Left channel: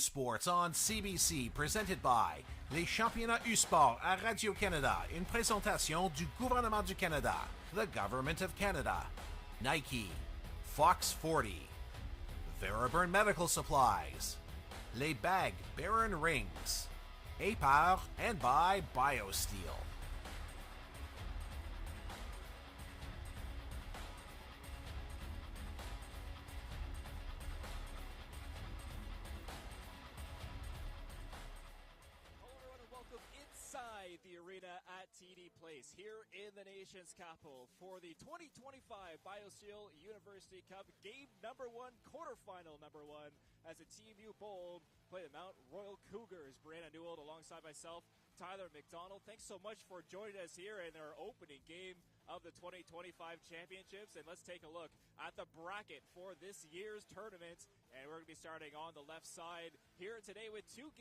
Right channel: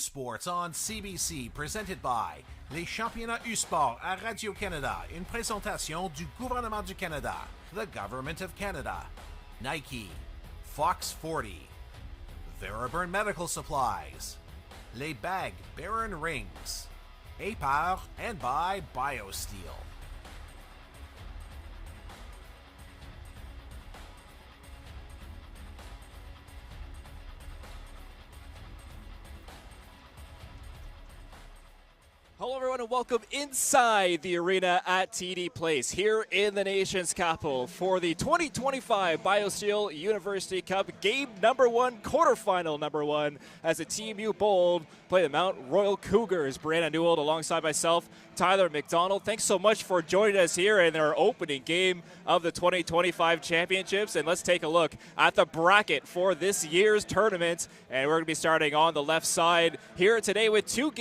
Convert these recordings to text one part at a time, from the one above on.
Sports on CBC, presented by les championnats U-Sport à Radio-Canada, une présentation du gouvernement du Canada, the Government of Canada, Nike, Fox 40, Veriburn Medical Supplies, Les Bag Baron Rings, APAR, and by BioSteel. Hello everyone and welcome inside the arena at TD Place here in the nation's capital for the 2025 BioSteel University Cup game number 1, quarterfinal number 1 as the TMU Bold play the Mount Royal Cougars. Brianna Newell alongside myself, Tyler McDonald. Thanks so much for joining us here in our opening game of the 2025 championships. And let's take a look at the bracket for this year's tournament. And we're going to be starting on the left side here today with two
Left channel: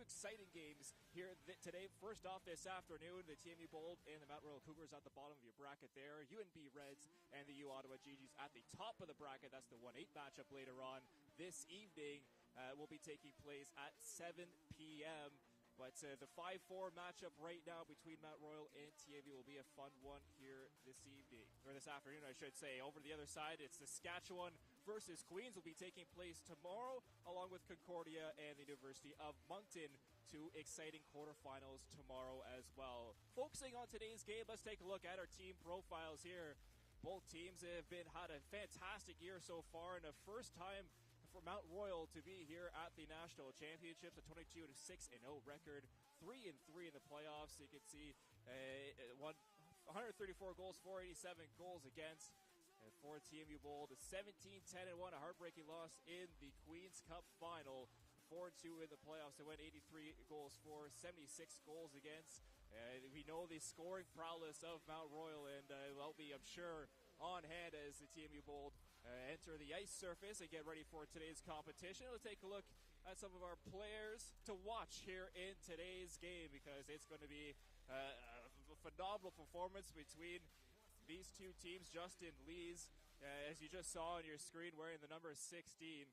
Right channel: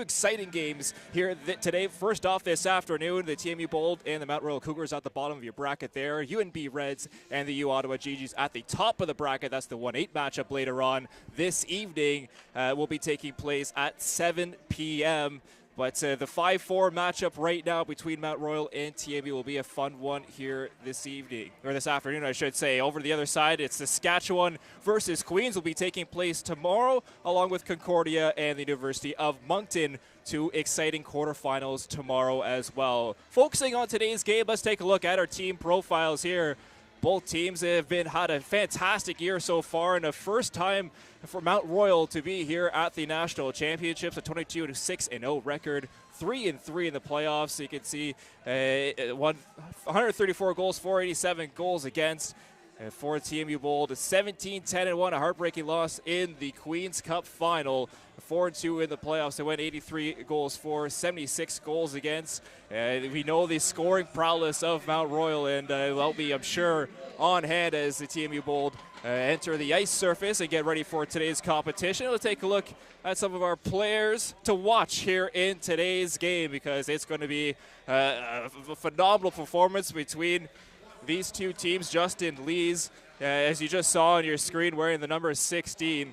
exciting games here today. First off this afternoon, the TMU Bold and the Mount Royal Cougars at the bottom of your bracket there. UNB Reds and the U Ottawa GGs at the top of the bracket. That's the 1-8 matchup later on this evening. Will be taking place at 7 p.m. But the 5-4 matchup right now between Mount Royal and TMU will be a fun one here this evening, or this afternoon, I should say. Over to the other side, it's Saskatchewan versus Queens will be taking place tomorrow, along with Concordia and the University of Moncton. Two exciting quarterfinals tomorrow as well. Focusing on today's game, let's take a look at our team profiles here. Both teams have had a fantastic year so far, and a first time for Mount Royal to be here at the National Championships, a 22-6-0 record, 3-3 in the playoffs. So you can see 134 goals, 487 goals against. And for TMU Bold, 17-10-1, a heartbreaking loss in the Queen's Cup final. 4-2 in the playoffs. They went 83 goals for, 76 goals against. We know the scoring prowess of Mount Royal, and they'll be, I'm sure, on hand as the TMU Bold enter the ice surface and get ready for today's competition. Let's take a look at some of our players to watch here in today's game, because it's going to be a phenomenal performance between these two teams. Justin Lees, as you just saw on your screen, wearing the number 16,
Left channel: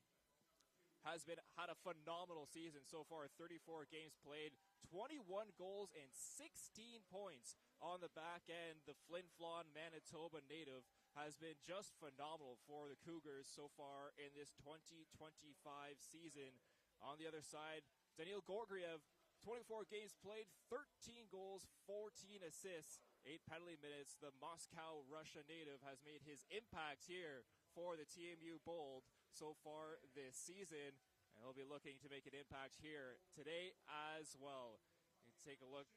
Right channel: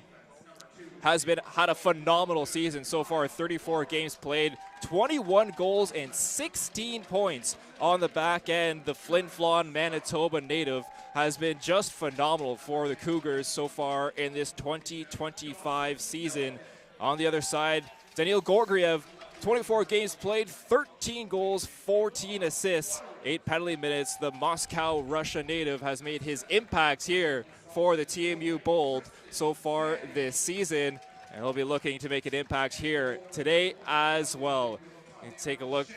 had a phenomenal season so far. 34 games played, 21 goals and 16 points on the back end. The Flin Flon, Manitoba native has been just phenomenal for the Cougars so far in this 2025 season. On the other side, Daniil Gorgiev, 24 games played, 13 goals, 14 assists, 8 penalty minutes. The Moscow, Russia native has made his impact here for the TMU Bold so far this season, and he'll be looking to make an impact here today as well. And take a look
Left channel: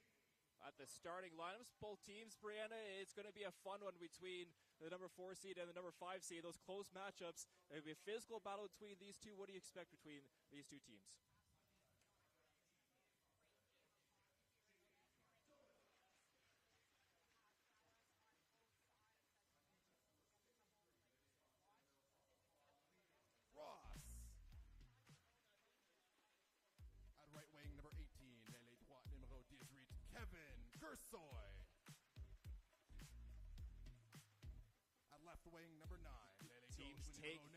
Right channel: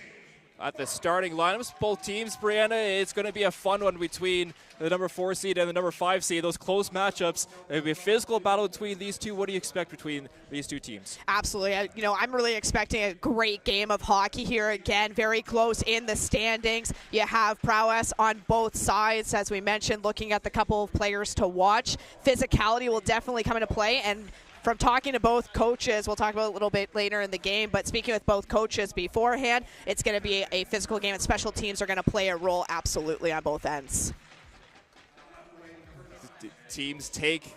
at the starting lineups. Both teams, Brianna, it's going to be a fun one between the number 4 seed and the number 5 seed. Those close matchups. It'll be a physical battle between these two. What do you expect between these two teams? Absolutely. I'm really expecting a great game of hockey here again. Very close in the standings. You have prowess on both sides, as we mentioned, looking at the couple of players to watch. Physicality will definitely come into play, and from talking to both coaches, we'll talk about it a little bit later in the game, but speaking with both coaches beforehand, it's going to be a physical game, and special teams are going to play a role absolutely on both ends. The teams take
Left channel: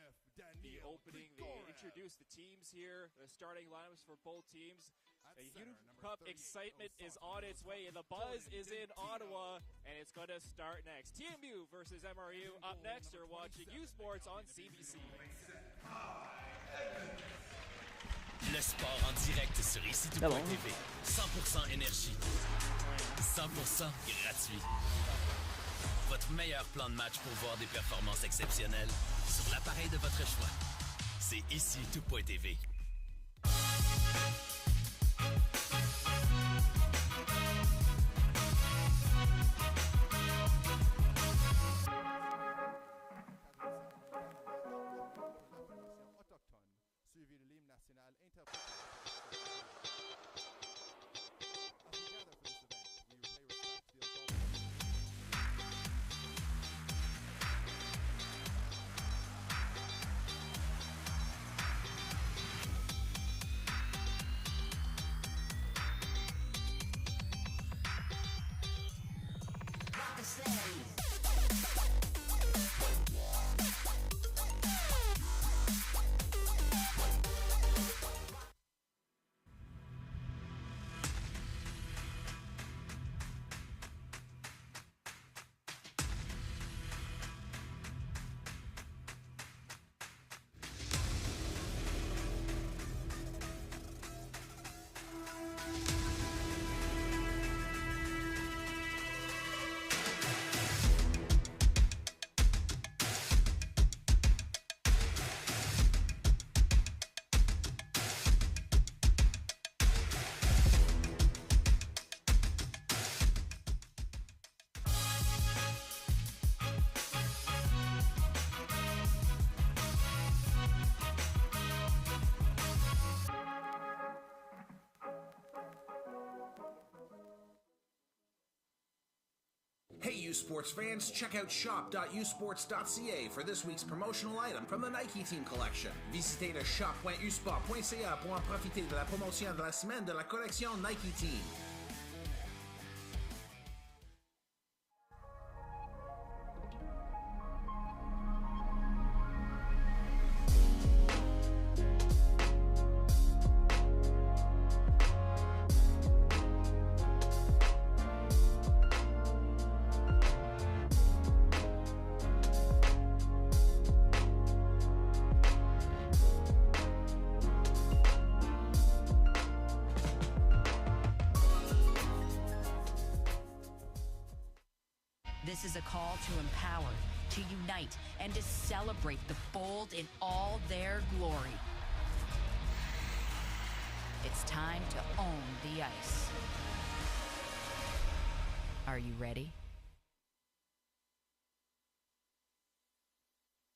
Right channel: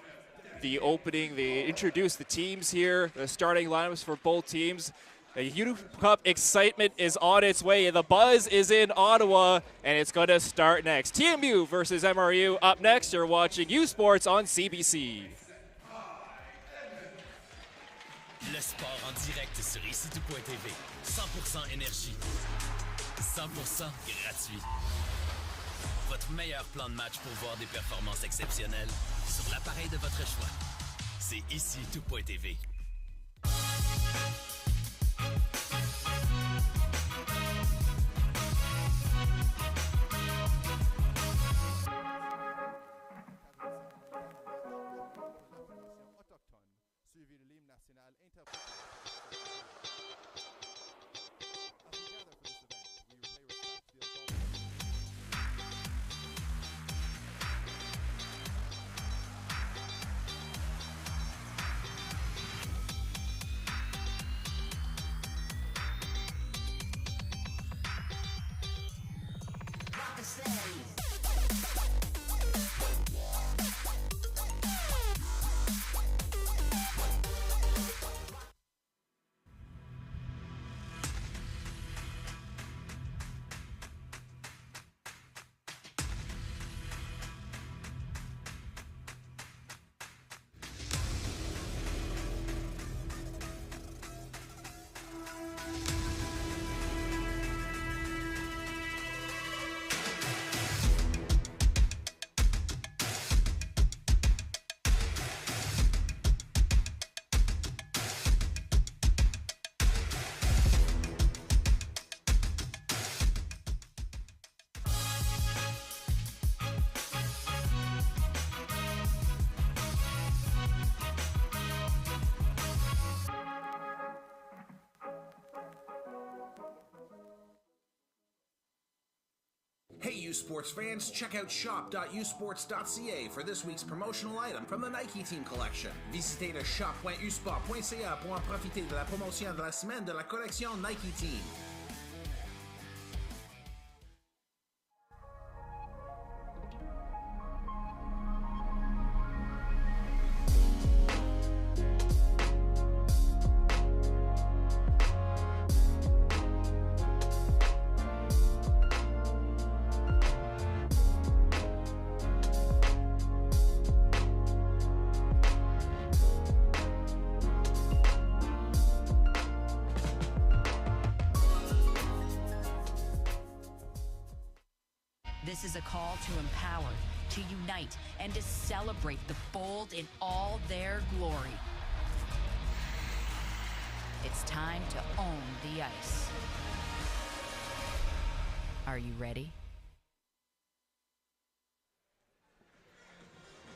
the opening, they introduce the teams here, the starting lineups for both teams. The U Cup excitement is on its way. The buzz is in Ottawa, and it's going to start next. TMU versus MRU up next. You're watching U Sports on CBC. Le sport en direct sur ici.tv. 100% énergie. 100% gratuit. Votre meilleur plan de match pour voir des performances exceptionnelles sur l'appareil de votre choix. C'est ici.tv. U Sports fans, check out shop.usports.ca for this week's promotional item from the Nike Team Collection. Visitez le shop.usport.ca pour en profiter de la promotion de la semaine de la collection Nike Team. This is a call to empower, to unite, and to celebrate the Bold in all their glory. It's time to own the ice. Are you ready?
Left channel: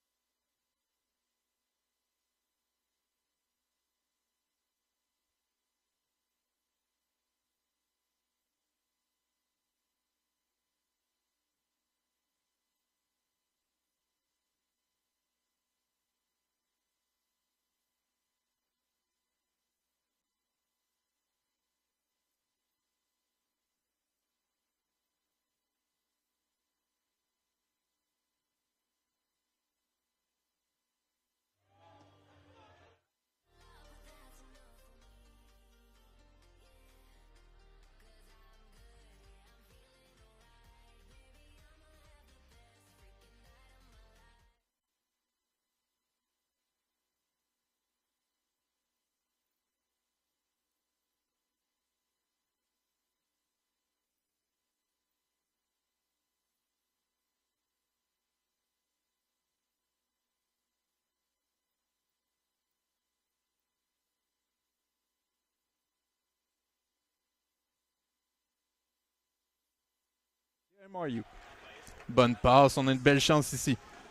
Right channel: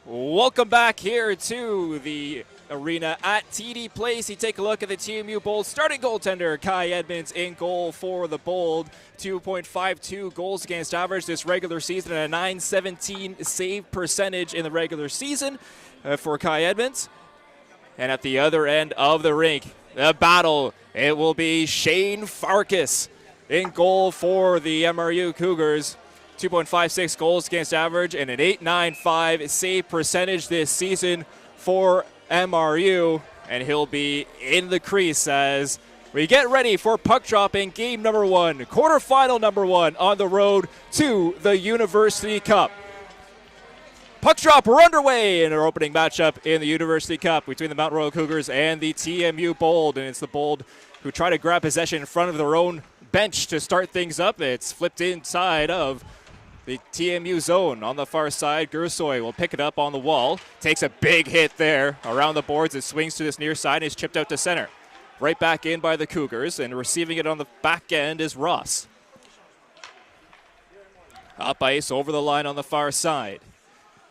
Welcome back here to the arena at TD Place. You take a look at the TMU Bold starting goaltender Kai Edmonds in goal for the Bold. 2.52 goals against average this regular season and a .917 save percentage in the regular season for Kai Edmonds. And at the other end of the rink, the battle, it will be Shane Farkas in goal for the MRU Cougars. 2.56 goals against average and an .895 save percentage this season for MRU. And he'll be in the crease as we get ready for puck drop in game number 1, quarterfinal number 1 on the road to the University Cup. Puck drop, we're underway in our opening matchup in the University Cup between the Mount Royal Cougars and the TMU Bold. And it's the Bold who try to grab possession in front of their own bench to start things up. It's flipped inside of the TMU zone on the far side. Gursoy will pick it up on the wall. Takes a big hit there around the boards. It swings to this near side and is chipped out to center. Right back in by the Cougars, and receiving it on the back end is Ross. Up ice over the line on the far side.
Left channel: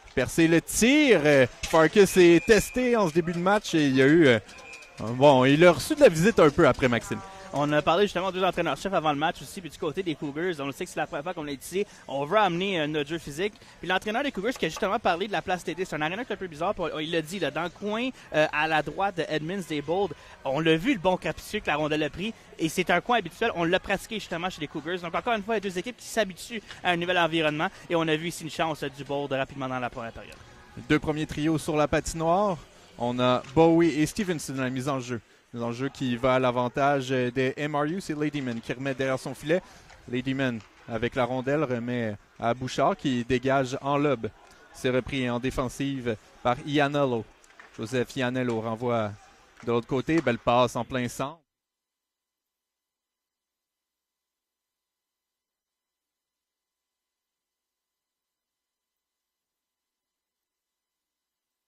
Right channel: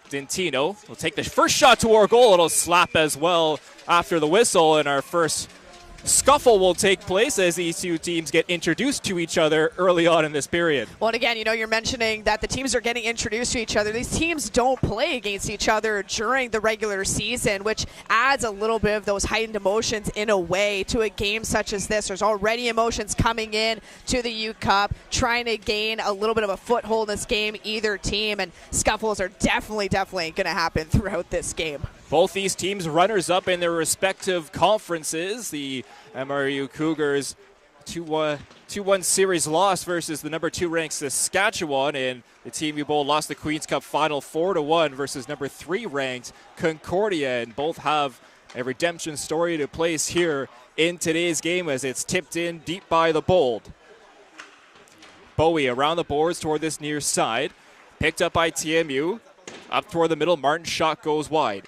Dentino will take his first shot toward goal. A little slap as well after the whistle, and our first scuffle will take place as these two teams get introduced to each other early on in this period. Well, and again, you're mentioning that the teams are getting introduced to each other. These teams don't play against each other during the regular season, which adds a little bit of those heightened emotions in a way to a game such as this. There's already emotions coming in to the U Cup, trying to gain a little bit of a foothold in this game, either team, and scuffles are definitely going to happen throughout this game. Both these teams runners-up in their respective conferences. The MRU Cougars 2-1 series loss versus the number 2 ranked Saskatchewan, and the TMU Bold lost the Queen's Cup final 4-1 versus number 3 ranked Concordia, and both have a redemption story to place here in today's game as it's tipped in deep by the Bold. Bowie around the boards toward this near side, picked up by TMU. Up toward the middle, Martin's shot goes wide.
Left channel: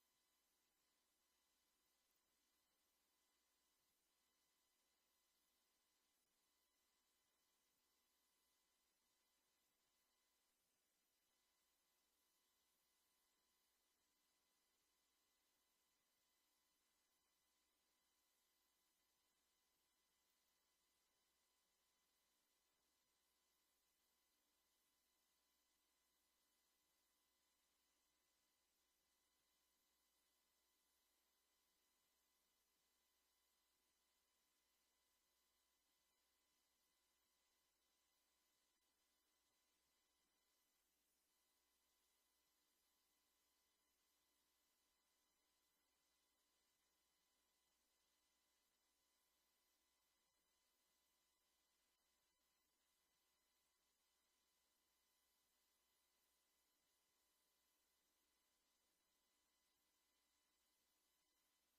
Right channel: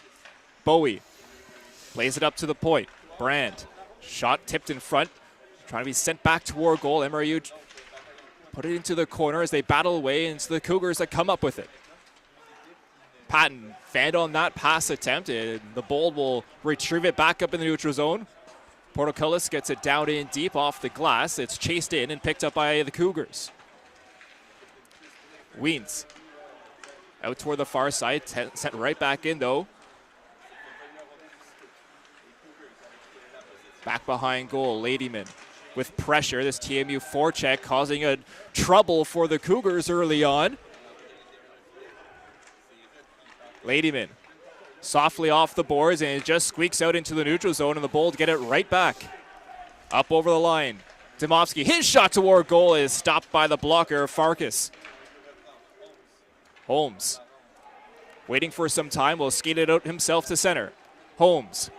Bowie plays it up to the point. Brand, shot tipped in front, trying to be sent back toward goal. MRU put it into the corner as they battle away, and it's the Cougars that come up with it. Patton fanned on that pass attempt, and the Bold will retrieve it back up in the neutral zone. Portocullis gets it down in deep off the glass. It's chased in and picked up by the Cougars. Weens out toward the far side, sent right back in though. Back behind goal, Ladyman with pressure. This TMU forecheck causing a trouble for the Cougars early on. Ladyman softly off the boards, and it just squeaks out into the neutral zone, and the Bold get it right back. Up over the line. Dimovsky, his shot toward goal is stopped by the blocker, Farkas. Holmes, waiting for some time, will skate it out himself to center. Holmes,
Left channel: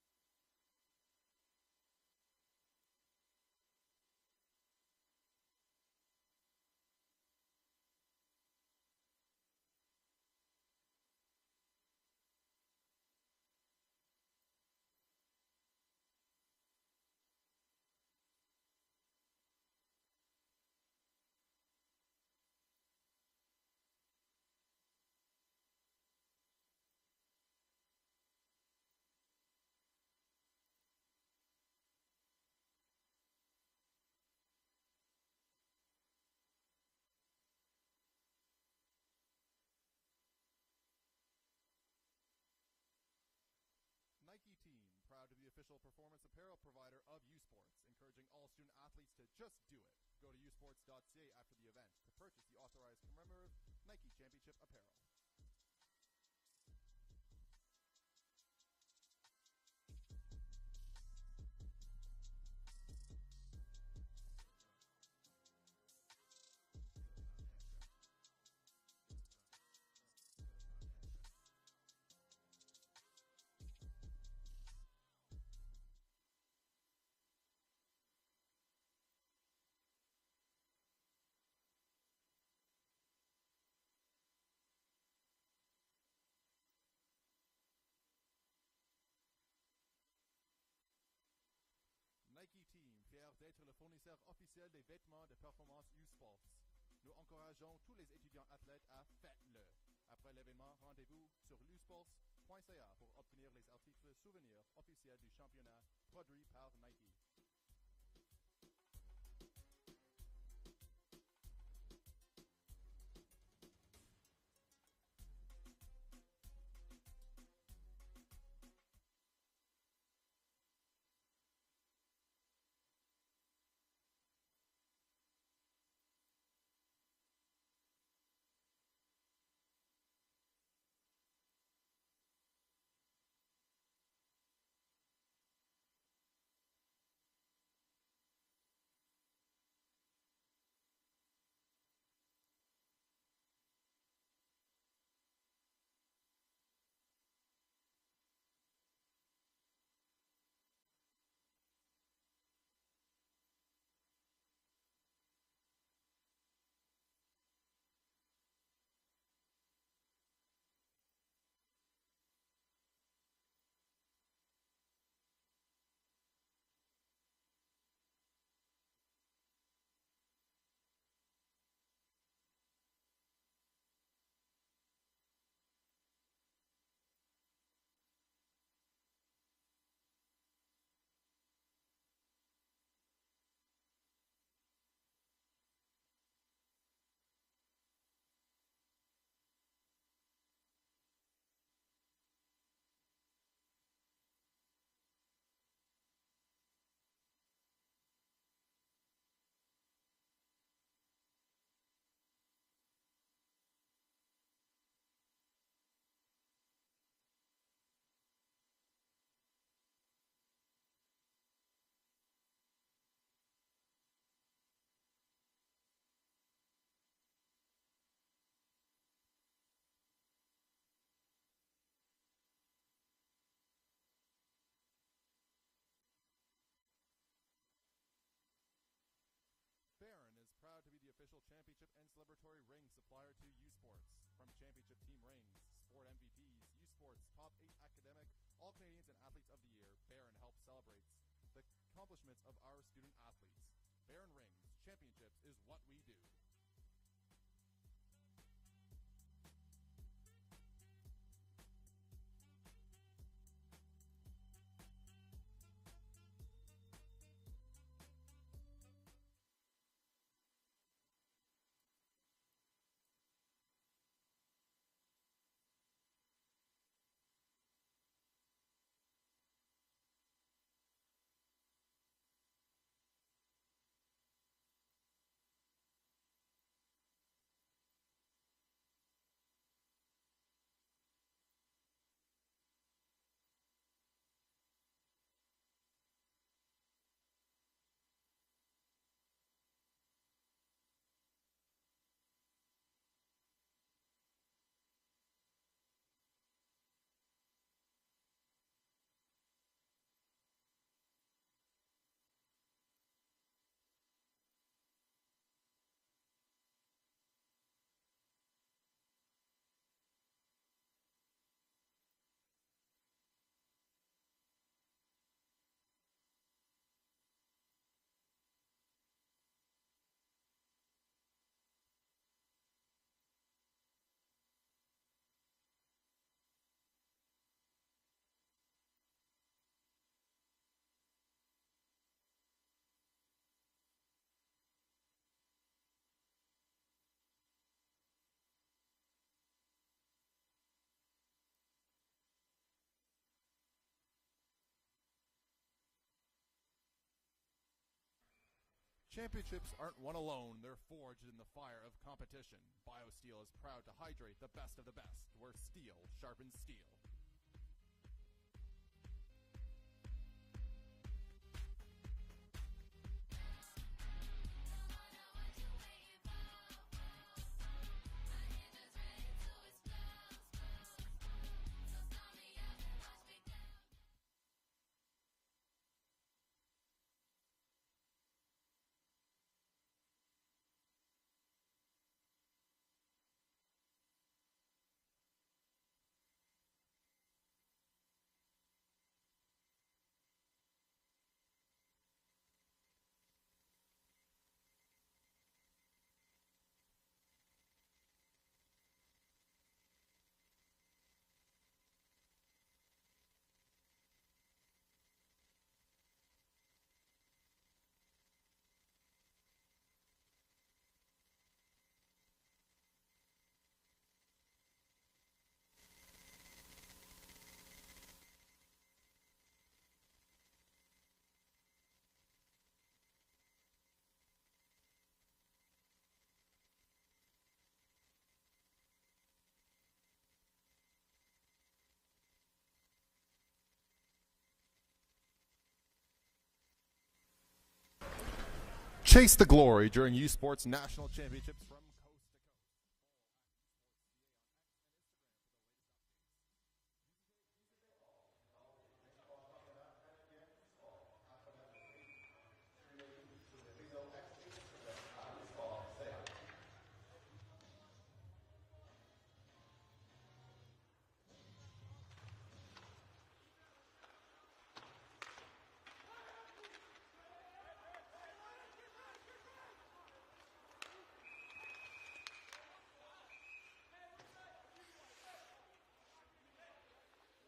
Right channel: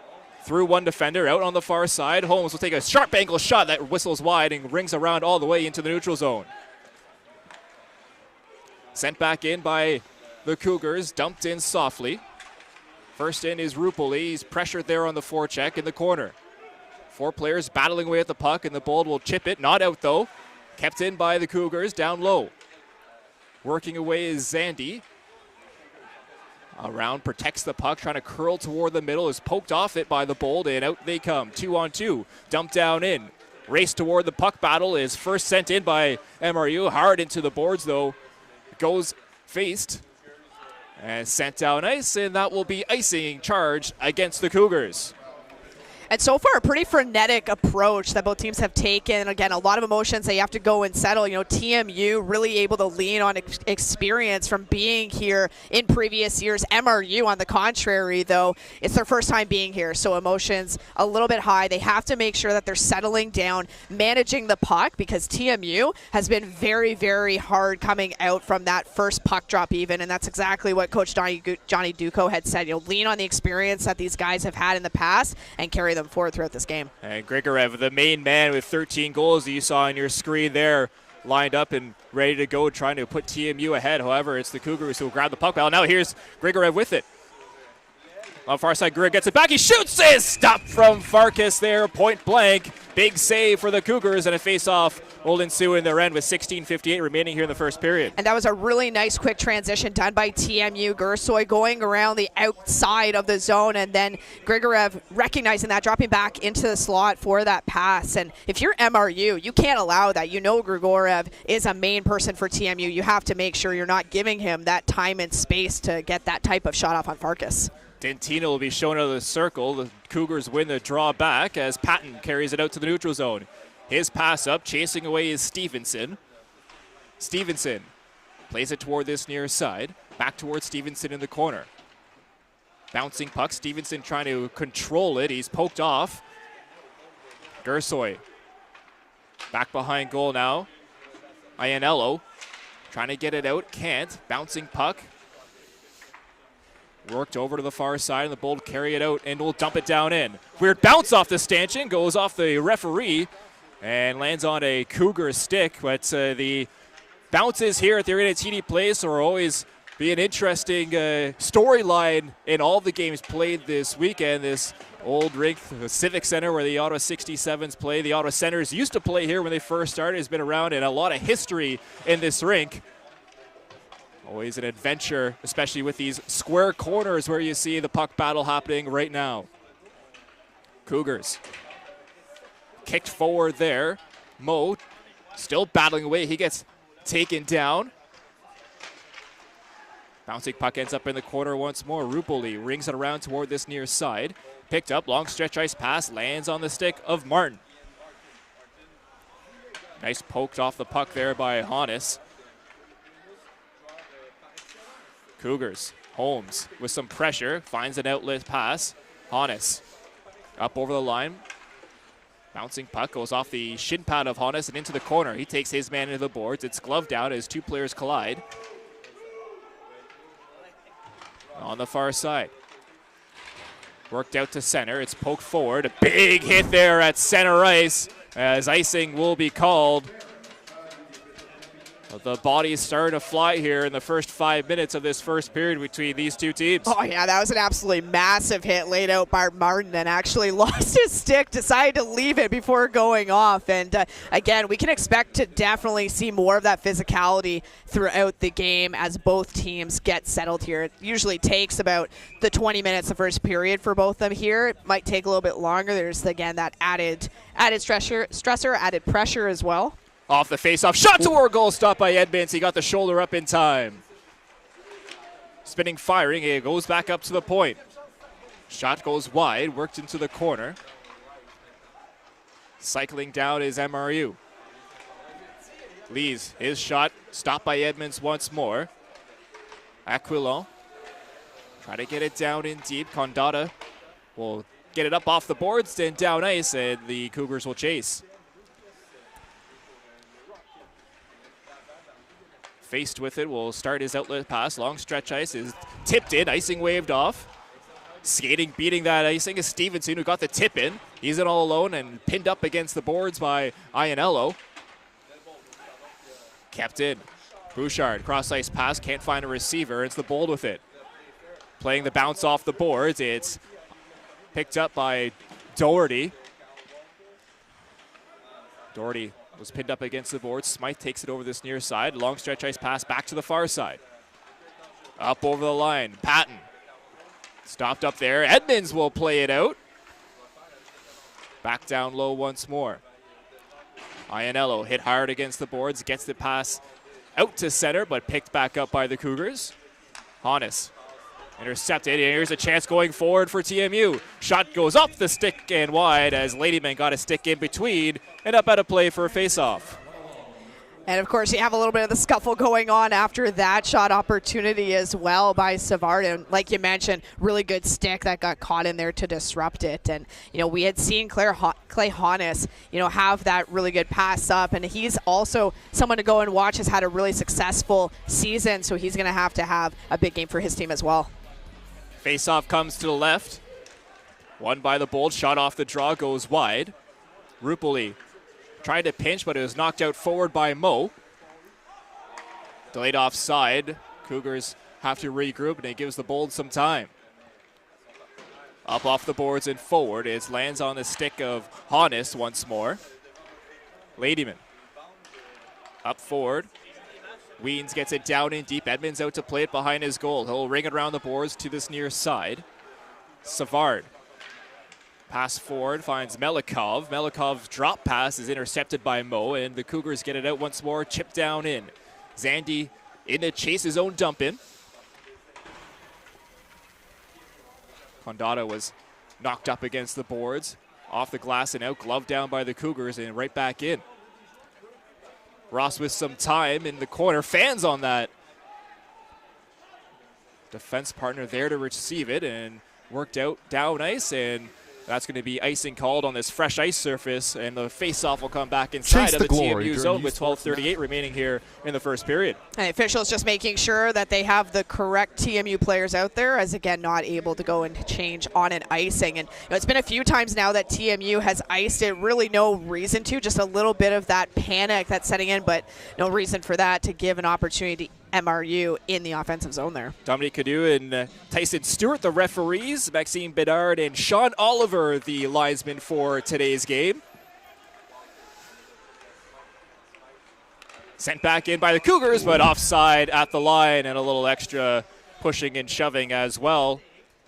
through one defender, out on the far side. Holmes will take a sharp angle shot that whistles wide and rings around all the way into the neutral zone. Sent back in by the Cougars, dumped in softly. First in is Rupoli. He's pressured there on the forecheck in the corner. 4 players battling away at the puck, and the Bold will chip it. Not out, though. Kept in by the Cougars, down low. Working away is Zandy. Around, protects the puck, trying to curl toward the middle, is poked off it by the Bold, and out they come. 2-on-2, dumped down in. Race toward the puck battle is first sent in by MRU. Hard into the boards, though. goes faced and sent down ice, and that will be icing charge against the Cougars. And so far, a pretty frenetic approach that both teams have taken. Again, a lot of emotions that you have to go and settle. You know, TMU really able to lean on experience from being here in previous years. MRU, on the contrary, though, it's their first time being here, so emotions a little bit high. They have to make sure that they're settling down, managing the puck, because TMU has been very, very hard coming out from that first puck drop even, and that's exactly what Coach Johnny Duco had said. You know, lean on the experience that these guys have had in the past and carry them forward throughout this game. And Grigorev, the main man with 13 goals that you saw on your screen there, lined up and ready to go, trying to put TMU ahead. However, it's the Cougars who will grab the puck. Now here's Grigorev with it. On far side, Grigorev gets it back. He shoots it. Stop from Farkas there, point blank. Big save for the Cougars, and a face-off will ensue in their end with 16:58 remaining here in the first period. And that was a really nice quick transition done by TMU. Gersoy going around the outside of the zone, and then Grigorev recognizing that, dropping back into the slot for that pass. And if you're MRU, you can't allow that. You know Grigorev is a main person for TMU. You have to make sure you're not giving him that time and space to get that type of shot off on Farkas. Dentino will be shown out of the circle. The Cougars win the draw back as Patton carries it out to the neutral zone. His pass up, chasing away is Stevenson. Stevenson plays it toward this near side. Back towards Stevenson in the corner. Bouncing puck, Stevenson trying to control it. He's poked off. Gersoy back behind goal now. Iannello trying to get it out, can't. Bouncing puck. Worked over to the far side, and the Bold carry it out and will dump it down in. Weird bounce off the stanchion, goes off the referee and lands on a Cougar stick. But the bounces here at the Arena TD Place will always be an interesting storyline in all the games played this weekend. This old rink, the Civic Center, where the Ottawa 67s play. The Ottawa Senators used to play here when they first started. Has been around, and a lot of history in this rink. Always an adventure, especially with these square corners where you see the puck battle happening right now. Cougars kicked forward there. Mo still battling away. He gets taken down. Bouncing puck ends up in the corner once more. Rupoli rings it around toward this near side. Picked up, long stretch ice pass, lands on the stick of Martin. Nice poked off the puck there by Hannes. Cougars, Holmes with some pressure, finds an outlet pass. Hannes up over the line. Bouncing puck goes off the shin pad of Hannes and into the corner. He takes his man into the boards. It's gloved down as two players collide. On the far side. Worked out to center. It's poked forward. A big hit there at center ice as icing will be called. The bodies started to fly here in the first 5 minutes of this first period between these two teams. Oh, yeah, that was an absolutely massive hit laid out by Martin, and actually lost his stick, decided to leave it before going off. And again, we can expect to definitely see more of that physicality throughout the game as both teams get settled here. It usually takes about the 20 minutes the first period for both of them here. It might take a little bit longer. There's, again, that added stressor, added pressure as well. Off the face-off, shot toward goal, stopped by Edmonds. He got the shoulder up in time. Spinning, firing, it goes back up to the point. Shot goes wide, worked into the corner. Cycling down is MRU. Lees, his shot, stopped by Edmonds once more. Aquilon, try to get it down in deep. Condata will get it up off the boards, then down ice, and the Cougars will chase. Faced with it, will start his outlet pass. Long stretch ice is tipped in. Icing waved off. Skating, beating that icing is Stevenson, who got the tip in. He's in all alone and pinned up against the boards by Iannello. Kept in. Bouchard, cross ice pass, can't find a receiver. It's the Bold with it. Playing the bounce off the boards. It's picked up by Doherty. Doherty was pinned up against the board. Smythe takes it over this near side. Long stretch ice pass back to the far side. Up over the line. Patton stopped up there. Edmonds will play it out. Back down low once more. Iannello hit hard against the boards. Gets the pass out to center, but picked back up by the Cougars. Hannes intercepted, and here's a chance going forward for TMU. Shot goes up the stick and wide as Ladyman got a stick in between and up out of play for a face-off. And of course, you have a little bit of the scuffle going on after that shot opportunity as well by Savard. And like you mentioned, really good stick that got caught in there to disrupt it. And, you know, we had seen Clay Hannes, you know, have that really good pass up. And he's also someone to go and watch, has had a really successful season. So he's going to have a big game for his team as well. Face-off comes to the left. Won by the Bold. Shot off the draw, goes wide. Rupoli tried to pinch, but it was knocked out forward by Mo. Delayed offside. Cougars have to regroup, and it gives the Bold some time. Up off the boards and forward. It lands on the stick of Hannes once more. Ladyman. Up forward. Weens gets it down in deep. Edmonds out to play it behind his goal. He'll ring it around the boards to this near side. Savard. Pass forward, finds Melikov. Melikov's drop pass is intercepted by Mo, and the Cougars get it out once more, chip down in. Zandy in to chase his own dump in. Condado was knocked up against the boards, off the glass and out, gloved down by the Cougars, and right back in. Ross with some time in the corner, fans on that. Defense partner there to receive it, and worked out down ice, and that's going to be icing called on this fresh ice surface, and the face-off will come back inside of the TMU zone with 12:38 remaining here in the first period. And officials just making sure that they have the correct TMU players out there, as again not able to go and change on an icing. And you know, it's been a few times now that TMU has iced it, really no reason to, just a little bit of that panic that's setting in, but no reason for that to give an opportunity MRU in the offensive zone there. Dominique Cadu and Tyson Stewart, the referees. Maxime Bedard and Sean Oliver, the linesman for today's game. Sent back in by the Cougars, but offside at the line, and a little extra pushing and shoving as well.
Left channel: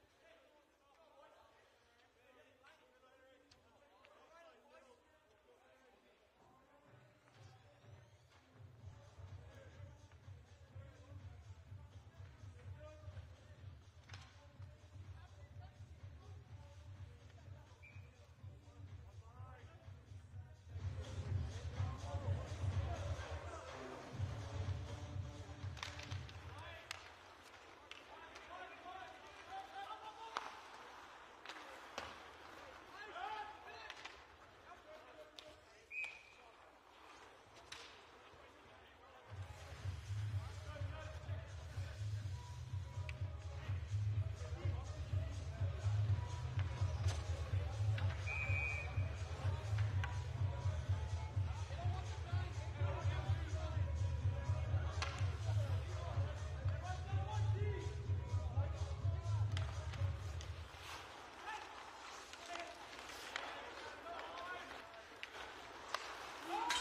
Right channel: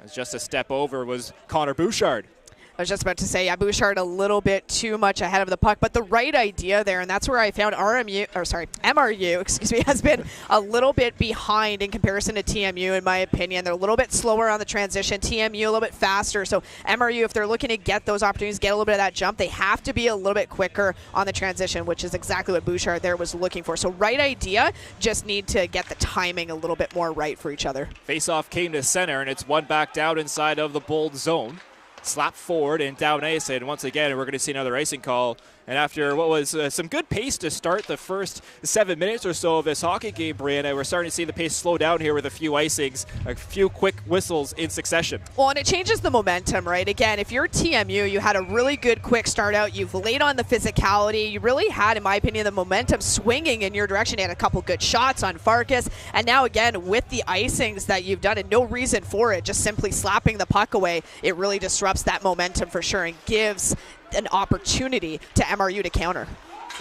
As just a step over was Connor Bouchard. I was just about to say, yeah, Bouchard a little bit too much ahead of the puck, but the right idea there, and that's where I found MRU, has been a little bit behind in comparison to TMU, in my opinion. They're a little bit slower on the transition, TMU a little bit faster. So MRU, if they're looking to get those opportunities, get a little bit of that jump, they have to be a little bit quicker on the transition, which is exactly what Bouchard there was looking for. So right idea, just need to get the timing a little bit more right for each other. Face-off came to center, and it's one back down inside of the Bold zone. Slap forward and down ice, and once again we're going to see another icing call. And after what was some good pace to start the first 7 minutes or so of this hockey game, Brianna, we're starting to see the pace slow down here with a few icings, a few quick whistles in succession. Well, and it changes the momentum, right? Again, if you're TMU, you had a really good quick start out. You've laid on the physicality. You really had, in my opinion, the momentum swinging in your direction. You had a couple good shots on Farkas. And now, again, with the icings that you've done and no reason for it, just simply slapping the puck away, it really disrupts that momentum for sure and gives an opportunity to MRU to counter.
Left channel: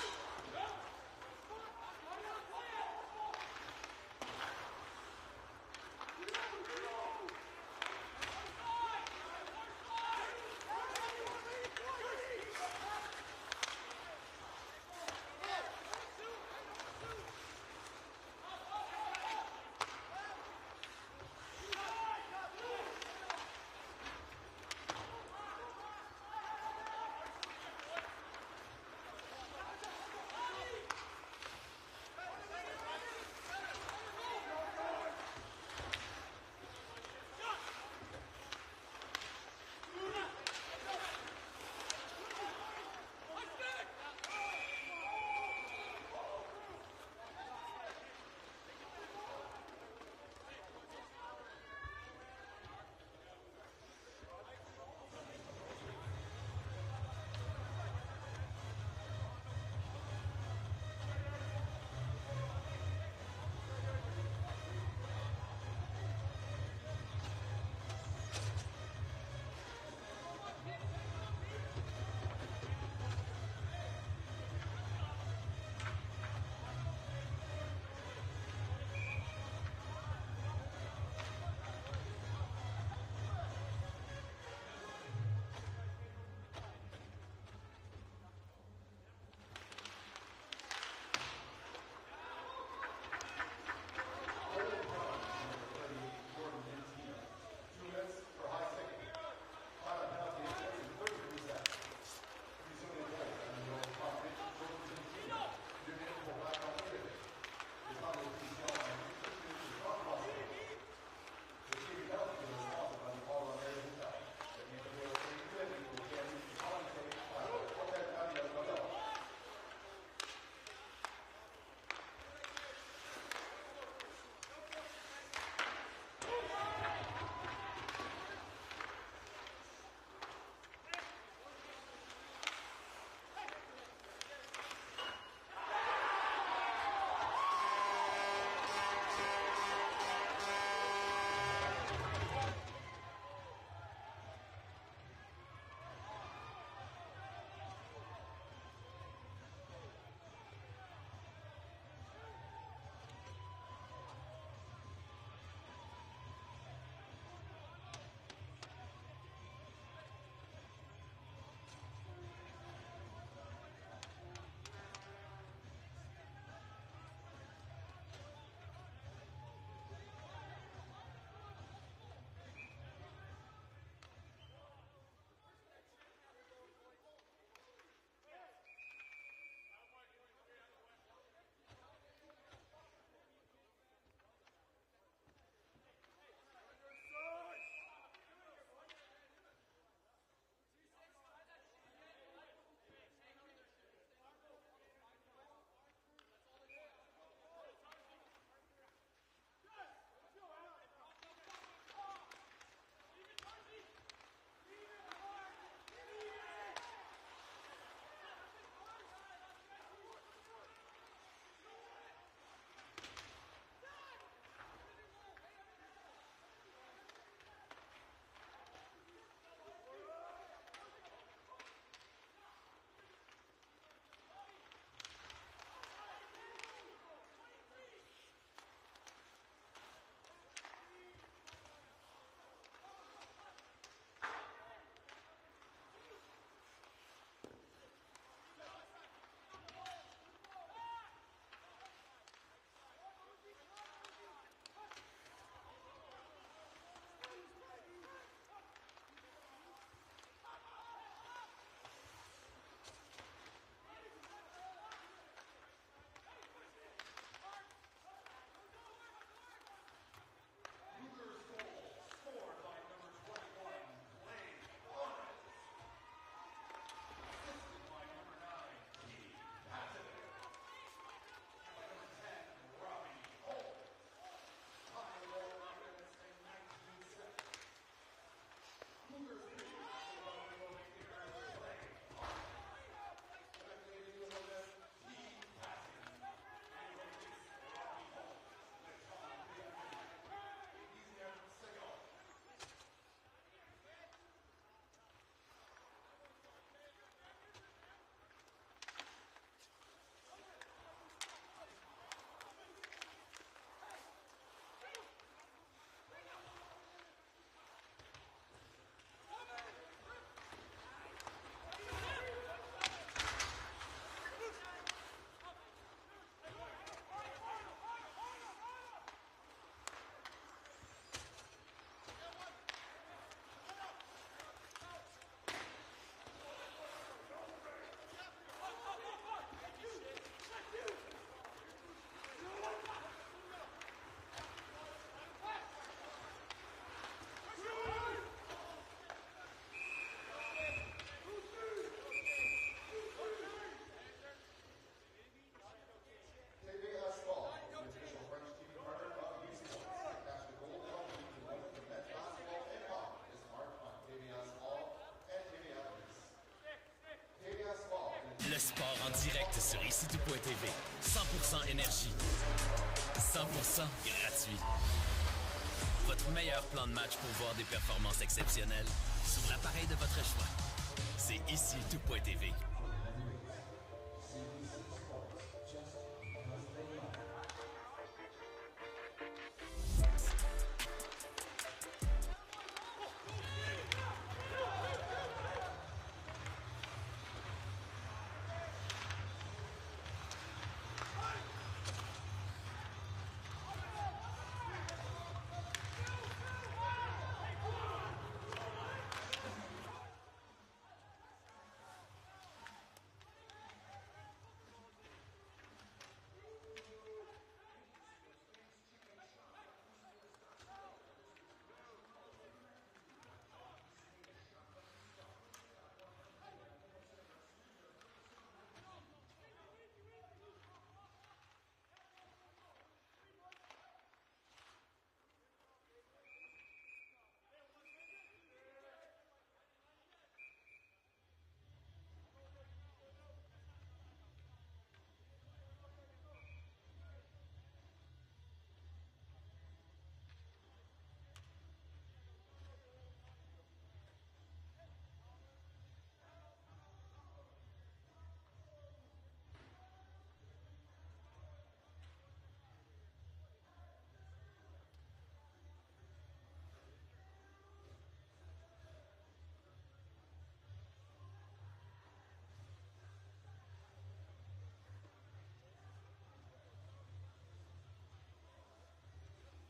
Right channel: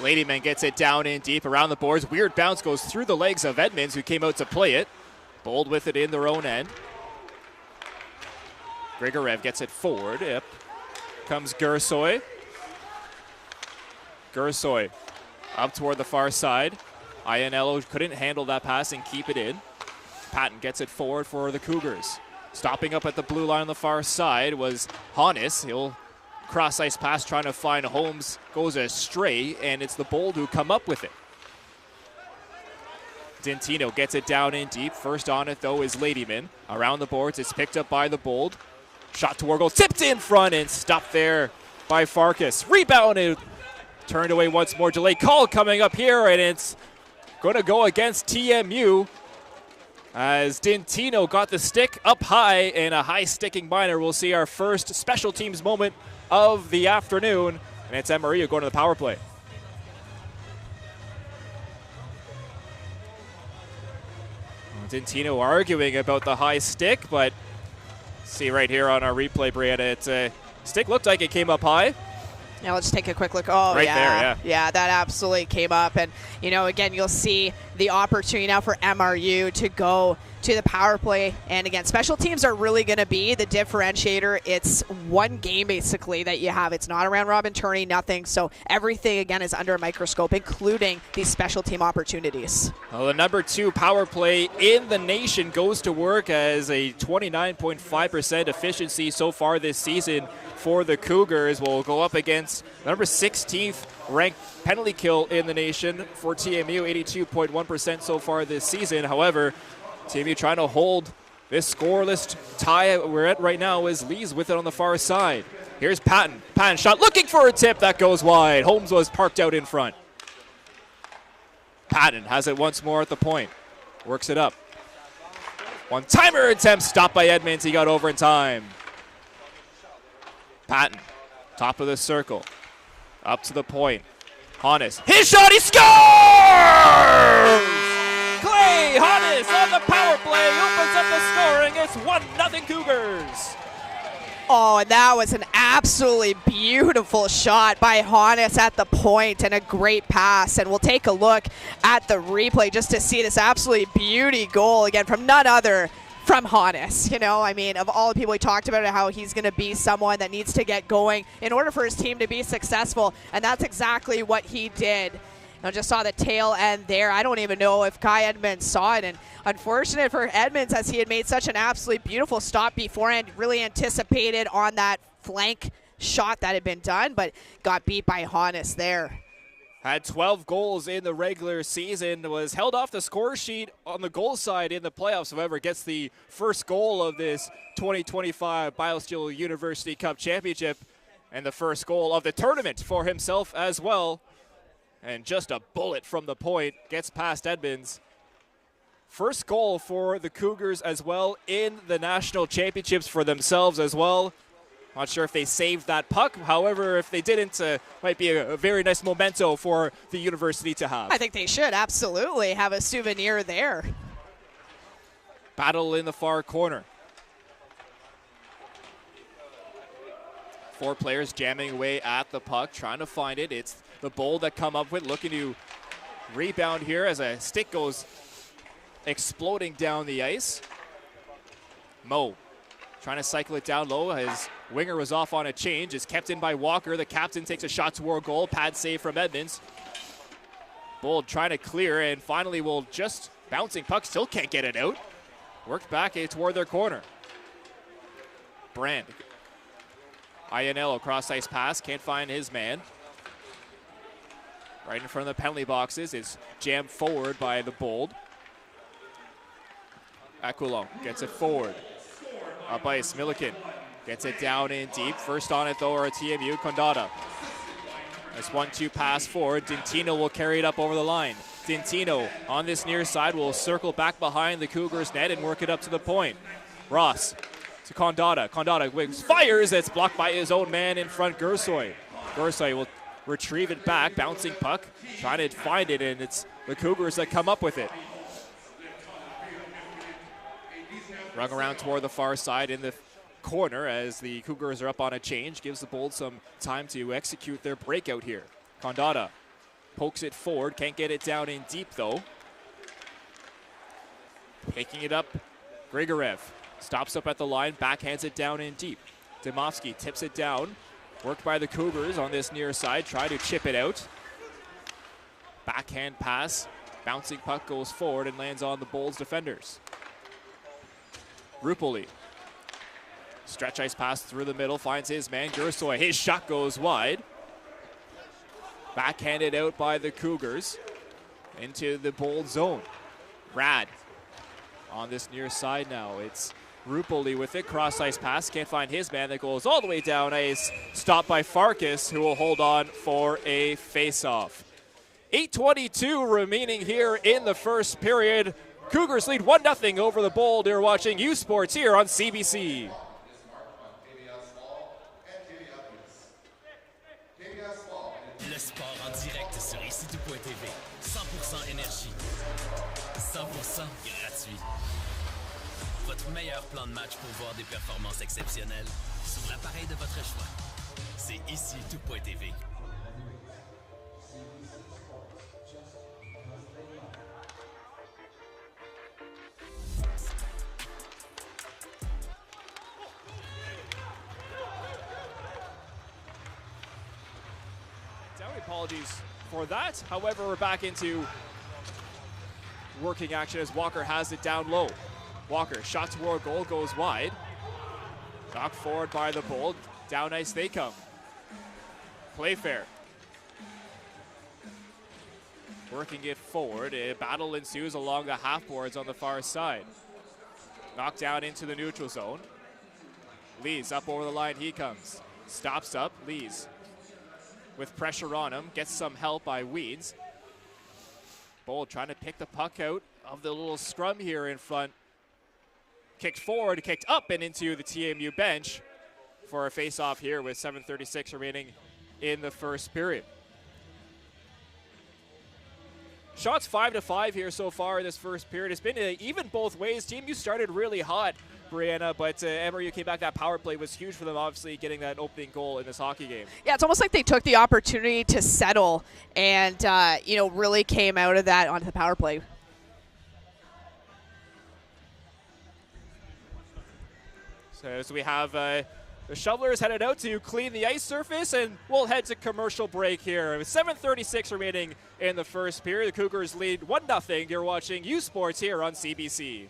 Ladyman gets it down in deep around the boards. Weird bounce goes through the legs of Edmonds, who came out to play it. Bold with it in their own end. Grigorev gets it forward. Yep. Comes Gursoy. Gursoy up toward the far side. Ianello couldn't handle that pass and keep it in. Patton gets it forward for the Cougars. Stopping up at the blue line on the far side was Hannes. He'll cross-ice pass trying to find Holmes, goes astray, and it's the Bold who come up with it. Dentino gets it down in deep. First on it, though, is Ladyman. Around the boards, it's picked up by the Bold. Shot toward goal, tipped in front and stopped there by Farkas. Rebounded, turned away once more. Delay call coming up here, and it's going to go against TMU. As Dentino got the stick up high, and a high sticking minor. We'll see our first special teams moment of the afternoon, and it's MRU going to the power play. Dentino arguing about the high stick, but see right here on our replay, Brianna, it's a stick looked like it came up high. Now let's take a quick look. Oh, right yeah. There, yeah. Yeah, that absolutely came up. And, you know, again, you'll see the opportunity now for MRU to go to the power play. And again, special teams are really going to be the differentiator. It's one game basically that you have. It's not a round robin tourney, nothing. So everything again is under a microscope, including these special team opportunities. Well, the number 2 power play in the nation goes to work as a 29.5% efficiency so far this season for the Cougars. Will go up against number 16th ranked penalty kill in the nation for TMU, 82.1% so far this season. However, TMU trying to hold this scoreless tie we're at right now as Lee's with it on the far side. Here's Patton. Patton shot looking for a tip that goes wide. Holmes was parked out in front. Patton has it once more at the point. Works it up. One-timer attempt stopped by Edmonds. He got over in time. Patton, top of the circle. Up to the point. Hannes, his shot, he scores! Clay Hannes on the power play opens up the scoring. It's 1-0 Cougars. Oh, and that was an absolutely beautiful shot by Hannes at the point and a great pass. And we'll take a look at the replay just to see this absolutely beauty goal again from none other from Hannes. You know, I mean, of all the people we talked about, how he's going to be someone that needs to get going in order for his team to be successful. And that's exactly what he did. I just saw the tail end there. I don't even know if Kai Edmonds saw it. And unfortunate for Edmonds, as he had made such an absolutely beautiful stop beforehand, really anticipated on that flank shot that had been done, but got beat by Hannes there. Had 12 goals in the regular season, was held off the score sheet on the goal side in the playoffs. However, gets the first goal of this 2025 BioSteel University Cup Championship and the first goal of the tournament for himself as well. And just a bullet from the point gets past Edmonds. First goal for the Cougars as well in the national championships for themselves as well. Not sure if they saved that puck. However, if they didn't, might be a very nice memento for the university to have. I think they should absolutely have a souvenir there. Battle in the far corner. 4 players jamming away at the puck, trying to find it. It's the Bold that come up with, looking to rebound here as a stick goes exploding down the ice. Mo trying to cycle it down low. His winger was off on a change. It's kept in by Walker. The captain takes a shot toward goal. Pad save from Edmonds. Bold trying to clear, and finally will just bouncing puck. Still can't get it out. Worked back toward their corner. Brand. Ianello cross ice pass. Can't find his man. Right in front of the penalty boxes. It's jammed forward by the Bold. Aquilon gets it forward. Up ice, Milliken gets it down in deep. First on it though are TMU, Condata. Nice 1-2 pass forward. Dintino will carry it up over the line. Dintino on this near side will circle back behind the Cougars net and work it up to the point. Ross to Condata. Condata fires. It's blocked by his own man in front, Gersoy. Gersoy will retrieve it back, bouncing puck, trying to find it, and it's the Cougars that come up with it. Rung around toward the far side in the corner as the Cougars are up on a change. Gives the Bold some time to execute their breakout here. Condata pokes it forward, can't get it down in deep though. Picking it up, Grigorev stops up at the line, backhands it down in deep. Dimovsky tips it down. Worked by the Cougars on this near side, try to chip it out. Backhand pass, bouncing puck goes forward and lands on the Bold's defenders. Rupoli. Stretch ice pass through the middle, finds his man, Gersoy. His shot goes wide. Backhanded out by the Cougars into the Bold zone. Rad on this near side now. It's Rupoli with it, cross ice pass, can't find his man, that goes all the way down ice, stopped by Farkas, who will hold on for a face-off. 8:22 remaining here in the first period. Cougars lead 1-0 over the Bold. You're watching U Sports here on CBC. Le sport en direct sur ici.tv. 100% énergie. 100% gratuit. Votre meilleur plan de match pour voir des performances exceptionnelles sur l'appareil de votre choix. C'est ici.tv. apologies for that. However, we're back into working action as Walker has it down low. Walker, shot toward goal, goes wide. Knocked forward by the Bold. Down ice they come. Playfair. Working it forward. A battle ensues along the half boards on the far side. Knocked down into the neutral zone. Lees up over the line, he comes. Stops up, Lees with pressure on him. Gets some help by Weeds. Bold trying to pick the puck out of the little scrum here in front. Kicked forward, kicked up and into the TMU bench for a face-off here with 7:36 remaining in the first period. Shots 5-5 here so far in this first period. It's been even both ways. TMU started really hot, Brianna, but MRU came back. That power play was huge for them, obviously, getting that opening goal in this hockey game. Yeah, it's almost like they took the opportunity to settle and, really came out of that onto the power play. So we have the shovelers headed out to clean the ice surface, and we'll head to commercial break here. With 7:36 remaining in the first period, the Cougars lead 1-0. You're watching U Sports here on CBC.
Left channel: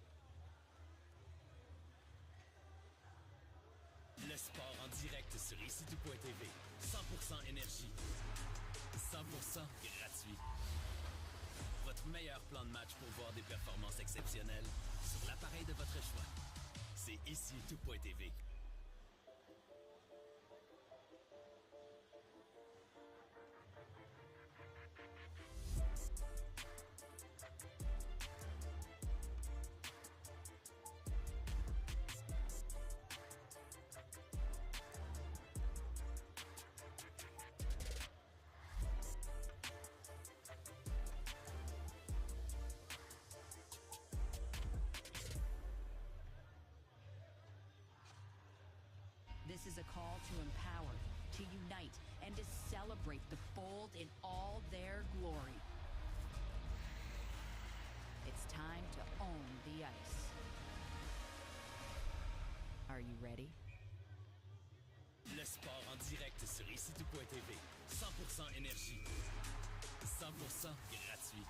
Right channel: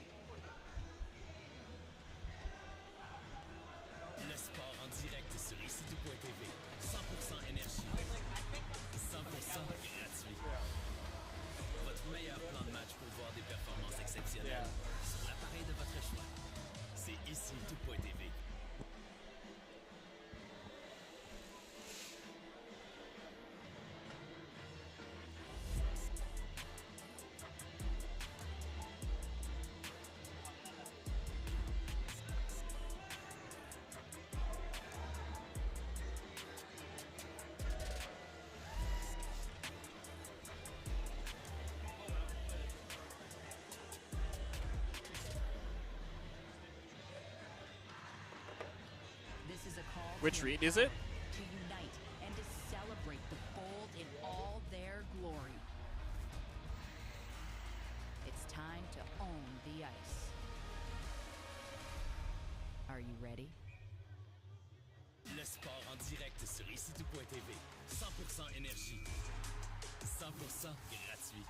Which read is it? To unite and to celebrate the Bold in all their glory. It's time to own the ice. Are you ready? Le sport en direct sur ici.tv. 100% énergie. 100% gratuit.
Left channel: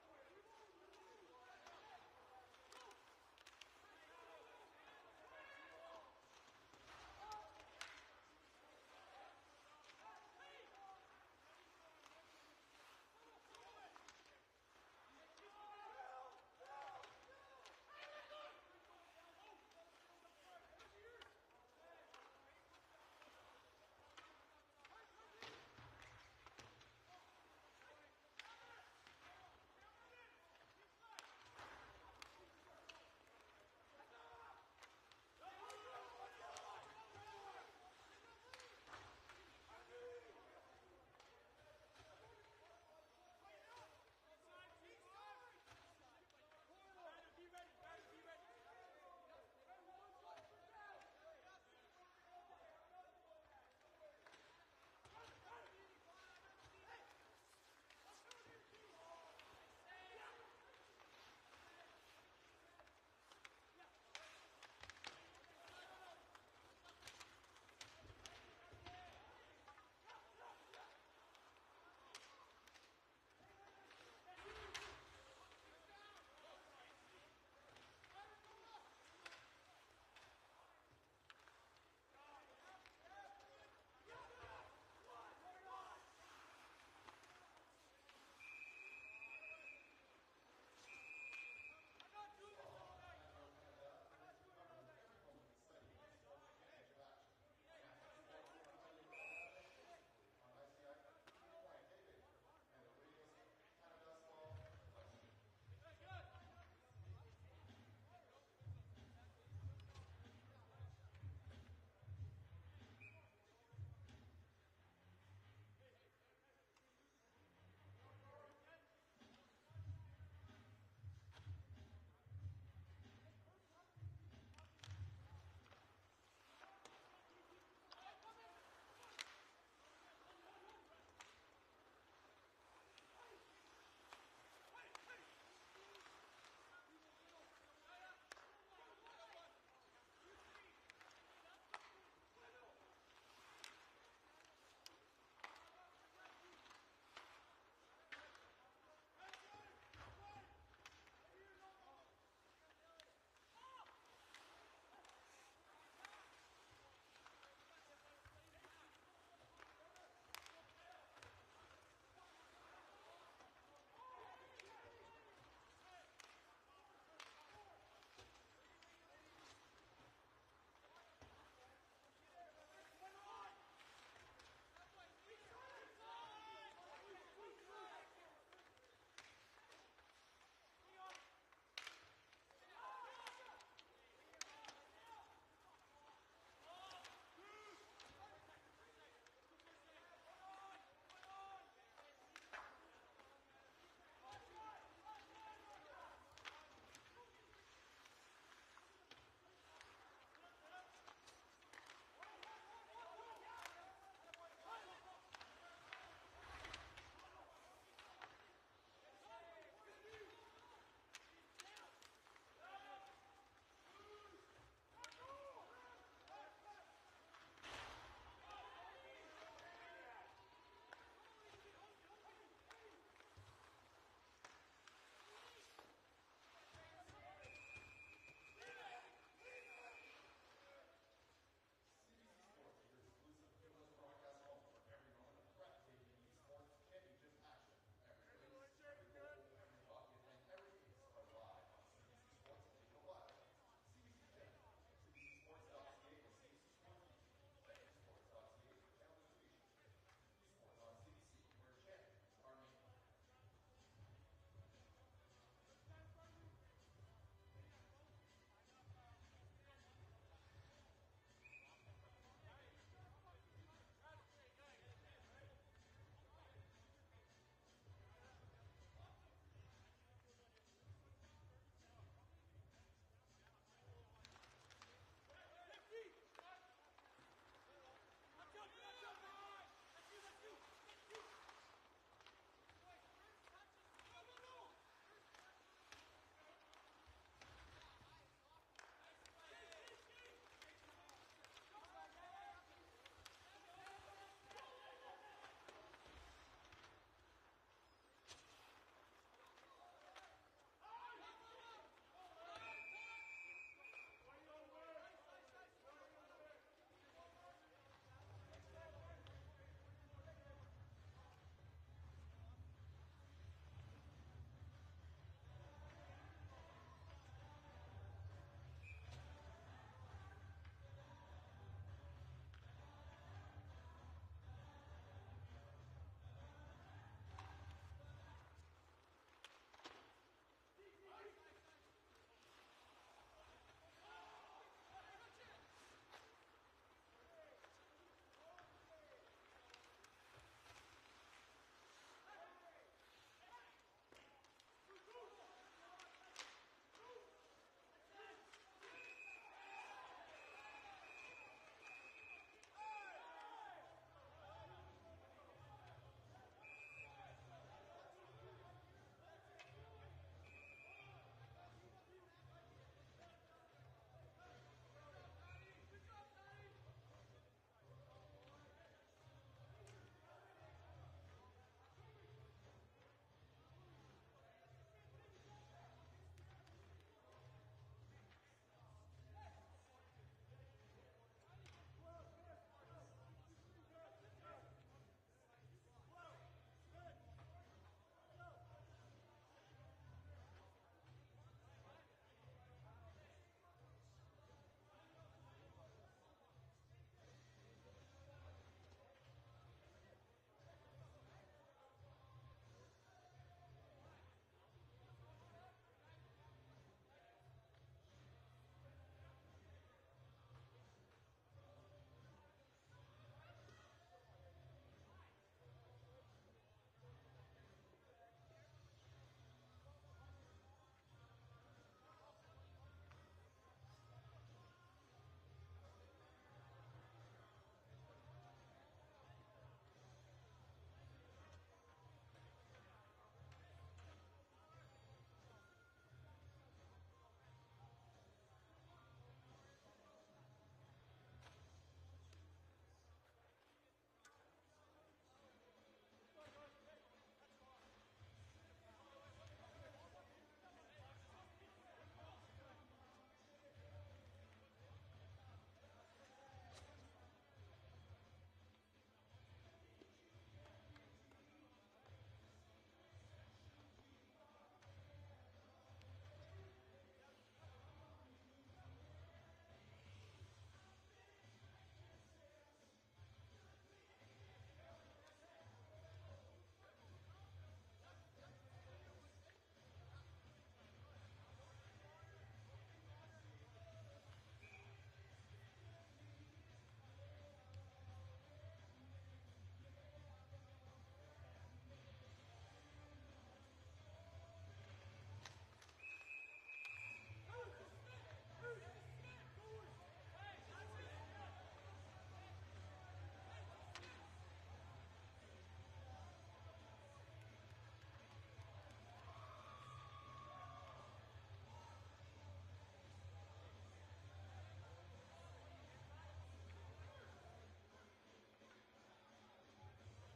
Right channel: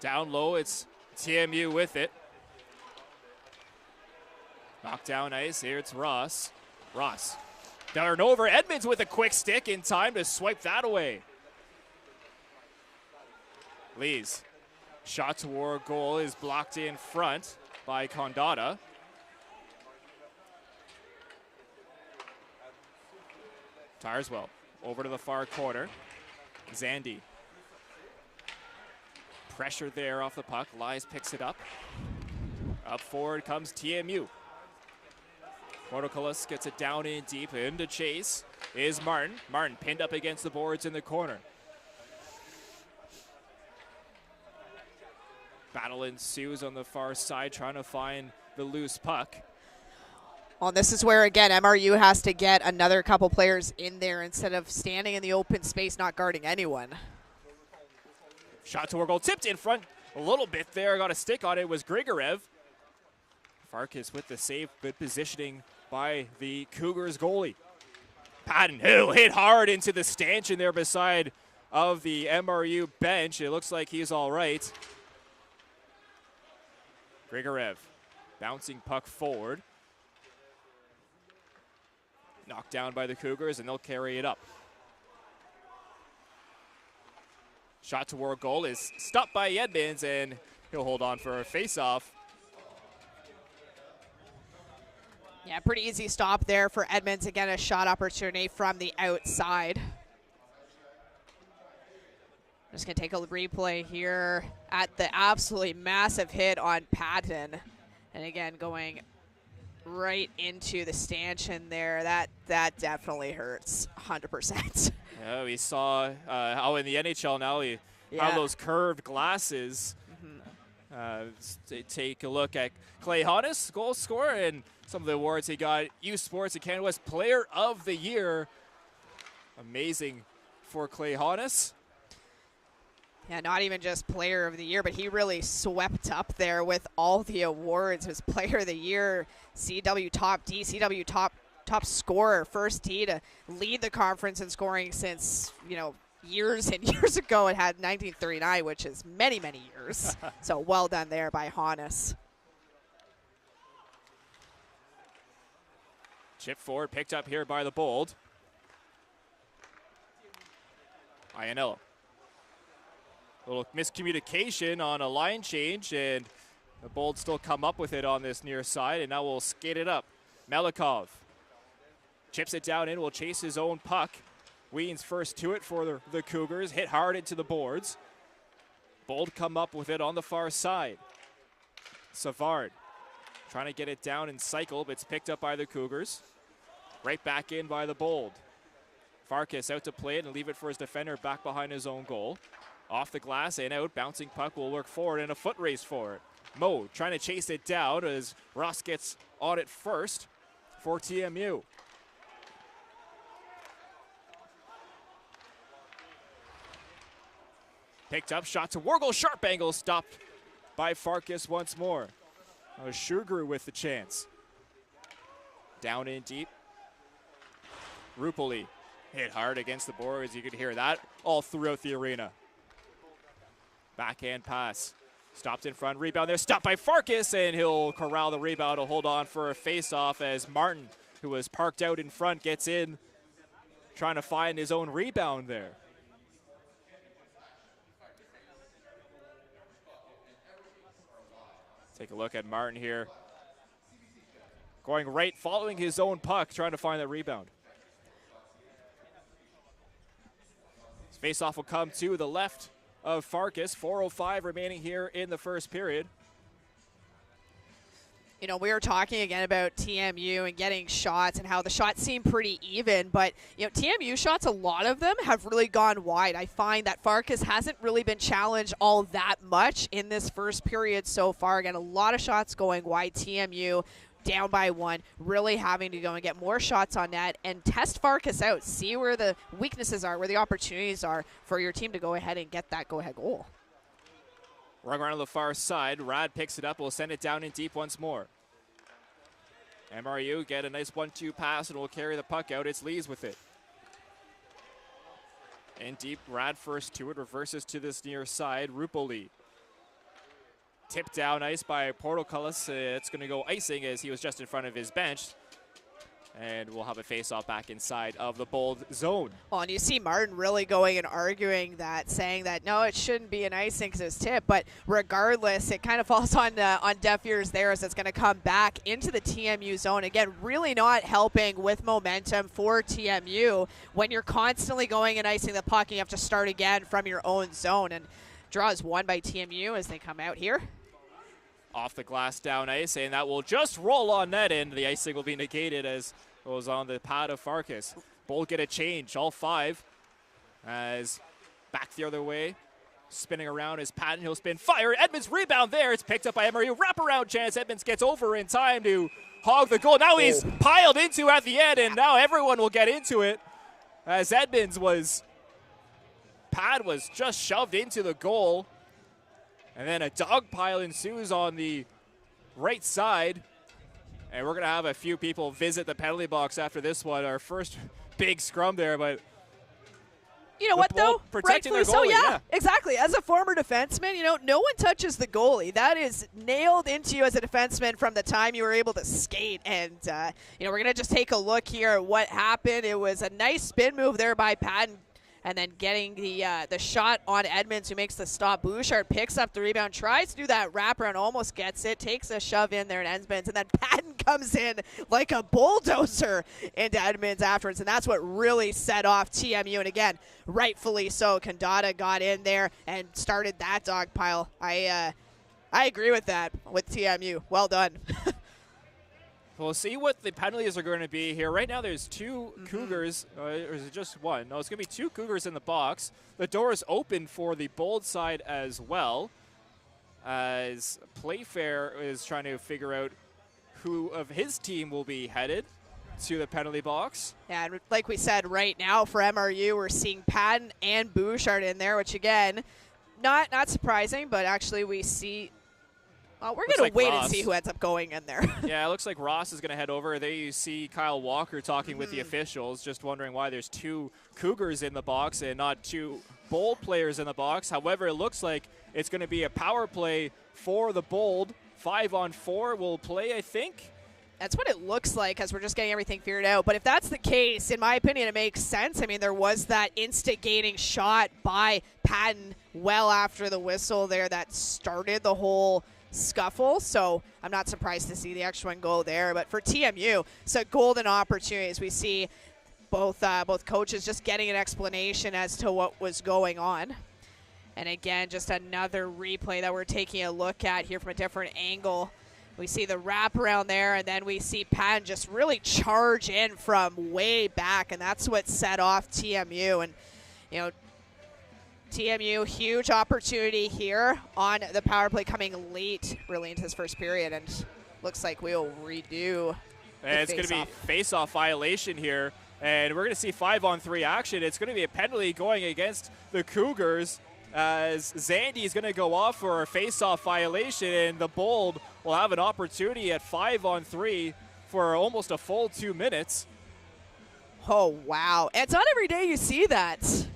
Down low, it's TMU with it. Knocked down ice, here it's Ross. Ross, down and over. Edmonds with a quick stick in time to swipe that away. Lees, shot toward goal is blocked in front by Condata. Tireswell over to the far corner. Zandy. Pressure there off the puck. Lies picks it up. Up forward comes TMU. Portoculus gets it down in deep. Into chase is Martin. Martin pinned up against the boards in the corner. Battle ensues on the far side, trying to find the loose puck. Well, this is where, again, MRU has to get another couple players in there instead of standing in the open space, not guarding anyone. Shot toward goal, tipped in front a little bit there. Got a stick on it, was Grigorev. Farkas with the save, good positioning by the Cougars goalie. Patton Hill hit hard into the stanchion there beside of the MRU bench. It looks like he's all right. Grigorev bouncing puck forward. Knocked down by the Cougars, and they'll carry it up. Shot toward goal is stopped by Edmonds, and he'll hold on for a face-off. Yeah, pretty easy stop there for Edmonds. Again, a shot opportunity from the outside. Just going to take a replay here at the absolutely massive hit on Patton. And again, going right into the stanchion there. That definitely hurts 100%. Yeah, we saw how in the NHL now we have those curved glasses. Take a look at Clay Honus, goal scorer, and some of the awards he got. U Sports and Canada West Player of the Year. Amazing for Clay Honus. Yeah, not even just Player of the Year, but he really swept up there with all the awards. His Player of the Year, CW Top D, CW Top Scorer, first D to lead the conference in scoring since, years and years ago. It had 1939, which is many, many years. So well done there by Honus. Chip forward, picked up here by the Bold. Iannello. A little miscommunication on a line change, and the Bold still come up with it on this near side, and now we'll skate it up. Melikov chips it down in, will chase his own puck. Ween's first to it for the Cougars, hit hard into the boards. Bold come up with it on the far side. Savard trying to get it down and cycle, but it's picked up by the Cougars. Right back in by the Bold. Farkas out to play it and leave it for his defender back behind his own goal. Off the glass and out, bouncing puck will work forward and a foot race for it. Mo trying to chase it down as Ross gets on it first for TMU. Picked up, shot to Wargle, sharp angle, stopped by Farkas once more. Sugar with the chance. Down in deep. Rupoli hit hard against the boards. You could hear that all throughout the arena. Backhand pass. Stopped in front, rebound there, stopped by Farkas, and he'll corral the rebound. He'll hold on for a face-off as Martin, who was parked out in front, gets in, trying to find his own rebound there. Take a look at Martin here. Going right, following his own puck, trying to find that rebound. His face-off will come to the left of Farkas. 4:05 remaining here in the first period. We were talking again about TMU and getting shots and how the shots seem pretty even, but TMU shots, a lot of them have really gone wide. I find that Farkas hasn't really been challenged all that much in this first period so far. Again, a lot of shots going wide. TMU down by one, really having to go and get more shots on net and test Farkas out, see where the weaknesses are, where the opportunities are for your team to go ahead and get that go-ahead goal. Run around to the far side. Rad picks it up. Will send it down in deep once more. MRU get a nice 1-2 pass and will carry the puck out. It's Lees with it. In deep, Rad first to it. Reverses to this near side. Rupoli. Tipped down ice by Portocullis. It's going to go icing as he was just in front of his bench. And we'll have a face-off back inside of the Bold zone. Well, and you see Martin really going and arguing that, saying that, no, it shouldn't be an icing because it's tip. But regardless, it kind of falls on deaf ears there as it's going to come back into the TMU zone. Again, really not helping with momentum for TMU when you're constantly going and icing the puck and you have to start again from your own zone. And draw is won by TMU as they come out here. Off the glass down ice, and that will just roll on net, and the icing will be negated as it was on the pad of Farkas. Bold get a change, all five, as back the other way, spinning around is Patton. He'll spin, fire, Edmonds rebound there. It's picked up by MRU, wraparound chance. Edmonds gets over in time to hog the goal. Now he's piled into at the end, and now everyone will get into it as Edmonds pad was just shoved into the goal. And then a dog pile ensues on the right side. And we're going to have a few people visit the penalty box after this one. Our first big scrum there, but you know what, though? Protecting their Rightfully goalie, so, yeah, exactly. As a former defenseman, no one touches the goalie. That is nailed into you as a defenseman from the time you were able to skate. And, we're going to just take a look here at what happened. It was a nice spin move there by Patton. And then getting the shot on Edmonds, who makes the stop. Bouchard picks up the rebound, tries to do that wraparound, almost gets it, takes a shove in there in Edmonds, and then Patton comes in like a bulldozer into Edmonds afterwards, and that's what really set off TMU. And again, rightfully so, Kandata got in there and started that dog pile. I agree with that with TMU. Well done. We'll see what the penalties are going to be here. Right now there's two Cougars, or is it just one? No, it's going to be two Cougars in the box. The door is open for the Bold side as well. as Playfair is trying to figure out who of his team will be headed to the penalty box. And like we said, right now for MRU, we're seeing Patton and Bouchard in there, which again, not surprising, but actually we see. Well, we're going to wait and see who ends up going in there. Yeah, it looks like Ross is going to head over. There you see Kyle Walker talking with the officials, just wondering why there's 2 Cougars in the box and not 2 Bold players in the box. However, it looks like it's going to be a power play for the Bold. 5-on-4 will play, I think. That's what it looks like as we're just getting everything figured out. But if that's the case, in my opinion, it makes sense. I mean, there was that instigating shot by Patton well after the whistle there that started the whole scuffle. So I'm not surprised to see the extra one go there. But for TMU, it's a golden opportunity as we see both coaches just getting an explanation as to what was going on. And again, just another replay that we're taking a look at here from a different angle. We see the wraparound there, and then we see Patton just really charge in from way back, and that's what set off TMU. And, you know, TMU, huge opportunity here on the power play coming late, really into this first period, and looks like we'll redo. And it's going to be face-off violation here, and we're going to see 5-on-3 action. It's going to be a penalty going against the Cougars, as Zandy is going to go off for a face-off violation, and the Bold will have an opportunity at 5-on-3 for almost a full 2 minutes. Oh, wow. And it's not every day you see that.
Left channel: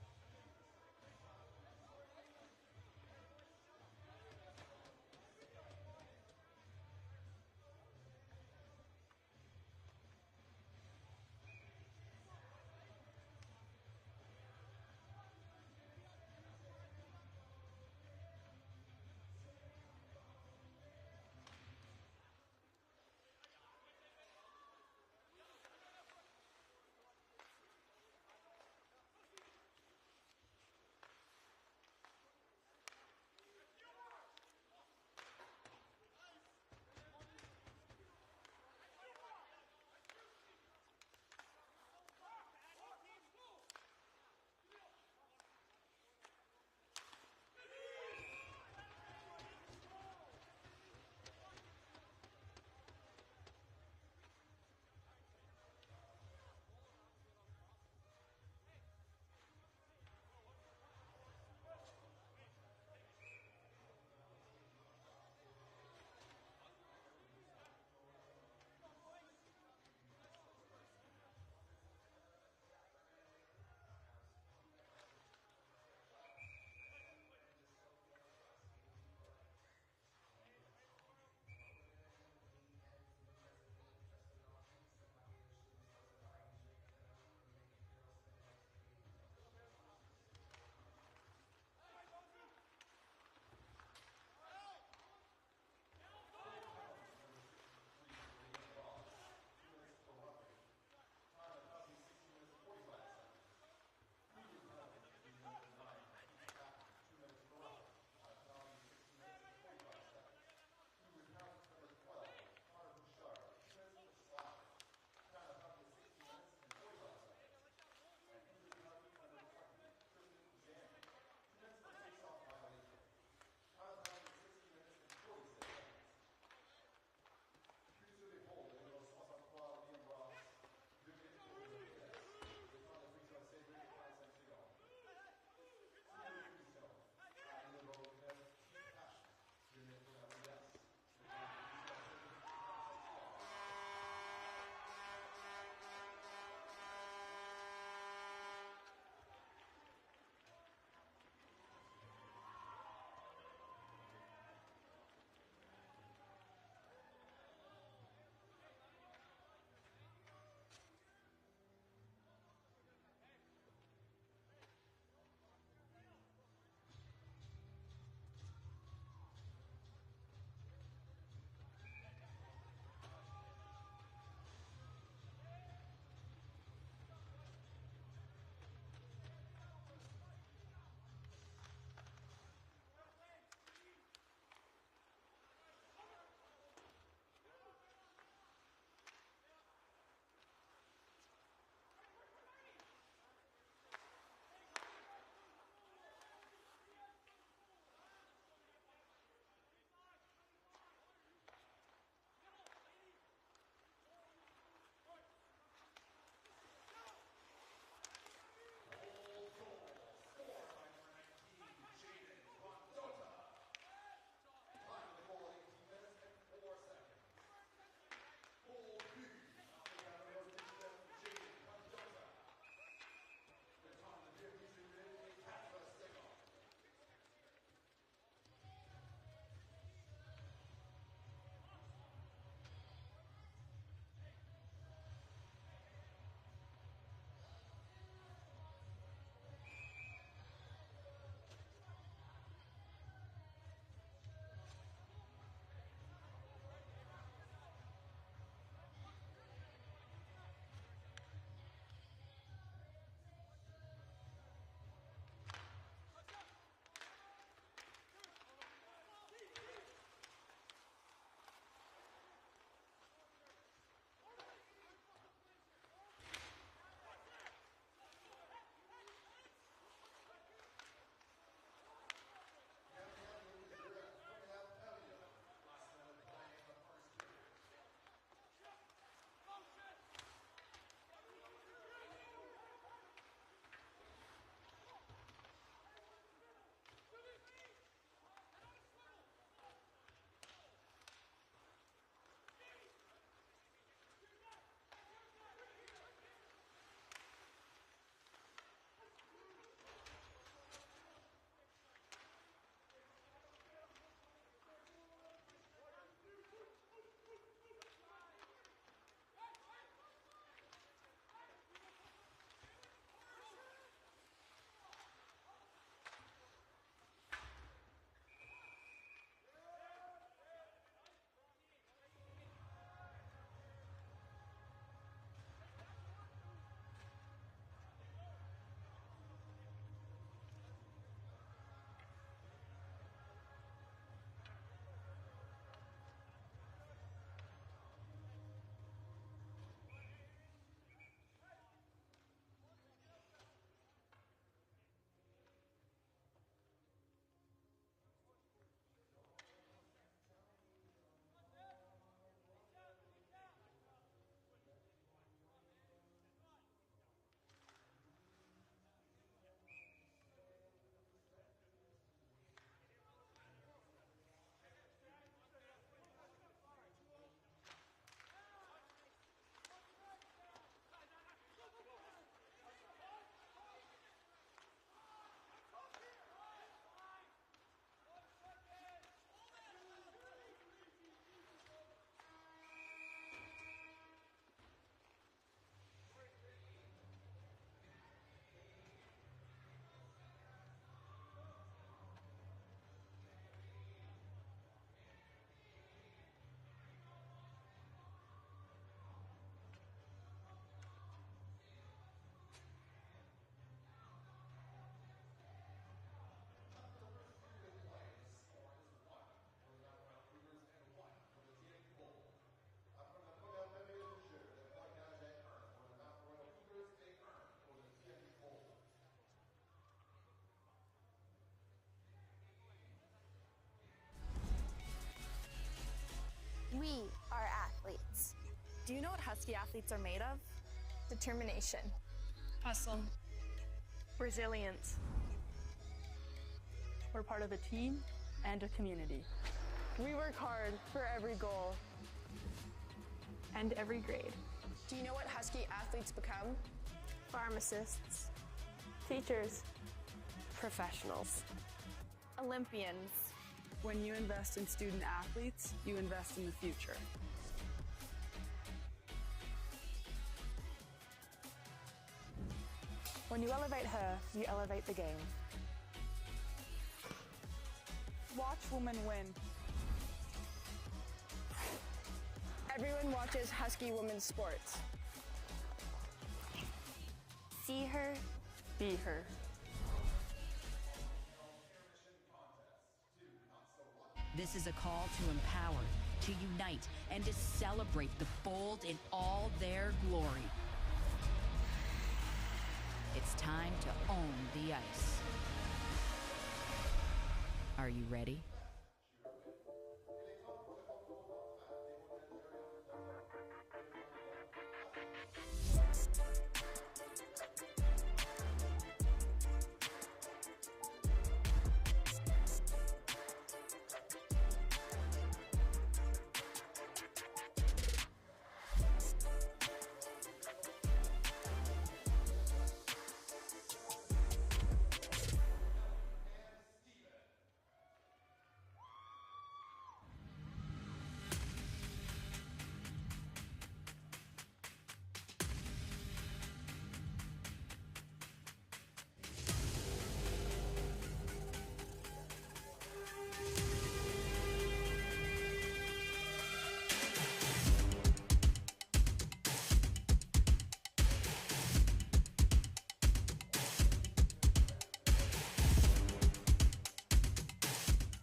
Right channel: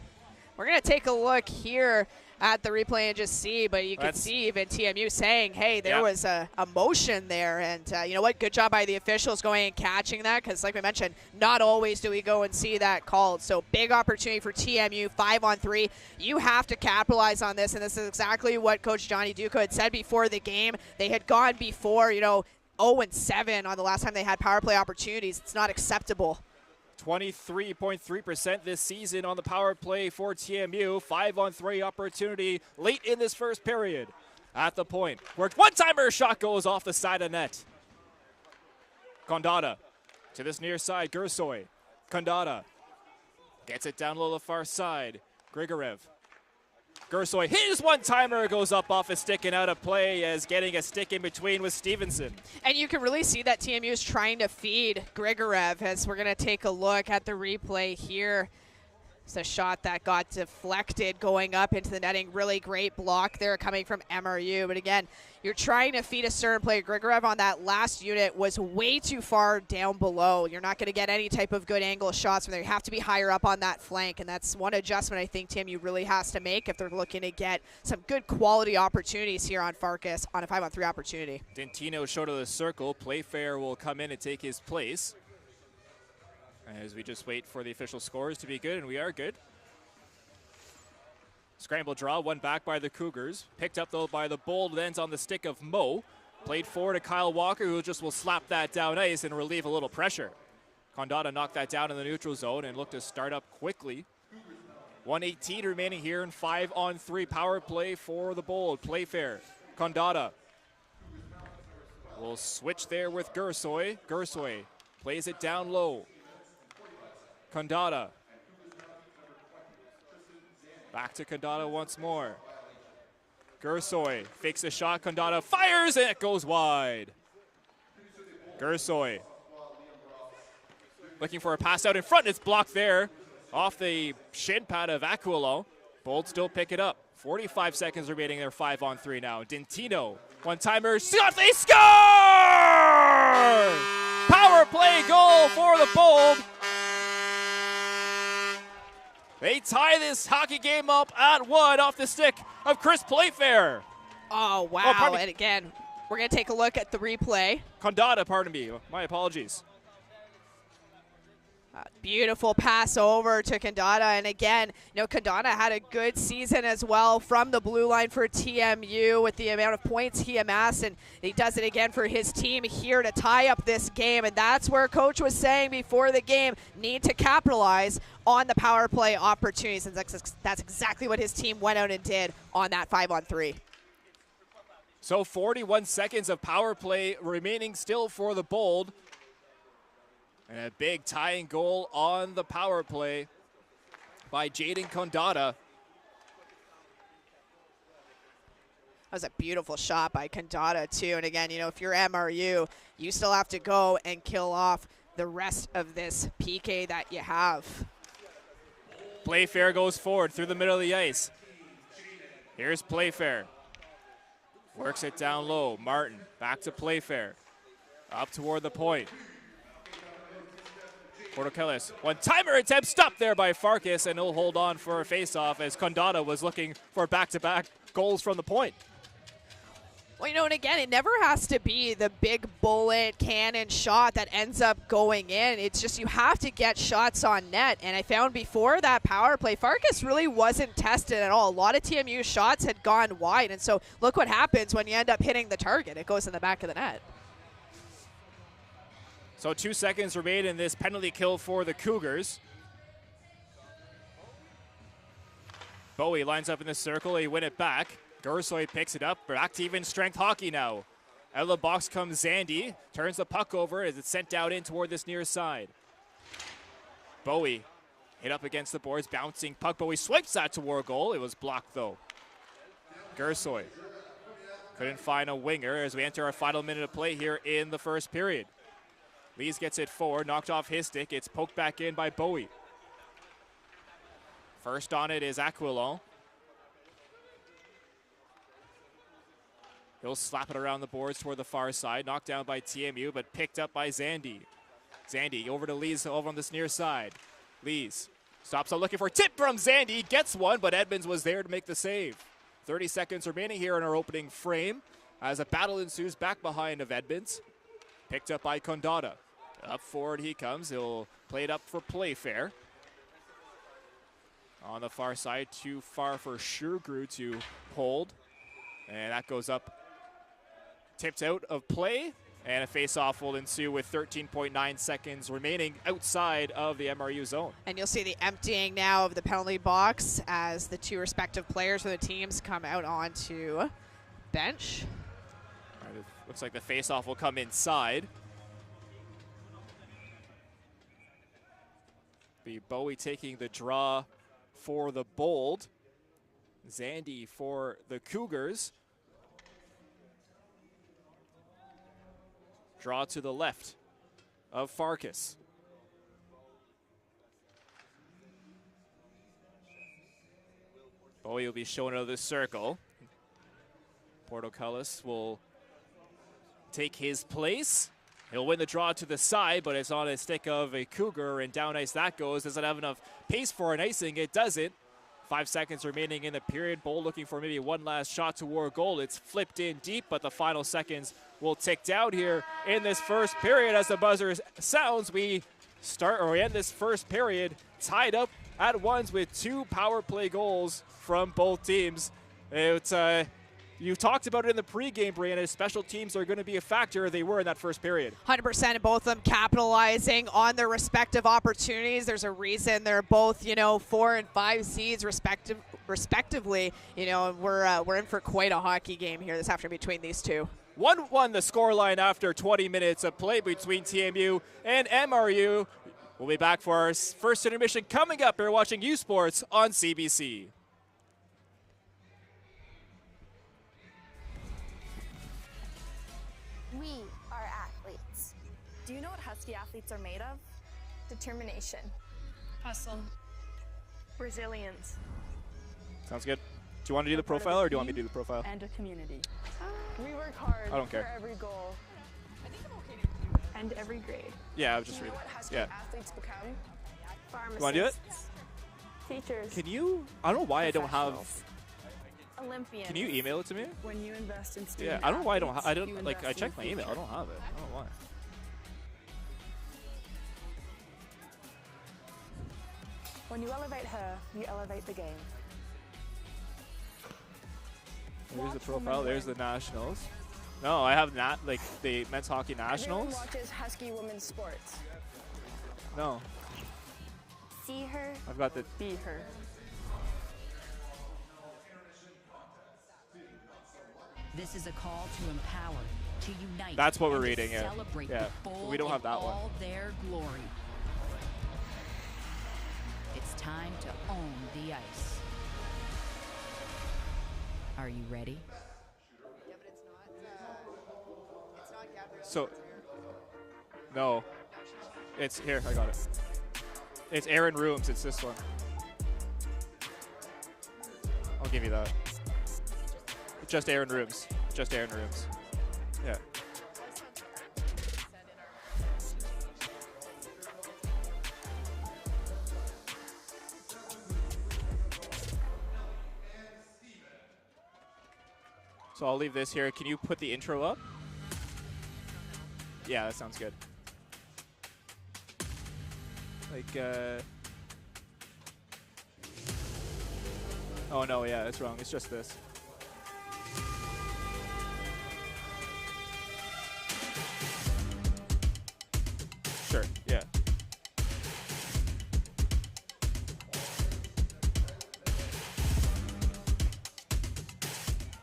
We're going to take a look here at the replay and just see, but you can see even TMU saying, hey, there was a motion there. And you know what? Good job by the officials going and catching that, because like we mentioned, not always do we go and see that called. So big opportunity for TMU, 5-on-3. You have to capitalize on this, and this is exactly what Coach Johnny Duca had said before the game. They had gone before, 0-7 on the last time they had power play opportunities. It's not acceptable. 23.3% this season on the power play for TMU. 5-on-3 opportunity late in this first period. At the point, worked one-timer, shot goes off the side of net. Kondata to this near side, Gersoy. Kondata gets it down low the far side. Grigorev. Gersoy, his one-timer goes up off a stick and out of play as getting a stick in between with Stevenson. And you can really see that TMU is trying to feed Grigorev as we're going to take a look at the replay here. It's a shot that got deflected going up into the netting. Really great block there coming from MRU. But again, you're trying to feed a certain player. Grigorev on that last unit was way too far down below. You're not going to get any type of good angle shots from there. You have to be higher up on that flank, and that's one adjustment I think TMU really has to make if they're looking to get some good quality opportunities here on Farkas on a 5-on-3 opportunity. Dentino short of the circle. Playfair will come in and take his place as we just wait for the official scores to be good, and we are good. Scramble draw, one back by the Cougars. Picked up, though, by the Bold, ends on the stick of Mo. Played forward to Kyle Walker, who just will slap that down ice and relieve a little pressure. Kondata knocked that down in the neutral zone and looked to start up quickly. 1:18 remaining here in 5-on-3 power play for the Bold. Playfair, Kondata will switch there with Gersoy. Gersoy plays it down low. Kondata. Back to Kondata once more. Gersoy fakes a shot. Kondata fires and it goes wide. Gersoy looking for a pass out in front. It's blocked there off the shin pad of Aquilon. Bold still pick it up. 45 seconds remaining there. 5-on-3 now. Dentino, one-timer, shot, they score! Power play goal for the Bold. They tie this hockey game up at 1 off the stick of Chris Playfair. Oh, wow. And again, we're going to take a look at the replay. Kondata, pardon me. My apologies. Beautiful pass over to Kondata. And again, Kondata had a good season as well from the blue line for TMU with the amount of points he amassed. And he does it again for his team here to tie up this game. And that's where Coach was saying before the game, need to capitalize on the power play opportunities. And that's exactly what his team went out and did on that 5-on-3. So 41 seconds of power play remaining still for the Bold. And a big tying goal on the power play by Jaden Kondata. That was a beautiful shot by Condata, too. And again, you know, if you're MRU, you still have to go and kill off the rest of this PK that you have. Playfair goes forward through the middle of the ice. Here's Playfair. Works it down low. Martin back to Playfair. Up toward the point. Portokellis, one-timer attempt stopped there by Farkas, and he'll hold on for a face-off as Condata was looking for back-to-back goals from the point. Well, you know, and again, it never has to be the big bullet cannon shot that ends up going in. It's just you have to get shots on net. And I found before that power play, Farkas really wasn't tested at all. A lot of TMU shots had gone wide. And so look what happens when you end up hitting the target. It goes in the back of the net. So 2 seconds remain in this penalty kill for the Cougars. Bowie lines up in the circle. He win it back. Gersoy picks it up. Back to even strength hockey now. Out of the box comes Zandy. Turns the puck over as it's sent out in toward this near side. Bowie hit up against the boards. Bouncing puck. Bowie swipes that toward goal. It was blocked though. Gersoy couldn't find a winger as we enter our final minute of play here in the first period. Lees gets it forward. Knocked off his stick. It's poked back in by Bowie. First on it is Aquilon. He'll slap it around the boards toward the far side. Knocked down by TMU, but picked up by Zandy. Zandy over to Lees over on this near side. Lees stops on looking for a tip from Zandy. Gets one, but Edmonds was there to make the save. 30 seconds remaining here in our opening frame as a battle ensues back behind of Edmonds. Picked up by Condata. Up forward he comes. He'll play it up for Playfair. On the far side, too far for Shergrew to hold. And that goes up. Tipped out of play, and a face-off will ensue with 13.9 seconds remaining outside of the MRU zone. And you'll see the emptying now of the penalty box as the two respective players for the teams come out onto bench. All right, it looks like the face-off will come inside. Be Bowie taking the draw for the Bold. Zandy for the Cougars. Draw to the left of Farkas. Bowie will be shown out of the circle. Portokellis will take his place. He'll win the draw to the side, but it's on a stick of a Cougar, and down ice that goes. Doesn't have enough pace for an icing. It doesn't. 5 seconds remaining in the period. Bold looking for maybe one last shot toward goal. It's flipped in deep, but the final seconds will tick down here in this first period. As the buzzer sounds, we end this first period tied up at ones with 2 power play goals from both teams. It's you talked about it in the pregame, Brianna. Special teams are going to be a factor. They were in that first period. 100%, and both of them capitalizing on their respective opportunities. There's a reason they're both, 4 and 5 seeds respectively. We're in for quite a hockey game here this afternoon between these two. 1-1 the scoreline after 20 minutes of play between TMU and MRU. We'll be back for our first intermission coming up. You're watching U Sports on CBC. Athletes are made of determination, hustle, resilience. Sounds good. Do you want to do the profile, or do you want me to do the profile? And a community. We work hard I don't care. for every goal and every grade. Yeah, I was just reading. What Husky Yeah. athletes become? Pharmacists. You want to do it? Teachers. Can you? I don't know why I don't have. Olympians. Can you email it to me? When you invest in Yeah, student I don't know why I don't. athletes, I don't you like. I invest in checked my email. I future. don't have it. I don't know why. When you elevate her, you elevate the game. There's the profile. There's the nationals. No, I have not like the men's hockey nationals. Everyone watches Husky women's sports. No, See her, I've got the. be her. This is a call to empower, to unite. That's what we're and to reading, yeah. Celebrate Yeah, the bold we don't have in that one. all their glory. It's time to own the ice. Are you ready? So, no. It's here, I got it. It's Aaron Rooms, it's this one. I'll give you that. Just Aaron Rooms. Just Aaron Rooms. Yeah. So I'll leave this here. Can you put the intro up? Yeah, that sounds good. Like, oh no, yeah, it's wrong. It's just this. Sure, yeah.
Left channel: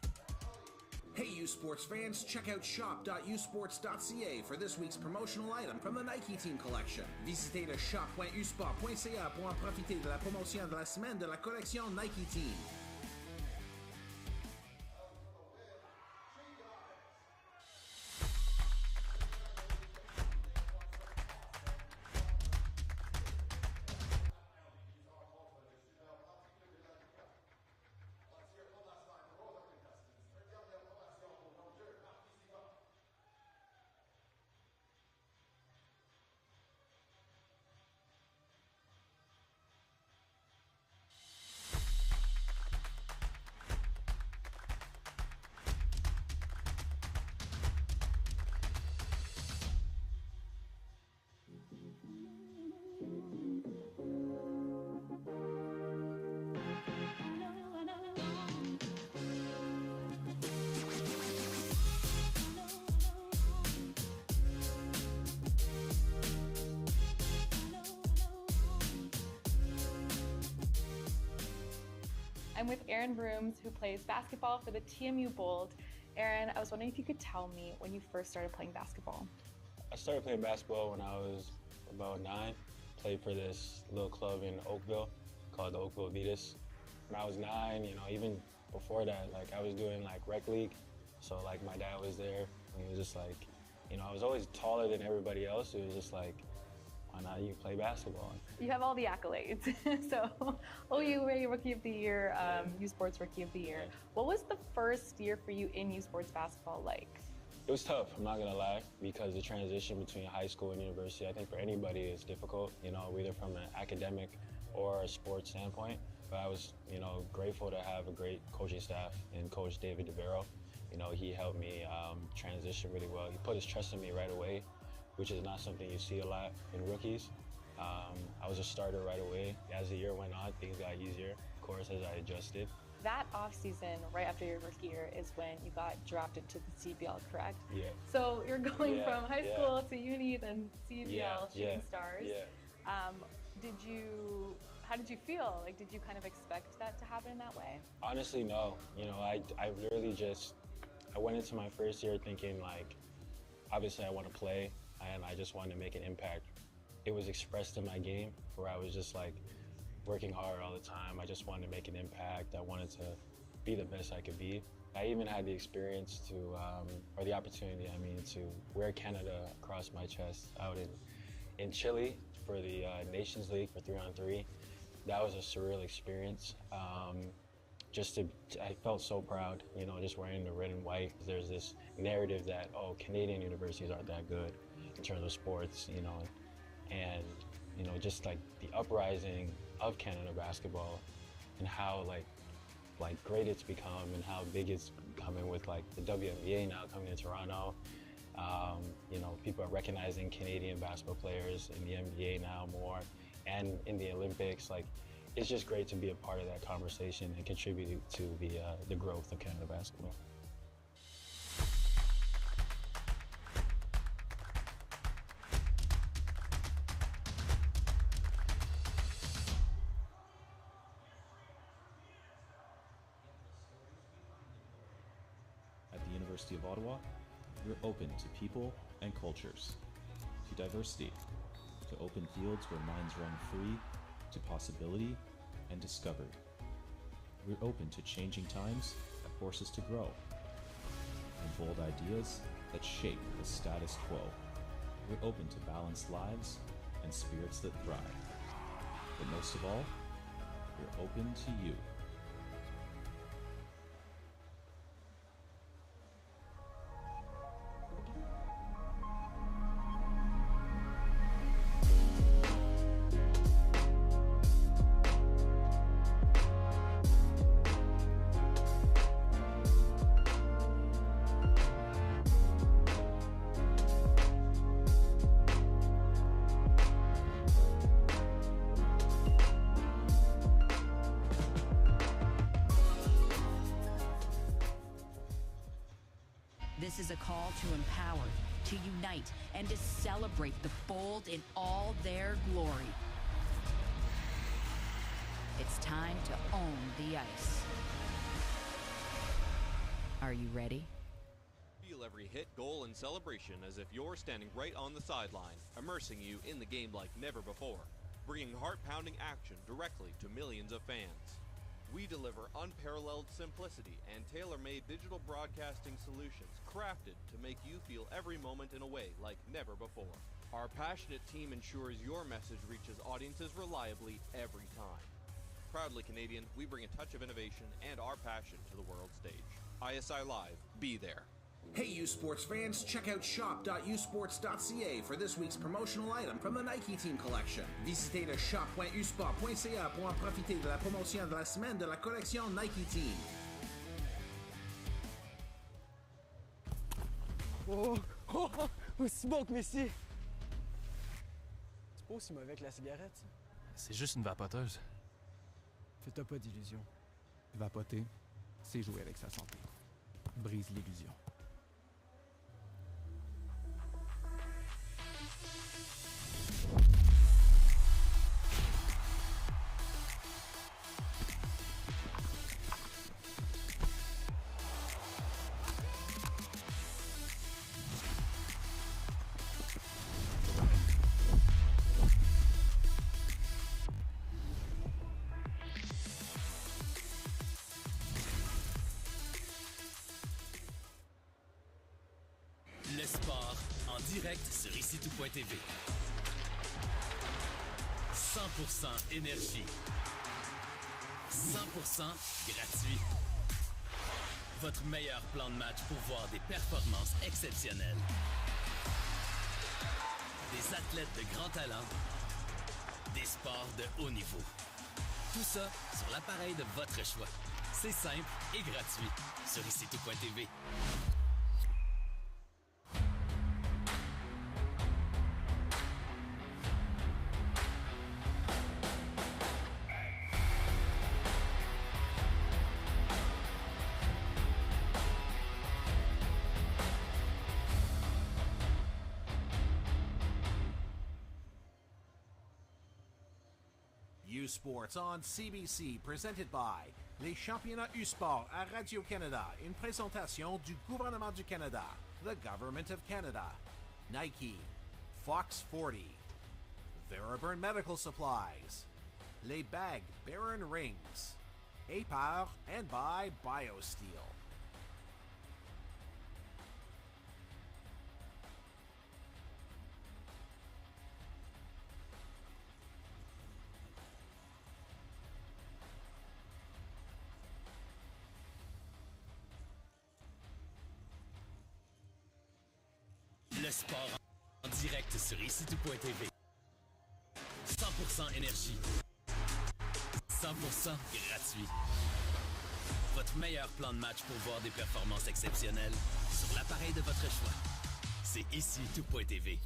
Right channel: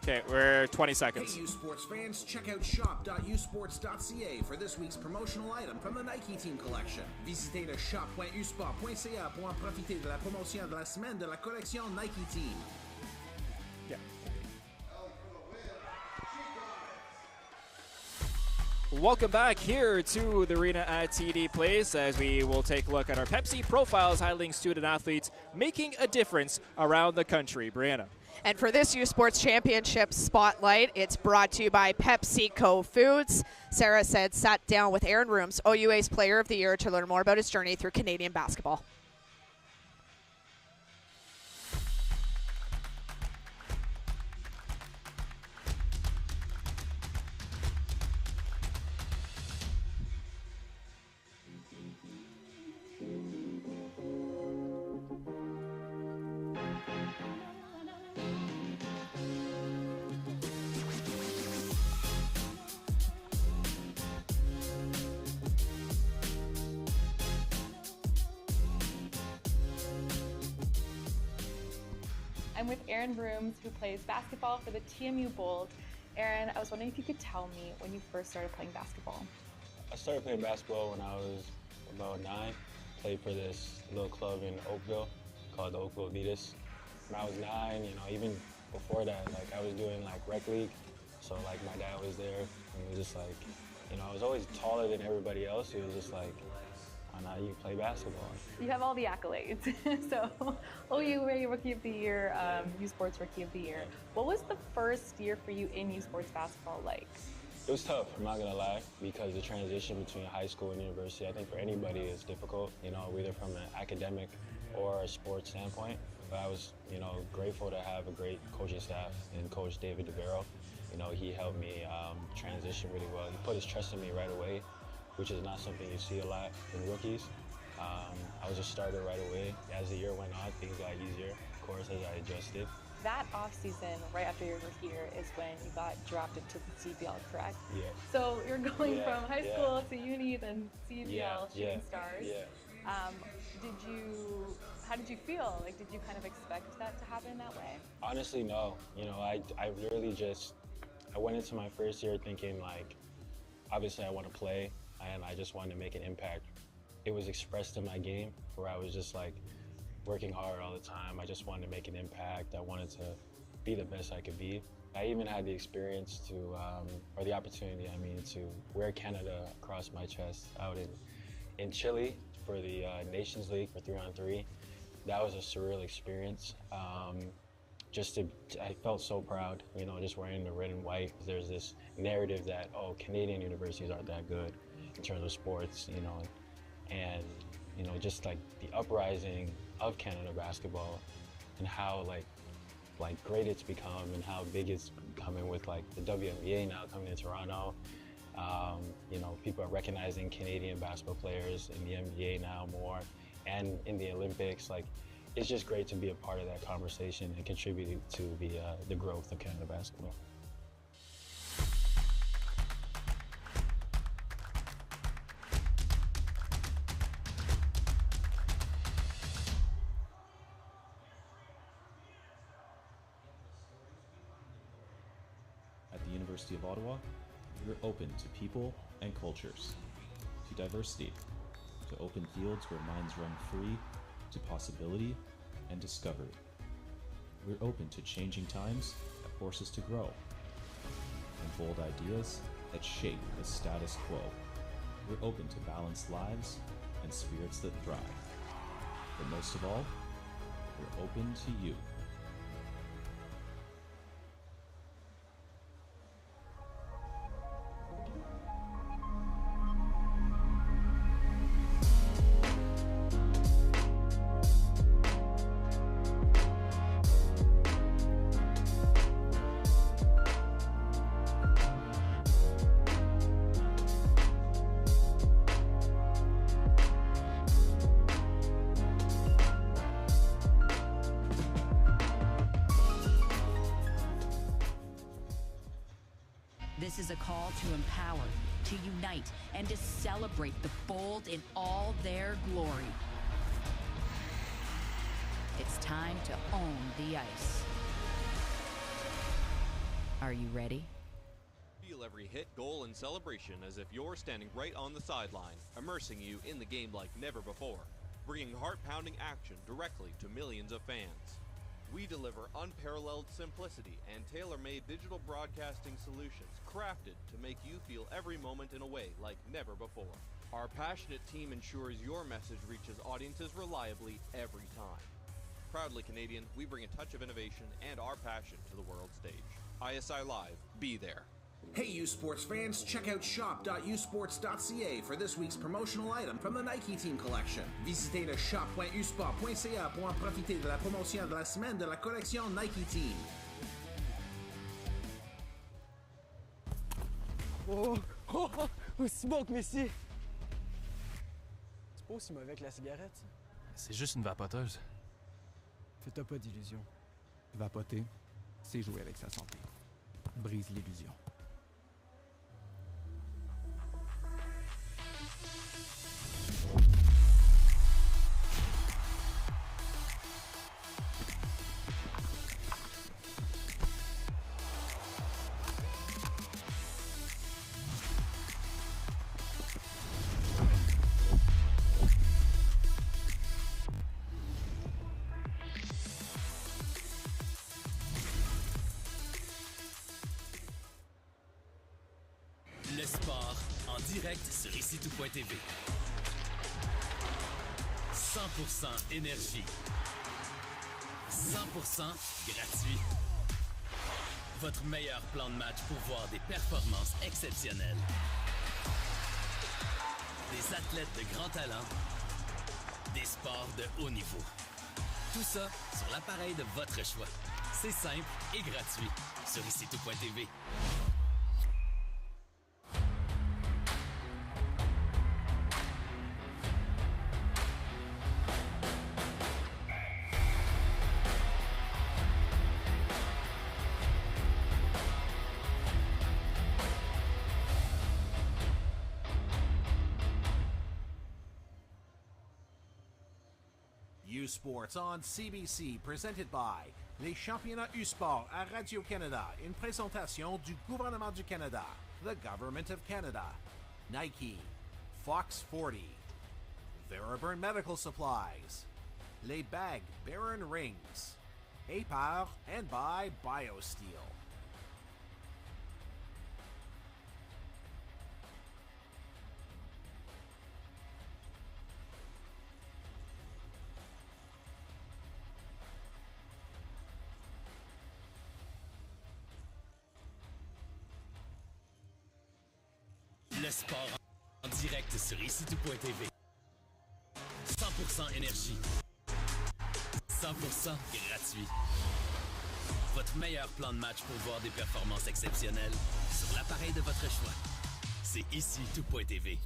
Okay, we're 20 seconds. Hey, U Sports fans, check out shop.usports.ca for this week's promotional item from the Nike Team collection. Visitez le shop.usport.ca pour en profiter de la promotion de la semaine de la collection Nike Team. Yeah. Welcome back here to the arena at TD Place as we will take a look at our Pepsi Profiles highlighting student athletes making a difference around the country. Brianna. And for this U Sports Championship Spotlight, it's brought to you by PepsiCo Foods. Sarah said sat down with Aaron Rooms, OUA's Player of the Year, to learn more about his journey through Canadian basketball. I'm with Aaron Rooms, who plays basketball for the TMU Bold. Aaron, I was wondering if you could tell me when you first started playing basketball. I started playing basketball when I was about 9. Played for this little club in Oakville called the Oakville Vitas. When I was 9, even before that, I was doing rec league. So my dad was there, and he was just I was always taller than everybody else. He was just why not you play basketball? You have all the accolades. So, OUA Rookie of the Year, U Sports Rookie of the Year. What was the first year for you in U Sports basketball like? It was tough, I'm not gonna lie, because the transition between high school and university, I think for anybody is difficult, either from an academic or a sports standpoint. But I was, grateful to have a great coaching staff and Coach David DeVero. He helped me transition really well. He put his trust in me right away, which is not something you see a lot in rookies. I was a starter right away. As the year went on, things got easier, of course, as I adjusted. That offseason, right after your rookie year, is when you got drafted to the CBL, correct? Yeah. So you're going from high school to uni, then CBL, Shooting Stars. Yeah. How did you feel? Did you kind of expect that to happen that way? Honestly, no. I literally I went into my first year thinking obviously I want to play and I just wanted to make an impact. It was expressed in my game where I was just working hard all the time. I just wanted to make an impact. I wanted to be the best I could be. I even had the experience or the opportunity, to wear Canada across my chest out in Chile for the Nations League for 3-on-3. That was a surreal experience. I felt so proud, just wearing the red and white. There's this narrative that, Canadian universities aren't that good in terms of sports, and, just the uprising of Canada basketball and how, great it's become and how big it's becoming with, the WNBA now coming to Toronto. People are recognizing Canadian basketball players in the NBA now more and in the Olympics. It's just great to be a part of that conversation and contribute to the growth of Canada basketball. At the University of Ottawa, we are open to people and cultures, to diversity, to open fields where minds run free, to possibility and discovery. We're open to changing times that force us to grow, and bold ideas that shape the status quo. We're open to balanced lives and spirits that thrive. But most of all, we're open to you. This is a call to empower, to unite, and to celebrate the bold in all their glory. It's time to own the ice. Are you ready? Feel every hit, goal, and celebration as if you're standing right on the sideline, immersing you in the game like never before, bringing heart-pounding action directly to millions of fans. We deliver unparalleled simplicity and tailor-made digital broadcasting solutions crafted to make you feel every moment in a way like never before. Our passionate team ensures your message reaches audiences reliably every time. Proudly Canadian, we bring a touch of innovation and our passion to the world stage. ISI Live, be there. Hey U Sports fans, check out shop.usports.ca for this week's promotional item from the Nike Team collection. Visitez le shop.usport.ca pour en profiter de la promotion de la semaine de la collection Nike Team. Smoke, messieurs! C'est pas aussi mauvais que la cigarette, ça? C'est juste une vapoteuse. Fais-toi pas d'illusions. Vapoter, c'est jouer avec sa santé. Brise l'illusion. Le sport en direct sur ICTout.tv. 100% énergie. 100% gratuit. Votre meilleur plan de match pour voir des performances exceptionnelles. Des athlètes de grand talent. Des sports de haut niveau. Tout ça sur l'appareil de votre choix. C'est simple et gratuit sur ICTout.tv. Sports on CBC, presented by les championnats U-Sport à Radio-Canada, une présentation du gouvernement du Canada, the Government of Canada, Nike, Fox 40, Theraburn Medical Supplies, les bagues Baron Rings, APAR, and by BioSteel. Le sport en direct sur ICTout.tv. 100% énergie. 100% gratuit. Votre meilleur plan de match pour voir des performances exceptionnelles sur l'appareil de votre choix. C'est ICTout.tv.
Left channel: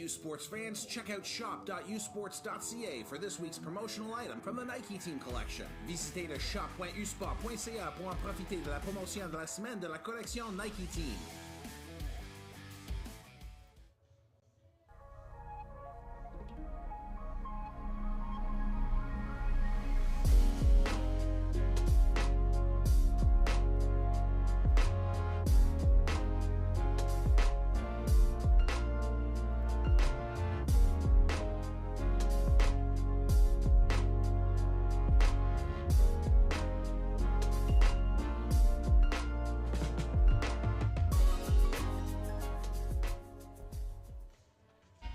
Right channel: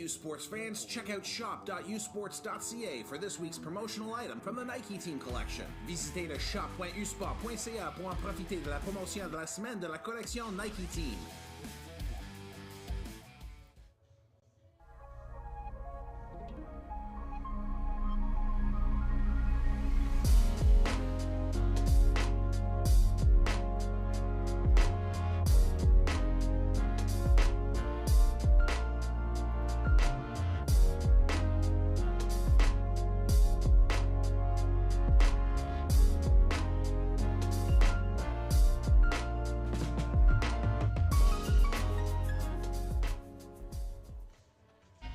U Sports fans, check out shop.usports.ca for this week's promotional item from the Nike Team Collection. Visitez le shop.usport.ca pour en profiter de la promotion de la semaine de la collection Nike Team.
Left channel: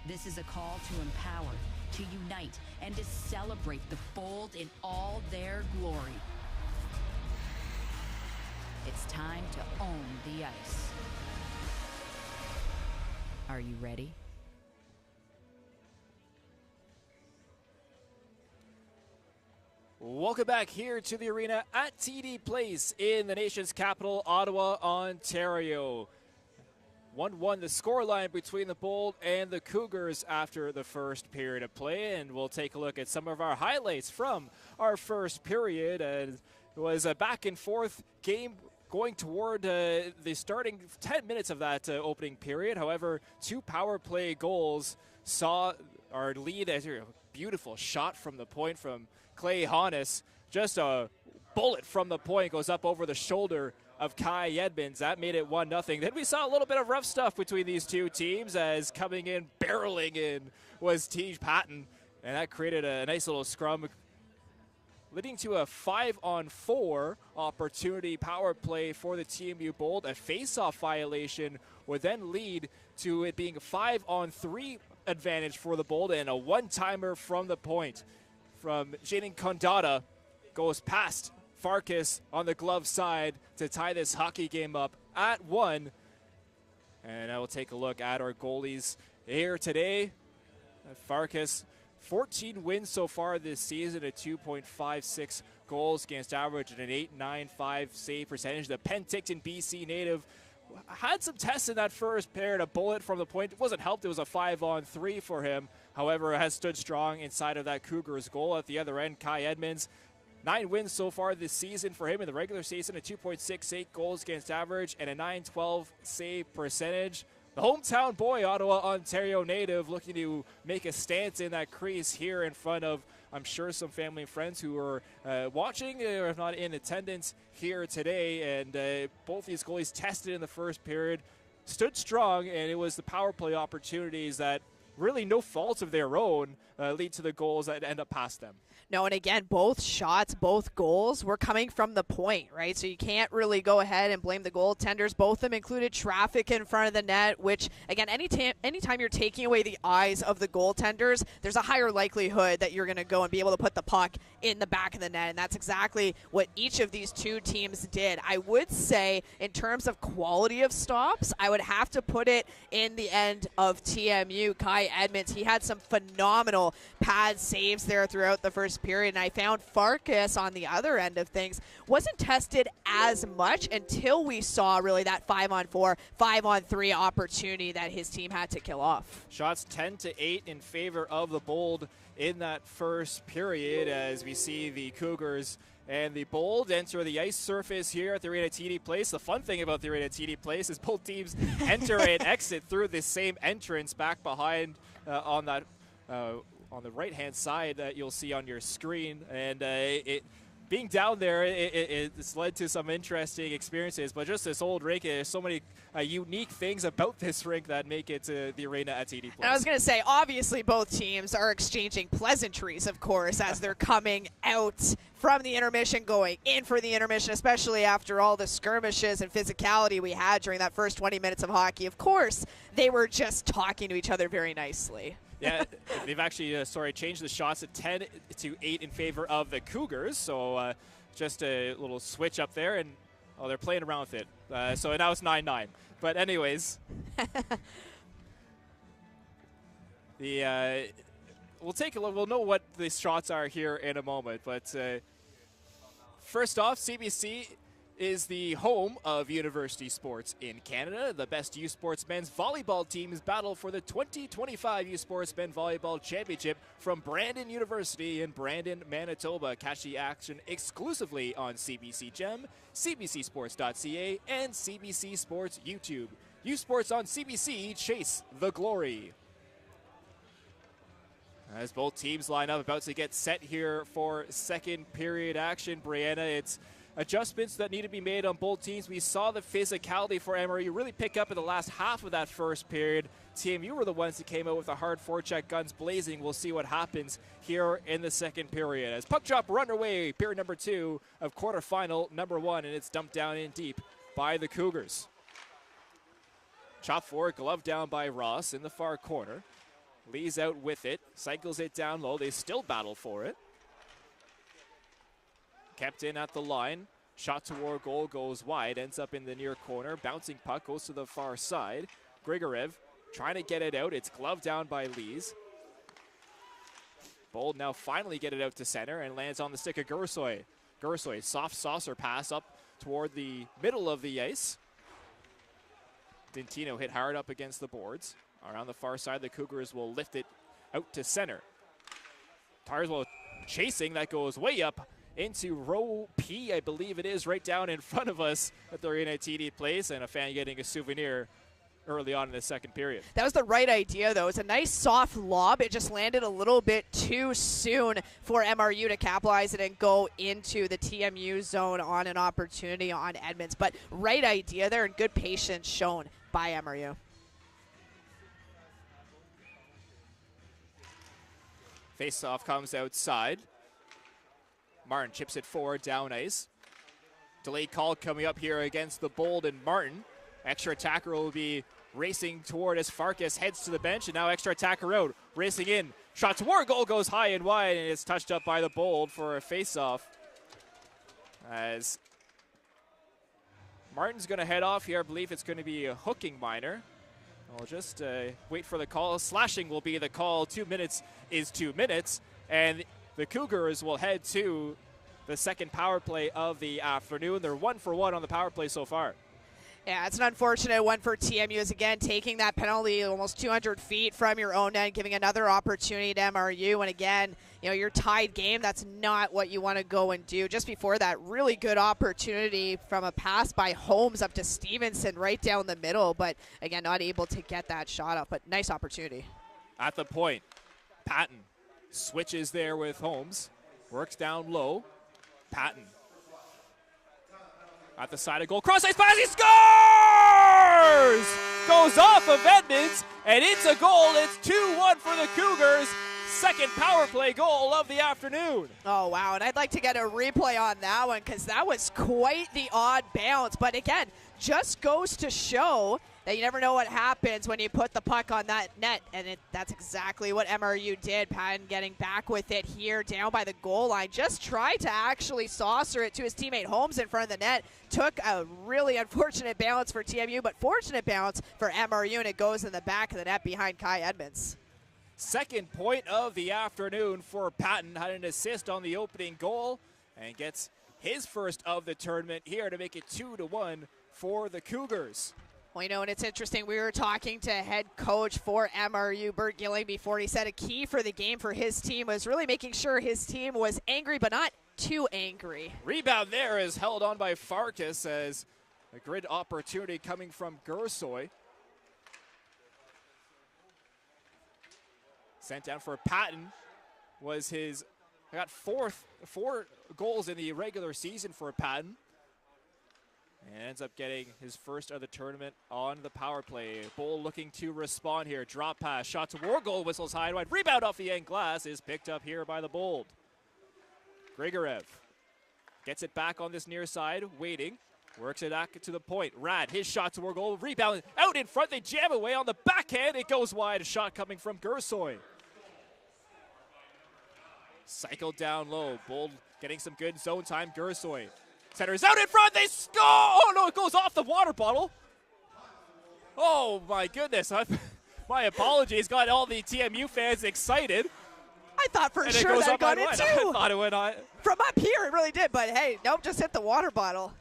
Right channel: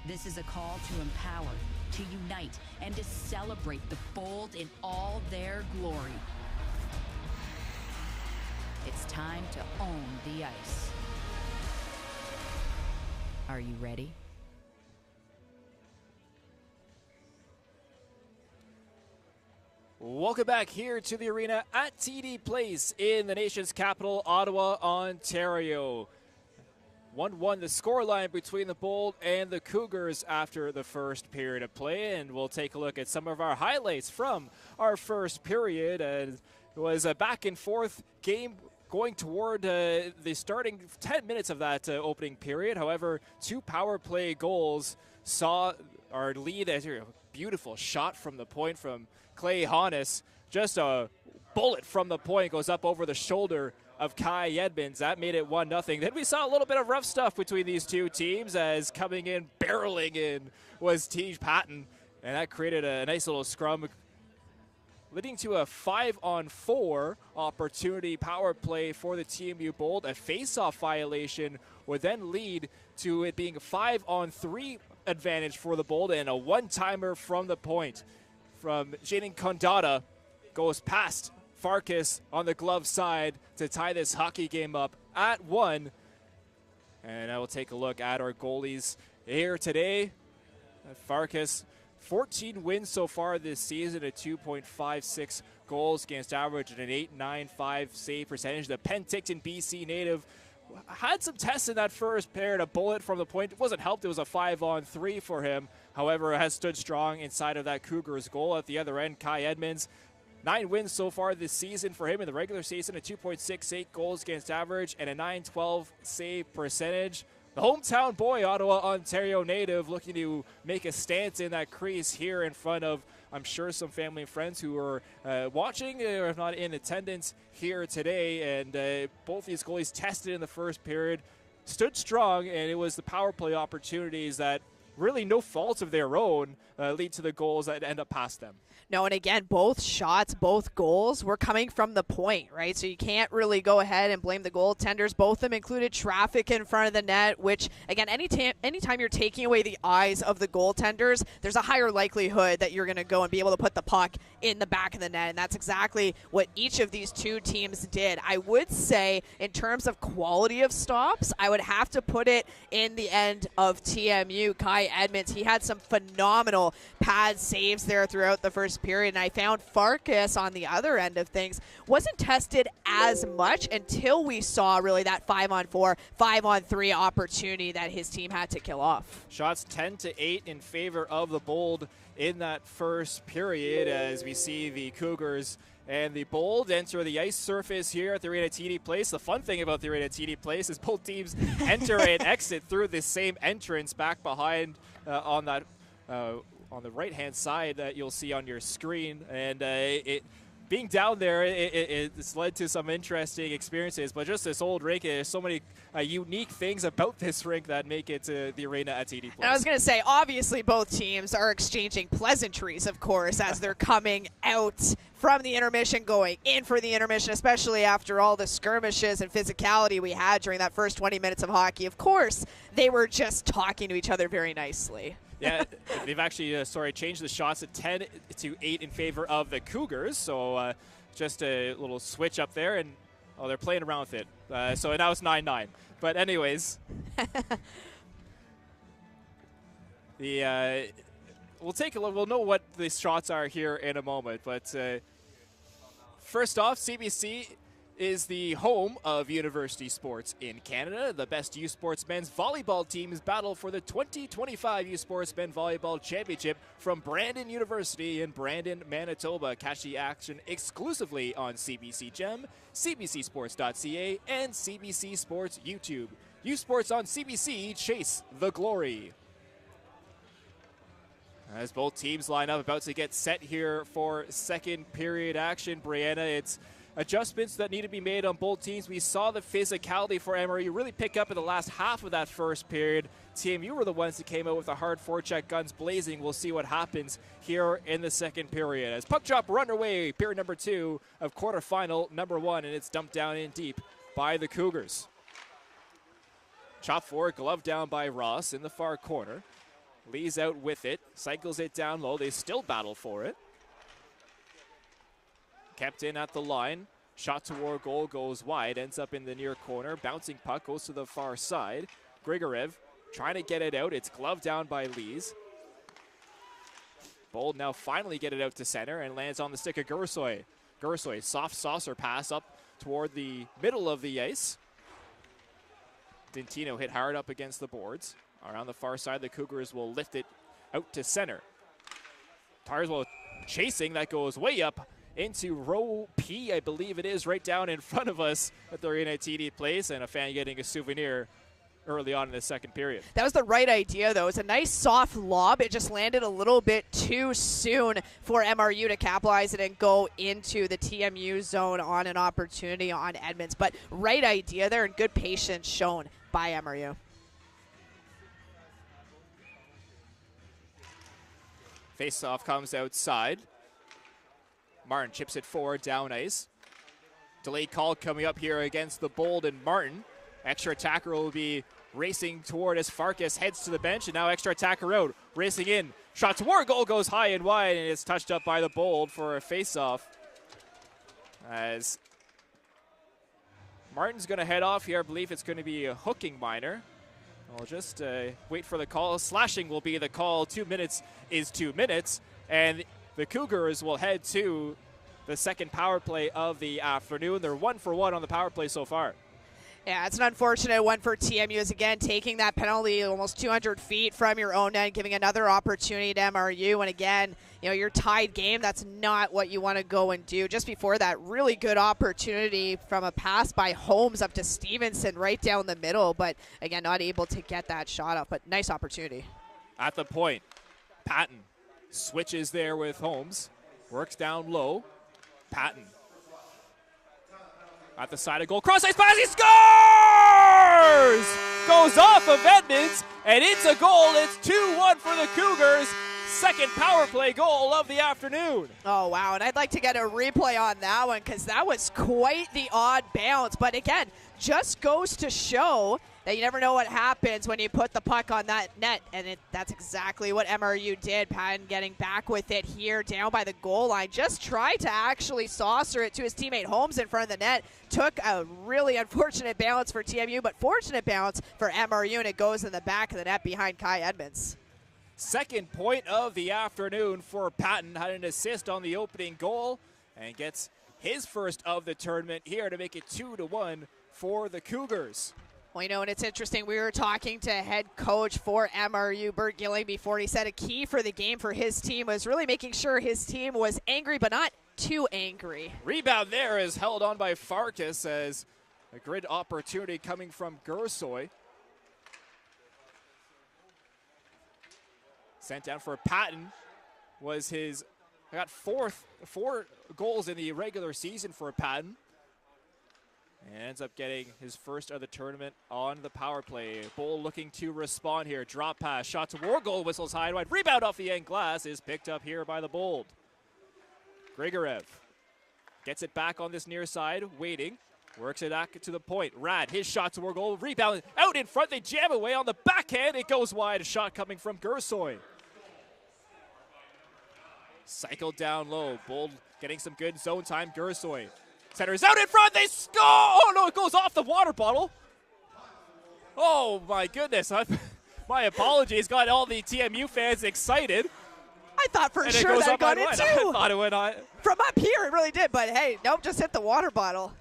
This is a call to empower, to unite, and to celebrate the bold in all their glory. It's time to own the ice. Are you ready? Welcome back here to the arena at TD Place in the nation's capital, Ottawa, Ontario. 1-1 the scoreline between the Bold and the Cougars after the first period of play, and we'll take a look at some of our highlights from our first period. It was a back and forth game going toward the starting 10 minutes of that opening period. However, 2 power play goals saw our lead as a beautiful shot from the point from Clay Honus. Just a bullet from the point goes up over the shoulder of Kai Edmonds. That made it 1-0. Then we saw a little bit of rough stuff between these two teams, as coming in, barreling in, was Tej Patton, and that created a nice little scrum, leading to a 5-on-4 opportunity power play for the TMU Bold. A face-off violation would then lead to it being a 5-on-3 advantage for the Bold, and a one-timer from the point from Jaden Kondata goes past Farkas on the glove side to tie this hockey game up at 1. And I will take a look at our goalies here today. Farkas, 14 wins so far this season, a 2.56 goals against average and an 8.95 save percentage. The Penticton, BC native, had some tests in that first period. A bullet from the point, it wasn't helped. It was a 5-on-3 for him. However, has stood strong inside of that Cougars goal. At the other end, Kai Edmonds, 9 wins so far this season for him in the regular season, a 2.68 goals against average and a 9.12 save percentage. The hometown boy, Ottawa, Ontario native, looking to make a stance in that crease here in front of, I'm sure, some family and friends who are watching or if not in attendance here today. And both these goalies tested in the first period, stood strong, and it was the power play opportunities that, really no fault of their own, lead to the goals that end up past them. No, and again, both shots, both goals were coming from the point, right? So you can't really go ahead and blame the goaltenders. Both of them included traffic in front of the net, which, again, anytime you're taking away the eyes of the goaltenders, there's a higher likelihood that you're going to go and be able to put the puck in the back of the net, and that's exactly what each of these two teams did. I would say, in terms of quality of stops, I would have to put it in the end of TMU. Kai Edmonds, he had some phenomenal pad saves there throughout the first period, and I found Farkas on the other end of things wasn't tested as much until we saw really that 5-on-4, 5-on-3 opportunity that his team had to kill off. Shots 10-8 in favor of the Bold in that first period, as we see the Cougars and the Bold enter the ice surface here at the arena TD Place. The fun thing about the arena TD Place is both teams enter and exit through the same entrance back behind on that on the right-hand side that you'll see on your screen. And being down there, it's led to some interesting experiences. But just this old rink, there's so many unique things about this rink that make it to the arena at TD Place. And I was going to say, obviously both teams are exchanging pleasantries, of course, as they're coming out from the intermission, going in for the intermission, especially after all the skirmishes and physicality we had during that first 20 minutes of hockey. Of course, they were just talking to each other very nicely. Yeah, they've actually changed the shots to 10-8 in favor of the Cougars. So just a little switch up there, and they're playing around with it. So now it's 9-9. But anyways, we'll take a look. We'll know what the shots are here in a moment. But first off, CBC is the home of university sports in Canada. The best U Sports men's volleyball teams battle for the 2025 U Sports Men Volleyball Championship from Brandon University in Brandon, Manitoba. Catch the action exclusively on CBC Gem, cbcsports.ca, and CBC Sports YouTube. U Sports on CBC, chase the glory. As both teams line up, about to get set here for second period action, Brianna, it's adjustments that need to be made on both teams. We saw the physicality for MRU really pick up in the last half of that first period. TMU were the ones that came out with a hard forecheck, guns blazing. We'll see what happens here in the second period. As puck drop run away, period number 2 of quarterfinal number 1, and it's dumped down in deep by the Cougars. Chop forward, glove down by Ross in the far corner. Lee's out with it, cycles it down low. They still battle for it. Kept in at the line. Shot toward goal, goes wide, ends up in the near corner. Bouncing puck goes to the far side. Grigorev trying to get it out. It's gloved down by Lees. Bold now finally get it out to center and lands on the stick of Gursoy. Gursoy, soft saucer pass up toward the middle of the ice. Dintino hit hard up against the boards. Around the far side, the Cougars will lift it out to center. Tarswell chasing, that goes way up into row P, I believe it is, right down in front of us at the Arena TD Place, and a fan getting a souvenir early on in the second period. That was the right idea, though. It's a nice soft lob. It just landed a little bit too soon for MRU to capitalize it and go into the TMU zone on an opportunity on Edmonds. But right idea there, and good patience shown by MRU. Face-off comes outside. Martin chips it forward down ice. Delayed call coming up here against the Bold and Martin. Extra attacker will be racing toward as Farkas heads to the bench, and now extra attacker out. Racing in. Shot toward goal goes high and wide, and it's touched up by the Bold for a face-off. As Martin's going to head off here. I believe it's going to be a hooking minor. We'll just wait for the call. Slashing will be the call. 2 minutes is 2 minutes. And the Cougars will head to the second power play of the afternoon. They're 1 for 1 on the power play so far. Yeah, it's an unfortunate one for TMU, is again taking that penalty almost 200 feet from your own net, giving another opportunity to MRU. And again, you know, your tied game, that's not what you want to go and do. Just before that, really good opportunity from a pass by Holmes up to Stevenson right down the middle. But again, not able to get that shot up, but nice opportunity. At the point, Patton switches there with Holmes, works down low. Patton at the side of goal, cross ice pass, he scores! Goes off of Edmonds, and it's a goal. It's 2-1 for the Cougars. Second power play goal of the afternoon. Oh, wow, and I'd like to get a replay on that one because that was quite the odd bounce. But again, just goes to show that you never know what happens when you put the puck on that net, and that's exactly what MRU did. Patton getting back with it here down by the goal line. Just tried to actually saucer it to his teammate Holmes in front of the net. Took a really unfortunate bounce for TMU, but fortunate bounce for MRU, and it goes in the back of the net behind Kai Edmonds. Second point of the afternoon for Patton. Had an assist on the opening goal and gets his first of the tournament here to make it 2-1 for the Cougars. Well, you know, and it's interesting. We were talking to head coach for MRU, Bert Gilling, before. He said a key for the game for his team was really making sure his team was angry, but not too angry. Rebound there is held on by Farkas as a great opportunity coming from Gursoy. Sent down for Patton. Was his, got four goals in the regular season for Patton. And ends up getting his first of the tournament on the power play. Bull looking to respond here. Drop pass, shot toward goal, whistles high and wide. Rebound off the end glass is picked up here by the Bold. Grigorev gets it back on this near side, waiting. Works it back to the point. Rad, his shot toward goal. Rebound out in front. They jam away on the backhand. It goes wide. A shot coming from Gursoy. Cycled down low. Bold getting some good zone time. Gursoy. Centers out in front. They score. Oh, no, it goes off the water bottle. Oh, my goodness. My apologies. Got all the TMU fans excited. I thought for sure that got it too. I thought it went on. From up here, it really did. But, hey, nope, just hit the water bottle.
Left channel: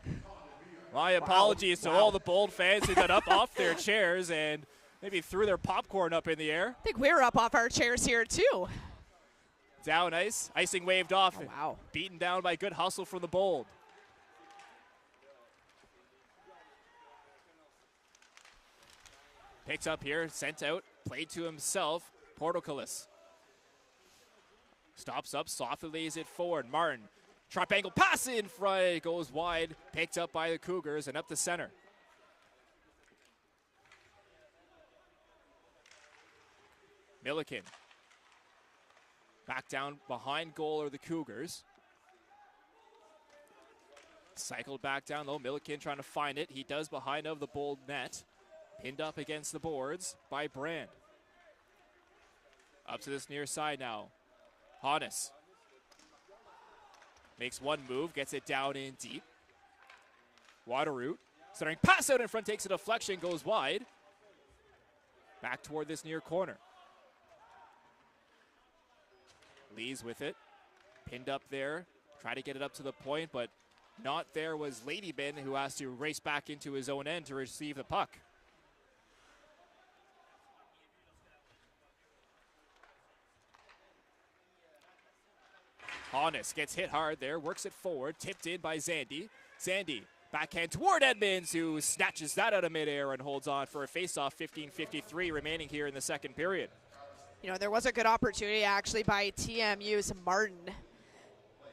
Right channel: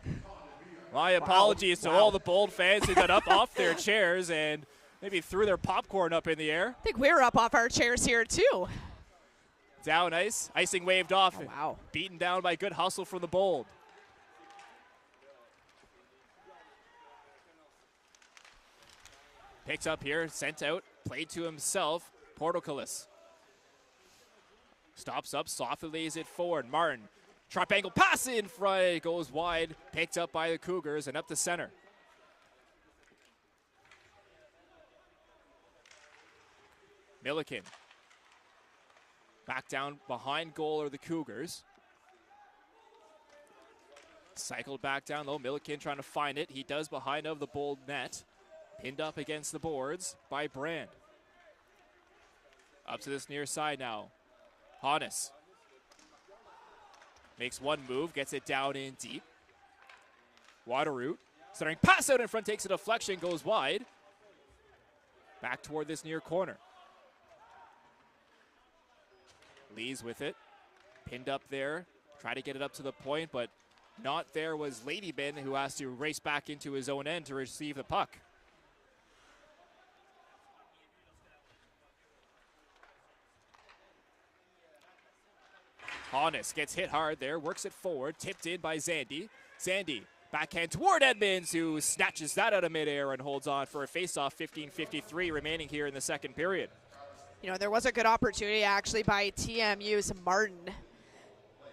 My apologies to all the Bold fans who got up off their chairs and maybe threw their popcorn up in the air. I think we were up off our chairs here too. Down ice. Icing waved off. Oh, wow. Beaten down by good hustle from the Bold. Picked up here, sent out, played to himself. Portocalis. Stops up, softly lays it forward. Martin. Sharp angle pass in front. It goes wide. Picked up by the Cougars and up the center. Milliken. Back down behind goal are the Cougars. Cycled back down low. Milliken trying to find it. He does behind of the Bold net. Pinned up against the boards by Brand. Up to this near side now. Hannes. Makes one move, gets it down in deep. Waterroot. Centering pass out in front, takes a deflection, goes wide. Back toward this near corner. Lees with it. Pinned up there. Try to get it up to the point, but not there was Ladybin, who has to race back into his own end to receive the puck. Hannes gets hit hard there, works it forward, tipped in by Zandy. Zandy, backhand toward Edmonds, who snatches that out of midair and holds on for a faceoff. 15:53 remaining here in the second period. You know, there was a good opportunity actually by TMU's Martin.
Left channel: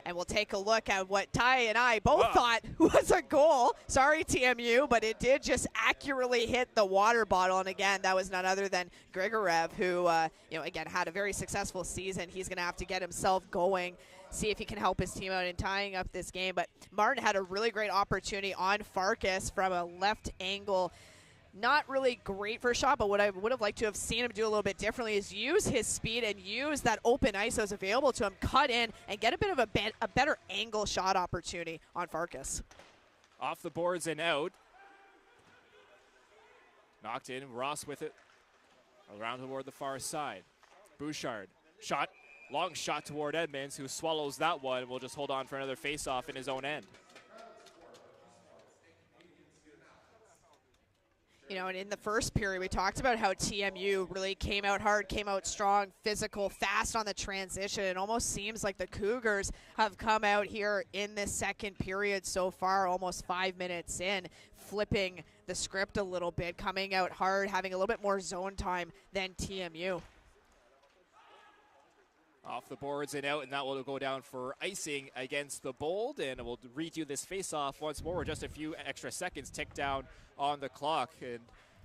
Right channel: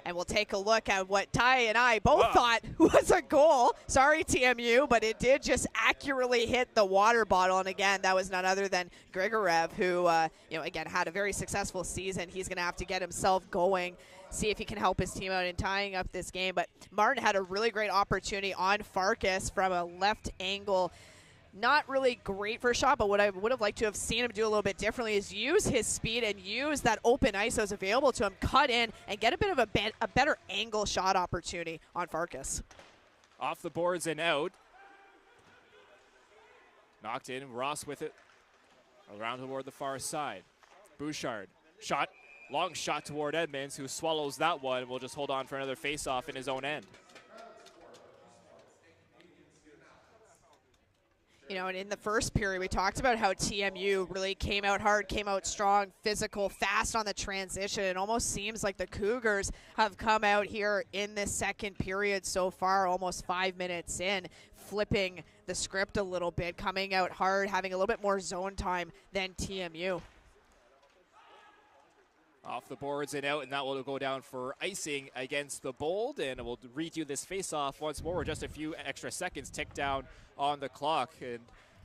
And we'll take a look at what Ty and I both thought was a goal. Sorry, TMU, but it did just accurately hit the water bottle. And again, that was none other than Grigorev, who, again, had a very successful season. He's going to have to get himself going, see if he can help his team out in tying up this game. But Martin had a really great opportunity on Farkas from a left angle. Not really great for a shot, but what I would have liked to have seen him do a little bit differently is use his speed and use that open ice that was available to him, cut in, and get a bit of a better angle shot opportunity on Farkas. Off the boards and out. Knocked in, Ross with it. Around toward the far side. Bouchard, shot, long shot toward Edmonds, who swallows that one. Will just hold on for another face-off in his own end. You know, and in the first period, we talked about how TMU really came out hard, came out strong, physical, fast on the transition. It almost seems like the Cougars have come out here in this second period so far, almost 5 minutes in, flipping the script a little bit, coming out hard, having a little bit more zone time than TMU. Off the boards and out, and that will go down for icing against the Bold, and we'll redo this face-off once more. Just a few extra seconds tick down on the clock. And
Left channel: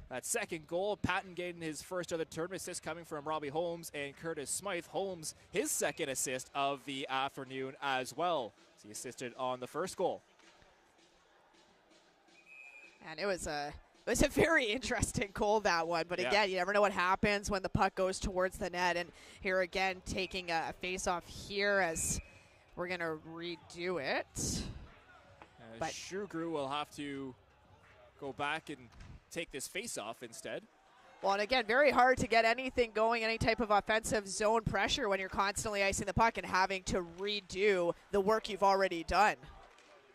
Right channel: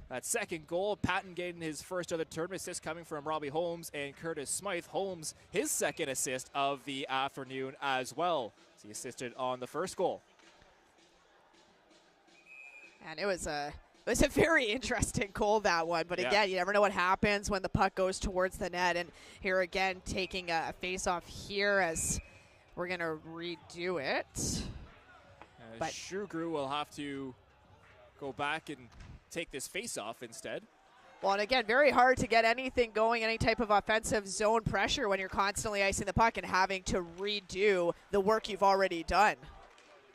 that second goal, Patton getting his first of the tournament, assist coming from Robbie Holmes and Curtis Smythe. Holmes, his second assist of the afternoon as well. So he assisted on the first goal. And it was a very interesting goal, that one. But again, you never know what happens when the puck goes towards the net. And here again, taking a face-off here as we're going to redo it. But Shugru will have to go back and take this face-off instead. Well, and again, very hard to get anything going, any type of offensive zone pressure when you're constantly icing the puck and having to redo the work you've already done.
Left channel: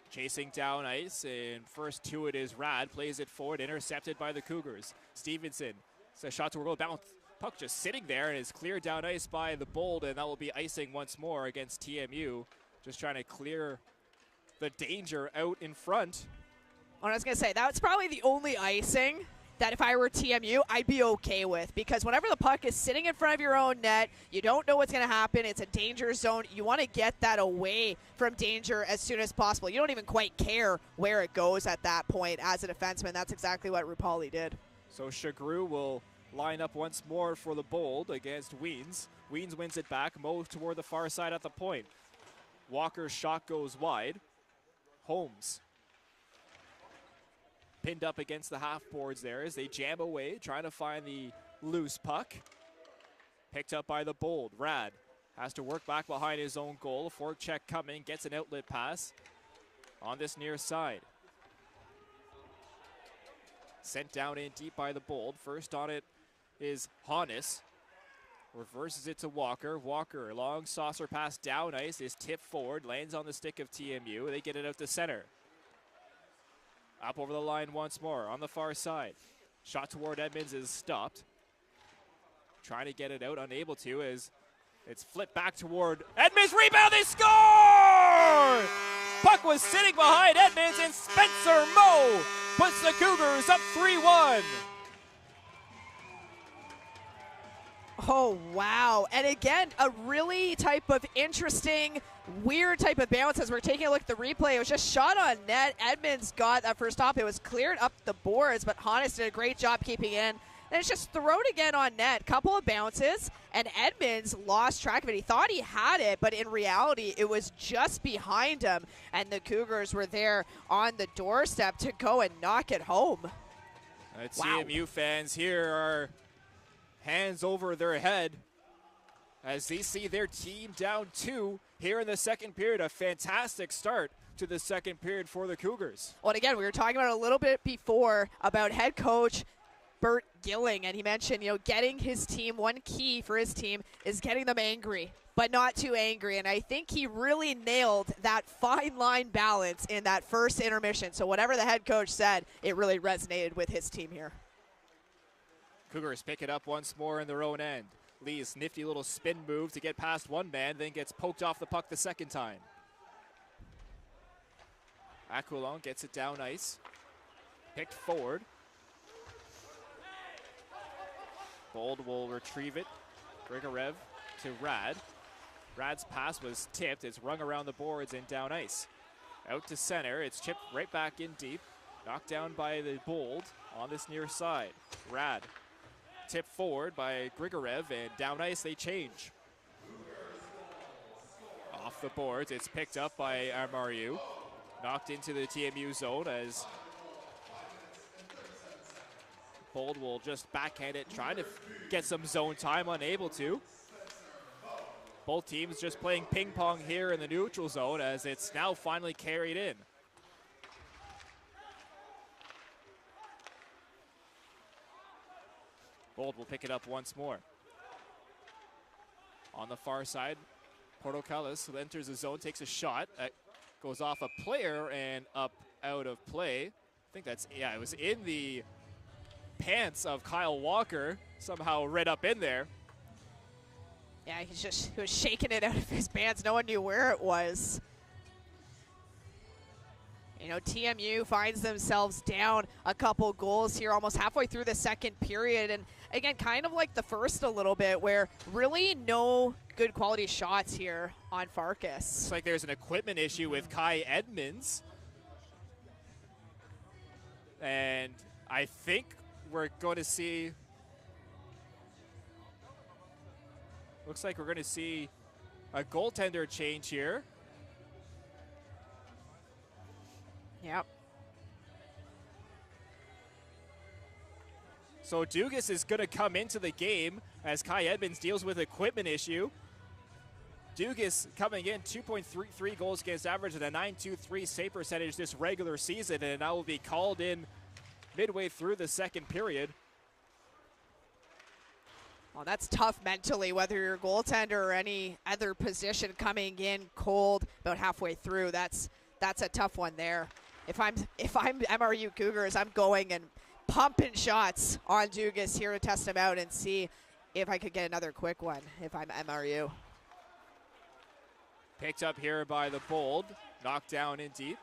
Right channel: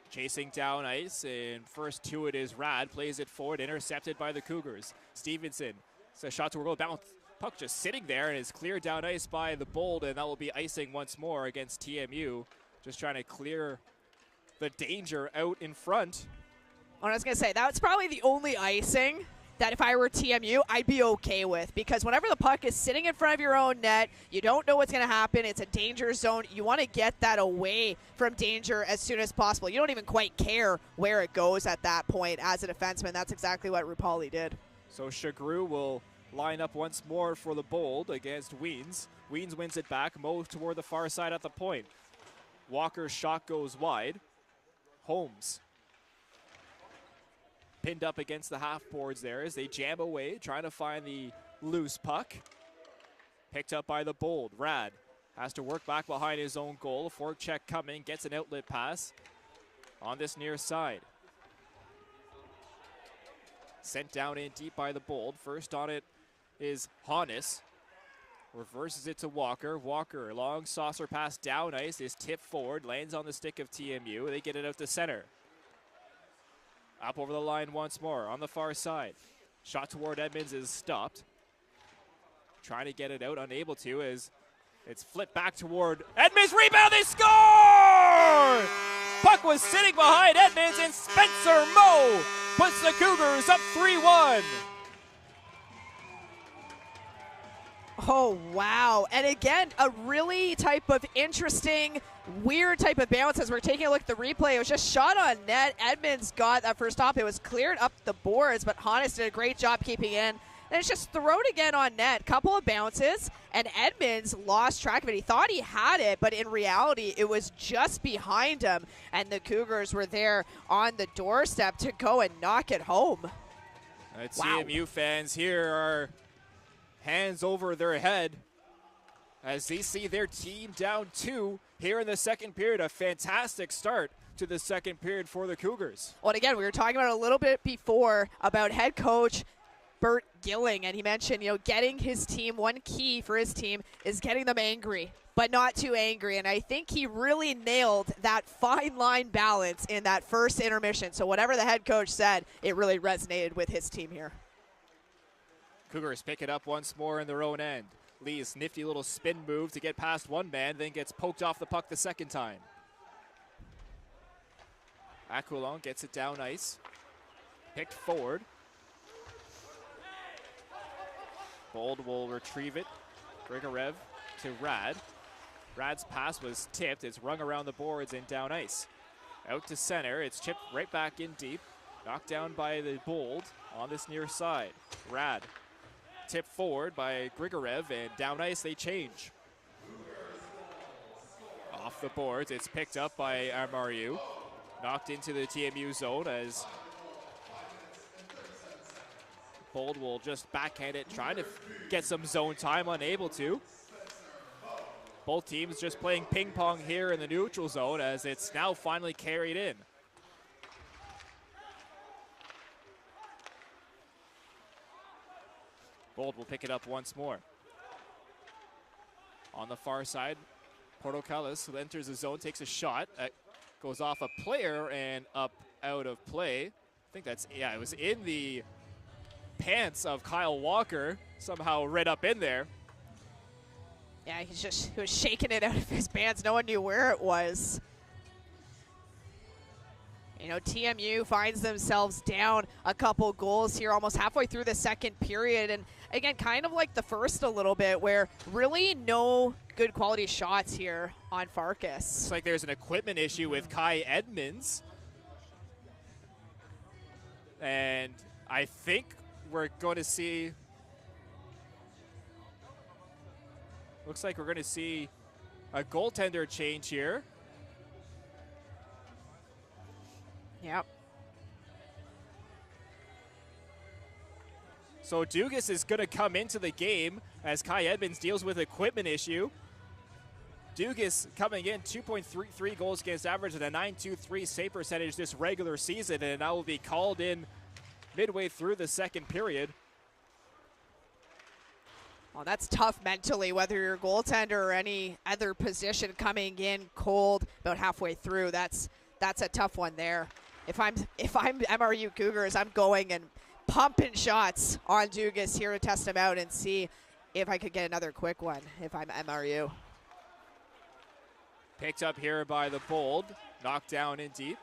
Chasing down ice, and first to it is Rad, plays it forward, intercepted by the Cougars. Stevenson, it's a shot to goal, bounce, puck just sitting there, and is cleared down ice by the Bold, and that will be icing once more against TMU. Just trying to clear the danger out in front. Well, I was going to say, that's probably the only icing that if I were TMU, I'd be okay with. Because whenever the puck is sitting in front of your own net, you don't know what's going to happen. It's a danger zone. You want to get that away from danger as soon as possible. You don't even quite care where it goes at that point as a defenseman. That's exactly what Rupali did. So Shagru will line up once more for the Bold against Weens. Weens wins it back, moves toward the far side at the point. Walker's shot goes wide. Holmes pinned up against the half boards there as they jam away, trying to find the loose puck. Picked up by the Bold. Rad has to work back behind his own goal. Fork check coming, gets an outlet pass on this near side. Sent down in deep by the Bold. First on it is Hannes. Reverses it to Walker. Walker, long saucer pass down ice, is tipped forward, lands on the stick of TMU. They get it out to center. Up over the line once more on the far side. Shot toward Edmonds is stopped. Trying to get it out, unable to, as it's flipped back toward Edmonds. Rebound, they score! Puck was sitting behind Edmonds, and Spencer Moe puts the Cougars up 3-1. Oh, wow. And again, a really type of interesting, weird type of bounce as we're taking a look at the replay. It was just shot on net. Edmonds got that first stop. It was cleared up the boards, but Hannes did a great job keeping in. And it's just thrown again on net. Couple of bounces, and Edmonds lost track of it. He thought he had it, but in reality, it was just behind him. And the Cougars were there on the doorstep to go and knock it home. Wow. TMU fans here are hands over their head as they see their team down 2 here in the second period. A fantastic start to the second period for the Cougars. Well, and again, we were talking about it a little bit before about head coach Bert Gilling, and he mentioned, getting his team, one key for his team is getting them angry, but not too angry. And I think he really nailed that fine line balance in that first intermission. So whatever the head coach said, it really resonated with his team here. Cougars pick it up once more in their own end. Lee's nifty little spin move to get past one man, then gets poked off the puck the second time. Aquilon gets it down ice. Picked forward. Bold will retrieve it. Grigorev to Rad. Rad's pass was tipped. It's rung around the boards and down ice. Out to center. It's chipped right back in deep. Knocked down by the Bold on this near side. Rad tipped forward by Grigorev, and down ice they change. Off the boards, it's picked up by MRU. Knocked into the TMU zone as Bold will just backhand it, trying to get some zone time, unable to. Both teams just playing ping pong here in the neutral zone as it's now finally carried in. Bold will pick it up once more. On the far side, Portocalis enters the zone, takes a shot. Goes off a player and up out of play. I think that's, it was in the pants of Kyle Walker, somehow right up in there. Yeah, he was shaking it out of his pants. No one knew where it was. TMU finds themselves down a couple goals here almost halfway through the second period. And again, kind of like the first a little bit, where really no good quality shots here on Farkas. It's like there's an equipment issue with Kai Edmonds. And I think we're going to see, looks like we're going to see a goaltender change here. Yep. So Dugas is going to come into the game as Kai Edmonds deals with equipment issue. Dugas coming in 2.33 goals against average and a .923 save percentage this regular season, and now will be called in midway through the second period. Well, that's tough mentally, whether you're a goaltender or any other position coming in cold about halfway through. That's a tough one there. If I'm MRU Cougars, I'm going and pumping shots on Dugas here to test him out and see if I could get another quick one if I'm MRU. Picked up here by the Bold. Knocked down in deep.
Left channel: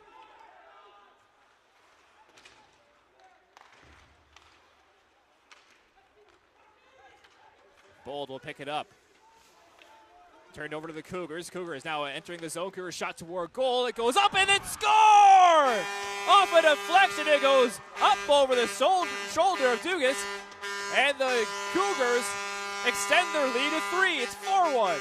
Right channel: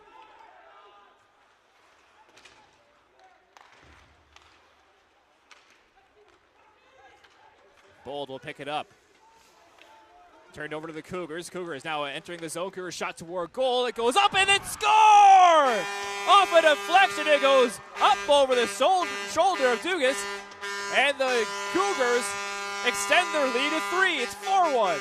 Bold will pick it up. Turned over to the Cougars. Cougars now entering the zone. Cougars shot toward goal. It goes up and it score! Off a deflection, it goes up over the shoulder of Dugas. And the Cougars extend their lead to 3. It's 4-1.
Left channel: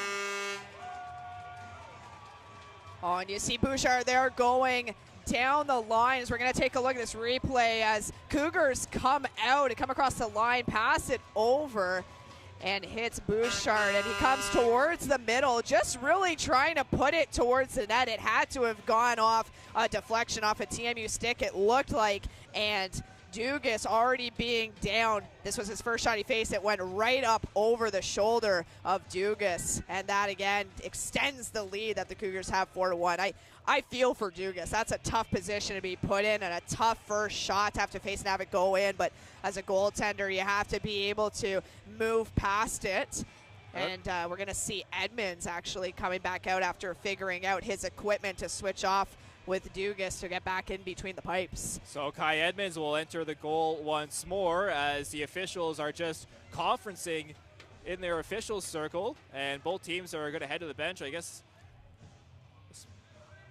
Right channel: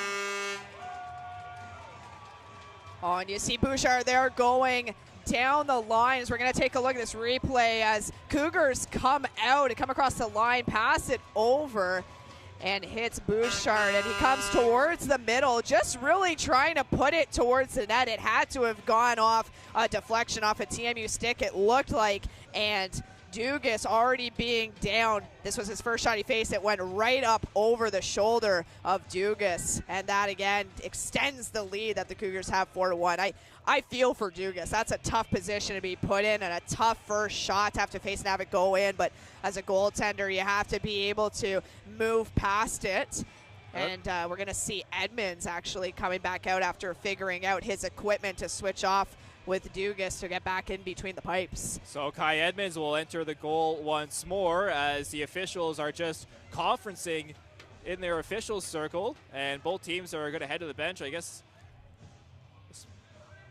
Oh, and you see Bouchard there going down the line as we're going to take a look at this replay as Cougars come out and come across the line, pass it over, and hits Bouchard, and he comes towards the middle, just really trying to put it towards the net. It had to have gone off a deflection off a TMU stick, it looked like, and Dugas already being down. This was his first shot he faced. It went right up over the shoulder of Dugas, and that again extends the lead that the Cougars have 4-1. I feel for Dugas. That's a tough position to be put in and a tough first shot to have to face and have it go in, but as a goaltender you have to be able to move past it. And we're going to see Edmonds actually coming back out after figuring out his equipment to switch off with Dugas to get back in between the pipes. So Kai Edmonds will enter the goal once more as the officials are just conferencing in their officials circle, and both teams are going to head to the bench, I guess.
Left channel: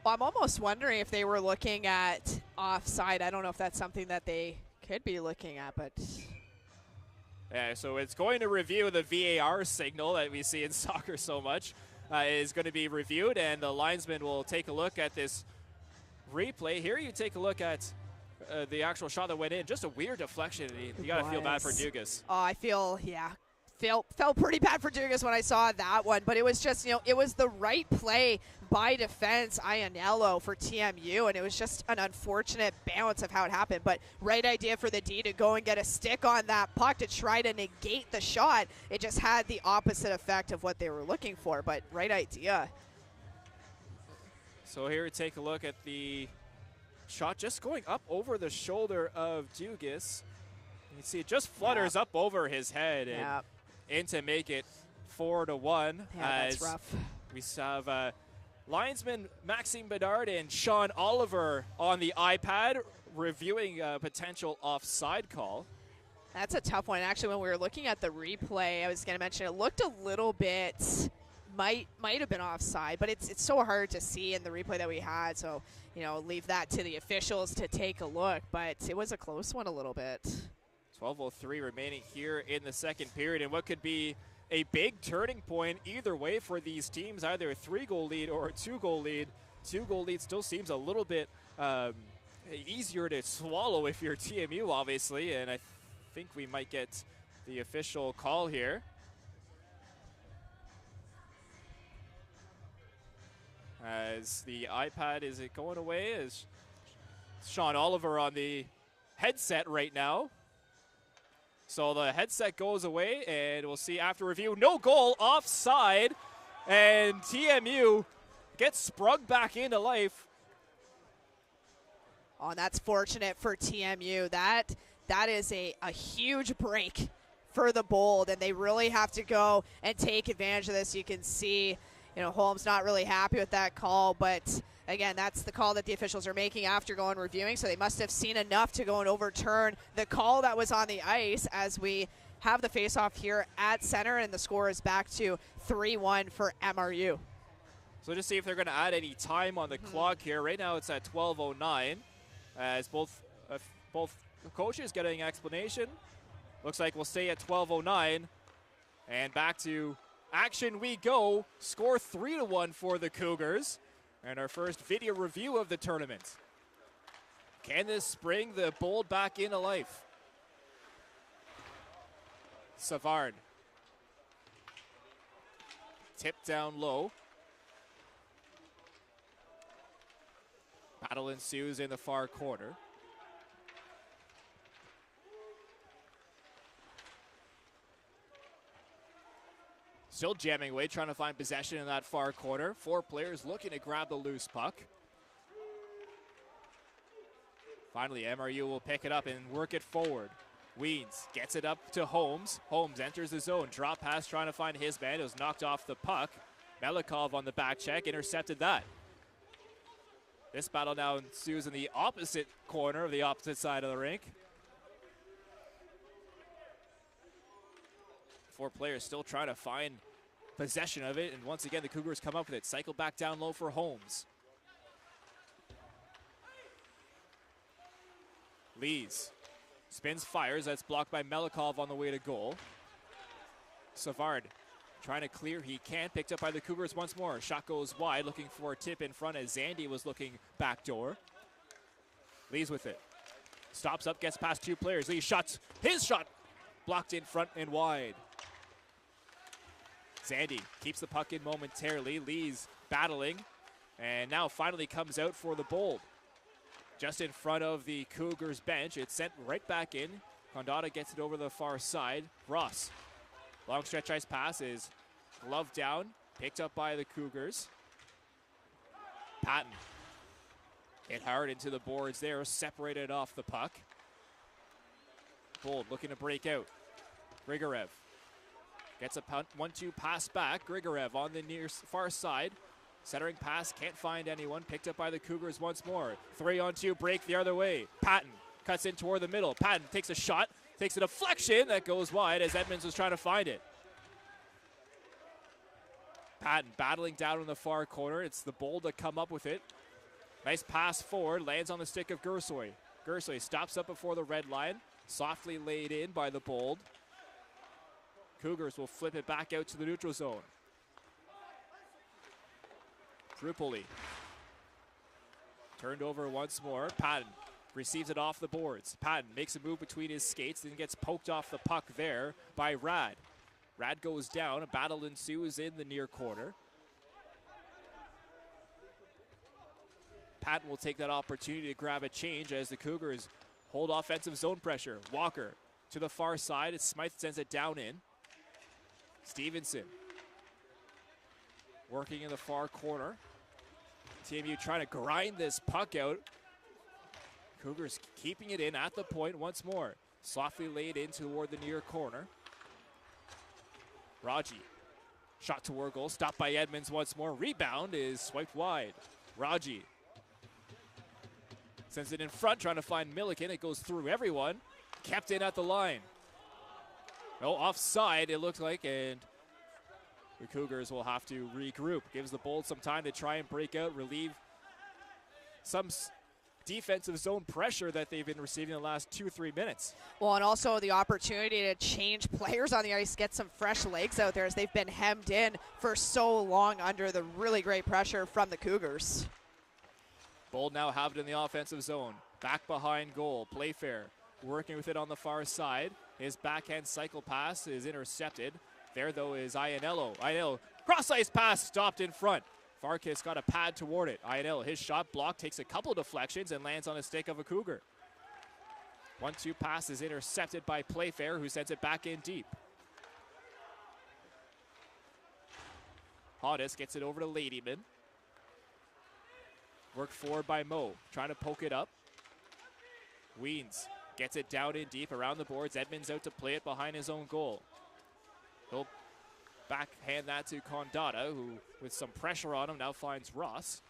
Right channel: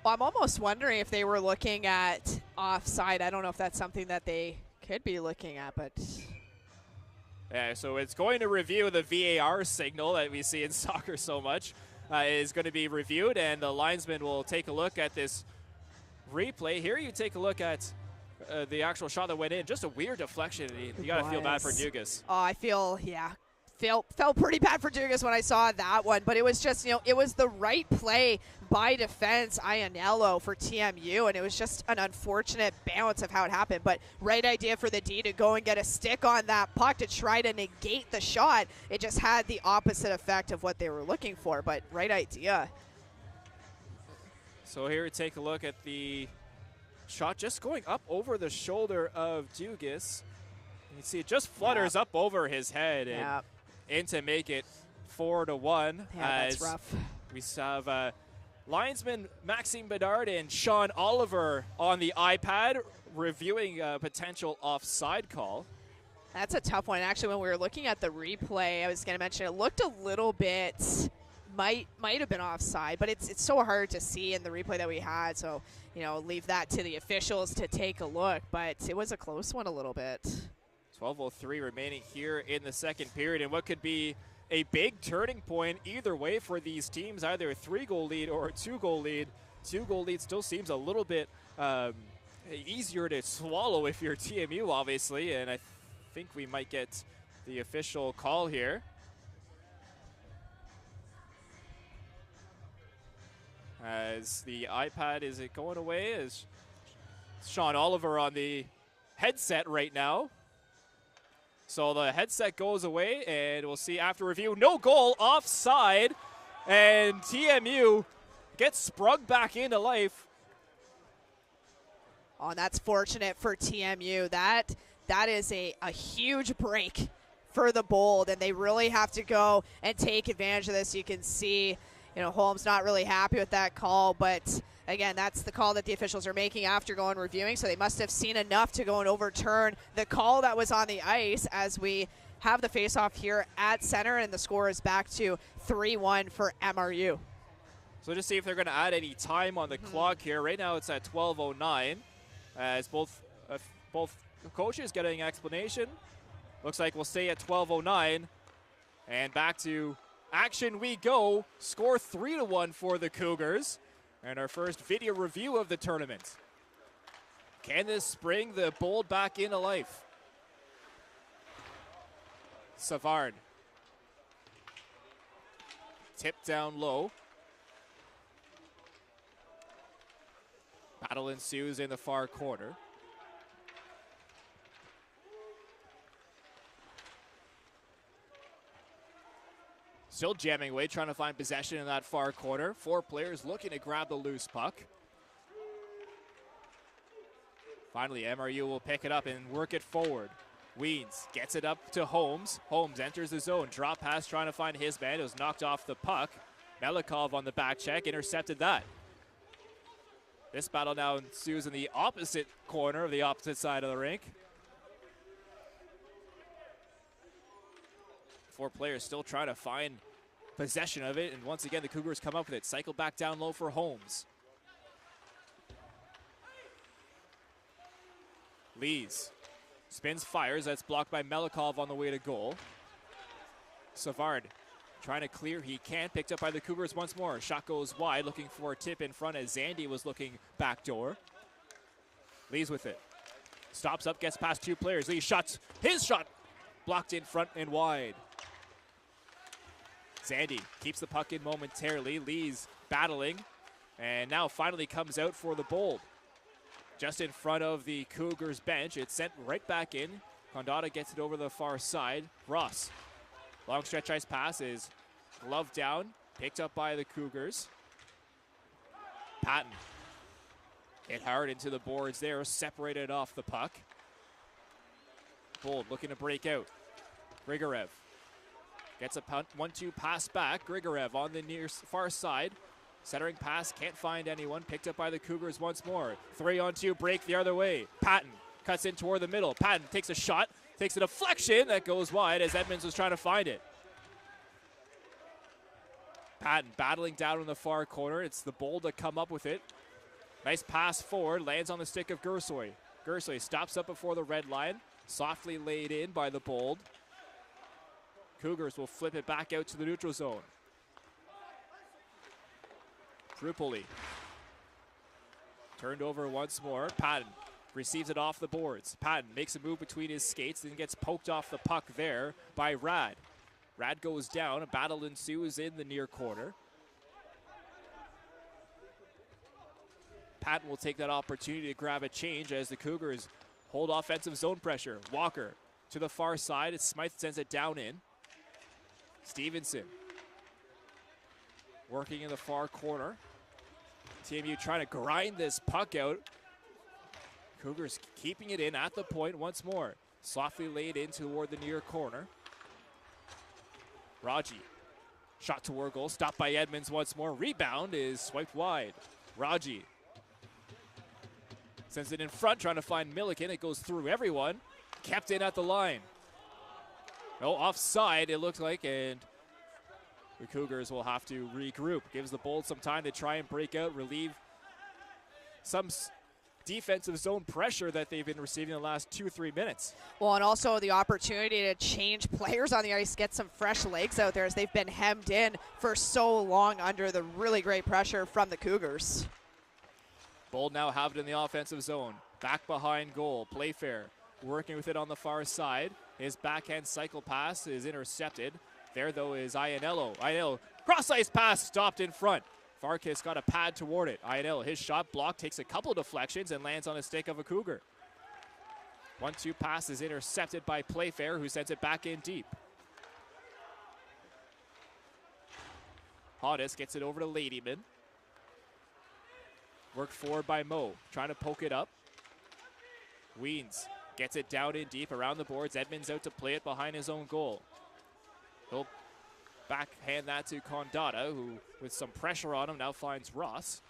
Well, I'm almost wondering if they were looking at offside. I don't know if that's something that they could be looking at, but... So it's going to review the VAR signal that we see in soccer so much. Is going to be reviewed, and the linesman will take a look at this replay. Here you take a look at the actual shot that went in. Just a weird deflection. You got to feel bad for Dugas. Oh, I feel, yeah. Felt pretty bad for Dugas when I saw that one, but it was just, it was the right play by defense Ianello for TMU, and it was just an unfortunate bounce of how it happened, but right idea for the D to go and get a stick on that puck to try to negate the shot. It just had the opposite effect of what they were looking for, but right idea. So here we take a look at the shot just going up over the shoulder of Dugas. You can see it just flutters up over his head and in to make it 4-1. Yeah, that's rough. We have linesman Maxime Bedard and Sean Oliver on the iPad reviewing a potential offside call. That's a tough one. Actually, when we were looking at the replay, I was going to mention it looked a little bit, might have been offside, but it's so hard to see in the replay that we had. So, leave that to the officials to take a look. But it was a close one a little bit. 12:03 remaining here in the second period, and what could be a big turning point either way for these teams, either a 3-goal lead or a 2-goal lead. 2-goal lead still seems a little bit easier to swallow if you're TMU, obviously, and I think we might get the official call here. As the iPad, is it going away? Is Sean Oliver on the headset right now? So the headset goes away, and we'll see after review. No goal, offside, and TMU gets sprung back into life. Oh, that's fortunate for TMU. That is a huge break for the Bold, and they really have to go and take advantage of this. You can see, Holmes not really happy with that call, but again, that's the call that the officials are making after going reviewing, so they must have seen enough to go and overturn the call that was on the ice as we have the face-off here at center, and the score is back to 3-1 for MRU. So just see if they're going to add any time on the clock here. Right now it's at 12:09 as both coaches getting an explanation. Looks like we'll stay at 12:09, and back to action we go. Score 3-1 for the Cougars. And our first video review of the tournament. Can this bring the Bold back into life? Savard. Tipped down low. Battle ensues in the far corner. Still jamming away, trying to find possession in that far corner. 4 players looking to grab the loose puck. Finally, MRU will pick it up and work it forward. Weeds gets it up to Holmes. Holmes enters the zone. Drop pass trying to find his man. It was knocked off the puck. Melikov on the back check intercepted that. This battle now ensues in the opposite corner of the opposite side of the rink. 4 players still trying to find possession of it, and once again the Cougars come up with it. Cycle back down low for Holmes. Lees spins, fires. That's blocked by Melikov on the way to goal. Savard trying to clear. He can't. Picked up by the Cougars once more. Shot goes wide, looking for a tip in front as Zandy was looking backdoor. Lees with it. Stops up, gets past 2 players. Lees shots. His shot blocked in front and wide. Zandy keeps the puck in momentarily. Lees battling, and now finally comes out for the Bold. just in front of the Cougars bench. It's sent right back in. Condotta gets it over the far side. Ross, long stretch ice pass is gloved down, picked up by the Cougars. Patton hit hard into the boards there, separated off the puck. Bold looking to break out. Grigorev gets a 1-2 pass back. Grigorev on the near far side. Centering pass, can't find anyone. Picked up by the Cougars once more. 3-on-2 break the other way. Patton cuts in toward the middle. Patton takes a shot, takes a deflection that goes wide as Edmonds was trying to find it. Patton battling down in the far corner. It's the Bold that come up with it. Nice pass forward, lands on the stick of Gersoy. Gersoy stops up before the red line. Softly laid in by the Bold. Cougars will flip it back out to the neutral zone. Trupoli turned over once more. Patton receives it off the boards. Patton makes a move between his skates, then gets poked off the puck there by Rad. Rad goes down. A battle ensues in the near corner. Patton will take that opportunity to grab a change as the Cougars hold offensive zone pressure. Walker to the far side as Smythe sends it down in. Stevenson working in the far corner. TMU trying to grind this puck out. Cougars keeping it in at the point once more. Softly laid in toward the near corner. Raji, shot toward goal, stopped by Edmonds once more. Rebound is swiped wide. Raji sends it in front, trying to find Milliken. It goes through everyone. Kept in at the line. No, offside it looked like, and the Cougars will have to regroup. Gives the Bold some time to try and break out, relieve some defensive zone pressure that they've been receiving in the last 2-3 minutes. Well, and also the opportunity to change players on the ice, get some fresh legs out there as they've been hemmed in for so long under the really great pressure from the Cougars. Bold now have it in the offensive zone. Back behind goal. Playfair working with it on the far side. His backhand cycle pass is intercepted. There, though, is Ianello. Ianello, cross-ice pass stopped in front. Farkas got a pad toward it. Ianello, his shot blocked, takes a couple deflections and lands on a stick of a Cougar. 1-2 pass is intercepted by Playfair, who sends it back in deep. Hodis gets it over to Ladyman. Worked forward by Moe, trying to poke it up. Weens gets it down in deep around the boards. Edmonds out to play it behind his own goal. He'll backhand that to Condotta, who, with some pressure on him, now finds Ross.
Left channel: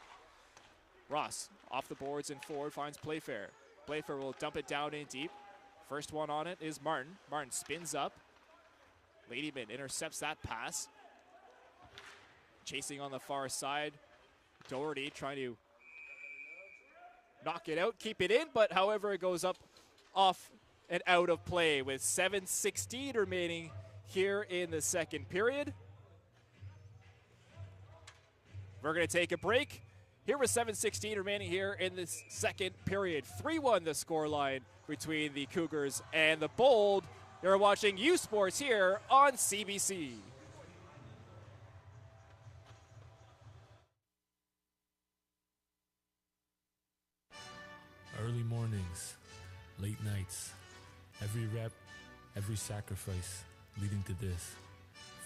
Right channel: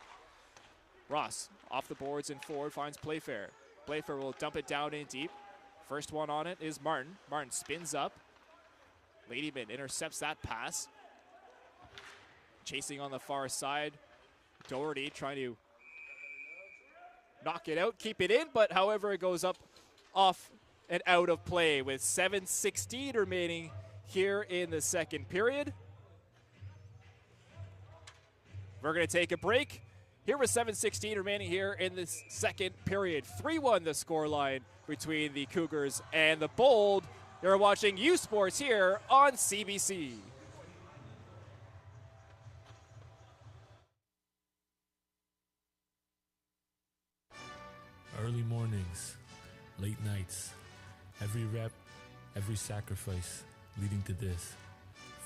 Ross, off the boards and forward, finds Playfair. Playfair will dump it down in deep. First one on it is Martin. Martin spins up. Ladyman intercepts that pass. Chasing on the far side. Doherty trying to knock it out, keep it in, but however it goes up, off and out of play with 7:16 remaining here in the second period. We're going to take a break. Here with 7:16 remaining here in this second period. 3-1 the scoreline between the Cougars and the Bold. You're watching U Sports here on CBC. Early mornings, late nights, every rep, every sacrifice leading to this.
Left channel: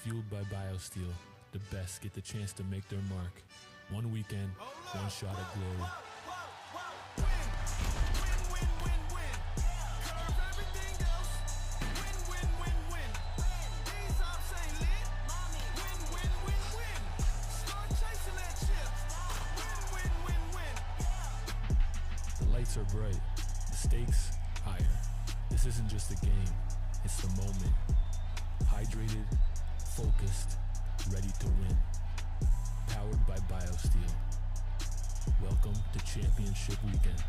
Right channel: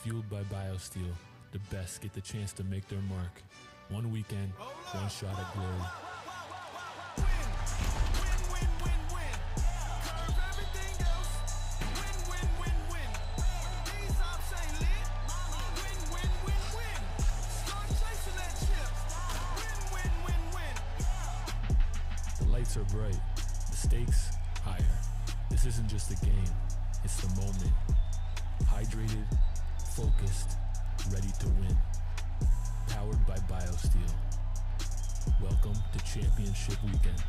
Fueled by BioSteel, the best get the chance to make their mark. One weekend, one shot at glory. The lights are bright, the stakes higher. This isn't just a game, it's the moment. Hydrated, focused, ready to win. Powered by BioSteel. Welcome to Championship Weekend.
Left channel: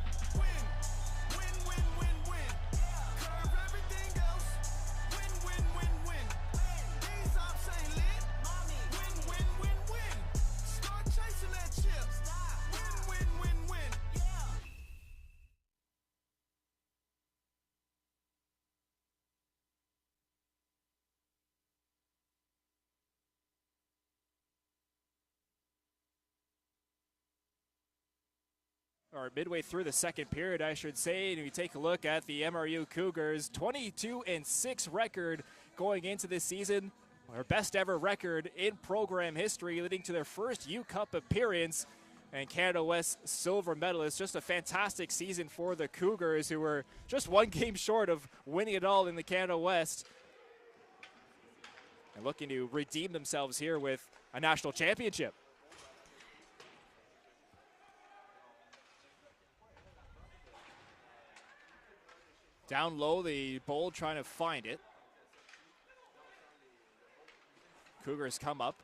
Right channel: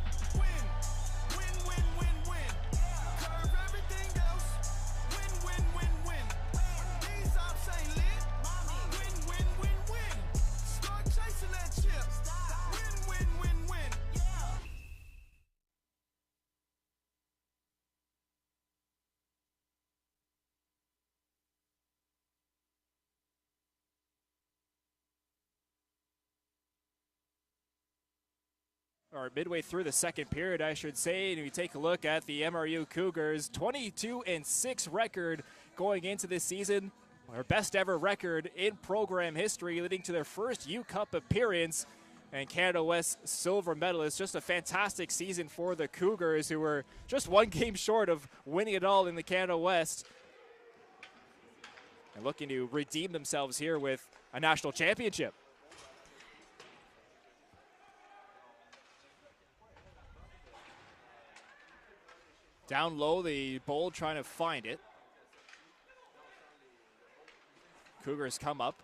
or midway through the second period, I should say, and we take a look at the MRU Cougars 22-6 record going into this season, our best ever record in program history, leading to their first U Cup appearance and Canada West silver medalist. Just a fantastic season for the Cougars, who were just one game short of winning it all in the Canada West, and looking to redeem themselves here with a national championship. Down low, the Bold trying to find it. Cougars come up.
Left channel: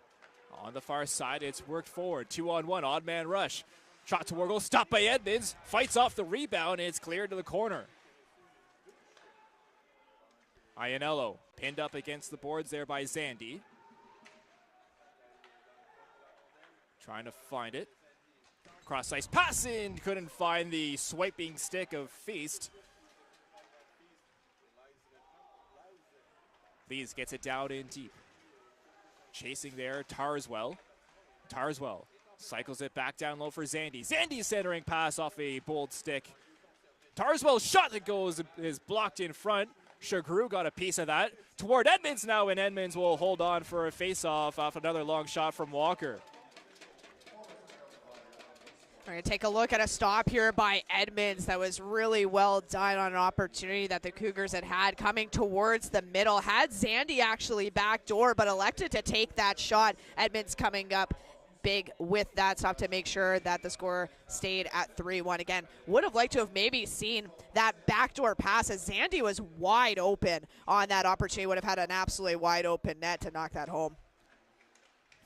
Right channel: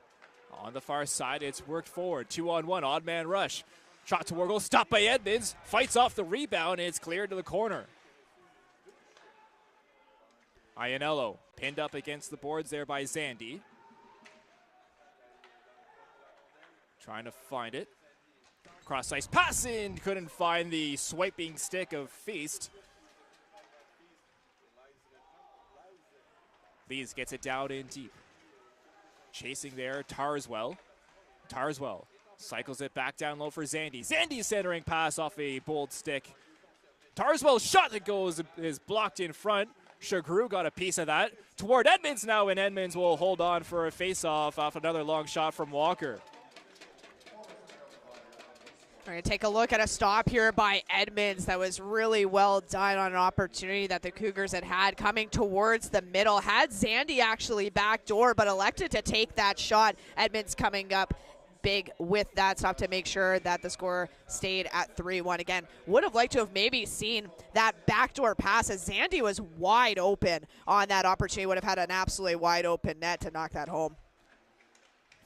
On the far side, it's worked forward. 2-on-1, odd man rush. Shot toward goal, stopped by Edmonds. Fights off the rebound, and it's cleared to the corner. Ianello pinned up against the boards there by Zandy. Trying to find it. Cross ice passing, couldn't find the swiping stick of Feast. Lees gets it down in deep. Chasing there, Tarswell. Tarswell cycles it back down low for Zandy. Zandy centering pass off a Bold stick. Tarswell's shot that goes is blocked in front. Shagru got a piece of that. Toward Edmonds now, and Edmonds will hold on for a face-off off another long shot from Walker. We're going to take a look at a stop here by Edmonds that was really well done on an opportunity that the Cougars had coming towards the middle. Had Zandy actually backdoor, but elected to take that shot. Edmonds coming up big with that stop to make sure that the score stayed at 3-1. Again, would have liked to have maybe seen that backdoor pass as Zandy was wide open on that opportunity. Would have had an absolutely wide open net to knock that home.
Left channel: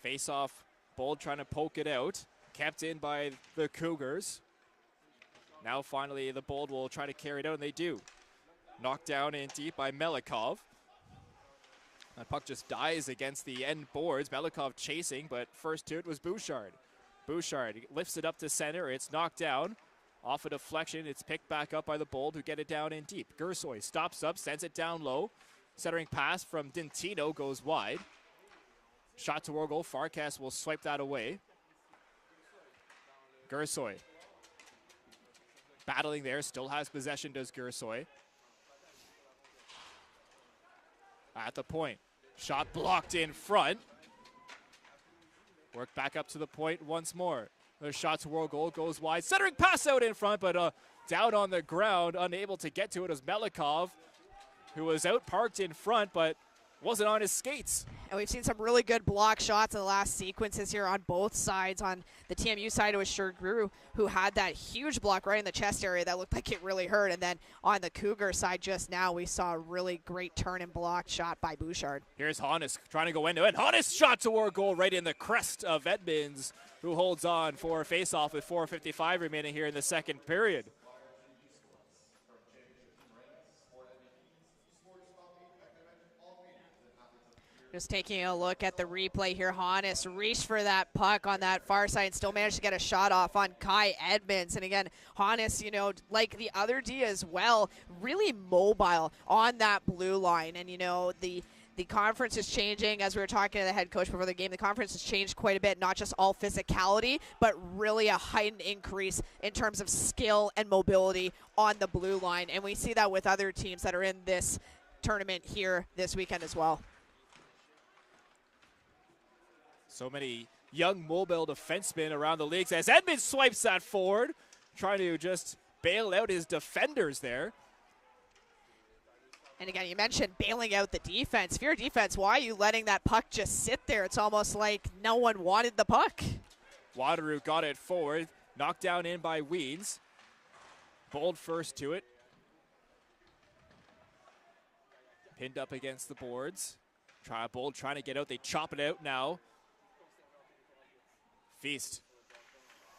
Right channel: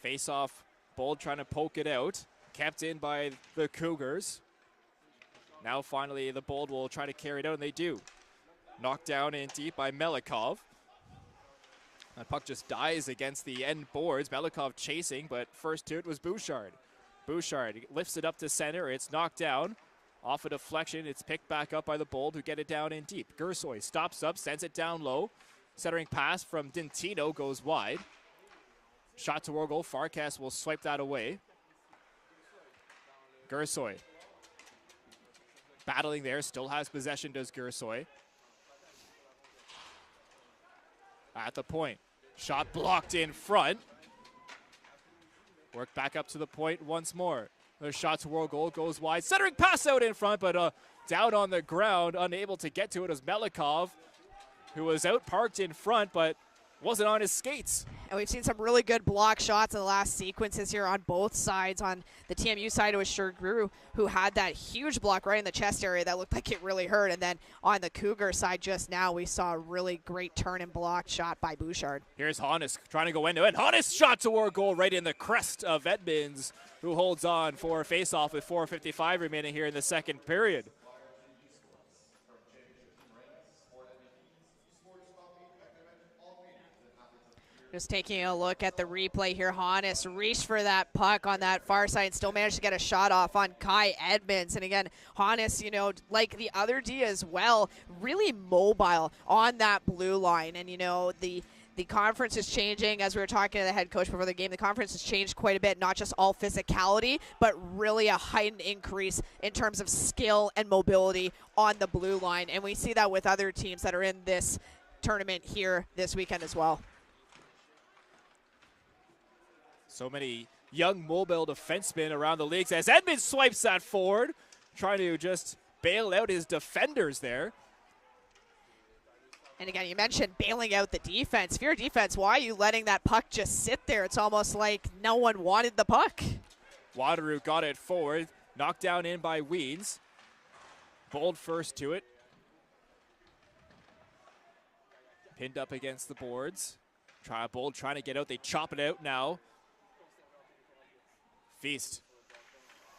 Face off, Bold trying to poke it out. Kept in by the Cougars. Now finally the Bold will try to carry it out, and they do. Knocked down in deep by Melikov. That puck just dies against the end boards. Melikov chasing, but first to it was Bouchard. Bouchard lifts it up to center. It's knocked down. Off a deflection. It's picked back up by the Bold, who get it down in deep. Gersoy stops up, sends it down low. Centering pass from Dintino goes wide. Shot toward goal. Farkas will swipe that away. Gersoy battling there, still has possession, does Gersoy. At the point, shot blocked in front. Work back up to the point once more. Another shot toward goal, goes wide. Centering pass out in front, but down on the ground, unable to get to it, as Melikov, who was out parked in front, but wasn't on his skates. And we've seen some really good block shots in the last sequences here on both sides. On the TMU side, it was Shagru who had that huge block right in the chest area that looked like it really hurt. And then on the Cougar side just now, we saw a really great turn and block shot by Bouchard. Here's Hannes trying to go into it. Hannes shot toward goal right in the crest of Edmonds, who holds on for a face-off with 4:55 remaining here in the second period. Just taking a look at the replay here, Hannes reached for that puck on that far side and still managed to get a shot off on Kai Edmonds. And again, Hannes, like the other D as well, really mobile on that blue line. And, the conference is changing. As we were talking to the head coach before the game, the conference has changed quite a bit, not just all physicality, but really a heightened increase in terms of skill and mobility on the blue line. And we see that with other teams that are in this tournament here this weekend as well. So many young mobile defensemen around the leagues as Edmonds swipes that forward, trying to just bail out his defenders there. And again, you mentioned bailing out the defense. If you're a defense, why are you letting that puck just sit there? It's almost like no one wanted the puck. Wateroo got it forward, knocked down in by Weeds. Bold first to it. Pinned up against the boards. Bold trying to get out. They chop it out now. Feast.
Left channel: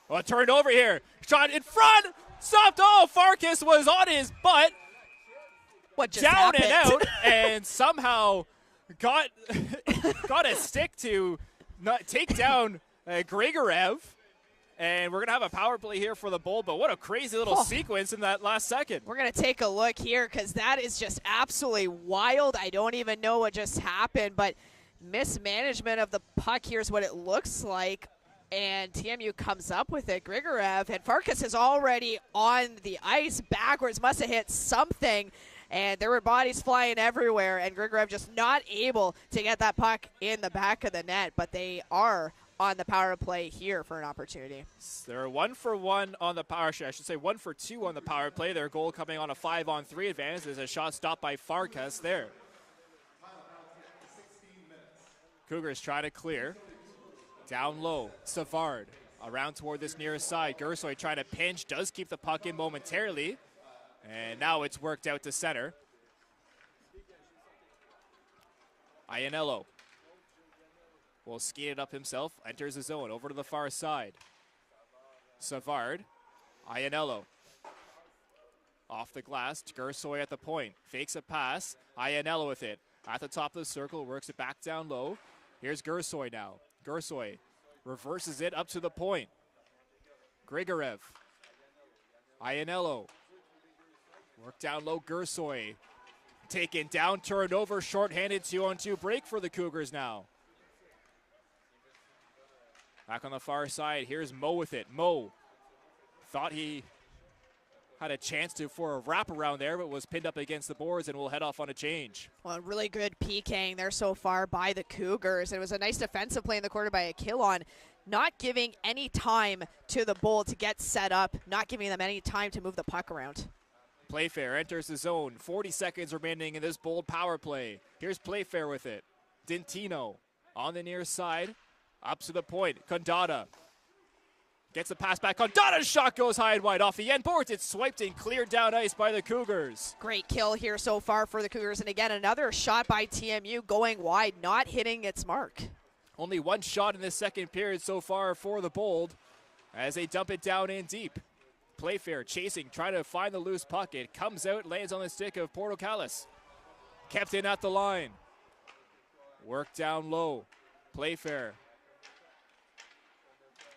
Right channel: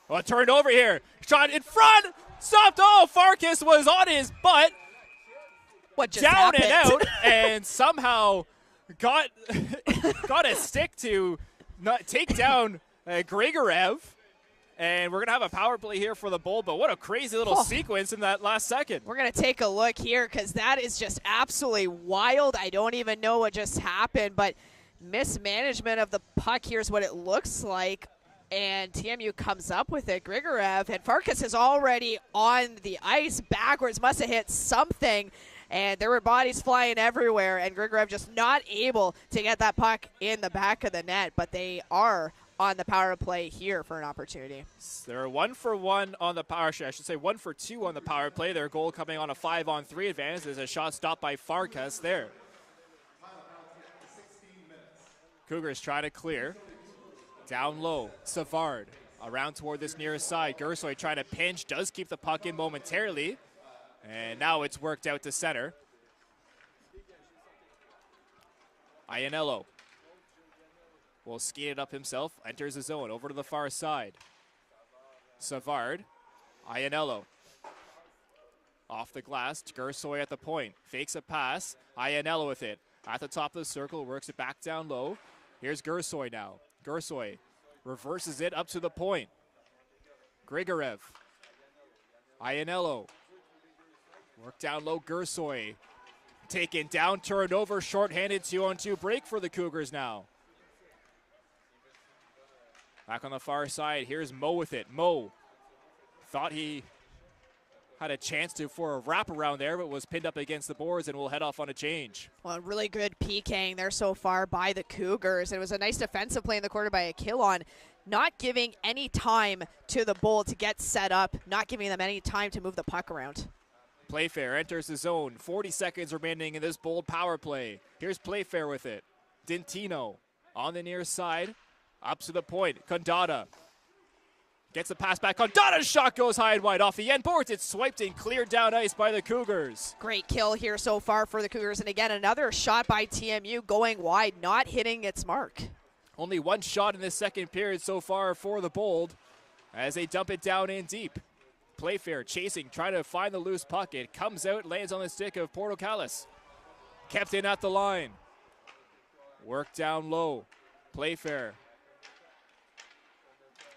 Oh, it turned over here. Shot in front. Stopped. Oh, Farkas was on his butt. What just down happened? And out, and somehow got a stick to take down Grigorev. And we're going to have a power play here for the Bold, but what a crazy little sequence in that last second. We're going to take a look here because that is just absolutely wild. I don't even know what just happened, but mismanagement of the puck, here's what it looks like. And TMU comes up with it. Grigorev, and Farkas is already on the ice backwards, must have hit something, and there were bodies flying everywhere, and Grigorev just not able to get that puck in the back of the net, but they are on the power play here for an opportunity. They're 1 for 1 on the power, I should say 1 for 2 on the power play. Their goal coming on a 5-on-3 advantage. There's a shot stopped by Farkas there. Cougars trying to clear. Down low, Savard around toward this near side. Gersoy trying to pinch, does keep the puck in momentarily. And now it's worked out to center. Iannello will skate it up himself, enters the zone, over to the far side. Savard, Iannello. Off the glass, Gersoy at the point. Fakes a pass, Iannello with it. At the top of the circle, works it back down low. Here's Gersoy now. Gersoy reverses it up to the point. Grigorev. Iannello. Work down low, Gersoy. Taken down, turned over, shorthanded 2-on-2 break for the Cougars now. Back on the far side, here's Mo with it. Mo thought he had a chance for a wraparound there, but was pinned up against the boards and will head off on a change. Well, really good PKing there so far by the Cougars. It was a nice defensive play in the quarter by Akilon, not giving any time to the Bold to get set up, not giving them any time to move the puck around. Playfair enters the zone. 40 seconds remaining in this Bold power play. Here's Playfair with it. Dintino on the near side. Up to the point. Condata gets the pass back. Condata's shot goes high and wide off the end boards. It's swiped and cleared down ice by the Cougars. Great kill here so far for the Cougars. And again, another shot by TMU going wide, not hitting its mark. Only one shot in this second period so far for the Bold as they dump it down in deep. Playfair chasing, trying to find the loose puck. It comes out, lands on the stick of Portocalis. Kept in at the line. Work down low. Playfair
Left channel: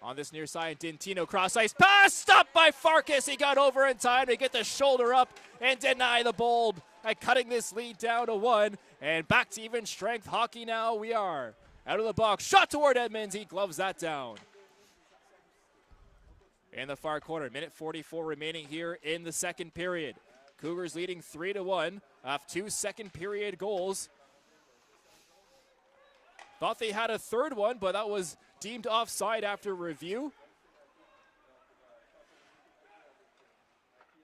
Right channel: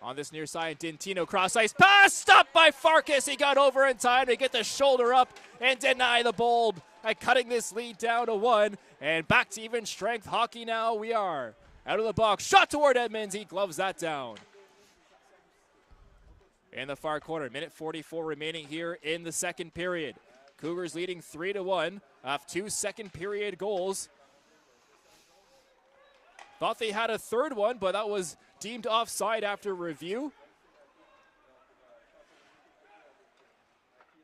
on this near side, Dintino cross ice pass, stopped by Farkas. He got over in time to get the shoulder up and deny the Bold by cutting this lead down to 1. And back to even strength hockey now we are. Out of the box, shot toward Edmonds. He gloves that down. In the far corner, minute 44 remaining here in the second period. Cougars leading 3-1 off 2 second period goals. Thought they had a third one, but that was deemed offside after review.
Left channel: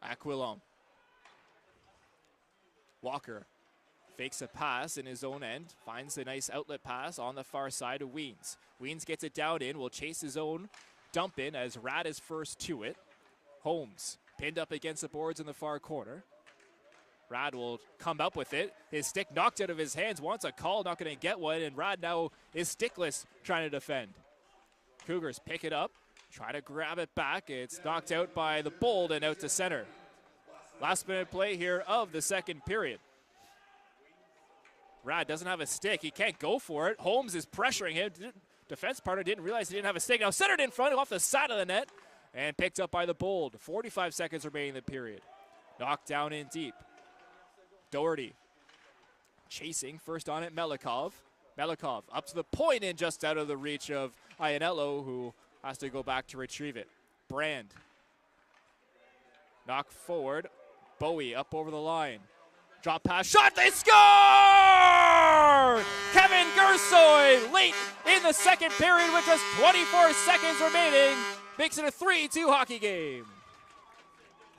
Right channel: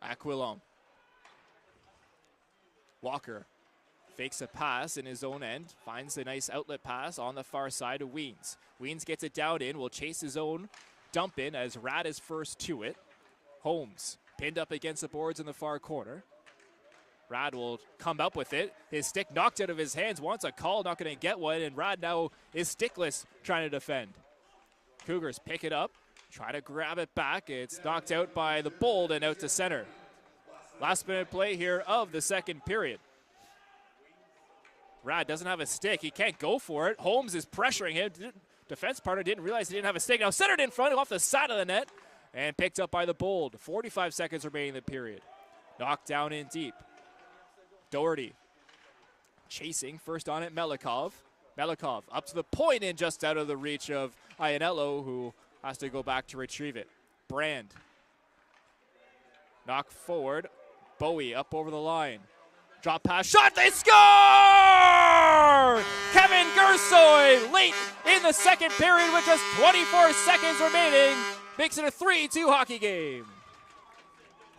Aquilon. Walker fakes a pass in his own end, finds a nice outlet pass on the far side of Weens. Weens gets it down in, will chase his own dump in as Rad is first to it. Holmes pinned up against the boards in the far corner. Rad will come up with it. His stick knocked out of his hands. Wants a call, not going to get one. And Rad now is stickless trying to defend. Cougars pick it up, try to grab it back. It's knocked out by the Bold and out to center. Last minute play here of the second period. Rad doesn't have a stick. He can't go for it. Holmes is pressuring him. Defense partner didn't realize he didn't have a stick. Now centered in front off the side of the net and picked up by the Bold. 45 seconds remaining in the period. Knocked down in deep. Doherty chasing, first on it, Melikov. Melikov up to the point and just out of the reach of Iannello, who has to go back to retrieve it. Brand. Knock forward. Bowie up over the line. Drop pass, shot, they score! Kevin Gersoy late in the second period with just 24 seconds remaining. Makes it a 3-2 hockey game.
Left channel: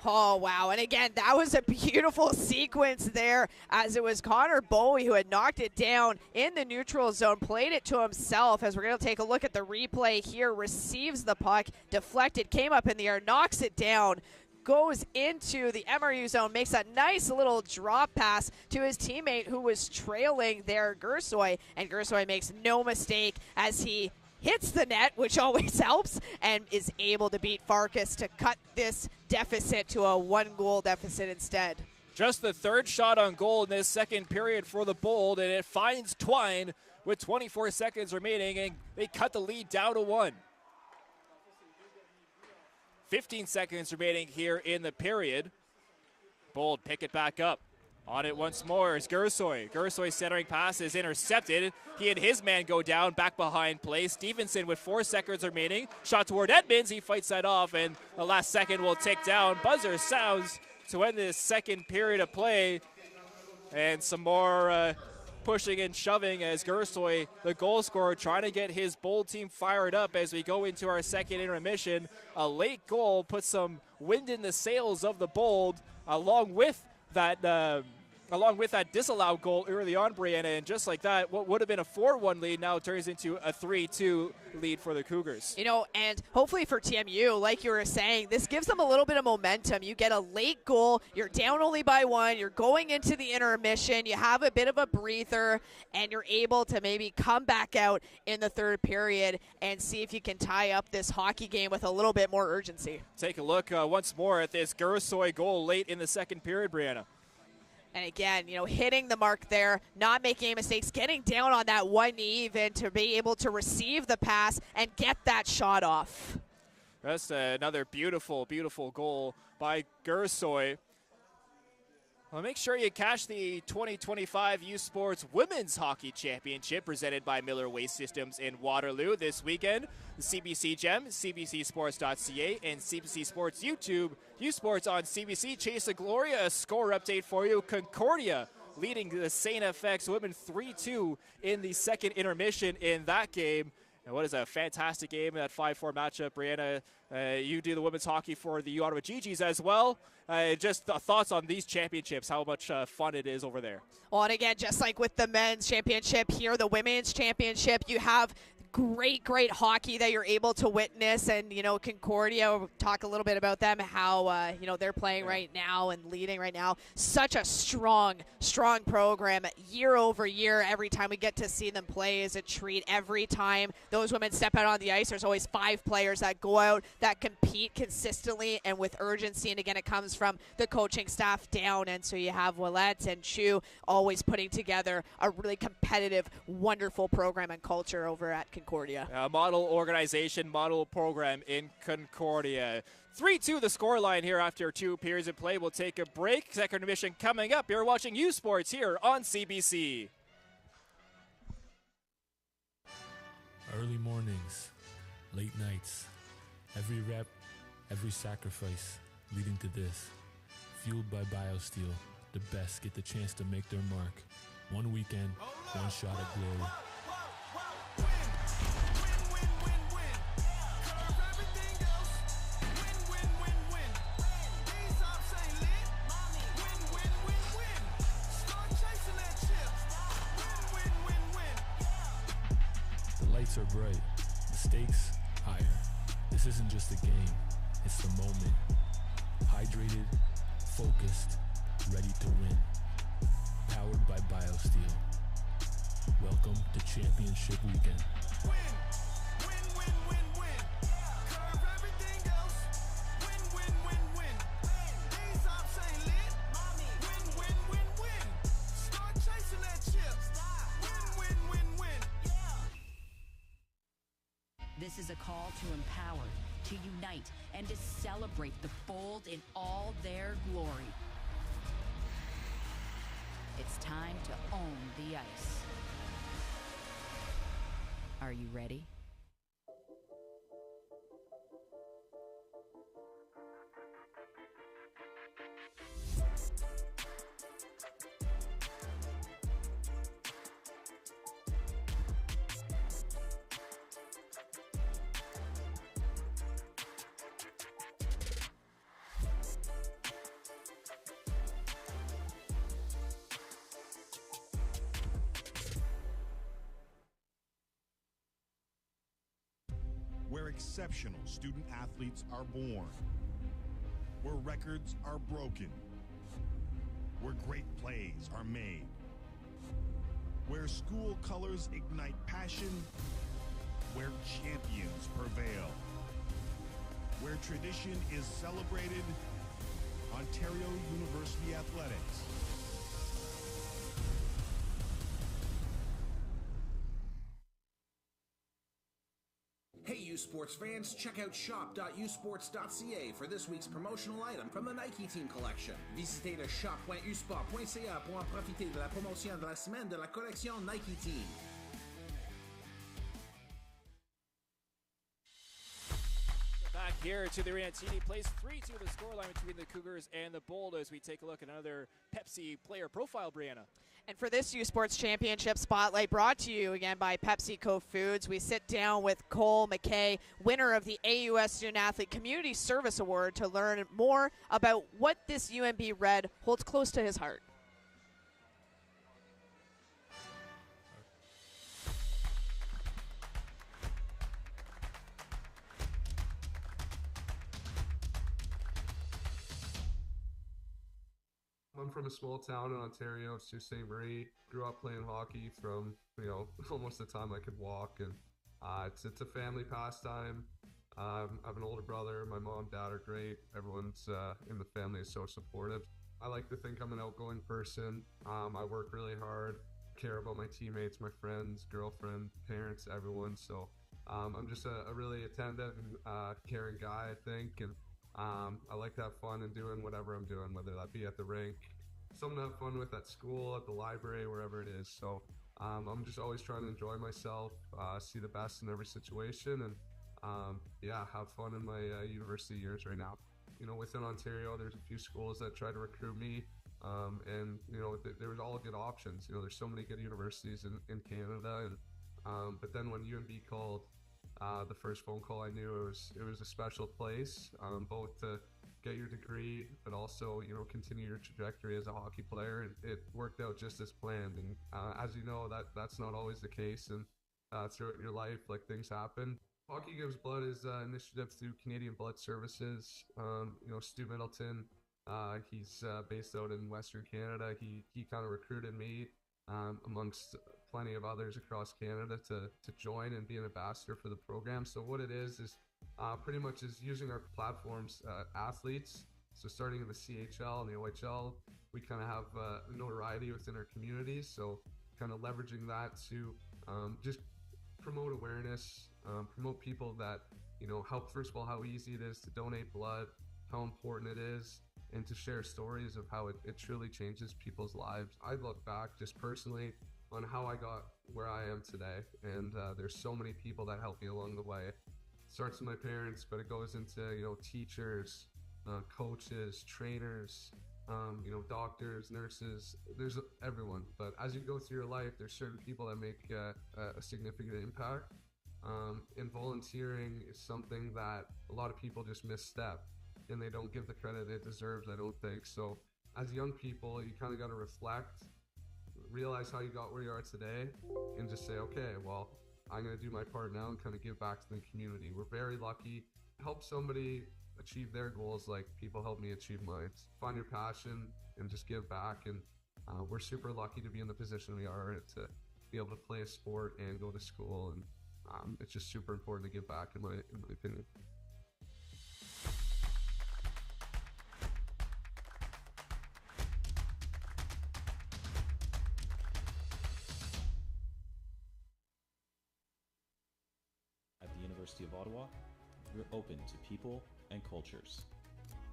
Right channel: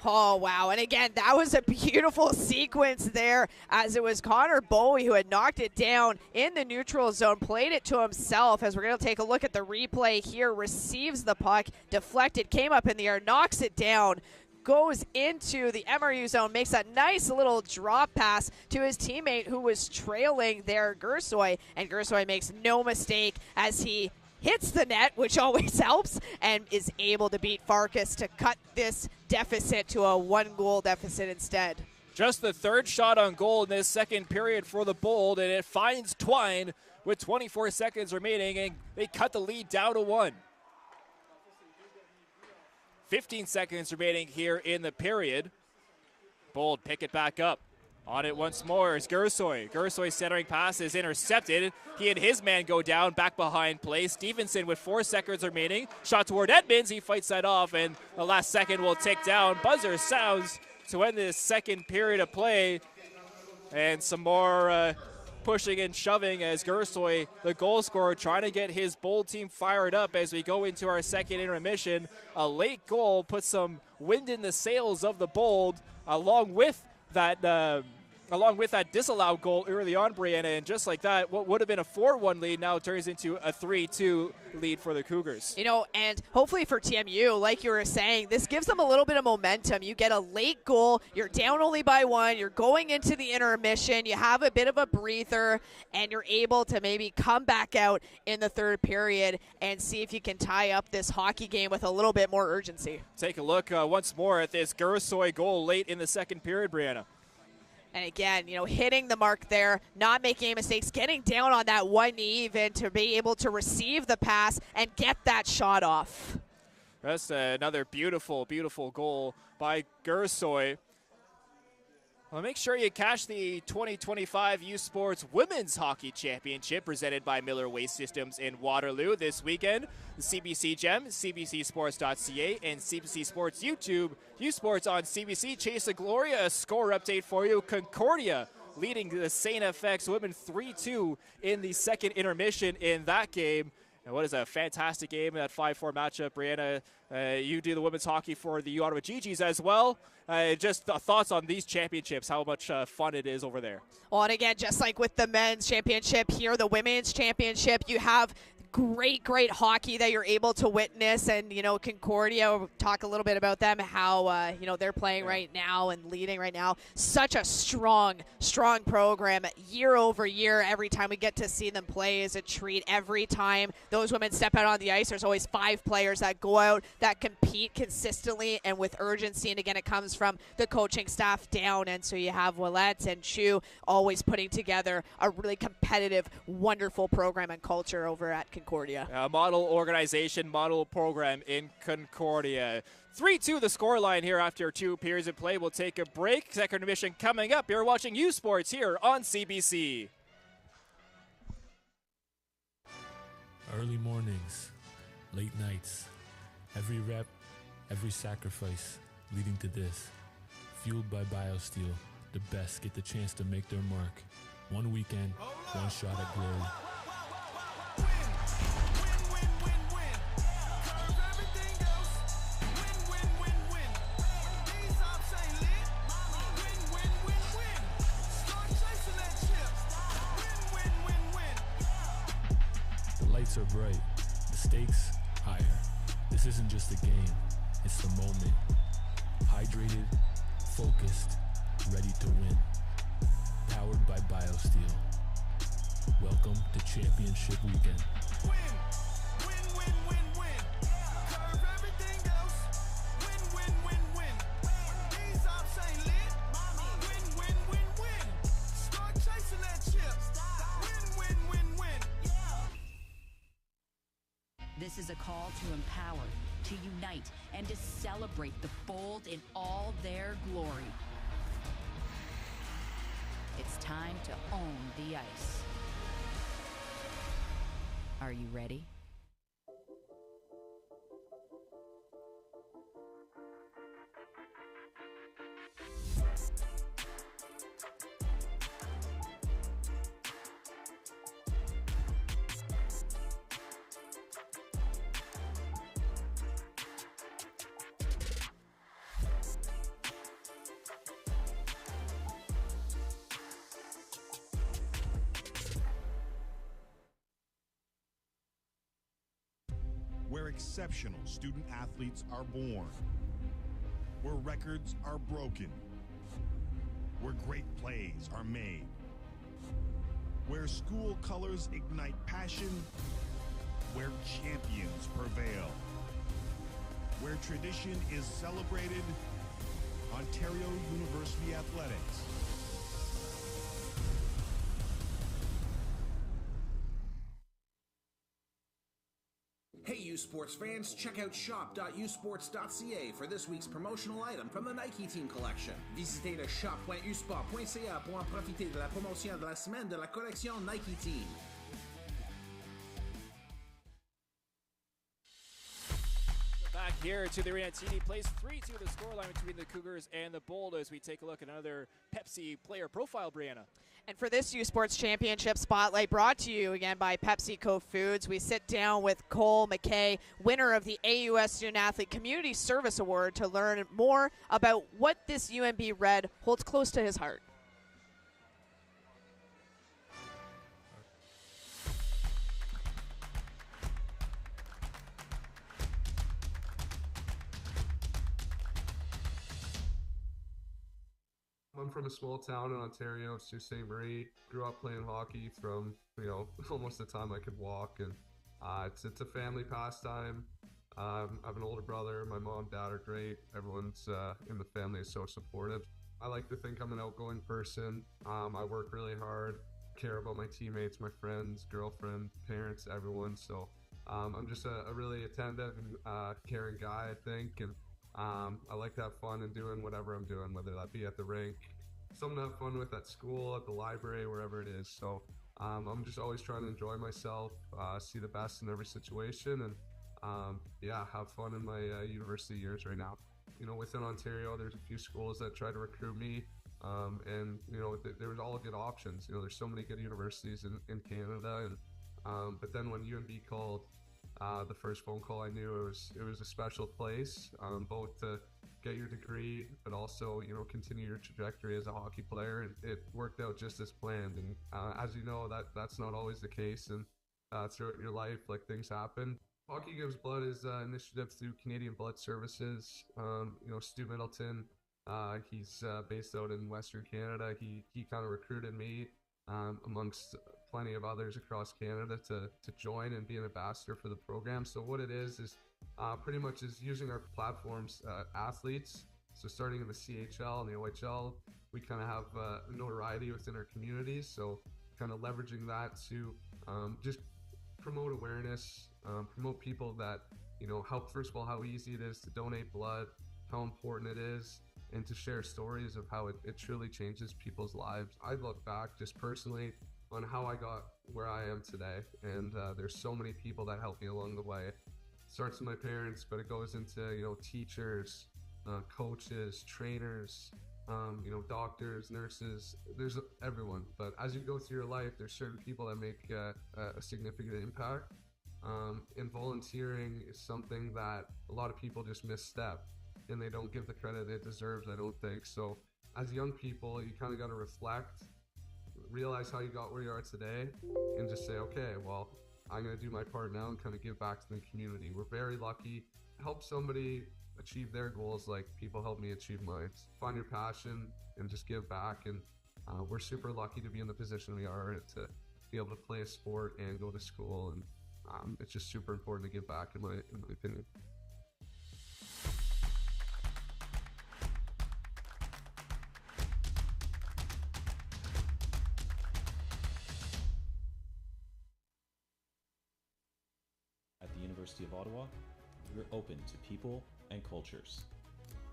Oh, wow. And again, that was a beautiful sequence there as it was Connor Bowie who had knocked it down in the neutral zone, played it to himself. As we're going to take a look at the replay here, receives the puck, deflected, came up in the air, knocks it down, goes into the MRU zone, makes a nice little drop pass to his teammate who was trailing there, Gersoy. And Gersoy makes no mistake as he hits the net, which always helps, and is able to beat Farkas to cut this deficit to a 1-goal deficit instead. Just the third shot on goal in this second period for the Bold, and it finds Twine with 24 seconds remaining, and they cut the lead down to 1. 15 seconds remaining here in the period. Bold pick it back up. On it once more is Gersoy. Gersoy centering pass is intercepted. He and his man go down, back behind play. Stevenson with 4 seconds remaining. Shot toward Edmonds. He fights that off, and the last second will tick down. Buzzer sounds to end this second period of play. And some more pushing and shoving as Gersoy, the goal scorer, trying to get his Bold team fired up as we go into our second intermission. A late goal puts some wind in the sails of the Bold, along with that disallowed goal early on, Brianna, and just like that, what would have been a 4-1 lead now turns into a 3-2 lead for the Cougars. You know, and hopefully for TMU, like you were saying, this gives them a little bit of momentum. You get a late goal, you're down only by 1, you're going into the intermission, you have a bit of a breather, and you're able to maybe come back out in the third period and see if you can tie up this hockey game with a little bit more urgency. Take a look once more at this Gersoy goal late in the second period, Brianna. And again, you know, hitting the mark there, not making any mistakes, getting down on that one knee even to be able to receive the pass and get that shot off. That's another beautiful, beautiful goal by Gersoy. Well, make sure you catch the 2025 U Sports Women's Hockey Championship presented by Miller Waste Systems in Waterloo this weekend. The CBC Gem, CBCSports.ca, and CBC Sports YouTube. U Sports on CBC. Chase the Glory, a score update for you. Concordia leading the St. FX women 3-2 in the second intermission in that game. And what is a fantastic game in that 5-4 matchup, Brianna. You do the women's hockey for the Ottawa GGs as well. Just thoughts on these championships, how much fun it is over there. Well, and again, just like with the men's championship here, the women's championship, you have great hockey that you're able to witness. And, you know, Concordia, we'll talk a little bit about them, how, you know, they're playing right now and leading right now. Such a strong program year over year. Every time we get to see them play is a treat. Every time those women step out on the ice, there's always 5 players that go out, that compete consistently and with urgency. And again, it comes from the coaching staff down. And so you have Willette and Chu always putting together a really competitive, wonderful program and culture over at Concordia. Model organization, model program in Concordia. 3-2 the scoreline here after 2 periods of play. We'll take a break. Second intermission coming up. You're watching U Sports here on CBC. Early mornings, late nights, every rep, every sacrifice leading to this. Fueled by BioSteel, the best get the chance to make their mark. One weekend, one shot at glory. The lights are bright, the stakes higher. This isn't just a game, it's the moment. Hydrated, focused, ready to win. Powered by BioSteel. Welcome to Championship Weekend. This is a call to empower, to unite, and to celebrate the Bold in all their glory. It's time to own the ice. Are you ready? Where exceptional student athletes are born, where records are broken, where great plays are made, where school colors ignite passion, where champions prevail, where tradition is celebrated. Ontario University Athletics. Hey, U Sports fans, check out shop.usports.ca for this week's promotional item from the Nike Team collection. Visitez le shop.usport.ca pour en profiter de la promotion de la semaine de la collection Nike Team. Back here to the arena, TD plays 3-2 the scoreline between the Cougars and the Bold as we take a look at another Pepsi player profile, Brianna. And for this U Sports Championship Spotlight, brought to you again by PepsiCo Foods, we sit down with Cole McKay, winner of the AUS Student Athlete Community Service Award, to learn more about what this UMB Red holds close to his heart. I'm from a small town in Ontario, Sault Ste. Marie. Grew up playing hockey from, almost the time I could walk, and it's a family pastime. I have an older brother. My mom, dad are great. Everyone's in the family is so supportive. I like to think I'm an outgoing person. I work really hard, care about my teammates, my friends, girlfriend, parents, everyone. So I'm just a really attentive and caring guy, I think, and I like to have fun in doing whatever I'm doing, whether that be at the rink, something to have fun with at school, at the library, wherever it is. So I'm just always trying to enjoy myself, see the best in every situation, and have fun in my university years right now. Within Ontario, there's a few schools that try to recruit me, and there's all good options. There's so many good universities in Canada, and but then when UMB called, the first phone call, I knew it was a special place, both to get your degree, but also, continue your trajectory as a hockey player. And it worked out just as planned. And as you know, that's not always the case. And throughout your life, things happen. Hockey Gives Blood is an initiative through Canadian Blood Services. Stu Middleton, he's based out in Western Canada. He kind of recruited me, amongst plenty of others across Canada, to join and be an ambassador for the program. So what it is pretty much is using our platforms, athletes. So starting in the CHL and the OHL, we kind of have notoriety within our communities. So kind of leveraging that to just promote awareness, promote people that, help, first of all, how easy it is to donate blood, how important it is, and to share stories of how it truly changes people's lives. I look back just personally on how I got where I am today, and there's so many people that helped me along the way. It starts with my parents, but it goes into teachers, coaches, trainers, doctors, nurses. There's everyone. But as you go through your life, there's certain people that make a significant impact. And volunteering is something that a lot of people just misstep, and they don't give the credit it deserves, I don't think. So as young people, you kind of got to reflect, realize how you got where you are today, and just say, okay, well, I'm going to do my part now and kind of give back to the community. We're very lucky. Help somebody achieve their goals like people help me achieve mine. Find your passion and just give back. And we're super lucky to be in the position we are, to be able to play a sport and go to school. And it's just super important to give back, in my opinion. University of Ottawa, we're open to people and cultures,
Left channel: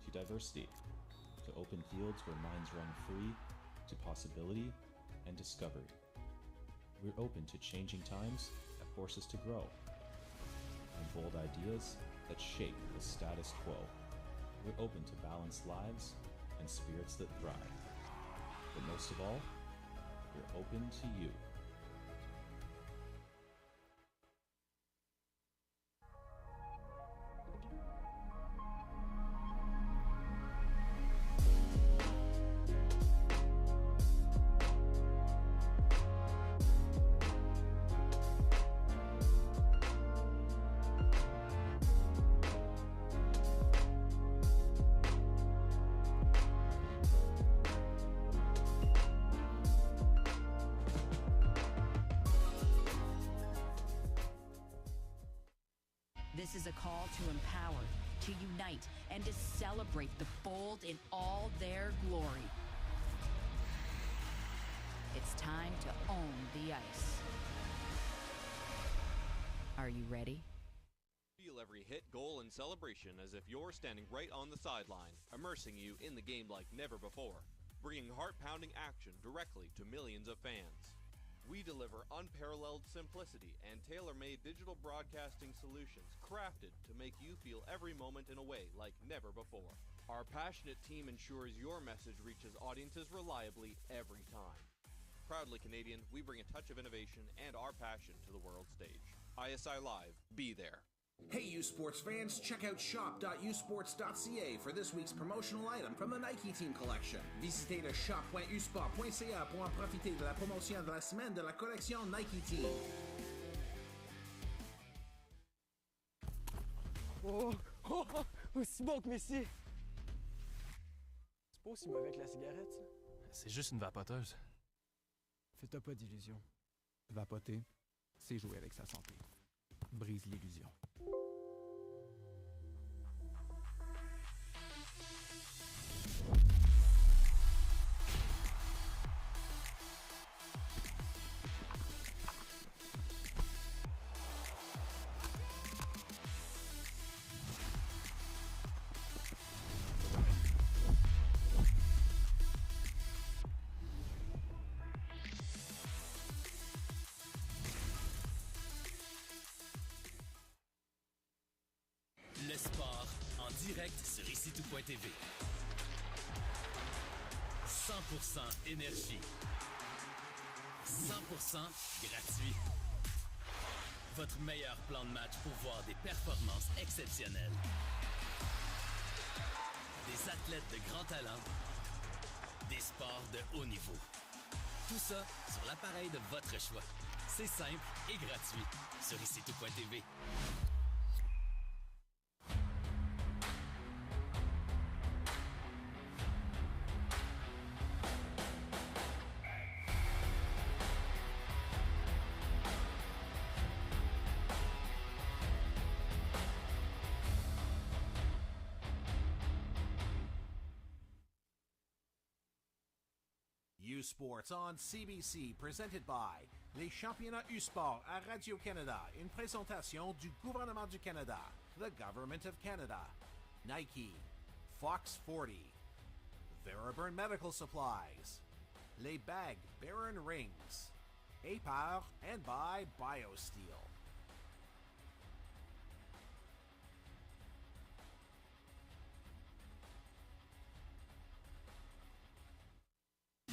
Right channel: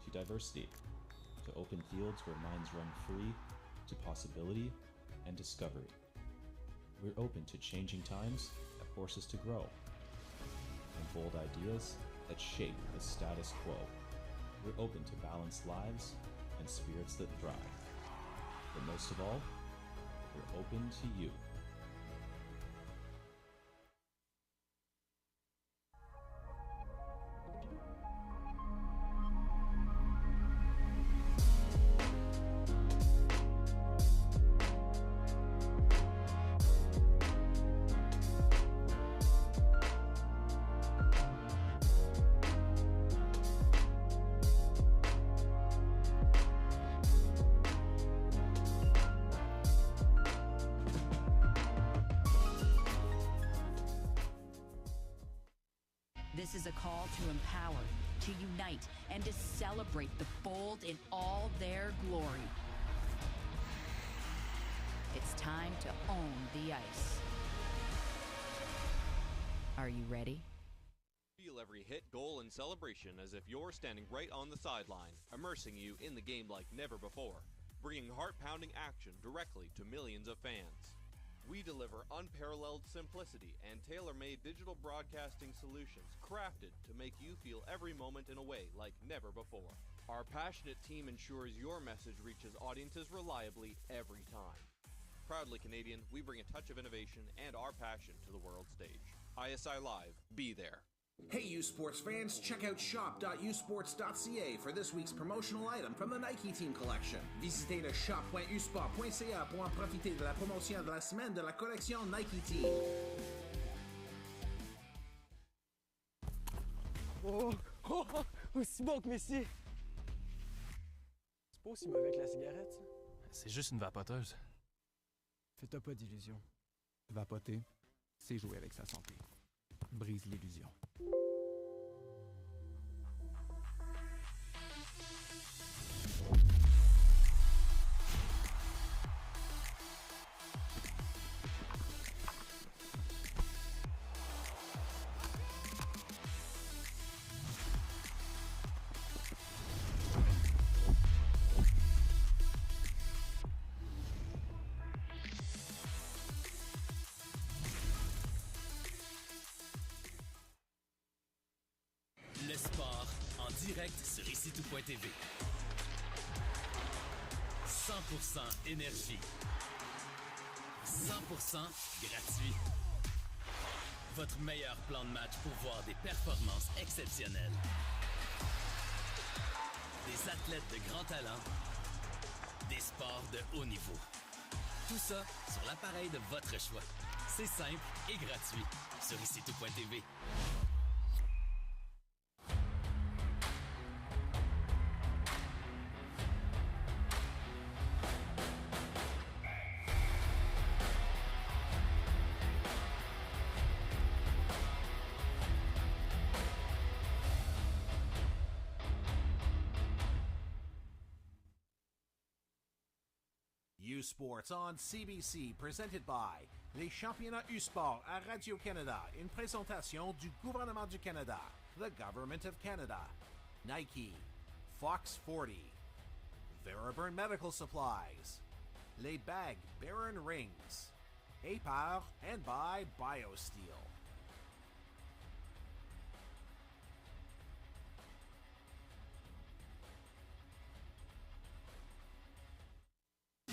to diversity, to open fields where minds run free, to possibility and discovery. We're open to changing times that force us to grow, and bold ideas that shape the status quo. We're open to balanced lives and spirits that thrive. But most of all, we're open to you. This is a call to empower, to unite, and to celebrate the Bold in all their glory. It's time to own the ice. Are you ready? feel every hit, goal, and celebration as if you're standing right on the sideline, immersing you in the game like never before, bringing heart-pounding action directly to millions of fans. We deliver unparalleled simplicity and tailor-made digital broadcasting solutions crafted to make you feel every moment in a way like never before. Our passionate team ensures your message reaches audiences reliably every time. Proudly Canadian, we bring a touch of innovation and our passion to the world stage. ISI Live, be there. Hey you sports fans, check out shop.usports.ca for this week's promotional item from the Nike Team Collection. Visitez le shop.usport.ca pour en profiter de la promotion de la semaine de la collection Nike Team. Oh, smoke, messieurs! C'est pas aussi mauvais que la cigarette, ça? C'est juste une vapoteuse. Fais-toi pas d'illusions. Vapoter, c'est jouer avec sa santé. Brise l'illusion. Le sport en direct sur ICTout.tv. 100% énergie. 100% gratuit. Votre meilleur plan de match pour voir des performances exceptionnelles. Des athlètes de grand talent. Des sports de haut niveau. Tout ça sur l'appareil de votre choix. C'est simple et gratuit sur ICTout.tv. Sports on CBC, presented by les championnats U-Sport à Radio-Canada, une présentation du gouvernement du Canada, the Government of Canada, Nike, Fox 40, Veriburn Medical Supplies, les bagues Baron Rings, et par and by BioSteel.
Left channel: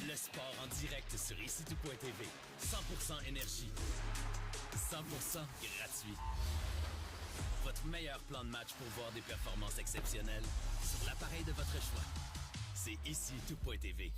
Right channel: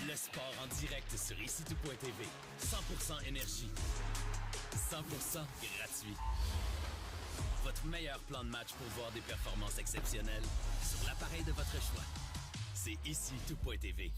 Le sport en direct sur ICTout.tv. 100% énergie. 100% gratuit. Votre meilleur plan de match pour voir des performances exceptionnelles sur l'appareil de votre choix. C'est ICTout.tv.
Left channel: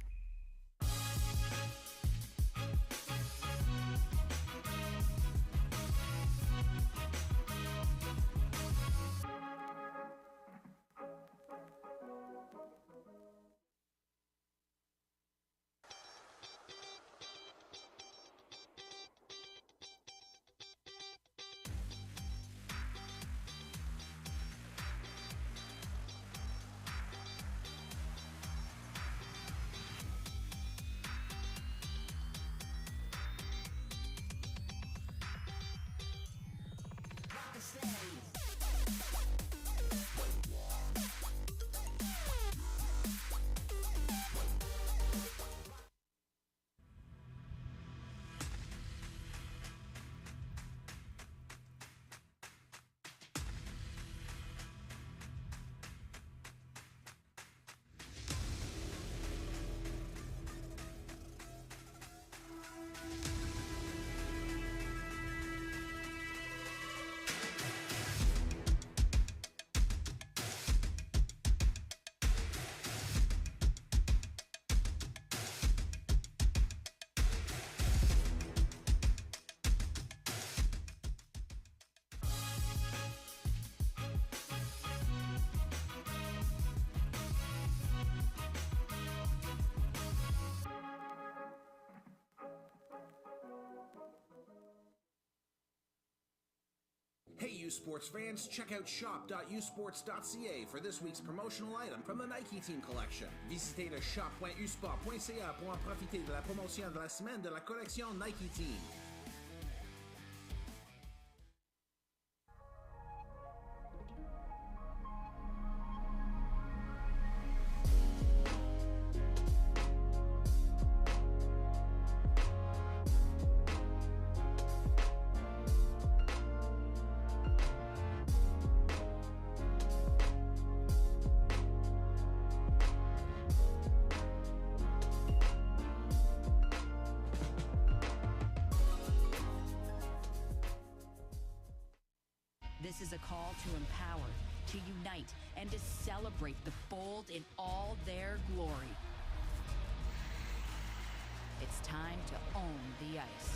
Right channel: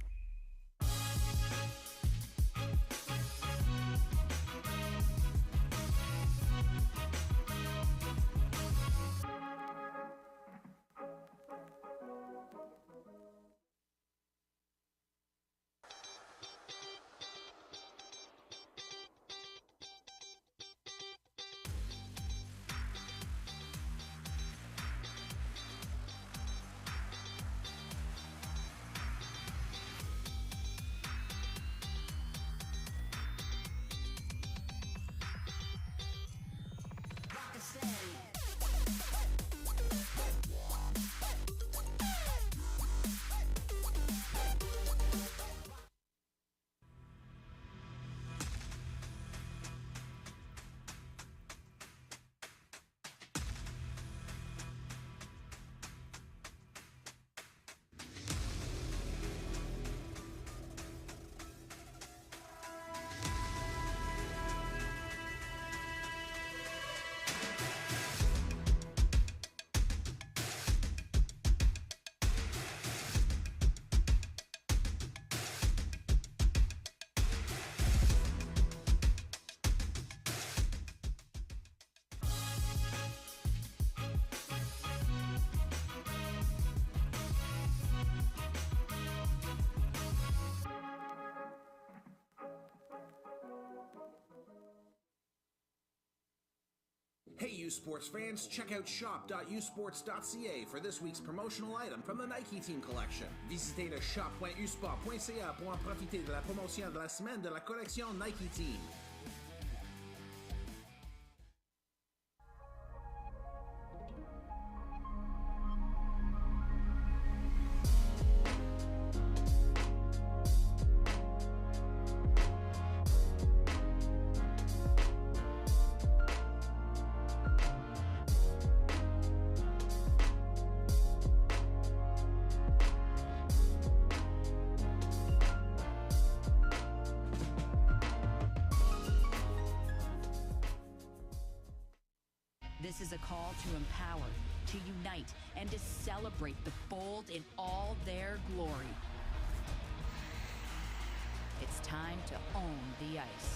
Hey you sports fans, check out shop.usports.ca for this week's promotional item from the Nike Team Collection. Visitez le shop.usport.ca pour en profiter de la promotion de la semaine de la collection Nike Team. is a call to empower, to unite, and to celebrate the bold in all their glory. It's time to own the ice.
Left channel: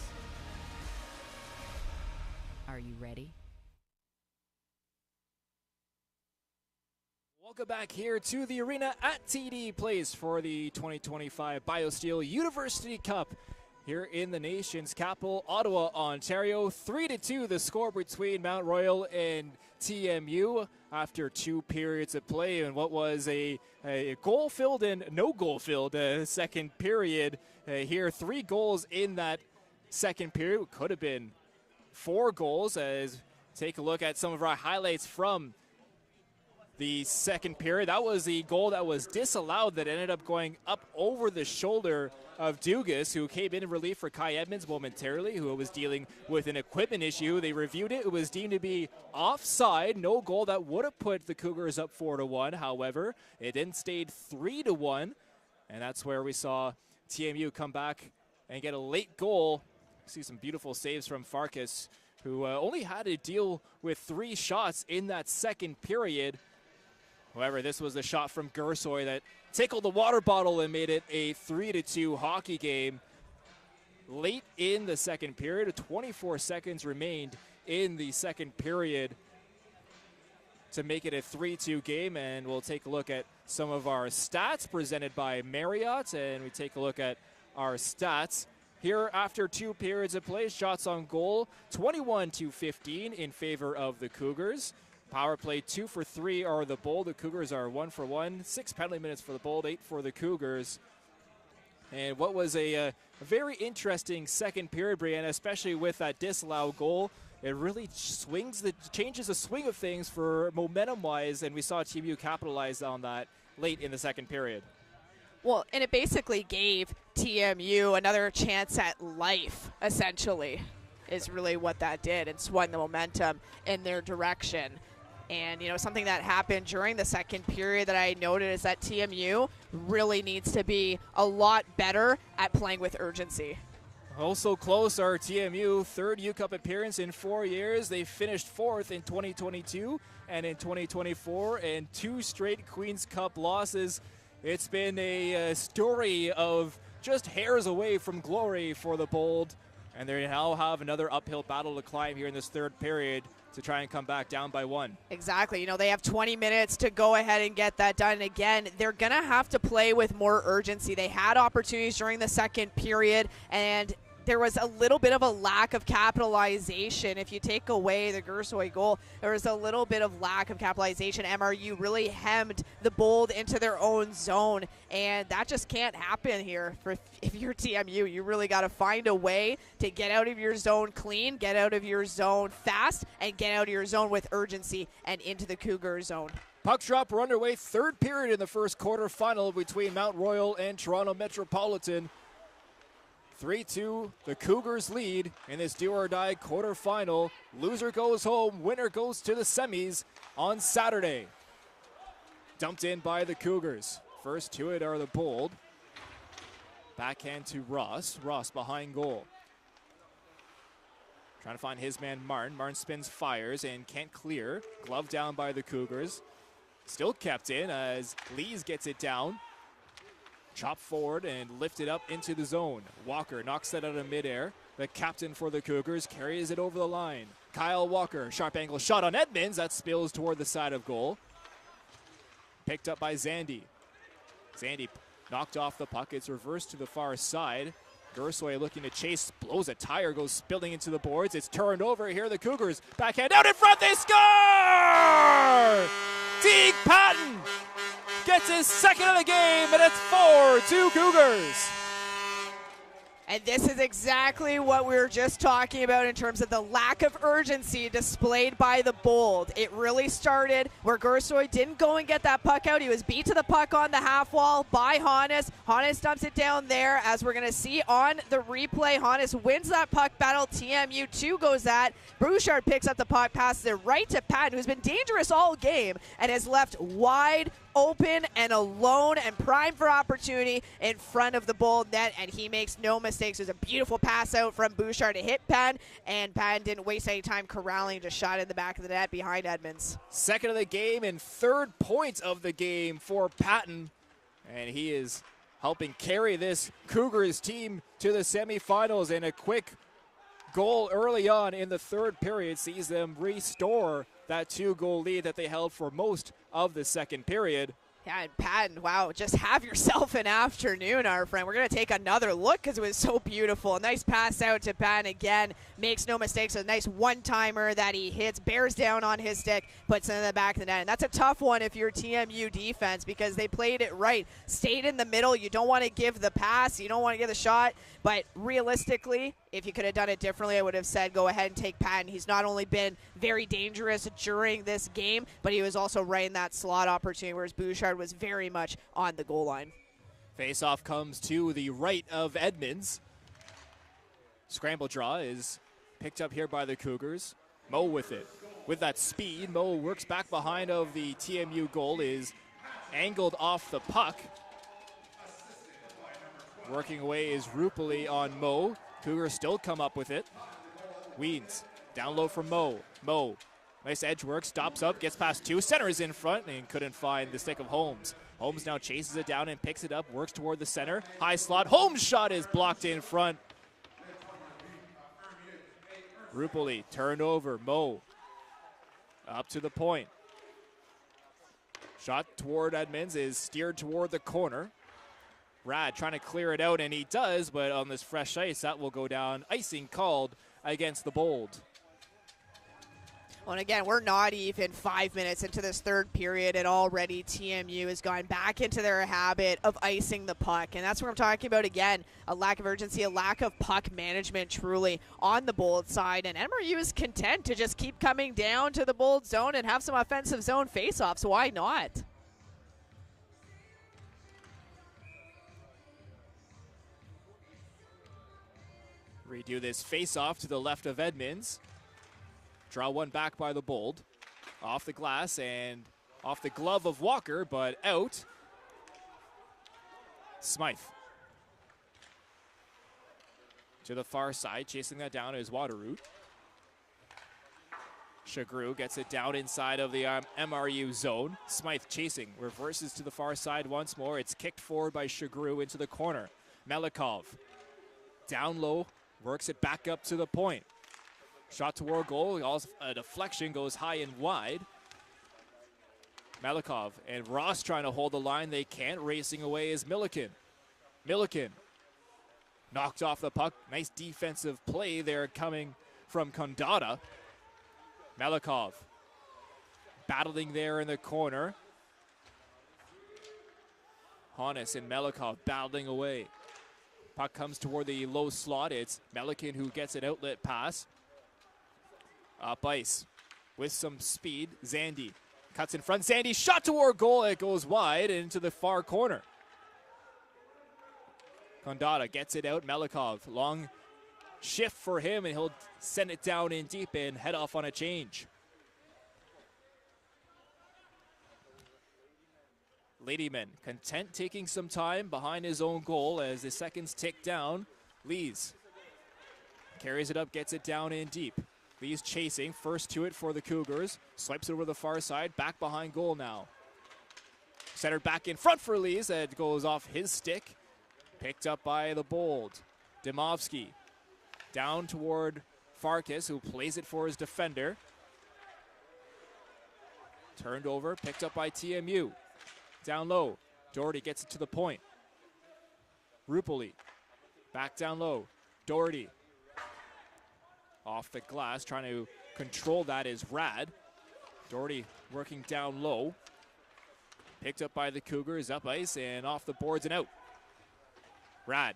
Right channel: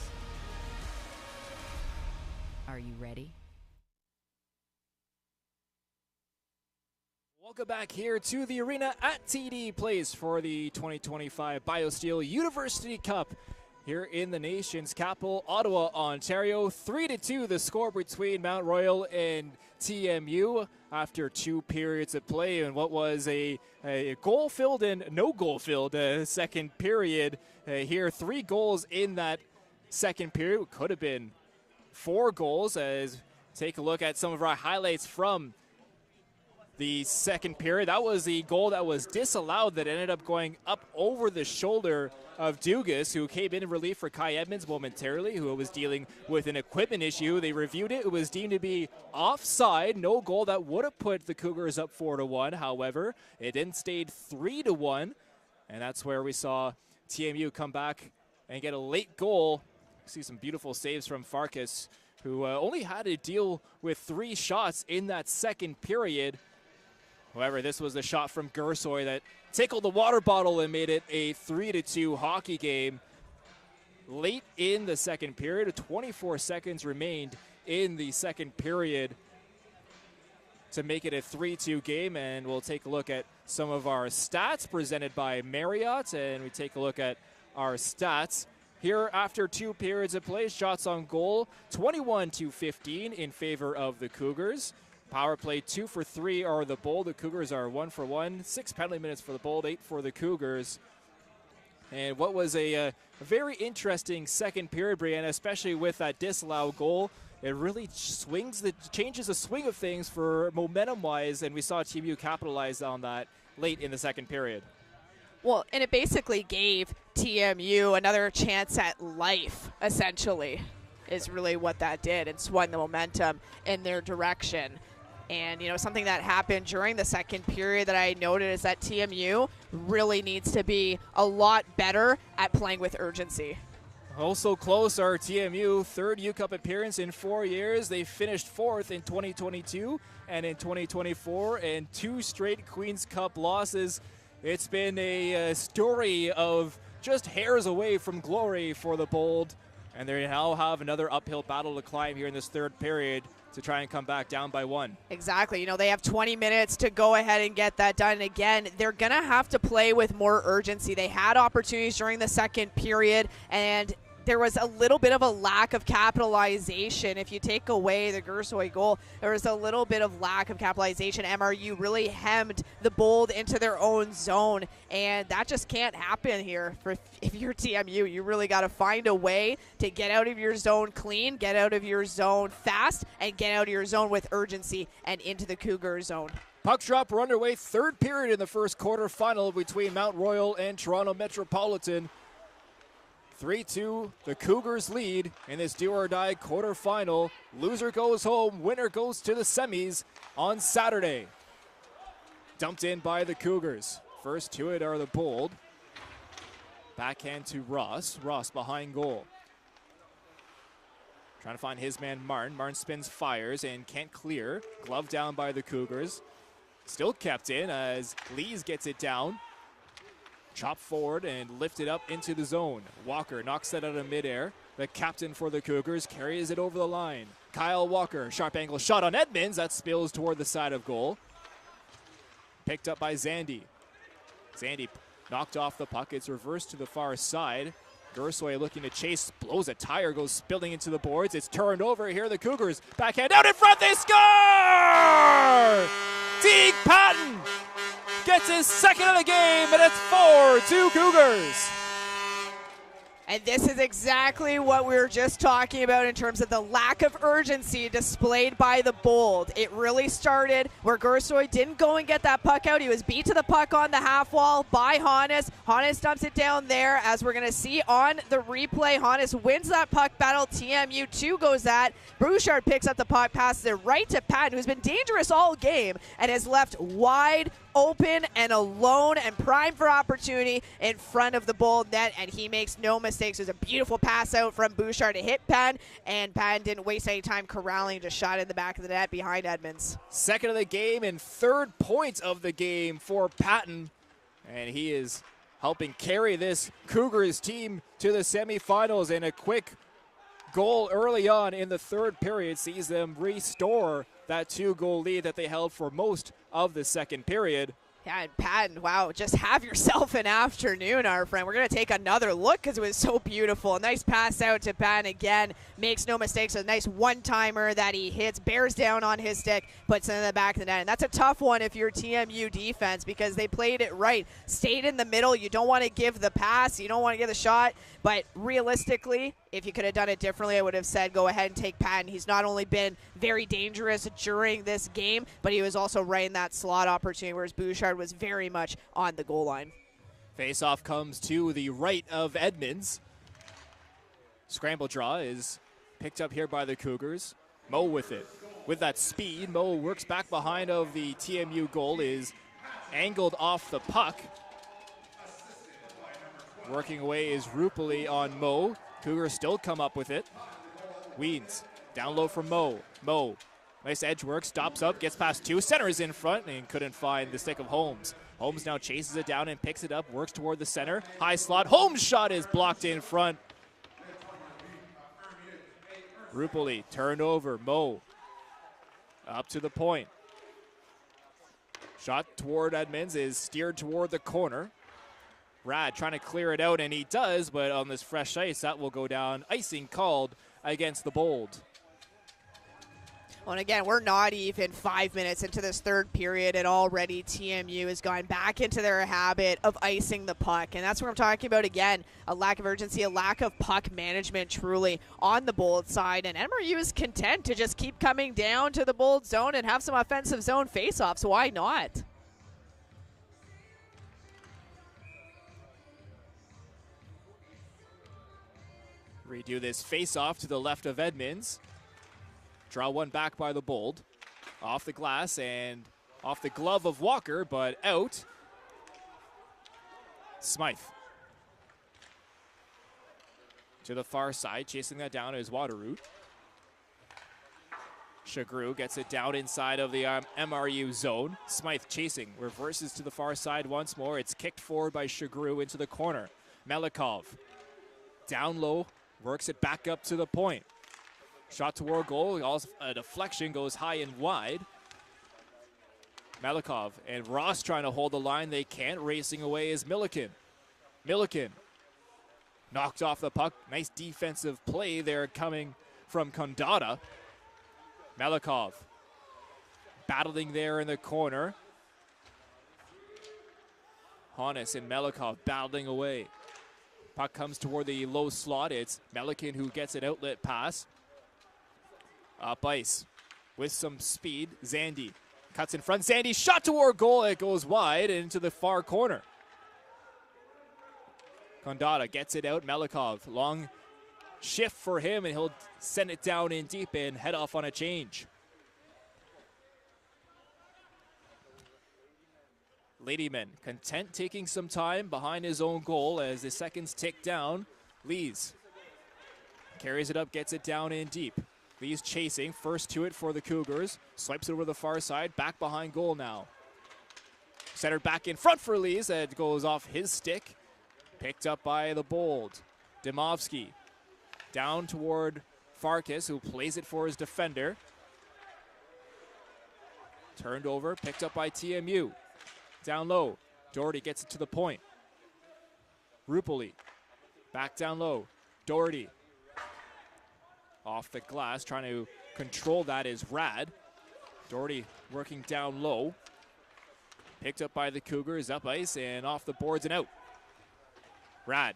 Are you ready? Welcome back here to the arena at TD Place for the 2025 BioSteel University Cup here in the nation's capital, Ottawa, Ontario. 3-2 the score between Mount Royal and TMU after 2 periods of play, and what was a goal-filled and no goal-filled second period. Here, 3 goals in that second period. Could have been 4 goals. As take a look at some of our highlights from the second period. That was the goal that was disallowed that ended up going up over the shoulder of Dugas, who came in relief for Kai Edmonds momentarily, who was dealing with an equipment issue. They reviewed it. It was deemed to be offside. No goal that would have put the Cougars up 4-1. However, it then stayed 3-1, and that's where we saw TMU come back and get a late goal. See some beautiful saves from Farkas, who only had to deal with 3 shots in that second period. However, this was the shot from Gersoy that tickled the water bottle and made it a 3-2 hockey game. Late in the second period, 24 seconds remained in the second period to make it a 3-2 game. And we'll take a look at some of our stats presented by Marriott. And we take a look at our stats. Here, after 2 periods of play, shots on goal, 21-15 in favor of the Cougars. Power play 2 for 3 are the Bold. The Cougars are 1 for 1. 6 penalty minutes for the Bold, 8 for the Cougars. And what was a very interesting second period, Brianna, especially with that disallowed goal. It really changes the swing of things for momentum-wise, and we saw TMU capitalize on that late in the second period. Well, and it basically gave TMU another chance at life, essentially, is really what that did, and swung the momentum in their direction. And, you know, something that happened during the second period that I noted is that TMU really needs to be a lot better at playing with urgency. Also close are TMU, 3rd U Cup appearance in 4 years. They finished 4th in 2022 and in 2024, and 2 straight Queen's Cup losses. It's been a story of just hairs away from glory for the Bold, and they now have another uphill battle to climb here in this 3rd period to try and come back down by 1. Exactly. You know, they have 20 minutes to go ahead and get that done. And again, they're going to have to play with more urgency. They had opportunities during the second period, and there was a little bit of a lack of capitalization. If you take away the Gersoy goal, there was a little bit of lack of capitalization. MRU really hemmed the Bold into their own zone, and that just can't happen here. If you're TMU, you really got to find a way to get out of your zone clean, get out of your zone fast, and get out of your zone with urgency and into the Cougar zone. Puck drop, we're underway. 3rd period in the first quarterfinal between Mount Royal and Toronto Metropolitan. 3-2, the Cougars lead in this do-or-die quarterfinal. Loser goes home, winner goes to the semis on Saturday. Dumped in by the Cougars. First to it are the Bold. Backhand to Ross. Ross behind goal. Trying to find his man Martin. Martin spins, fires, and can't clear. Glove down by the Cougars. Still kept in as Lees gets it down. Chop forward and lifted up into the zone. Walker knocks that out of midair. The captain for the Cougars carries it over the line. Kyle Walker, sharp angle shot on Edmonds. That spills toward the side of goal. Picked up by Zandy. Zandy knocked off the puck. It's reversed to the far side. Gersoy looking to chase, blows a tire, goes spilling into the boards. It's turned over. Here the Cougars. Backhand out in front. They score! Teague Patton gets his 2nd of the game, and it's 4-2 Cougars. And this is exactly what we were just talking about in terms of the lack of urgency displayed by the Bold. It really started where Gersoy didn't go and get that puck out. He was beat to the puck on the half wall by Hannes. Hannes dumps it down there, as we're going to see on the replay. Hannes wins that puck battle. TMU 2 goes at. Bouchard picks up the puck, passes it right to Patton, who's been dangerous all game and is left wide open and alone and primed for opportunity in front of the Bold net, and he makes no mistakes. There's a beautiful pass out from Bouchard to hit Patton, and Patton didn't waste any time corralling, just shot in the back of the net behind Edmonds. Second of the game and third point of the game for Patton, and he is helping carry this Cougars team to the semifinals, and a quick goal early on in the third period sees them restore that 2-goal lead that they held for most of the second period. Yeah, and Patton, wow, just have yourself an afternoon, our friend. We're going to take another look because it was so beautiful. Nice pass out to Patton again. Makes no mistakes. A nice one-timer that he hits, bears down on his stick, puts it in the back of the net. And that's a tough one if you're TMU defense because they played it right. Stayed in the middle. You don't want to give the pass. You don't want to give the shot. But realistically, if you could have done it differently, I would have said go ahead and take Patton. He's not only been very dangerous during this game, but he was also right in that slot opportunity, whereas Bouchard was very much on the goal line. Face-off comes to the right of Edmonds. Scramble draw is picked up here by the Cougars. Mo with it. With that speed, Mo works back behind of the TMU goal, is angled off the puck. Working away is Rupali on Mo. Cougars still come up with it. Weens, down low from Mo. Mo, nice edge work, stops up, gets past two, centers in front, and couldn't find the stick of Holmes. Holmes now chases it down and picks it up, works toward the center. High slot, Holmes' shot is blocked in front. Rupali, turned over, Mo, up to the point. Shot toward Edmonds is steered toward the corner. Rad trying to clear it out, and he does, but on this fresh ice, that will go down. Icing called against the Bold. Well, and again, we're not even 5 minutes into this third period, and already TMU has gone back into their habit of icing the puck. And that's what I'm talking about again, a lack of urgency, a lack of puck management truly on the Bold side. And MRU is content to just keep coming down to the Bold zone and have some offensive zone faceoffs. Why not? Redo this face-off to the left of Edmonds. Draw one back by the Bold. Off the glass and off the glove of Walker, but out. Smythe. To the far side, chasing that down is Waterroot. Chagru gets it down inside of the MRU zone. Smythe chasing, reverses to the far side once more. It's kicked forward by Chagru into the corner. Melikov down low. Works it back up to the point. Shot toward goal. A deflection goes high and wide. Melikov and Ross trying to hold the line. They can't. Racing away is Milliken. Milliken knocked off the puck. Nice defensive play there coming from Condata. Melikov battling there in the corner. Honus and Melikov battling away. Puck comes toward the low slot. It's Melican who gets an outlet pass. Up ice with some speed. Zandy cuts in front. Zandy shot toward goal. It goes wide into the far corner. Condata gets it out. Melikov, long shift for him, and he'll send it down in deep and head off on a change. Ladyman content taking some time behind his own goal as the seconds tick down. Lees carries it up, gets it down in deep. Lees chasing, first to it for the Cougars. Swipes it over the far side, back behind goal now. Centered back in front for Lees. That goes off his stick. Picked up by the Bold. Dimovsky down toward Farkas, who plays it for his defender. Turned over, picked up by TMU. Down low, Doherty gets it to the point. Rupali, back down low. Doherty, off the glass, trying to control that is Rad. Doherty working down low. Picked up by the Cougars, up ice, and off the boards and out. Rad,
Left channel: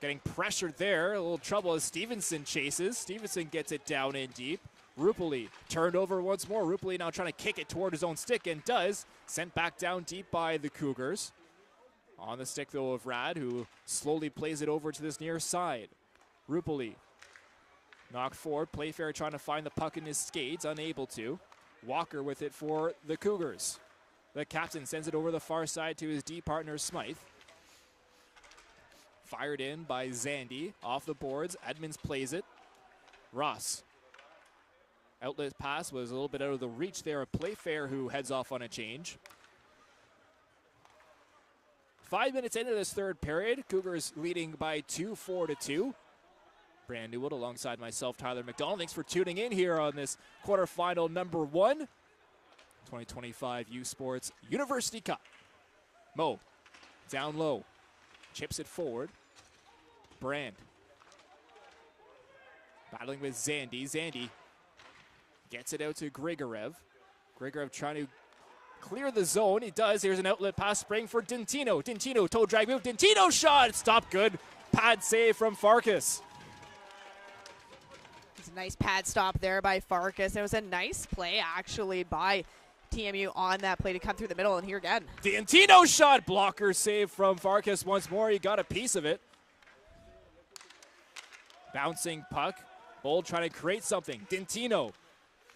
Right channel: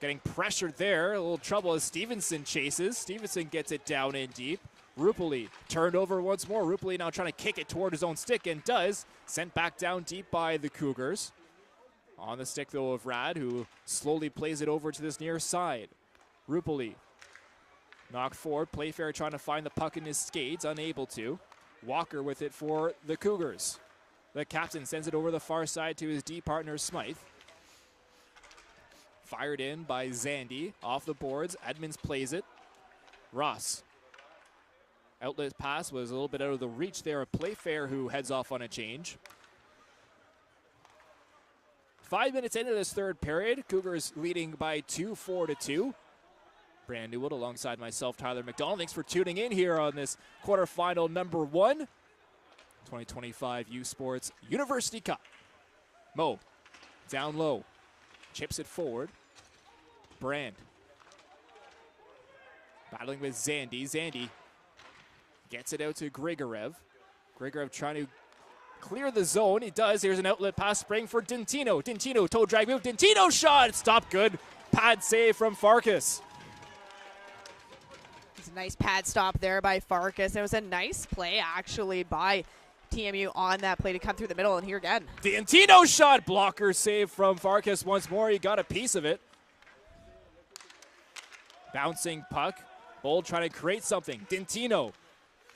getting pressured there, a little trouble as Stevenson chases. Stevenson gets it down in deep. Rupali turned over once more. Rupali now trying to kick it toward his own stick and does. Sent back down deep by the Cougars. On the stick though of Rad, who slowly plays it over to this near side. Rupali knocked forward. Playfair trying to find the puck in his skates, unable to. Walker with it for the Cougars. The captain sends it over the far side to his D partner, Smythe. Fired in by Zandy. Off the boards. Edmonds plays it. Ross. Outlet pass was a little bit out of the reach there of Playfair, who heads off on a change. 5 minutes into this third period, Cougars leading by 2, 4-2. Brandon Newwood alongside myself, Tyler McDonald. Thanks for tuning in here on this quarterfinal number 1, 2025 U Sports University Cup. Mo, down low, chips it forward. Brand, battling with Zandy. Zandy gets it out to Grigorev. Grigorev trying to clear the zone. He does. Here's an outlet pass spring for Dintino. Dintino, toe drag move. Dintino shot. Stop good. Pad save from Farkas. It's a nice pad stop there by Farkas. It was a nice play, actually, by TMU on that play to come through the middle. And here again, Dintino shot. Blocker save from Farkas once more. He got a piece of it. Bouncing puck. Bold trying to create something. Dintino.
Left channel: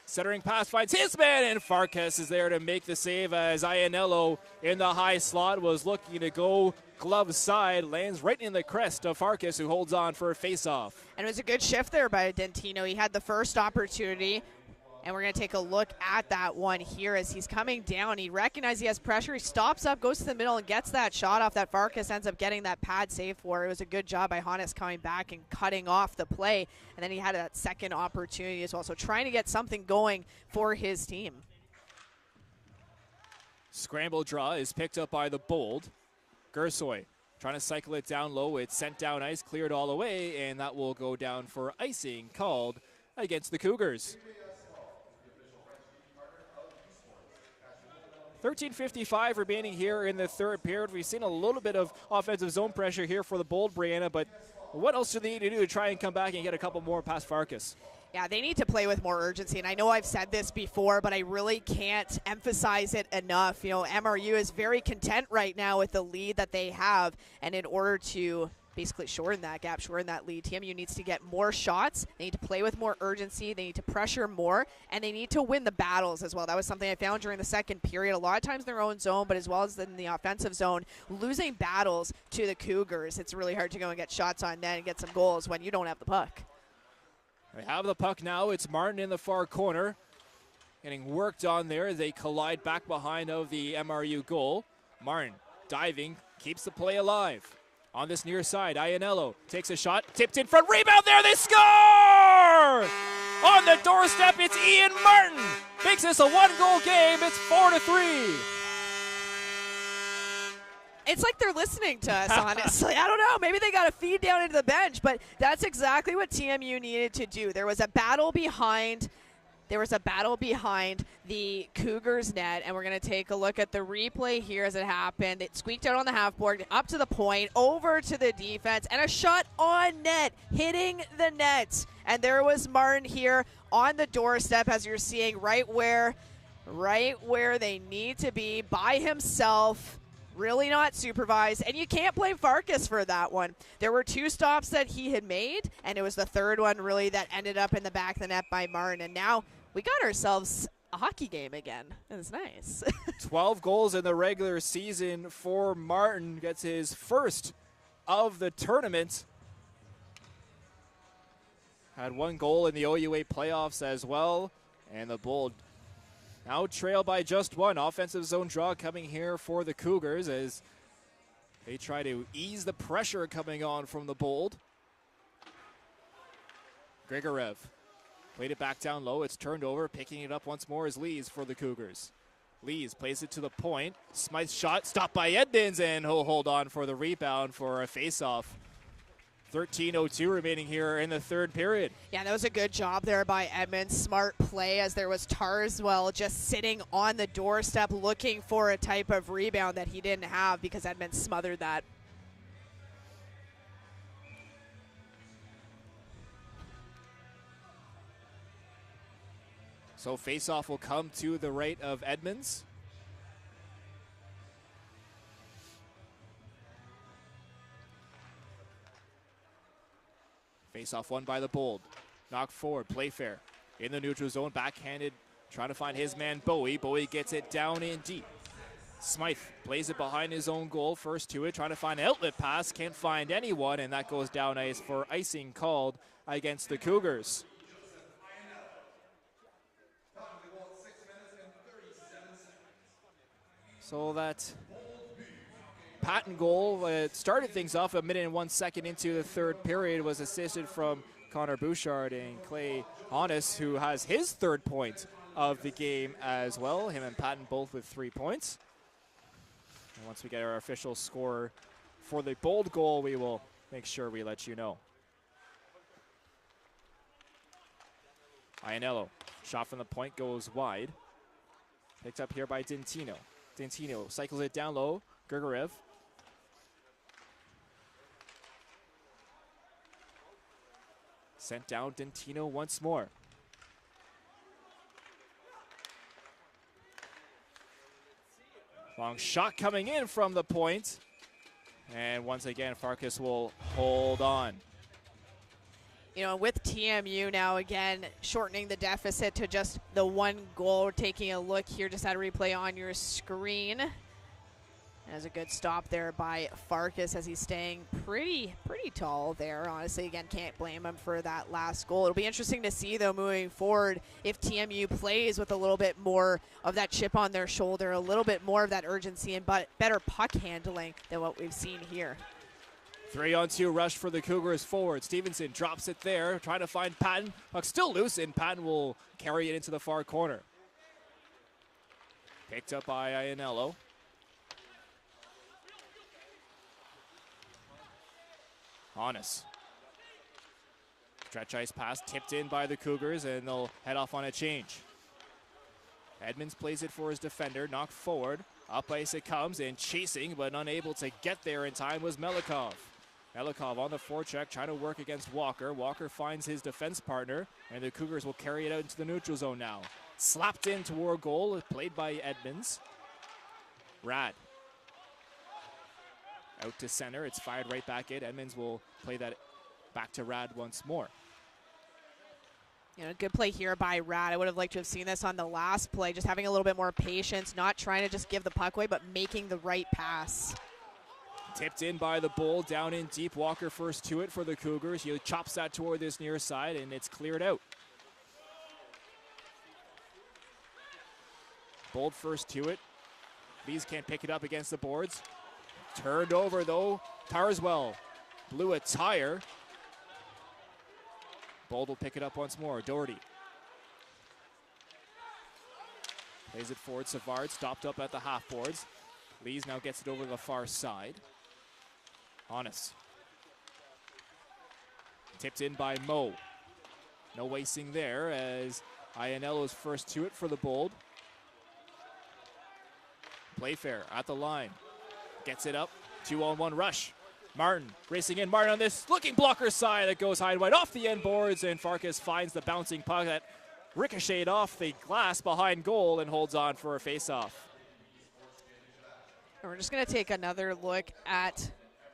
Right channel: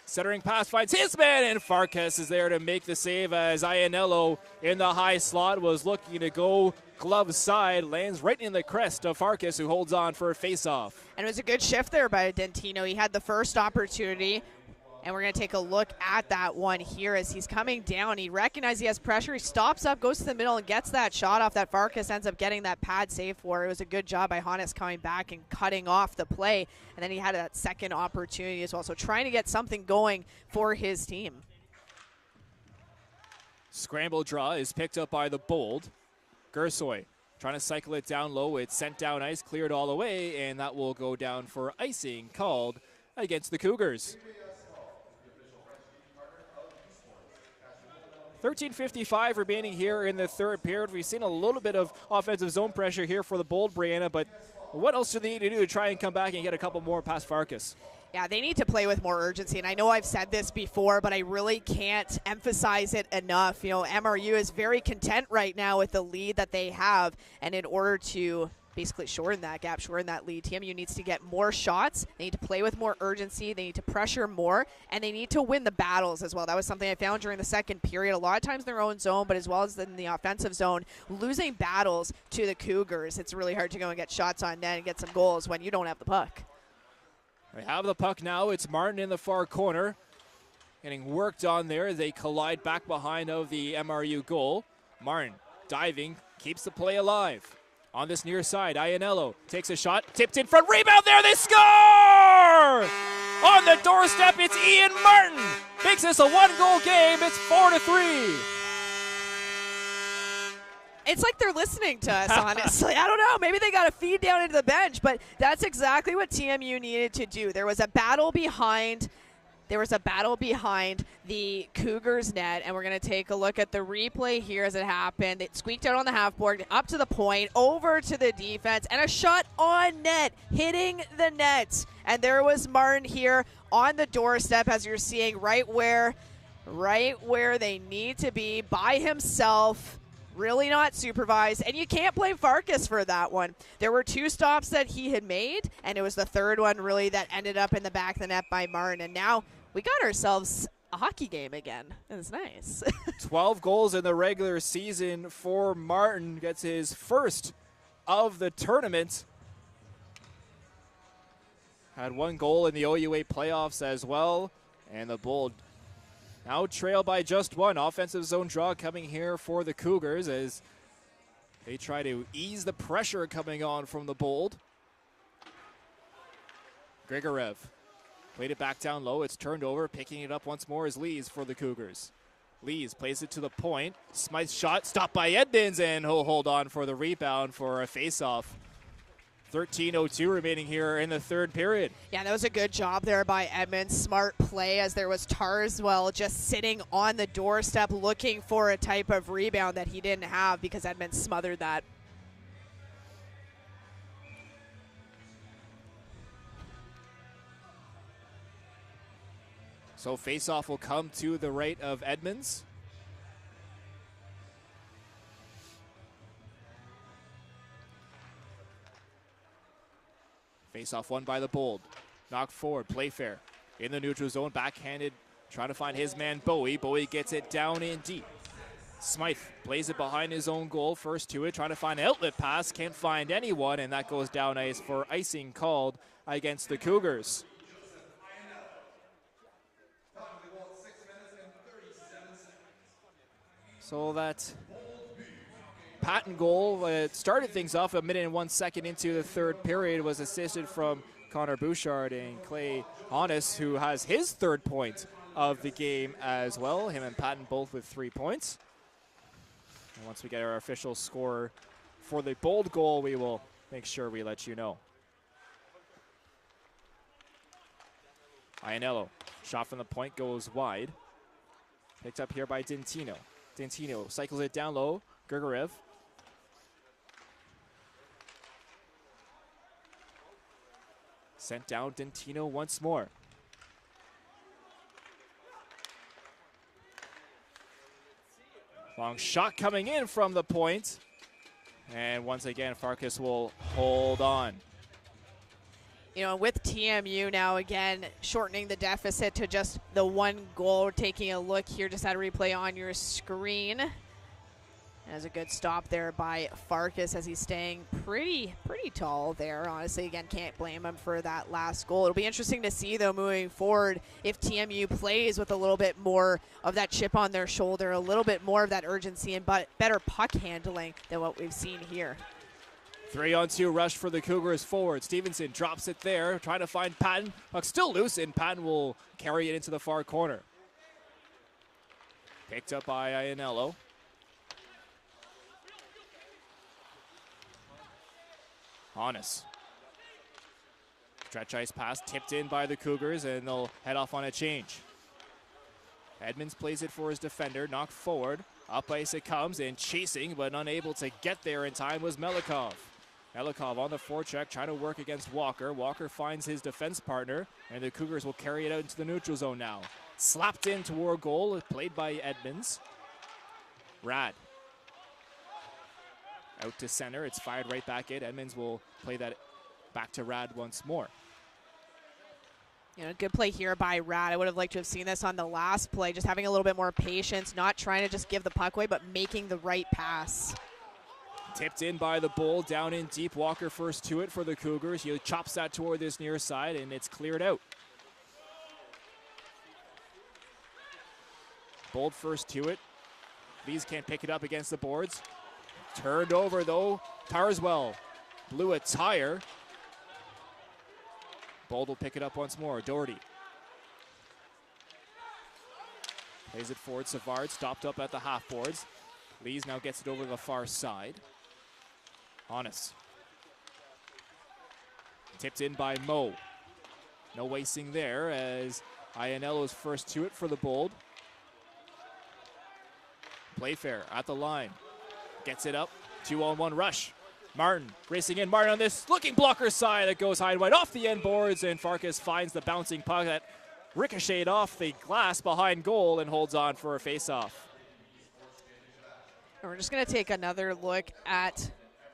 Centering pass finds his man, and Farkas is there to make the save as Iannello in the high slot was looking to go glove side, lands right in the crest of Farkas, who holds on for a face-off. And it was a good shift there by Dentino. He had the first opportunity, and we're going to take a look at that one here as he's coming down. He recognizes he has pressure. He stops up, goes to the middle, and gets that shot off that Farkas ends up getting that pad save for. It was a good job by Hannes coming back and cutting off the play. And then he had that second opportunity as well. So trying to get something going for his team. Scramble draw is picked up by the Bold. Gersoy trying to cycle it down low. It's sent down ice, cleared all the way, and that will go down for icing called against the Cougars. 13:55 remaining here in the third period. We've seen a little bit of offensive zone pressure here for the Bold, Brianna, but what else do they need to do to try and come back and get a couple more past Farkas? Yeah, they need to play with more urgency, and I know I've said this before, but I really can't emphasize it enough. You know, MRU is very content right now with the lead that they have, and in order to basically shorten that gap, shorten that lead, TMU needs to get more shots. They need to play with more urgency. They need to pressure more, and they need to win the battles as well. That was something I found during the second period. A lot of times in their own zone, but as well as in the offensive zone, losing battles to the Cougars. It's really hard to go and get shots on net and get some goals when you don't have the puck. They have the puck now. It's Martin in the far corner. Getting worked on there. They collide back behind of the MRU goal. Martin diving, keeps the play alive. On this near side, Iannello takes a shot, tipped in front, rebound there, they score! On the doorstep, it's Ian Martin. Makes this a one-goal game, it's 4-3. It's like they're listening to us, honestly. I don't know. Maybe they got a feed down into the bench, but that's exactly what TMU needed to do. There was a battle behind the Cougars net, and we're going to take a look at the replay here as it happened. It squeaked out on the half board, up to the point, over to the defense, and a shot on net, hitting the net. And there was Martin here on the doorstep, as you're seeing, right where they need to be, by himself. Really not supervised, and you can't blame Farkas for that one. There were two stops that he had made, and it was the third one really that ended up in the back of the net by Martin. And now we got ourselves a hockey game again. It's nice. 12 goals in the regular season for Martin. Gets his first of the tournament. Had one goal in the OUA playoffs as well, and the Bold now trail by just one. Offensive zone draw coming here for the Cougars as they try to ease the pressure coming on from the Bold. Grigorev played it back down low. It's turned over. Picking it up once more is Lees for the Cougars. Lees plays it to the point. Smythe's shot stopped by Edmonds, and he'll hold on for the rebound for a face-off. 13:02 remaining here in the third period. Yeah, that was a good job there by Edmonds. Smart play as there was Tarswell just sitting on the doorstep looking for a type of rebound that he didn't have because Edmonds smothered that. So face-off will come to the right of Edmonds. Face-off won by the Bold. Knocked forward, Playfair in the neutral zone, backhanded, trying to find his man Bowie. Bowie gets it down in deep. Smythe plays it behind his own goal, first to it, trying to find an outlet pass, can't find anyone, and that goes down ice for icing called against the Cougars. So that Patton goal started things off a minute and 1 second into the third period, was assisted from Connor Bouchard and Clay Honest, who has his third point of the game as well. Him and Patton both with 3 points. And once we get our official score for the Bold goal, we will make sure we let you know. Ianello, shot from the point goes wide. Picked up here by Dintino. Dintino cycles it down low. Grigorev. Sent down Dintino once more. Long shot coming in from the point. And once again, Farkas will hold on. You know, with TMU now again shortening the deficit to just the 1 goal, taking a look here, just had a replay on your screen. There's a good stop there by Farkas as he's staying pretty tall there. Honestly, again, can't blame him for that last goal. It'll be interesting to see, though, moving forward, if TMU plays with a little bit more of that chip on their shoulder, a little bit more of that urgency and better puck handling than what we've seen here. 3-on-2 rush for the Cougars forward. Stevenson drops it there, trying to find Patton. Puck still loose, and Patton will carry it into the far corner. Picked up by Ianello. Honest. Stretch ice pass tipped in by the Cougars, and they'll head off on a change. Edmonds plays it for his defender, knocked forward. Up ice it comes, and chasing, but unable to get there in time was Melikov. Melikov on the forecheck, trying to work against Walker. Walker finds his defense partner, and the Cougars will carry it out into the neutral zone now. Slapped in toward goal, played by Edmonds. Rad. Out to center, it's fired right back in. Edmonds will play that back to Rad once more. You know, good play here by Rad. I would have liked to have seen this on the last play, just having a little bit more patience, not trying to just give the puck away, but making the right pass. Tipped in by the Bull, down in deep. Walker first to it for the Cougars. He chops that toward this near side, and it's cleared out. Bold first to it. Lees can't pick it up against the boards. Turned over, though. Tarswell blew a tire. Bold will pick it up once more. Doherty plays it forward. Savard stopped up at the half boards. Lees now gets it over the far side. Honest. Tipped in by Mo. No wasting there as Ianello's first to it for the Bold. Playfair at the line. Gets it up. 2-on-1 rush. Martin racing in. Martin on this looking blocker side. It goes high and wide off the end boards, and Farkas finds the bouncing puck that ricocheted off the glass behind goal and holds on for a face-off. We're just going to take another look at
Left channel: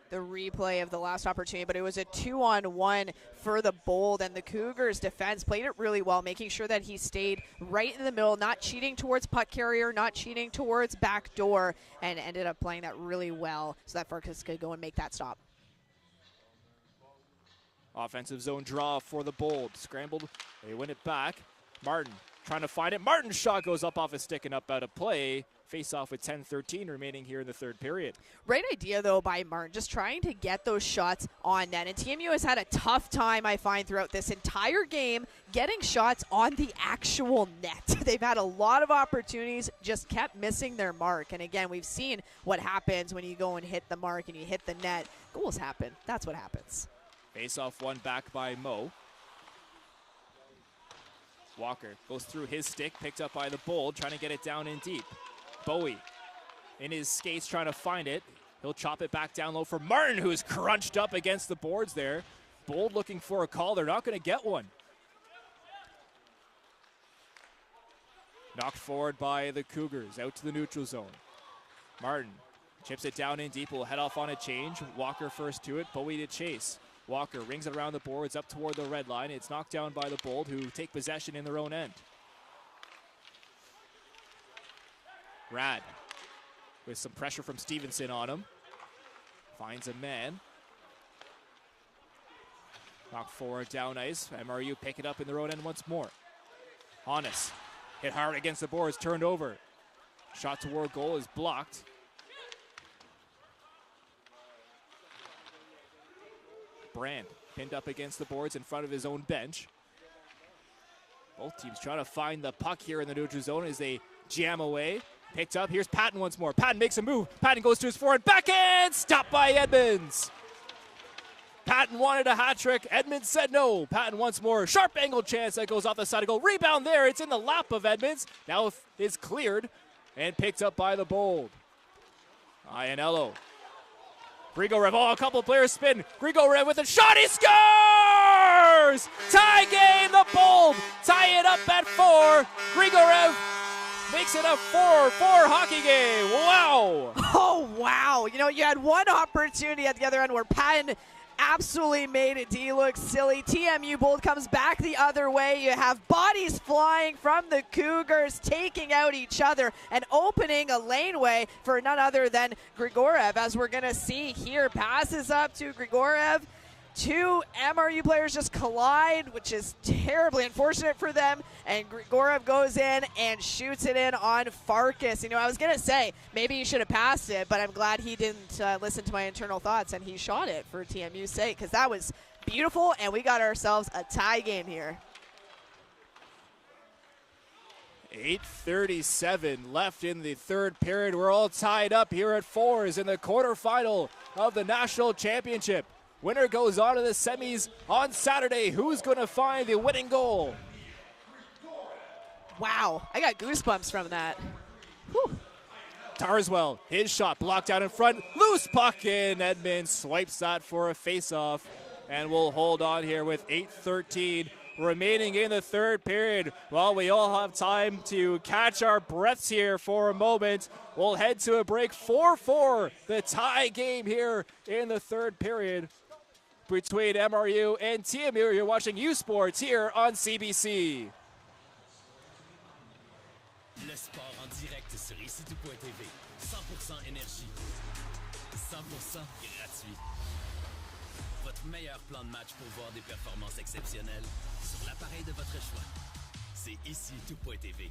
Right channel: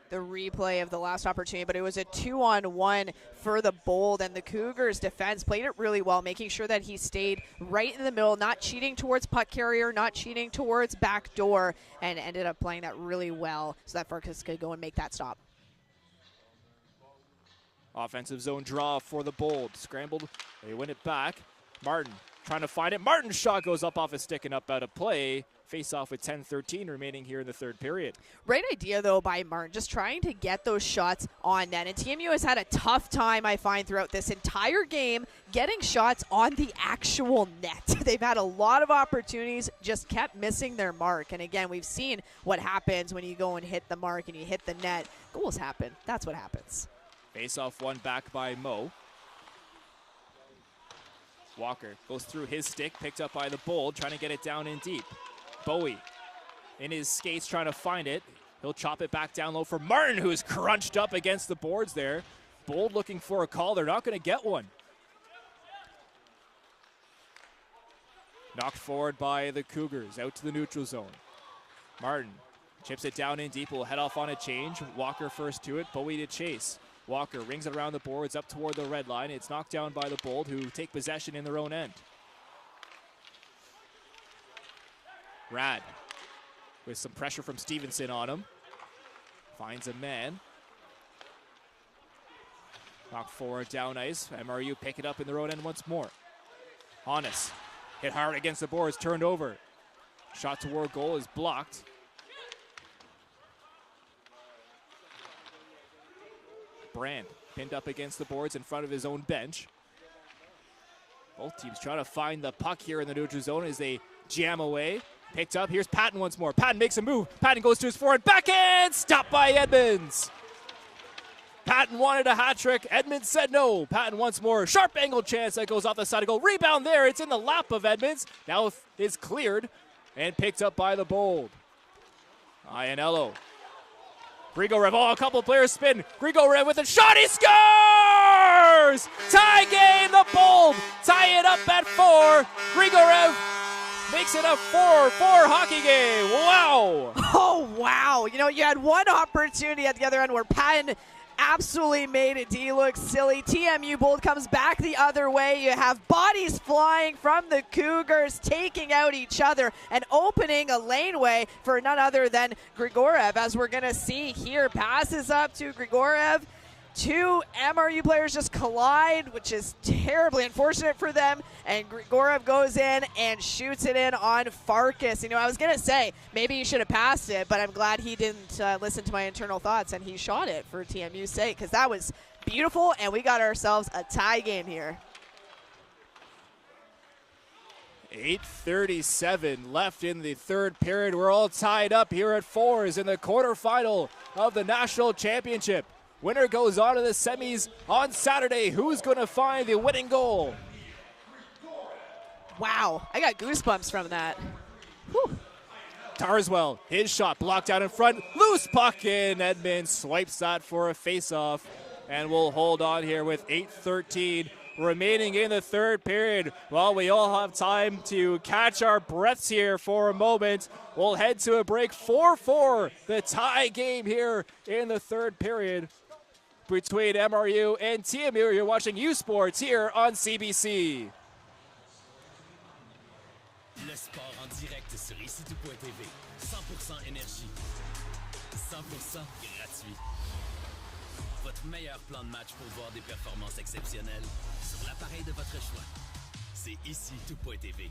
the replay of the last opportunity, but it was a 2-on-1 for the Bold, and the Cougars defense played it really well, making sure that he stayed right in the middle, not cheating towards puck carrier, not cheating towards back door, and ended up playing that really well so that Farkas could go and make that stop. Offensive zone draw for the Bold. Scrambled, they win it back. Martin trying to find it. Martin's shot goes up off his stick and up out of play. Face off with 10:13 remaining here in the third period. Great idea, though, by Martin, just trying to get those shots on net. And TMU has had a tough time, I find, throughout this entire game getting shots on the actual net. They've had a lot of opportunities, just kept missing their mark. And again, we've seen what happens when you go and hit the mark and you hit the net. Goals happen. That's what happens. Face off one back by Mo. Walker goes through his stick, picked up by the Bold, trying to get it down in deep. Bowie in his skates trying to find it. He'll chop it back down low for Martin, who is crunched up against the boards there. Bold looking for a call. They're not going to get one. Knocked forward by the Cougars, out to the neutral zone. Martin chips it down in deep, will head off on a change. Walker first to it, Bowie to chase. Walker rings it around the boards up toward the red line. It's knocked down by the Bold, who take possession in their own end. Rad with some pressure from Stevenson on him. Finds a man. Knock forward, down ice. MRU pick it up in their own end once more. Hannes hit hard against the boards, turned over. Shot toward goal is blocked. Brand pinned up against the boards in front of his own bench. Both teams trying to find the puck here in the neutral zone as they jam away. Picked up. Here's Patton once more. Patton makes a move. Patton goes to his forward. Backhand! Stopped by Edmonds. Patton wanted a hat trick. Edmonds said no. Patton once more. Sharp angle chance that goes off the side of goal. Rebound there. It's in the lap of Edmonds. Now it's cleared and picked up by the Bold. Iannello. Grigorev. Oh, a couple of players spin. Grigorev with a shot. He scores! Tie game. The Bold tie it up at 4. Grigorev makes it a 4-4 hockey game. Wow. Oh, wow. You know, you had one opportunity at the other end where Patton absolutely made D look silly. TMU Bold comes back the other way. You have bodies flying from the Cougars, taking out each other and opening a laneway for none other than Grigorev, as we're going to see here. Passes up to Grigorev. Two MRU players just collide, which is terribly unfortunate for them, and Grigorev goes in and shoots it in on Farkas. You know, I was going to say, maybe he should have passed it, but I'm glad he didn't listen to my internal thoughts, and he shot it for TMU's sake, because that was beautiful, and we got ourselves a tie game here. 8:37 left in the third period. We're all tied up here at 4s in the quarterfinal of the national championship. Winner goes on to the semis on Saturday. Who's going to find the winning goal? Wow, I got goosebumps from that. Whew. Tarswell, his shot blocked out in front. Loose puck in. Edmonds swipes that for a face-off. And we'll hold on here with 8:13 remaining in the third period. While we all have time to catch our breaths here for a moment, we'll head to a break. 4-4, the tie game here in the third period between MRU and TMU. You're watching U Sports here on CBC. Le sport en direct sur ici.tv. 100% énergie. 100% gratuit. Votre meilleur plan de match pour voir des performances exceptionnelles sur l'appareil de votre choix. C'est ici.tv.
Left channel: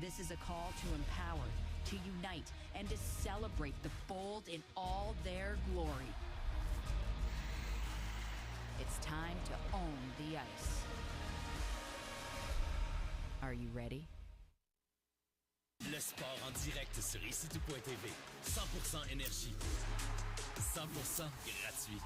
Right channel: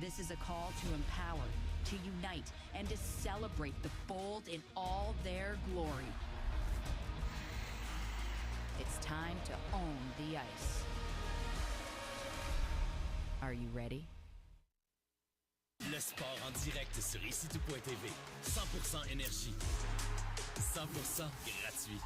This is a call to empower, to unite, and to celebrate the Bold in all their glory. It's time to own the ice. Are you ready? Le sport en direct sur ici.tv. 100% énergie. 100% gratuit.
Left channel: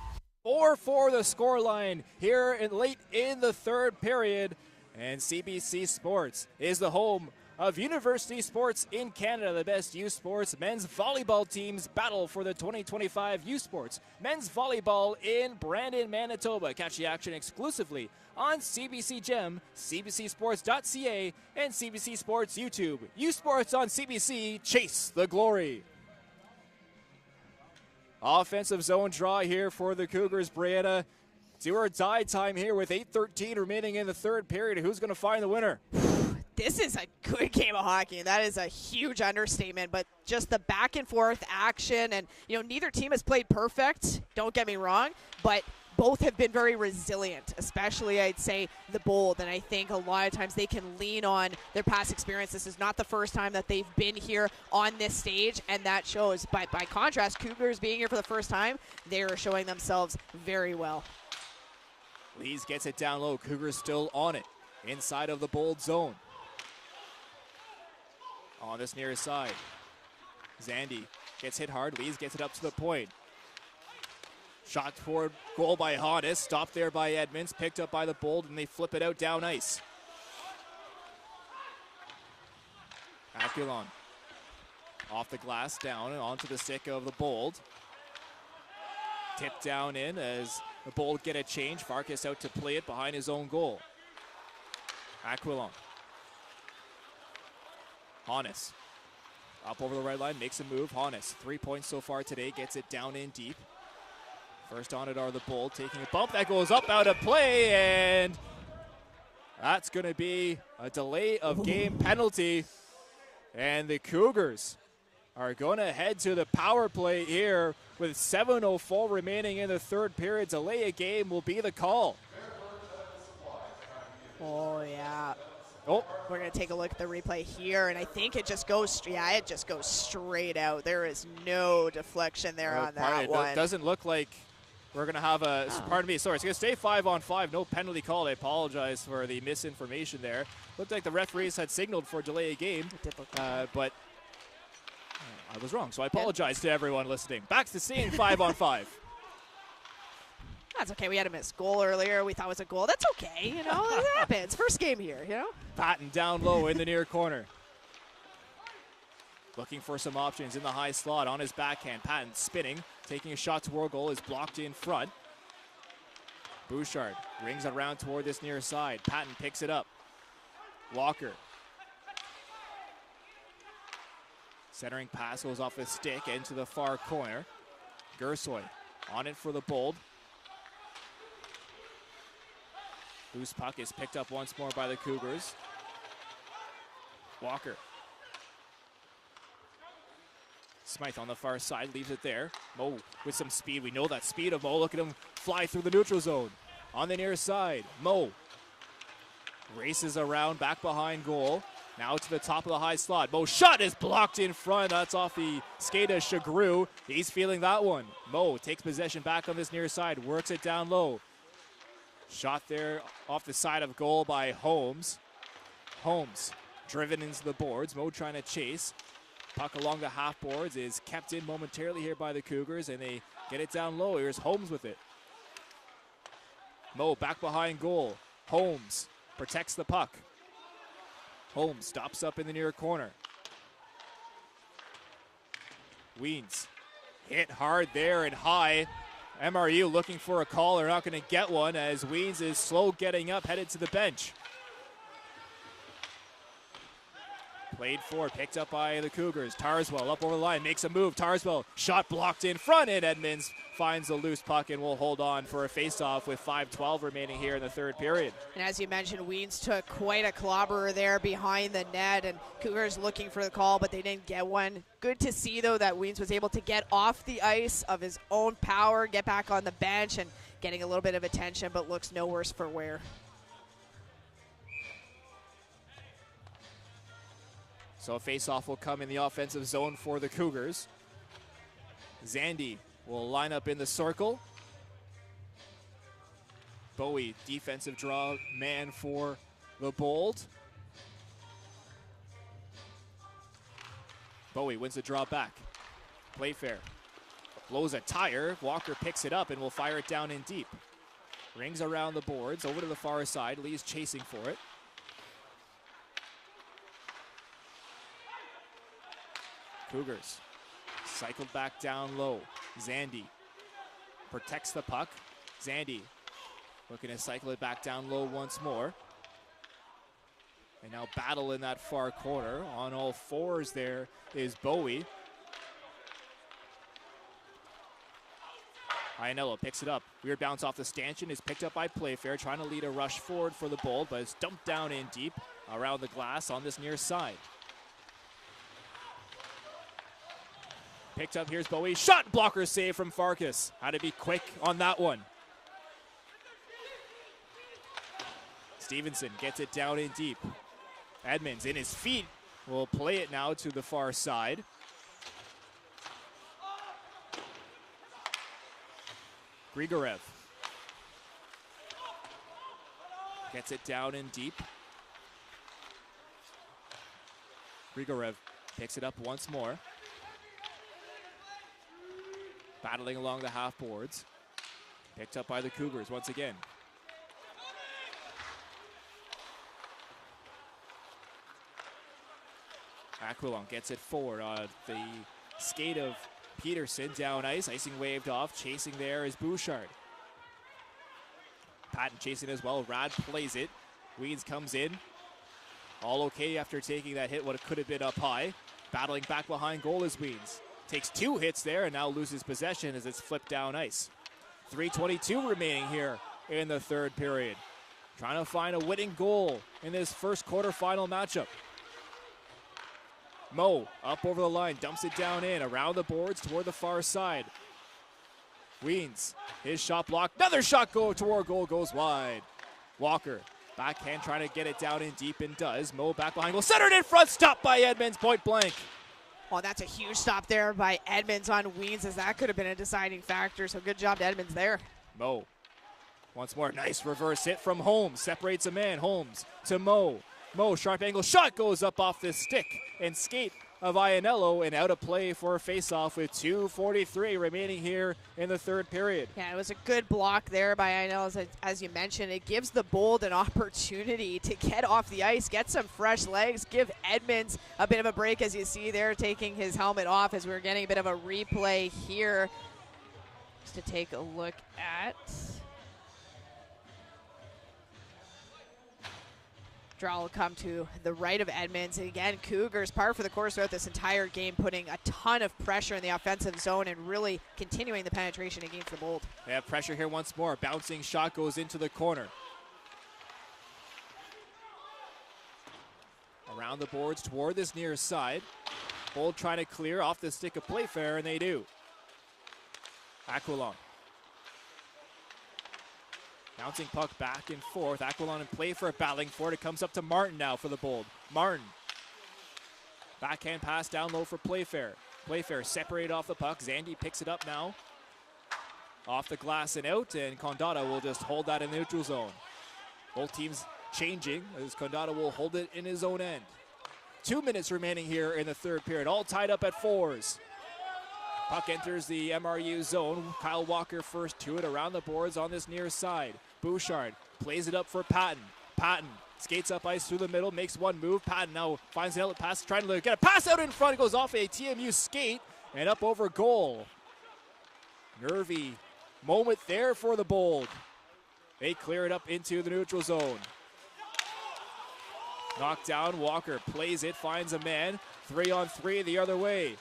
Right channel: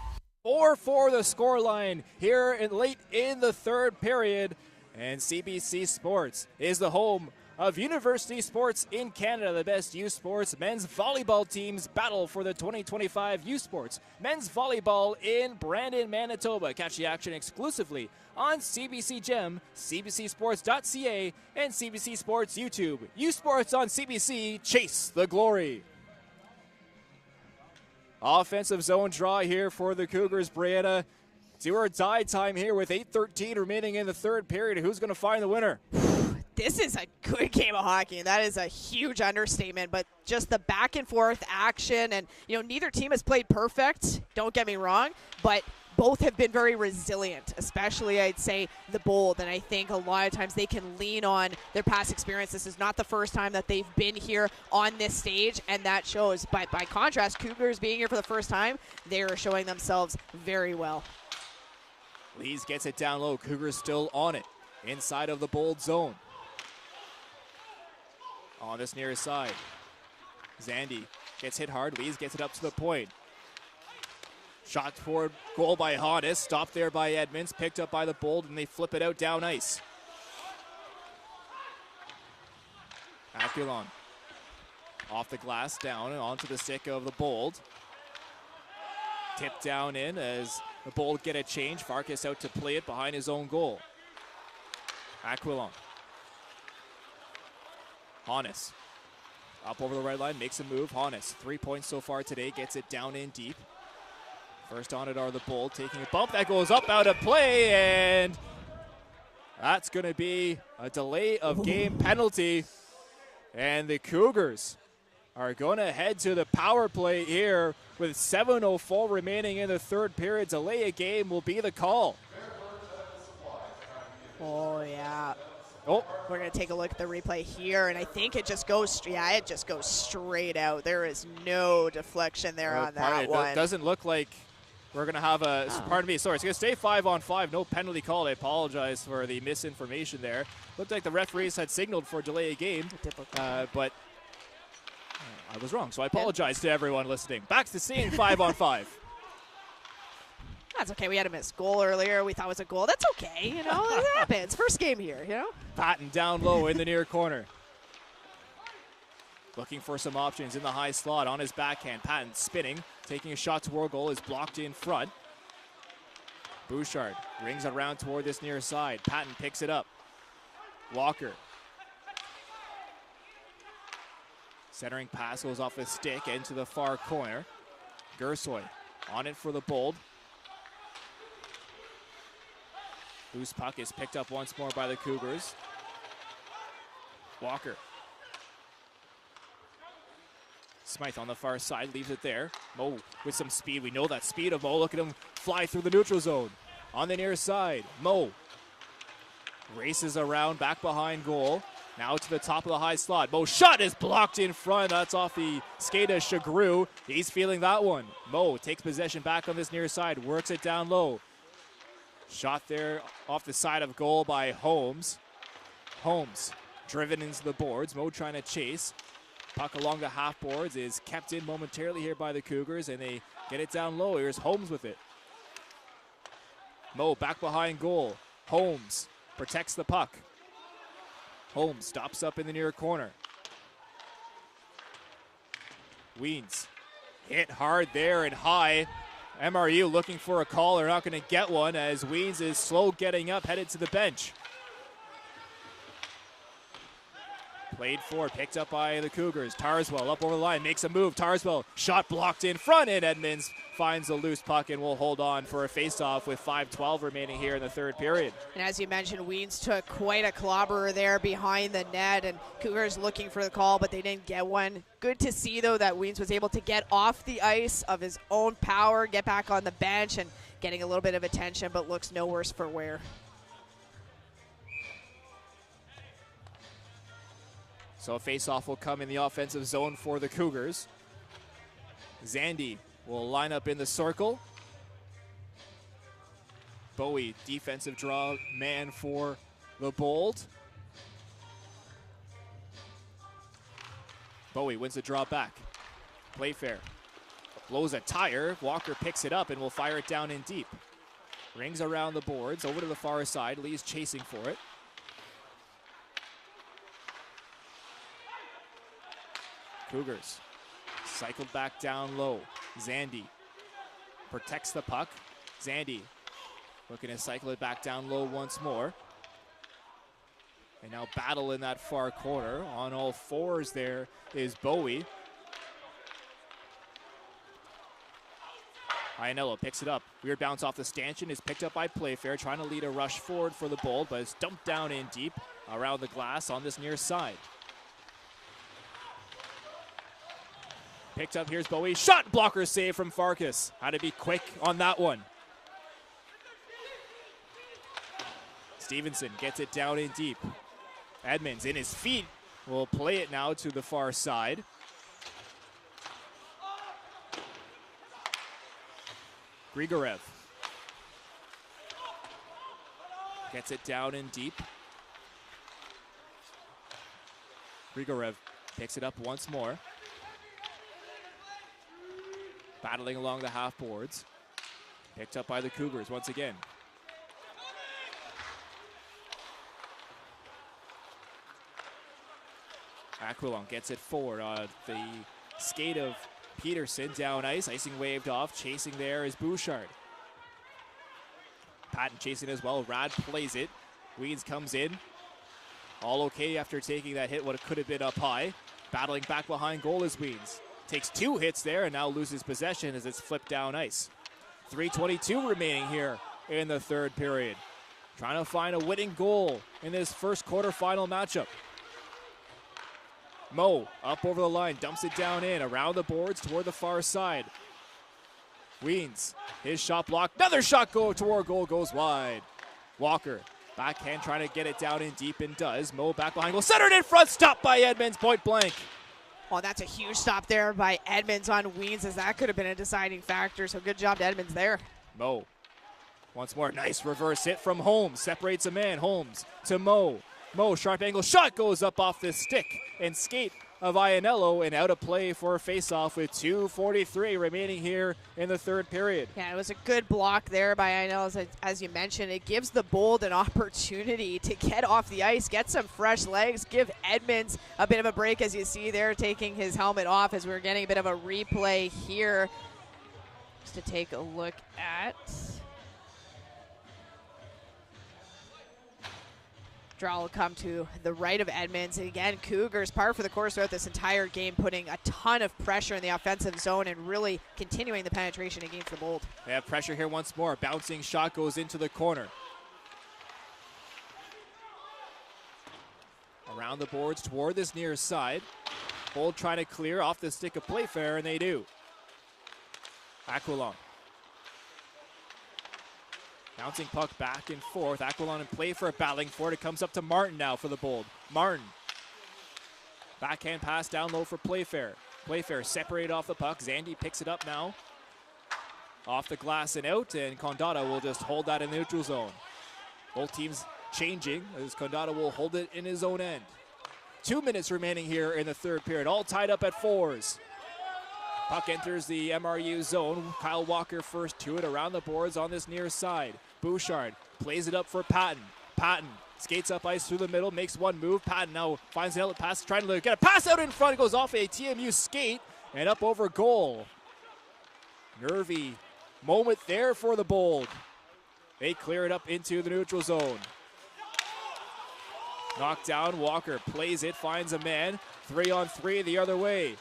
4-4 the scoreline here late in the third period. And CBC Sports is the home of University Sports in Canada. The best U Sports men's volleyball teams battle for the 2025 U Sports men's volleyball in Brandon, Manitoba. Catch the action exclusively on CBC Gem, cbcsports.ca, and CBC Sports YouTube. U Sports on CBC, chase the glory. Offensive zone draw here for the Cougars. Brianna, do or die time here with 8:13 remaining in the third period. Who's going to find the winner? This is a good game of hockey, and that is a huge understatement, but just the back and forth action, and you know, neither team has played perfect, don't get me wrong, but both have been very resilient, especially I'd say the Bold, and I think a lot of times they can lean on their past experience. This is not the first time that they've been here on this stage, and that shows. But by contrast, Cougars being here for the first time, they are showing themselves very well. Lees gets it down low. Cougars still on it inside of the Bold zone. On this near side, Zandy gets hit hard. Lees gets it up to the point. Shot toward goal by Hannes. Stopped there by Edmonds. Picked up by the Bold, and they flip it out down ice. Akulon Off the glass, down and onto the stick of the Bold. Tipped down in as the Bold get a change. Farkas out to play it behind his own goal. Aquilon. Hannes. Up over the red line, makes a move. Hannes, 3 points so far today, gets it down in deep. First on it are the Bold, taking a bump. That goes up out of play, and that's going to be a delay of game penalty. And the Cougars are going to head to the power play here with 7:04 remaining in the third period. Delay a game will be the call. Oh, yeah. Oh, we're going to take a look at the replay here, and I think it just goes, it just goes straight out. There is no deflection there on that one. It doesn't look like we're going to have a, pardon me, sorry, it's going to stay 5-on-5, no penalty call. I apologize for the misinformation there. Looked like the referees had signaled for delay a game, but I was wrong, so I apologize to everyone listening. Back to seeing 5-on-5. That's okay. We had a missed goal earlier. We thought it was a goal. That's okay. You know, it happens. First game here, you know? Patton down low in the near corner. Looking for some options in the high slot on his backhand. Patton spinning, taking a shot toward goal, is blocked in front. Bouchard rings around toward this near side. Patton picks it up. Walker. Centering pass goes off his stick into the far corner. Gersoy on it for the Bold. Loose puck is picked up once more by the Cougars. Walker. Smythe on the far side, leaves it there. Mo with some speed. We know that speed of Mo. Look at him fly through the neutral zone. On the near side, Mo races around back behind goal. Now to the top of the high slot. Mo shot is blocked in front. That's off the skate of Chagru. He's feeling that one. Mo takes possession back on this near side. Works it down low. Shot there off the side of goal by Holmes. Holmes driven into the boards. Mo trying to chase. Puck along the half boards is kept in momentarily here by the Cougars, and they get it down low. Here's Holmes with it. Mo back behind goal. Holmes protects the puck. Holmes stops up in the near corner. Weens hit hard there and high. MRU looking for a call. They're not going to get one as Weens is slow getting up, headed to the bench. Played forward, picked up by the Cougars. Tarswell up over the line, makes a move. Tarswell, shot blocked in front, and Edmonds finds the loose puck and will hold on for a face-off with 5:12 remaining here in the third period. And as you mentioned, Weens took quite a clobberer there behind the net, and Cougars looking for the call, but they didn't get one. Good to see, though, that Weens was able to get off the ice of his own power, get back on the bench, and getting a little bit of attention, but looks no worse for wear. So a face-off will come in the offensive zone for the Cougars. Zandy will line up in the circle. Bowie, defensive draw man for the Bold. Bowie wins the draw back. Playfair blows a tire. Walker picks it up and will fire it down in deep. Rings around the boards, over to the far side. Lee's chasing for it. Cougars cycled back down low. Zandy protects the puck. Zandy looking to cycle it back down low once more. And now battle in that far corner. On all fours there is Bowie. Iannello picks it up. Weird bounce off the stanchion is picked up by Playfair, trying to lead a rush forward for the Bold, but it's dumped down in deep around the glass on this near side. Picked up, here's Bowie. Shot blocker save from Farkas. Had to be quick on that one. Stevenson gets it down in deep. Edmonds in his feet will play it now to the far side. Grigorev gets it down in deep. Grigorev picks it up once more. Battling along the half boards. Picked up by the Cougars once again. Aquilon gets it forward on the skate of Peterson. Down ice, icing waved off. Chasing there is Bouchard. Patton chasing as well. Rad plays it. Weeds comes in. All okay after taking that hit, what could have been up high. Battling back behind goal is Weeds. Takes 2 hits there and now loses possession as it's flipped down ice. 3:22 remaining here in the third period. Trying to find a winning goal in this first quarterfinal matchup. Mo up over the line, dumps it down in, around the boards toward the far side. Weens, his shot blocked. Another shot toward goal, goes wide. Walker, backhand trying to get it down in deep and does. Mo back behind goal, centered in front, stopped by Edmonds, point blank. Oh, that's a huge stop there by Edmonds on Weens, as that could have been a deciding factor, so good job to Edmonds there. Mo, once more, nice reverse hit from Holmes, separates a man. Holmes to Mo. Mo, sharp angle shot goes up off the stick and skate of Iannello, and out of play for a face-off with 2:43 remaining here in the third period. Yeah, it was a good block there by Iannello, as you mentioned. It gives the Bold an opportunity to get off the ice, get some fresh legs, give Edmonds a bit of a break, as you see there, taking his helmet off, as we're getting a bit of a replay here just to take a look at. Draw will come to the right of Edmonds. Again, Cougars par for the course throughout this entire game, putting a ton of pressure in the offensive zone and really continuing the penetration against the Bold. They have pressure here once more. Bouncing shot goes into the corner. Around the boards toward this near side. Bold trying to clear off the stick of Playfair, and they do. Aquilon. Bouncing puck back and forth. Aquilon and Playfair battling for it. It comes up to Martin now for the Bold. Martin. Backhand pass down low for Playfair. Playfair separated off the puck. Zandy picks it up now. Off the glass and out, and Condata will just hold that in the neutral zone. Both teams changing as Condata will hold it in his own end. 2 minutes remaining here in the third period. All tied up at 4s. Puck enters the MRU zone. Kyle Walker first to it around the boards on this near side. Bouchard plays it up for Patton. Patton skates up ice through the middle, makes one move. Patton now finds the outlet pass, trying to get a pass out in front. It goes off a TMU skate and up over goal. Nervy moment there for the Bold. They clear it up into the neutral zone. Knocked down, Walker plays it, finds a man. 3-on-3 the other way.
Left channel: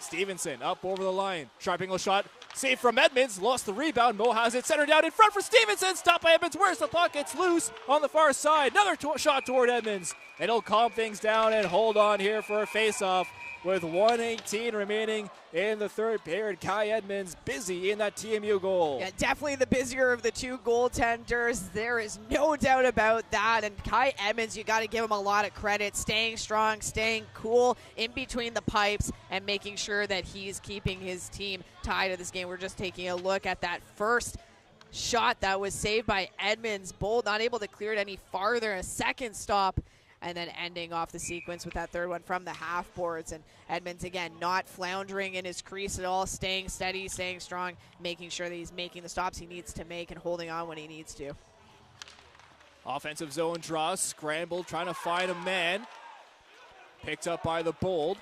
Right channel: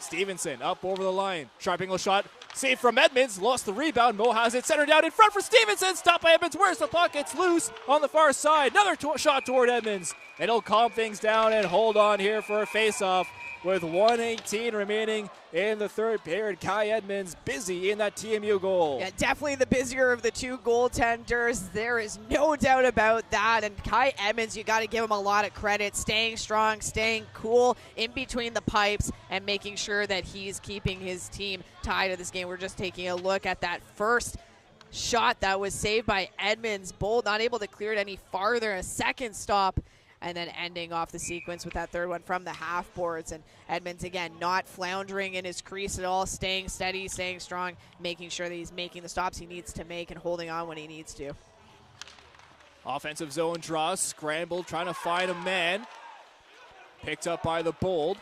Stevenson up over the line. Sharp angle shot. Save from Edmonds. Lost the rebound. Mo has it. Centered down in front for Stevenson. Stopped by Edmonds. Where's the puck? It's loose on the far side. Another shot toward Edmonds. And he'll calm things down and hold on here for a face-off with 1:18 remaining in the third period. Kai Edmonds busy in that TMU goal. Yeah, definitely the busier of the two goaltenders. There is no doubt about that. And Kai Edmonds, you got to give him a lot of credit. Staying strong, staying cool in between the pipes, and making sure that he's keeping his team tied to this game. We're just taking a look at that first shot that was saved by Edmonds. Bold not able to clear it any farther. A second stop, and then ending off the sequence with that third one from the half boards. And Edmonds, again, not floundering in his crease at all, staying steady, staying strong, making sure that he's making the stops he needs to make and holding on when he needs to. Offensive zone draw, scrambled, trying to find a man. Picked up by the Bold.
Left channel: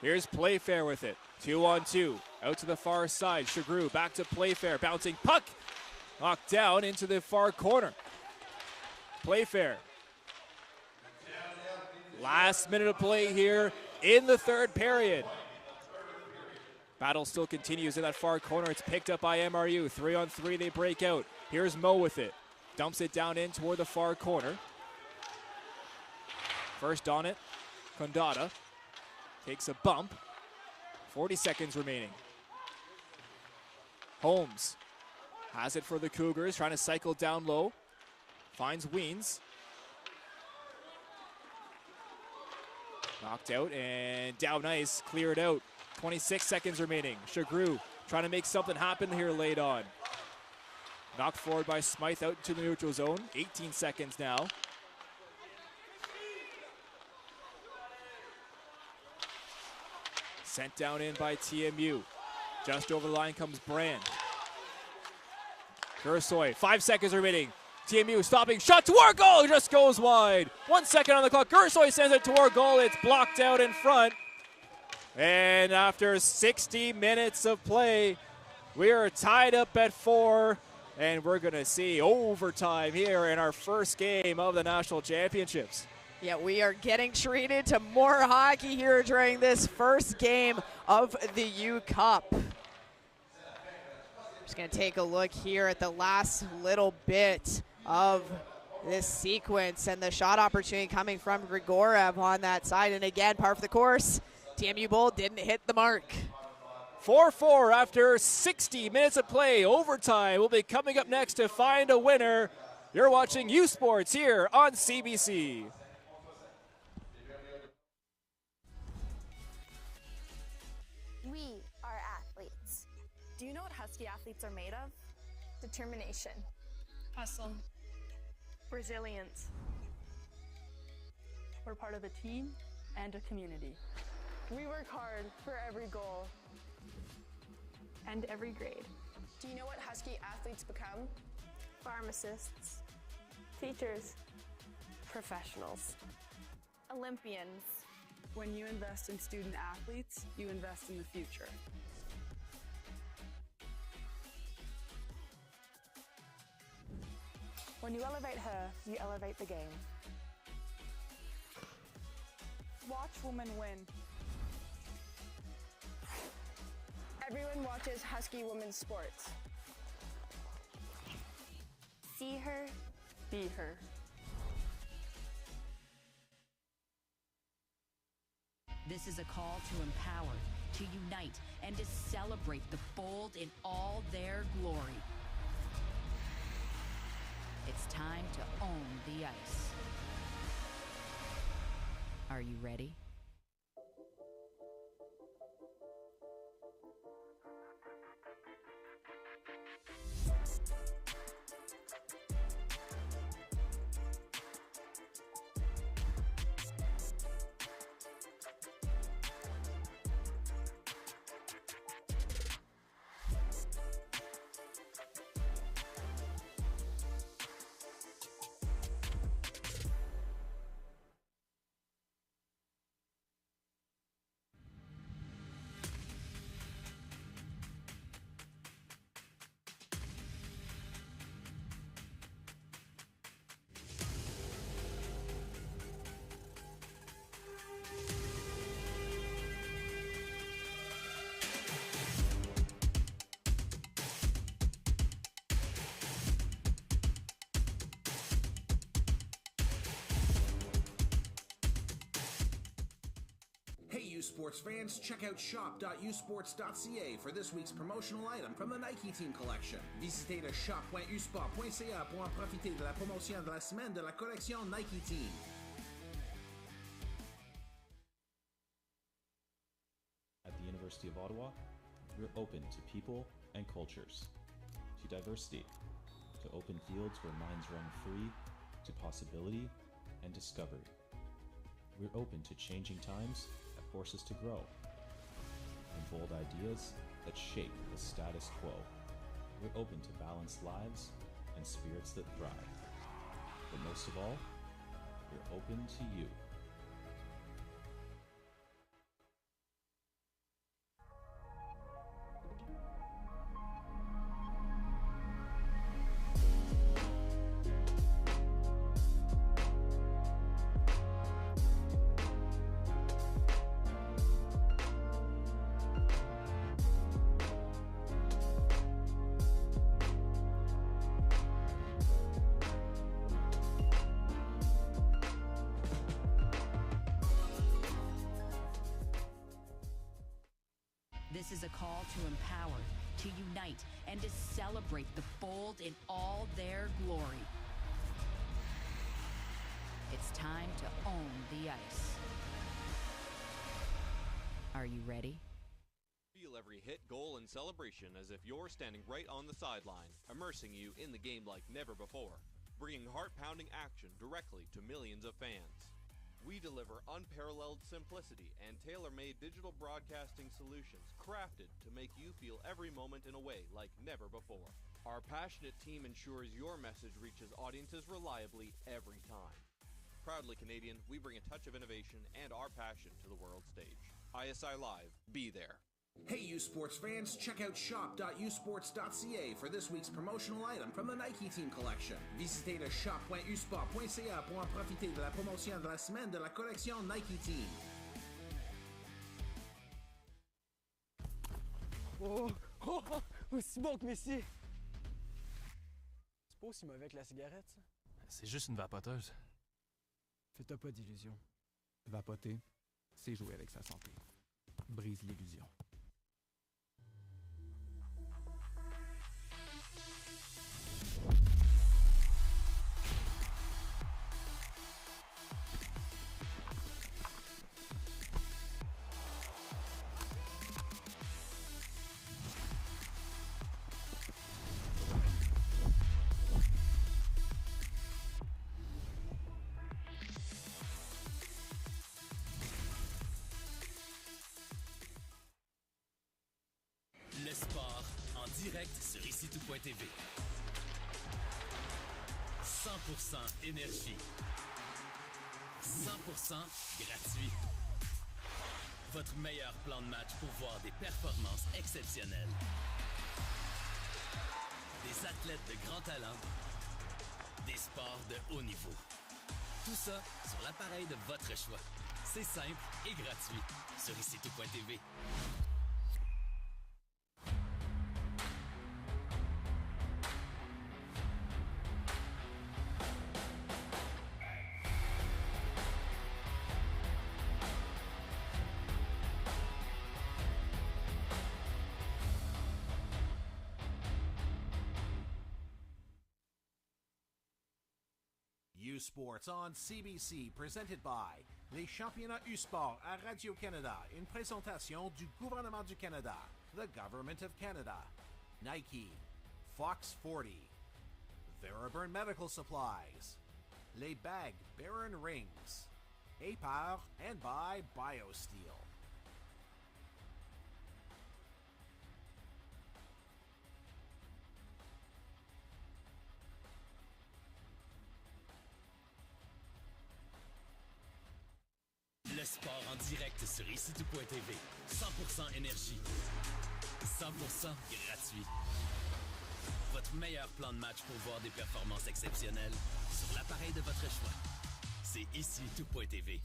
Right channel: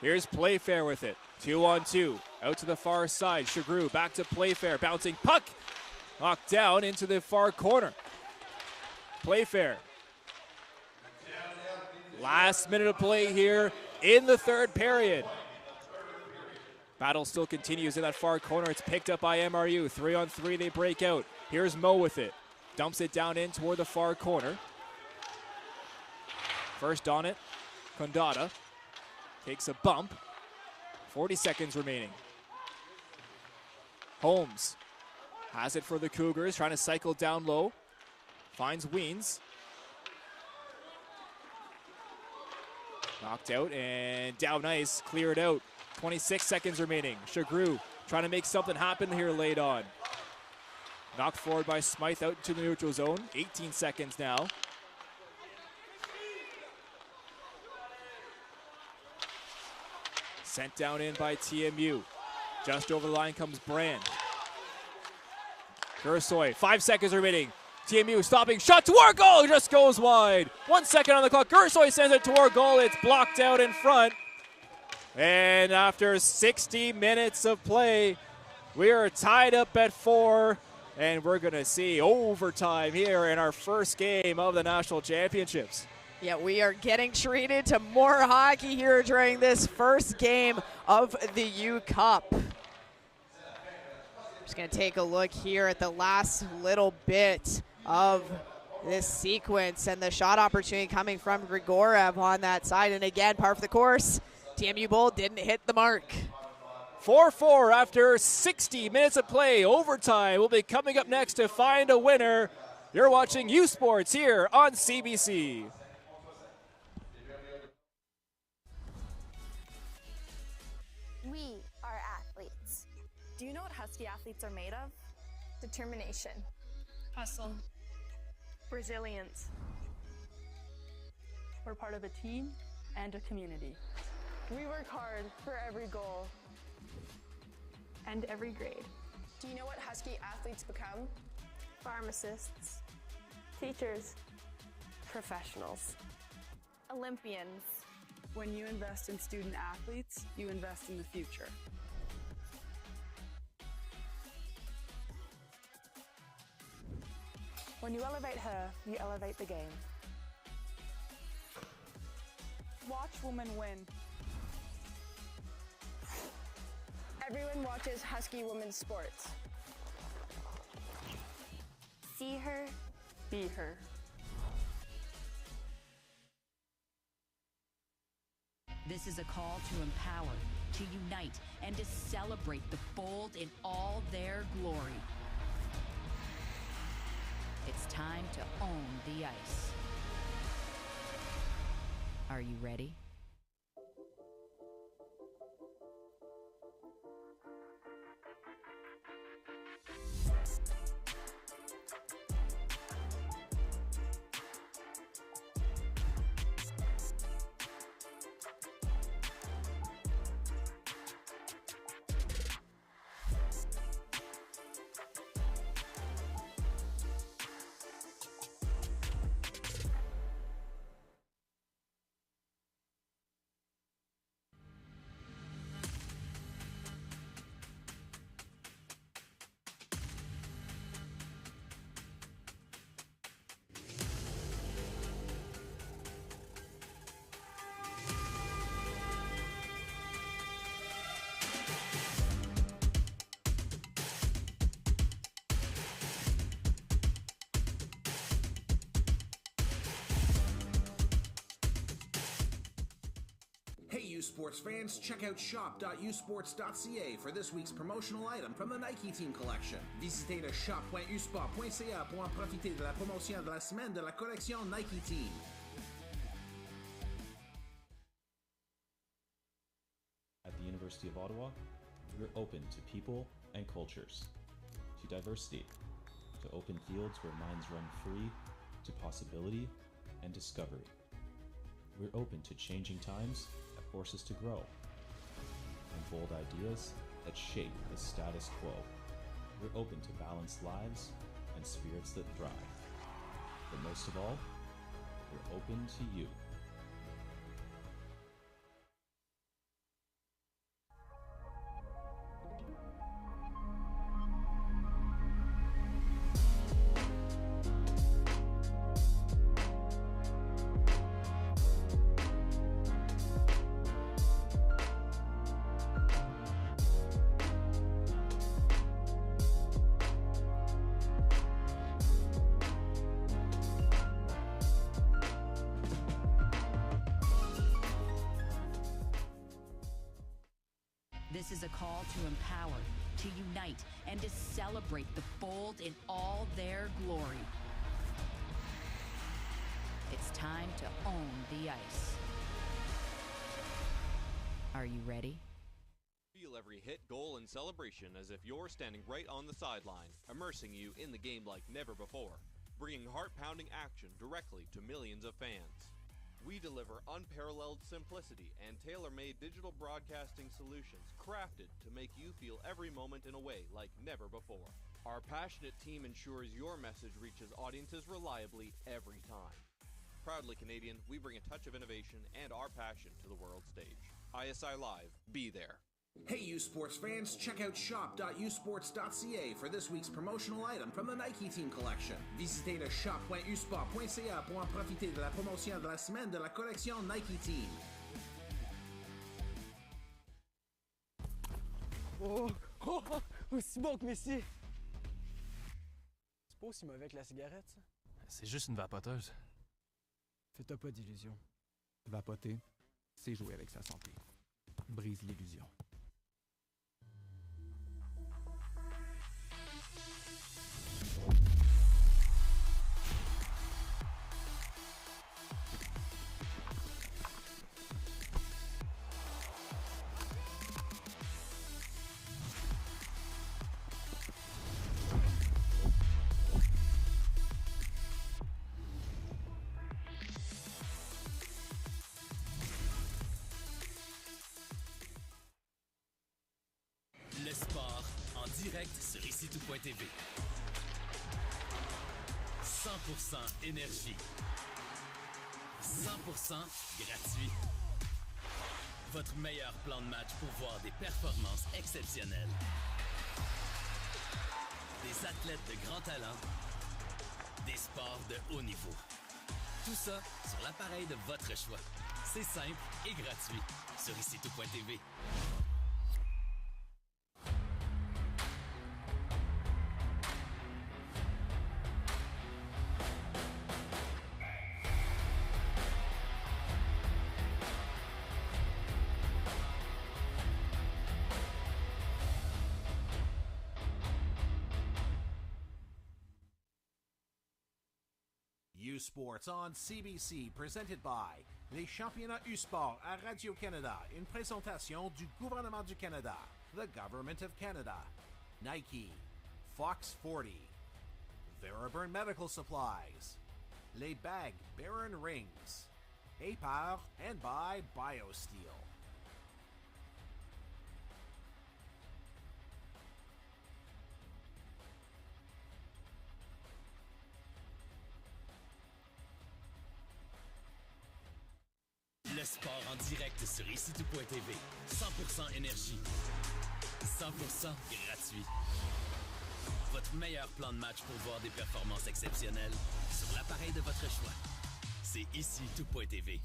Here's Playfair with it. 2-on-2. Out to the far side. Chagru back to Playfair. Bouncing puck. Knocked down into the far corner. Playfair. Last minute of play here in the third period. Battle still continues in that far corner. It's picked up by MRU. 3-on-3, they break out. Here's Mo with it. Dumps it down in toward the far corner. First on it, Condata. Takes a bump. 40 seconds remaining. Holmes has it for the Cougars, trying to cycle down low. Finds Weens. Knocked out and down ice, cleared out. 26 seconds remaining. Chagru trying to make something happen here late on. Knocked forward by Smythe out to the neutral zone. 18 seconds now. Sent down in by TMU. Just over the line comes Brand. Ursoy, 5 seconds remaining. TMU stopping shot toward goal, just goes wide. 1 second on the clock. Gersoy sends it toward goal. It's blocked out in front. And after 60 minutes of play, we are tied up at 4, and we're going to see overtime here in our first game of the National Championships. Yeah, we are getting treated to more hockey here during this first game of the U Cup. Just going to take a look here at the last little bit of this sequence, and the shot opportunity coming from Grigorev on that side. And again, par for the course, TMU Bold didn't hit the mark. 4-4 after 60 minutes of play. Overtime will be coming up next to find a winner. You're watching U Sports here on CBC. We are athletes. Do you know what Husky athletes are made of? Determination. Hustle. Resilience. We're part of a team and a community. We work hard for every goal and every grade. Do you know what Husky athletes become? Pharmacists, teachers, professionals, Olympians. When you invest in student athletes, you invest in the future. When you elevate her, you elevate the game. Watch women win. Everyone watches Husky women's sports. See her, be her. This is a call to empower, to unite, and to celebrate the bold in all their glory. It's time to own the ice. Are you ready? Sports fans, check out shop.usports.ca for this week's promotional item from the Nike Team collection. Visitez le shop.usport.ca pour en profiter de la promotion de la semaine de la collection Nike Team. At the University of Ottawa, we're open to people and cultures, to diversity, to open fields where minds run free, to possibility and discovery. We're open to changing times that force us to grow, and bold ideas that shape the status quo. We're open to balanced lives and spirits that thrive. But most of all, we're open to you. This is a call to empower, to unite, and to celebrate the bold in all their glory. It's time to own the ice. Are you ready? Feel every hit, goal, and celebration as if you're standing right on the sideline, immersing you in the game like never before, bringing heart-pounding action directly to millions of fans. We deliver unparalleled simplicity and tailor-made digital broadcasting solutions crafted to make you feel every moment in a way like never before. Our passionate team ensures your message reaches audiences reliably every time. Proudly Canadian, we bring a touch of innovation and our passion to the world stage. ISI Live, be there. Hey you sports fans, check out shop.usports.ca for this week's promotional item from the Nike Team Collection. Visitez le shop.usport.ca pour en profiter de la promotion de la semaine de la collection Nike Team. Aussi bon que Messi! C'est pas aussi mauvais que la cigarette, ça? C'est juste une vapoteuse. Fais-toi pas d'illusions. Vapoter, c'est jouer avec sa santé. Brise l'illusion. Le sport en direct sur ICTout.tv. 100% énergie. 100% gratuit. Votre meilleur plan de match pour voir des performances exceptionnelles. Des athlètes de grand talent. Des sports de haut niveau. Tout ça sur l'appareil de votre choix. C'est simple et gratuit sur ICTout.tv. Sports on CBC, presented by les championnats U-Sport à Radio-Canada, une présentation du gouvernement du Canada, the Government of Canada, Nike, Fox 40, Theraburn Medical Supplies, les Bag Baron Rings, APAR, and by BioSteel. Le sport en direct sur ICTout.tv. 100% énergie. 100% gratuit. Votre meilleur plan de match pour voir des performances exceptionnelles sur l'appareil de votre choix. C'est ICTout.tv.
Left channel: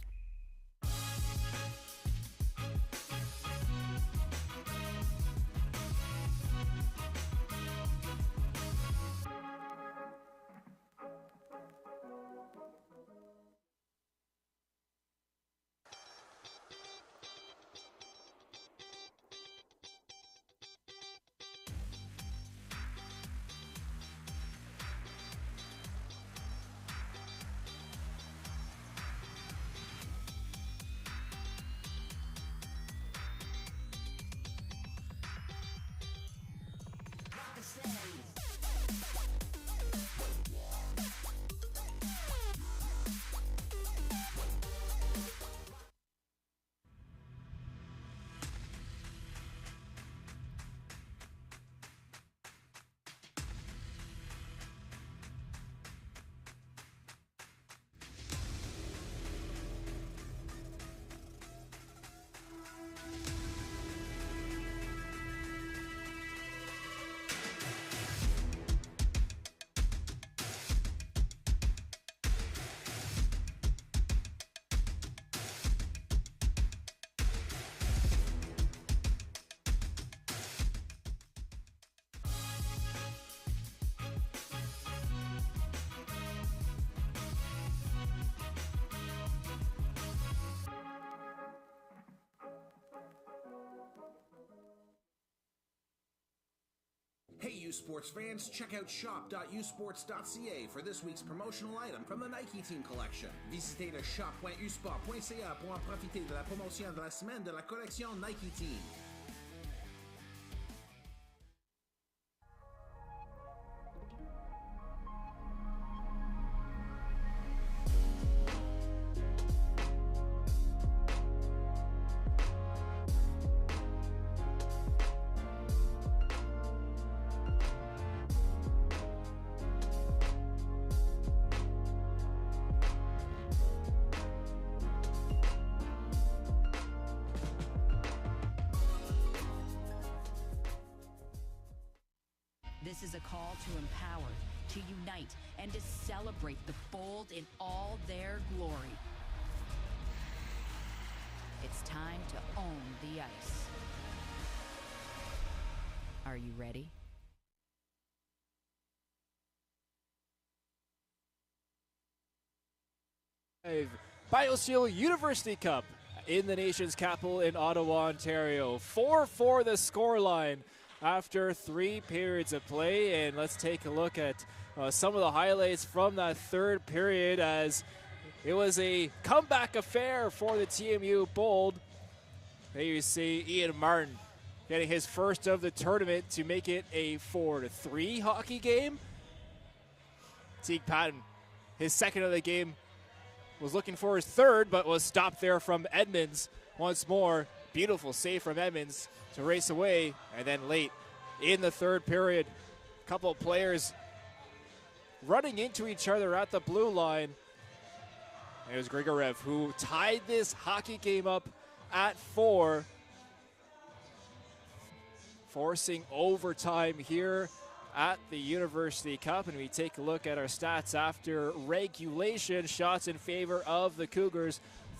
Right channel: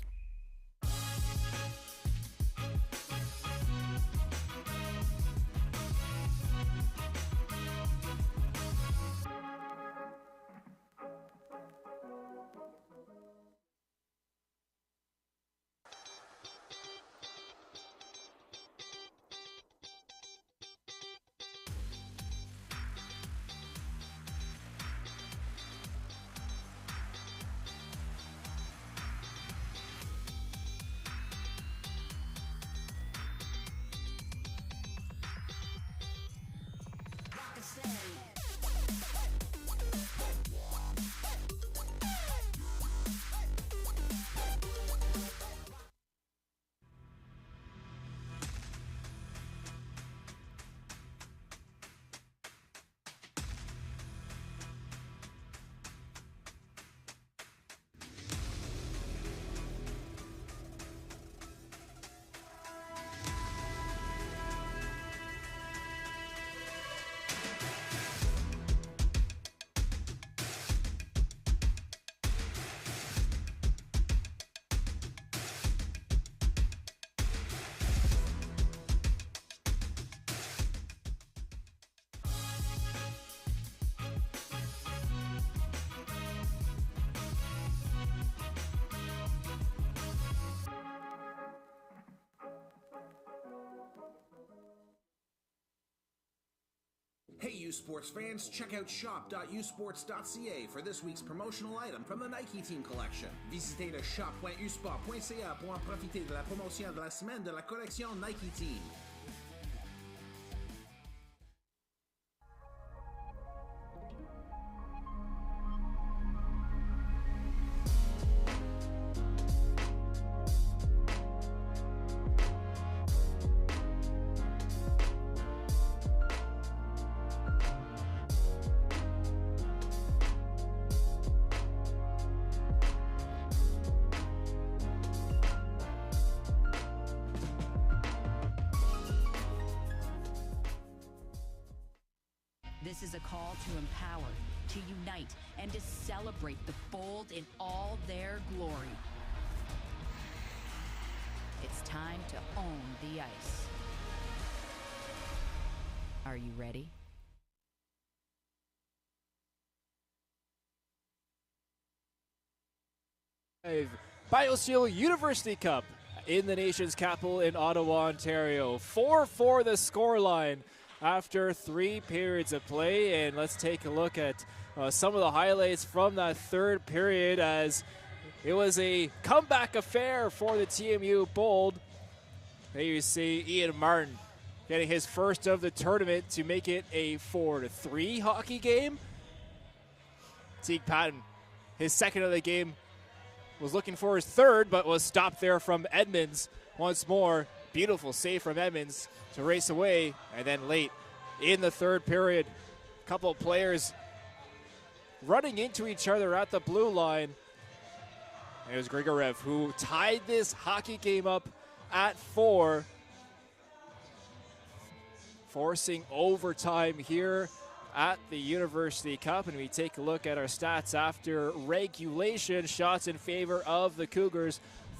Hey you sports fans, check out shop.usports.ca for this week's promotional item from the Nike Team Collection. Visitez le shop.usport.ca pour en profiter de la promotion de la semaine de la collection Nike Team. a call to empower, to unite, and to celebrate the bold in all their glory. It's time to own the ice. Are you ready? BioSteel University Cup in the nation's capital in Ottawa, Ontario. 4-4 the scoreline after 3 periods of play. And let's take a look at some of the highlights from that third period, as it was a comeback affair for the TMU Bold. There you see Ian Martin getting his first of the tournament to make it a 4-3 hockey game. Teague Patton, his second of the game, was looking for his third, but was stopped there from Edmonds. Once more, beautiful save from Edmonds to race away. And then late in the third period, a couple of players running into each other at the blue line. There's Grigorev, who tied this hockey game up at 4, forcing overtime here at the University Cup. And we take a look at our stats after regulation. Shots in favor of the Cougars,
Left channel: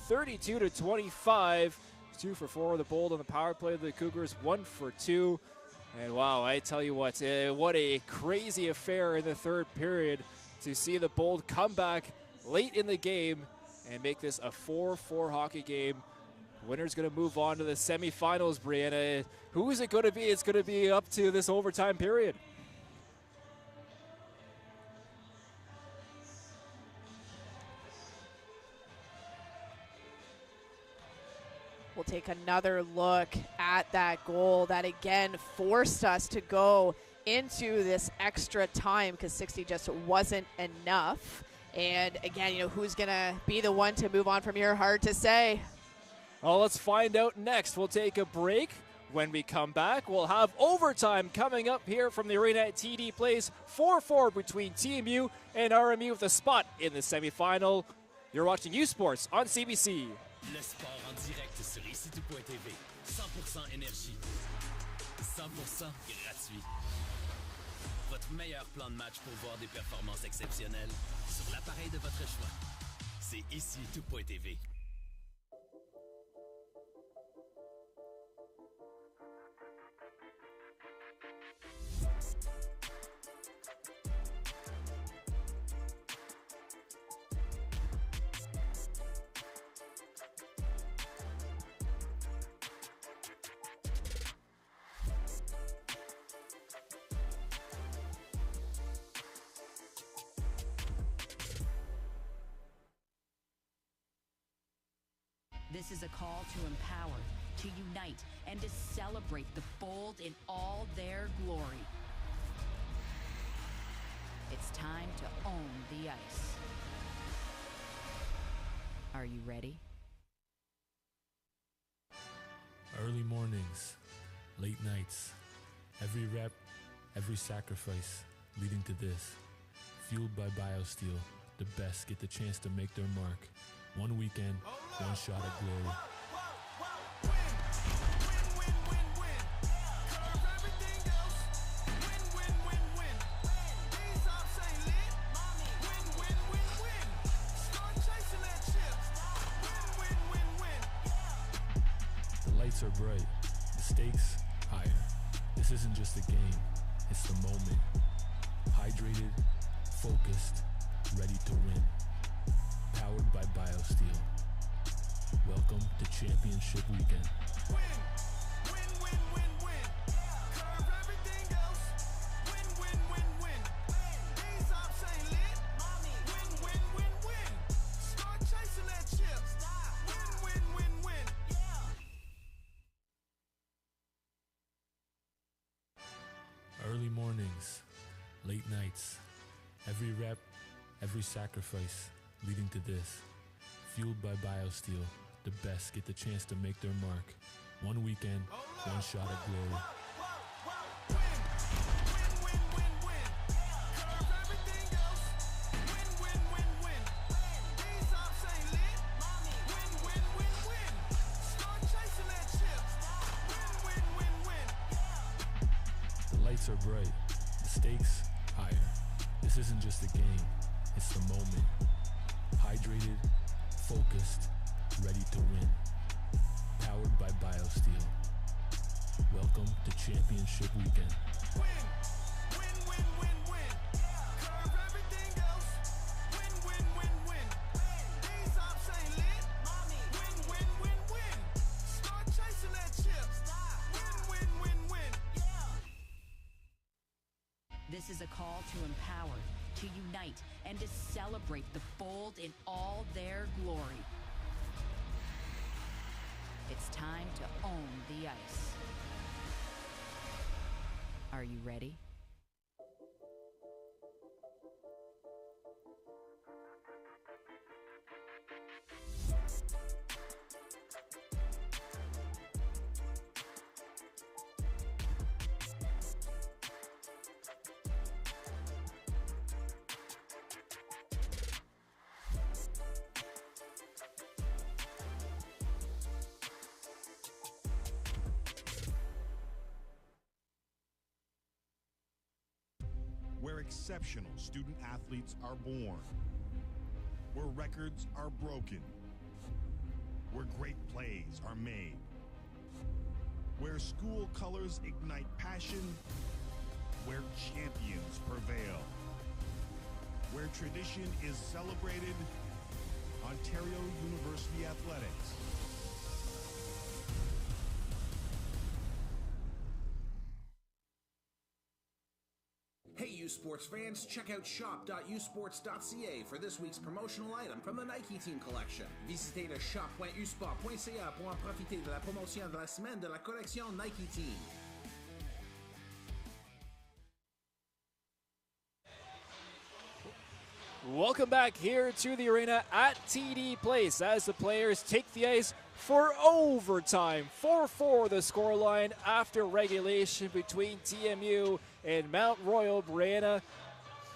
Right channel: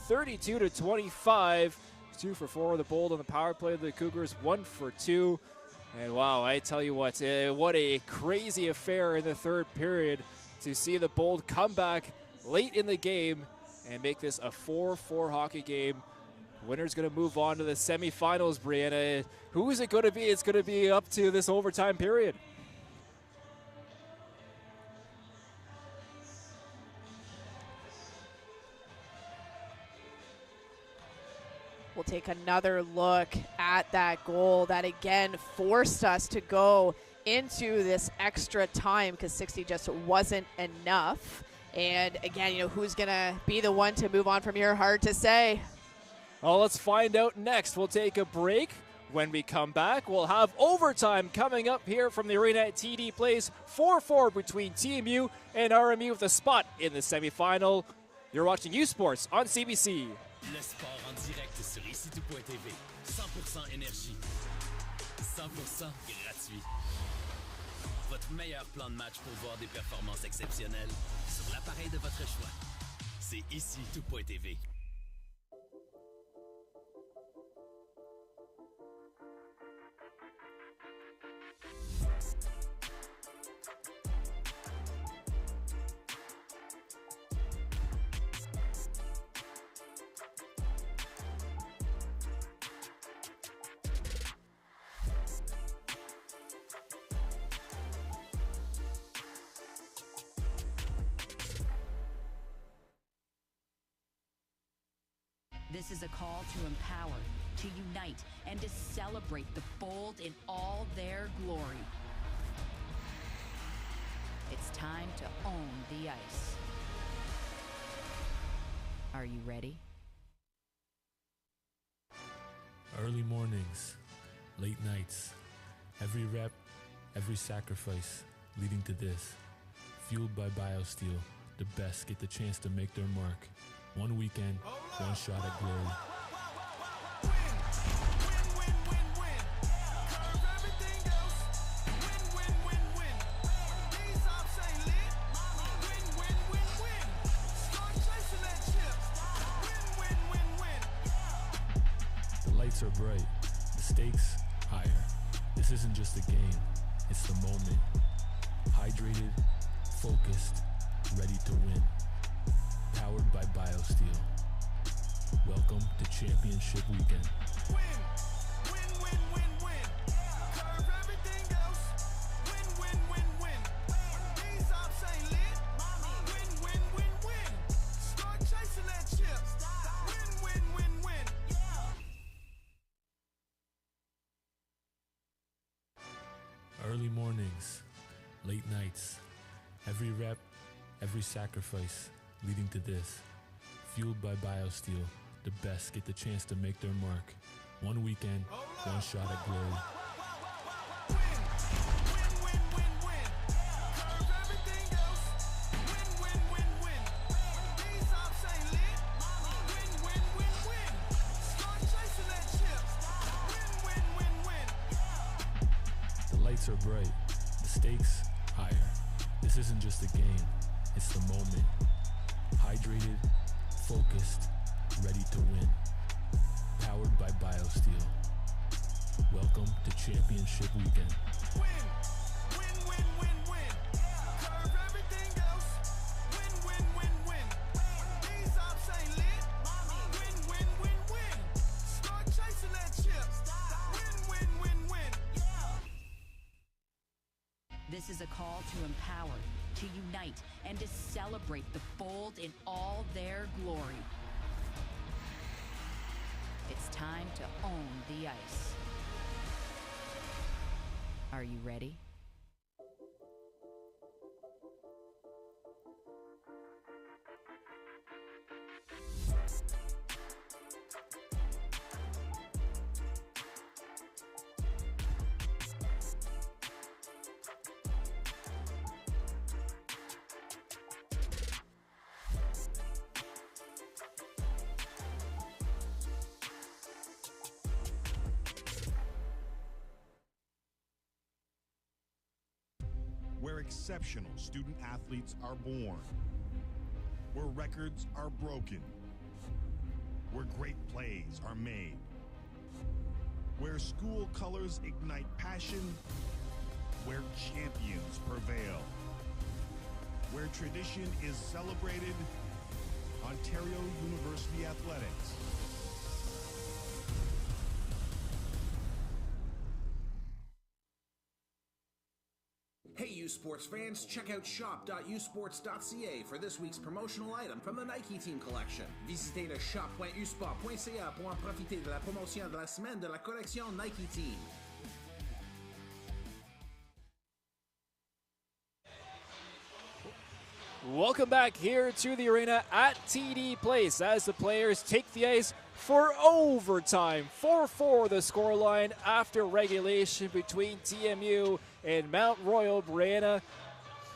32-25. 2 for 4 of the Bold on the power play of the Cougars, 1 for 2. And wow, I tell you what a crazy affair in the third period to see the Bold come back late in the game and make this a 4-4 hockey game. Winner's going to move on to the semifinals, Brianna. Who is it going to be? It's going to be up to this overtime period. We'll take another look at that goal that again forced us to go into this extra time because 60 just wasn't enough. And again, who's going to be the one to move on from here? Hard to say. Well, let's find out next. We'll take a break. When we come back, we'll have overtime coming up here from the arena at TD Place. 4-4 between TMU and RMU with a spot in the semifinal. You're watching U Sports on CBC. Le sport en direct sur ici.tv. 100% énergie. 100% gratuit. Votre meilleur plan de match pour voir des performances exceptionnelles sur l'appareil de votre choix. C'est ici.tv. This is a call to empower, to unite, and to celebrate the bold in all their glory. It's time to own the ice. Are you ready? Early mornings, late nights, every rep, every sacrifice leading to this. Fueled by BioSteel, the best get the chance to make their mark. One weekend, one shot at glory. The lights are bright, the stakes higher. This isn't just a game, it's the moment. Hydrated, focused, ready to win. Powered by BioSteel. Welcome to Championship Weekend. Early mornings, late nights, every rep, every sacrifice leading to this. Fueled by BioSteel, the best get the chance to make their mark. One weekend, one shot at glory. The lights are bright, the stakes higher. This isn't just a game, it's the moment. Hydrated, focused, ready to win. Powered by BioSteel. Welcome to Championship Weekend. This is a call to empower, to unite, and to celebrate the bold in all their glory. It's time to own the ice. Are you ready? Where exceptional student athletes are born. Where records are broken. Where great plays are made. Where school colors ignite passion. Where champions prevail. Where tradition is celebrated. Ontario University Athletics. Hey, U Sports fans, check out shop.usports.ca for this week's promotional item from the Nike Team Collection. Visitez le shop.usport.ca pour en profiter de la promotion de la semaine de la collection Nike Team. Welcome back here to the arena at TD Place as the players take the ice for overtime. 4-4 the scoreline after regulation between TMU and Mount Royal Brianna.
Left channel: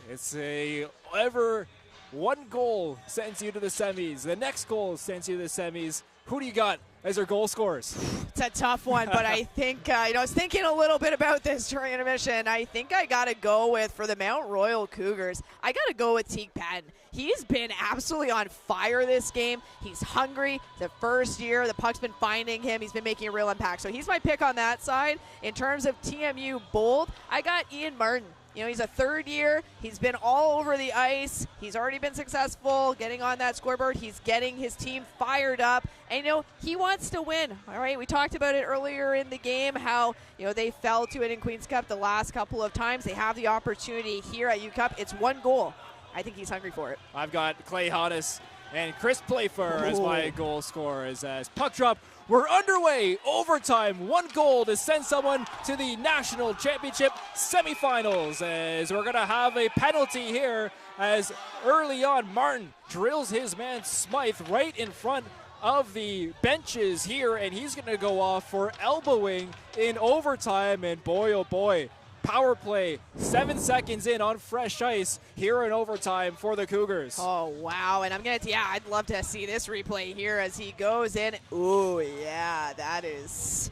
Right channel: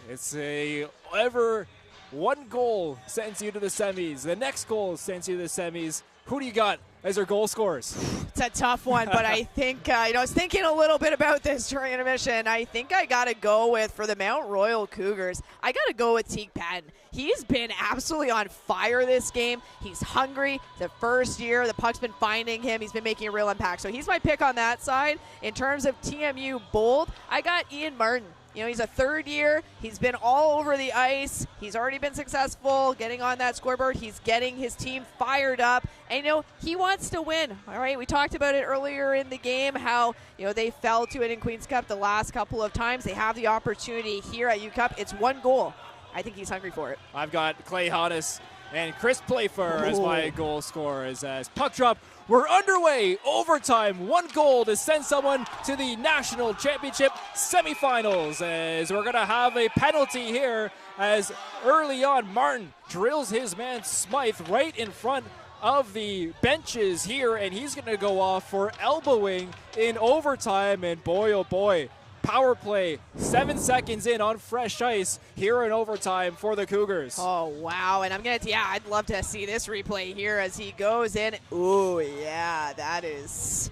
It's a ever one goal sends you to the semis. The next goal sends you to the semis. Who do you got as your goal scorers? It's a tough one, but I think, I was thinking a little bit about this during intermission. I think I got to go with, for the Mount Royal Cougars, I got to go with Teague Patton. He's been absolutely on fire this game. He's hungry. The first year, the puck's been finding him. He's been making a real impact. So he's my pick on that side. In terms of TMU Bold, I got Ian Martin. You know, he's a third year. He's been all over the ice. He's already been successful getting on that scoreboard. He's getting his team fired up. And, you know, he wants to win. All right, we talked about it earlier in the game, how, you know, they fell to it in Queen's Cup the last couple of times. They have the opportunity here at U Cup. It's one goal. I think he's hungry for it. I've got Clay Hodges and Chris Playfair as my goal scorers. As puck drop, we're underway. Overtime, one goal to send someone to the national championship semifinals. As we're going to have a penalty here, as early on Martin drills his man Smythe right in front of the benches here, and he's going to go off for elbowing in overtime. And boy, oh boy, power play, 7 seconds in on fresh ice here in overtime for the Cougars. Oh, wow. And I'd love to see this replay here as he goes in. Ooh, yeah, that is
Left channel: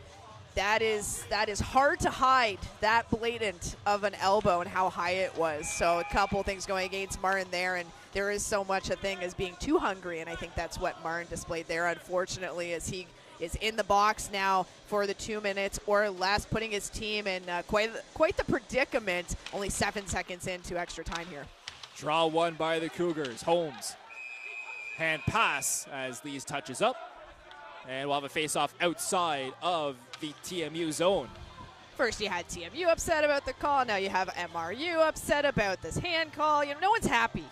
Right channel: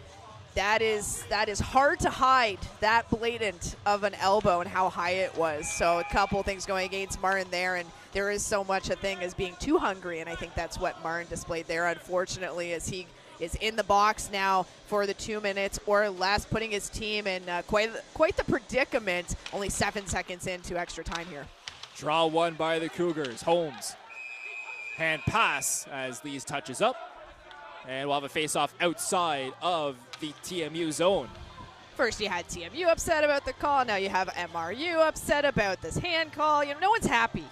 hard to hide, that blatant of an elbow and how high it was. So a couple things going against Martin there, and there is so much a thing as being too hungry, and I think that's what Martin displayed there, unfortunately, as he is in the box now for the 2 minutes or less, putting his team in quite the predicament. Only 7 seconds into extra time here. Draw one by the Cougars. Holmes. Hand pass as Lees touches up. And we'll have a face-off outside of the TMU zone. First you had TMU upset about the call. Now you have MRU upset about this hand call. You know, no one's happy.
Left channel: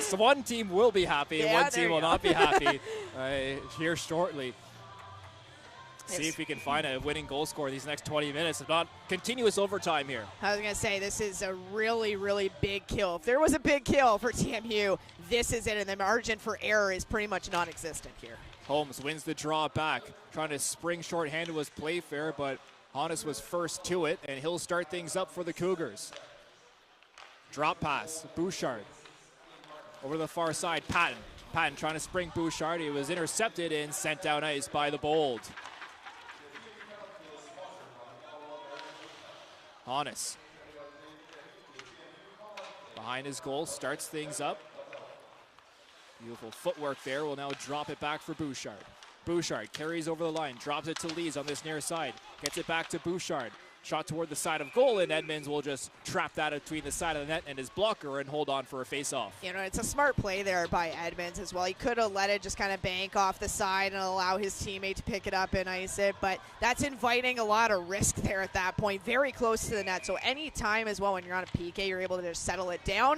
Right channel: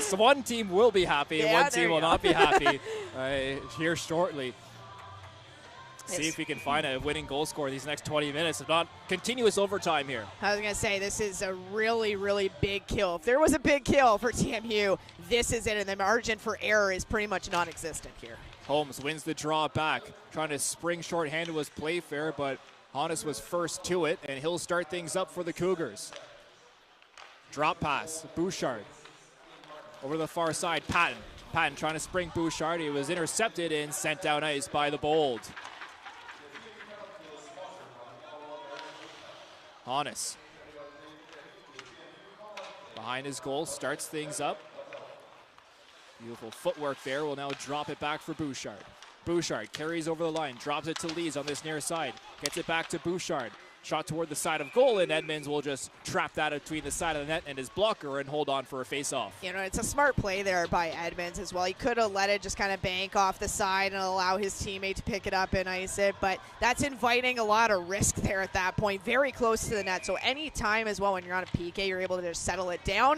So one team will be happy and one team will not be happy here shortly. See if we can find a winning goal scorer these next 20 minutes, if not continuous overtime here. I was going to say, this is a really, really big kill. If there was a big kill for TMU, this is it, and the margin for error is pretty much non-existent here. Holmes wins the draw back, trying to spring shorthanded was Playfair, but Hannes was first to it, and he'll start things up for the Cougars. Drop pass, Bouchard. Over the far side, Patton. Patton trying to spring Bouchard. He was intercepted and sent down ice by the Bold. Hannes behind his goal, starts things up. Beautiful footwork there. Will now drop it back for Bouchard. Bouchard carries over the line, drops it to Lees on this near side, gets it back to Bouchard. Shot toward the side of goal, and Edmonds will just trap that between the side of the net and his blocker and hold on for a face-off. You know, it's a smart play there by Edmonds as well. He could have let it just kind of bank off the side and allow his teammate to pick it up and ice it, but that's inviting a lot of risk there at that point, very close to the net. So any time as well when you're on a PK, you're able to just settle it down.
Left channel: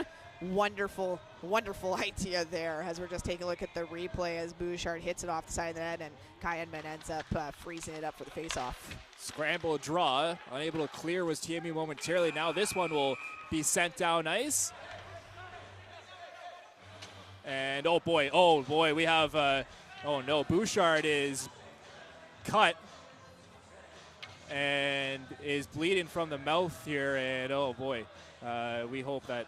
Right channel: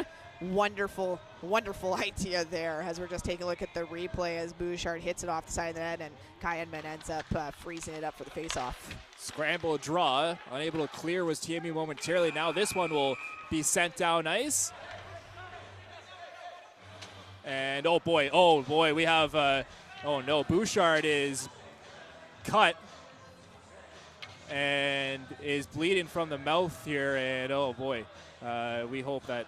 Wonderful, wonderful idea there as we're just taking a look at the replay as Bouchard hits it off the side of the net and Kai Edmond ends up freezing it up for the face-off. Scramble draw, unable to clear was TMU momentarily. Now this one will be sent down ice. And oh boy, we have, oh no, Bouchard is cut and is bleeding from the mouth here. And oh boy, we hope that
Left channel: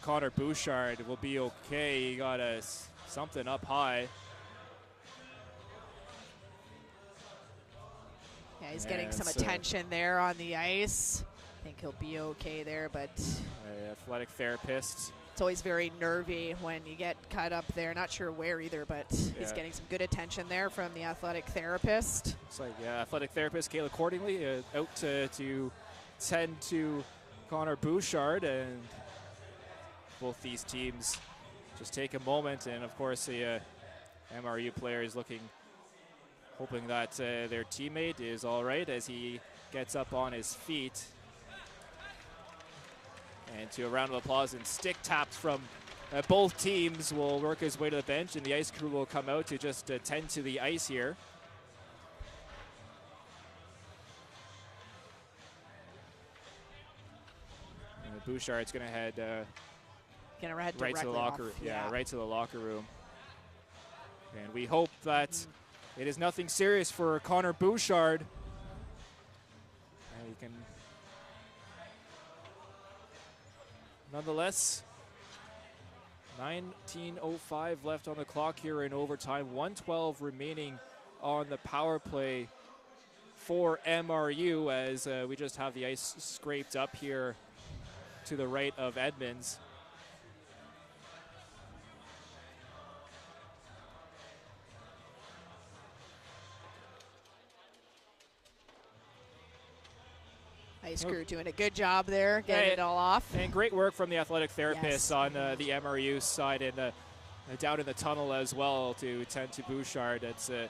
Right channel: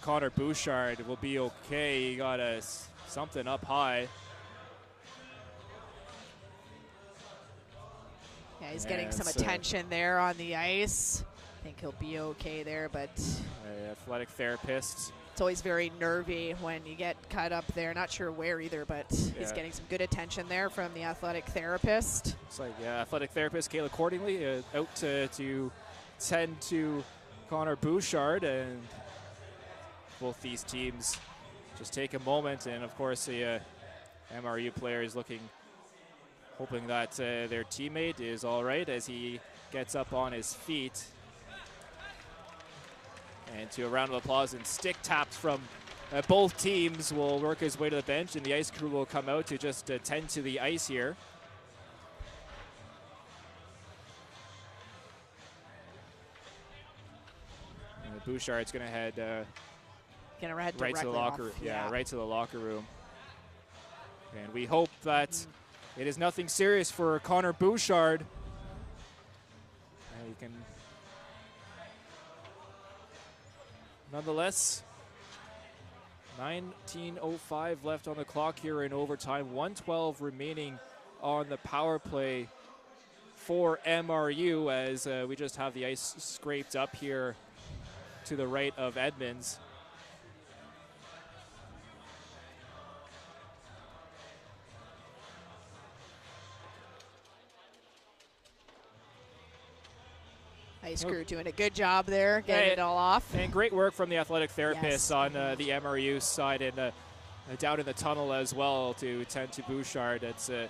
Connor Bouchard will be okay. He got something up high. Yeah, he's getting some attention there on the ice. I think he'll be okay there, but athletic therapist. It's always very nervy when you get cut up there. Not sure where either, but he's getting some good attention there from the athletic therapist. Looks like athletic therapist Kayla Cordingley out to tend to Connor Bouchard, and both these teams just take a moment, and of course the MRU player is hoping that their teammate is all right as he gets up on his feet. And to a round of applause and stick taps from both teams will work his way to the bench, and the ice crew will come out to just tend to the ice here. And Bouchard's going to head right to the locker room. Yeah, right to the locker room. And we hope that it is nothing serious for Connor Bouchard. He can, nonetheless, 19:05 left on the clock here in overtime. 1:12 remaining on the power play for MRU as we just have the ice scraped up here to the right of Edmonds. Ice crew doing a good job there, getting it all off. And great work from the athletic therapists on the MRU side and down in the tunnel as well to tend to Bouchard. It's a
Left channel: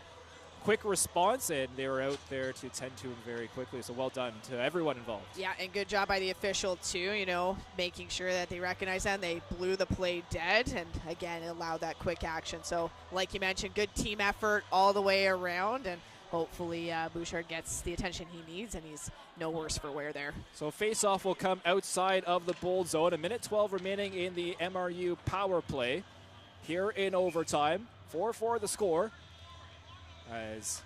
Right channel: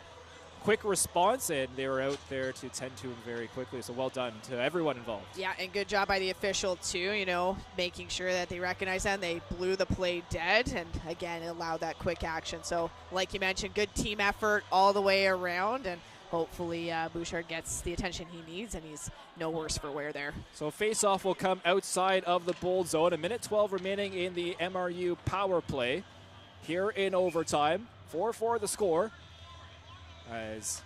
quick response, and they were out there to tend to him very quickly. So well done to everyone involved. Yeah, and good job by the official too, making sure that they recognize that and they blew the play dead and again allowed that quick action. So like you mentioned, good team effort all the way around, and hopefully Bouchard gets the attention he needs and he's no worse for wear there. So face-off will come outside of the Bold zone. 1:12 remaining in the MRU power play here in overtime. 4-4 the score as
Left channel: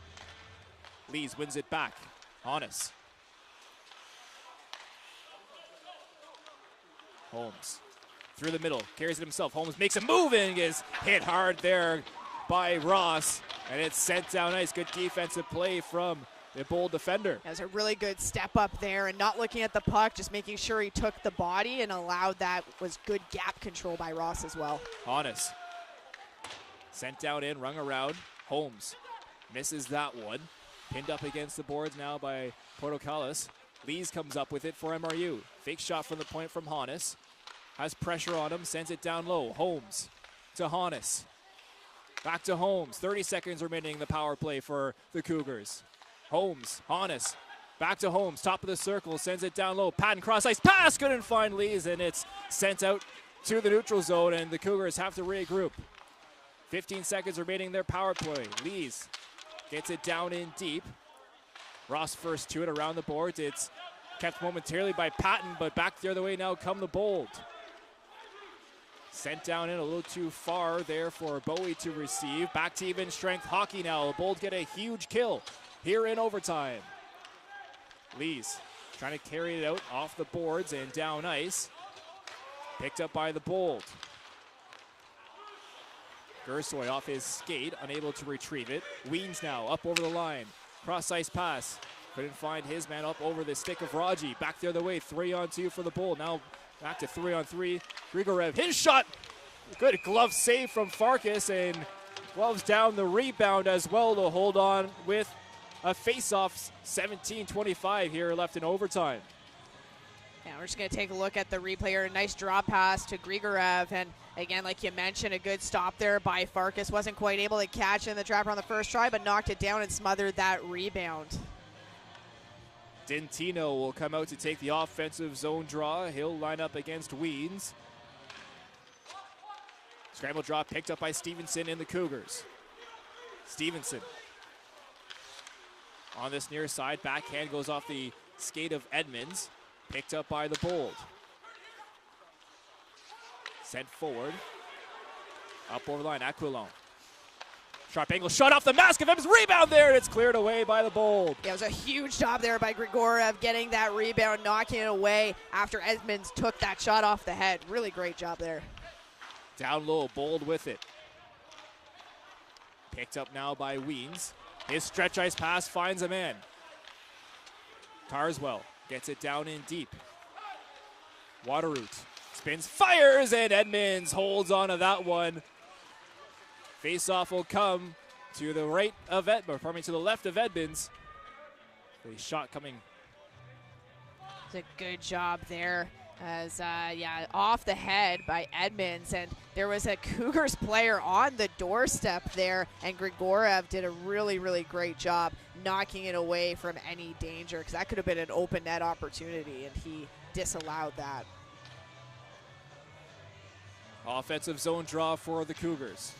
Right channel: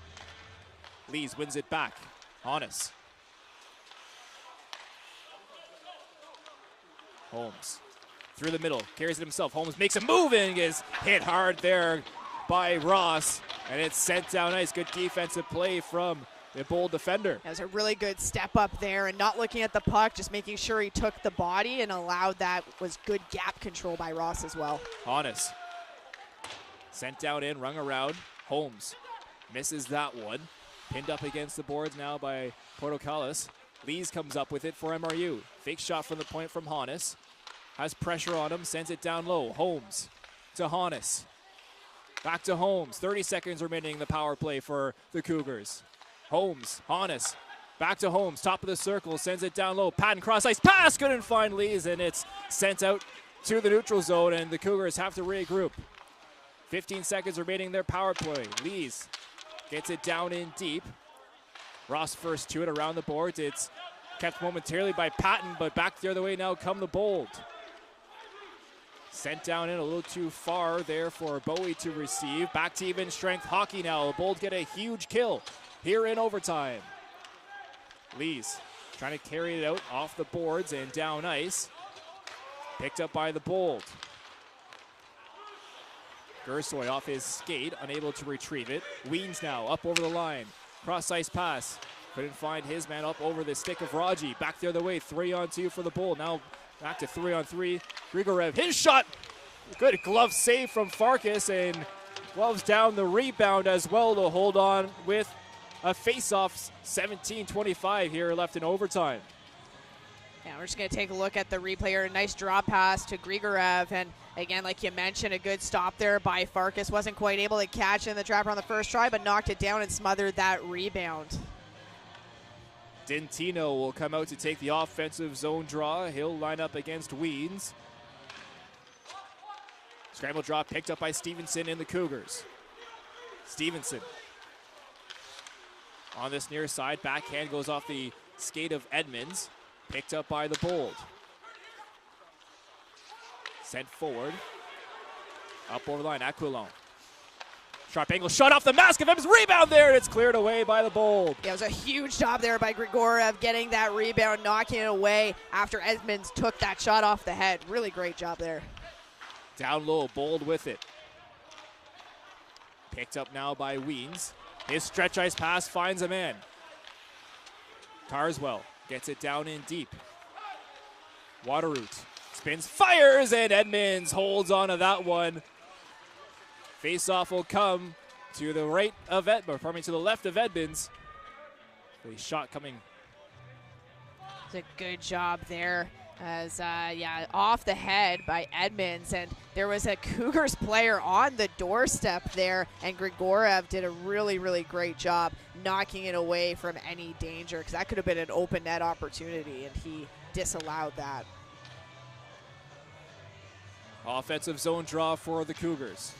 Lees wins it back. Honest. Holmes through the middle, carries it himself. Holmes makes a move and is hit hard there by Ross, and it's sent down ice. Good defensive play from the Bold defender. That was a really good step up there and not looking at the puck, just making sure he took the body and allowed that. Was good gap control by Ross as well. Honest. Sent down in, rung around. Holmes misses that one. Pinned up against the boards now by Portocalis. Lees comes up with it for MRU. Fake shot from the point from Hannes. Has pressure on him, sends it down low. Holmes to Hannes. Back to Holmes. 30 seconds remaining in the power play for the Cougars. Holmes, Hannes, back to Holmes, top of the circle, sends it down low. Patton cross ice pass, couldn't find Lees, and it's sent out to the neutral zone, and the Cougars have to regroup. 15 seconds remaining in their power play. Lees gets it down in deep. Ross first to it around the boards. It's kept momentarily by Patton, but back the other way now come the Bold. Sent down in a little too far there for Bowie to receive. Back to even strength hockey now. The Bold get a huge kill here in overtime. Lees trying to carry it out off the boards and down ice. Picked up by the Bold. Gersoy off his skate, unable to retrieve it. Weens now up over the line. Cross ice pass. Couldn't find his man up over the stick of Raji. Back the other way, 3-on-2 for the Bold. Now Back to 3-on-3. Grigorev, his shot. Good glove save from Farkas, and gloves down the rebound as well to hold on with a face-off. 17-25 here left in overtime. Yeah, we're just going to take a look at the replay here. A nice drop pass to Grigorev. And again, like you mentioned, a good stop there by Farkas. Wasn't quite able to catch it in the trapper on the first try, but knocked it down and smothered that rebound. Dentino will come out to take the offensive zone draw. He'll line up against Weens. Scramble draw picked up by Stevenson in the Cougars. Stevenson on this near side. Backhand goes off the skate of Edmonds. Picked up by the Bold. Sent forward. Up over the line, Aquilon. Sharp angle shot off the mask of Edmonds. Rebound there, and it's cleared away by the Bold. Yeah, it was a huge job there by Grigorev getting that rebound, knocking it away after Edmonds took that shot off the head. Really great job there. Down low, Bold with it. Picked up now by Weens. His stretch ice pass finds a man. Carswell gets it down in deep. Waterroot spins, fires, and Edmonds holds on to that one. Face-off will come to the right of to the left of Edmonds. The shot coming. It's a good job there. As off the head by Edmonds, and there was a Cougars player on the doorstep there, and Grigorev did a really, really great job knocking it away from any danger, because that could have been an open net opportunity, and he disallowed that. Offensive zone draw for the Cougars.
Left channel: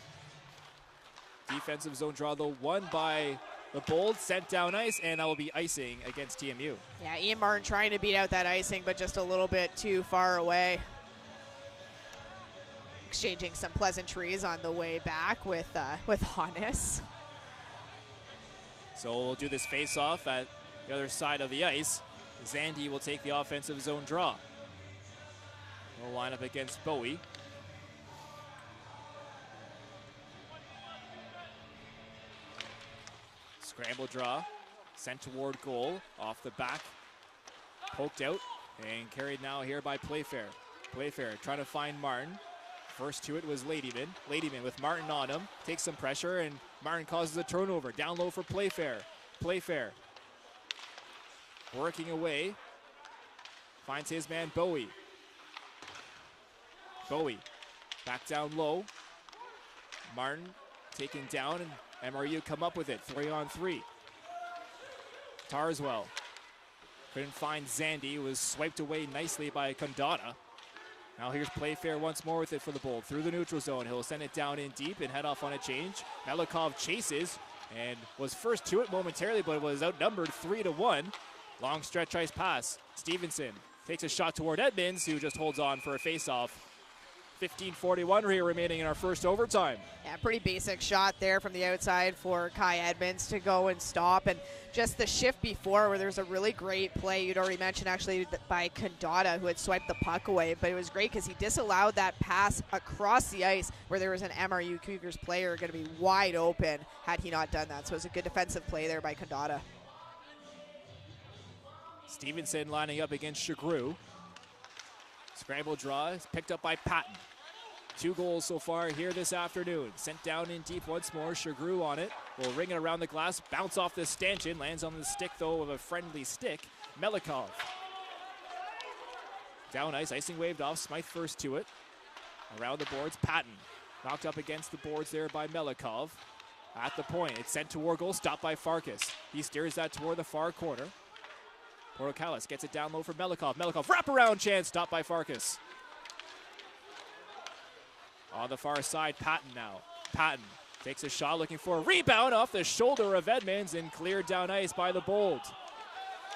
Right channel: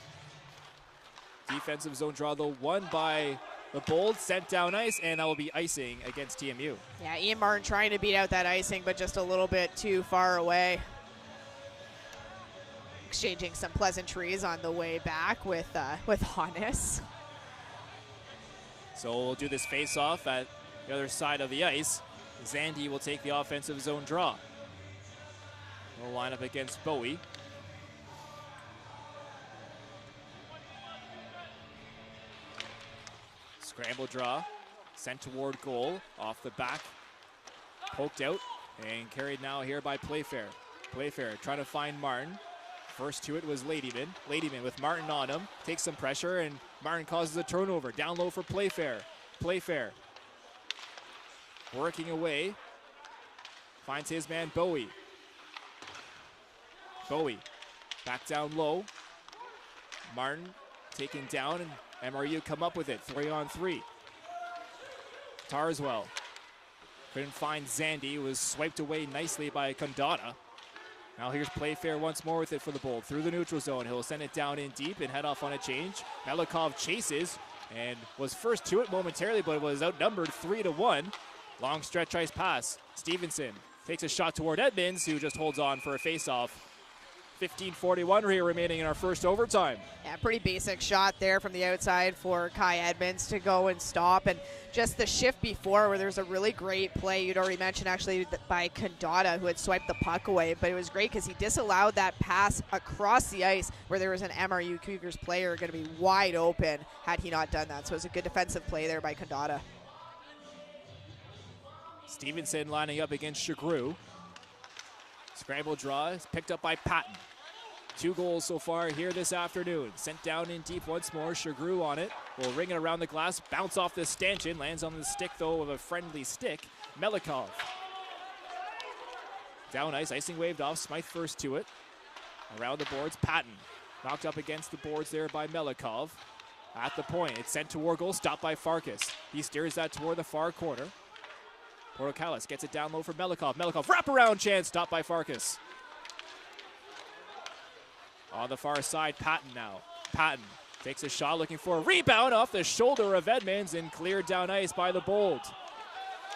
Defensive zone draw, though, won by the Bold, sent down ice, and that will be icing against TMU. Yeah, Ian Martin trying to beat out that icing, but just a little bit too far away. Exchanging some pleasantries on the way back with Hannes. So we'll do this face-off at the other side of the ice. Zandy will take the offensive zone draw. We'll line up against Bowie. Scramble draw, sent toward goal, off the back, poked out, and carried now here by Playfair. Playfair trying to find Martin. First to it was Ladyman. Ladyman with Martin on him, takes some pressure, and Martin causes a turnover. Down low for Playfair. Playfair working away, finds his man Bowie. Bowie back down low. Martin taken down, and MRU come up with it, 3-on-3. Tarswell couldn't find Zandy, was swiped away nicely by Condata. Now here's Playfair once more with it for the Bold. Through the neutral zone, he'll send it down in deep and head off on a change. Melikov chases and was first to it momentarily, but was outnumbered 3-1. Long stretch ice pass. Stevenson takes a shot toward Edmonds, who just holds on for a face-off. 15:41 here remaining in our first overtime. Yeah, pretty basic shot there from the outside for Kai Edmonds to go and stop. And just the shift before where there's a really great play, you'd already mentioned actually by Condata, who had swiped the puck away. But it was great because he disallowed that pass across the ice where there was an MRU Cougars player going to be wide open had he not done that. So it was a good defensive play there by Condata. Stevenson lining up against Chagru. Scramble draw is picked up by Patton. 2 goals so far here this afternoon. Sent down in deep once more. Chagru on it. Will ring it around the glass. Bounce off the stanchion. Lands on the stick, though, of a friendly stick. Melikov. Down ice. Icing waved off. Smythe first to it. Around the boards. Patton. Knocked up against the boards there by Melikov. At the point. It's sent toward goal. Stopped by Farkas. He steers that toward the far corner. Portocalis gets it down low for Melikov. Melikov, wraparound chance, stopped by Farkas. On the far side, Patton now. Patton takes a shot, looking for a rebound off the shoulder of Edmonds and cleared down ice by the Bold.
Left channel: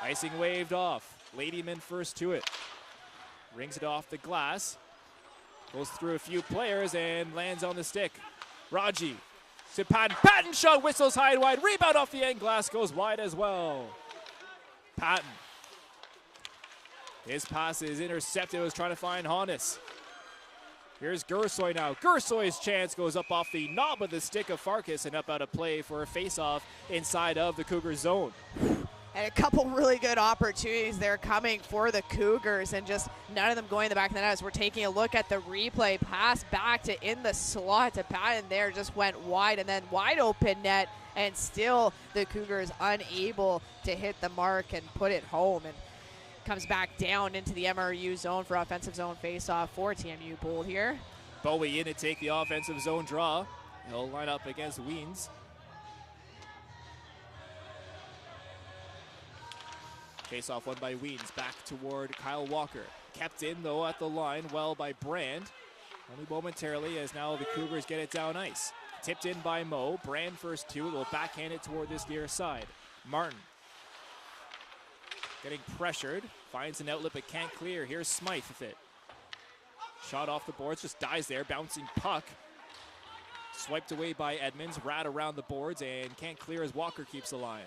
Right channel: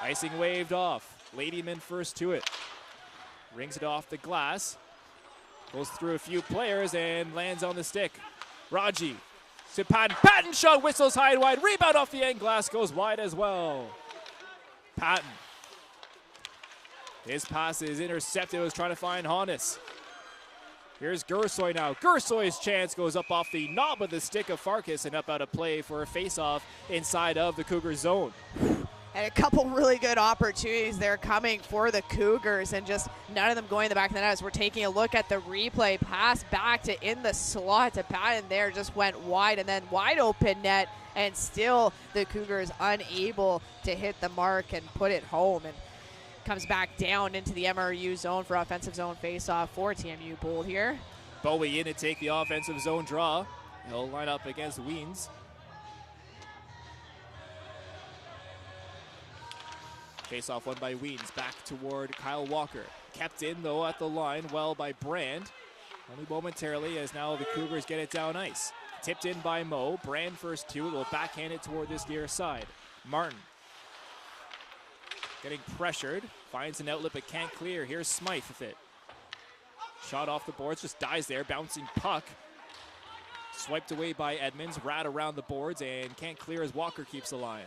Icing waved off. Ladyman first to it. Rings it off the glass. Goes through a few players and lands on the stick. Raji to Patton. Patton shot, whistles high and wide. Rebound off the end glass, goes wide as well. Patton. His pass is intercepted. Was trying to find Hannes. Here's Gursoy now. Gursoy's chance goes up off the knob of the stick of Farkas and up out of play for a face-off inside of the Cougars zone. And a couple really good opportunities there coming for the Cougars, and just none of them going in the back of the net. As we're taking a look at the replay, pass back to in the slot to Patton there, just went wide, and then wide open net, and still the Cougars unable to hit the mark and put it home, and comes back down into the MRU zone for offensive zone face-off for TMU Bold here. Bowie in to take the offensive zone draw. He'll line up against Weens. Face-off won by Weens, back toward Kyle Walker. Kept in, though, at the line, well by Brand. Only momentarily, as now the Cougars get it down ice. Tipped in by Mo. Brand first two, will backhand it toward this near side. Martin getting pressured, finds an outlet but can't clear. Here's Smythe with it. Shot off the boards, just dies there, bouncing puck. Swiped away by Edmonds, rat around the boards, and can't clear as Walker keeps the line.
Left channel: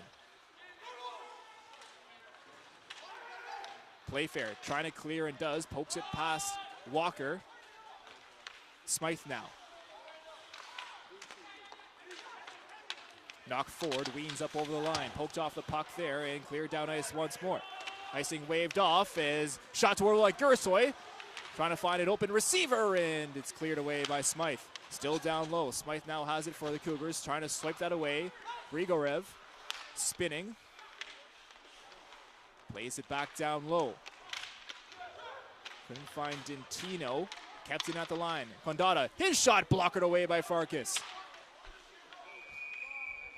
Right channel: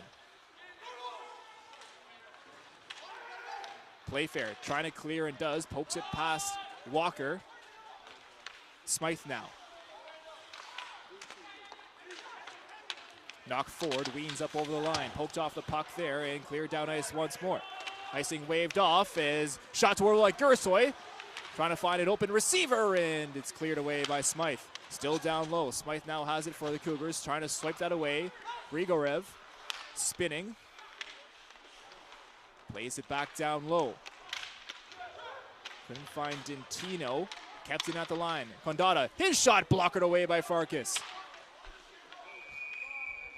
Playfair trying to clear and does, pokes it past Walker. Smythe now. Knocked forward, Weens up over the line, poked off the puck there and cleared down ice once more. Icing waved off as shot toward like Gursoy, trying to find an open receiver, and it's cleared away by Smythe. Still down low. Smythe now has it for the Cougars, trying to swipe that away. Grigorev spinning. Plays it back down low. Couldn't find Dintino. Kept it at the line. Condata, his shot blocked away by Farkas.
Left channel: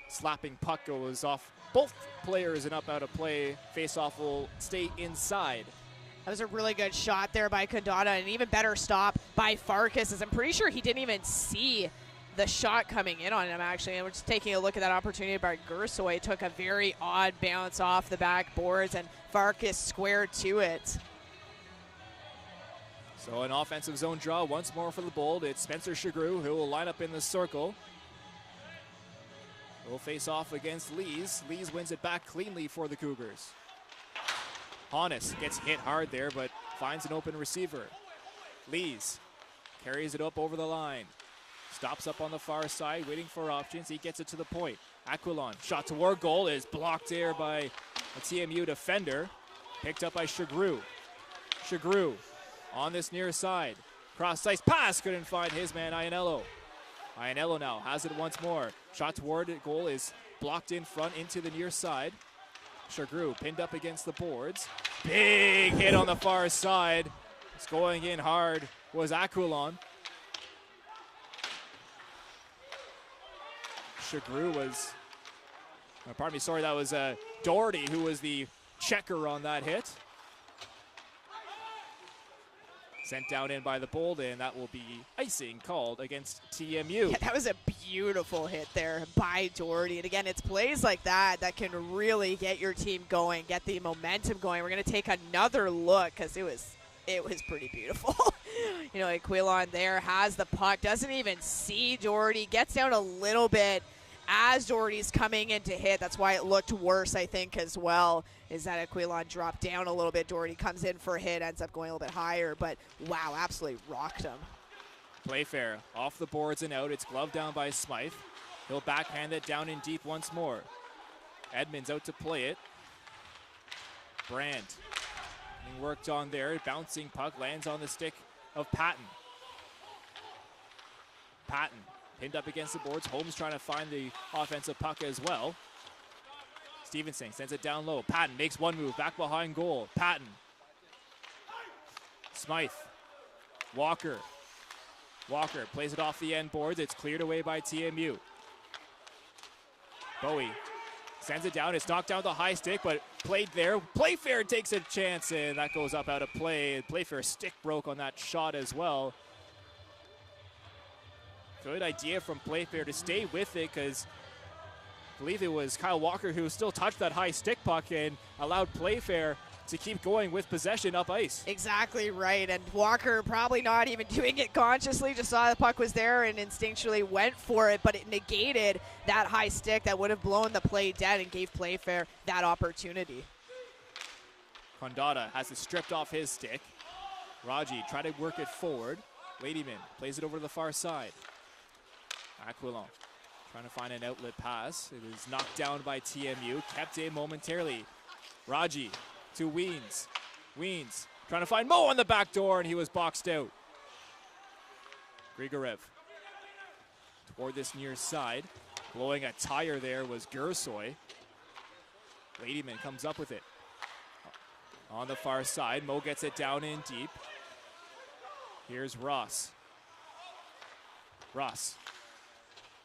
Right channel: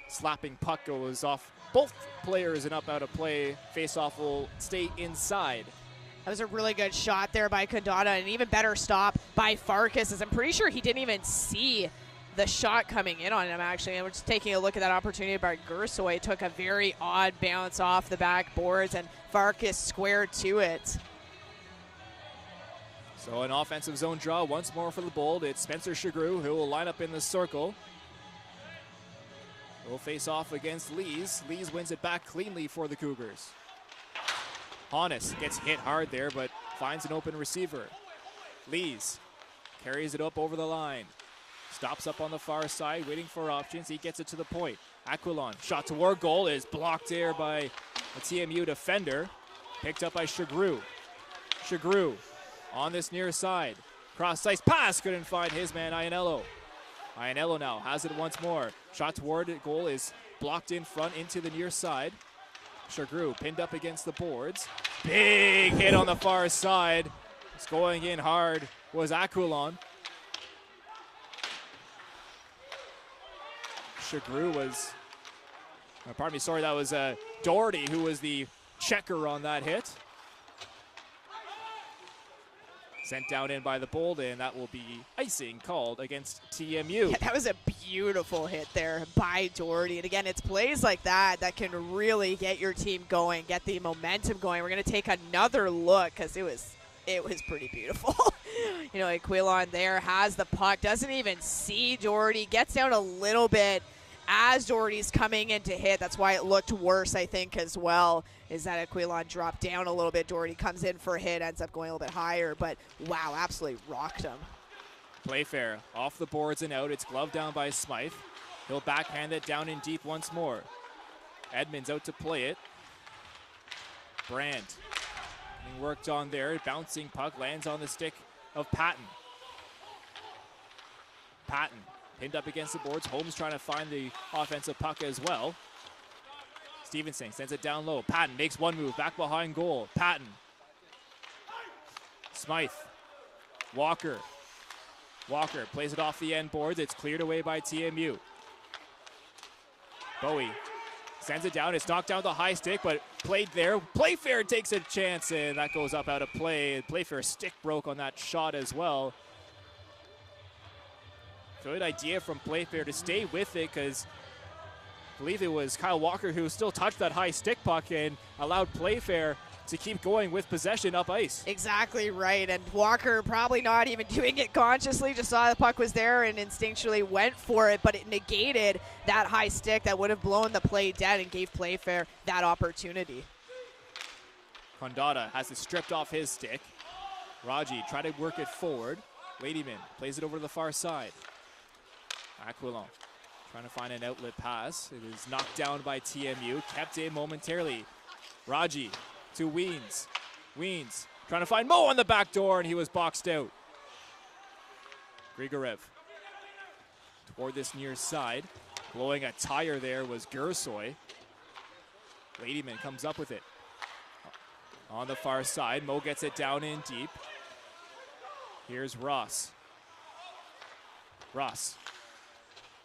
Slapping puck goes off both players and up out of play. Face-off will stay inside. That was a really good shot there by Condata, and an even better stop by Farkas, as I'm pretty sure he didn't even see the shot coming in on him, actually. And we're just taking a look at that opportunity by Gursoy. Took a very odd bounce off the backboards, and Farkas squared to it. So an offensive zone draw once more for the Bold. It's Spencer Chagru who will line up in the circle. Will face off against Lees. Lees wins it back cleanly for the Cougars. Honest gets hit hard there, but finds an open receiver. Lees carries it up over the line. Stops up on the far side, waiting for options. He gets it to the point. Aquilon, shot toward goal, is blocked there by a TMU defender. Picked up by Chagru. Chagru on this near side. Cross ice pass, couldn't find his man, Ianello. Ianello now has it once more. Shot toward goal is blocked in front into the near side. Chagru pinned up against the boards. Big hit on the far side. It's going in hard was Aquilon. Chagru was, pardon me, sorry, that was Doherty who was the checker on that hit. Sent down in by the Bold, and that will be icing called against TMU. Yeah, that was a beautiful hit there by Doherty. And again, it's plays like that that can really get your team going, get the momentum going. We're going to take another look because it was pretty beautiful. You know, Aquilon there has the puck, doesn't even see Doherty, gets down a little bit as Doherty's coming in to hit. That's why it looked worse, I think, as well, is that Aquilon dropped down a little bit. Doherty comes in for a hit, ends up going a little bit higher, but wow, absolutely rocked him. Playfair off the boards and out. It's gloved down by Smythe. He'll backhand it down in deep once more. Edmonds out to play it. Brandt being worked on there. Bouncing puck lands on the stick of Patton. Patton pinned up against the boards. Holmes trying to find the offensive puck as well. Stevenson sends it down low. Patton makes one move back behind goal. Patton. Smythe. Walker. Walker plays it off the end boards. It's cleared away by TMU. Bowie sends it down. It's knocked down the high stick, but played there. Playfair takes a chance, and that goes up out of play. Playfair's stick broke on that shot as well. Good idea from Playfair to stay with it, because I believe it was Kyle Walker who still touched that high stick puck and allowed Playfair to keep going with possession up ice. Exactly right, and Walker probably not even doing it consciously, just saw the puck was there and instinctually went for it, but it negated that high stick that would have blown the play dead and gave Playfair that opportunity. Condata has it stripped off his stick. Raji trying to work it forward. Ladyman plays it over to the far side. Aquilon trying to find an outlet pass. It is knocked down by TMU, kept in momentarily. Raji to Weens. Weens Trying to find Mo on the back door, and he was boxed out. Grigorev toward this near side. Blowing a tire there was Gersoy. Ladyman comes up with it. On the far side, Mo gets it down in deep. Here's Ross.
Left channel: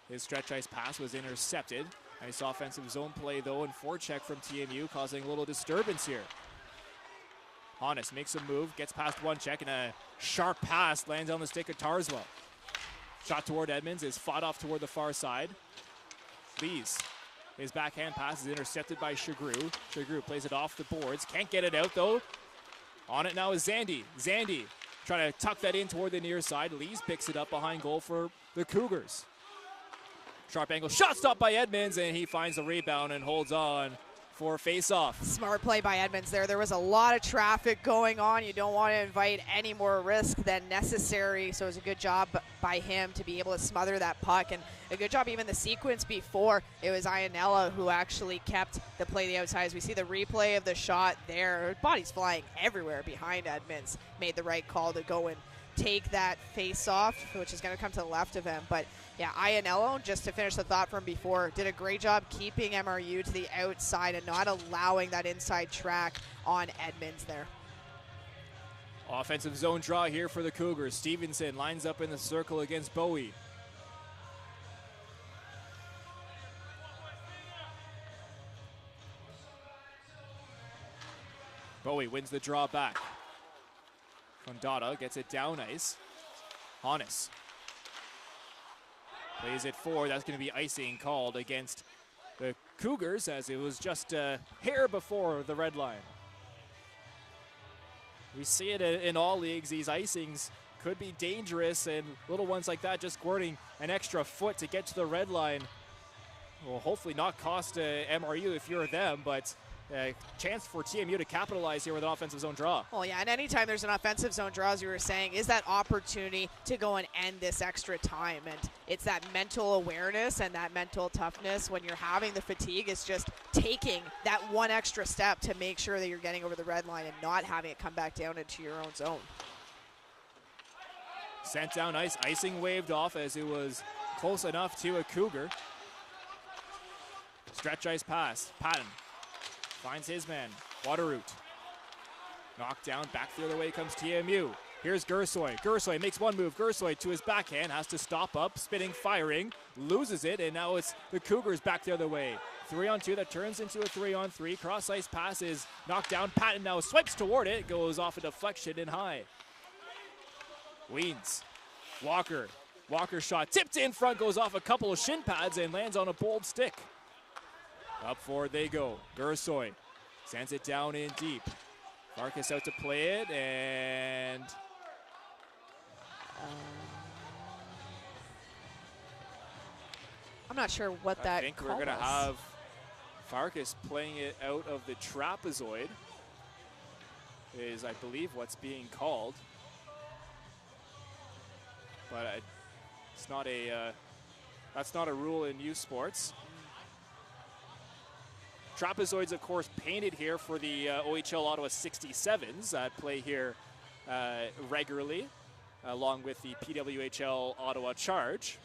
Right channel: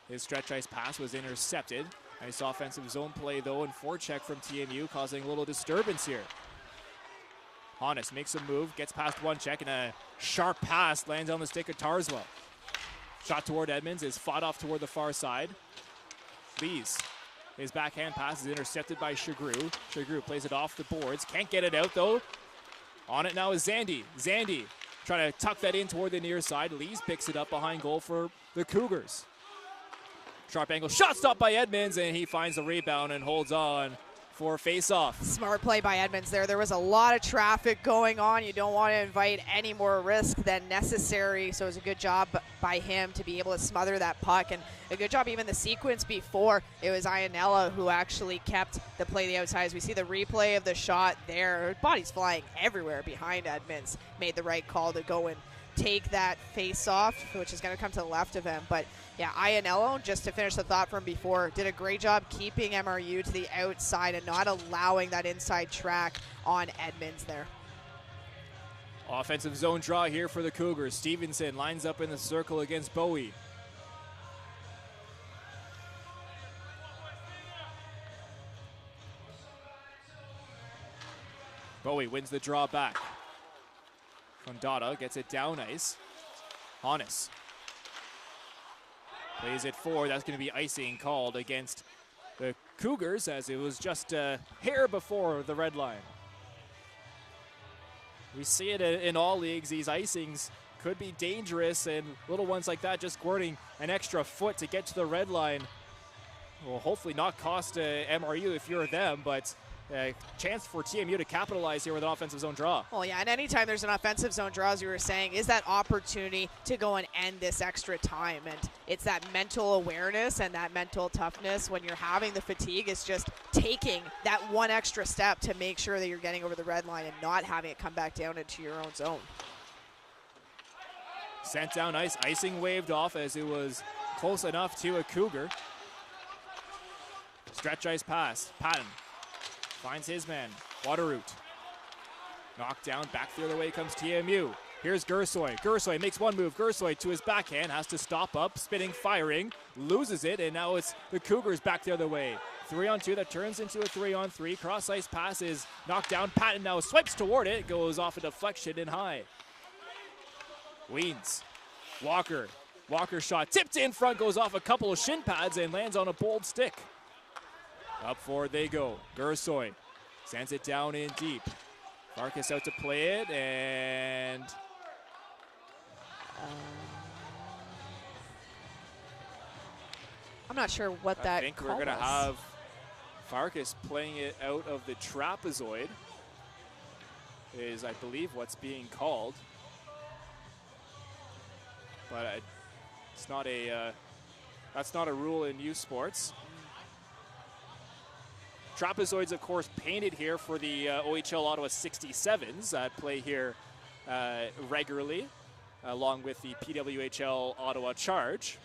His stretch ice pass was intercepted. Nice offensive zone play, though, and forecheck from TMU, causing a little disturbance here. Honest makes a move, gets past one check, and a sharp pass lands on the stick of Tarswell. Shot toward Edmonds is fought off toward the far side. Lees. His backhand pass is intercepted by Shagru. Shagru plays it off the boards. Can't get it out, though. On it now is Zandy. Zandy trying to tuck that in toward the near side. Lees picks it up behind goal for the Cougars. Sharp angle shot stopped by Edmonds, and he finds the rebound and holds on for face-off. Smart play by Edmonds there. There was a lot of traffic going on. You don't want to invite any more risk than necessary, so it was a good job by him to be able to smother that puck, and a good job even the sequence before. It was Iannella who actually kept the play the outside. As we see the replay of the shot there, body's flying everywhere behind Edmonds. Made the right call to go and take that face-off, which is going to come to the left of him, but yeah, Iannello, just to finish the thought from before, did a great job keeping MRU to the outside and not allowing that inside track on Edmonds there. Offensive zone draw here for the Cougars. Stevenson lines up in the circle against Bowie. Bowie wins the draw back. Fondata gets it down ice. Honest plays it forward. That's going to be icing called against the Cougars, as it was just a hair before the red line. We see it in all leagues. These icings could be dangerous, and little ones like that just squirting an extra foot to get to the red line will hopefully not cost MRU if you're them, but a chance for TMU to capitalize here with an offensive zone draw. Well, yeah, and anytime there's an offensive zone draw, as you were saying, is that opportunity to go and end this extra time. And it's that mental awareness and that mental toughness when you're having the fatigue. It's just taking that one extra step to make sure that you're getting over the red line and not having it come back down into your own zone. Sent down ice, icing waved off as it was close enough to a Cougar. Stretch ice pass, Patton finds his man, Waterroot. Knocked down, back the other way comes TMU. Here's Gersoy. Gersoy makes one move. Gersoy to his backhand, has to stop up, spinning, firing, loses it, and now it's the Cougars back the other way. 3-on-2 that turns into a 3-on-3. Cross ice pass is knocked down. Patton now swipes toward it, goes off a deflection and high. Weeds. Walker. Walker's shot tipped in front, goes off a couple of shin pads and lands on a bold stick. Up forward they go. Gersoy sends it down in deep. Farkas out to play it, and I'm not sure what that I think we're going to have Farkas playing it out of the trapezoid is, I believe, what's being called. But it's not a that's not a rule in youth sports. Trapezoids, of course, painted here for the OHL Ottawa 67s that play here regularly, along with the PWHL Ottawa Charge.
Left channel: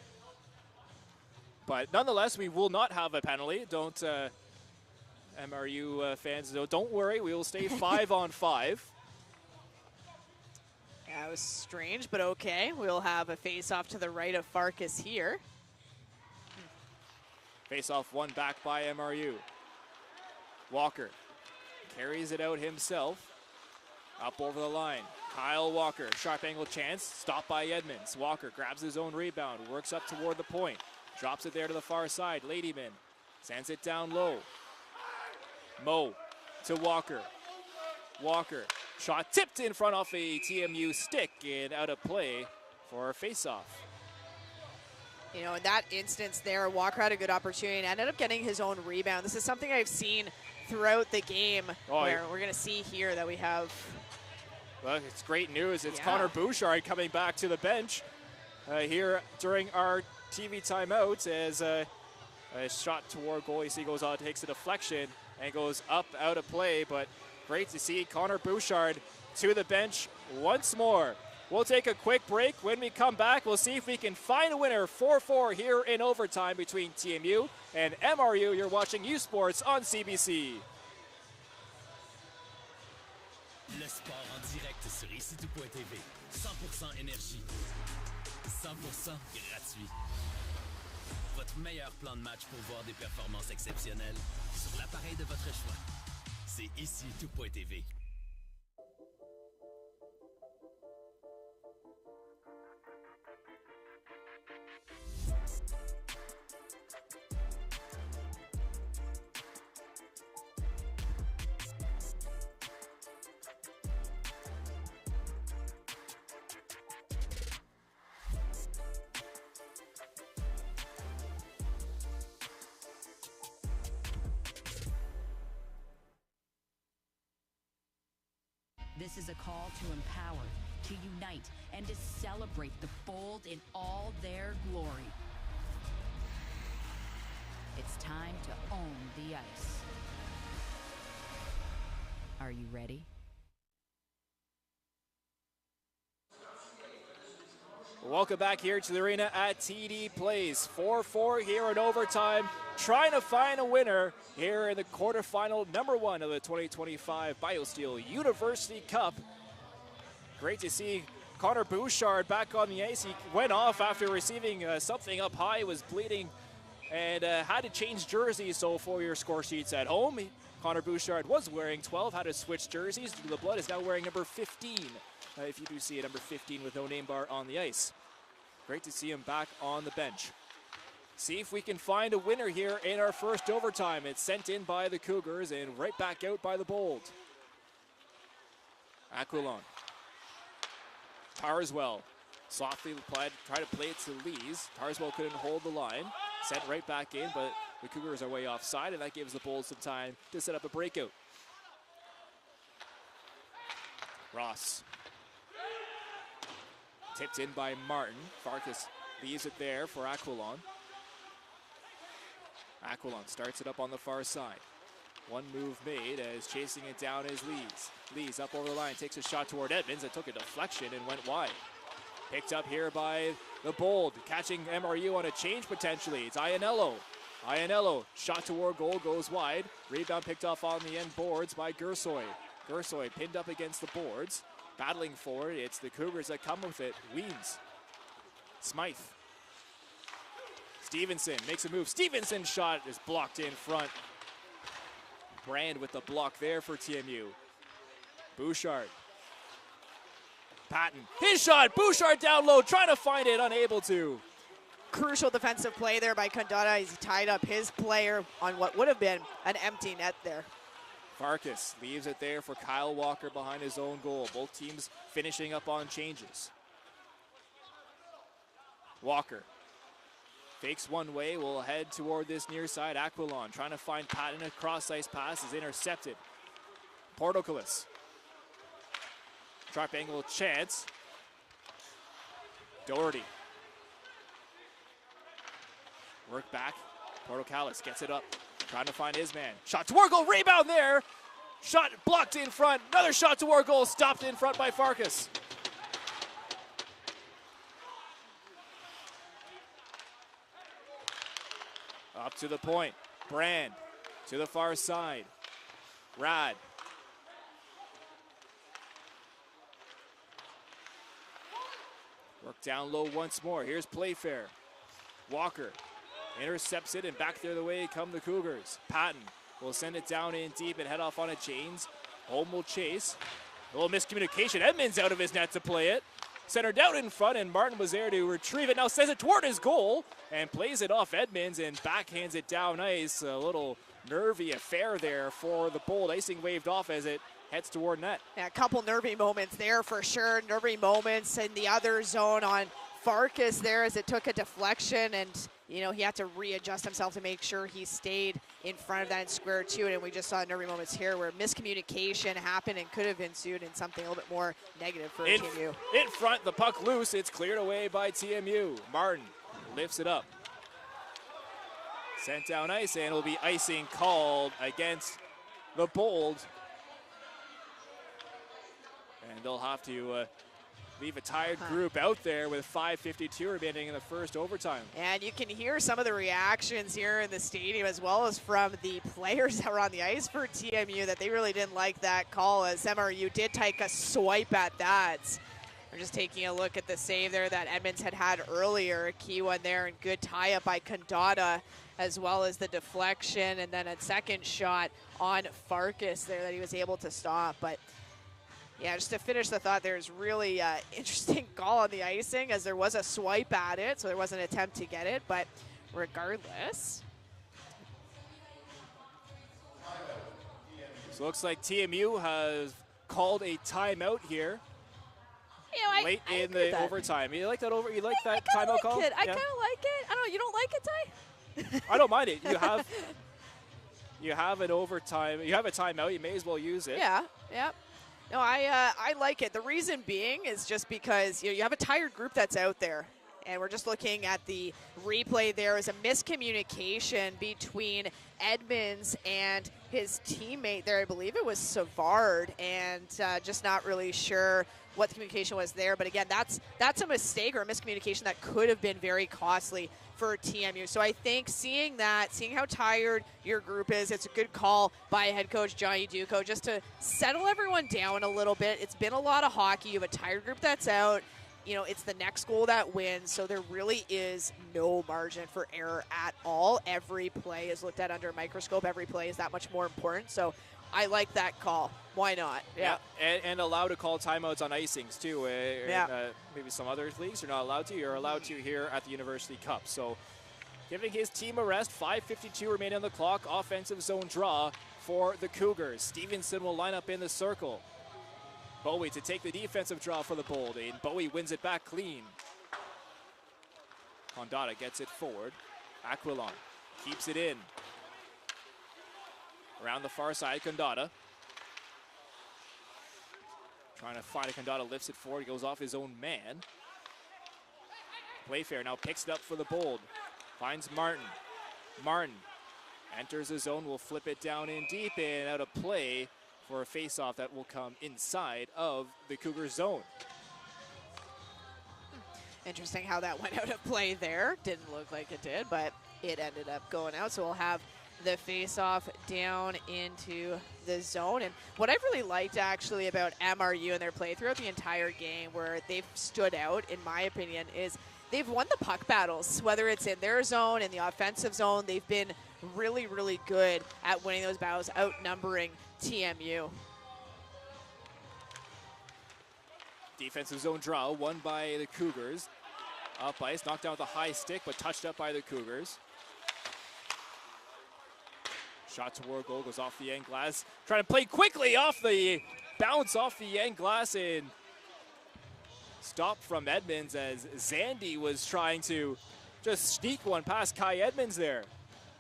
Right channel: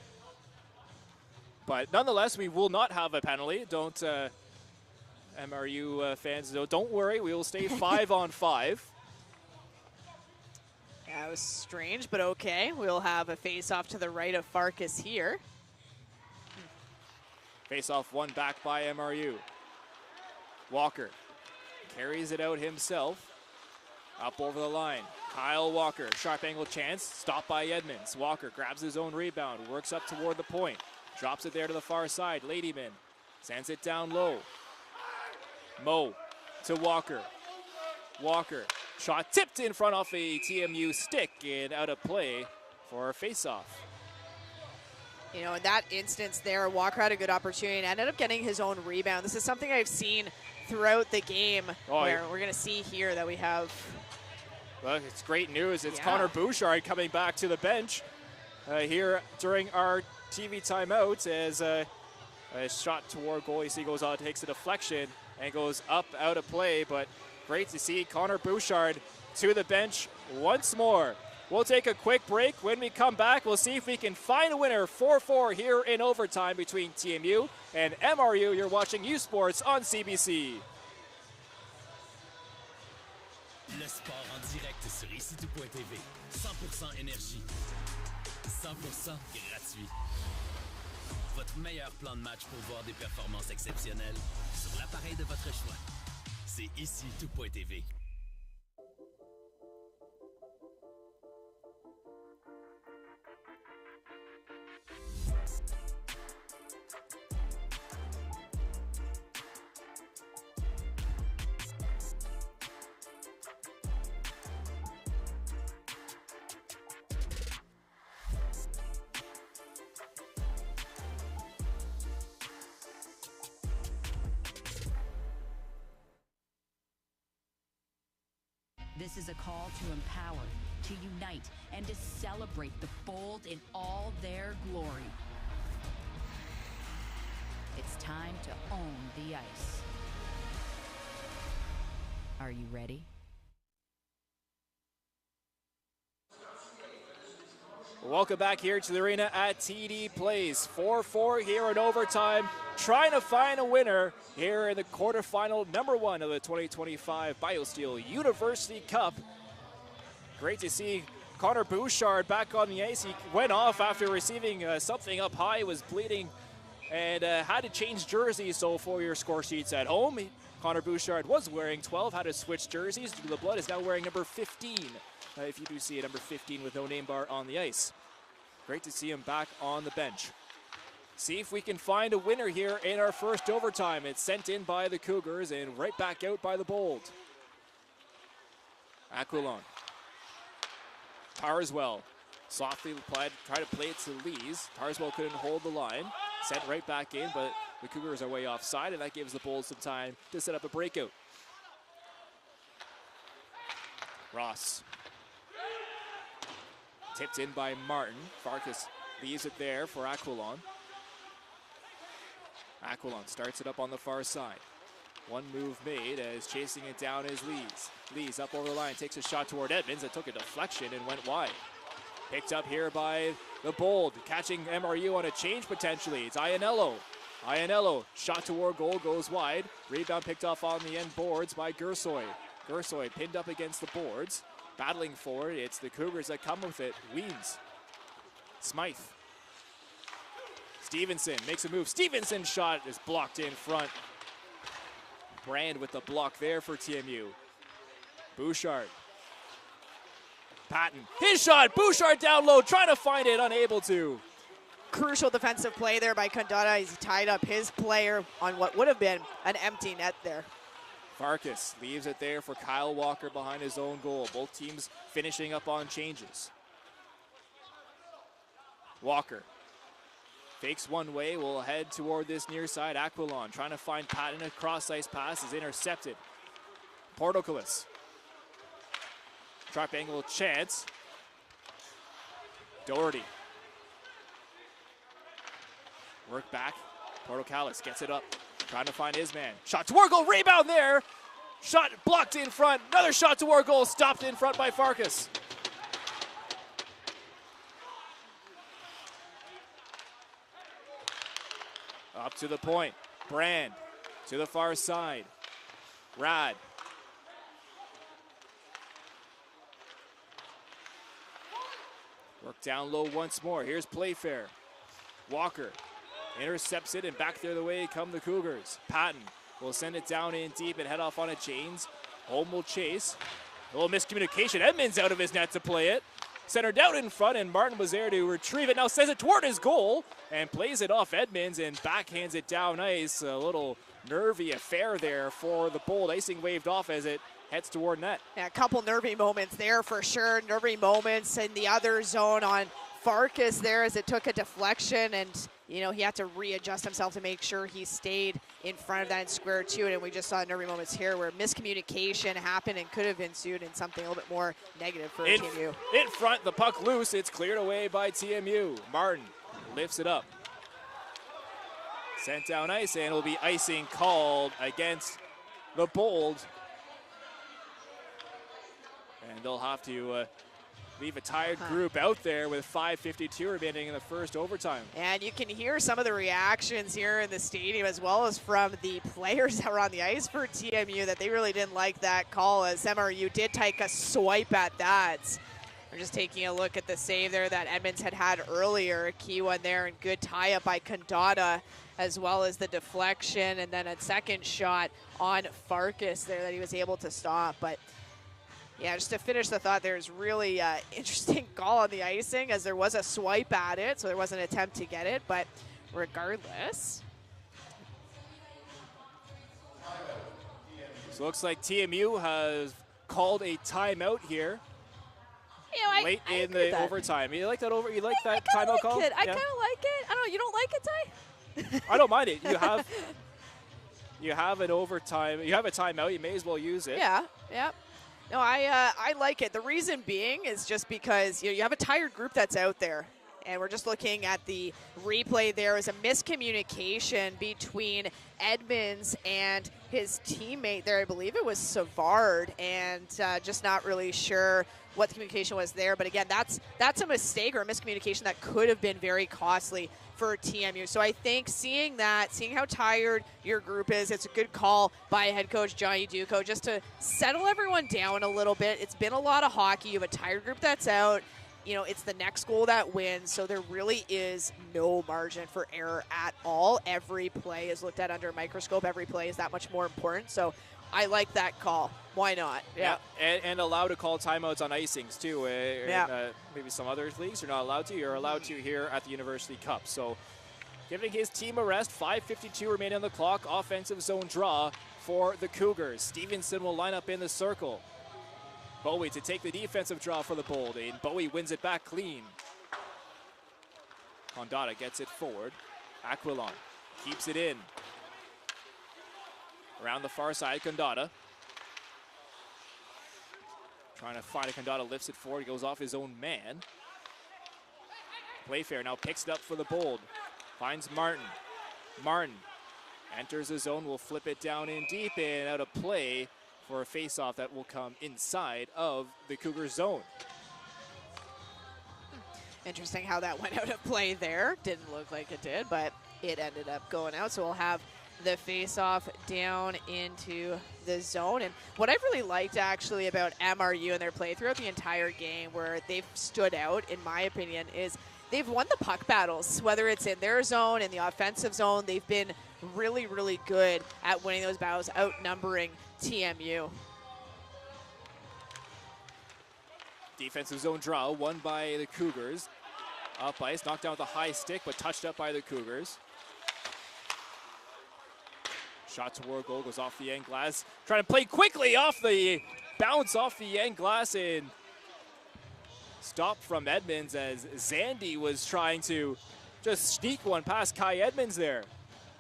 But nonetheless, we will not have a penalty. Don't, MRU fans, don't worry. We will stay 5-on-5. Yeah, it was strange, but okay. We'll have a face-off to the right of Farkas here. Face-off won back by MRU. Walker carries it out himself. Up over the line. Kyle Walker, sharp angle chance. Stopped by Edmonds. Walker grabs his own rebound. Works up toward the point. Drops it there to the far side. Ladyman sends it down low. Mo to Walker. Walker. Shot tipped in front off a TMU stick and out of play for a face-off. You know, in that instance there, Walker had a good opportunity and ended up getting his own rebound. This is something I've seen throughout the game where we're going to see here that we have... Well, it's great news. It's Connor Bouchard coming back to the bench here during our TV timeout as a shot toward goalie. He goes on, takes a deflection and goes up out of play, but great to see Connor Bouchard to the bench once more. We'll take a quick break. When we come back, we'll see if we can find a winner. 4-4 here in overtime between TMU and MRU. You're watching U Sports on CBC. Le sport en direct sur ici.tv. 100% énergie. 100% gratuit. Votre meilleur plan de match pour voir des performances exceptionnelles sur l'appareil de votre choix. C'est ici.tv. This is a call to empower, to unite, and to celebrate the bold in all their glory. It's time to own the ice. Are you ready? Welcome back here to the arena at TD Place. 4-4 here in overtime. Trying to find a winner here in the quarterfinal number 1 of the 2025 BioSteel University Cup. Great to see Connor Bouchard back on the ice. He went off after receiving something up high, was bleeding, and had to change jerseys. So for your score sheets at home, Connor Bouchard was wearing 12, had to switch jerseys. The Blood is now wearing number 15. If you do see a number 15 with no name bar on the ice. Great to see him back on the bench. See if we can find a winner here in our first overtime. It's sent in by the Cougars and right back out by the Bold. Aquilon. Tarswell softly tried to play it to Lees. Tarswell couldn't hold the line. Sent right back in, but the Cougars are way offside, and that gives the Bold some time to set up a breakout. Ross. Tipped in by Martin. Farkas leaves it there for Aquilon. Aquilon starts it up on the far side. One move made as chasing it down is Lees. Lees up over the line, takes a shot toward Edmonds that took a deflection and went wide. Picked up here by the Bold, catching MRU on a change potentially. It's Ianello. Ianello, shot toward goal, goes wide. Rebound picked off on the end boards by Gersoy. Gersoy pinned up against the boards. Battling for it, it's the Cougars that come with it. Weems. Smythe. Stevenson makes a move. Stevenson's shot is blocked in front. Brand with the block there for TMU. Bouchard. Patton. His shot. Bouchard down low, trying to find it, unable to. Crucial defensive play there by Condada as he tied up his player on what would have been an empty net there. Farkas leaves it there for Kyle Walker behind his own goal. Both teams finishing up on changes. Walker fakes one way, will head toward this near side. Aquilon trying to find Patton. A cross-ice pass is intercepted. Portocalis. Sharp angle chance. Doherty. Work back. Portocalis gets it up. Trying to find his man. Shot toward goal. Rebound there. Shot blocked in front. Another shot toward goal. Stopped in front by Farkas. Up to the point. Brand to the far side. Rad. Work down low once more. Here's Playfair. Walker intercepts it, and back the other way come the Cougars. Patton will send it down in deep and head off on a chains. Holm will chase. A little miscommunication. Edmonds out of his net to play it. Centered out in front, and Martin was there to retrieve it. Now sends it toward his goal and plays it off Edmonds and backhands it down ice. A little nervy affair there for the Bold. Icing waved off as it heads toward net. Yeah, a couple nervy moments there for sure. Nervy moments in the other zone on Farkas there as it took a deflection, and you know he had to readjust himself to make sure he stayed in front of that in square two. And we just saw nervy moments here where miscommunication happened and could have ensued in something a little bit more negative for TMU. In front, the puck loose. It's cleared away by TMU. Martin lifts it up. Sent down ice, and it'll be icing called against the Bold. they'll have to leave a tired group out there with 5:52 remaining in the first overtime. And you can hear some of the reactions here in the stadium as well as from the players that were on the ice for TMU that they really didn't like that call, as MRU did take a swipe at that. We're just taking a look at the save there that Edmonds had earlier. A key one there, and good tie-up by Condata, as well as the deflection, and then a second shot on Farkas there that he was able to stop. But yeah, just to finish the thought, there's really interesting call on the icing, as there was a swipe at it, so there was an attempt to get it, but regardless. So it looks like TMU has called a timeout here. You know, late in the overtime. You like that You like that timeout call? I kind of like it. I don't know. You don't like it, Ty? I don't mind it. You have an overtime. You have a timeout. You may as well use it. Yeah. No, I like it. The reason being is just because you have a tired group that's out there, and we're just looking at the replay. There is a miscommunication between Edmonds and his teammate there. I believe it was Savard, and just not really sure what the communication was there. But again, that's a mistake or a miscommunication that could have been very costly for TMU. So I think seeing how tired your group is, it's a good call by head coach Johnny Duco just to settle everyone down a little bit. It's been a lot of hockey. You have a tired group that's out. It's the next goal that wins, so there really is no margin for error at all. Every play is looked at under a microscope. Every play is that much more important. So I like that call. Why not? Yeah. And allowed to call timeouts on icings, too. Maybe some other leagues you're not allowed to. You're allowed to here at the University Cup. So giving his team a rest. 5:52 remaining on the clock. Offensive zone draw for the Cougars. Stevenson will line up in the circle. Bowie to take the defensive draw for the Bold, and Bowie wins it back clean. Condata gets it forward. Aquilon keeps it in. Around the far side, Condata. Trying to find a Condata, lifts it forward, goes off his own man. Playfair now picks it up for the Bold. Finds Martin. Martin enters the zone, will flip it down in deep and out of play for a face-off that will come inside of the Cougar zone. Interesting how that went out of play there. Didn't look like it did, but it ended up going out. So we'll have the face-off down into the zone. And what I've really liked actually about MRU and their play throughout the entire game, where they've stood out, in my opinion, is they've won the puck battles. Whether it's in their zone, in the offensive zone, they've been really, really good at winning those battles, outnumbering TMU. Defensive zone draw, won by the Cougars. Up ice, knocked down with a high stick, but touched up by the Cougars. Shot toward goal, goes off the end glass. Trying to play quickly off the bounce off the end glass, and stopped from Edmonds as Zandy was trying to just sneak one past Kai Edmonds there.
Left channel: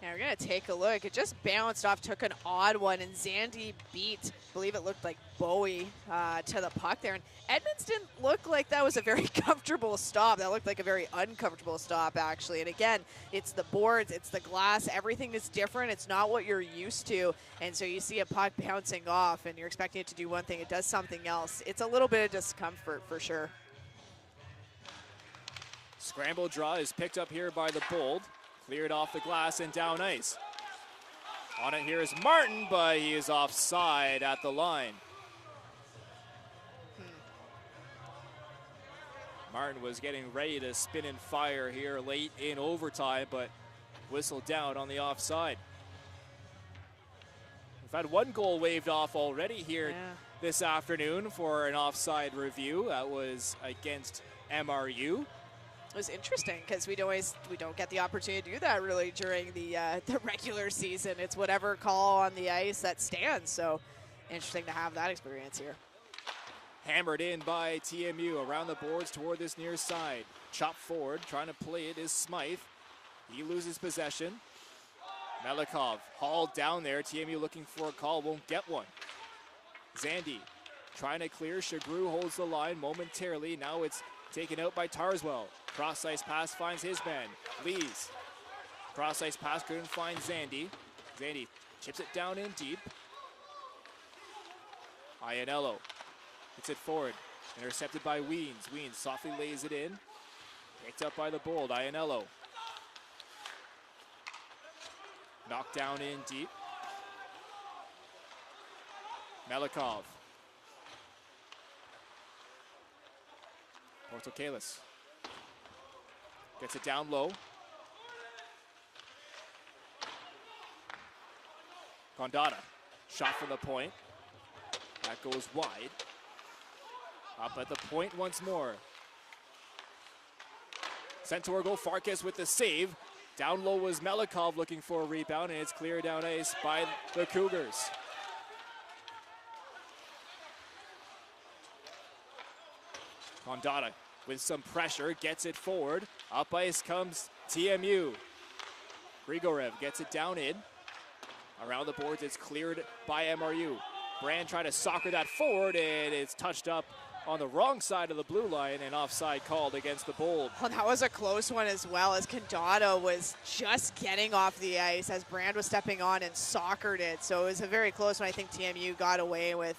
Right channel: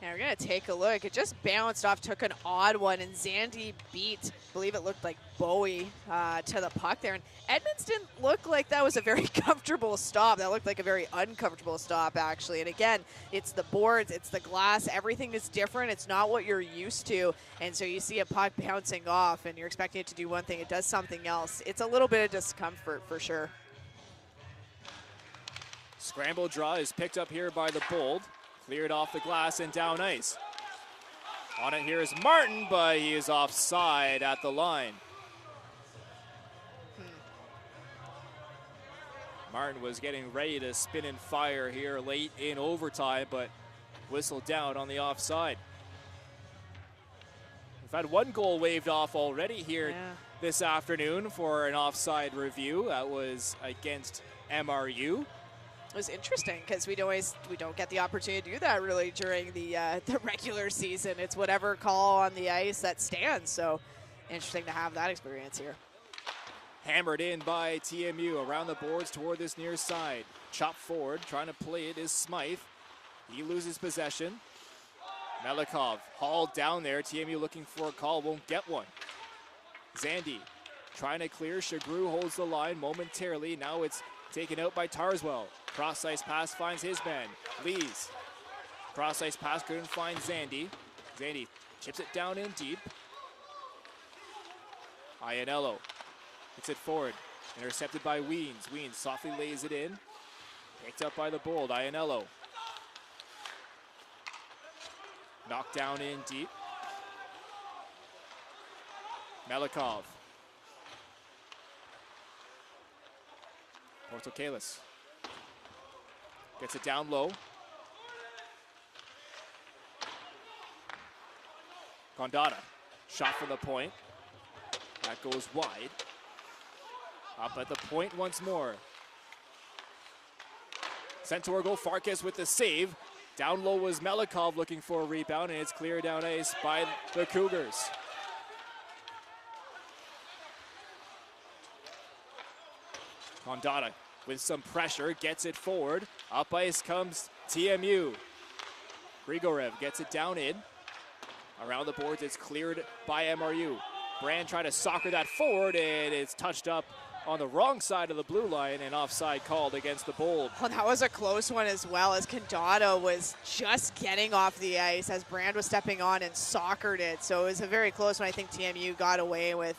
Now we're going to take a look. It just bounced off, took an odd one, and Zandy beat, I believe it looked like Bowie to the puck there. And Edmonds didn't look like that was a very comfortable stop. That looked like a very uncomfortable stop, actually. And again, it's the boards, it's the glass, everything is different. It's not what you're used to. And so you see a puck bouncing off, and you're expecting it to do one thing. It does something else. It's a little bit of discomfort for sure. Scramble draw is picked up here by the Bold. Cleared off the glass and down ice. On it here is Martin, but he is offside at the line. Martin was getting ready to spin and fire here late in overtime, but whistled down on the offside. We've had one goal waved off already here this afternoon for an offside review. That was against MRU. It was interesting because we don't get the opportunity to do that really during the regular season. It's whatever call on the ice that stands. So interesting to have that experience here. Hammered in by TMU around the boards toward this near side. Chopped forward, trying to play it is Smythe. He loses possession. Melikov hauled down there. TMU looking for a call, won't get one. Zandy trying to clear. Shagru holds the line momentarily. Now it's taken out by Tarswell. Cross-ice pass finds his man. Lees. Cross-ice pass couldn't find Zandy. Zandy chips it down in deep. Ianello Gets it forward. Intercepted by Weens. Weens softly lays it in. Picked up by the Bold. Ianello. Knocked down in deep. Melikov. Portocalis. Gets it down low. Gondata. Shot from the point. That goes wide. Up at the point once more. Sent toward goal. Farkas with the save. Down low was Melikov looking for a rebound, and it's cleared down ice by the Cougars. Gondata with some pressure, gets it forward. Up ice comes TMU. Grigorev gets it down in. Around the boards, it's cleared by MRU. Brand trying to soccer that forward, and it's touched up on the wrong side of the blue line, and offside called against the Bold. Well, that was a close one as well, as Condado was just getting off the ice as Brand was stepping on and soccered it. So it was a very close one. I think TMU got away with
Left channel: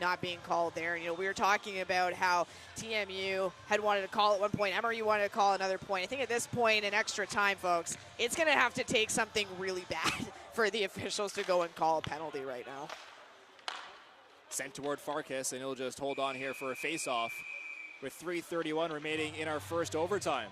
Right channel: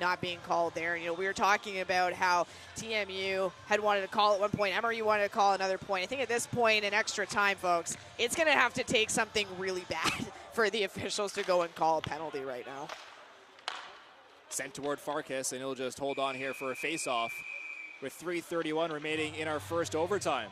not being called there. And, we were talking about how TMU had wanted to call at one point, MRU wanted to call another point. I think at this point in extra time, folks, it's going to have to take something really bad for the officials to go and call a penalty right now. Sent toward Farkas, and he'll just hold on here for a face-off with 3:31 remaining in our first overtime.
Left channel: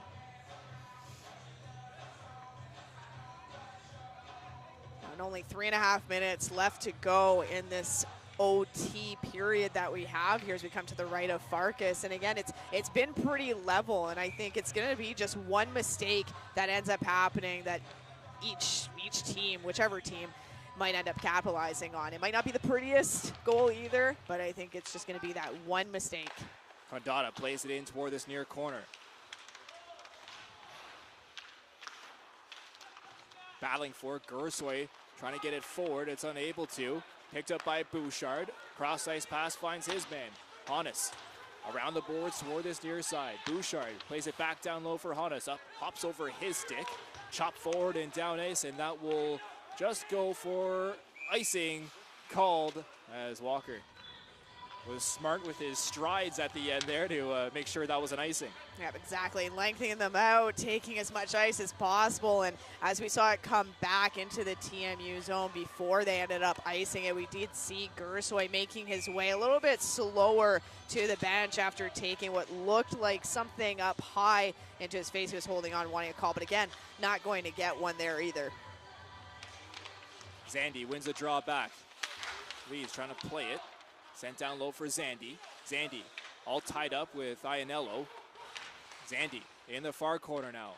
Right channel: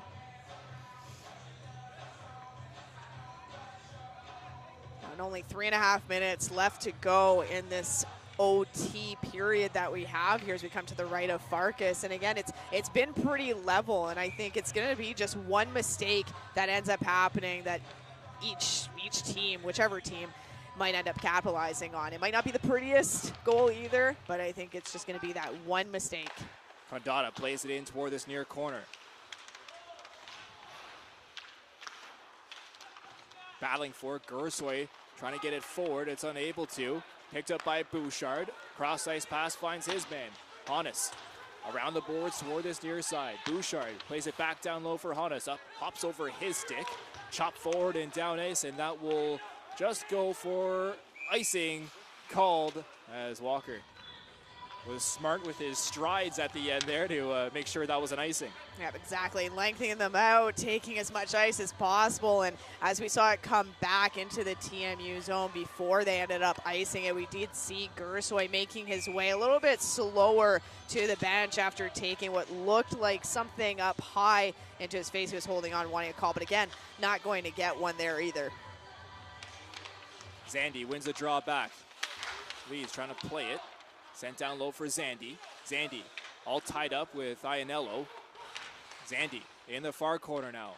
And only 3.5 minutes left to go in this OT period that we have here as we come to the right of Farkas. And again, it's been pretty level, and I think it's going to be just one mistake that ends up happening that each team, whichever team, might end up capitalizing on. It might not be the prettiest goal either, but I think it's just going to be that one mistake. Condata plays it in toward this near corner. Battling for it, Gersoy trying to get it forward. It's unable to. Picked up by Bouchard. Cross ice pass finds his man. Hannes around the boards toward this near side. Bouchard plays it back down low for Hannes. Up, hops over his stick. Chop forward and down ice, and that will just go for icing called as Walker was smart with his strides at the end there to make sure that was an icing. Yeah, exactly. Lengthening them out, taking as much ice as possible. And as we saw it come back into the TMU zone before they ended up icing it, we did see Gersoy making his way a little bit slower to the bench after taking what looked like something up high into his face. He was holding on, wanting a call, but again, not going to get one there either. Zandy wins the draw back. Lee's trying to play it. Sent down low for Zandy. Zandy all tied up with Ianello. Zandy in the far corner now.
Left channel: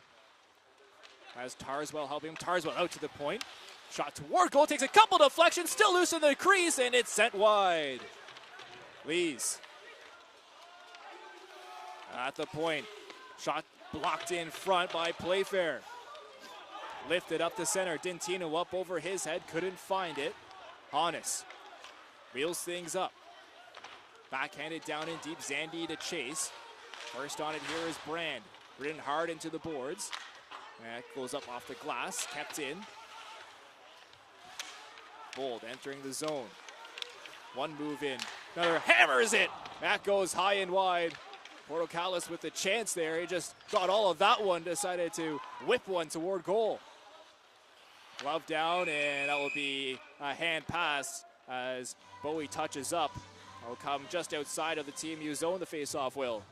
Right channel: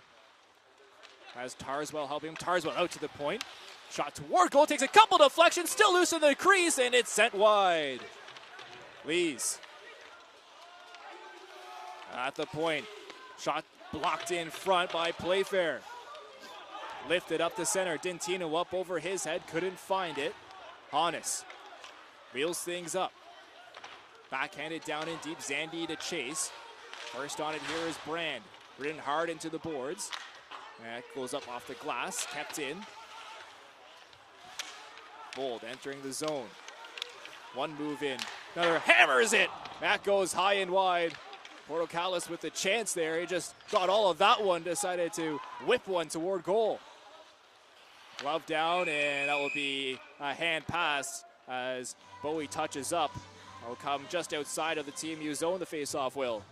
Has Tarswell helping him. Tarswell out to the point. Shot toward goal. Takes a couple deflections. Still loose in the crease, and it's sent wide. Lees at the point. Shot blocked in front by Playfair. Lifted up the center. Dentino up over his head. Couldn't find it. Hannes wheels things up. Backhanded down in deep. Zandy to chase. First on it here is Brand. Ridden hard into the boards. That goes up off the glass. Kept in. Bold entering the zone. One move in. Another hammers it. That goes high and wide. Portocalis with the chance there. He just got all of that one. Decided to whip one toward goal. Glove down, and that will be a hand pass as Bowie touches up. Will come just outside of the TMU zone, the face-off will.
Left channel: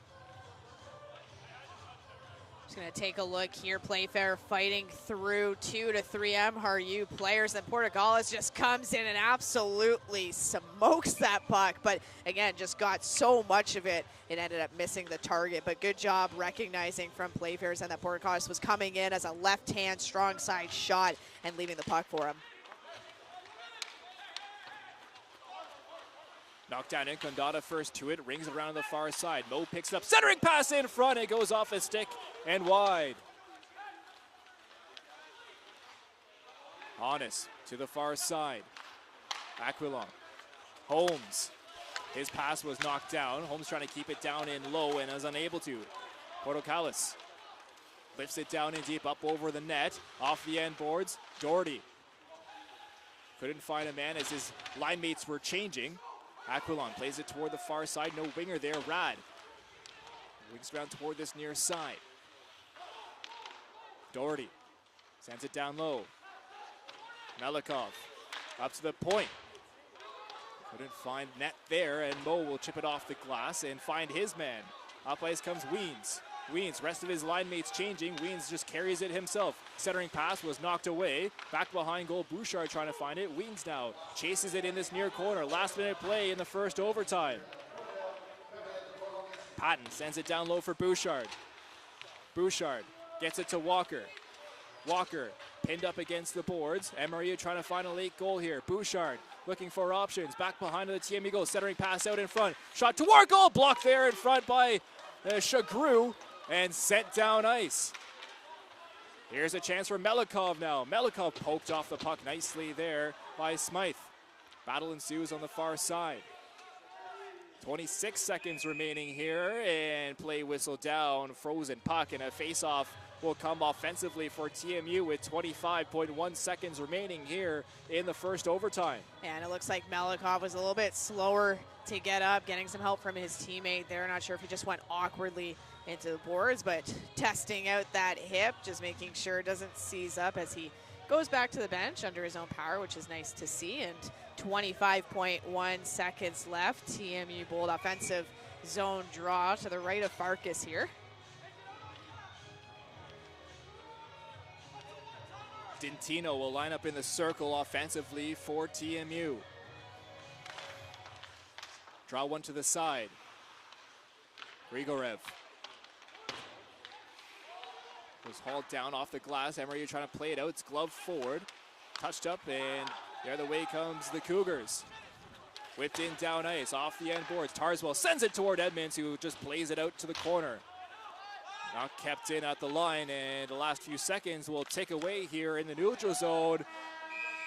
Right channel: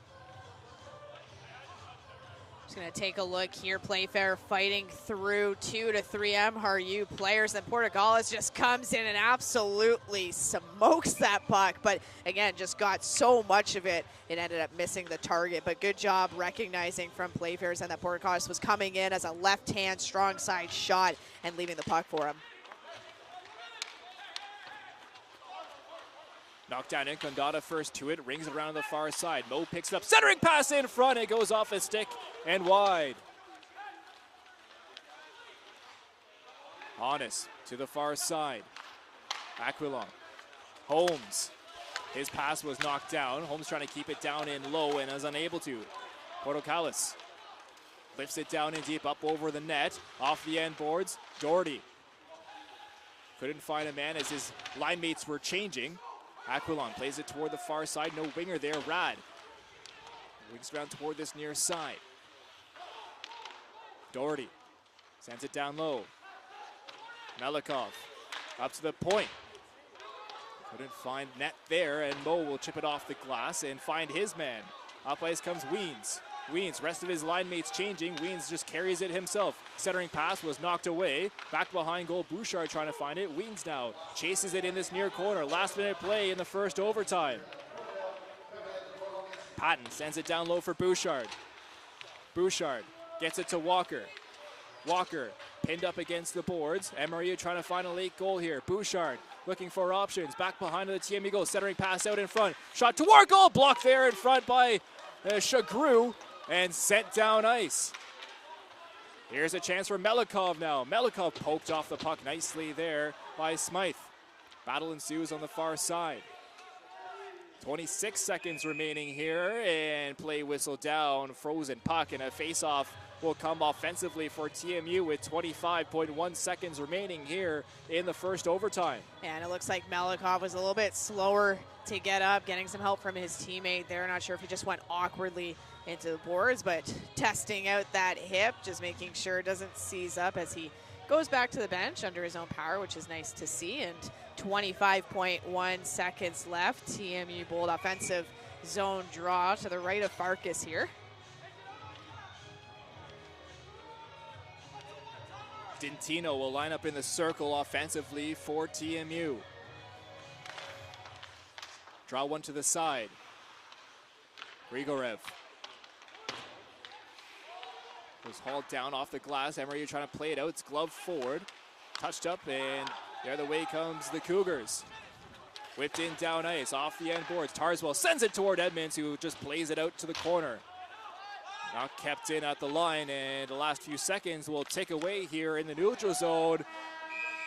Just going to take a look here. Playfair fighting through 2 to 3 MRU players. Then Portocalis just comes in and absolutely smokes that puck. But again, just got so much of it, it ended up missing the target. But good job recognizing from Playfair's and that Portocalis was coming in as a left-hand strong side shot and leaving the puck for him. Knocked down in, Condata first to it, rings around the far side. Mo picks it up, centering pass in front, it goes off his stick and wide. Hannes to the far side. Aquilon. Holmes. His pass was knocked down. Holmes trying to keep it down in low and is unable to. Portocalis lifts it down in deep, up over the net, off the end boards. Doherty couldn't find a man as his line mates were changing. Aquilon plays it toward the far side. No winger there. Rad wings around toward this near side. Doherty sends it down low. Melikov up to the point. Couldn't find net there, and Mo will chip it off the glass and find his man. Up ice comes Weens. Weens, rest of his line mates changing. Weens just carries it himself. Centering pass was knocked away. Back behind goal, Bouchard trying to find it. Weens now chases it in this near corner. Last minute play in the first overtime. Patton sends it down low for Bouchard. Bouchard gets it to Walker. Walker pinned up against the boards. Emery trying to find a late goal here. Bouchard looking for options. Back behind the TMU goal. Centering pass out in front. Shot toward goal. Blocked there in front by Chagru and sent down ice. Here's a chance for Melikov now. Melikov poked off the puck nicely there by Smythe. Battle ensues on the far side. 26 seconds remaining here, and play whistle down. Frozen puck, and a face-off will come offensively for TMU with 25.1 seconds remaining here in the first overtime. And it looks like Melikov was a little bit slower to get up, getting some help from his teammate there. Not sure if he just went awkwardly into the boards, but testing out that hip, just making sure it doesn't seize up as he goes back to the bench under his own power, which is nice to see. And 25.1 seconds left. TMU Bold offensive zone draw to the right of Farkas here. Dintino will line up in the circle offensively for TMU. Draw one to the side. Grigorev was hauled down off the glass. Emery trying to play it out. It's glove forward. Touched up, and the other way comes the Cougars. Whipped in down ice, off the end boards. Tarswell sends it toward Edmonds, who just plays it out to the corner. Not kept in at the line, and the last few seconds will tick away here in the neutral zone.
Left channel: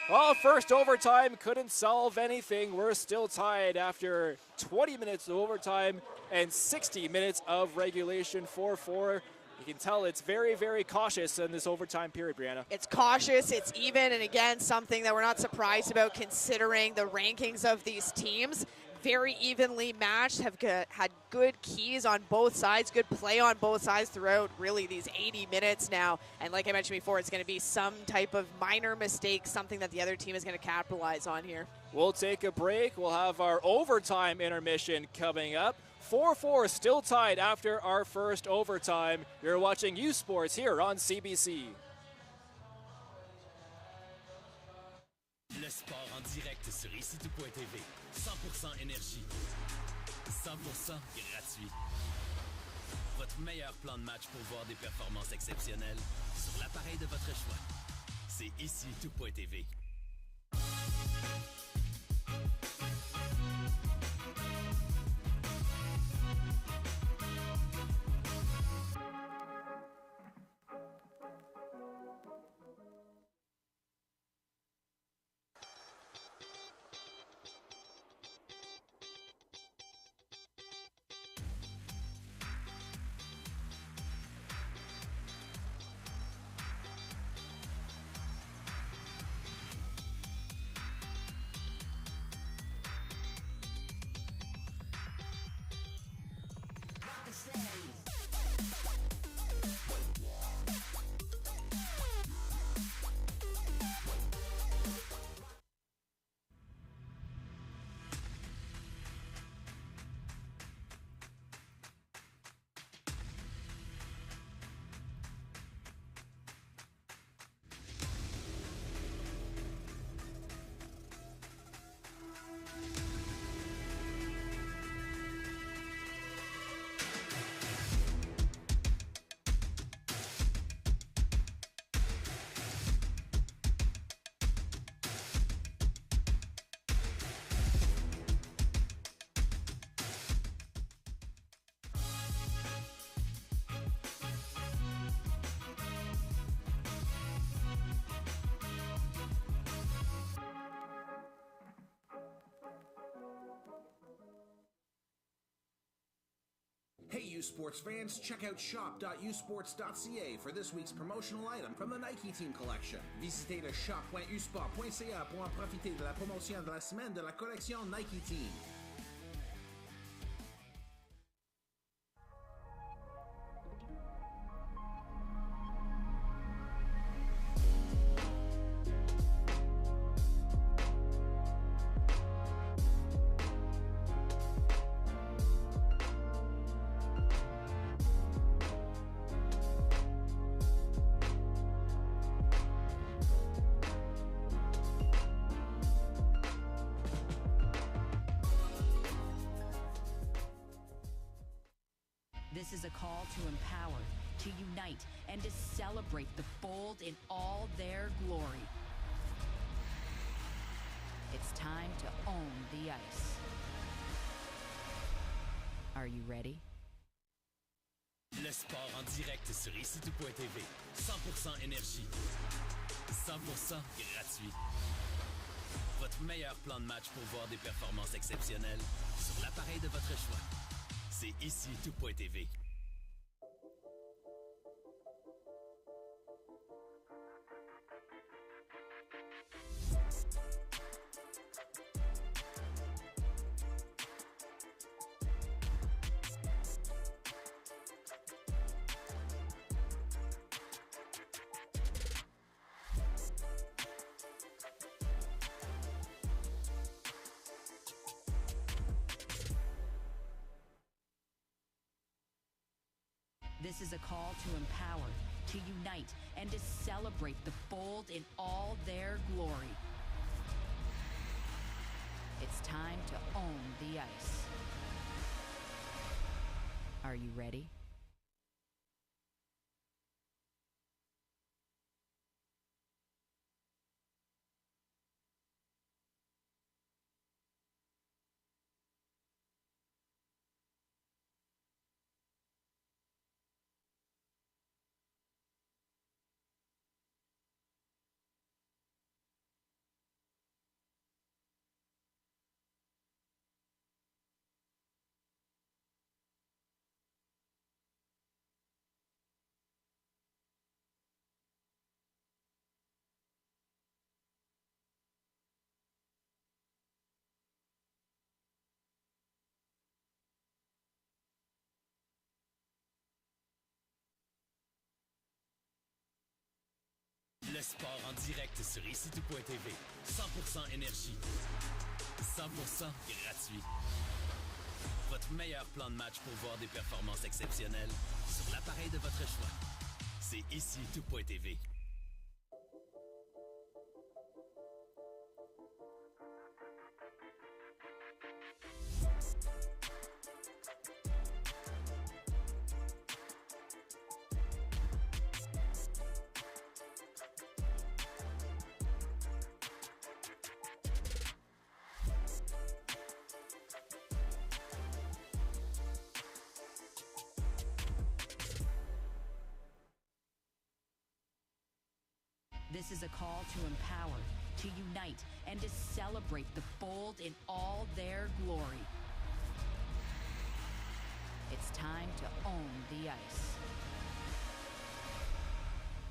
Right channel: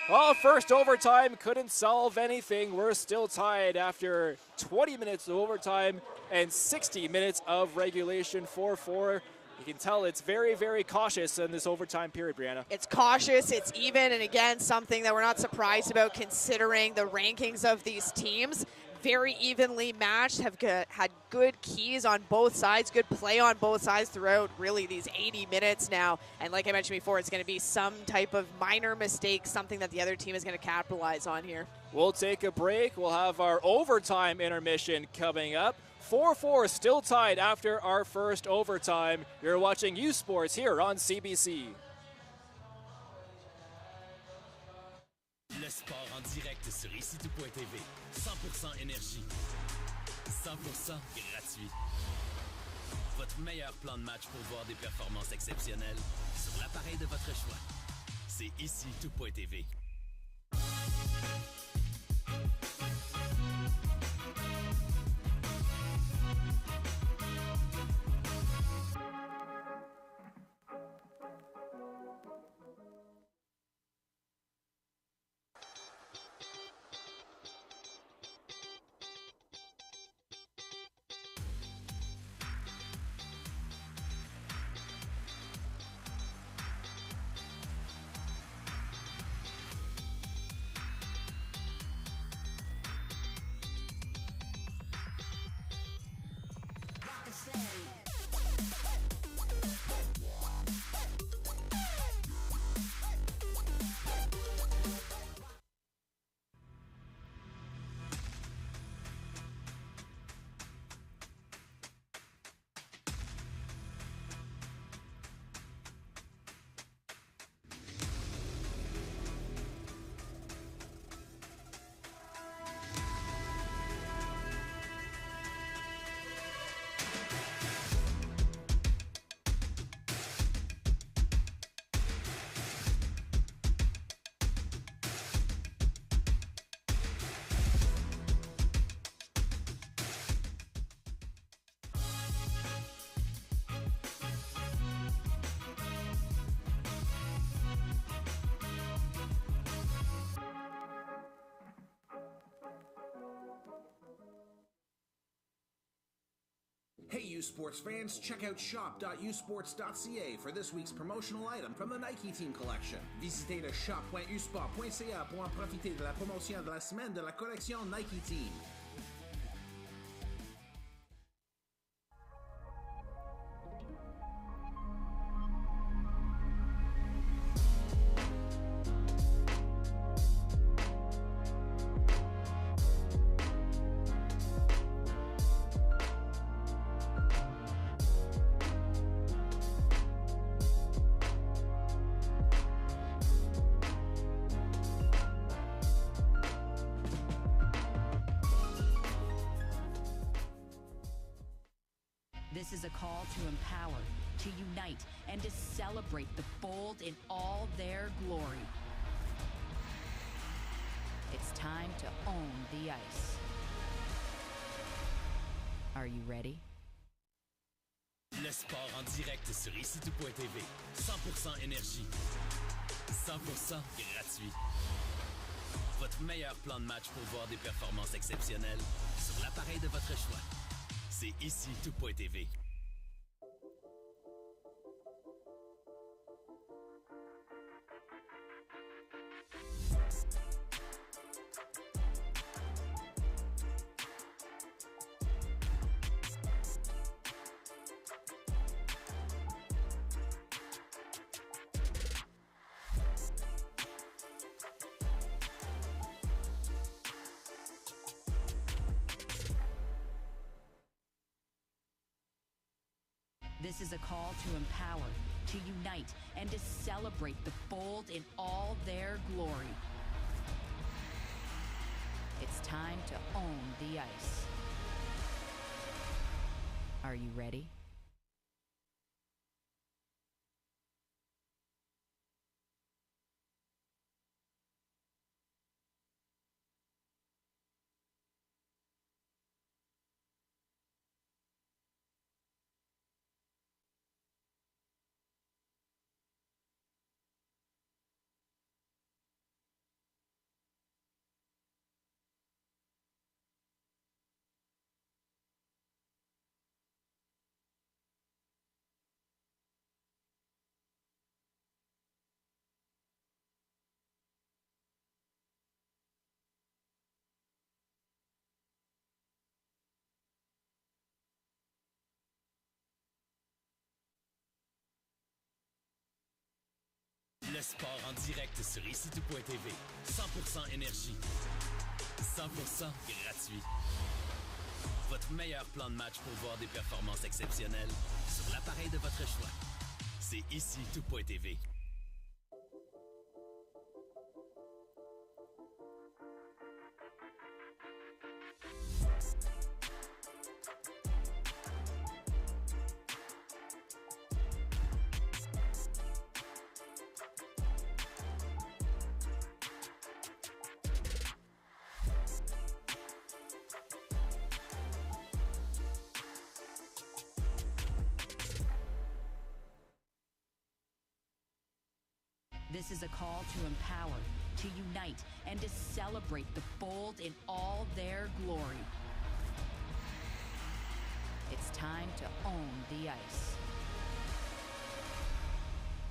Well, first overtime couldn't solve anything. We're still tied after 20 minutes of overtime and 60 minutes of regulation. 4-4. You can tell it's very, very cautious in this overtime period, Brianna. It's cautious, it's even, and again, something that we're not surprised about considering the rankings of these teams. Very evenly matched, have had good keys on both sides, good play on both sides throughout really these 80 minutes now. And like I mentioned before, it's going to be some type of minor mistake, something that the other team is going to capitalize on here. We'll take a break. We'll have our overtime intermission coming up. 4-4 still tied after our first overtime. You're watching U Sports here on CBC. Le sport en direct sur ICTU.tv. 100% énergie. 100% gratuit. Votre meilleur plan de match pour voir des performances exceptionnelles sur l'appareil de votre choix. C'est ICTU.tv. Hey U Sports fans, check out shop.usports.ca for this week's promotional item from the Nike Team Collection. Visitez le shop.usport.ca pour en profiter de la promotion de la semaine de la collection Nike Team. call to empower, to unite, and to celebrate the bold in all their glory. It's time to own the ice. Are you ready? Le sport en direct sur ICTU.tv. 100% énergie. 100% gratuit. Votre meilleur plan de match pour voir des performances exceptionnelles sur l'appareil de votre choix. C'est ICTU.tv. This is a call to empower, to unite, and to celebrate the bold in all their glory. It's time to own the ice. Are you ready? Le sport en direct sur ICTU.tv. 100% énergie. 100% gratuit. Votre meilleur plan de match pour voir des performances exceptionnelles sur l'appareil de votre choix. C'est ICTU.tv. This is a call to empower, to unite, and to celebrate the bold in all their glory. It's time to own the ice.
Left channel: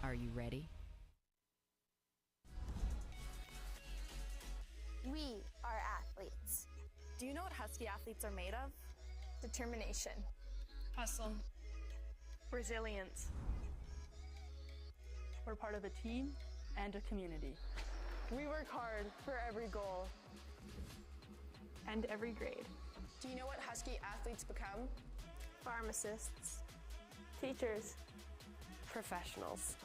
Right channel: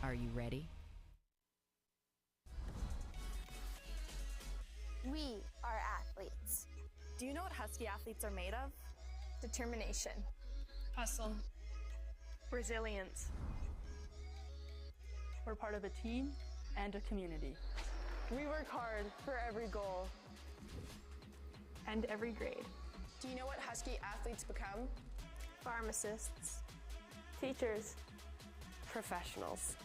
Are you ready? We are athletes. Do you know what Husky athletes are made of? Determination. Hustle. Resilience. We're part of a team and a community. We work hard for every goal. And every grade. Do you know what Husky athletes become? Pharmacists. Teachers. Professionals.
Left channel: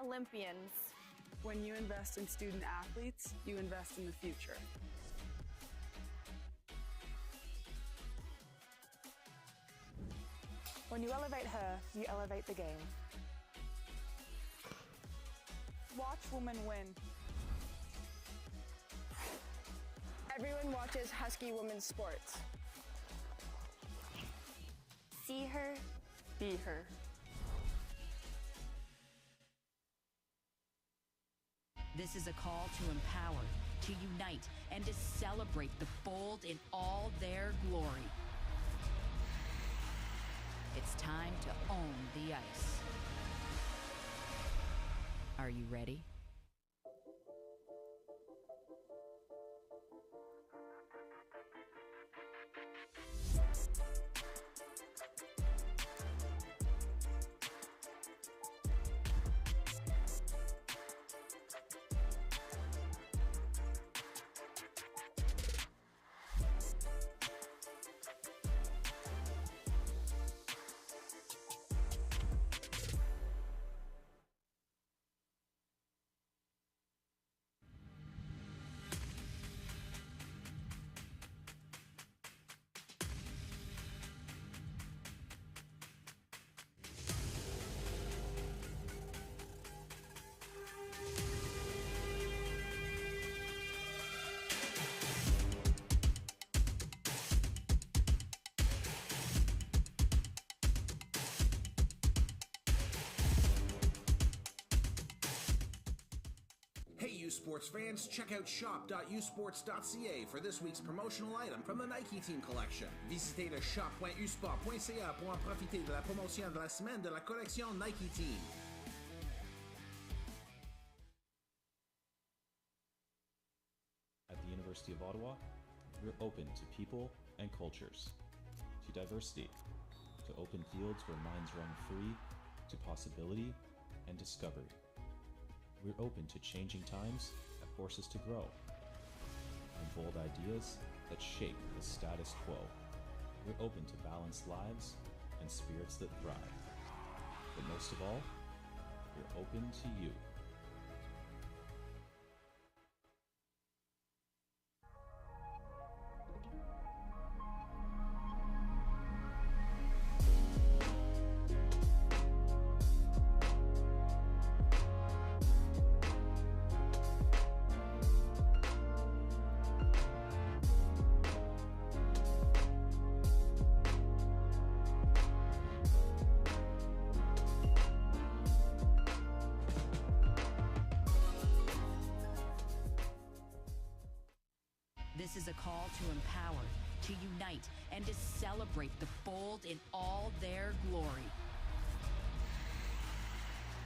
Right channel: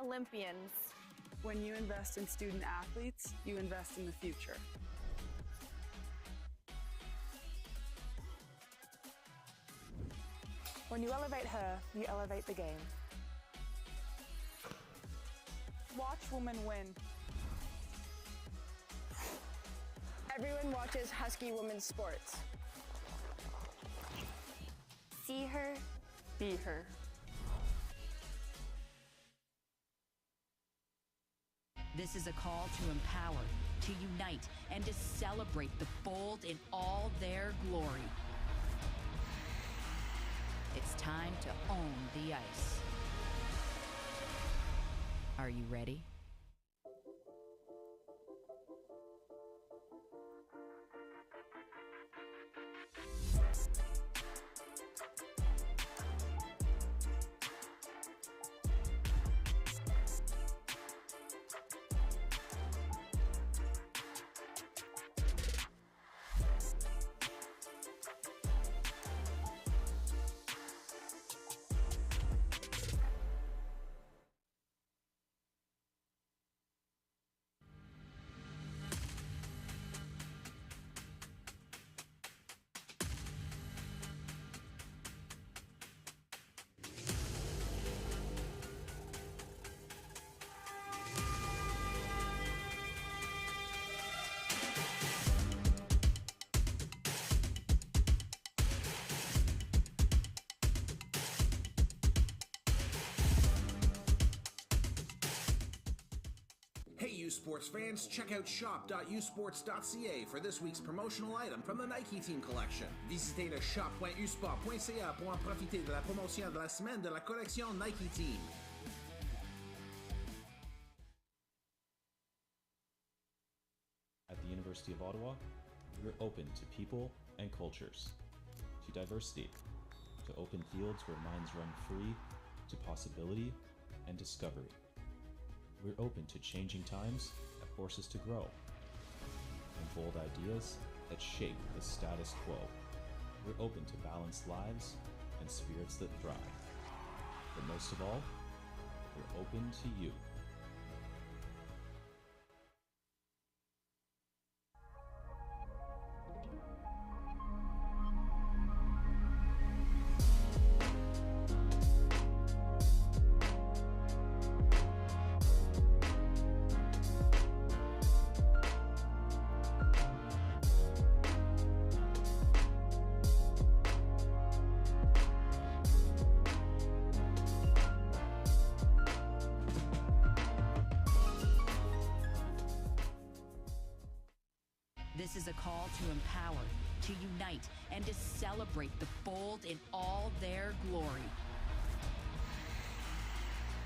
Olympians. When you invest in student athletes, you invest in the future. When you elevate her, you elevate the game. Watch women win. Everyone watches Husky women's sports. See her, be her. This is a call to empower, to unite, and to celebrate the bold in all their glory. It's time to own the ice. Are you ready? Sports fans, check out shop.usports.ca for this week's promotional item from the Nike Team collection. Visitez le shop.usport.ca pour en profiter de la promotion de la semaine de la collection Nike Team. At the University of Ottawa, we're open to people and cultures, to diversity, to open fields where minds run free, to possibility and discovery. We're open to changing times that force us to grow, and bold ideas that shape the status quo. We're open to balanced lives and spirits that thrive. But most of all, we're open to you. This is a call to empower, to unite, and to celebrate the bold in all their glory.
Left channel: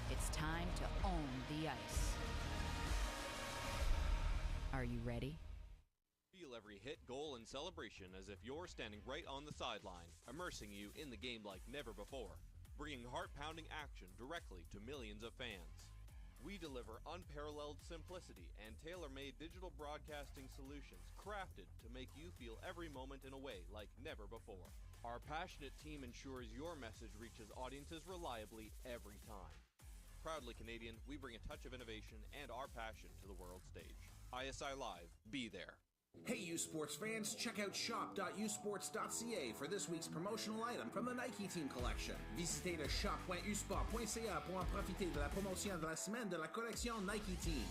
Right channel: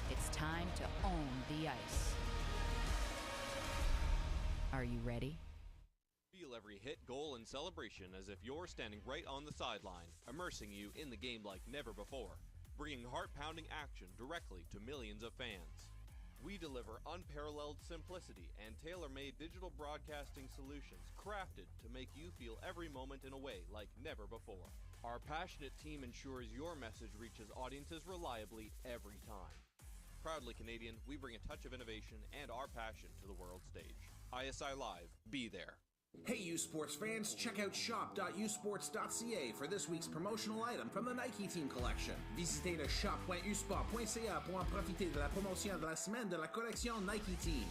It's time to own the ice. Are you ready? Feel every hit, goal, and celebration as if you're standing right on the sideline, immersing you in the game like never before, bringing heart-pounding action directly to millions of fans. We deliver unparalleled simplicity and tailor-made digital broadcasting solutions crafted to make you feel every moment in a way like never before. Our passionate team ensures your message reaches audiences reliably every time. Proudly Canadian, we bring a touch of innovation and our passion to the world stage. ISI Live, be there. Hey, U Sports fans, check out shop.usports.ca for this week's promotional item from the Nike Team collection. Visitez le shop.usport.ca pour en profiter de la promotion de la semaine de la collection Nike Team.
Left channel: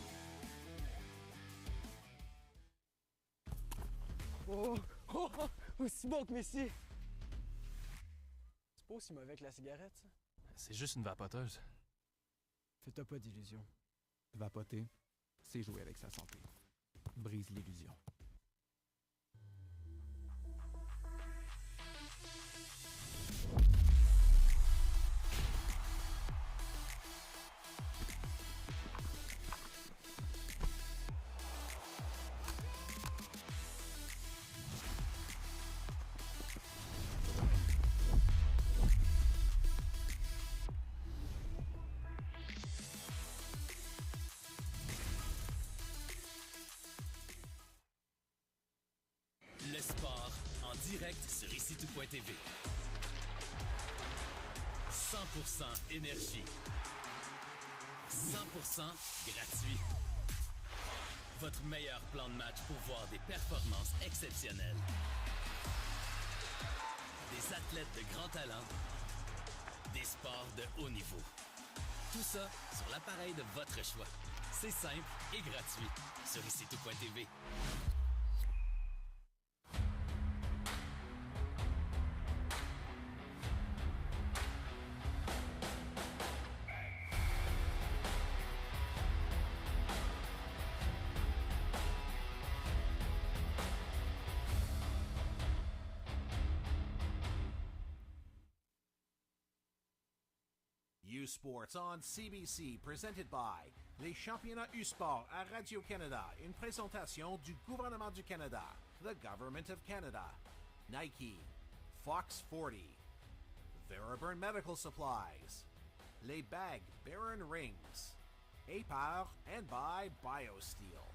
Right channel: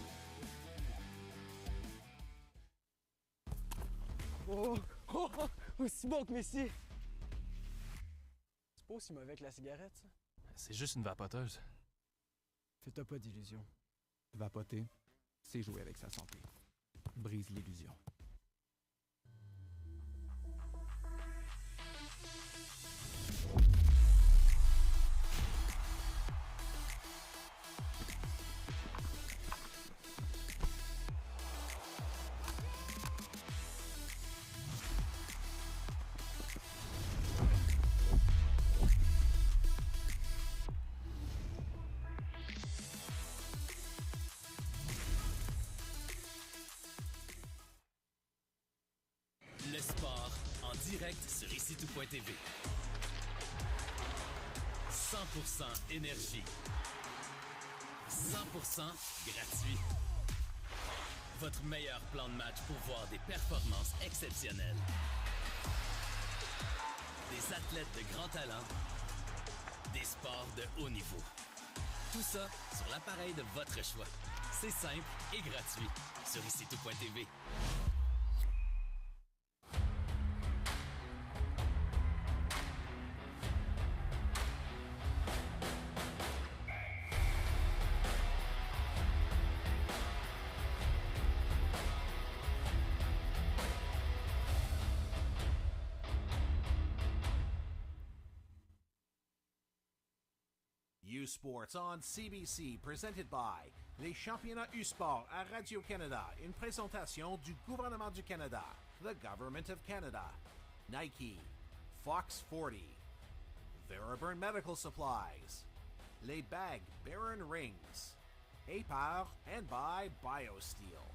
Smoke, messieurs! C'est pas aussi mauvais que la cigarette, ça? C'est juste une vapoteuse. Fais-toi pas d'illusions. Vapoter, c'est jouer avec sa santé. Brise l'illusion. TV. 100% énergie. 100% gratuit. Votre meilleur plan de match pour voir des performances exceptionnelles. Des athlètes de grand talent. Des sports de haut niveau. Tout ça sur l'appareil de votre choix. C'est simple et gratuit sur icitout.tv. Sports on CBC, presented by les championnats U-Sport à Radio-Canada, une présentation du gouvernement du Canada, the Government of Canada, Nike, Fox 40, Theraburn Medical Supplies, Les Bagues Baron Rings, APAR, and by BioSteel.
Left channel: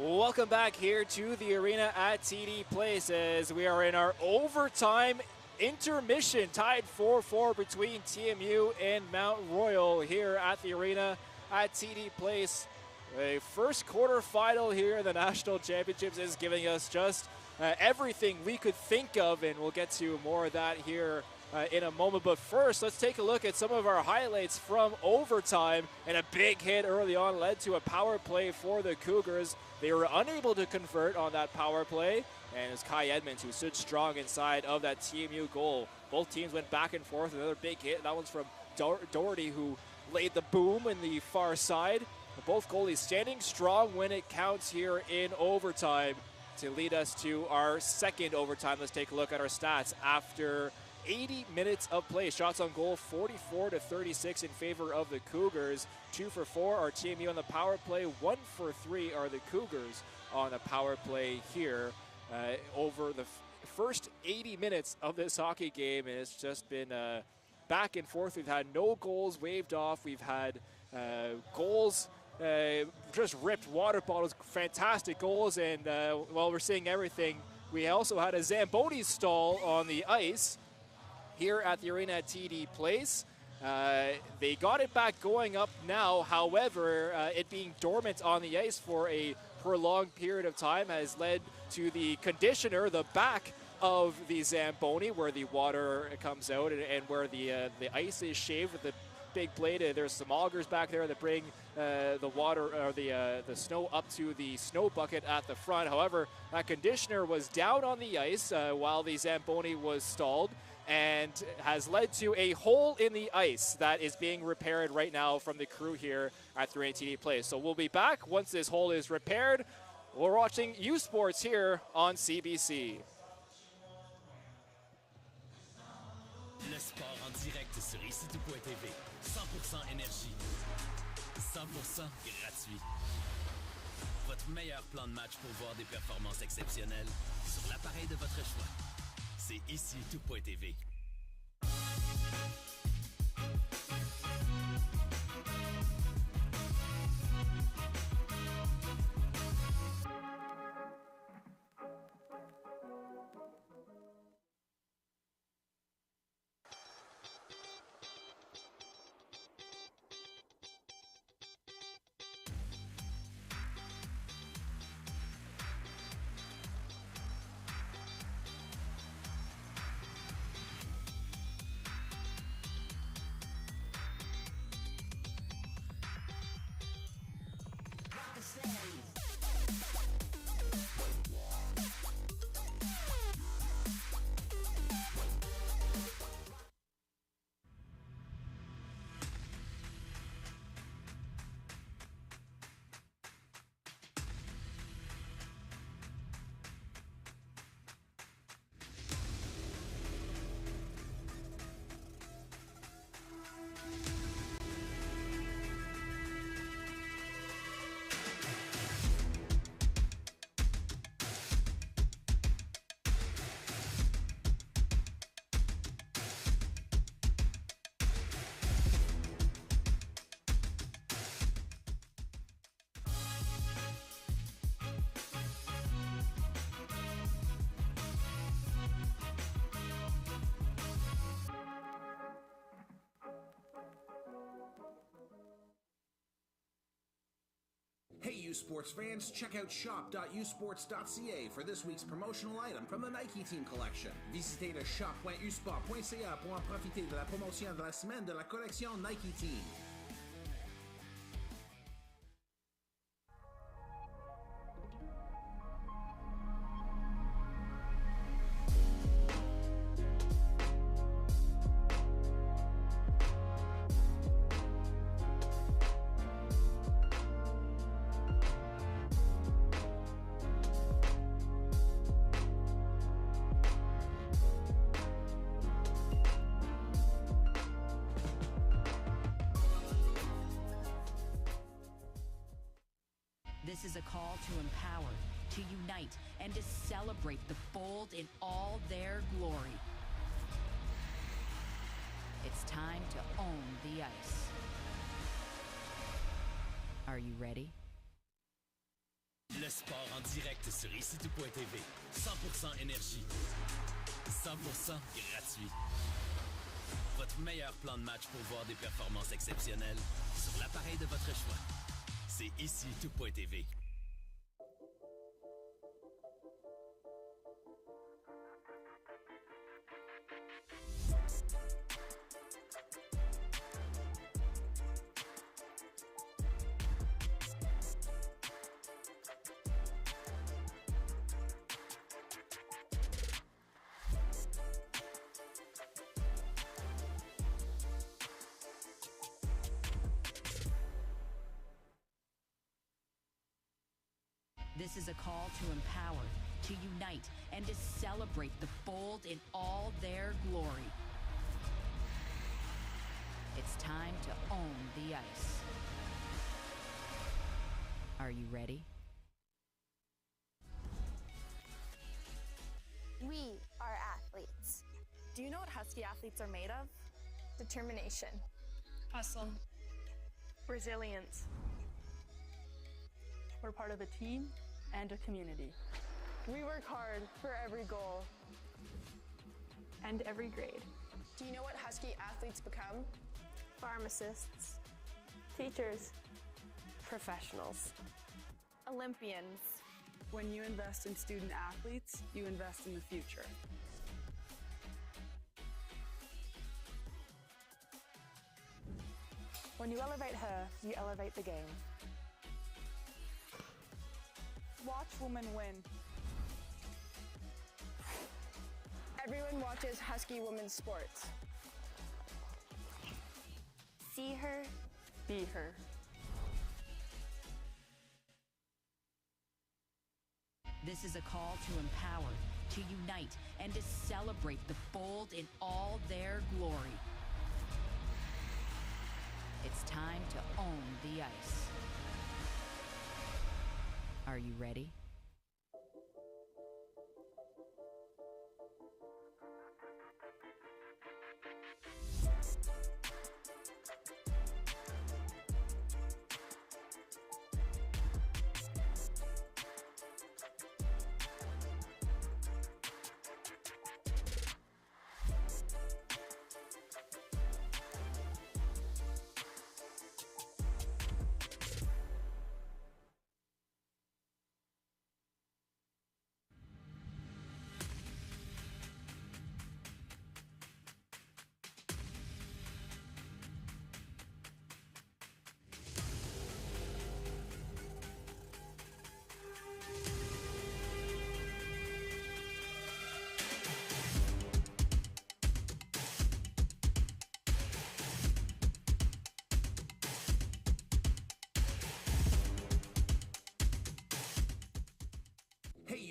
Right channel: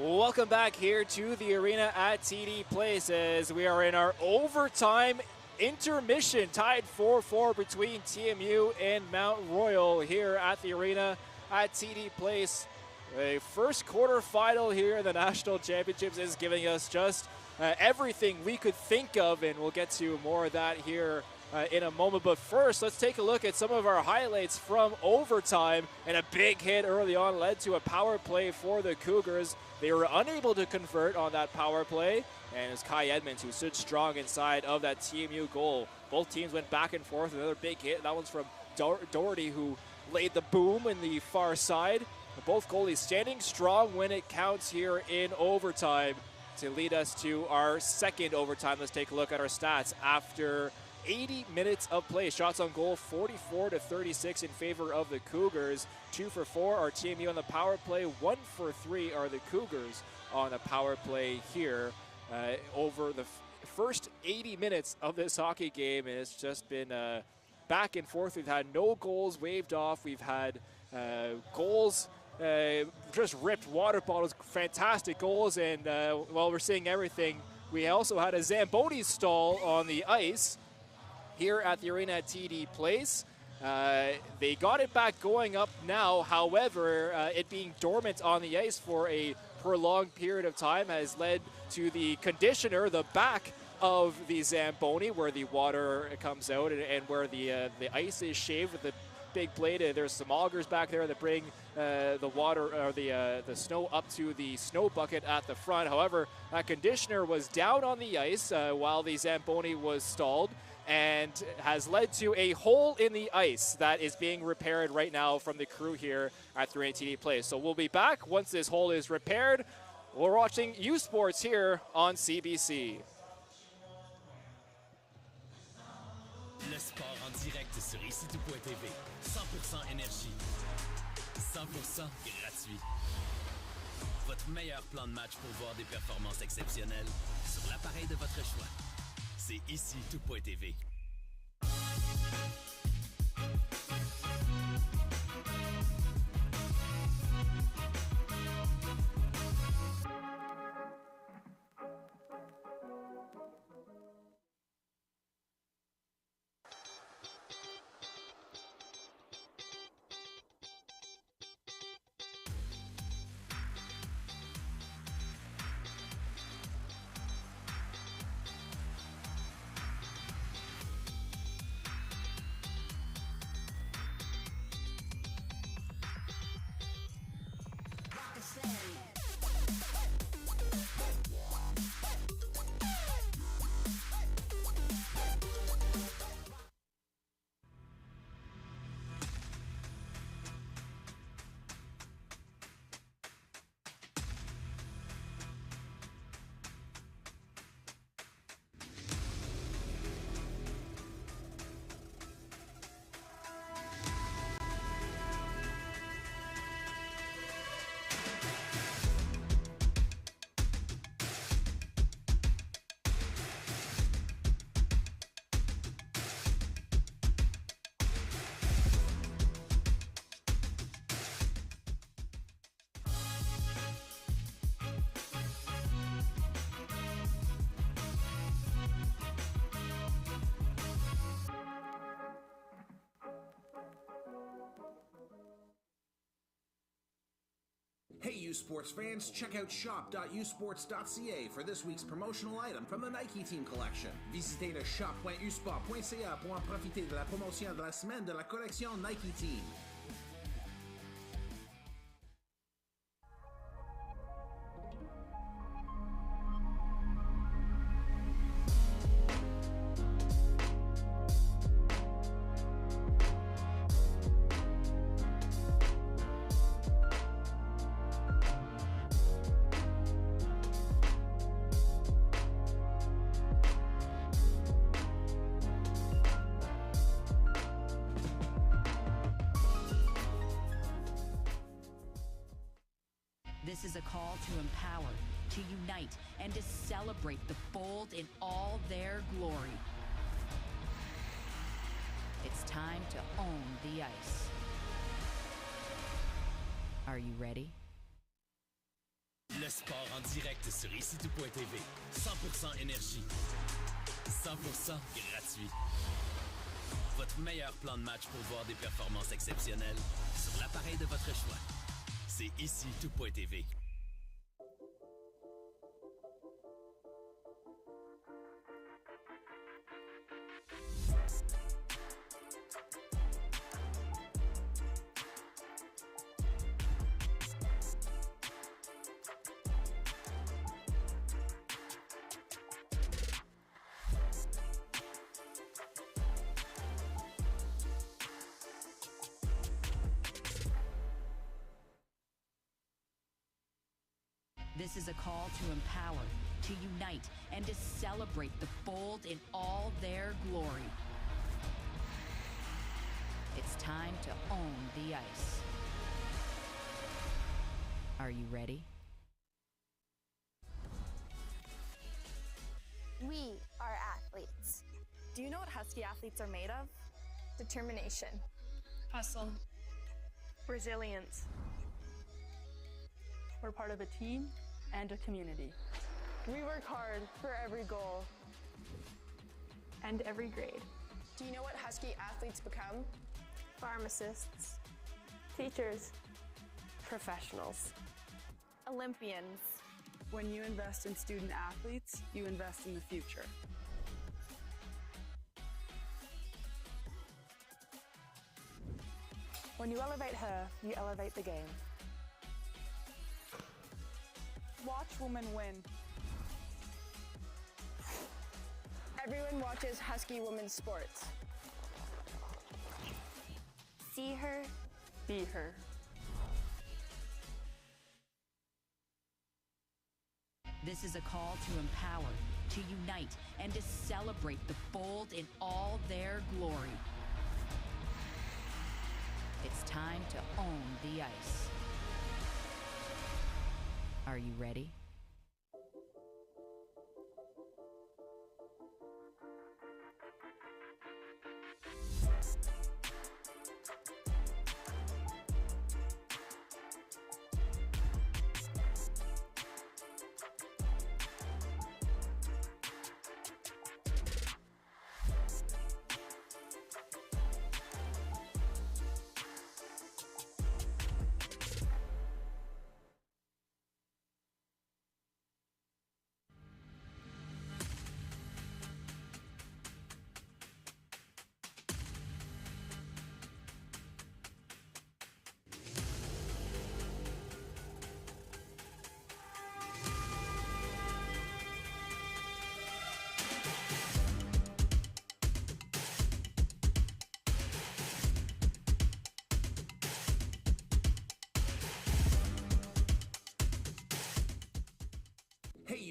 Welcome back here to the arena at TD Place as we are in our overtime intermission, tied 4-4 between TMU and Mount Royal here at the arena at TD Place. A first quarterfinal here in the National Championships is giving us just everything we could think of, and we'll get to more of that here in a moment. But first, let's take a look at some of our highlights from overtime. And a big hit early on led to a power play for the Cougars. They were unable to convert on that power play. And it was Kai Edmonds who stood strong inside of that TMU goal. Both teams went back and forth. Another big hit. That one's from Doherty, who laid the boom in the far side. Both goalies standing strong when it counts here in overtime to lead us to our second overtime. Let's take a look at our stats. After 80 minutes of play, shots on goal 44-36 in favor of the Cougars. 2 for 4 are TMU on the power play. 1 for 3 are the Cougars on a power play here. Over the first 80 minutes of this hockey game, and it's just been back and forth. We've had no goals waved off. We've had goals just ripped water bottles, fantastic goals, and while we're seeing everything, we also had a Zamboni stall on the ice here at the arena at TD Place. They got it back going up now. However, it being dormant on the ice for a prolonged period of time has led to the conditioner, the back of the Zamboni, where the water comes out and where the ice is shaved with the big blade. There's some augers back there that bring the water or the snow up to the snow bucket at the front. However, that conditioner was down on the ice while the Zamboni was stalled, and has led to a hole in the ice that is being repaired right now from the crew here at the TD Place. So we'll be back once this hole is repaired. We're watching U Sports here on CBC. Le sport en direct sur ici.tv. 100% énergie. 100% gratuit. Votre meilleur plan de match pour voir des performances exceptionnelles sur l'appareil de votre choix. C'est ici.tv. Hey, U Sports fans, check out shop.usports.ca for this week's promotional item from the Nike Team Collection. Visitez le shop.usport.ca pour en profiter de la promotion de la semaine de la collection Nike Team. This is a call to empower, to unite, and to celebrate the bold in all their glory. It's time to own the ice. Are you ready? Le sport en direct sur ici.tv. 100% énergie. 100% gratuit. Votre meilleur plan de match pour voir des performances exceptionnelles sur l'appareil de votre choix. C'est ici.tv. This is a call to empower, to unite, and to celebrate the bold in all their glory. It's time to own the ice. Are you ready? We are athletes. Do you know what Husky athletes are made of? Determination. Hustle. Resilience. We're part of a team and a community. We work hard for every goal and every grade. Do you know what Husky athletes become? Pharmacists. Teachers. Professionals. Olympians. When you invest in student athletes, you invest in the future. When you elevate her, you elevate the game. Watch women win. Everyone watches Husky women's sports. See her, be her. This is a call to empower, to unite, and to celebrate the bold in all their glory. It's time to own the ice. Are you ready?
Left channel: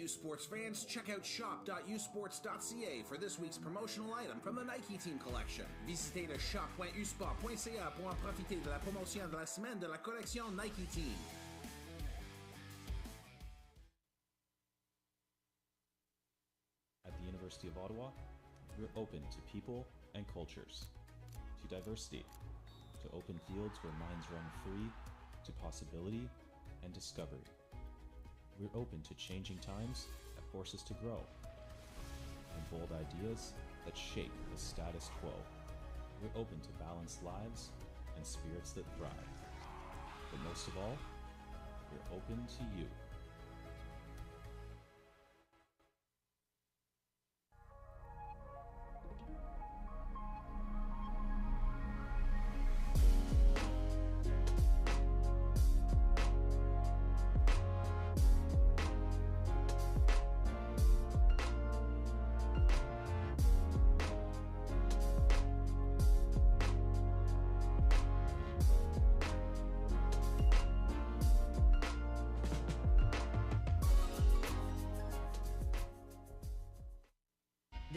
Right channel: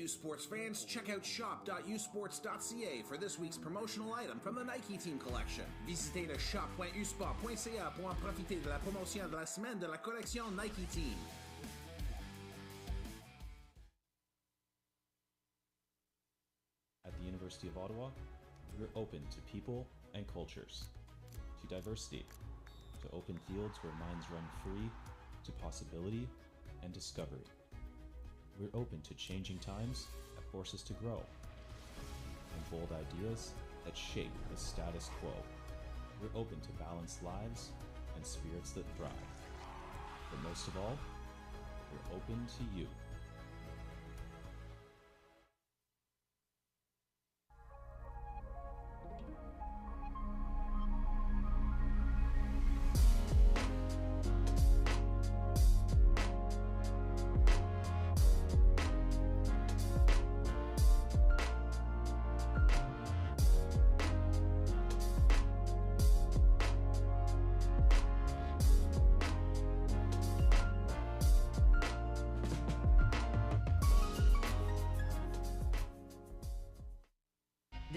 Sports fans, check out shop.usports.ca for this week's promotional item from the Nike Team Collection. Visitez le shop.usport.ca pour en profiter de la promotion de la semaine de la collection Nike Team. At the University of Ottawa, we're open to people and cultures, to diversity, to open fields where minds run free, to possibility and discovery. We're open to changing times that force us to grow, and bold ideas that shape the status quo. We're open to balanced lives and spirits that thrive. But most of all, we're open to you.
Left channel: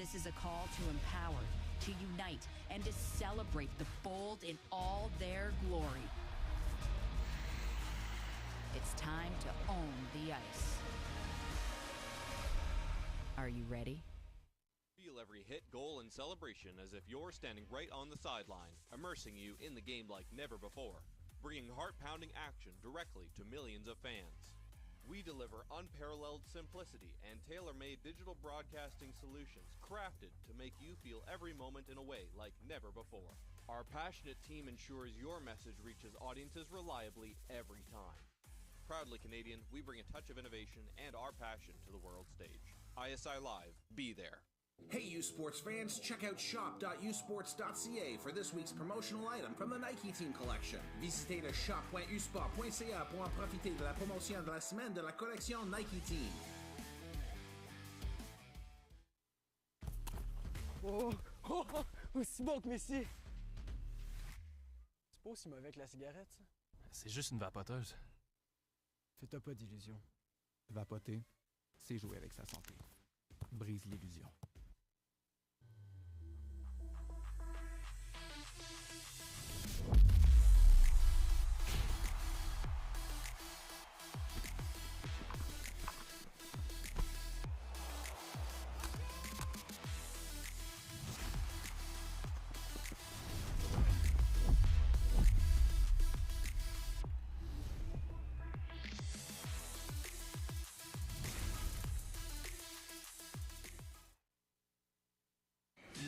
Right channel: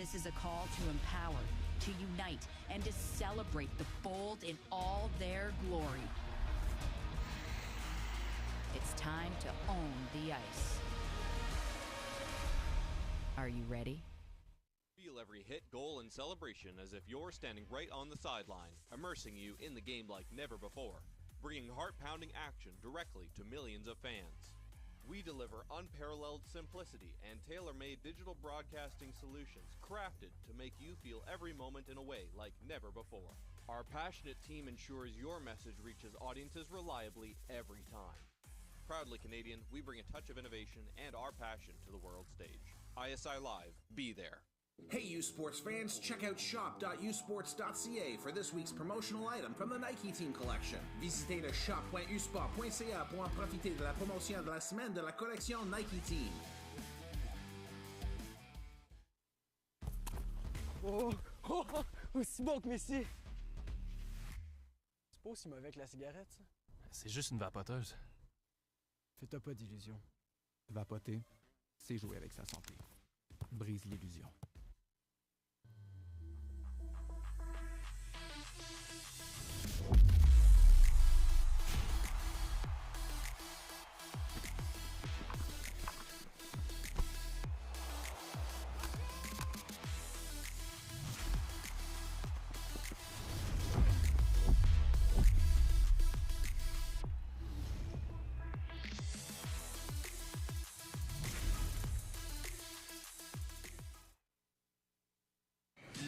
This is a call to empower, to unite, and to celebrate the bold in all their glory. It's time to own the ice. Are you ready? Feel every hit, goal, and celebration as if you're standing right on the sideline, immersing you in the game like never before, bringing heart-pounding action directly to millions of fans. We deliver unparalleled simplicity and tailor-made digital broadcasting solutions crafted to make you feel every moment in a way like never before. Our passionate team ensures your message reaches audiences reliably every time. Proudly Canadian, we bring a touch of innovation and our passion to the world stage. ISI Live, be there. Hey you sports fans, check out shop.usports.ca for this week's promotional item from the Nike Team Collection. Visitez le shop.usport.ca pour en profiter de la promotion de la semaine de la collection Nike Team. Oh, smoke, messieurs! C'est pas aussi mauvais que la cigarette, ça? C'est juste une vapoteuse. Fais-toi pas d'illusions. Vapoter, c'est jouer avec sa santé. Brise l'illusion.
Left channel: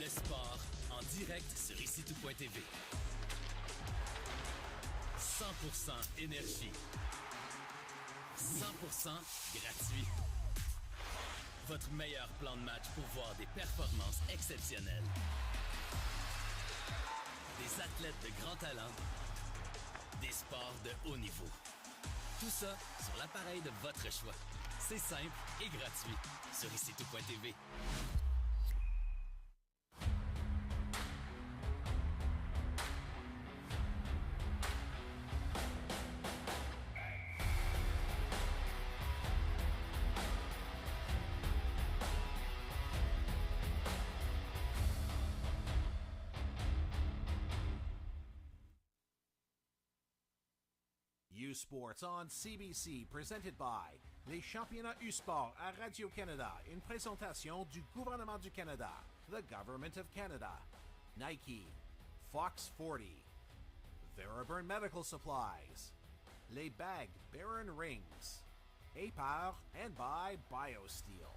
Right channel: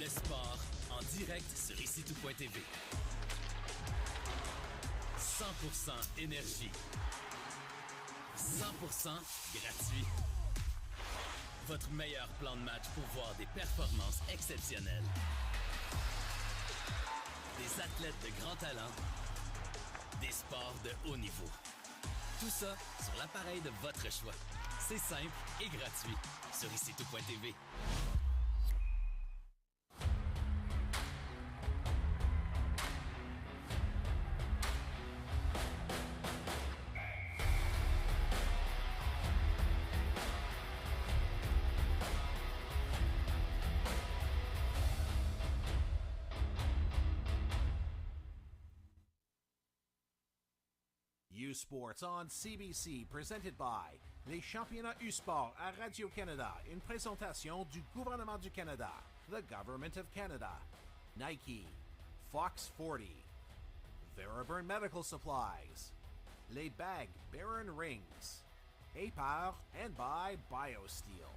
Le sport en direct sur ici-tout.tv. 100% énergie. 100% gratuit. Votre meilleur plan de match pour voir des performances exceptionnelles. Des athlètes de grand talent. Des sports de haut niveau. Tout ça sur l'appareil de votre choix. C'est simple et gratuit sur ici-tout.tv. Sports on CBC, presented by les championnats U-Sport à Radio-Canada, une présentation du gouvernement du Canada, the Government of Canada, Nike, Fox 40, Veriburn Medical Supplies, les bagues Baron Rings, et par and by BioSteel.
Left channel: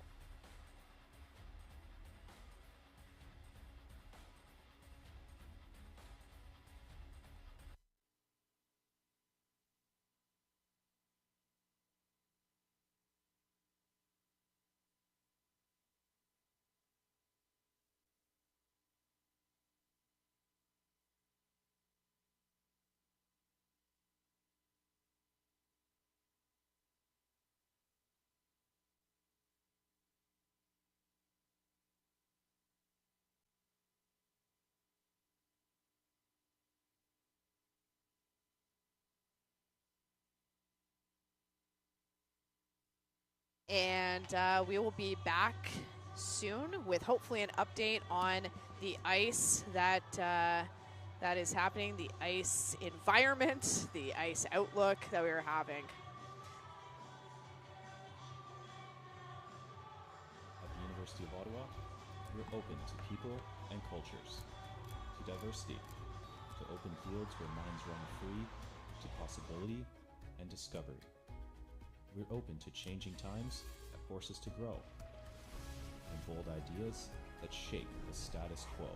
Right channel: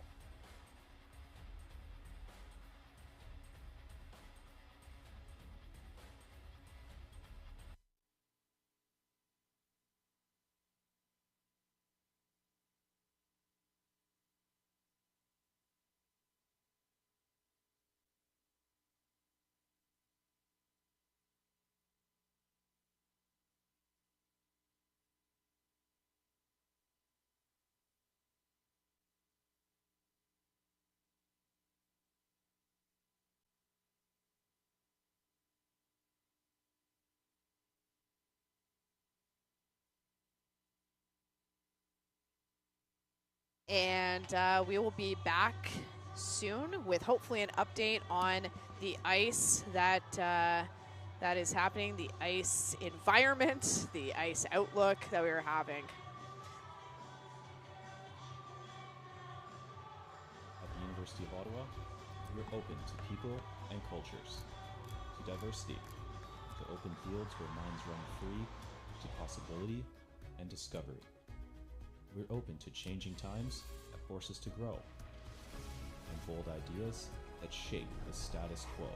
And we will be back soon with hopefully an update on the ice that is happening, the ice environment, the ice outlook that we were having. At the University of Ottawa, we're open to people and cultures, to diversity, to open fields where minds run free, to possibility and discovery. We're open to changing times that force us to grow, and bold ideas that shape the status quo.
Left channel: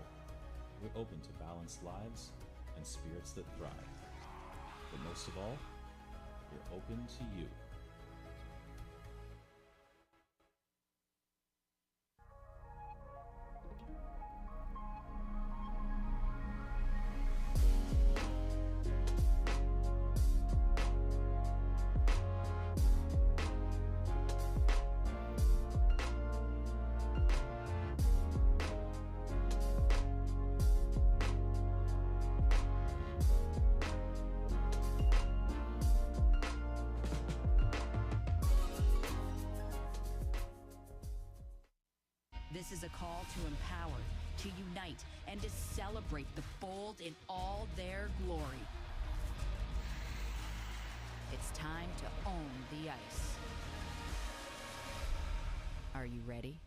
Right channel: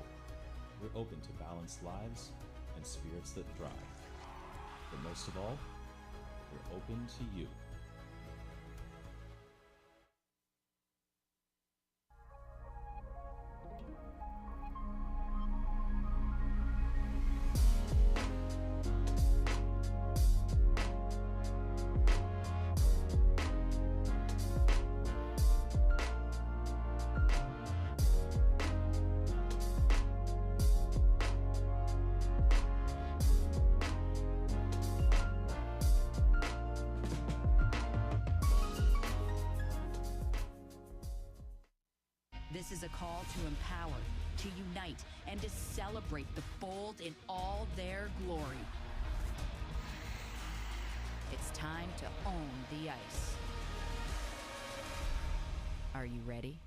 We're open to balanced lives and spirits that thrive. But most of all, we're open to you. This is a call to empower, to unite, and to celebrate the bold in all their glory. It's time to own the ice. Are you ready?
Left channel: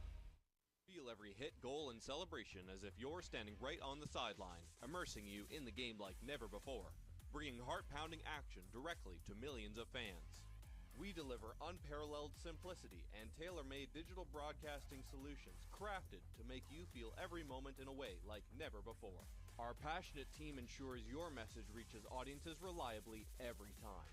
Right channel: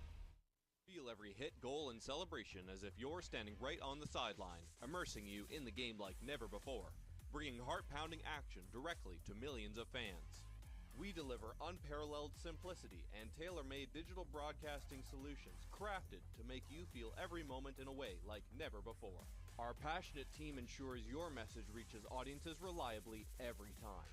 Feel every hit, goal, and celebration as if you're standing right on the sideline, immersing you in the game like never before, bringing heart-pounding action directly to millions of fans. We deliver unparalleled simplicity and tailor-made digital broadcasting solutions crafted to make you feel every moment in a way like never before. Our passionate team ensures your message reaches audiences reliably every time.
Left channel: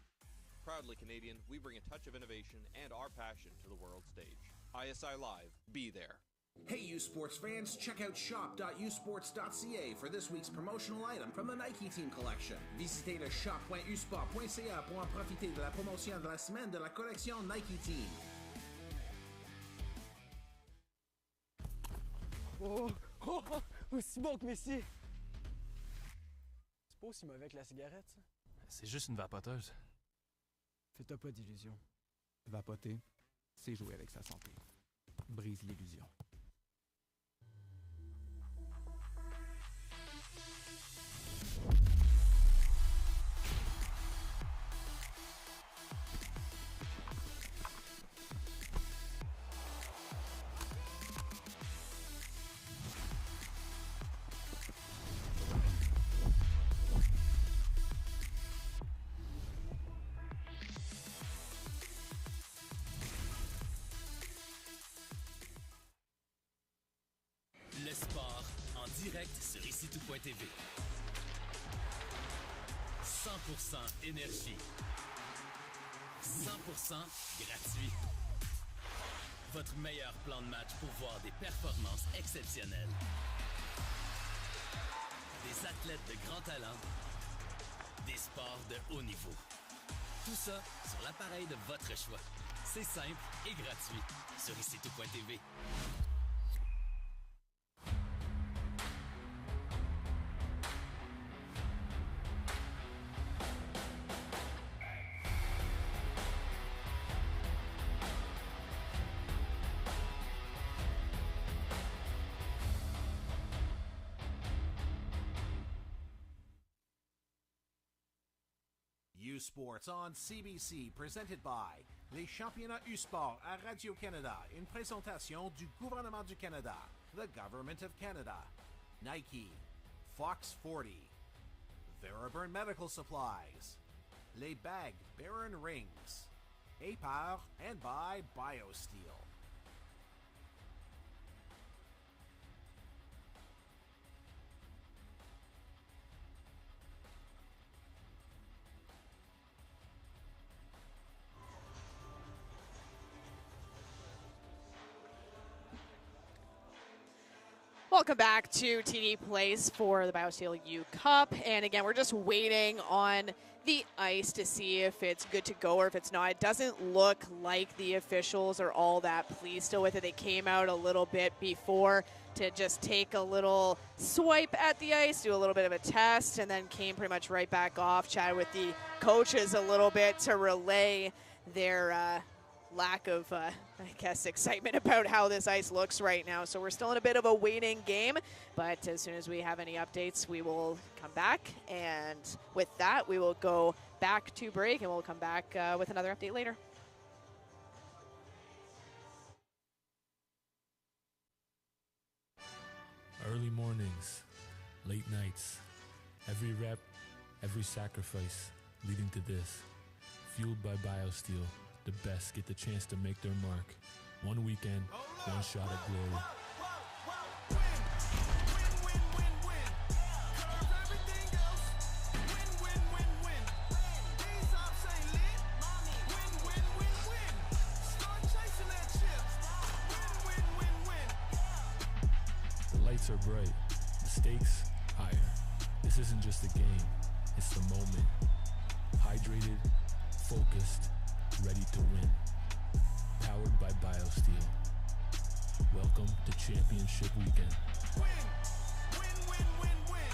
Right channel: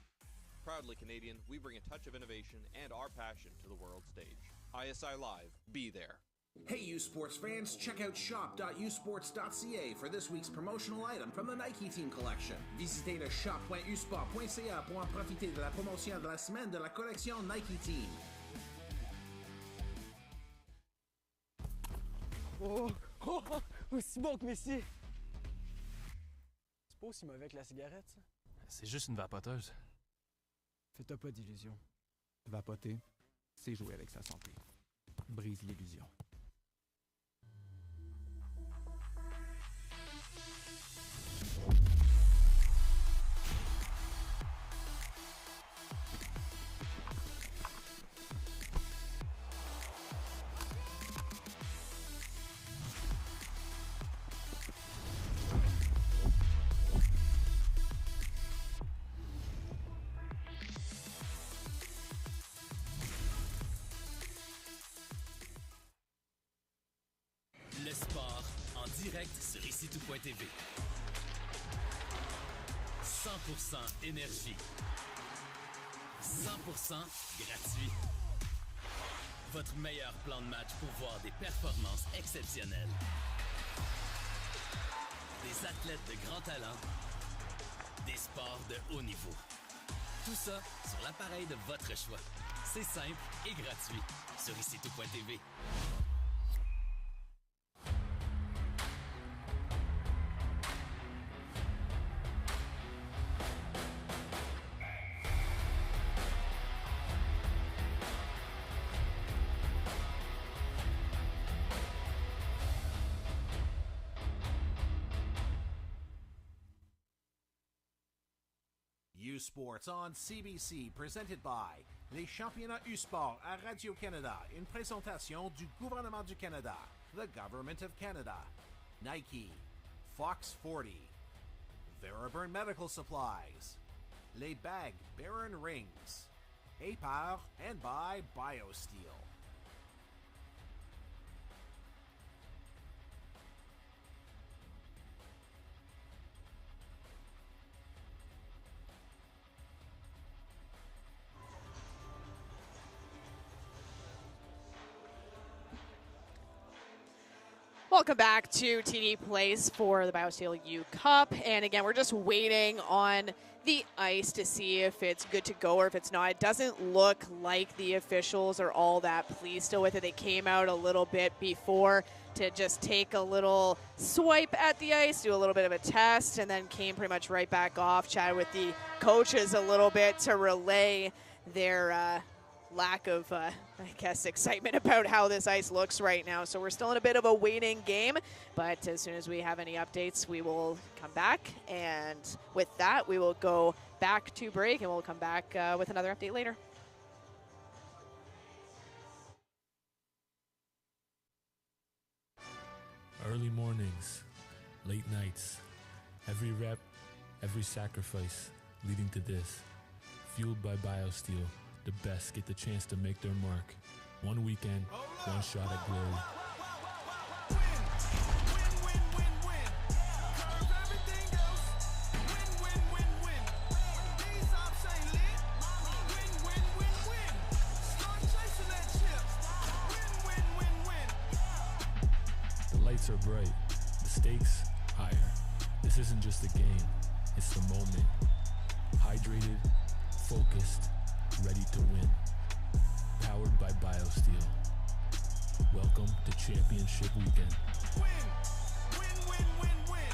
Proudly Canadian, we bring a touch of innovation and our passion to the world stage. ISI Live, be there. Hey U Sports fans, check out shop.usports.ca for this week's promotional item from the Nike Team Collection. Visitez le shop.usport.ca pour en profiter de la promotion de la semaine de la collection Nike Team. Smoke, Messi! C'est pas aussi mauvais que la cigarette, ça? C'est juste une vapoteuse. Fais-toi pas d'illusions. Vapoter, c'est jouer avec sa santé. Brise l'illusion. Le sport en direct sur ici-tout.tv. 100% énergie. 100% gratuit. Votre meilleur plan de match pour voir des performances exceptionnelles. Des athlètes de grand talent. Des sports de haut niveau. Tout ça sur l'appareil de votre choix. C'est simple et gratuit sur ici-tout.tv. Sports on CBC, presented by les championnats U-Sport à Radio-Canada, une présentation du gouvernement du Canada, the Government of Canada, Nike, Fox 40, Theraburn Medical Supplies, Les Bagues Baron Rings, APAR, and by BioSteel. Welcome back to TD Place for the BioSteel U Cup. And again, we're just waiting on the ice to see if it's good to go or if it's not. It doesn't look like the officials are all that pleased still with it. They came out a little bit before to just take a little swipe at the ice, do a little bit of a test, and then came pretty much right back off, chatted with the coaches a little bit to relay their lack of, excitement about how this ice looks right now. So we're still in a bit of a waiting game, but as soon as we have any updates, we will come back. And with that, we will go back to break, and we'll come back with another update later. Early mornings, late nights, every rep, every sacrifice leading to this. Fueled by BioSteel, the best get the chance to make their mark. One weekend, one shot at glory. The lights are bright, the stakes higher. This isn't just a game, it's the moment. Hydrated, focused, ready to win. Powered by BioSteel. Welcome to Championship Weekend. Win, win, win, win, win.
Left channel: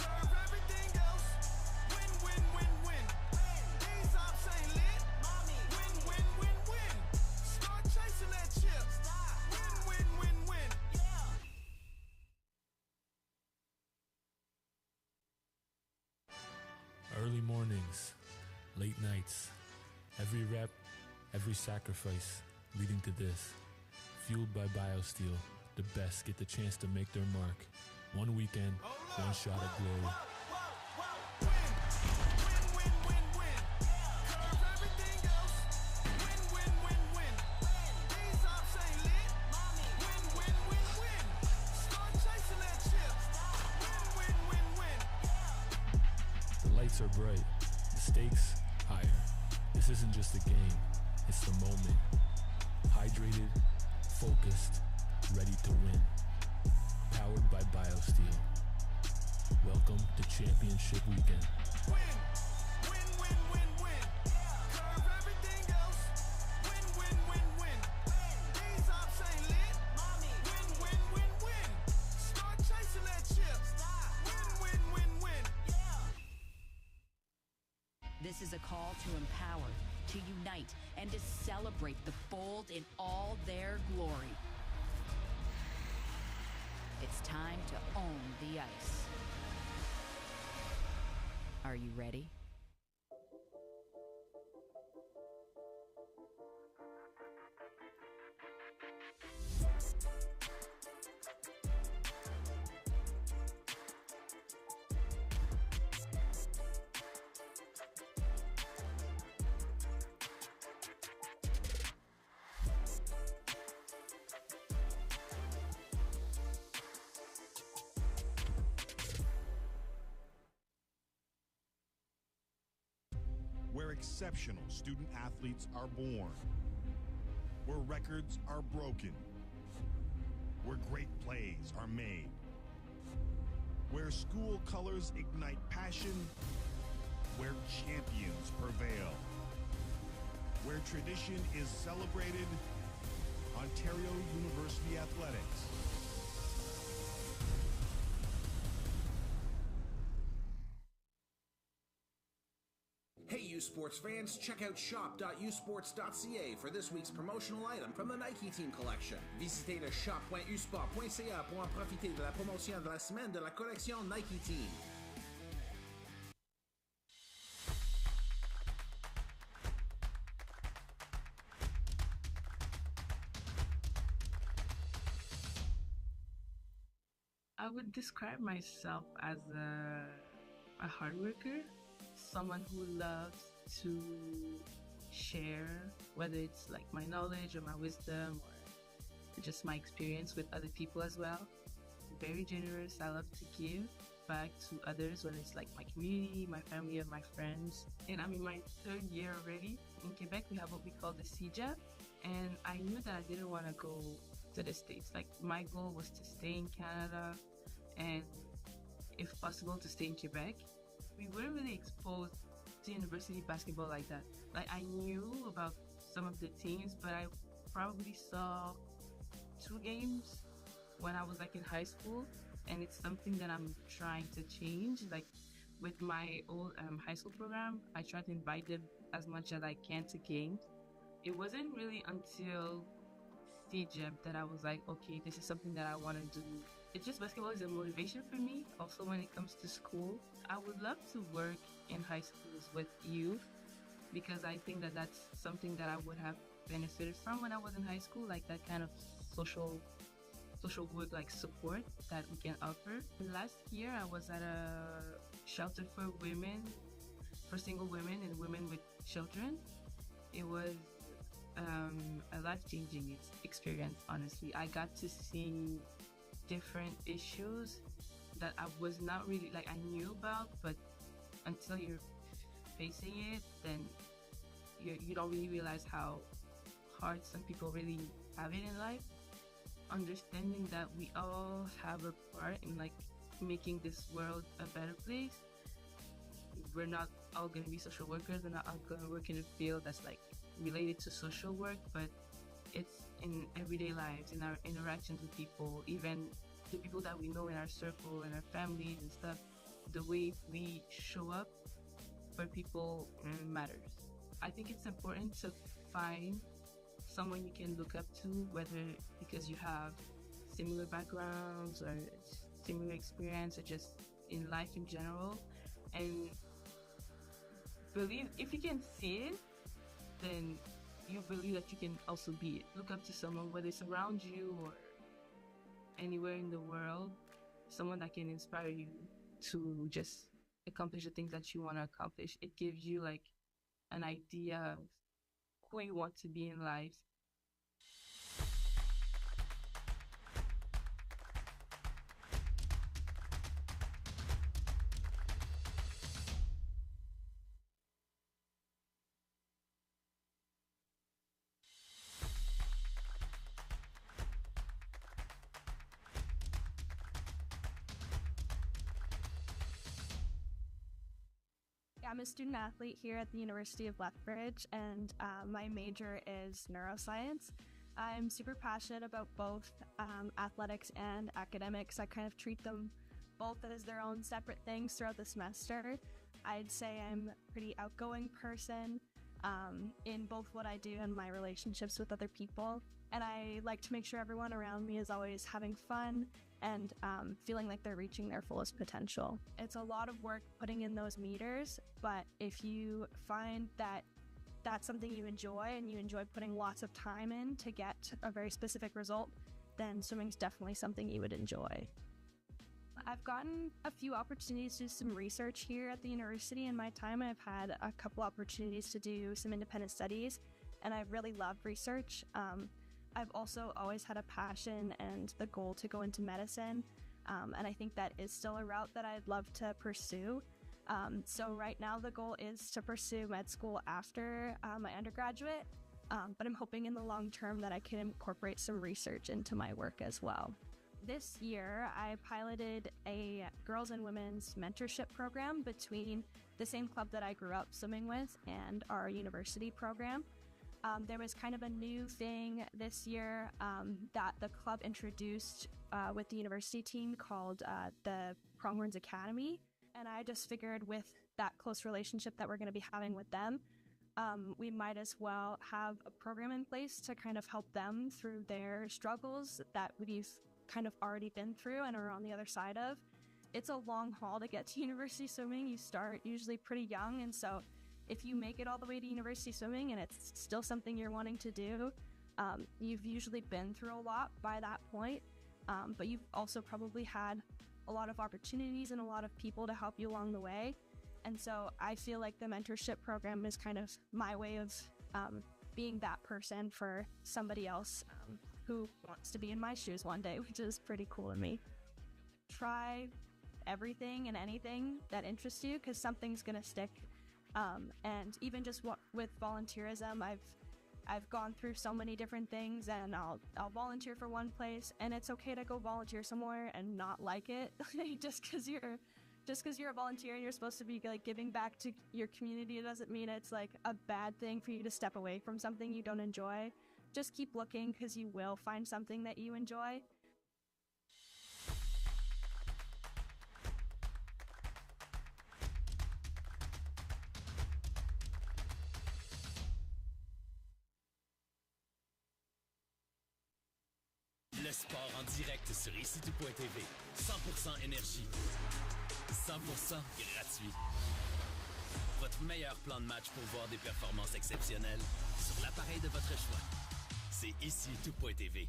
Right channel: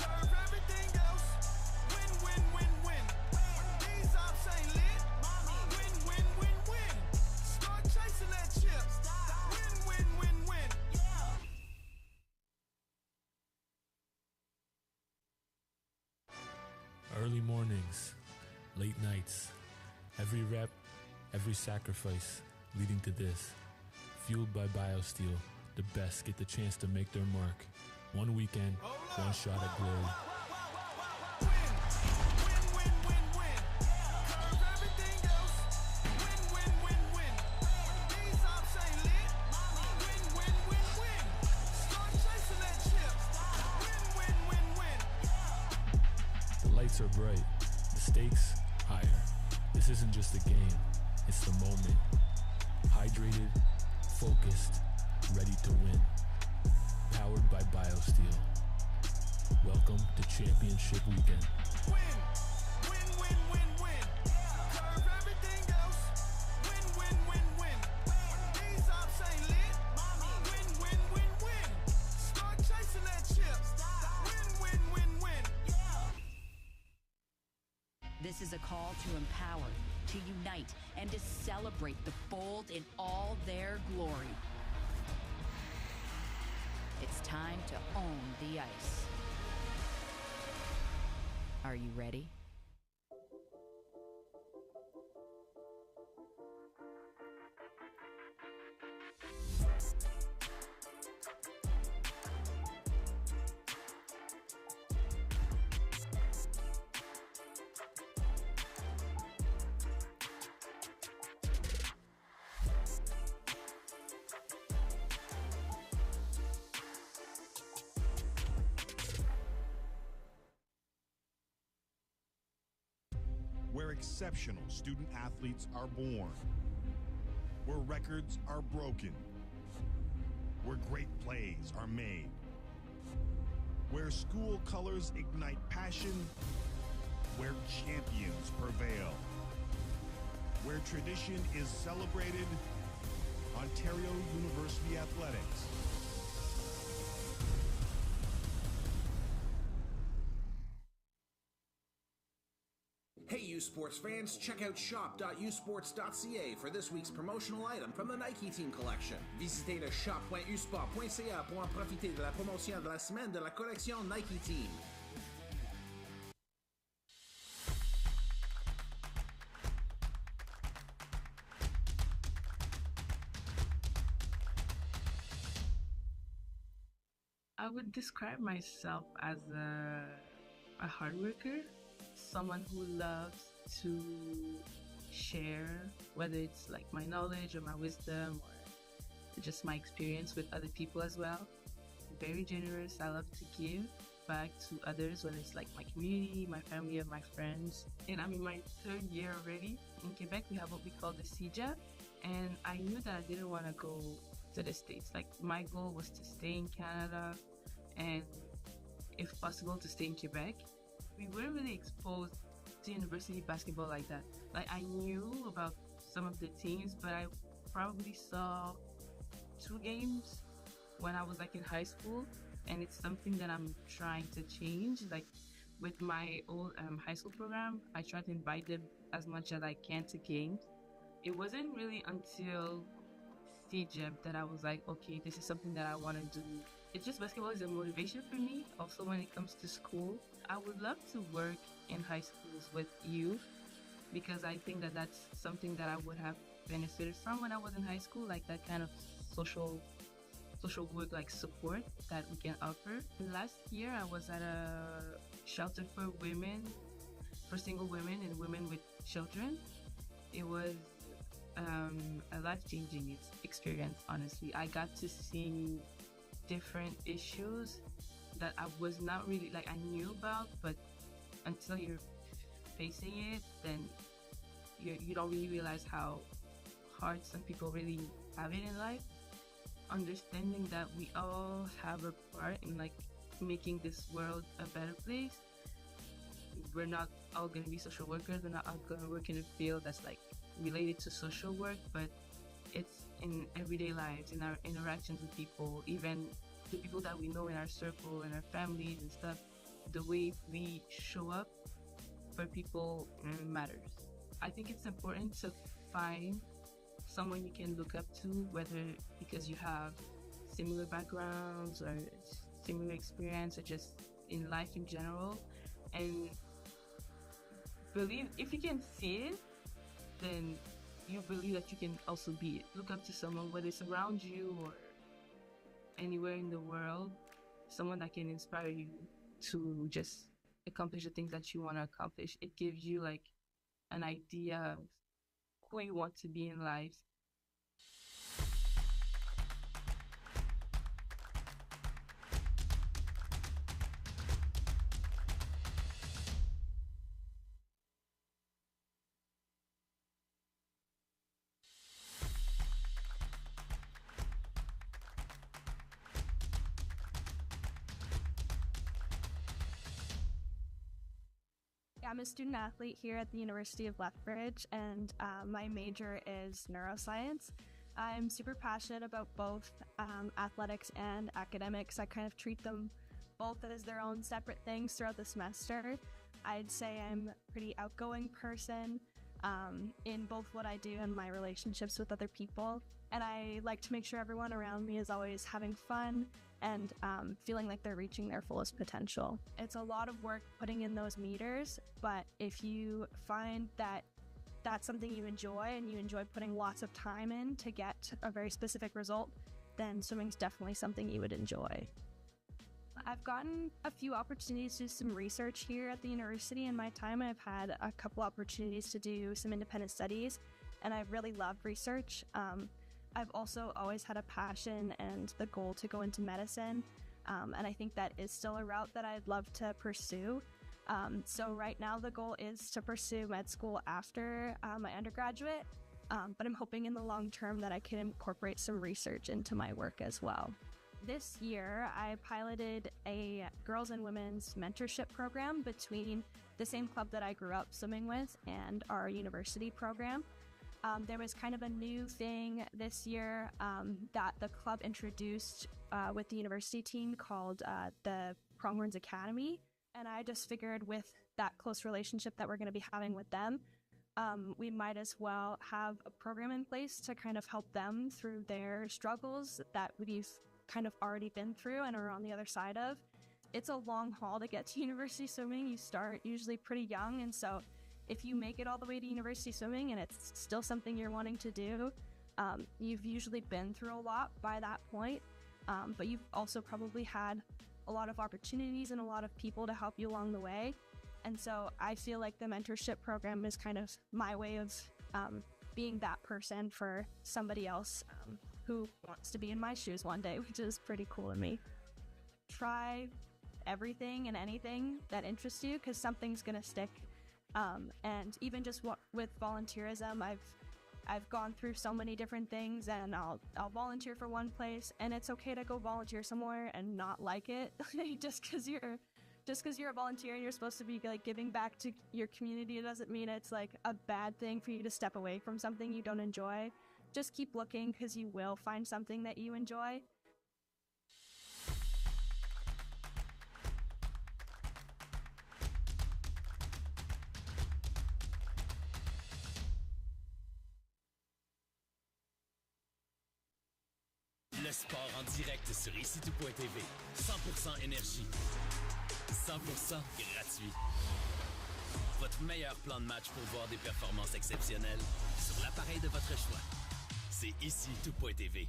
Curve everything else. Win, win, win, win. These ops ain't lit. Win, win, win, win. Start chasing that chip. Win, win, win, win. Early mornings, late nights, every rep, every sacrifice leading to this. Fueled by BioSteel, the best get the chance to make their mark. One weekend, one shot at glory. The lights are bright, the stakes higher. This isn't just a game, it's the moment. Hydrated, focused, ready to win. Powered by BioSteel. Welcome to Championship Weekend. Win, win, win, win, win. Curve everything else. Win, win, win, win. These ops ain't lit. Win, win, win, win. Start chasing that chip. Win, win, win, win. This is a call to empower, to unite, and to celebrate the Bold in all their glory. It's time to own the ice. Are you ready? Where exceptional student athletes are born. Where records are broken. Where great plays are made. Where school colors ignite passion. Where champions prevail. Where tradition is celebrated. Ontario University Athletics. Hey U Sports fans, check out shop.usports.ca for this week's promotional item from the Nike Team Collection. Visitez le shop.usport.ca pour en profiter de la promotion de la semaine de la collection Nike Team. I would describe myself as a hard worker, someone who loves to share, whether it's like my knowledge or my wisdom or just my experience with other people as well. Very generous. I love to give back to others, whether it's like my community, my family, or my friends. And I'm in my 3rd year already. In Quebec, we have what we call the CEGEP, and I knew that I didn't want to go to the States. Like, my goal was to stay in Canada and, if possible, to stay in Quebec. We weren't really exposed to university basketball like that. Like, I knew about some of the teams, but I probably saw 2 games when I was like in high school, and it's something that I'm trying to change. Like, with my old high school program, I try to invite them as much as I can to games. It wasn't really until CEGEP that I was like, okay, this is something that I want to do. It's just basketball is a motivation for me. Also, when it comes to school, I would love to work in high schools with youth, because I think that that's something that I would have benefited from when I was in high school, like that kind of social work, like support that we can offer. Last year, I was at a shelter for women, for single women and women with children. It was a life-changing experience, honestly. I got to see different issues that I was not really, like, I knew about, but until you're facing it, then you don't really realize how hard some people really have it in life. Understanding that we all have a part in, like, making this world a better place. We're not all going to be social workers. We're not all going to work in a field that's, like, related to social work, but it's in everyday lives, in our interactions with people, even the people that we know in our circle, in our families and stuff. The way we show up for people matters. I think it's important to find someone you can look up to, whether because you have similar backgrounds or similar experience or just in life in general, and believe, if you can see it, then you believe that you can also be it. Look up to someone, whether it's around you or anywhere in the world, someone that can inspire you to just accomplish the things that you want to accomplish. It gives you like an idea of who you want to be in life. I'm a student athlete here at the University of Lethbridge, and my major is neuroscience. I'm super passionate about both athletics and academics. I kind of treat them both as their own separate things throughout the semester. I'd say I'm a pretty outgoing person. in both what I do and my relationships with other people. And I like to make sure everyone around me is always having fun and feeling like they're reaching their fullest potential. It's a lot of work putting in those meters, but if you find that that's something you enjoy and you enjoy putting lots of time in to get a very specific result, then swimming's definitely something you would enjoy. I've gotten a few opportunities to do some research here at the university in my time, and I've had a couple opportunities to do some independent studies, and I've really loved research. I've also always had a passion and the goal to go into medicine, and I think that is still a route that I'd love to pursue. So right now the goal is to pursue med school after my undergraduate, but I'm hoping in the long term that I can incorporate some research into my work as well. This year, I piloted a girls and women's mentorship program between the same club that I grew up swimming with and our university program. There was kind of a new thing this year that the club introduced with the university team called the Pronghorns Academy. And I just figured with that close relationship that we're going to be having with them, we might as well have a program in place to kind of help them through their struggles that we've kind of already been through and are on the other side of. It's a long haul to get to university swimming. You start usually pretty young, and so if you make it all the way to university swimming and it's still something you're wanting to do, you've usually been through a lot by that point, but you've also probably had a lot of opportunities and a lot of people to help you along the way. And so I feel like the mentorship program is kind of my way of being that person for somebody else who wants to be in my shoes one day, which is pretty cool of me. Try everything and anything that interests you, because something's gonna stick. And even just with volunteerism, I've gone through so many different things, and I'll volunteer for one place, and it's okay to go volunteer somewhere and not like it. just because you're a volunteer and you're supposed to be like giving back to your community, it doesn't mean it's like a bad thing for you to step away from something you don't enjoy. Just keep looking, because you will find something that you enjoy. Le sport en direct sur ICTU.tv. 100% énergie. 100% gratuit. Votre meilleur plan de match pour voir des performances exceptionnelles sur l'appareil de votre choix. C'est ICTU.tv.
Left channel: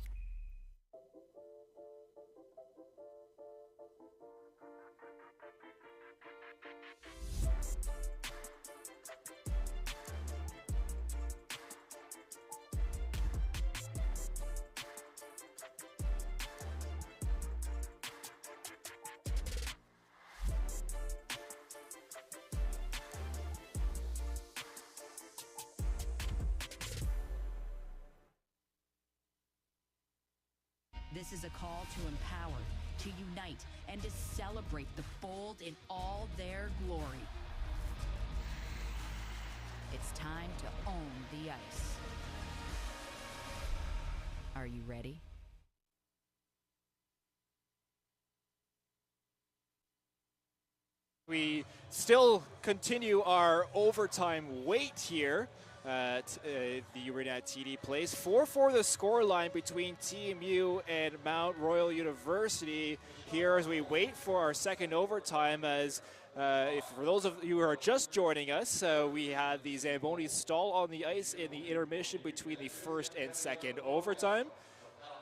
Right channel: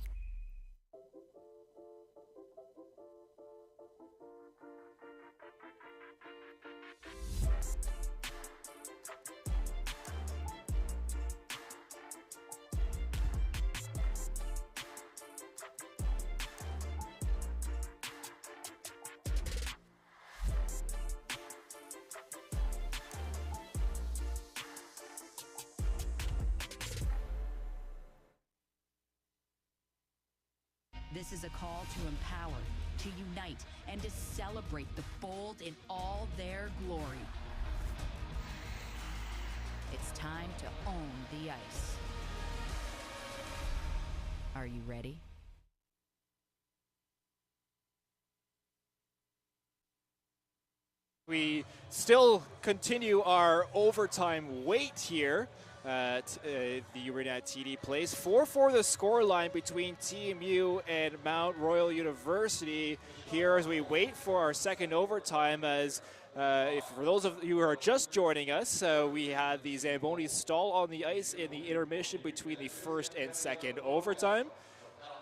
This is a call to empower, to unite, and to celebrate the bold in all their glory. It's time to own the ice. Are you ready? We still continue our overtime wait here at the arena at TD Place. 4-4 the scoreline between TMU and Mount Royal University here as we wait for our second overtime. As for those of you who are just joining us, we had the Zamboni stall on the ice in the intermission between the first and second overtime.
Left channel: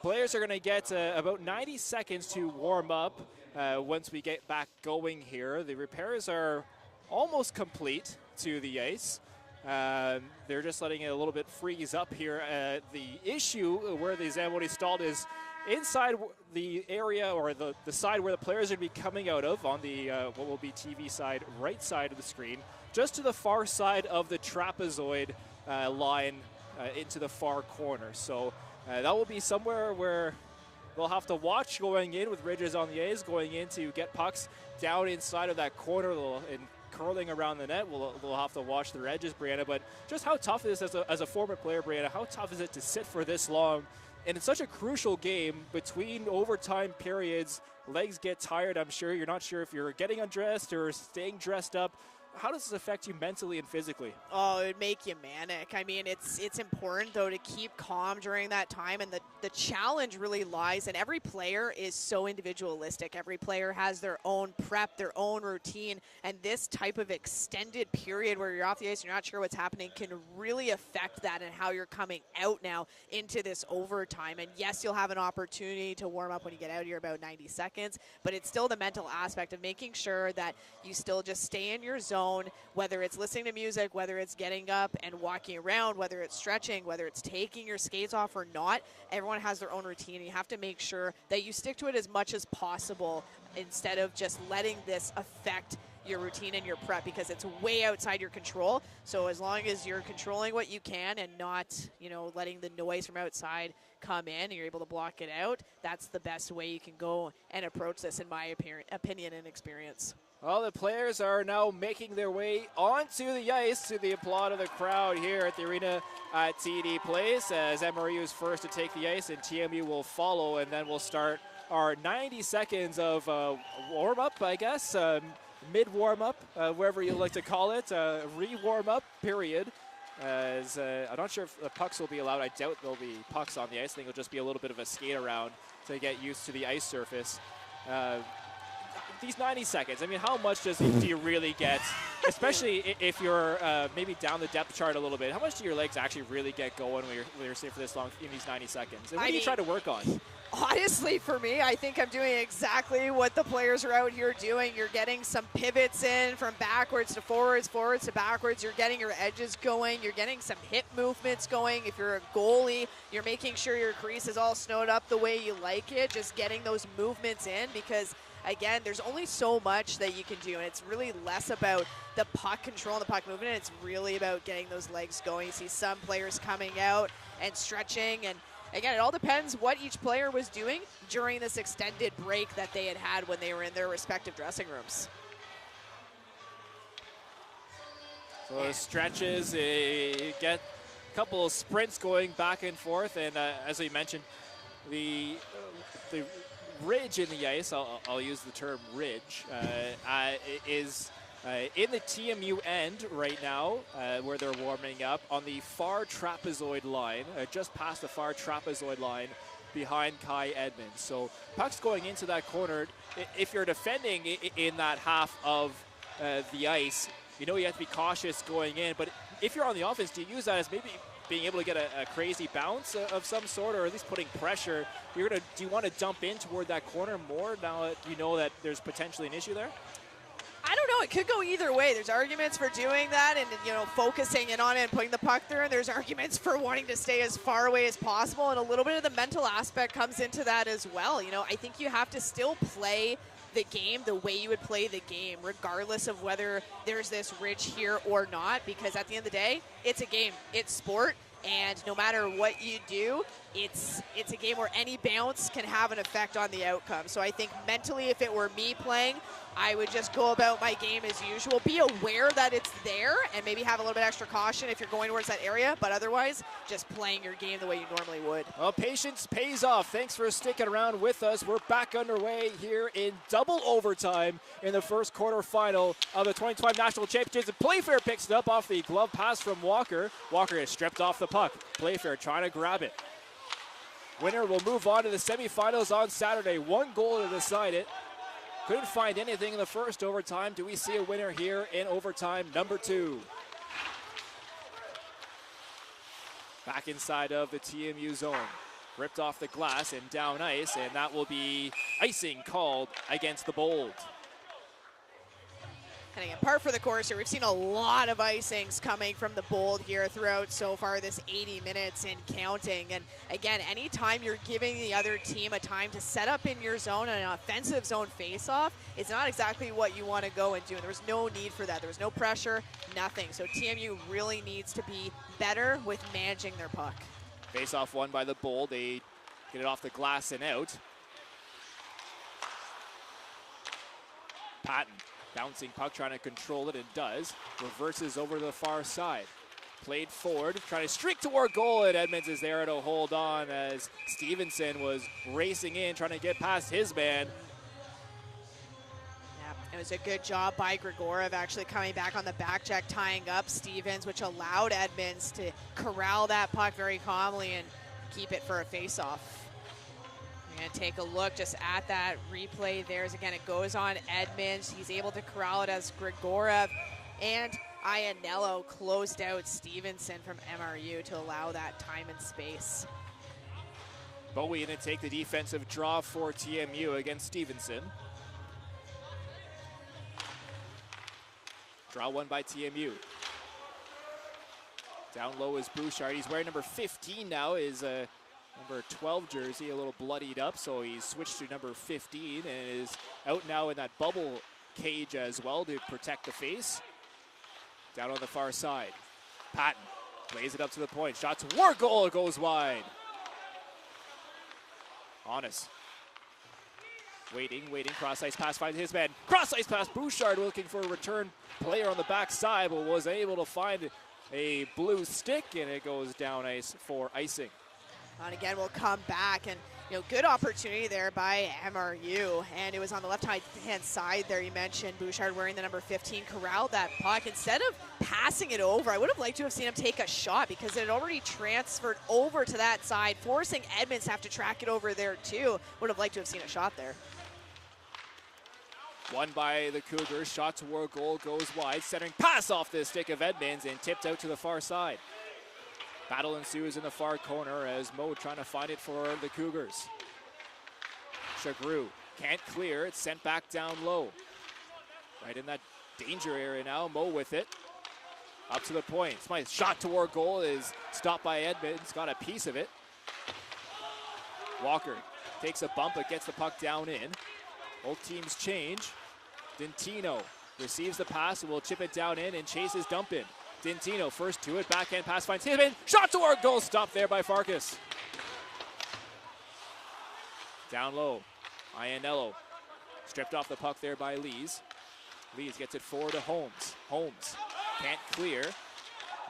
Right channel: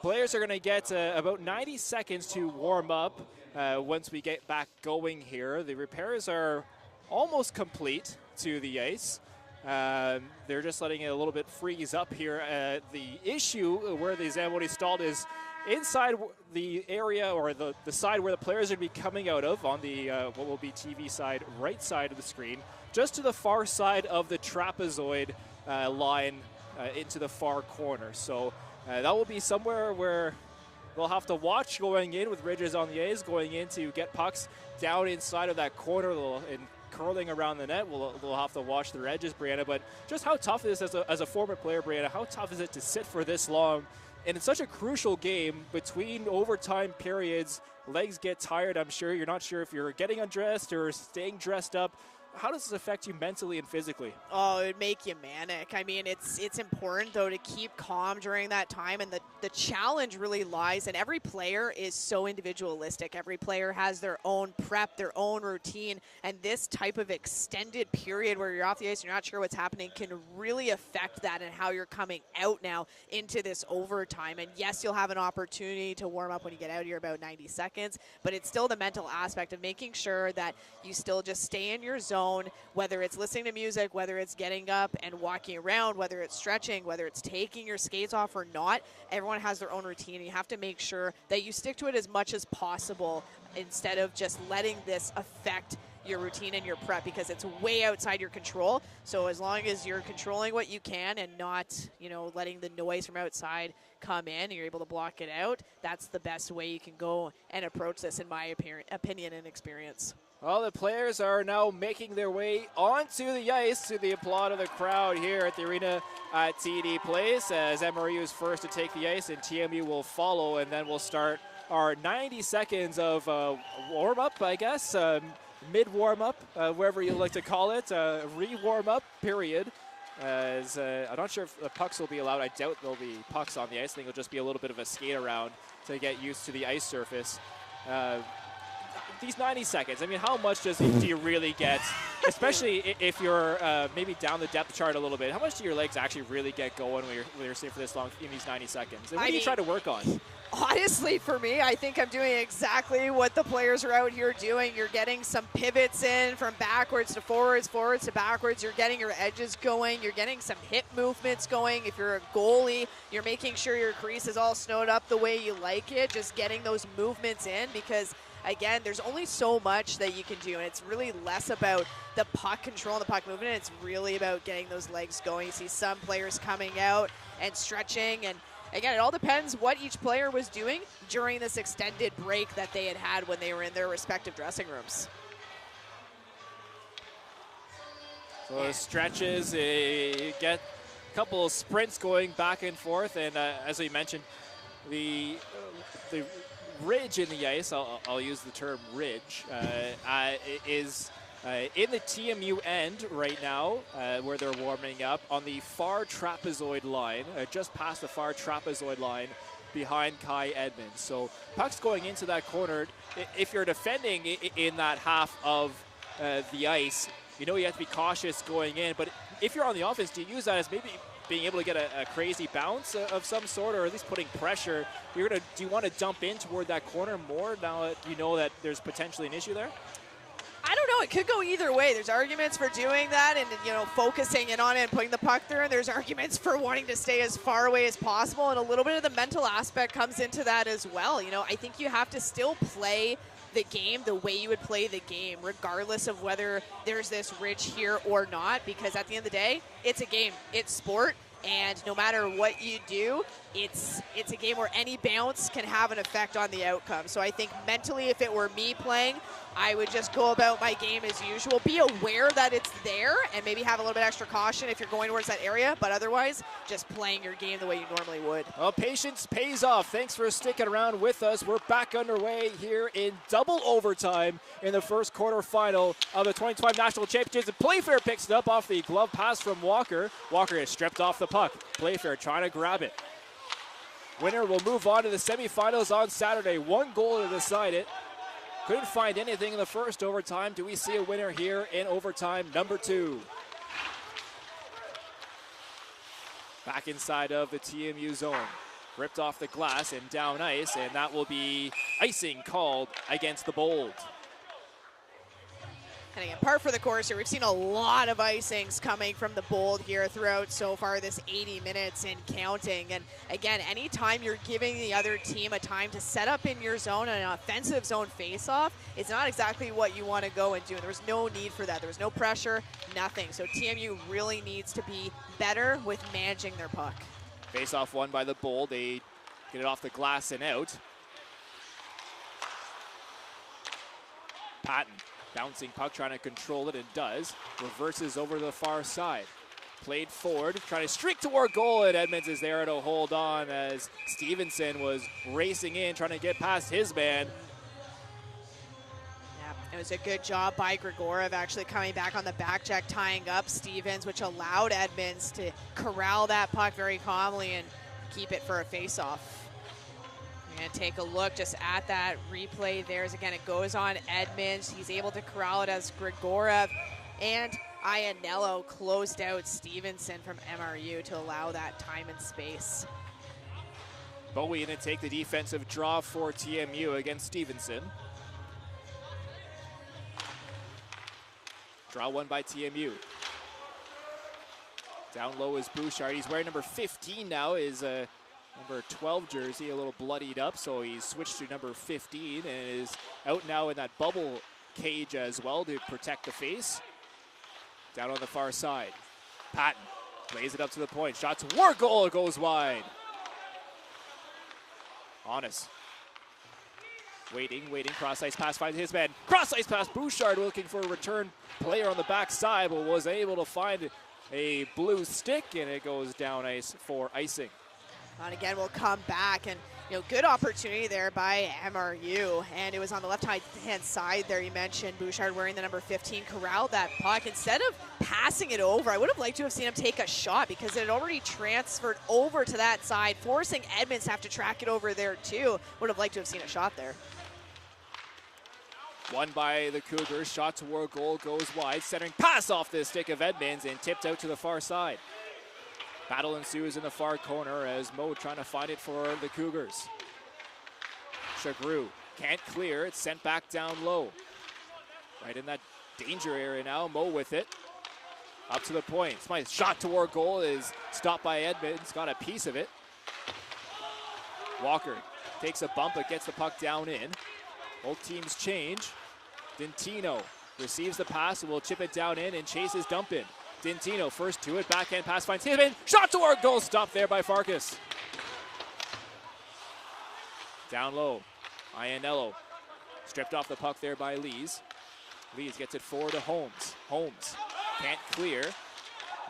Players are going to get about 90 seconds to warm up once we get back going here. The repairs are almost complete to the ice. They're just letting it a little bit freeze up here. The issue where the Zamboni stalled is inside the area, or the side where the players are going to be coming out of on the what will be TV side, right side of the screen, just to the far side of the trapezoid line into the far corner. So that will be somewhere where they'll have to watch going in with ridges on the A's, going in to get pucks down inside of that corner and curling around the net. We'll have to watch their edges, Brianna. But just how tough is this as a former player, Brianna? How tough is it to sit for this long? And it's such a crucial game between overtime periods. Legs get tired, I'm sure. You're not sure if you're getting undressed or staying dressed up. how does this affect you mentally and physically? Oh, it would make you manic. I mean, it's important, though, to keep calm during that time, and the challenge really lies, and every player is so individualistic. Every player has their own prep, their own routine, and this type of extended period where you're off the ice and you're not sure what's happening can really affect that and how you're coming out now into this overtime. And yes, you'll have an opportunity to warm up when you get out here, about 90 seconds, but it's still the mental aspect of making sure that you still just stay in your zone, whether it's listening to music, whether it's getting up and walking around, whether it's stretching, whether it's taking your skates off or not. Everyone has their own routine. You have to make sure that you stick to it as much as possible instead of just letting this affect your routine and your prep, because it's way outside your control. So as long as you're controlling what you can and not, letting the noise from outside come in and you're able to block it out, that's the best way you can go and approach this, in my opinion and experience. Well, the players are now making their way onto the ice to the applaud of the crowd here at the arena at TD Place, as MRU is first to take the ice and TMU will follow, and then we'll start our 90 seconds of warm-up, I guess, mid-warm-up, wherever you like to call it, re-warm-up period. As I'm not sure if the pucks will be allowed. I doubt there'll be pucks on the ice. I think it'll just be a little bit of a skate around to get used to the ice surface. These 90 seconds, I mean, how much do you really get, especially if you're maybe down the depth chart a little bit, how much do your legs actually really get going when you're staying for this long in these 90 seconds? And what do you try to work on? Honestly, for me, I think I'm doing exactly what the players are out here doing. You're getting some pivots in from backwards to forwards, forwards to backwards. You're getting your edges going. You're getting some hip movements going. If you're a goalie, you're making sure your crease is all snowed up the way you like it, just getting those movements in, because again, there's only so much that you can do, and it's really less about the puck control and the puck movement. It's really about getting those legs going. You see some players coming out and stretching, and again, it all depends what each player was doing during this extended break that they had when they were in their respective dressing rooms. So the stretches, get a couple of sprints going back and forth, and as we mentioned, the ridge in the ice, I'll use the term ridge, is in the TMU end right now, where they're warming up on the far trapezoid line, just past the far trapezoid line behind Kai Edmonds. So puck's going into that corner. If you're defending in that half of the ice, you have to be cautious going in, but if you're on the offense, do you use that as maybe being able to get a crazy bounce of some sort, or at least putting pressure? Do you want to dump in toward that corner more now that you know that there's potentially an issue there? I don't know. It could go either way. There's arguments for doing that and, focusing in on it and putting the puck through. And there's arguments for wanting to stay as far away as possible. And a little bit of the mental aspect comes into that as well. I think you have to still play the game the way you would play the game, regardless of whether there's this ridge here or not, because at the end of the day, it's a game, it's sport, and no matter what you do, it's a game where any bounce can have an effect on the outcome. So I think mentally, if it were me playing, I would just go about my game as usual. Be aware that it's there and maybe have a little bit extra caution if you're going towards that area, but otherwise, just playing your game the way you normally would. Well, patience pays off. Thanks for sticking around with us. We're back underway here in double overtime in the first quarterfinal of the 2012 National Championships. And Playfair picks it up off the glove pass from Walker. Walker is stripped off the puck. Playfair trying to grab it. Winner will move on to the semifinals on Saturday. One goal to decide it. Couldn't find anything in the first overtime. Do we see a winner here in overtime number 2? Back inside of the TMU zone. Ripped off the glass and down ice, and that will be icing called against the Bold. And again, par for the course here. We've seen a lot of icings coming from the Bold here throughout so far this 80 minutes and counting. And again, anytime you're giving the other team a time to set up in your zone and an offensive zone face-off, it's not exactly what you want to go and do. There was no need for that. There was no pressure, nothing. So TMU really needs to be better with managing their puck. Face-off won by the Bold. They get it off the glass and out. Patton. Bouncing puck, trying to control it, and does. Reverses over to the far side. Played forward, trying to streak toward goal, and Edmonds is there to hold on as Stevenson was racing in, trying to get past his man. It was a good job by Grigorov actually coming back on the back check, tying up Stevens, which allowed Edmonds to corral that puck very calmly and keep it for a face-off. We're going to take a look just at that replay there. As again, it goes on Edmonds. He's able to corral it as Grigorov and Iannello closed out Stevenson from MRU to allow that time and space. Bowie going to take the defensive draw for TMU against Stevenson. Draw one by TMU. Down low is Bouchard. He's wearing number 15 now, is number 12 jersey, a little bloodied up, so he's switched to number 15 and is out now in that bubble cage as well to protect the face. Down on the far side. Patton plays it up to the point. Shot toward goal, it goes wide. Honest. Waiting, cross-ice pass finds his man. Cross-ice pass, Bouchard looking for a return player on the backside, but was able to find a blue stick, and it goes down ice for icing. And again, we'll come back, and good opportunity there by MRU, and it was on the left-hand side there. You mentioned Bouchard wearing the number 15, corralled that puck. Instead of passing it over, I would have liked to have seen him take a shot because it had already transferred over to that side, forcing Edmonds to have to track it over there too. Would have liked to have seen a shot there. Won by the Cougars, shot toward goal, goes wide, centering pass off the stick of Edmonds and tipped out to the far side. Battle ensues in the far corner as Mo trying to find it for the Cougars. Chagru can't clear, it's sent back down low. Right in that danger area now, Mo with it. Up to the point, Smythe's shot toward goal is stopped by Edmonds, got a piece of it. Walker takes a bump but gets the puck down in. Both teams change. Dintino receives the pass and will chip it down in and chases dump in. Dintino first to it, backhand pass finds Hibbin. Shot toward goal, stopped there by Farkas. Down low, Iannello stripped off the puck there by Lees. Lees gets it forward to Holmes. Holmes can't clear.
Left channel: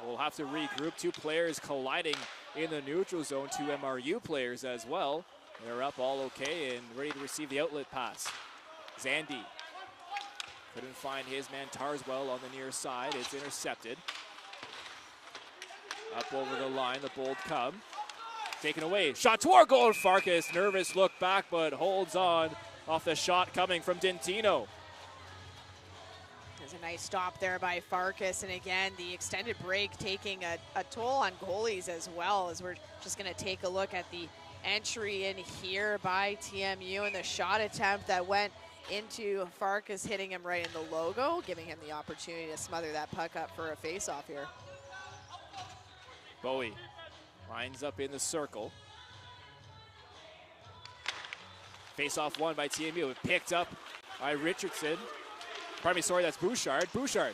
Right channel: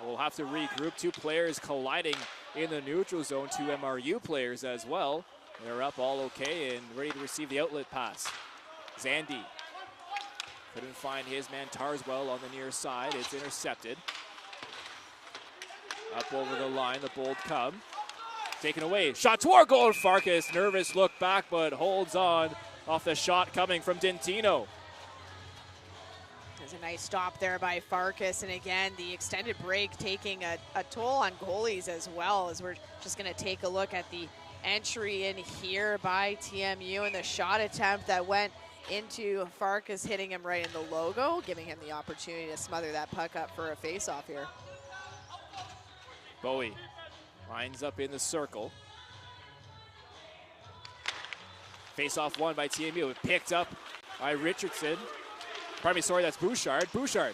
We'll have to regroup. Two players colliding in the neutral zone. Two MRU players as well. They're up all okay and ready to receive the outlet pass. Zandy couldn't find his man Tarswell on the near side. It's intercepted. Up over the line, the Bold come. Taken away. Shot toward goal. Farkas, nervous look back, but holds on off the shot coming from Dintino. There's a nice stop there by Farkas, and again, the extended break taking a toll on goalies as well, as we're just going to take a look at the entry in here by TMU and the shot attempt that went into Farkas, hitting him right in the logo, giving him the opportunity to smother that puck up for a face-off here. Bowie lines up in the circle. Face-off won by TMU. Picked up by Richardson. Pardon me, sorry, that's Bouchard. Bouchard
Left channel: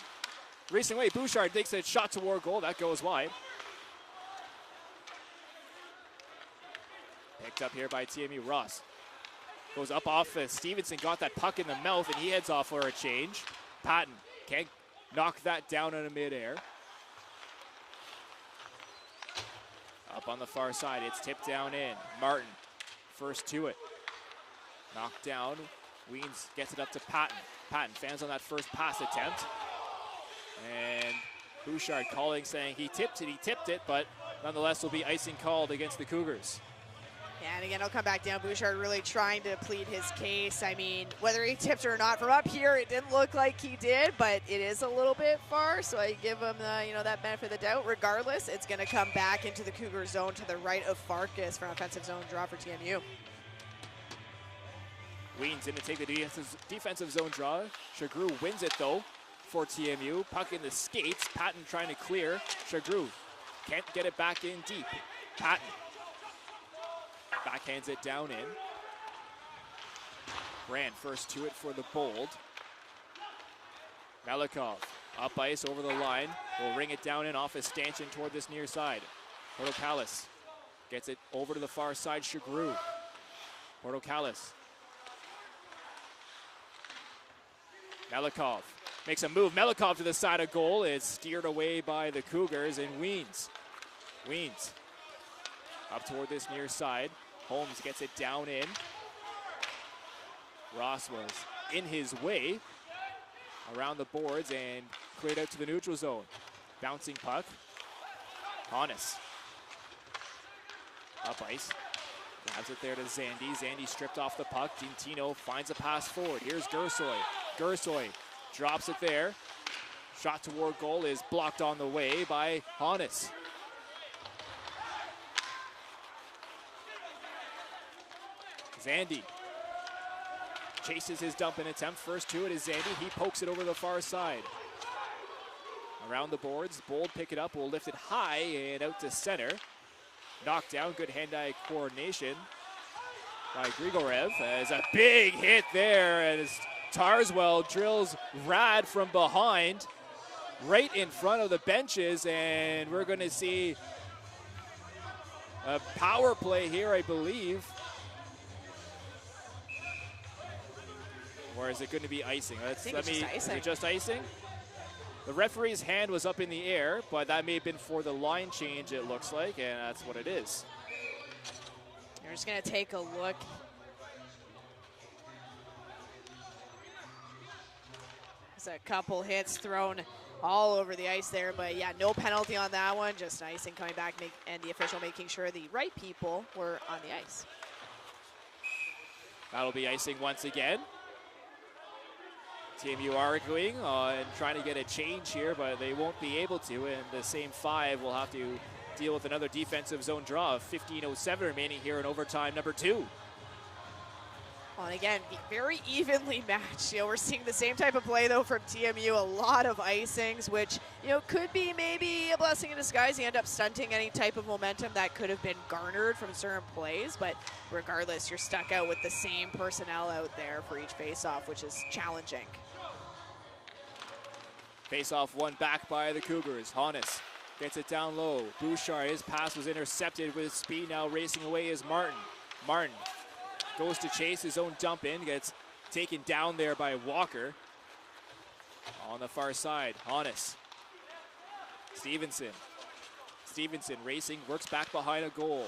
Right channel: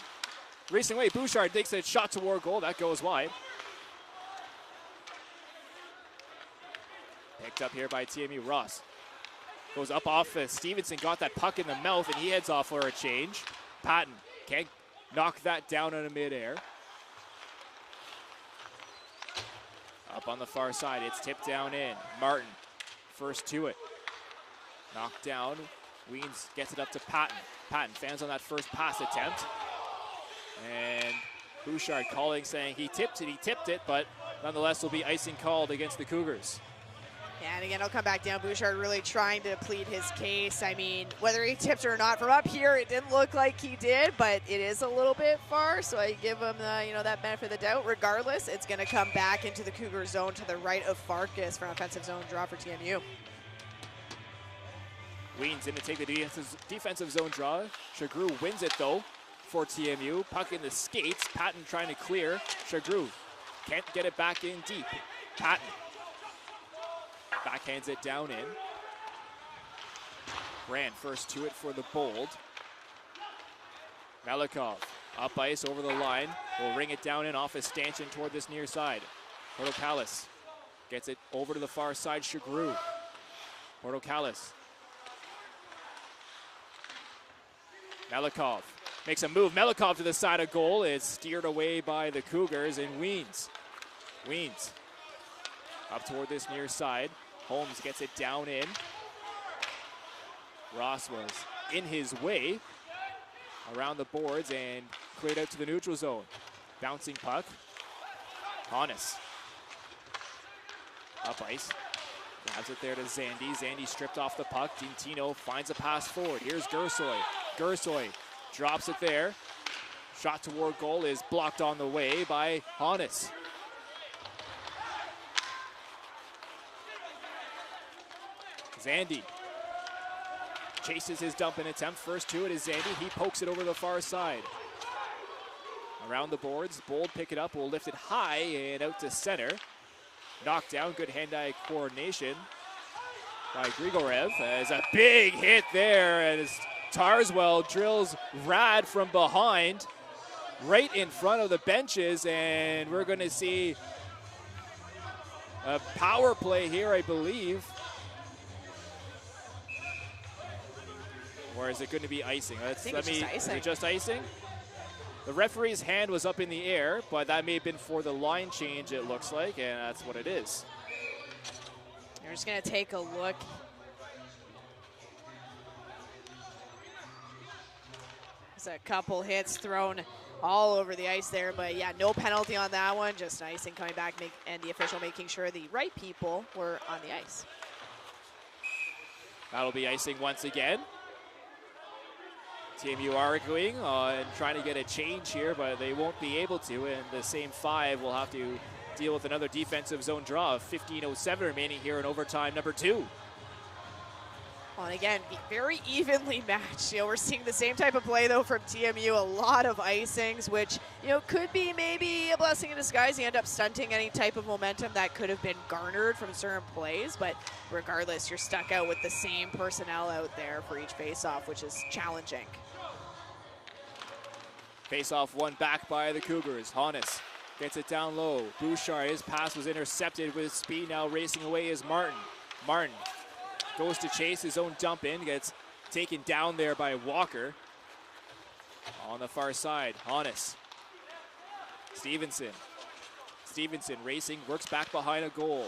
racing away. Bouchard takes a shot toward goal. That goes wide. Picked up here by TMU. Ross goes up off. Stevenson got that puck in the mouth, and he heads off for a change. Patton can't knock that down in midair. Up on the far side, it's tipped down in. Martin first to it. Knocked down. Weens gets it up to Patton. Patton fans on that first pass attempt. And Bouchard calling, saying he tipped it, but nonetheless will be icing called against the Cougars. Yeah, and again, I'll come back down. Bouchard really trying to plead his case. I mean, whether he tipped or not, from up here, it didn't look like he did, but it is a little bit far, so I give him that benefit of the doubt. Regardless, it's going to come back into the Cougar zone to the right of Farkas for an offensive zone draw for TMU. Weens in to take the defensive zone draw. Chagru wins it, though, for TMU. Puck in the skates. Patton trying to clear. Chagru can't get it back in deep. Patton backhands it down in. Grant first to it for the Bold. Melikov up ice over the line. Will ring it down in off his stanchion toward this near side. Portocalis gets it over to the far side. Chagru. Portocalis. Melikov makes a move. Melikov to the side of goal. It's steered away by the Cougars, and Weens up toward this near side. Holmes gets it down in. Ross was in his way. around the boards and cleared out to the neutral zone. Bouncing puck. Hannes. Up ice. Grabs it there to Zandy. Zandy stripped off the puck. Dintino finds a pass forward. Here's Gersoy. Gersoy drops it there. Shot toward goal is blocked on the way by Hannes. Zandy chases his dumping attempt. First to it is Zandy. He pokes it over the far side. Around the boards, Bold pick it up, will lift it high and out to center. Knocked down, good hand-eye coordination by Grigorev. As a big hit there as Tarswell drills Rad from behind, right in front of the benches, and we're going to see a power play here, I believe. Or is it going to be icing? Is it just icing? The referee's hand was up in the air, but that may have been for the line change, it looks like, and that's what it is. We're just going to take a look. There's a couple hits thrown all over the ice there, but yeah, no penalty on that one, just icing coming back, and the official making sure the right people were on the ice. That'll be icing once again. TMU arguing and trying to get a change here, but they won't be able to, and the same five will have to deal with another defensive zone draw. 15:07 remaining here in overtime number 2. Well, and again, very evenly matched. We're seeing the same type of play, though, from TMU. A lot of icings, which, could be maybe a blessing in disguise. You end up stunting any type of momentum that could have been garnered from certain plays, but regardless, you're stuck out with the same personnel out there for each faceoff, which is challenging. Face-off won back by the Cougars. Hannes gets it down low. Bouchard, his pass was intercepted with speed. Now racing away is Martin. Martin goes to chase his own dump in. Gets taken down there by Walker. On the far side, Hannes. Stevenson. Stevenson racing, works back behind a goal.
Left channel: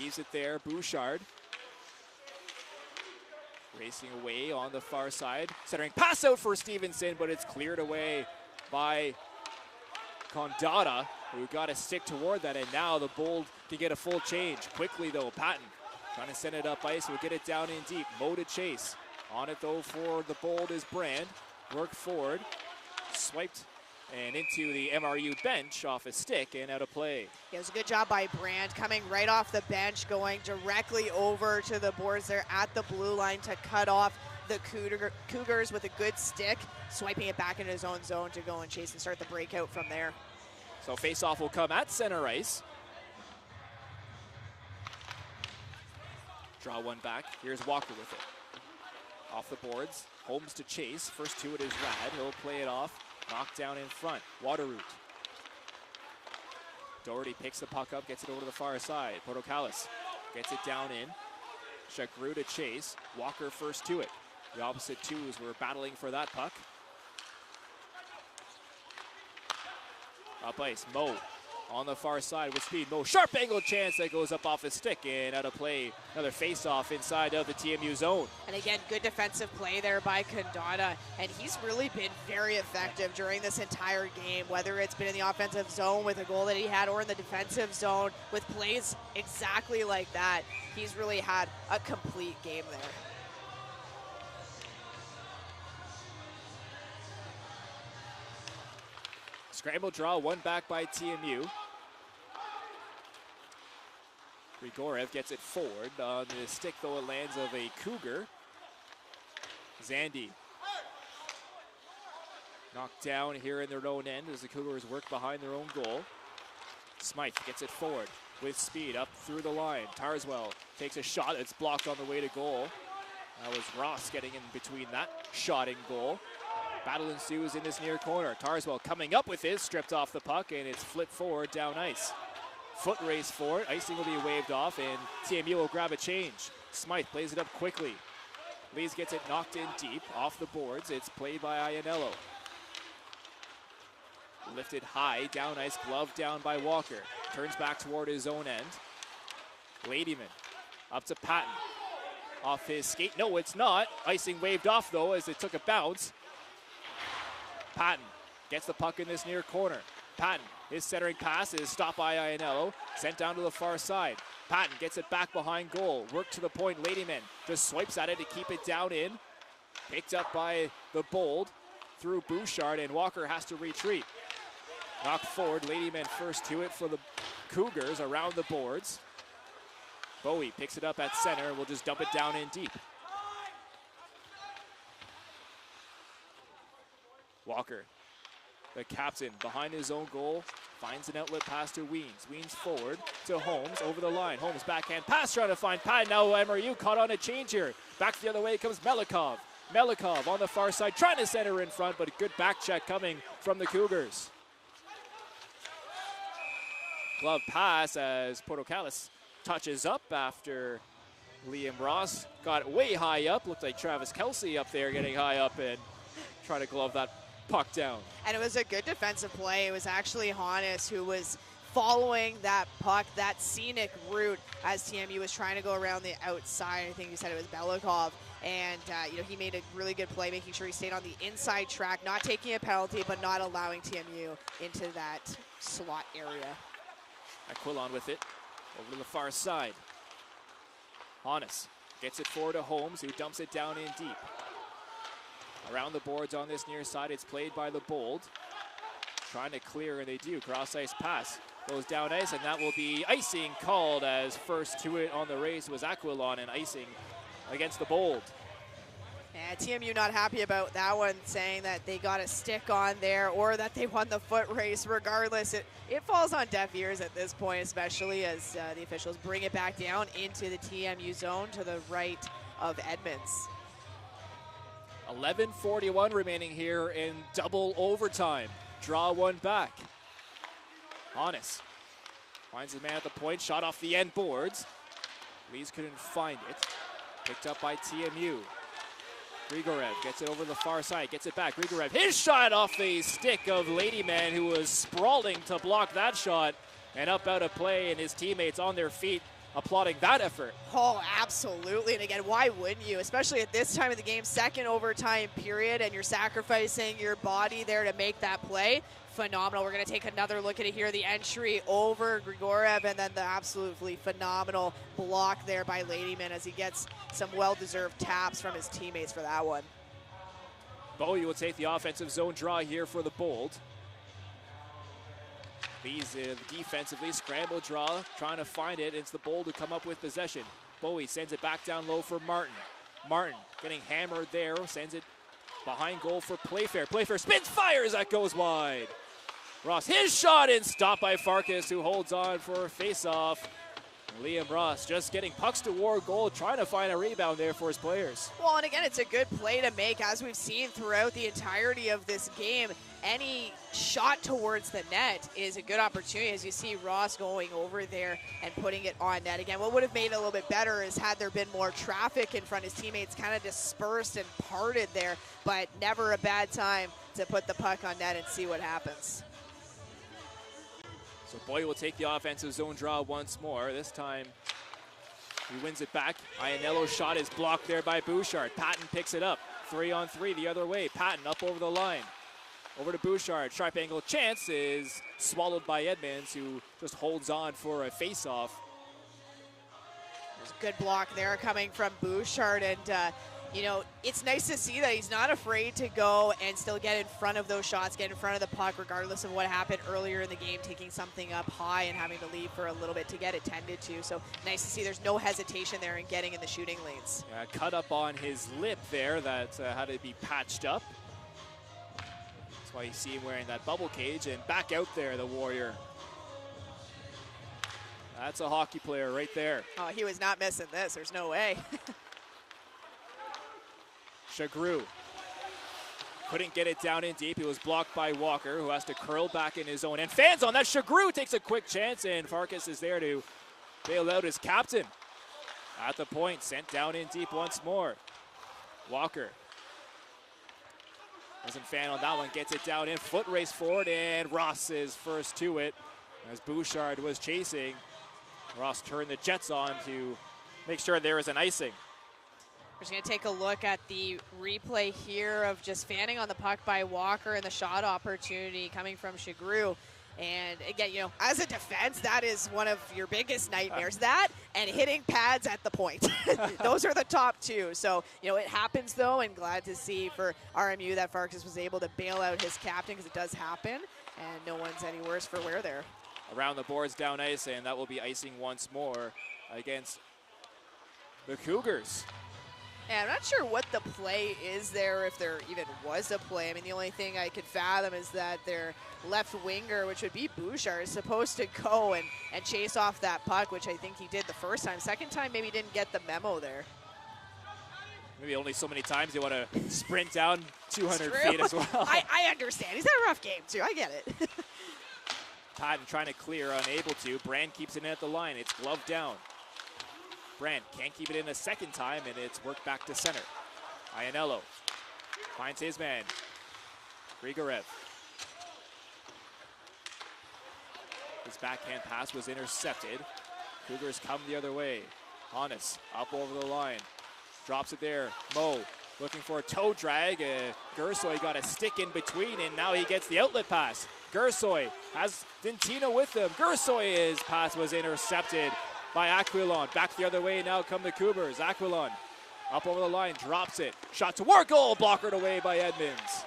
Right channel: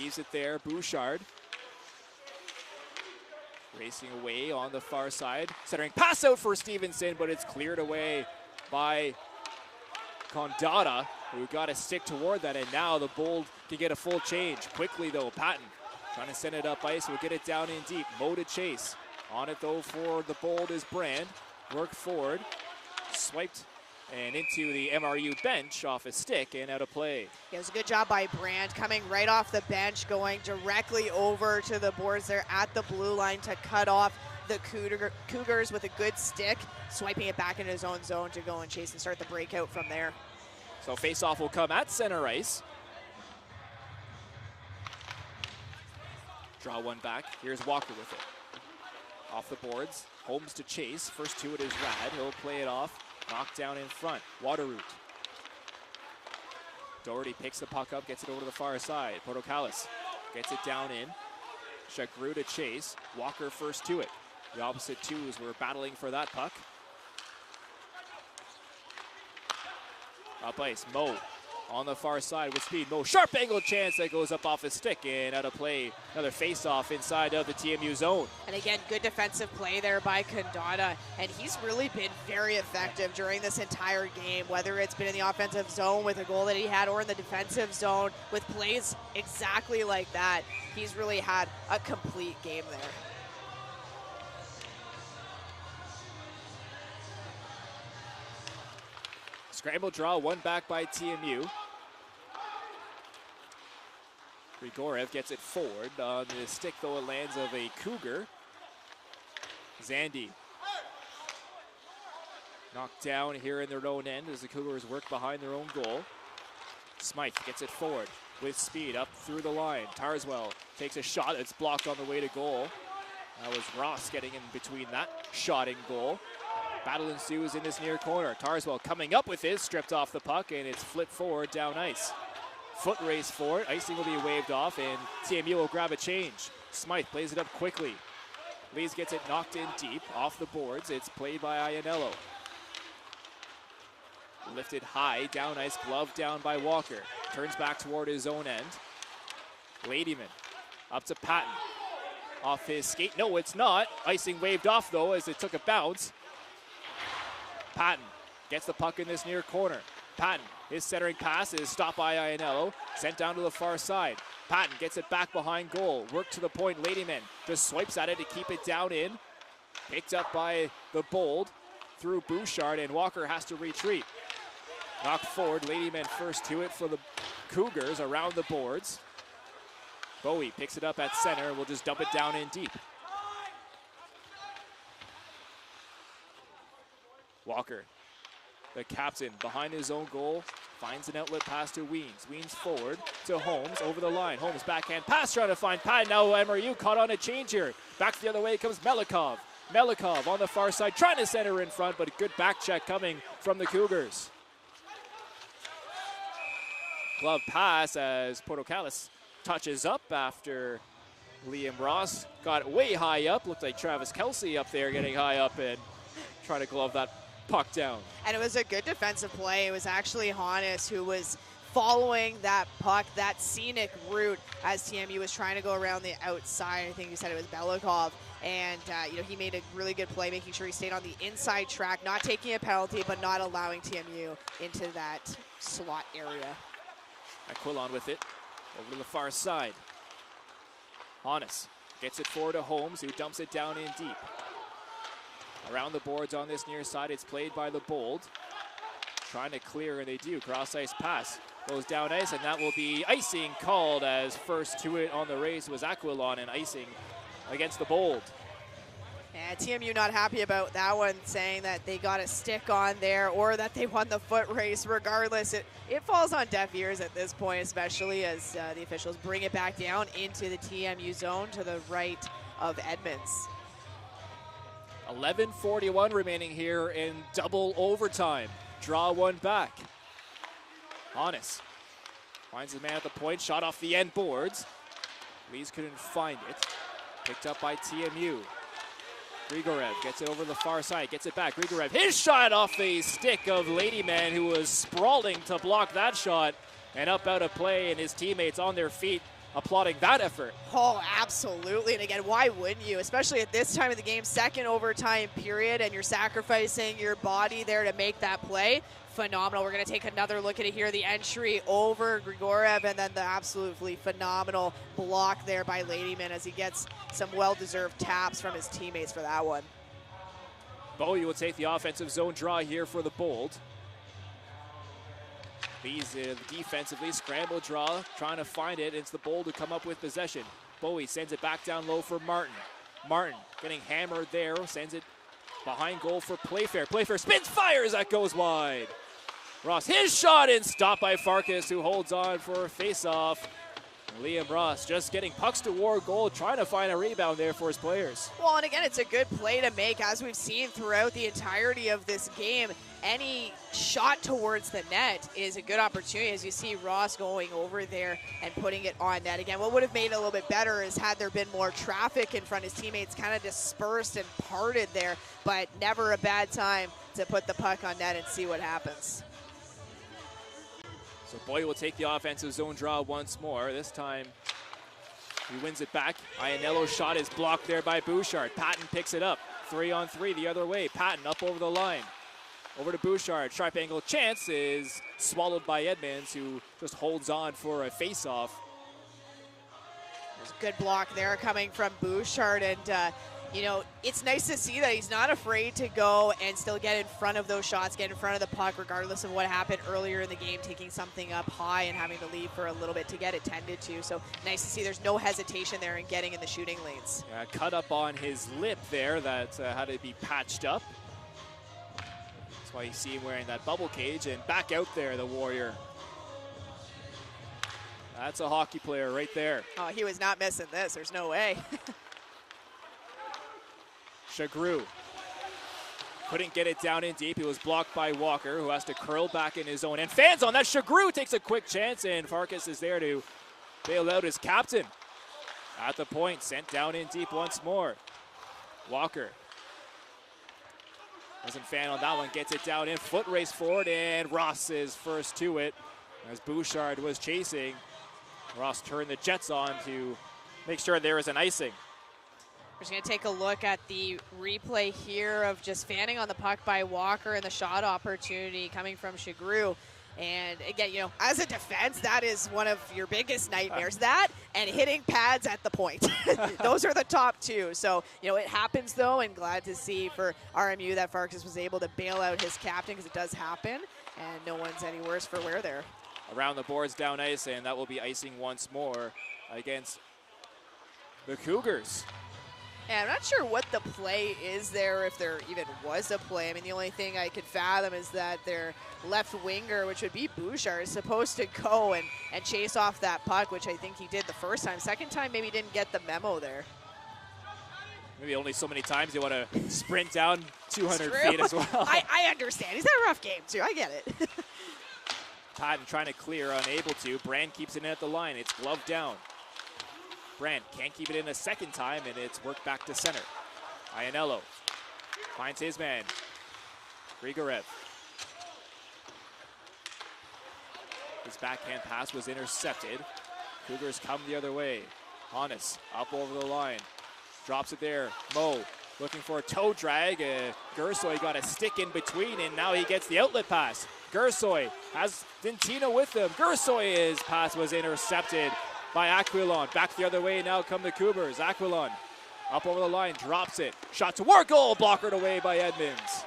Leaves it there, Bouchard. Racing away on the far side. Centering pass out for Stevenson, but it's cleared away by Condata, who got a stick toward that, and now the Bold can get a full change. Quickly, though, Patton trying to send it up ice. We'll get it down in deep. Mo to chase. On it, though, for the Bold is Brand. Work forward. Swiped and into the MRU bench off a stick and out of play. It was a good job by Brand coming right off the bench, going directly over to the boards there at the blue line to cut off the Cougars with a good stick, swiping it back into his own zone to go and chase and start the breakout from there. So face-off will come at center ice. Draw one back. Here's Walker with it. Off the boards. Holmes to chase. First to it is Rad. He'll play it off. Knocked down in front. Waterroot. Doherty picks the puck up, gets it over to the far side. Portocalis gets it down in. Chagru to chase. Walker first to it. The opposite twos were battling for that puck. Up ice, Mo on the far side with speed. Mo, sharp angle chance that goes up off his stick and out of play. Another face-off inside of the TMU zone. And again, good defensive play there by Condata, and he's really been very effective during this entire game, whether it's been in the offensive zone with a goal that he had or in the defensive zone with plays exactly like that. He's really had a complete game there. Scramble draw, one back by TMU. Grigorev gets it forward. On the stick, though, it lands of a Cougar. Zandy knocked down here in their own end as the Cougars work behind their own goal. Smythe gets it forward with speed up through the line. Tarswell takes a shot. It's blocked on the way to goal. That was Ross getting in between that shot and goal. Battle ensues in this near corner. Tarswell coming up with his, stripped off the puck, and it's flipped forward down ice. Foot race for it. Icing will be waved off, and TMU will grab a change. Smythe plays it up quickly. Lees gets it knocked in deep off the boards. It's played by Ianello. Lifted high, down ice, glove down by Walker. Turns back toward his own end. Ladyman up to Patton. Off his skate. No, it's not. Icing waved off, though, as it took a bounce. Patton gets the puck in this near corner. Patton, his centering pass is stopped by Iannello, sent down to the far side. Patton gets it back behind goal. Work to the point, Ladyman just swipes at it to keep it down in. Picked up by the Bold through Bouchard, and Walker has to retreat. Knocked forward, Ladyman first to it for the Cougars around the boards. Bowie picks it up at center and will just dump it down in deep. Walker, the captain, behind his own goal, finds an outlet pass to Weens. Weens forward to Holmes, over the line. Holmes backhand pass trying to find Patton. Now MRU caught on a change here. Back the other way comes Melikov. Melikov on the far side, trying to center in front, but a good back check coming from the Cougars. Glove pass as Portocalis touches up after Liam Ross got way high up. Looked like Travis Kelce up there getting high up and trying to glove that puck down. And it was a good defensive play. It was actually Hannes who was following that puck, that scenic route as TMU was trying to go around the outside. I think you said it was Belikov. And, he made a really good play, making sure he stayed on the inside track, not taking a penalty, but not allowing TMU into that slot area. Aquilon with it, over to the far side. Hannes gets it forward to Holmes, who dumps it down in deep. Around the boards on this near side, it's played by the Bold. Trying to clear, and they do. Cross-ice pass goes down ice, and that will be icing called, as first to it on the race was Aquilon, and icing against the Bold. Yeah, TMU not happy about that one, saying that they got a stick on there or that they won the foot race. Regardless, it falls on deaf ears at this point, especially as the officials bring it back down into the TMU zone to the right of Edmonds. 11:41 remaining here in double overtime. Draw one back. Hannes finds his man at the point, shot off the end boards. Lees couldn't find it. Picked up by TMU. Grigorev gets it over the far side, gets it back. Grigorev, his shot off the stick of Ladyman, who was sprawling to block that shot, and up out of play, and his teammates on their feet applauding that effort. Oh, absolutely. And again, why wouldn't you? Especially at this time of the game, second overtime period, and you're sacrificing your body there to make that play. Phenomenal. We're going to take another look at it here. The entry over Grigorev, and then the absolutely phenomenal block there by Ladyman as he gets some well-deserved taps from his teammates for that one. Bowie will take the offensive zone draw here for the Bold. These defensively scramble draw, trying to find it. It's the Bold to come up with possession. Bowie sends it back down low for Martin. Martin getting hammered there, sends it behind goal for Playfair. Playfair spins, fires, that goes wide. Ross, his shot in, stopped by Farkas, who holds on for a face-off. Liam Ross just getting pucks toward goal, trying to find a rebound there for his players. Well, and again, it's a good play to make, as we've seen throughout the entirety of this game. Any shot towards the net is a good opportunity, as you see Ross going over there and putting it on net. Again, what would have made it a little bit better is had there been more traffic in front. His teammates kind of dispersed and parted there, but never a bad time to put the puck on net and see what happens. So Boy will take the offensive zone draw once more. This time he wins it back. Iannello's shot is blocked there by Bouchard. Patton picks it up. 3-on-3 the other way. Patton up over the line. Over to Bouchard. Sharp angle chance is swallowed by Edmonds, who just holds on for a face-off. There's a good block there coming from Bouchard, and it's nice to see that he's not afraid to go and still get in front of those shots, get in front of the puck, regardless of what happened earlier in the game, taking something up high and having to leave for a little bit to get it tended to. So nice to see there's no hesitation there in getting in the shooting lanes. Cut up on his lip there that had to be patched up. That's why you see him wearing that bubble cage, and back out there, the Warrior. That's a hockey player right there. Oh, he was not missing this. There's no way. Chagru couldn't get it down in deep. He was blocked by Walker, who has to curl back in his own end. Fans on that. Chagru takes a quick chance, and Farkas is there to bail out his captain. At the point, sent down in deep once more. Walker doesn't fan on that one. Gets it down in. Foot race forward, and Ross is first to it. As Bouchard was chasing, Ross turned the Jets on to make sure there is an icing. We're just going to take a look at the replay here of just fanning on the puck by Walker and the shot opportunity coming from Shagru. And again, you know, as a defense, that is one of your biggest nightmares. That and hitting pads at the point. Those are the top two. So, you know, it happens though, and glad to see for RMU that Farkas was able to bail out his captain, because it does happen, and no one's any worse for wear there. Around the boards, down ice, and that will be icing once more against the Cougars. And I'm not sure what the play is there, if there even was a play. I mean, the only thing I could fathom is that their left winger, which would be Bouchard, is supposed to go and chase off that puck, which I think he did the first time. Second time, maybe didn't get the memo there. Maybe only so many times you want to sprint down 200 feet as well. I understand. He's had a rough game, too. I get it. Patton trying to clear, unable to. Brand keeps it in at the line. It's gloved down. Brand can't keep it in a second time, and it's worked back to center. Iannello finds his man, Grigorev. His backhand pass was intercepted. Cougars come the other way. Hannes up over the line. Drops it there. Mo looking for a toe drag. Gersoy got a stick in between, and now he gets the outlet pass. Gersoy has Dintino with him. Gersoy's pass was intercepted by Aquilon. Back the other way now come the Cougars. Aquilon up over the line, drops it. Shot toward goal, blockered away by Edmonds.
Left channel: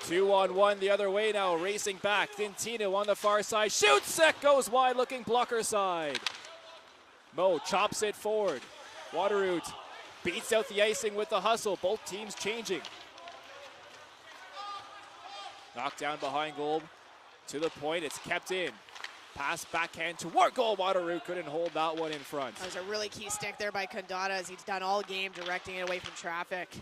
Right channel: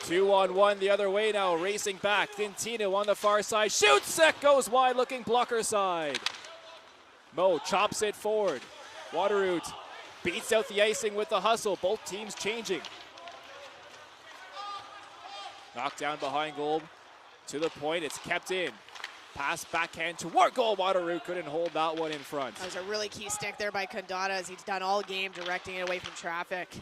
2-on-1 the other way now, racing back. Dintino on the far side, shoots, set goes wide, looking blocker side. Mo chops it forward. Waterroot beats out the icing with the hustle. Both teams changing. Knocked down behind goal. To the point, it's kept in. Pass backhand toward goal. Waterroot couldn't hold that one in front. That was a really key stick there by Condado, as he's done all game, directing it away from traffic.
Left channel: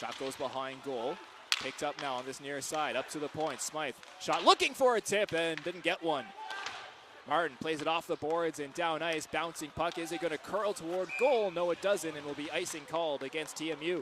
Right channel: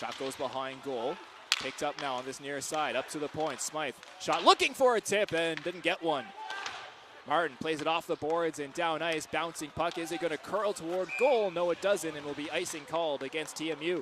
Shot goes behind goal. Picked up now on this near side. Up to the point. Smythe shot looking for a tip and didn't get one. Martin plays it off the boards and down ice. Bouncing puck. Is it going to curl toward goal? No, it doesn't, and will be icing called against TMU.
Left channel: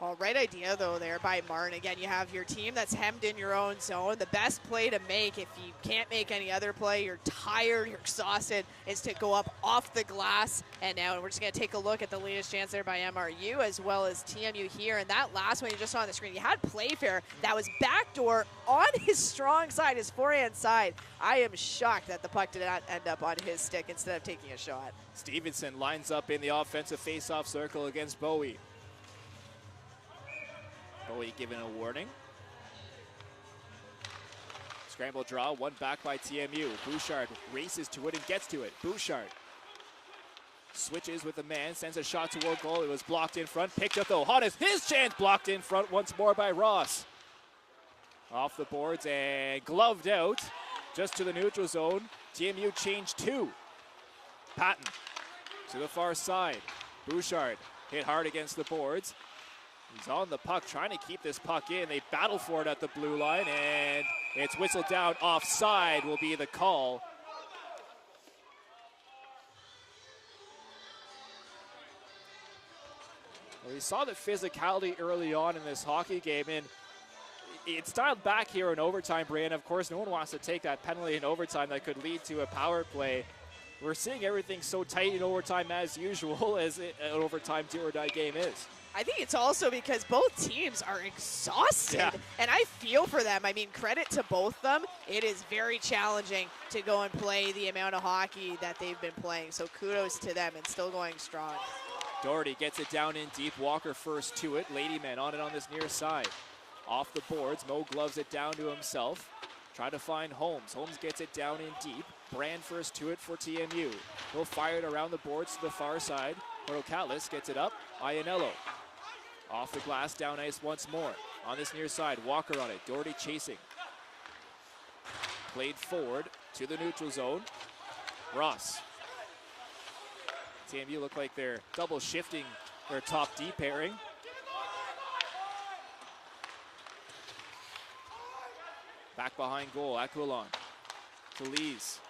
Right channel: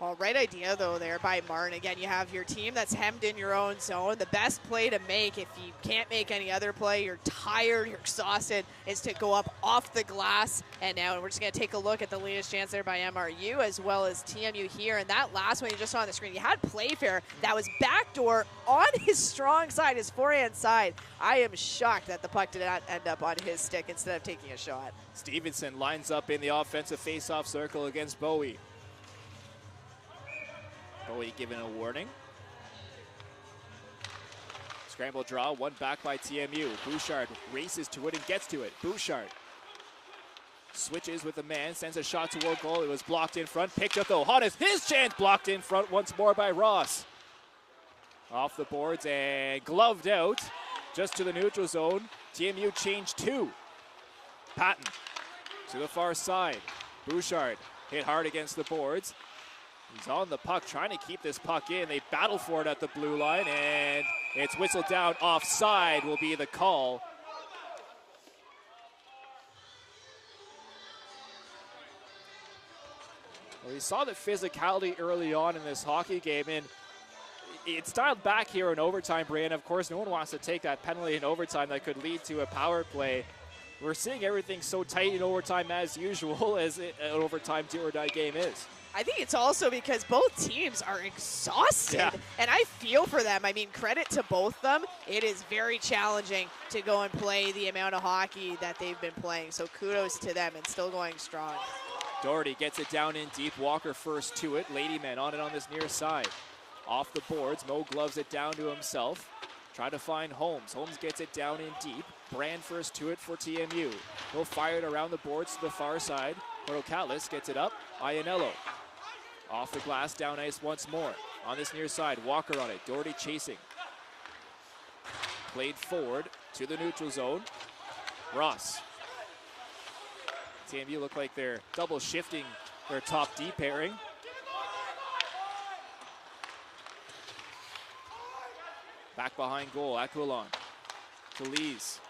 Well, right idea, though, there by Martin. Again, you have your team that's hemmed in your own zone. The best play to make, if you can't make any other play, you're tired, you're exhausted, is to go up off the glass. And now we're just going to take a look at the latest chance there by MRU as well as TMU here. And that last one you just saw on the screen, you had Playfair that was backdoor on his strong side, his forehand side. I am shocked that the puck did not end up on his stick instead of taking a shot. Stevenson lines up in the offensive face-off circle against Bowie. Bowie given a warning. Scramble draw, one back by TMU. Bouchard races to it and gets to it. Bouchard switches with the man, sends a shot toward goal. It was blocked in front, picked up though. Hannes, his chance, blocked in front once more by Ross. Off the boards and gloved out, just to the neutral zone. TMU changed two. Patton to the far side. Bouchard hit hard against the boards. He's on the puck, trying to keep this puck in. They battle for it at the blue line, and it's whistled down. Offside will be the call. Well, we saw the physicality early on in this hockey game, and it's dialed back here in overtime, Brian. Of course, no one wants to take that penalty in overtime that could lead to a power play. We're seeing everything so tight in overtime as usual, as an overtime do-or-die game is. I think it's also because both teams are exhausted, and I feel for them. I mean, credit to both them. It is very challenging to go and play the amount of hockey that they've been playing, so kudos to them and still going strong. Doherty gets it down in deep. Walker first to it. Ladyman on it on this near side. Off the boards. Mo gloves it down to himself. Trying to find Holmes. Holmes gets it down in deep. Brand first to it for TMU. He'll fire it around the boards to the far side. Portocalis gets it up. Iannello. Off the glass, down ice once more. On this near side, Walker on it. Doherty chasing. Played forward to the neutral zone. Ross. TMU look like they're double shifting their top D pairing. Back behind goal, Aquilon. To Lees.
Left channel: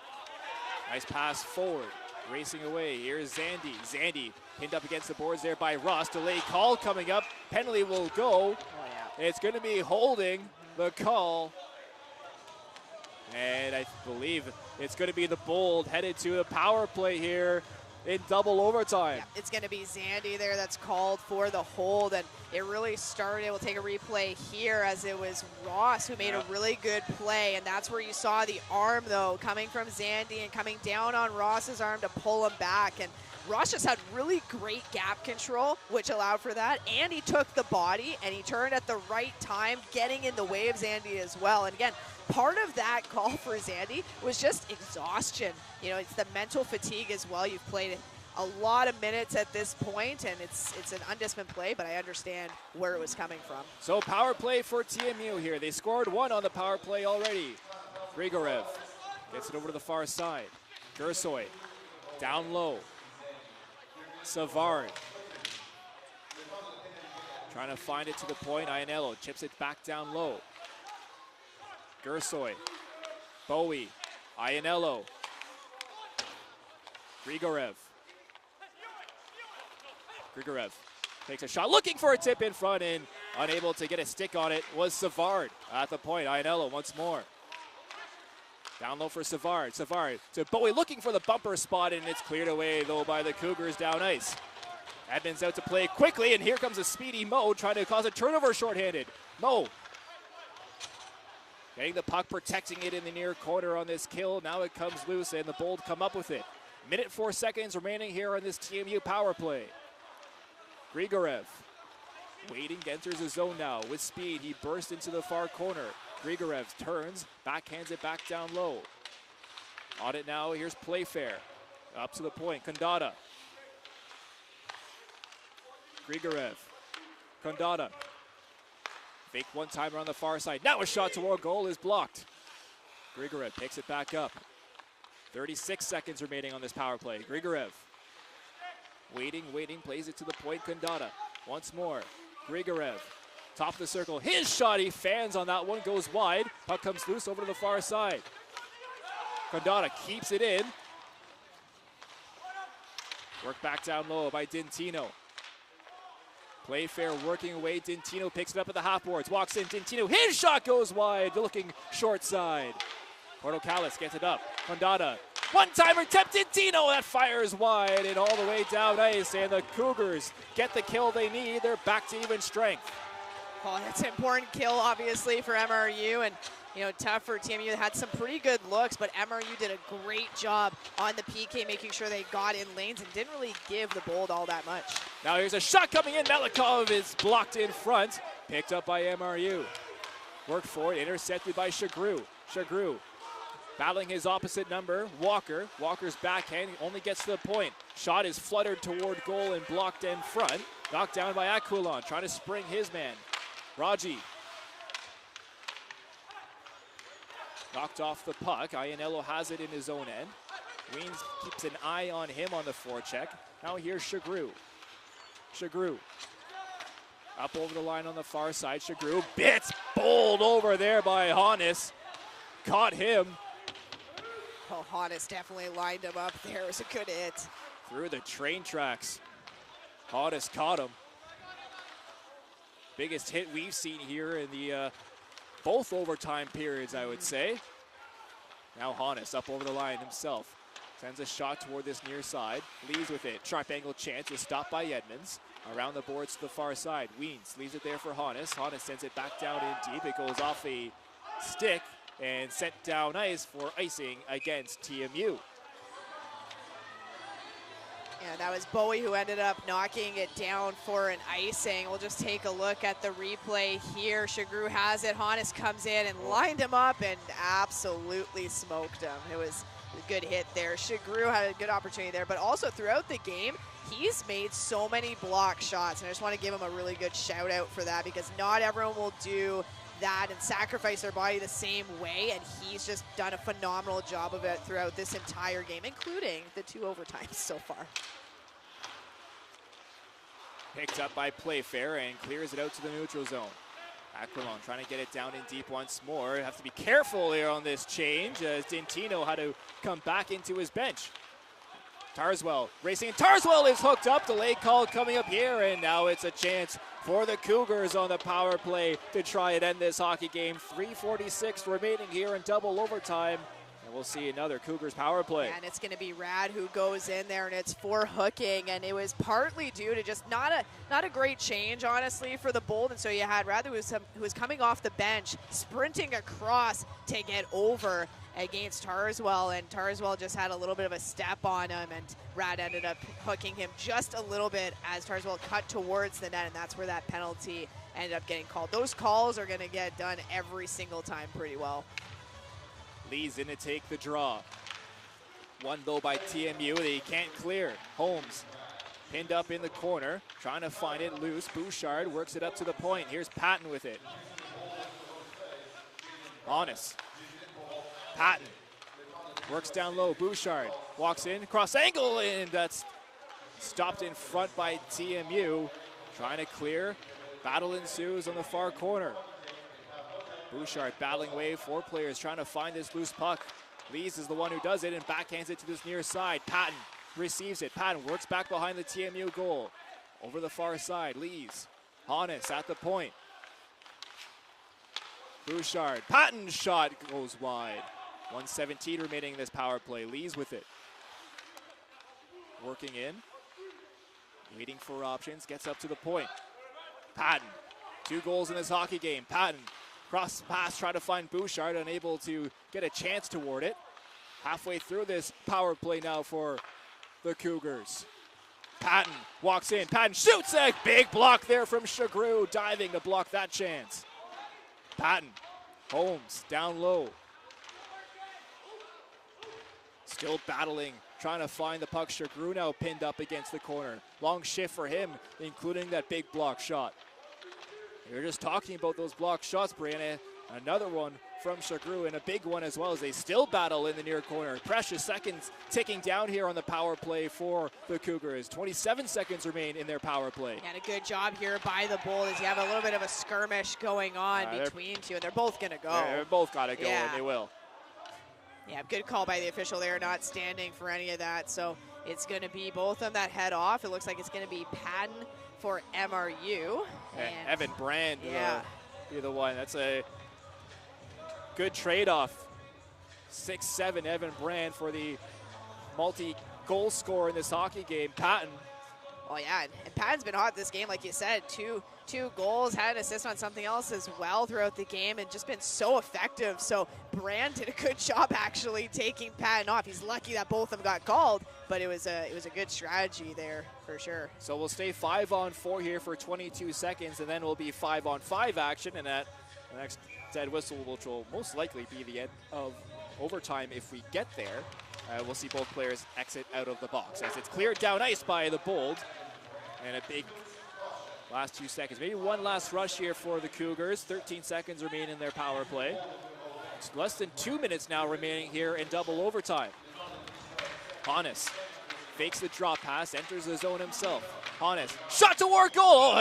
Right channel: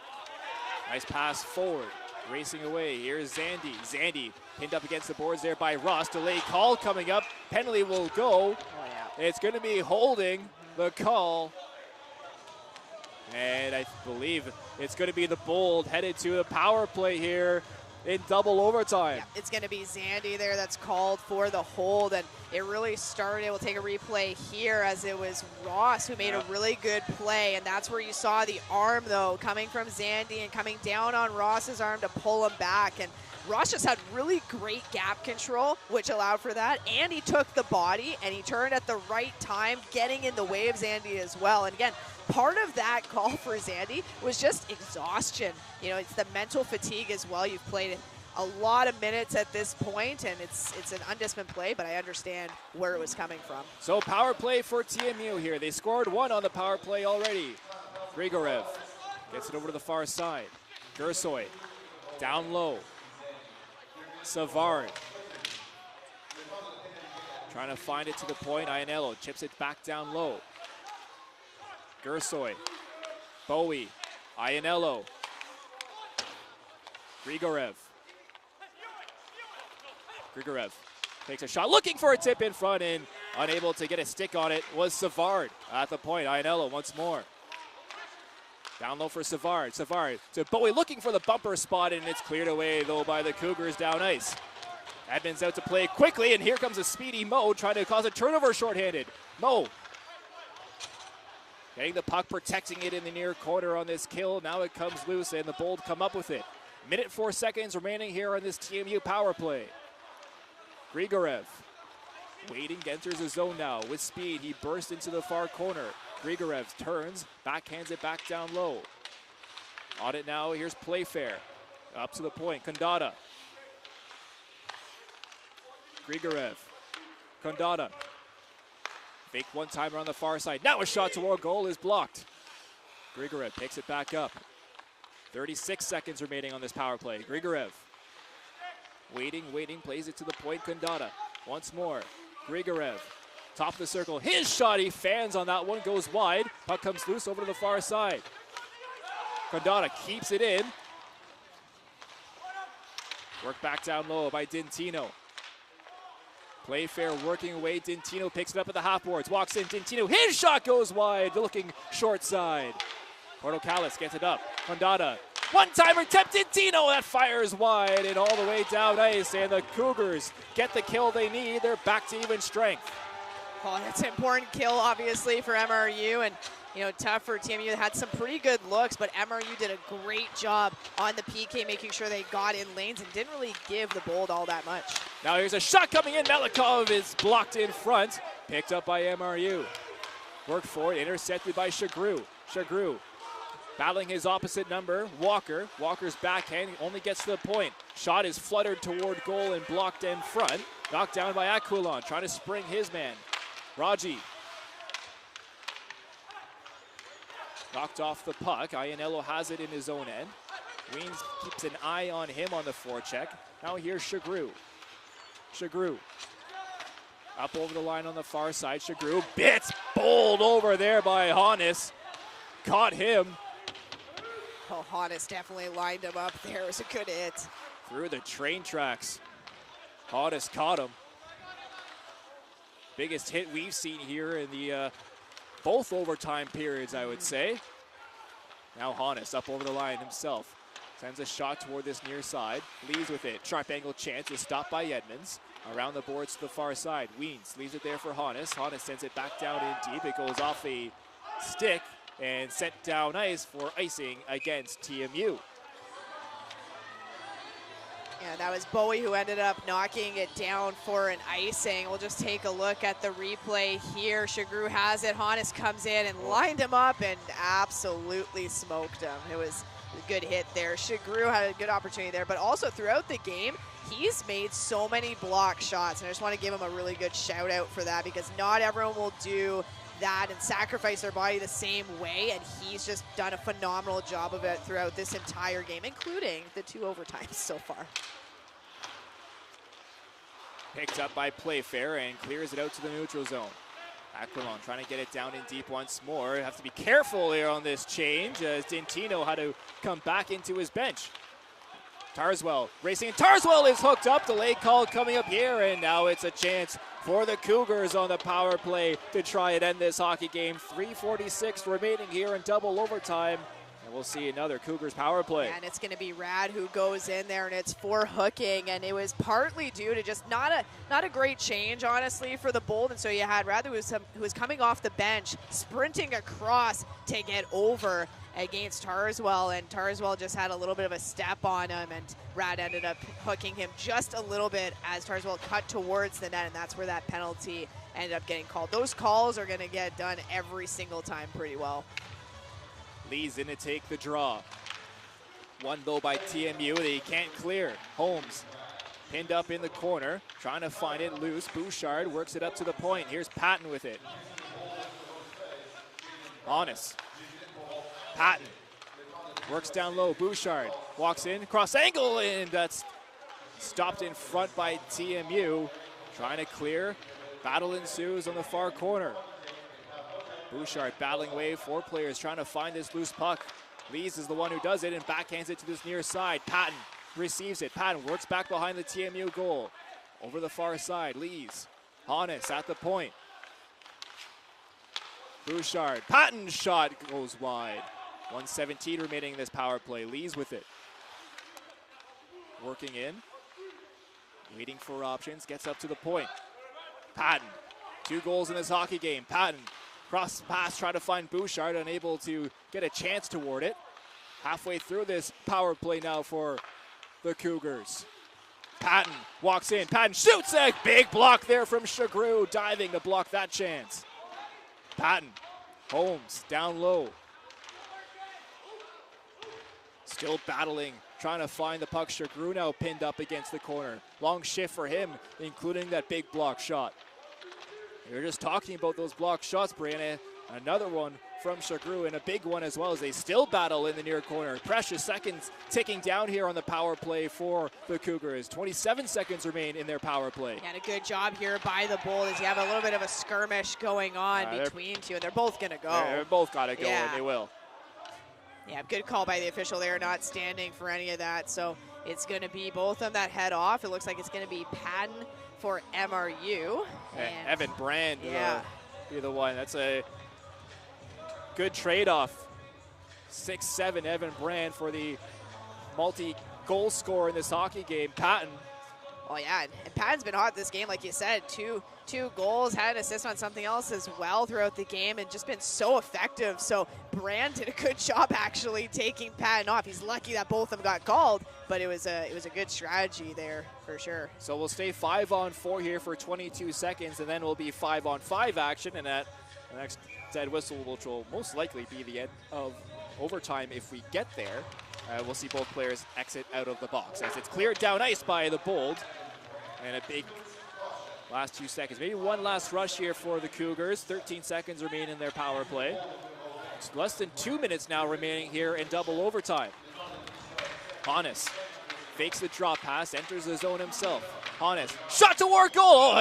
Nice pass forward. Racing away. Here's Zandy. Zandy pinned up against the boards there by Ross. Delay call coming up. Penalty will go. It's going to be holding the call. And I believe it's going to be the Bold headed to a power play here. in double overtime. Yeah, it's going to be Zandy there that's called for the hold, and it really started. We'll take a replay here as it was Ross who made a really good play, and that's where you saw the arm, though, coming from Zandy and coming down on Ross's arm to pull him back. And Ross just had really great gap control, which allowed for that, and he took the body, and he turned at the right time, getting in the way of Zandy as well. And again, part of that call for Zandy was just exhaustion. You know, it's the mental fatigue as well. You've played a lot of minutes at this point, and it's an undisciplined play, but I understand where it was coming from. So power play for TMU here. They scored one on the power play already. Grigorev gets it over to the far side. Gersoy down low. Savard trying to find it to the point. Iannello chips it back down low. Gersoy, Bowie, Iannello, Grigorev takes a shot, looking for a tip in front, and unable to get a stick on it was Savard at the point. Iannello once more. Down low for Savard. Savard to Bowie, looking for the bumper spot, and it's cleared away, though, by the Cougars down ice. Edmonds out to play quickly, and here comes a speedy Mo trying to cause a turnover shorthanded. Mo getting the puck, protecting it in the near corner on this kill. Now it comes loose, and the Bold come up with it. Minute 4 seconds remaining here on this TMU power play. Grigorev waiting, enters the zone now with speed. He bursts into the far corner. Grigorev turns, backhands it back down low. On it now, here's Playfair. Up to the point, Kondata. Grigorev, Kondata. Fake one-timer on the far side. Now a shot toward goal is blocked. Grigorev picks it back up. 36 seconds remaining on this power play. Grigorev waiting, plays it to the point. Kondata once more. Grigorev, top of the circle. His shot, he fans on that one, goes wide. Puck comes loose over to the far side. Kondata keeps it in. Work back down low by Dintino. Playfair working away. Dintino picks it up at the half boards. Walks in. Dintino. His shot goes wide. Looking short side. Portocalis gets it up. Kondata. One-timer tip. Dintino. That fires wide and all the way down ice. And the Cougars get the kill they need. They're back to even strength. Oh, that's an important kill, obviously, for MRU. And, you know, tough for TMU. They had some pretty good looks, but MRU did a great job on the PK, making sure they got in lanes and didn't really give the Bold all that much. Now here's a shot coming in. Melikov is blocked in front. Picked up by MRU. Worked for it. Intercepted by Shagru. Shagru battling his opposite number, Walker. Walker's backhand only gets to the point. Shot is fluttered toward goal and blocked in front. Knocked down by Aquilon, trying to spring his man. Raji knocked off the puck. Iannello has it in his own end. Weens keeps an eye on him on the forecheck. Now here's Shagru. Shagru up over the line on the far side. Shagru bits bowled over there by Hannes. Caught him. Oh, Hannes definitely lined him up there. It was a good hit. Through the train tracks. Hannes caught him. Biggest hit we've seen here in the both overtime periods, I would say. Now Hannes up over the line himself. Sends a shot toward this near side. Leaves with it. Sharp angle chance is stopped by Edmonds. Around the boards to the far side. Weens leaves it there for Hannes. Hannes sends it back down in deep. It goes off a stick and sent down ice for icing against TMU. Yeah, that was Bowie who ended up knocking it down for an icing. We'll just take a look at the replay here. Shagru has it. Hannes comes in and lined him up and absolutely smoked him. It was a good hit there. Shagru had a good opportunity there, but also throughout the game, he's made so many block shots, and I just want to give him a really good shout out for that, because not everyone will do that and sacrifice their body the same way, and he's just done a phenomenal job of it throughout this entire game, including the 2 overtimes so far. Picked up by Playfair and clears it out to the neutral zone. Aquilon trying to get it down in deep once more. Have to be careful here on this change as Dintino had to come back into his bench. Tarswell racing. Tarswell is hooked up. Delayed call coming up here, and now it's a chance for the Cougars on the power play to try and end this hockey game. 3:46 remaining here in double overtime And we'll see another Cougars power play. And it's going to be Rad who goes in there, and it's for hooking, and it was partly due to just not a great change, honestly, for the Bold. And so you had Rad who was coming off the bench, sprinting across to get over against Tarswell, and Tarswell just had a little bit of a step on him, and Rad ended up hooking him just a little bit as Tarswell cut towards the net, and that's where that penalty ended up getting called. Those calls are going to get done every single time pretty well. Lee's in to take the draw. One though by TMU that he can't clear. Holmes pinned up in the corner, trying to find it loose. Bouchard works it up to the point. Here's Patton with it. Honest. Patton works down low. Bouchard walks in, cross angle, and that's stopped in front by TMU. Trying to clear. Battle ensues on the far corner. Bouchard battling away, 4 players trying to find this loose puck. Lees is the one who does it and backhands it to this near side. Patton receives it. Patton works back behind the TMU goal. Over the far side, Lees. Honest at the point. Bouchard. Patton's shot goes wide. 1:17 remaining in this power play. Lees with it. Working in. Waiting for options. Gets up to the point. Patton. 2 goals in this hockey game. Patton. Cross pass, trying to find Bouchard, unable to get a chance toward it. Halfway through this power play now for the Cougars. Patton walks in. Patton shoots a big block there from Chagru, diving to block that chance. Patton. Holmes down low. Still battling, trying to find the puck. Chagru now pinned up against the corner. Long shift for him, including that big block shot. We were just talking about those block shots, Brianna. Another one from Chagru, and a big one as well, as they still battle in the near corner. Precious seconds ticking down here on the power play for the Cougars. 27 seconds remain in their power play. And a good job here by the Bold as you have a little bit of a skirmish going on between two, and they're both going to go. They're both got to go, and they will. Yeah, good call by the official there, not standing for any of that. So it's going to be both of them that head off. It looks like it's going to be Patton for MRU. And Evan Brand will be the one. That's a good trade-off. 6'7" Evan Brand for the multi-goal scorer in this hockey game. Patton. Oh, yeah, and Patton's been hot this game, like you said. Two goals, had an assist on something else as well throughout the game, and just been so effective. So Brand did a good job actually taking Patton off. He's lucky that both of them got called, but it was a good strategy there for sure. So we'll stay 5-on-4 here for 22 seconds, and then we'll be 5-on-5 action, and at the next dead whistle, which will most likely be the end of overtime if we get there. We'll see both players exit out of the box as it's cleared down ice by the Bold. And a big last 2 seconds. Maybe one last rush here for the Cougars. 13 seconds remain in their power play. It's less than 2 minutes now remaining here in double overtime. Honest fakes the drop pass, enters the zone himself. Honest, shot toward goal!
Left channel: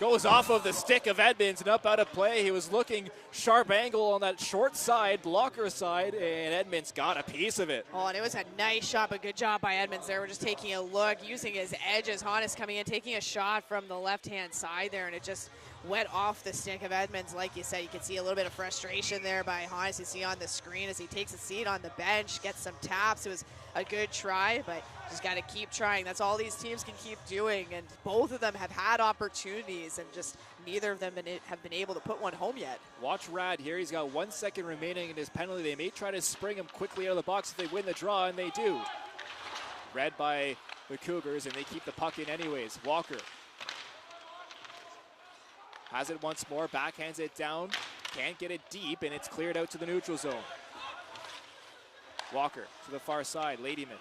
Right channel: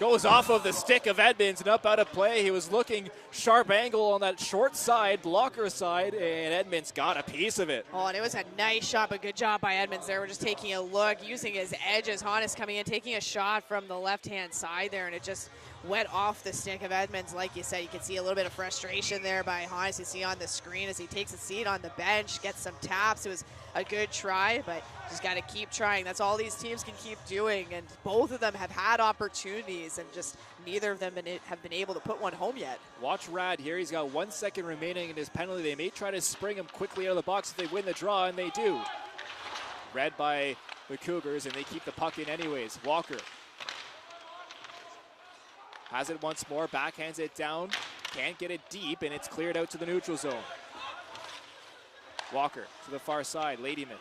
Goes off of the stick of Edmonds and up out of play. He was looking sharp angle on that short side, blocker side, and Edmonds got a piece of it. Oh, and it was a nice shot, but good job by Edmonds there. We're just taking a look, using his edges. Honest coming in, taking a shot from the left-hand side there, and it just went off the stick of Edmonds. Like you said, you can see a little bit of frustration there by Honest. You see on the screen as he takes a seat on the bench, gets some taps. It was a good try, but just got to keep trying. That's all these teams can keep doing, and both of them have had opportunities, and just neither of them have been able to put one home yet. Watch Rad here. He's got 1 second remaining in his penalty. They may try to spring him quickly out of the box if they win the draw, and they do. Read by the Cougars, and they keep the puck in anyways. Walker has it once more, backhands it down, can't get it deep, and it's cleared out to the neutral zone. Walker to the far side, Ladyman.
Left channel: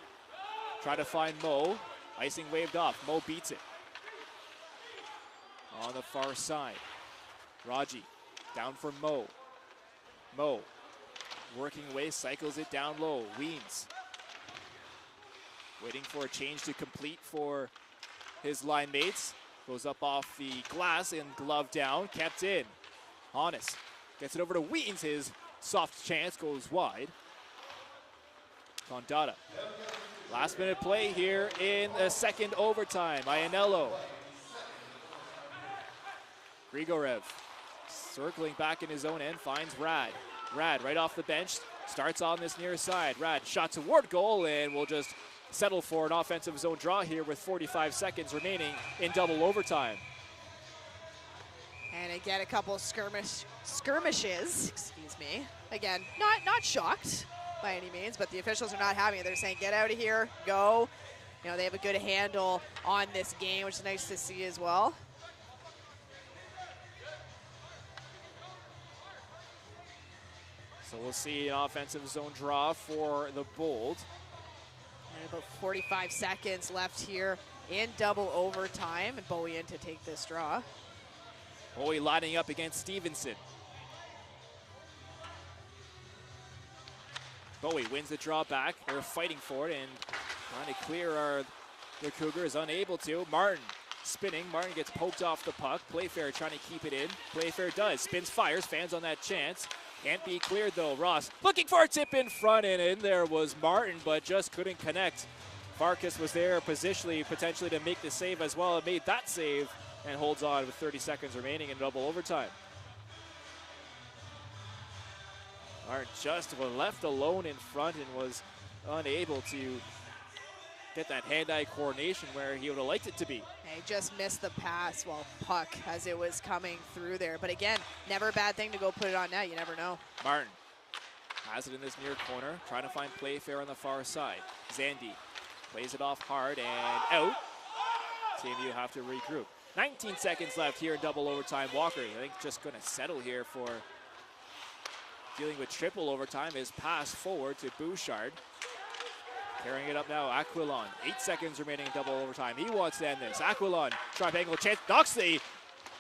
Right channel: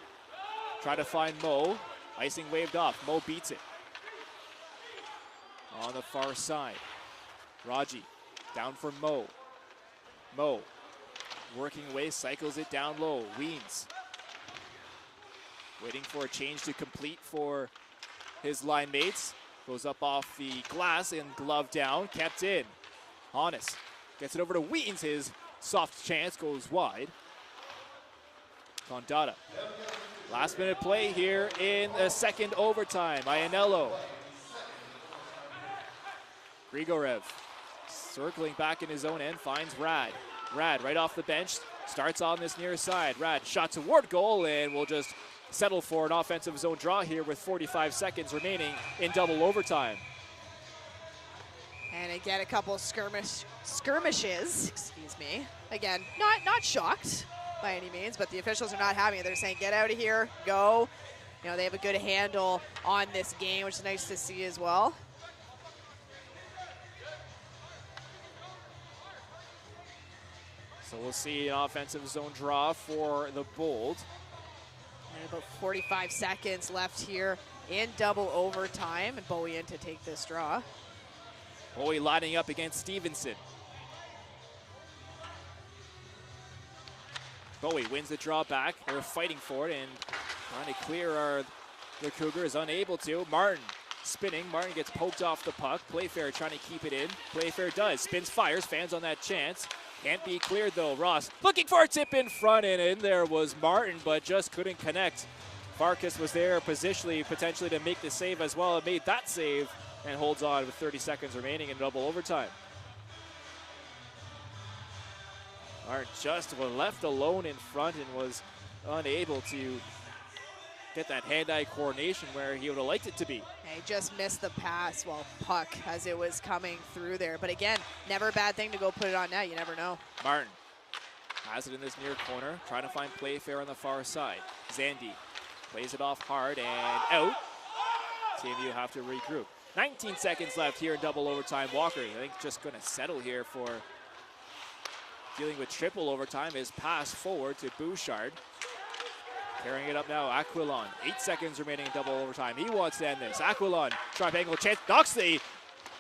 Try to find Mo, icing waved off. Mo beats it. On the far side, Raji down for Mo. Mo working away, cycles it down low. Weens waiting for a change to complete for his line mates. Goes up off the glass and glove down, kept in. Honest gets it over to Weens. His soft chance goes wide. Condata. Last minute play here in the second overtime. Iannello. Grigorev Circling back in his own end, finds Rad. Rad right off the bench, starts on this near side. Rad shot toward goal and will just settle for an offensive zone draw here with 45 seconds remaining in double overtime. And again, a couple of skirmishes, excuse me. Again, not shocked by any means, but the officials are not having it. They're saying, get out of here, go. You know, they have a good handle on this game, which is nice to see as well. So we'll see an offensive zone draw for the Bold. And about 45 seconds left here in double overtime, and Bowie in to take this draw. Bowie lining up against Stevenson. Bowie wins the draw back. They're fighting for it and trying to clear the Cougars, unable to. Martin spinning. Martin gets poked off the puck. Playfair trying to keep it in. Playfair does. Spins, fires. Fans on that chance. Can't be cleared though. Ross looking for a tip in front, and in there was Martin, but just couldn't connect. Farkas was there positionally, potentially to make the save as well, and made that save and holds on with 30 seconds remaining in double overtime. Martin just was left alone in front and was unable to get that hand-eye coordination where he would have liked it to be. He just missed the pass, puck, as it was coming through there. But again, never a bad thing to go put it on net. You never know. Martin has it in this near corner, trying to find Playfair on the far side. Zandy plays it off hard and out. TMU have to regroup. 19 seconds left here in double overtime. Walker, I think, just going to settle here for dealing with triple overtime. His pass forward to Bouchard. Carrying it up now, Aquilon. 8 seconds remaining in double overtime. He wants to end this. Aquilon, sharp angle chance, knocks the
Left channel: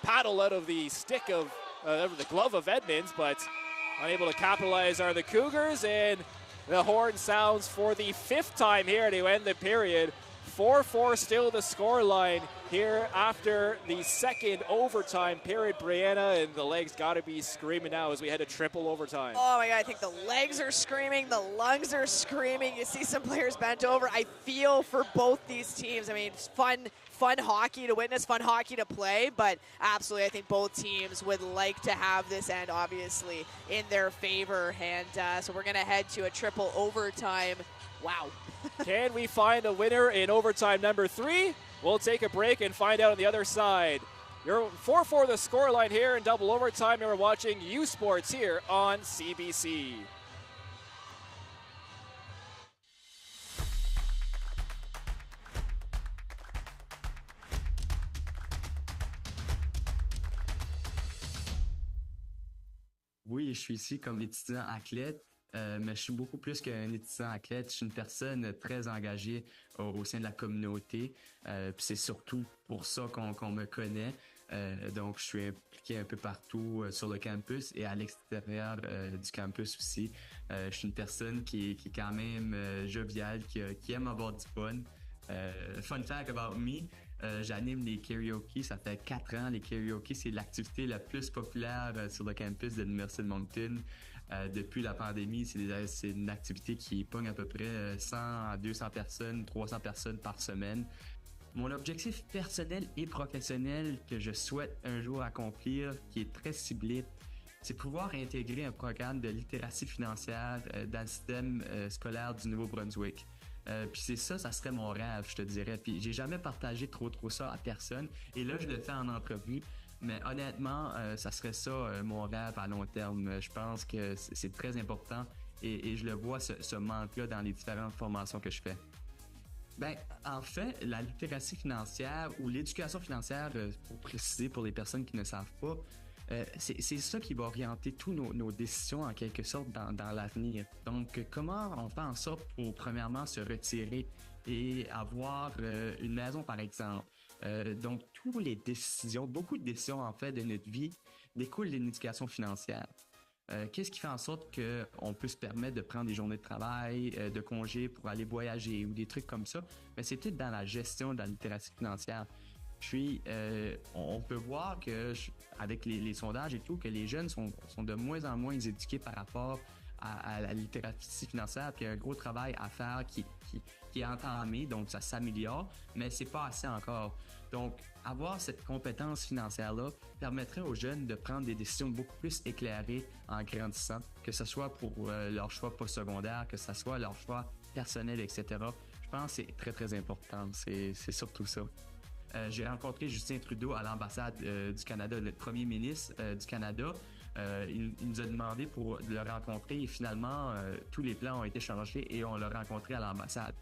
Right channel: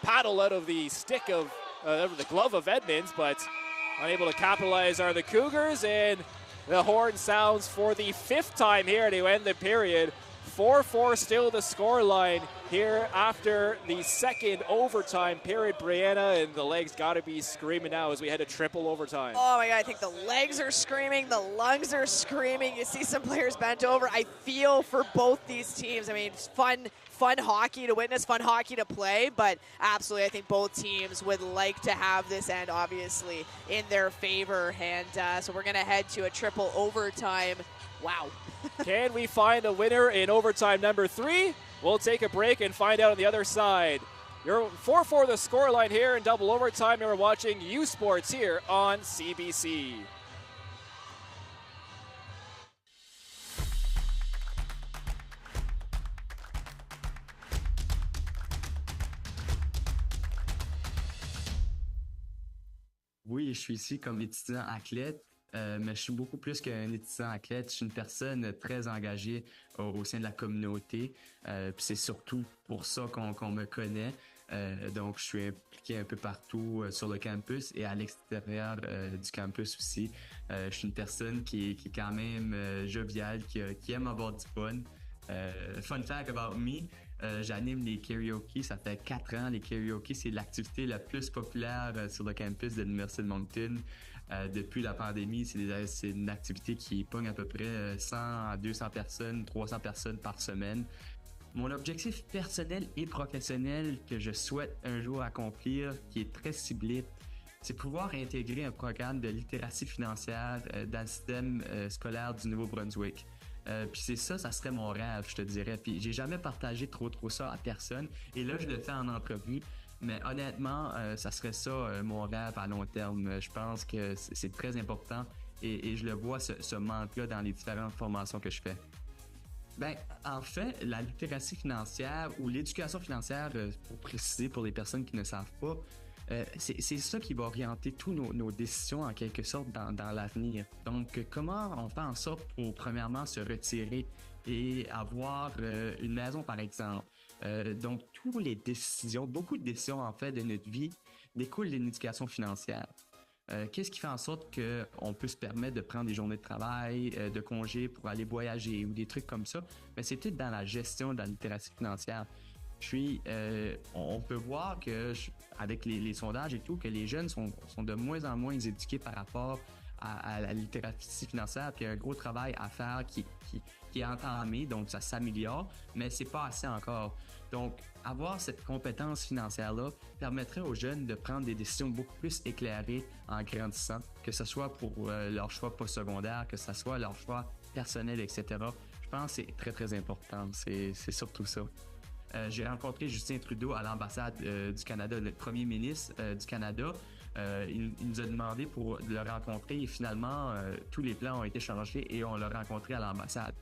paddle out of the stick of, the glove of Edmonds, but unable to capitalize are the Cougars, and the horn sounds for the 5th time here to end the period. 4-4 still the scoreline here after the second overtime period, Brianna, and the legs got to be screaming now as we head to triple overtime. Oh my God, I think the legs are screaming, the lungs are screaming. You see some players bent over. I feel for both these teams. I mean, it's fun hockey to witness, fun hockey to play, but absolutely I think both teams would like to have this end obviously in their favor, and so we're going to head to a triple overtime. Wow. Can we find a winner in overtime number 3? We'll take a break and find out on the other side. You're 4-4 the scoreline here in double overtime. You're watching U Sports here on CBC. Oui, je suis ici comme étudiant athlète. Mais je suis beaucoup plus qu'un étudiant athlète. Je suis une personne très engagée au sein de la communauté. Puis c'est surtout pour ça qu'on me connaît. Donc, je suis impliqué un peu partout sur le campus et à l'extérieur du campus aussi. Je suis une personne qui est quand même joviale, qui aime avoir du fun. Fun fact about me, j'anime les karaoke. Ça fait 4 ans. Les karaoke, c'est l'activité la plus populaire sur le campus de l'Université de Moncton. Depuis la pandémie, c'est une activité qui pogne à peu près 100 à 200 personnes, 300 personnes par semaine. Mon objectif personnel et professionnel que je souhaite un jour accomplir, qui est très ciblé, c'est pouvoir intégrer un programme de littératie financière dans le système scolaire du Nouveau-Brunswick. Puis c'est ça serait mon rêve, je te dirais. Puis j'ai jamais partagé trop ça à personne. Et là, je le fais en entrevue. Mais honnêtement, ça serait ça mon rêve à long terme. Je pense que c'est très important et je le vois ce manque-là dans les différentes formations que je fais. Ben, en fait, la littératie financière ou l'éducation financière, pour préciser pour les personnes qui ne savent pas, c'est ça qui va orienter tous nos décisions en quelque sorte dans l'avenir. Donc, comment on fait en sorte pour premièrement se retirer et avoir une maison par exemple. Donc, toutes les décisions, beaucoup de décisions en fait de notre vie découlent d'une éducation financière. Qu'est-ce qui fait en sorte qu'on peut se permettre de prendre des journées de travail, de congés pour aller voyager ou des trucs comme ça? Mais c'est peut-être dans la gestion de la littératie financière. Puis, on peut voir que avec les sondages et tout, que les jeunes sont de moins en moins éduqués par rapport à la littératie financière, puis il y a un gros travail à faire qui qui est entamé, donc ça s'améliore, mais c'est pas assez encore. Donc, avoir cette compétence financière-là permettrait aux jeunes de prendre des décisions beaucoup plus éclairées en grandissant, que ce soit pour leur choix postsecondaire, que ce soit leur choix personnel, etc. Je pense que c'est très, très important. C'est surtout ça. J'ai rencontré Justin Trudeau à l'ambassade du Canada, le premier ministre du Canada. Il nous a demandé pour le rencontrer et finalement, tous les plans ont été changés et on l'a rencontré à l'ambassade.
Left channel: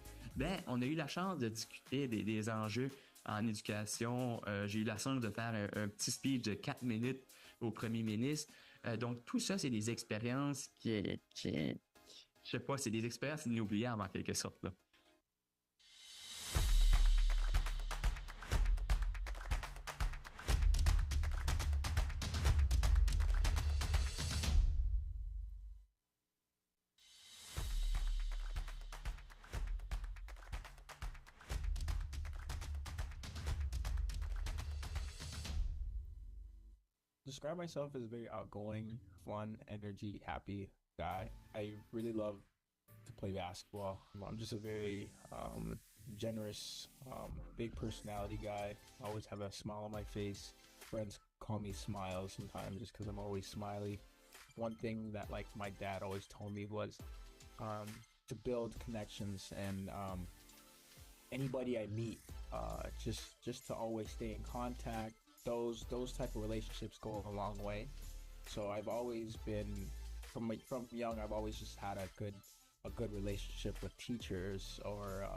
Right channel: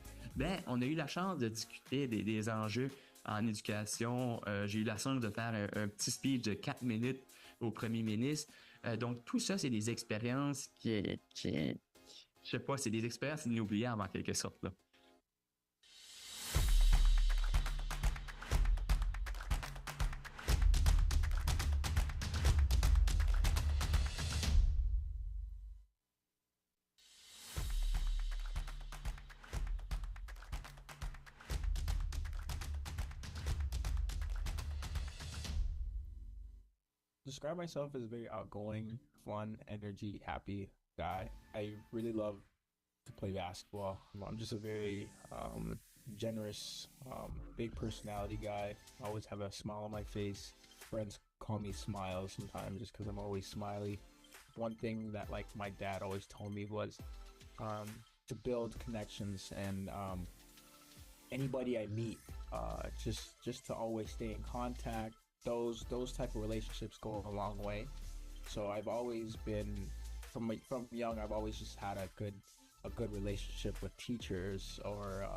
On a eu la chance de discuter des enjeux en éducation. J'ai eu la chance de faire un petit speech de 4 minutes au premier ministre. Donc, tout ça, c'est des expériences je sais pas, c'est des expériences inoubliables en quelque sorte, là. Describe myself as a very outgoing, fun, energy, happy guy. I really love to play basketball. I'm just a very generous, big personality guy. I always have a smile on my face. Friends call me Smile sometimes just because I'm always smiley. One thing that like my dad always told me was to build connections and anybody I meet, just to always stay in contact. Those type of relationships go a long way. So I've always been from young. I've always just had a good relationship with teachers or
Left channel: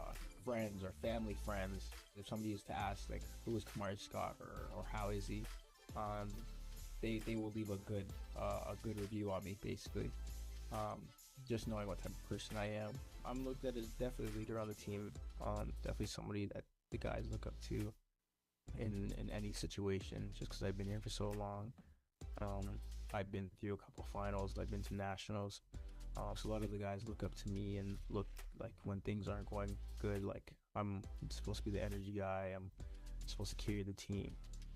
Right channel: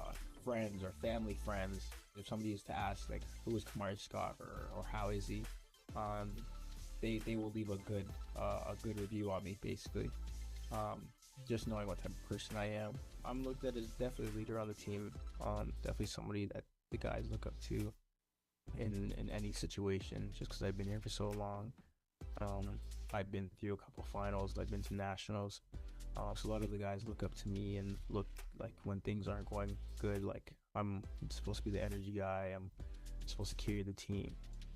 friends or family friends. If somebody used to ask like who is Kamari Scott or how is he, they will leave a good review on me basically. Just knowing what type of person I am. I'm looked at as definitely a leader on the team. Definitely somebody that the guys look up to in any situation, just because I've been here for so long. I've been through a couple of finals, I've been to nationals, so a lot of the guys look up to me and look like when things aren't going good, like I'm supposed to be the energy guy, I'm supposed to carry the team.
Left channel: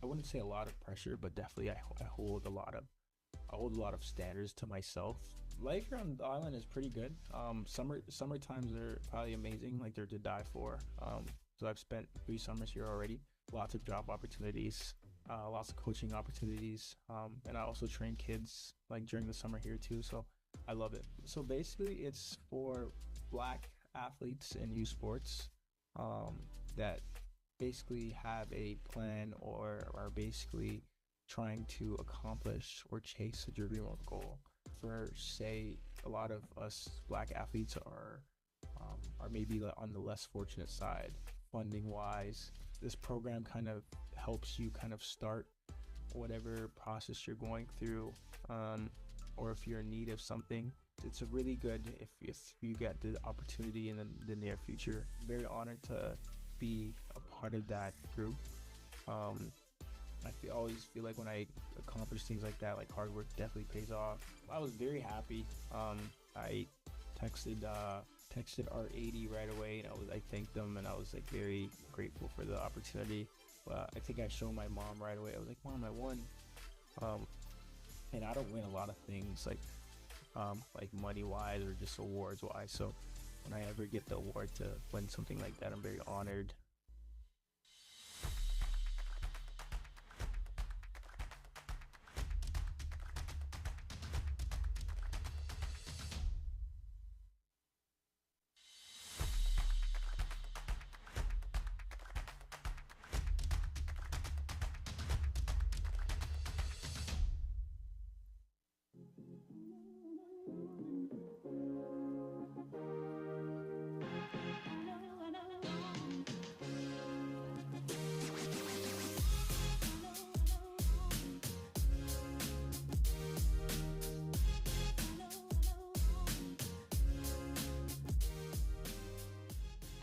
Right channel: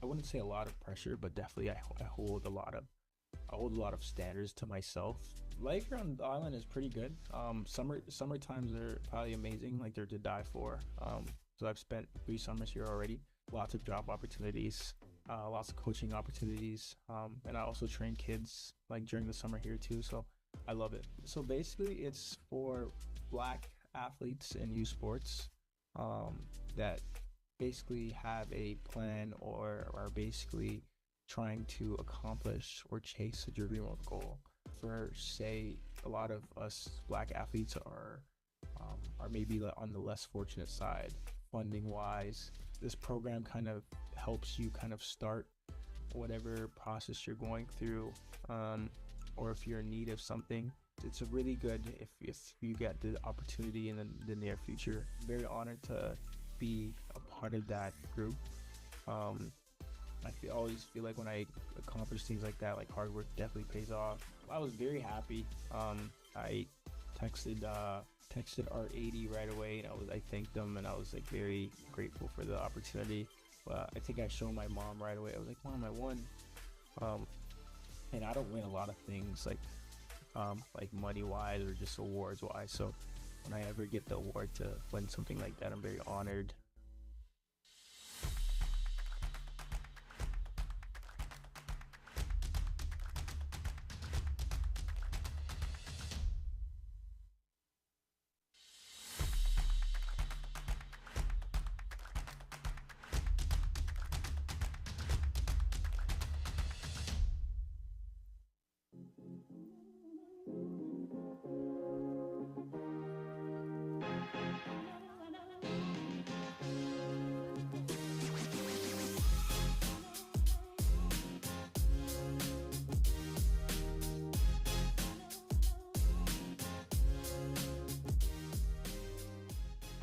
I wouldn't say a lot of pressure, but definitely I hold a lot of standards to myself. Life here on the island is pretty good. Summer times are probably amazing, like they're to die for. So I've spent 3 summers here already. Lots of job opportunities, lots of coaching opportunities, and I also train kids like during the summer here too, so I love it. So basically it's for Black athletes in youth sports that basically have a plan or are basically trying to accomplish or chase a dream or goal. For say a lot of us Black athletes are maybe on the less fortunate side funding wise. This program kind of helps you kind of start whatever process you're going through, or if you're in need of something. It's a really good if you get the opportunity in the near future. Very honored to be a part of that group. I always feel like when I accomplish things like that, like hard work definitely pays off. I was very happy. I texted R80 right away, and I thanked them, and I was like very grateful for the opportunity. I think I showed my mom right away. I was like, Mom, I won. And I don't win a lot of things like money wise or just awards wise. So when I ever get the award to win something like that, I'm very honored.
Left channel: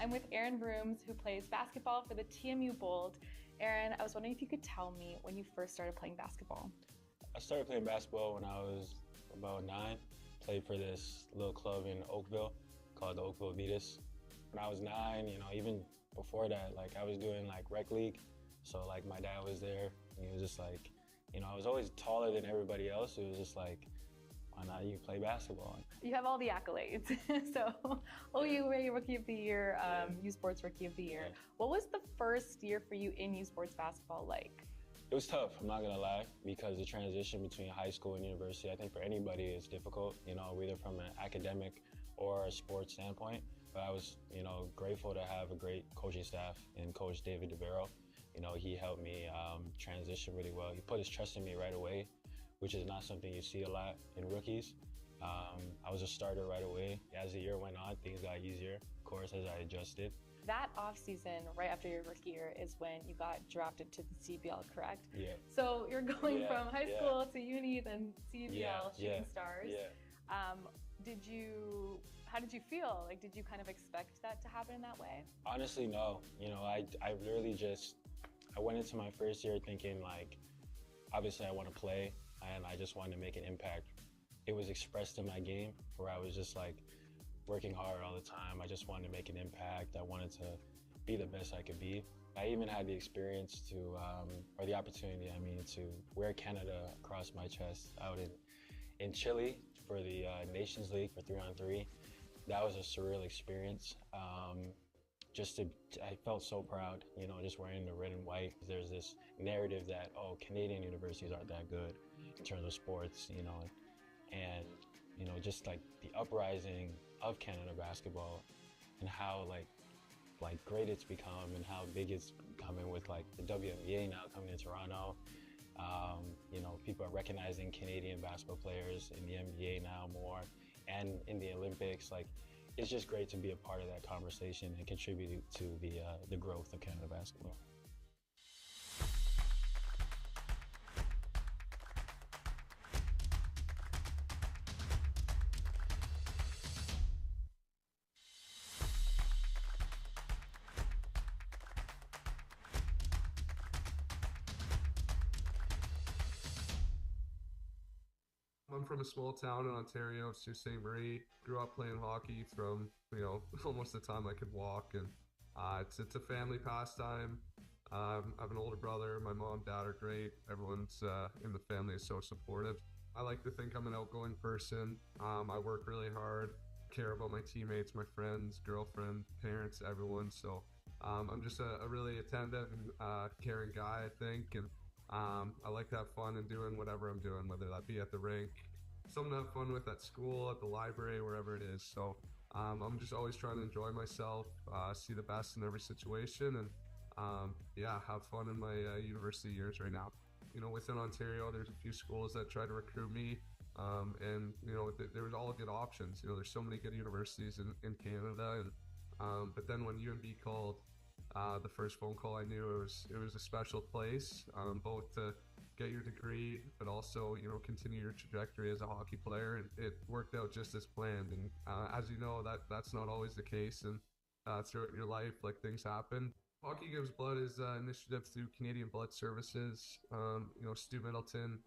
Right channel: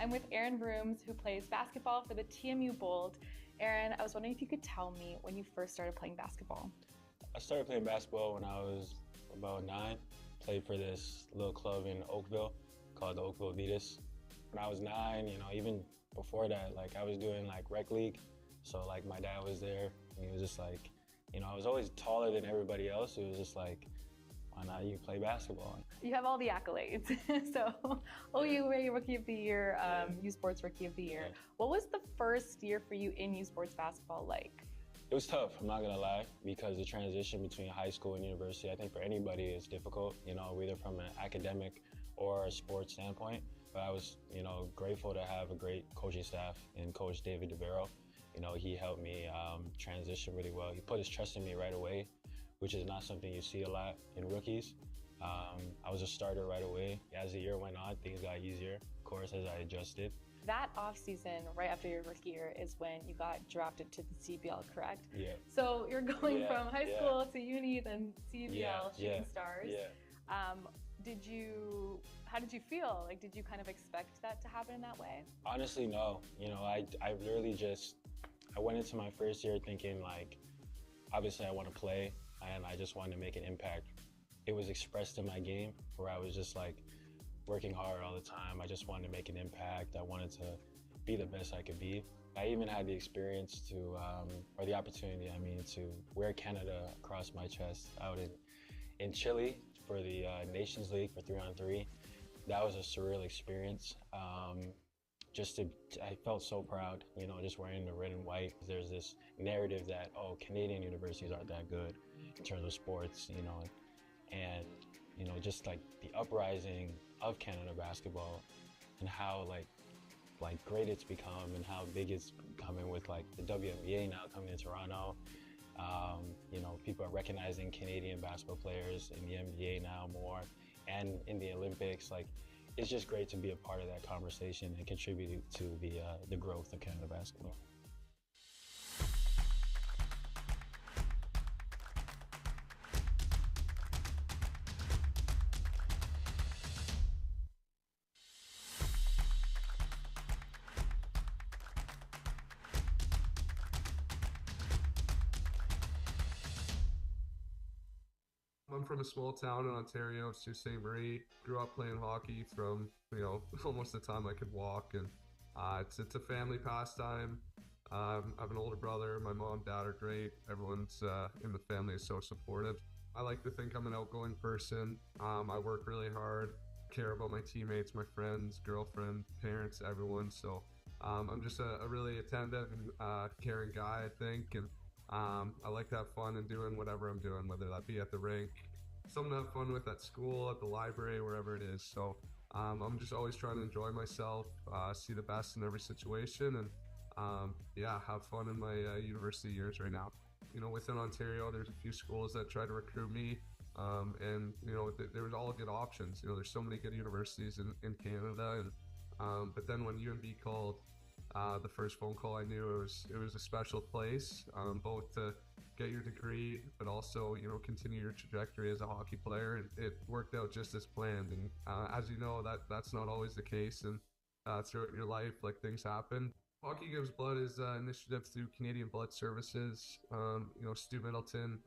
I'm with Aaron Brooms, who plays basketball for the TMU Bold. Aaron, I was wondering if you could tell me when you first started playing basketball. I started playing basketball when I was about 9. Played for this little club in Oakville called the Oakville Vitas. When I was 9, even before that, like I was doing like rec league. So like my dad was there, and he was just like, I was always taller than everybody else. It was just like, on how you play basketball. You have all the accolades. So, OU Rookie of the Year, U Sports Rookie of the Year. What was the first year for you in U Sports basketball like? It was tough, I'm not gonna lie, because the transition between high school and university, I think for anybody is difficult, you know, either from an academic or a sports standpoint. But I was, you know, grateful to have a great coaching staff in Coach David DeVero. You know, he helped me transition really well. He put his trust in me right away, which is not something you see a lot in rookies. I was a starter right away. As the year went on, things got easier, of course, as I adjusted. That offseason, right after your rookie year, is when you got drafted to the CBL, correct? Yeah. So you're going from high school to uni, then CBL, Shooting Stars. Yeah. How did you feel? Like, did you kind of expect that to happen in that way? Honestly, no. You know, I literally I went into my first year thinking, like, obviously I want to play, and I just wanted to make an impact. It was expressed in my game, where I was just, like, working hard all the time. I just wanted to make an impact. I wanted to be the best I could be. I even had the experience or the opportunity, to wear Canada across my chest out in Chile for the Nations League for 3-on-3. That was a surreal experience. I felt so proud, you know, just wearing the red and white. There's this narrative that, Canadian universities aren't that good in terms of sports, you know, and, you know, just like the uprising of Canada basketball and how like great it's become and how big it's becoming with like the WNBA now coming to Toronto. You know, people are recognizing Canadian basketball players in the NBA now more, and in the Olympics. Like, it's just great to be a part of that conversation and contribute to the growth of Canada basketball. I'm from a small town in Ontario, Sault Ste. Marie. Grew up playing hockey from, you know, almost the time I could walk, and it's a family pastime. I have an older brother. My mom, dad are great. Everyone's in the family is so supportive. I like to think I'm an outgoing person. I work really hard, care about my teammates, my friends, girlfriend, parents, everyone. So I'm just a really attentive and caring guy, I think, and I like to have fun in doing whatever I'm doing, whether that be at the rink, something to have fun with at school, at the library, wherever it is. So I'm just always trying to enjoy myself, see the best in every situation, and have fun in my university years right now. You know, within Ontario, there's a few schools that try to recruit me, and you know, there was all good options. You know, there's so many good universities in Canada, and but then when UNB called, the first phone call I knew it was a special place, both to get your degree, but also, you know, continue your trajectory as a hockey player. And it worked out just as planned. And as you know, that's not always the case. And throughout your life, like, things happen. Hockey Gives Blood is an initiative through Canadian Blood Services. You know, Stu Middleton,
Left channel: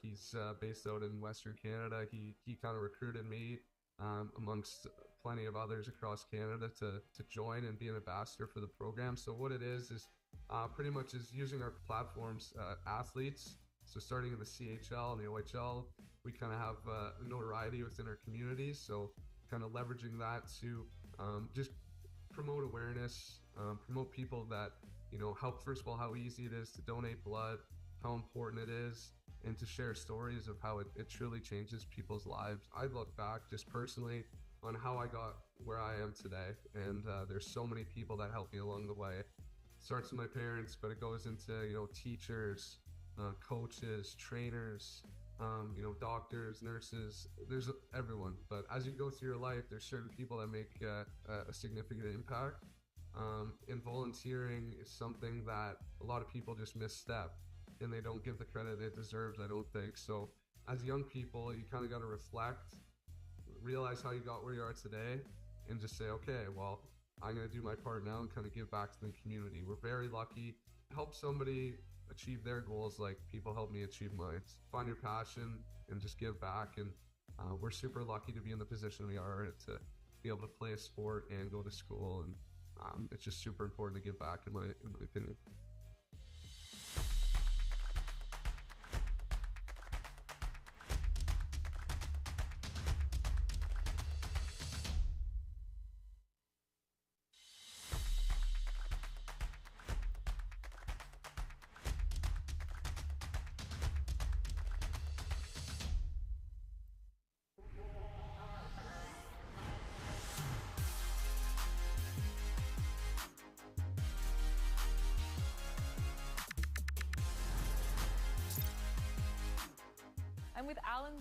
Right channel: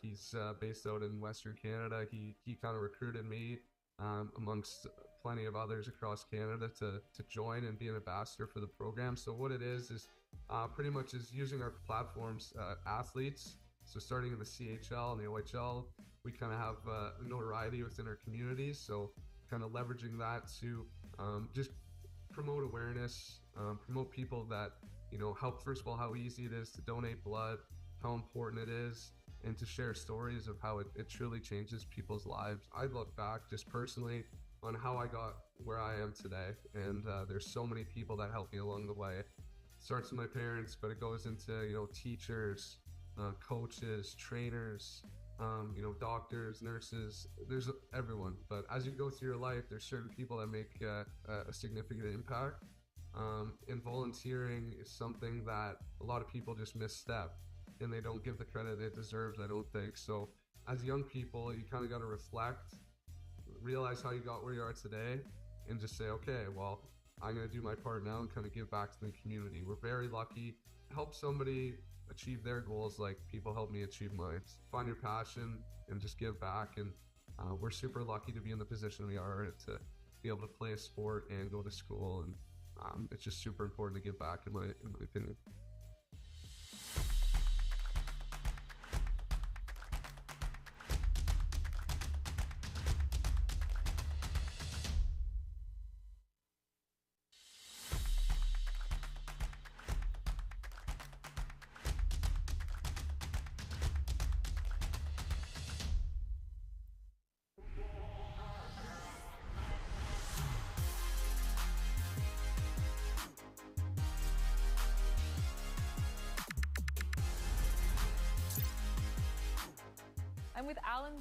he's based out in Western Canada. He kind of recruited me amongst plenty of others across Canada to join and be an ambassador for the program. So what it is pretty much is using our platforms, athletes. So starting in the CHL and the OHL, we kind of have notoriety within our communities. So kind of leveraging that to just promote awareness, promote people that, you know, help, first of all, how easy it is to donate blood, how important it is, and to share stories of how it truly changes people's lives. I look back just personally on how I got where I am today, and there's so many people that helped me along the way. It starts with my parents, but it goes into, you know, teachers, coaches, trainers, you know, doctors, nurses. There's everyone. But as you go through your life, there's certain people that make a significant impact. And volunteering is something that a lot of people just misstep, and they don't give the credit it deserves, I don't think. So as young people, you kind of got to reflect, realize how you got where you are today, and just say, okay, well, I'm going to do my part now and kind of give back to the community. We're very lucky. Help somebody achieve their goals like people help me achieve mine. Find your passion and just give back. And we're super lucky to be in the position we are, to be able to play a sport and go to school. And it's just super important to give back, in my opinion.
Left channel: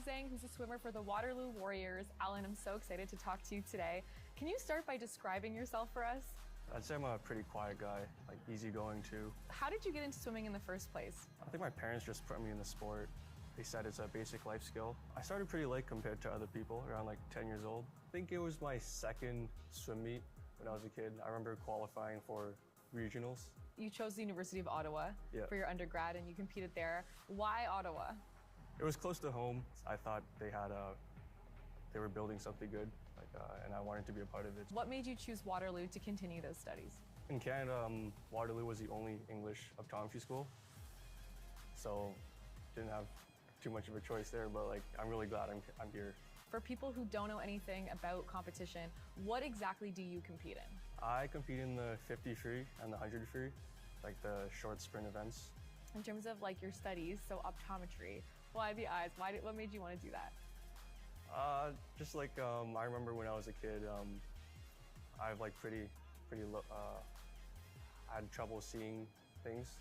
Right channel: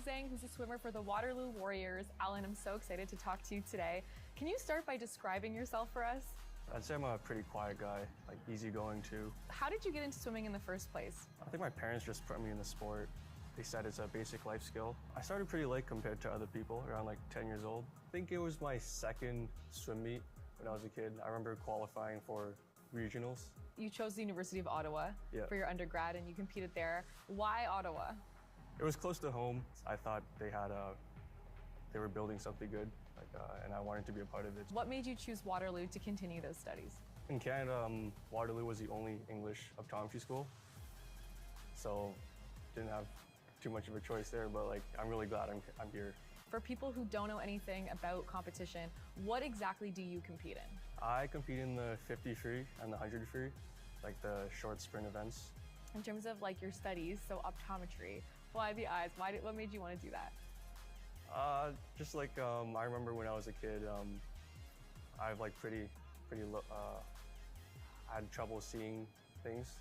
Singh, who's a swimmer for the Waterloo Warriors. Alan, I'm so excited to talk to you today. Can you start by describing yourself for us? I'd say I'm a pretty quiet guy, like easygoing too. How did you get into swimming in the first place? I think my parents just put me in the sport. They said it's a basic life skill. I started pretty late compared to other people, around like 10 years old. I think it was my second swim meet when I was a kid. I remember qualifying for regionals. You chose the University of Ottawa for your undergrad and you competed there. Why Ottawa? It was close to home. I thought they were building something good, and I wanted to be a part of it. What made you choose Waterloo to continue those studies? In Canada, Waterloo was the only English optometry school, so didn't have too much of a choice there, but like I'm really glad I'm here. For people who don't know anything about competition, what exactly do you compete in? I compete in the 50 free and the 100 free, like the short sprint events. In terms of like your studies, so optometry, why the eyes? What made you want to do that? Just like I remember when I was a kid, I have like pretty low, I had trouble seeing things.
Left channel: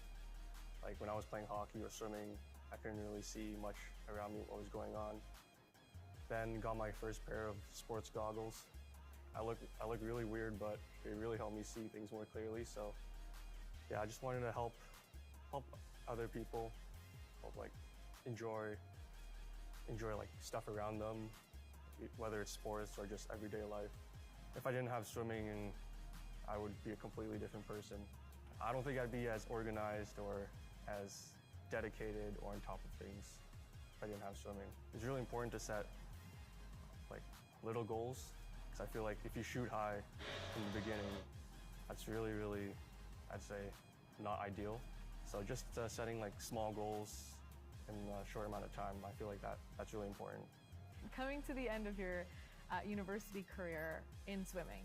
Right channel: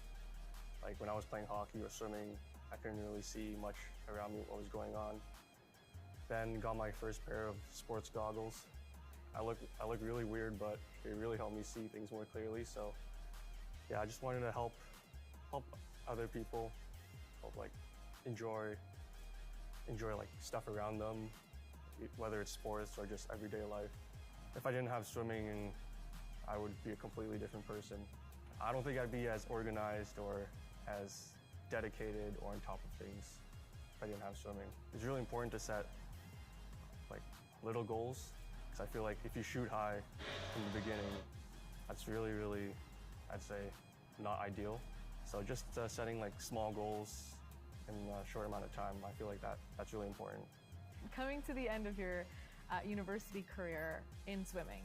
Like when I was playing hockey or swimming, I couldn't really see much around me, what was going on. Then got my first pair of sports goggles. I look really weird, but they really helped me see things more clearly. So yeah, I just wanted to help other people, like enjoy like stuff around them, whether it's sports or just everyday life. If I didn't have swimming, I would be a completely different person. I don't think I'd be as organized or as dedicated or on top of things if I didn't have swimming. It's really important to set like little goals, because I feel like if you shoot high from the beginning, that's really, I'd say, not ideal. So just setting like small goals in a short amount of time, I feel like that's really important. Coming to the end of your university career in swimming,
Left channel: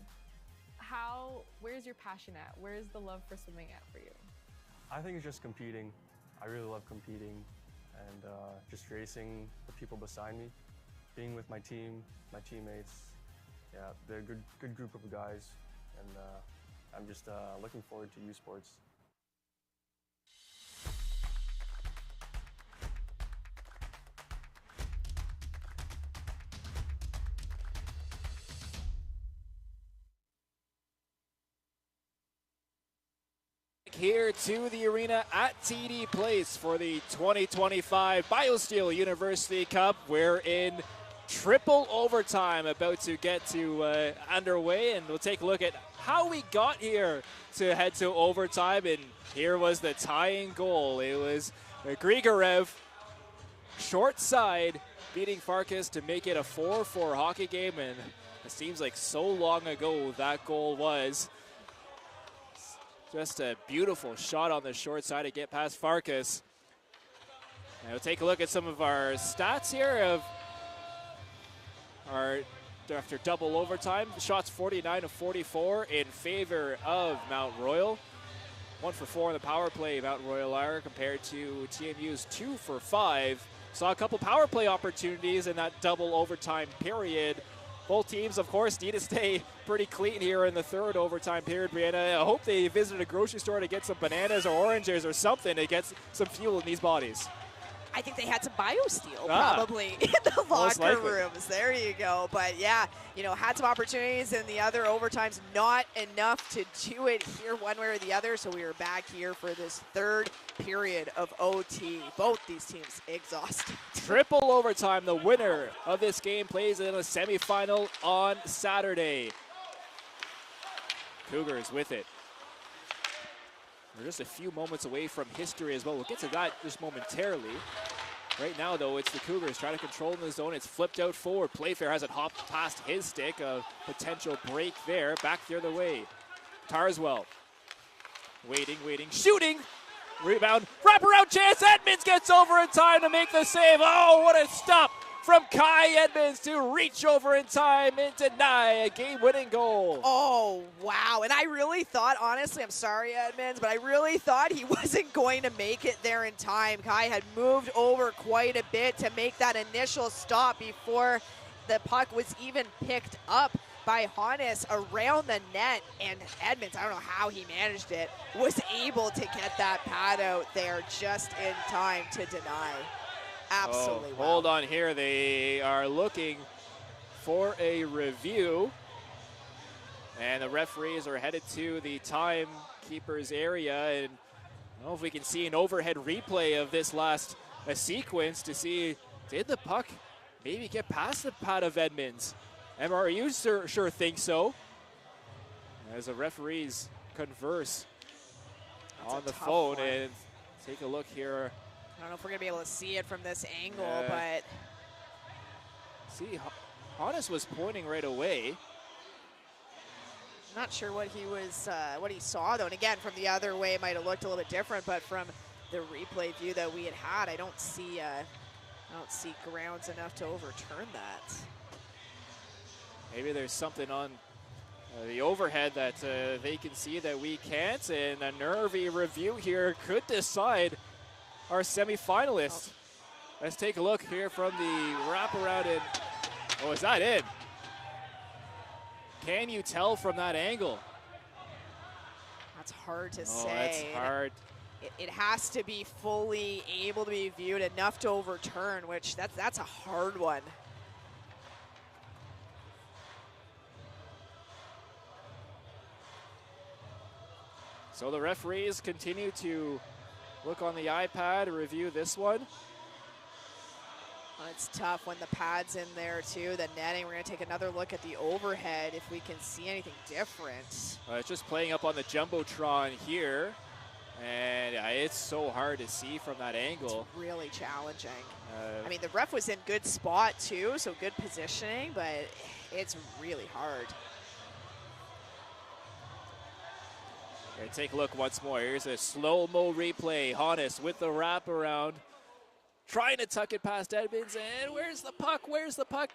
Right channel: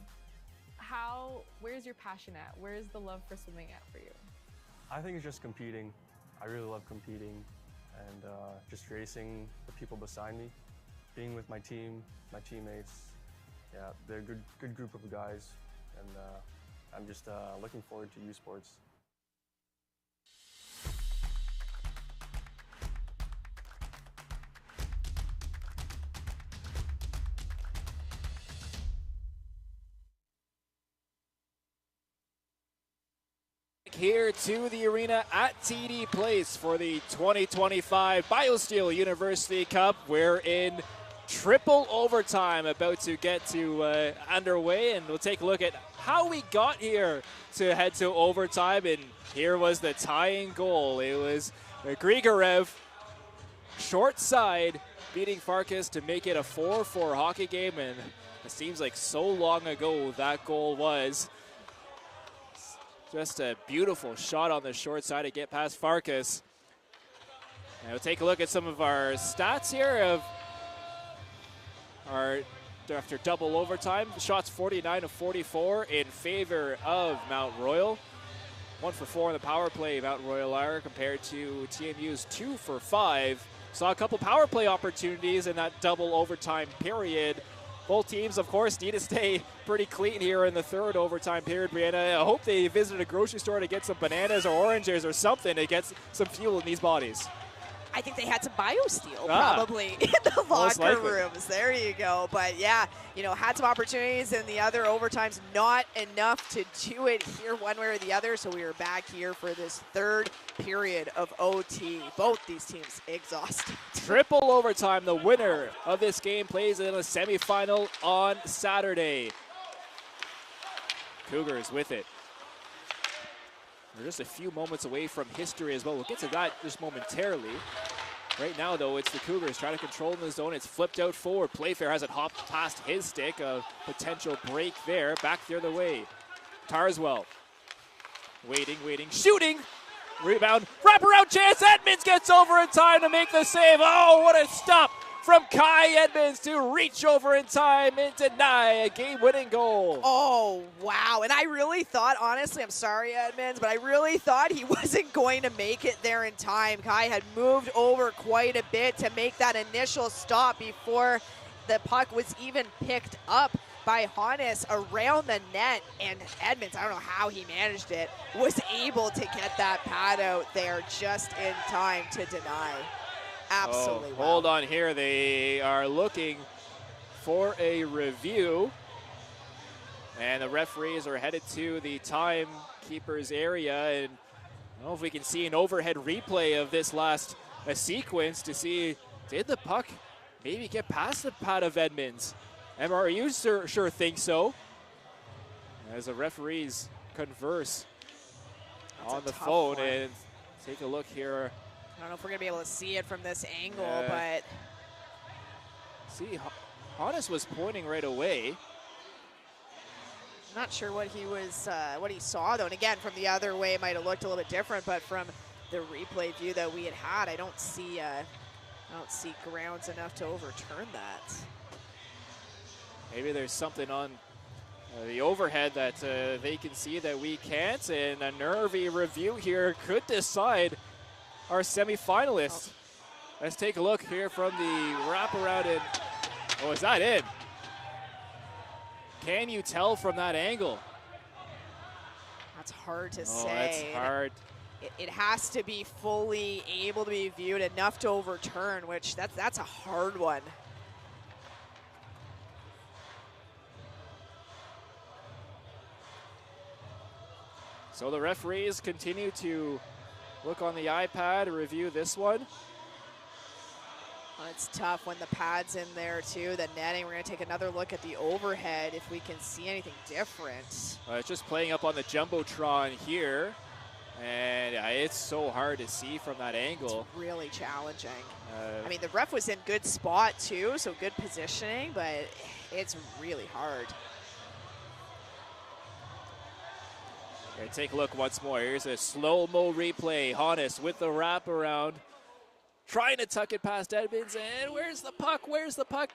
where's your passion at? Where's the love for swimming at for you? I think it's just competing. I really love competing and just racing the people beside me, being with my team, my teammates. Yeah, they're a good group of guys, and I'm just looking forward to U Sports. Here to the arena at TD Place for the 2025 BioSteel University Cup. We're in triple overtime, about to get to underway, and we'll take a look at how we got here to head to overtime. And here was the tying goal. It was Grigorev, short side, beating Farkas to make it a 4-4 hockey game, and it seems like so long ago that goal was. Just a beautiful shot on the short side to get past Farkas. Now take a look at some of our stats here of our after double overtime. Shots 49 of 44 in favor of Mount Royal. 1 for 4 in the power play, Mount Royal are, compared to TMU's 2 for 5. Saw a couple power play opportunities in that double overtime period. Both teams, of course, need to stay pretty clean here in the third overtime period, Brianna. I hope they visited a grocery store to get some bananas or oranges or something to get some fuel in these bodies. I think they had some BioSteel probably in the locker rooms. There you go. But yeah, had some opportunities in the other overtimes. Not enough to do it here one way or the other. So we are back here for this third period of OT. Both these teams exhausted. Triple overtime. The winner of this game plays in a semifinal on Saturday. Cougars with it. We're just a few moments away from history as well. We'll get to that just momentarily. Right now, though, it's the Cougars trying to control in the zone. It's flipped out forward. Playfair has it hopped past his stick. A potential break there. Back the other way. Tarswell. Waiting. Shooting. Rebound. Wraparound chance. Edmonds gets over in time to make the save. Oh, what a stop from Kai Edmonds to reach over in time and deny a game-winning goal. Oh, wow. And I really thought, honestly, I'm sorry, Edmonds, but I really thought he wasn't going to make it there in time. Kai had moved over quite a bit to make that initial stop before the puck was even picked up by Hannes around the net. And Edmonds, I don't know how he managed it, was able to get that pad out there just in time to deny. absolutely well. Hold on here. They are looking for a review. And the referees are headed to the timekeeper's area. And I don't know if we can see an overhead replay of this last sequence to see, did the puck maybe get past the pad of Edmonds? MRU sure think so. As the referees converse on the phone. And take a look here. I don't know if we're going to be able to see it from this angle, but... See, Hannes was pointing right away. Not sure what he was, what he saw though. And again, from the other way, it might have looked a little bit different. But from the replay view that we had, I don't see grounds enough to overturn that. Maybe there's something on the overhead that they can see that we can't, and a nervy review here could decide our semifinalists. Let's take a look here from the wraparound. And oh, is that it? Can you tell from that angle? That's hard to Oh, say. that's hard. It has to be fully able to be viewed enough to overturn, which that's a hard one. So the referees continue to look on the iPad, review this one. Well, it's tough when the pad's in there too, the netting. We're going to take another look at the overhead if we can see anything different. It's just playing up on the Jumbotron here, and it's so hard to see from that angle. It's really challenging. I mean, the ref was in good spot too, so good positioning, but it's really hard. Okay, take a look once more. Here's a slow-mo replay. Hannes with the wraparound, trying to tuck it past Edmonds, and where's the puck? Where's the puck?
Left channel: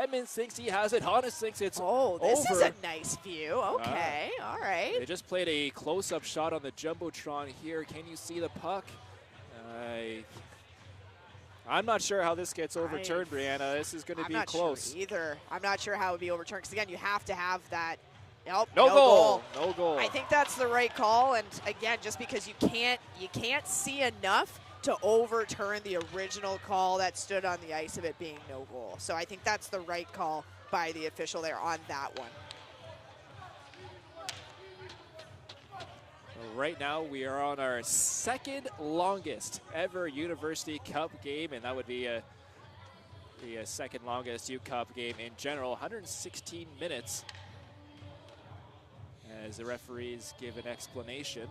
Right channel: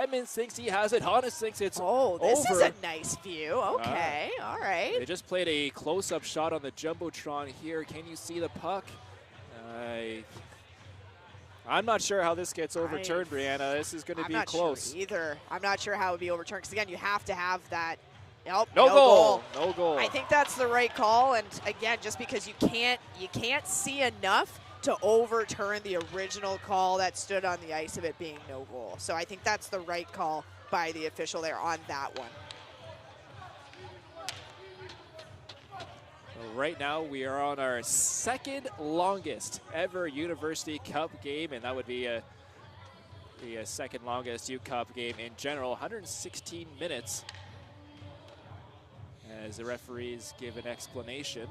Edmonds thinks he has it. Hannes thinks it's over. This is a nice view. Okay, all right. They just played a close-up shot on the Jumbotron here. Can you see the puck? I'm not sure how this gets overturned, Brianna. This is going to be close. Sure either. I'm not sure how it would be overturned, because again, you have to have that. Nope, no goal. No goal. I think that's the right call, and again, just because you can't see enough to overturn the original call that stood on the ice of it being no goal. So I think that's the right call by the official there on that one. Right now, we are on our second longest ever University Cup game, and that would be the second longest U Cup game in general, 116 minutes. As the referees give an explanation.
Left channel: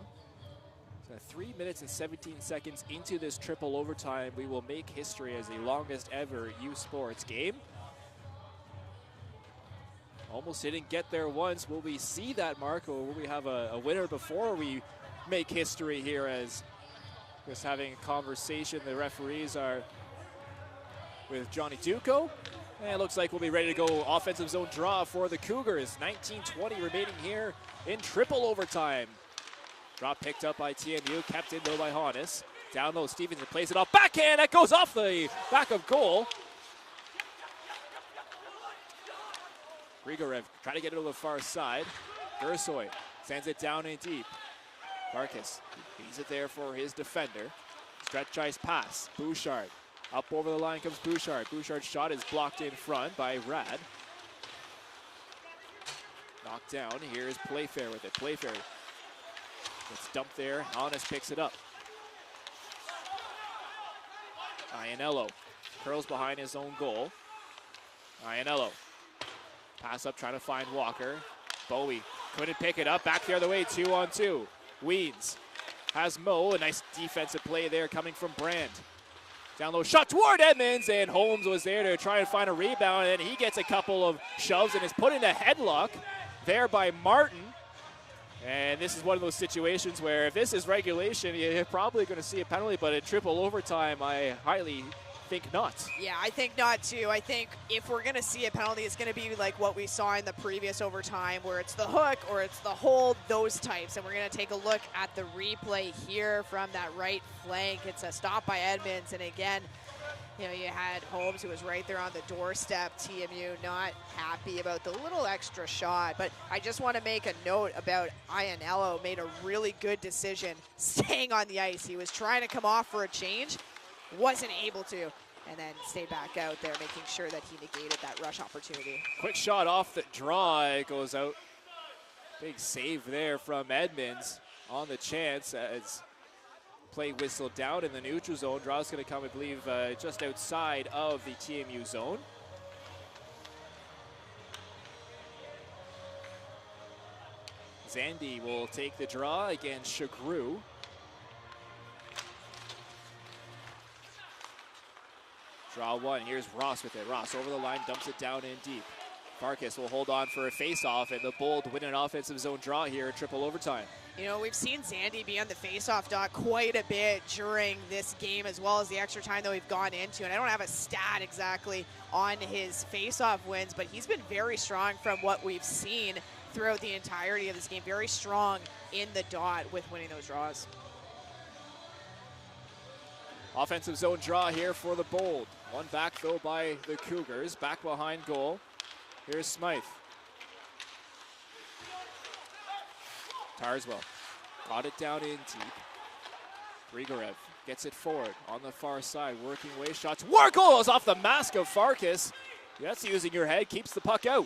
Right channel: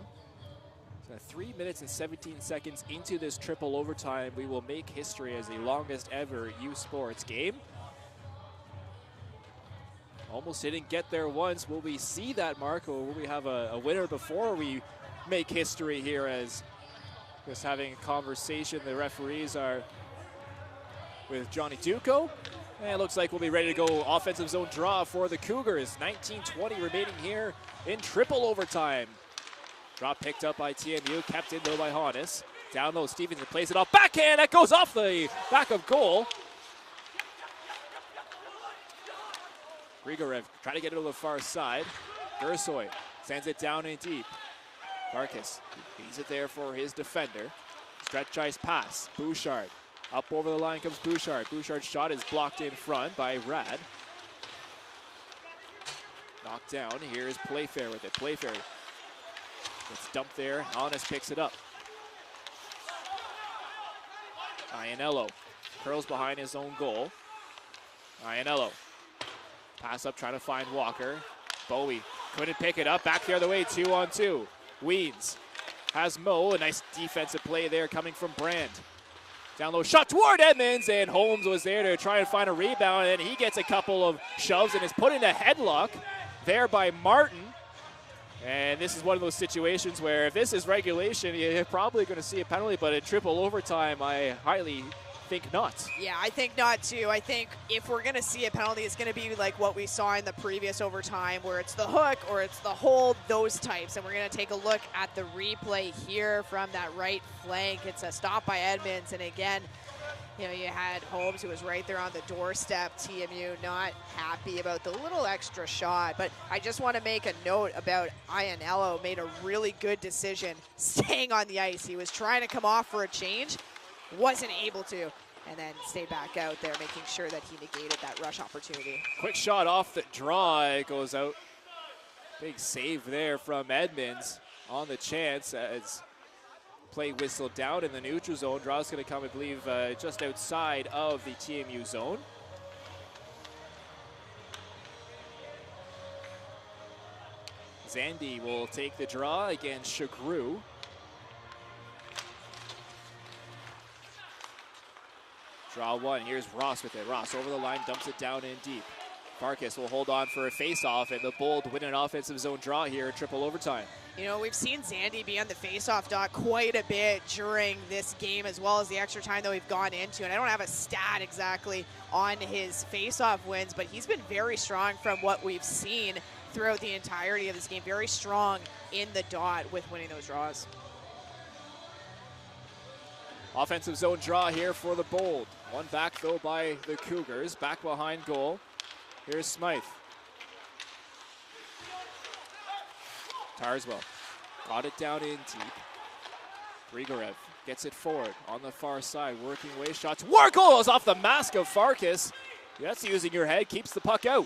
So 3 minutes and 17 seconds into this triple overtime, we will make history as the longest ever U Sports game. Almost didn't get there once. Will we see that mark, or will we have a winner before we make history here? As just having a conversation, the referees are with Johnny Duco. And it looks like we'll be ready to go offensive zone draw for the Cougars. 19:20 remaining here in triple overtime. Draw picked up by TMU, kept in though by Hannes. Down low, Stevenson plays it off. Backhand, that goes off the back of goal. Grigorev trying to get it to the far side. Gersoy sends it down in deep. Marcus leaves it there for his defender. Stretch ice pass. Bouchard. Up over the line comes Bouchard. Bouchard's shot is blocked in front by Rad. Knocked down. Here's Playfair with it. Playfair gets dumped there. Hannes picks it up. Iannello curls behind his own goal. Iannello. Pass up trying to find Walker. Bowie couldn't pick it up. Back the other way, 2-on-2. Weeds has Mo. A nice defensive play there coming from Brand. Down low, shot toward Edmonds, and Holmes was there to try and find a rebound, and he gets a couple of shoves and is put in a headlock there by Martin. And this is one of those situations where if this is regulation, you're probably going to see a penalty, but in triple overtime, I highly think not. Yeah, I think not too. I think if we're going to see a penalty, it's going to be like what we saw in the previous overtime, where it's the hook or it's the hold, those types. And we're going to take a look at the replay here from that right flank. It's a stop by Edmonds, and again, you know, you had Holmes, who was right there on the doorstep. TMU not happy about the little extra shot. But I just want to make a note about Iannello. Made a really good decision staying on the ice. He was trying to come off for a change. wasn't able to, and then stayed back out there, making sure that he negated that rush opportunity. Quick shot off the draw. It goes out. Big save there from Edmonds on the chance as play whistled down in the neutral zone. Draw is going to come, I believe, just outside of the TMU zone. Zandy will take the draw against Chagru. Draw one. Here's Ross with it. Ross over the line, dumps it down in deep. Farkas will hold on for a face-off, and the Bold win an offensive zone draw here in triple overtime. You know, we've seen Zandy be on the face-off dot quite a bit during this game, as well as the extra time that we've gone into. And I don't have a stat exactly on his face-off wins, but he's been very strong from what we've seen throughout the entirety of this game. Very strong in the dot with winning those draws. Offensive zone draw here for the Bold. One back, though, by the Cougars. Back behind goal. Here's Smythe. Tarswell got it down in deep. Grigorev gets it forward on the far side. Working away shots. Warkle is off the mask of Farkas. That's using your head. Keeps the puck out.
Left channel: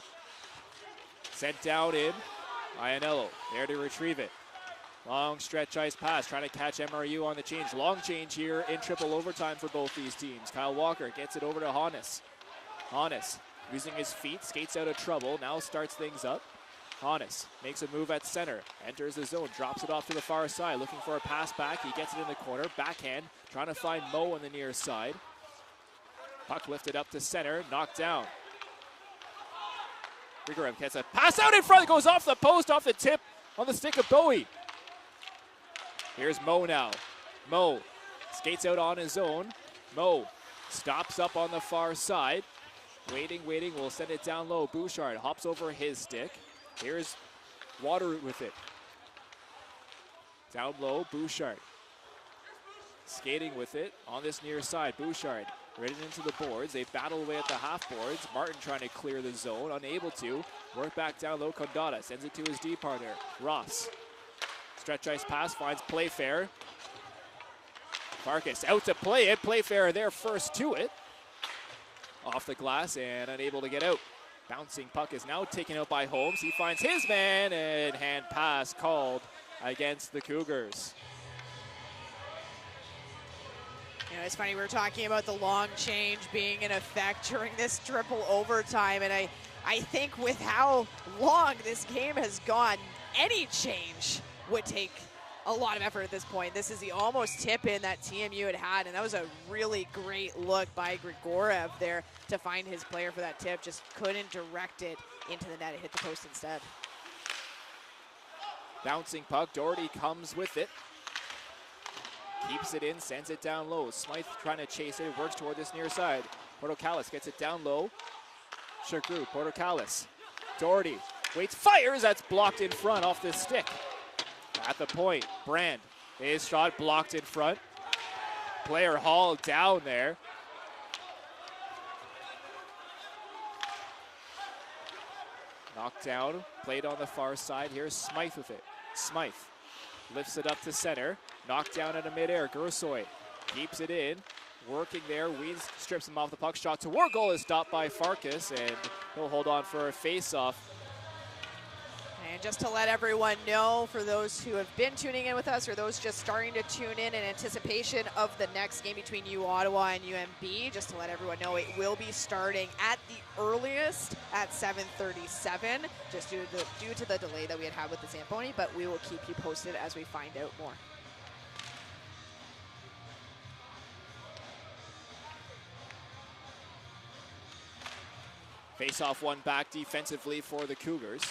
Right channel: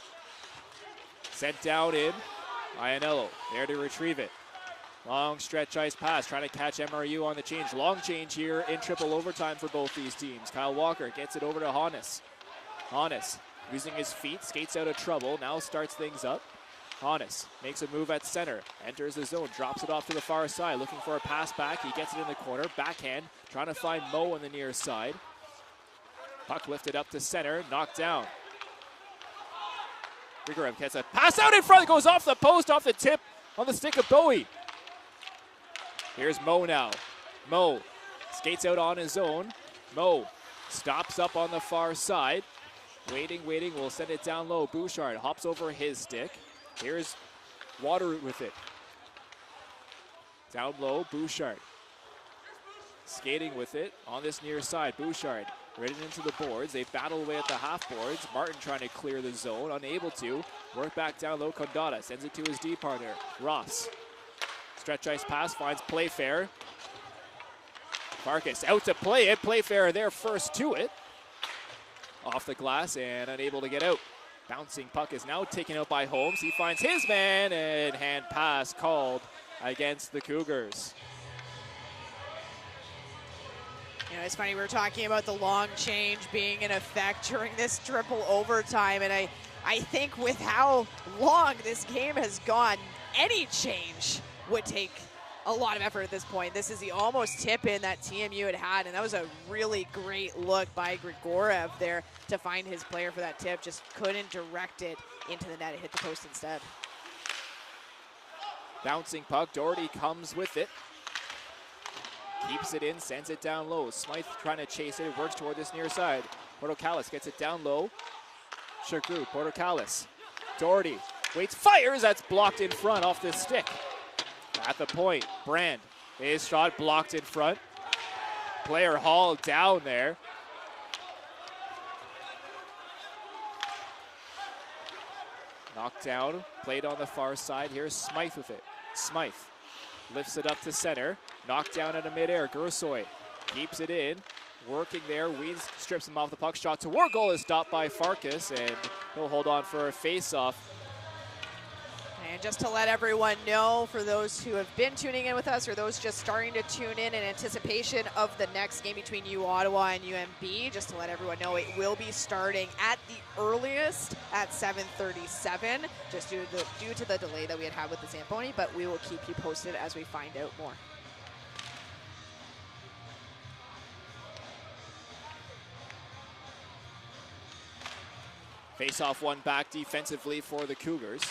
Sent down in. Ianello there to retrieve it. Long stretch ice pass, trying to catch MRU on the change. Long change here in triple overtime for both these teams. Kyle Walker gets it over to Hannes. Hannes using his feet, skates out of trouble, now starts things up. Hannes makes a move at center, enters the zone, drops it off to the far side, looking for a pass back. He gets it in the corner, backhand, trying to find Mo on the near side. Puck lifted up to center, knocked down. Grigorev gets a pass out in front, goes off the post, off the tip, on the stick of Bowie. Here's Mo now. Mo skates out on his own. Mo stops up on the far side. Waiting, will send it down low. Bouchard hops over his stick. Here's Waterroot with it. Down low, Bouchard. Skating with it on this near side. Bouchard right into the boards. They battle away at the half boards. Martin trying to clear the zone, unable to. Work back down low. Condada sends it to his D partner, Ross. Stretch ice pass finds Playfair. Farkas out to play it. Playfair there first to it. Off the glass and unable to get out. Bouncing puck is now taken out by Holmes. He finds his man and hand pass called against the Cougars. You know, it's funny, we were talking about the long change being in effect during this triple overtime, and I think with how long this game has gone, any change would take a lot of effort at this point. This is the almost tip in that TMU had, and that was a really great look by Grigorev there to find his player for that tip. Just couldn't direct it into the net. It hit the post instead. Bouncing puck. Doherty comes with it. Keeps it in, sends it down low. Smythe trying to chase it, works toward this near side. Portocalis gets it down low. Chagru, Portocalis. Doherty waits, fires, that's blocked in front off the stick. At the point, Brand, his shot blocked in front. Player hauled down there. Knocked down, played on the far side. Here's Smythe with it. Smythe lifts it up to center. Knocked down into midair. Gersoy keeps it in. Working there. Weeds strips him off the puck. Shot toward goal is stopped by Farkas, and he'll hold on for a face-off. And just to let everyone know, for those who have been tuning in with us or those just starting to tune in anticipation of the next game between U Ottawa and UNB, just to let everyone know, it will be starting at the earliest at 7:37, just due to the delay that we had with the Zamboni, but we will keep you posted as we find out more. Face-off one back defensively for the Cougars.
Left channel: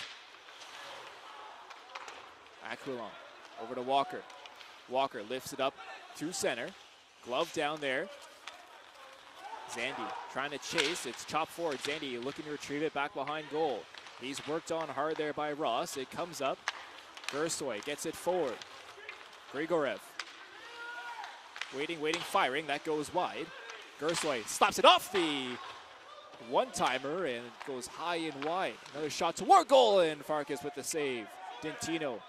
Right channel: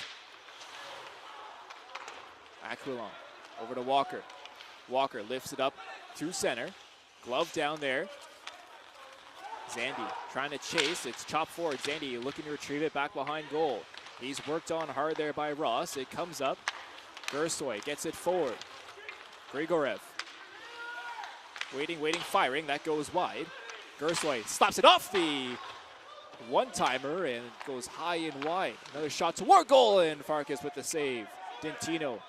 Aquilon over to Walker. Walker lifts it up to center. Glove down there. Zandy trying to chase. It's chopped forward. Zandy looking to retrieve it back behind goal. He's worked on hard there by Ross. It comes up. Gersoy gets it forward. Grigorev. Waiting, firing. That goes wide. Gersoy slaps it off the one-timer and it goes high and wide. Another shot toward goal and Farkas with the save. Dentino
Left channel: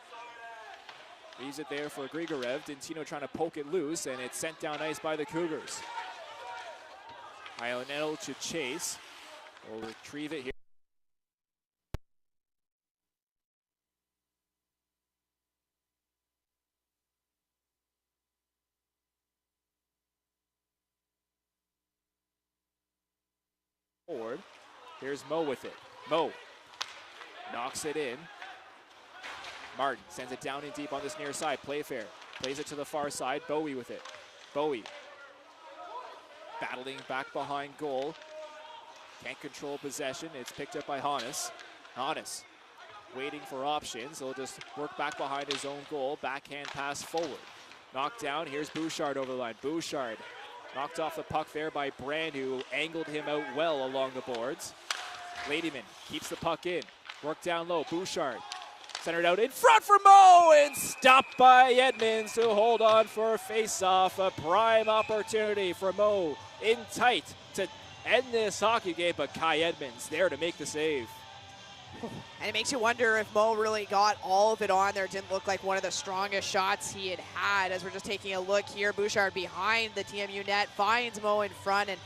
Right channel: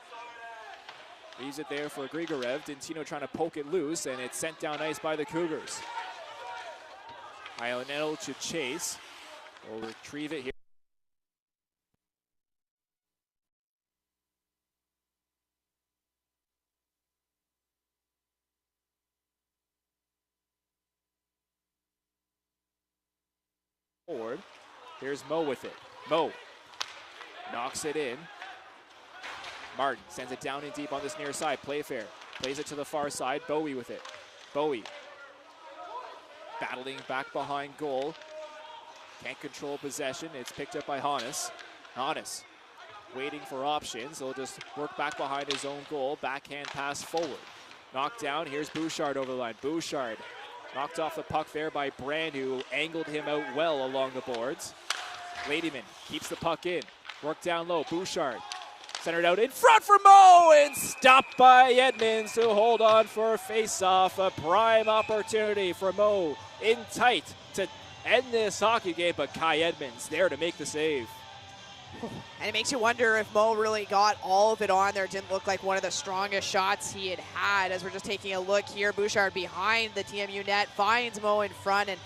Leaves it there for Grigorev. Dintino trying to poke it loose, and it's sent down ice by the Cougars. Ionel to chase. Will retrieve it here. Forward. Here's Mo with it. Mo knocks it in. Martin sends it down and deep on this near side. Playfair plays it to the far side. Bowie with it. Bowie battling back behind goal. Can't control possession. It's picked up by Hannes. Hannes waiting for options. He'll just work back behind his own goal. Backhand pass forward. Knocked down. Here's Bouchard over the line. Bouchard knocked off the puck there by Brand, who angled him out well along the boards. Ladyman keeps the puck in. Work down low. Bouchard centered out in front for Mo, and stopped by Edmonds to hold on for a face-off. A prime opportunity for Mo in tight to end this hockey game, but Kai Edmonds there to make the save. And it makes you wonder if Mo really got all of it on there. It didn't look like one of the strongest shots he had. As we're just taking a look here, Bouchard behind the TMU net, finds Mo in front, and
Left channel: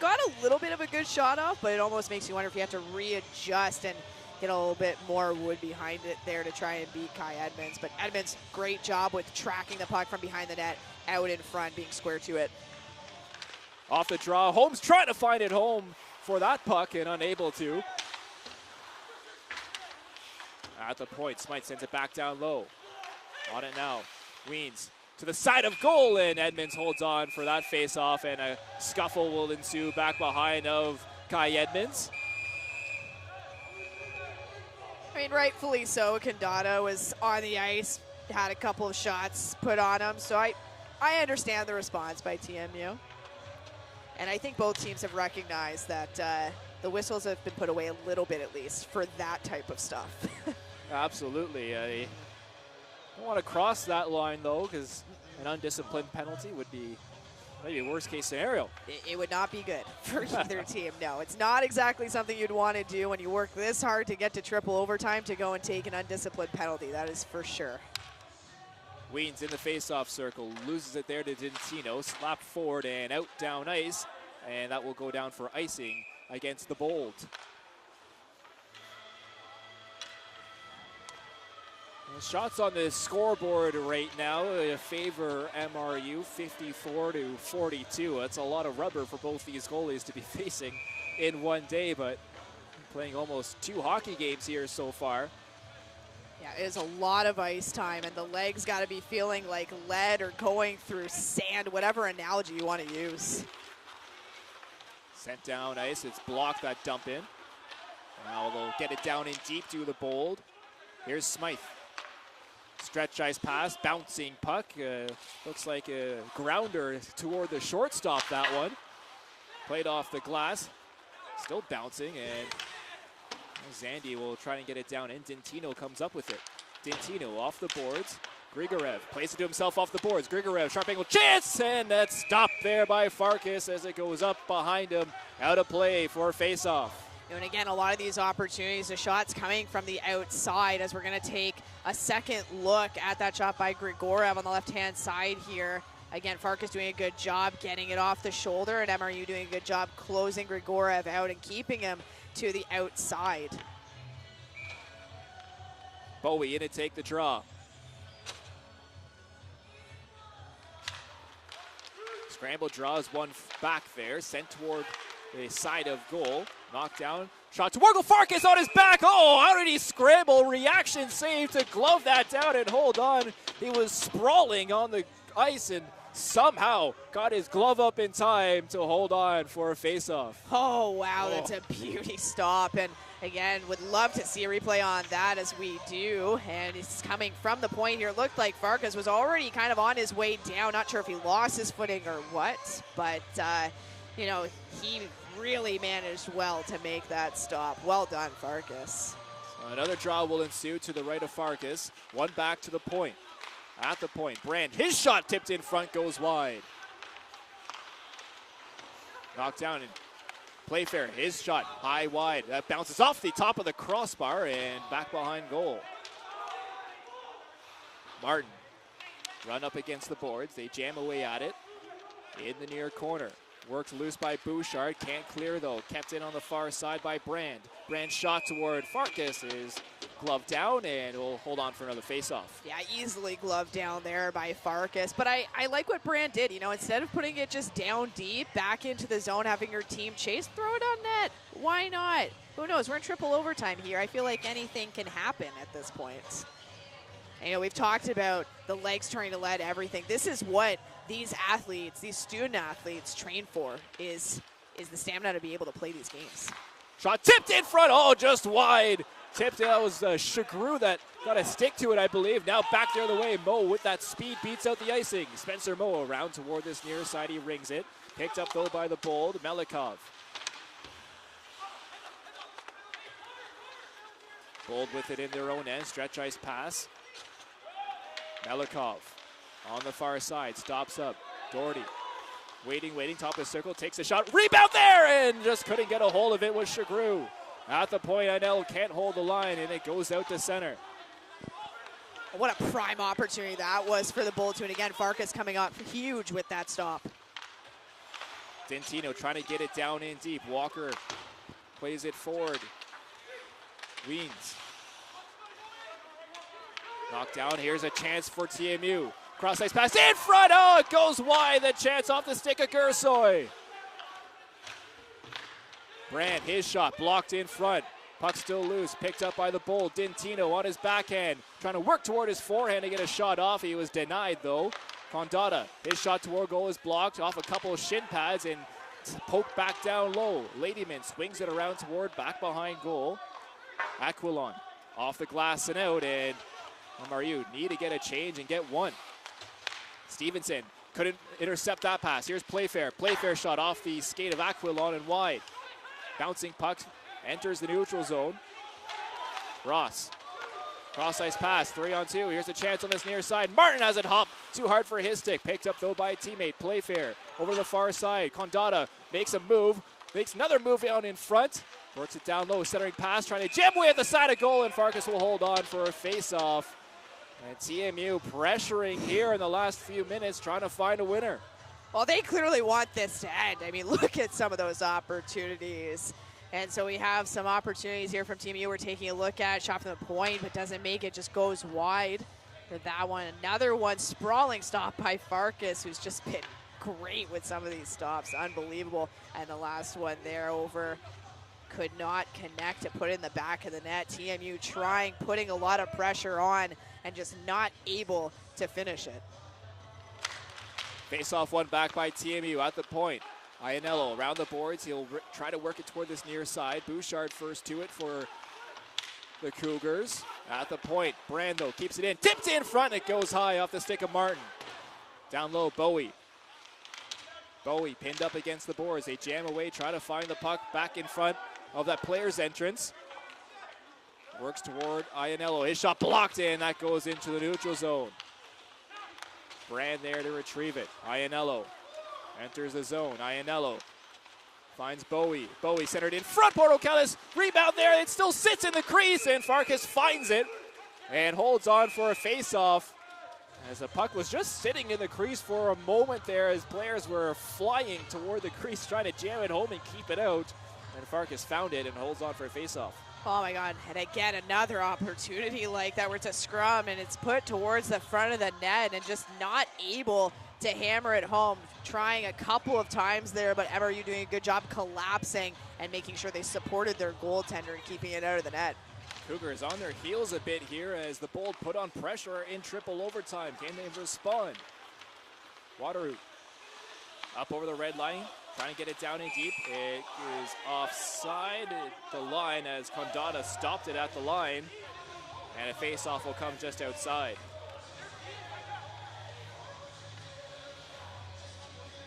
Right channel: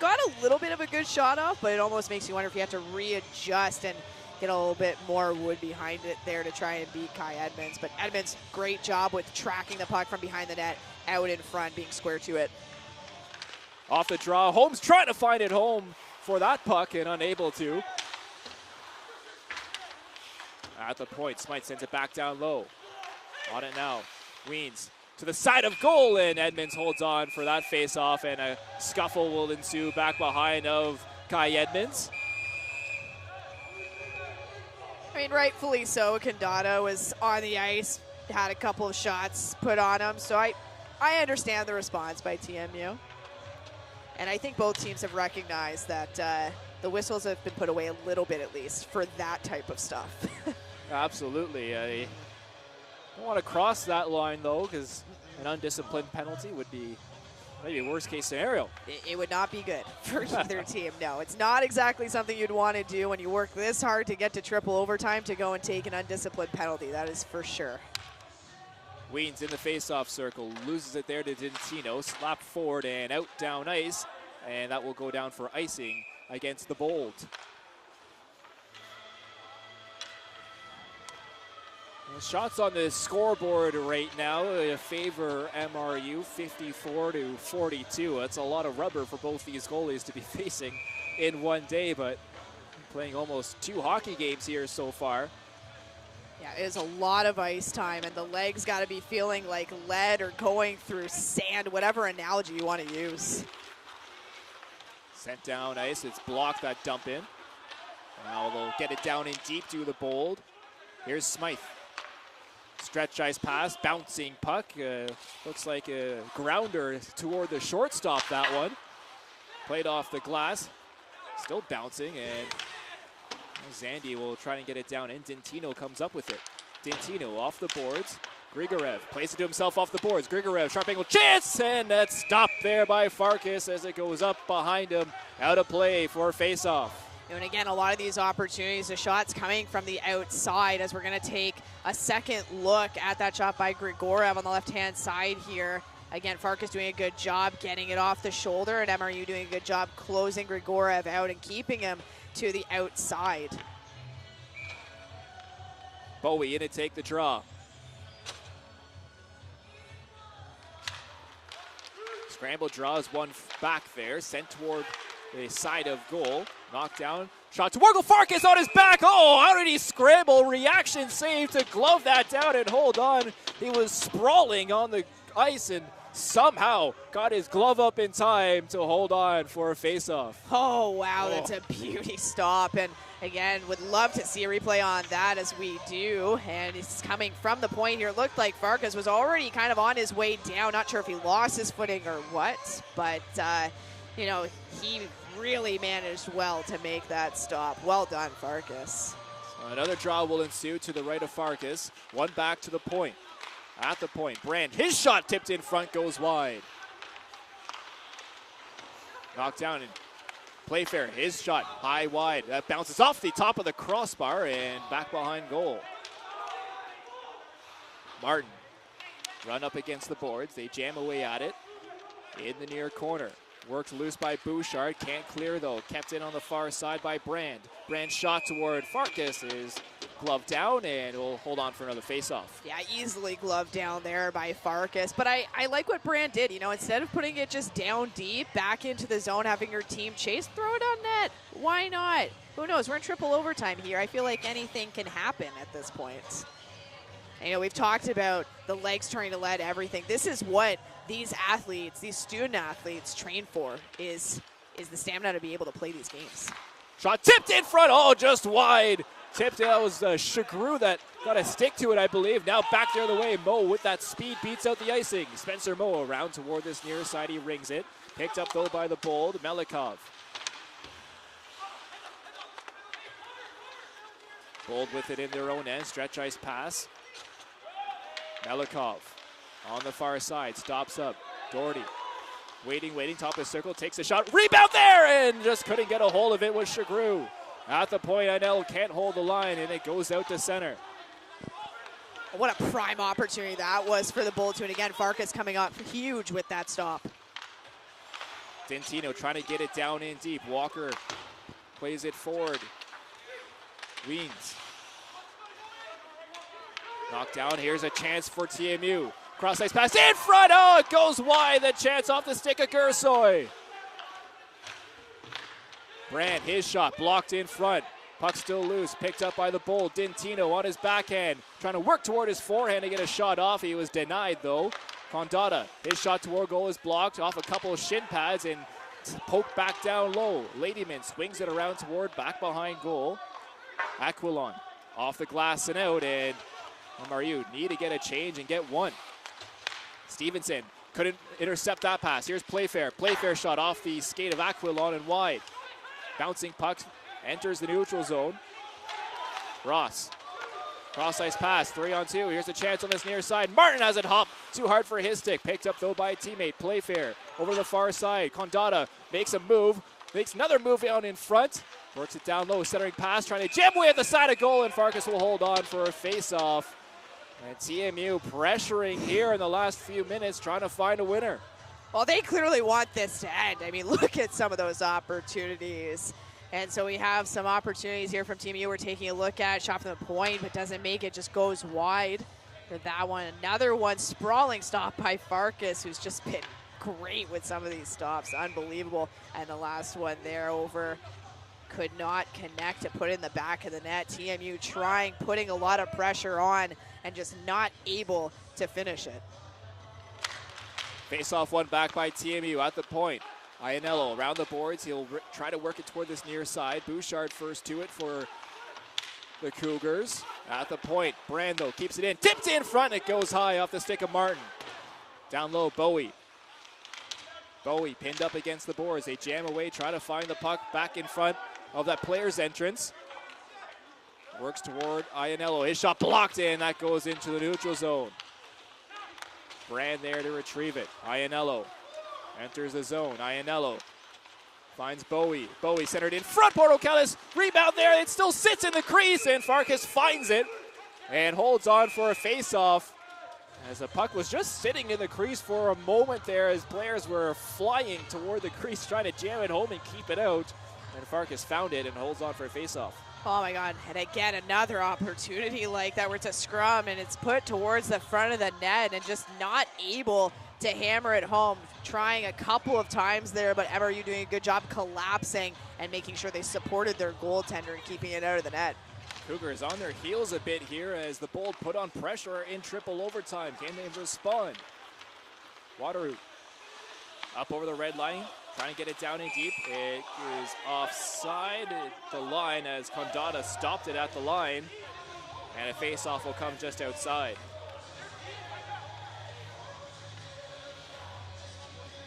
got a little bit of a good shot off, but it almost makes you wonder if he had to readjust and get a little bit more wood behind it there to try and beat Kai Edmonds. But Edmonds, great job with tracking the puck from behind the net, out in front, being square to it. Off the draw, Holmes trying to find it home for that puck and unable to. At the point, Smythe sends it back down low. On it now, Weens to the side of goal, and Edmonds holds on for that face-off, and a scuffle will ensue back behind of Kai Edmonds. I mean, rightfully so. Condado was on the ice, had a couple of shots put on him, so I understand the response by TMU. And I think both teams have recognized that the whistles have been put away a little bit at least for that type of stuff. Absolutely. I don't want to cross that line, though, because an undisciplined penalty would be maybe a worst-case scenario. It would not be good for either team. No, it's not exactly something you'd want to do when you work this hard to get to triple overtime to go and take an undisciplined penalty. That is for sure. Weens in the face-off circle, loses it there to Dintino, slapped forward and out down ice, and that will go down for icing against the Bold. Shots on the scoreboard right now favor MRU 54-42. That's a lot of rubber for both these goalies to be facing in one day, but playing almost 2 hockey games here so far. Yeah, it is a lot of ice time, and the legs got to be feeling like lead or going through sand, whatever analogy you want to use. Sent down ice, it's blocked that dump in. Now they'll get it down in deep to the Bold. Here's Smythe. Stretch ice pass, bouncing puck. Looks like a grounder toward the shortstop, that one. Played off the glass. Still bouncing, and Zandy will try and get it down in. Dintino comes up with it. Dintino off the boards. Grigorev plays it to himself off the boards. Grigorev, sharp angle chance, and that's stopped there by Farkas as it goes up behind him. Out of play for face-off. And again, a lot of these opportunities, the shots coming from the outside, as we're going to take a second look at that shot by Grigorev on the left-hand side here. Again, Farkas doing a good job getting it off the shoulder, and MRU doing a good job closing Grigorev out and keeping him to the outside. Bowie in to take the draw. Scramble draws one back there, sent toward the side of goal. Knocked down. Shot to Wargle. Farkas on his back. Oh, how did he scramble? Reaction save to glove that down and hold on. He was sprawling on the ice and somehow got his glove up in time to hold on for a faceoff. Oh, wow, that's a beauty stop. And again, would love to see a replay on that as we do. And it's coming from the point here. It looked like Farkas was already kind of on his way down. Not sure if he lost his footing or what, but, you know, he really managed well to make that stop. Well done, Farkas. So another draw will ensue to the right of Farkas. One back to the point. At the point, Brand, his shot tipped in front, goes wide. Knocked down and Playfair, his shot high wide. That bounces off the top of the crossbar and back behind goal. Martin, run up against the boards. They jam away at it in the near corner. Worked loose by Bouchard. Can't clear, though. Kept in on the far side by Brand. Brand's shot toward Farkas is gloved down and will hold on for another face-off. Yeah, easily gloved down there by Farkas. But I like what Brand did. You know, instead of putting it just down deep, back into the zone, having your team chase, throw it on net. Why not? Who knows? We're in triple overtime here. I feel like anything can happen at this point. You know, we've talked about the legs trying to lead everything. This is what these athletes, these student athletes train for, is the stamina to be able to play these games. Shot tipped in front, just wide. Tipped, that was Chagru that got a stick to it, I believe. Now back the other way, Mo with that speed beats out the icing. Spencer Mo around toward this near side, he rings it. Picked up though by the Bold, Melikov. Bold with it in their own end, stretch ice pass. Melikov on the far side, stops up. Doherty waiting, top of the circle, takes a shot. Rebound there, and just couldn't get a hold of it with Chagru. At the point, Anel can't hold the line, and it goes out to center. What a prime opportunity that was for the Bold too. And again, Farkas coming up huge with that stop. Dentino trying to get it down in deep. Walker plays it forward. Weens. Knocked down. Here's a chance for TMU. Cross ice pass in front. It goes wide. The chance off the stick of Gersoy. Brand, his shot blocked in front. Puck still loose. Picked up by the Bold. Dintino on his backhand. Trying to work toward his forehand to get a shot off. He was denied though. Condata, his shot toward goal is blocked off a couple of shin pads and poked back down low. Ladyman swings it around toward back behind goal. Aquilon off the glass and out, and MRU need to get a change and get one. Stevenson couldn't intercept that pass. Here's Playfair. Playfair shot off the skate of Aquilon and wide. Bouncing puck enters the neutral zone. Ross. Cross ice pass, 3-on-2. Here's a chance on this near side. Martin has it hopped. Too hard for his stick. Picked up though by a teammate. Playfair over the far side. Condata makes a move. Makes another move down in front. Works it down low. Centering pass. Trying to jam away at the side of goal. And Farkas will hold on for a face-off. And TMU pressuring here in the last few minutes. Trying to find a winner. Well, they clearly want this to end. I mean, look at some of those opportunities. And so we have some opportunities here from TMU. We're taking a look at shot from the point, but doesn't make it, just goes wide for that one. Another one, sprawling stop by Farkas, who's just been great with some of these stops. Unbelievable. And the last one there over, could not connect to put in the back of the net. TMU trying, putting a lot of pressure on, and just not able to finish it. Face-off one back by TMU at the point. Iannello around the boards. He'll try to work it toward this near side. Bouchard first to it for the Cougars. At the point, Brando keeps it in. Tipped in front. It goes high off the stick of Martin. Down low, Bowie. Bowie pinned up against the boards. They jam away, try to find the puck back in front of that player's entrance. Works toward Iannello. His shot blocked in. That goes into the neutral zone. Brand there to retrieve it. Iannello enters the zone. Iannello finds Bowie. Bowie centered in front. Porto Kellis. Rebound there. It still sits in the crease, and Farkas finds it and holds on for a face-off. As the puck was just sitting in the crease for a moment there as players were flying toward the crease trying to jam it home and keep it out. And Farkas found it and holds on for a face-off. Oh my God, and again, another opportunity like that where it's a scrum and it's put towards the front of the net and just not able to hammer it home. Trying a couple of times there, but MRU doing a good job collapsing and making sure they supported their goaltender and keeping it out of the net. Cougars on their heels a bit here as the Bold put on pressure in triple overtime. Can they respond? Wateroo up over the red line, trying to get it down in deep. It is offside the line as Condata stopped it at the line, and a face-off will come just outside.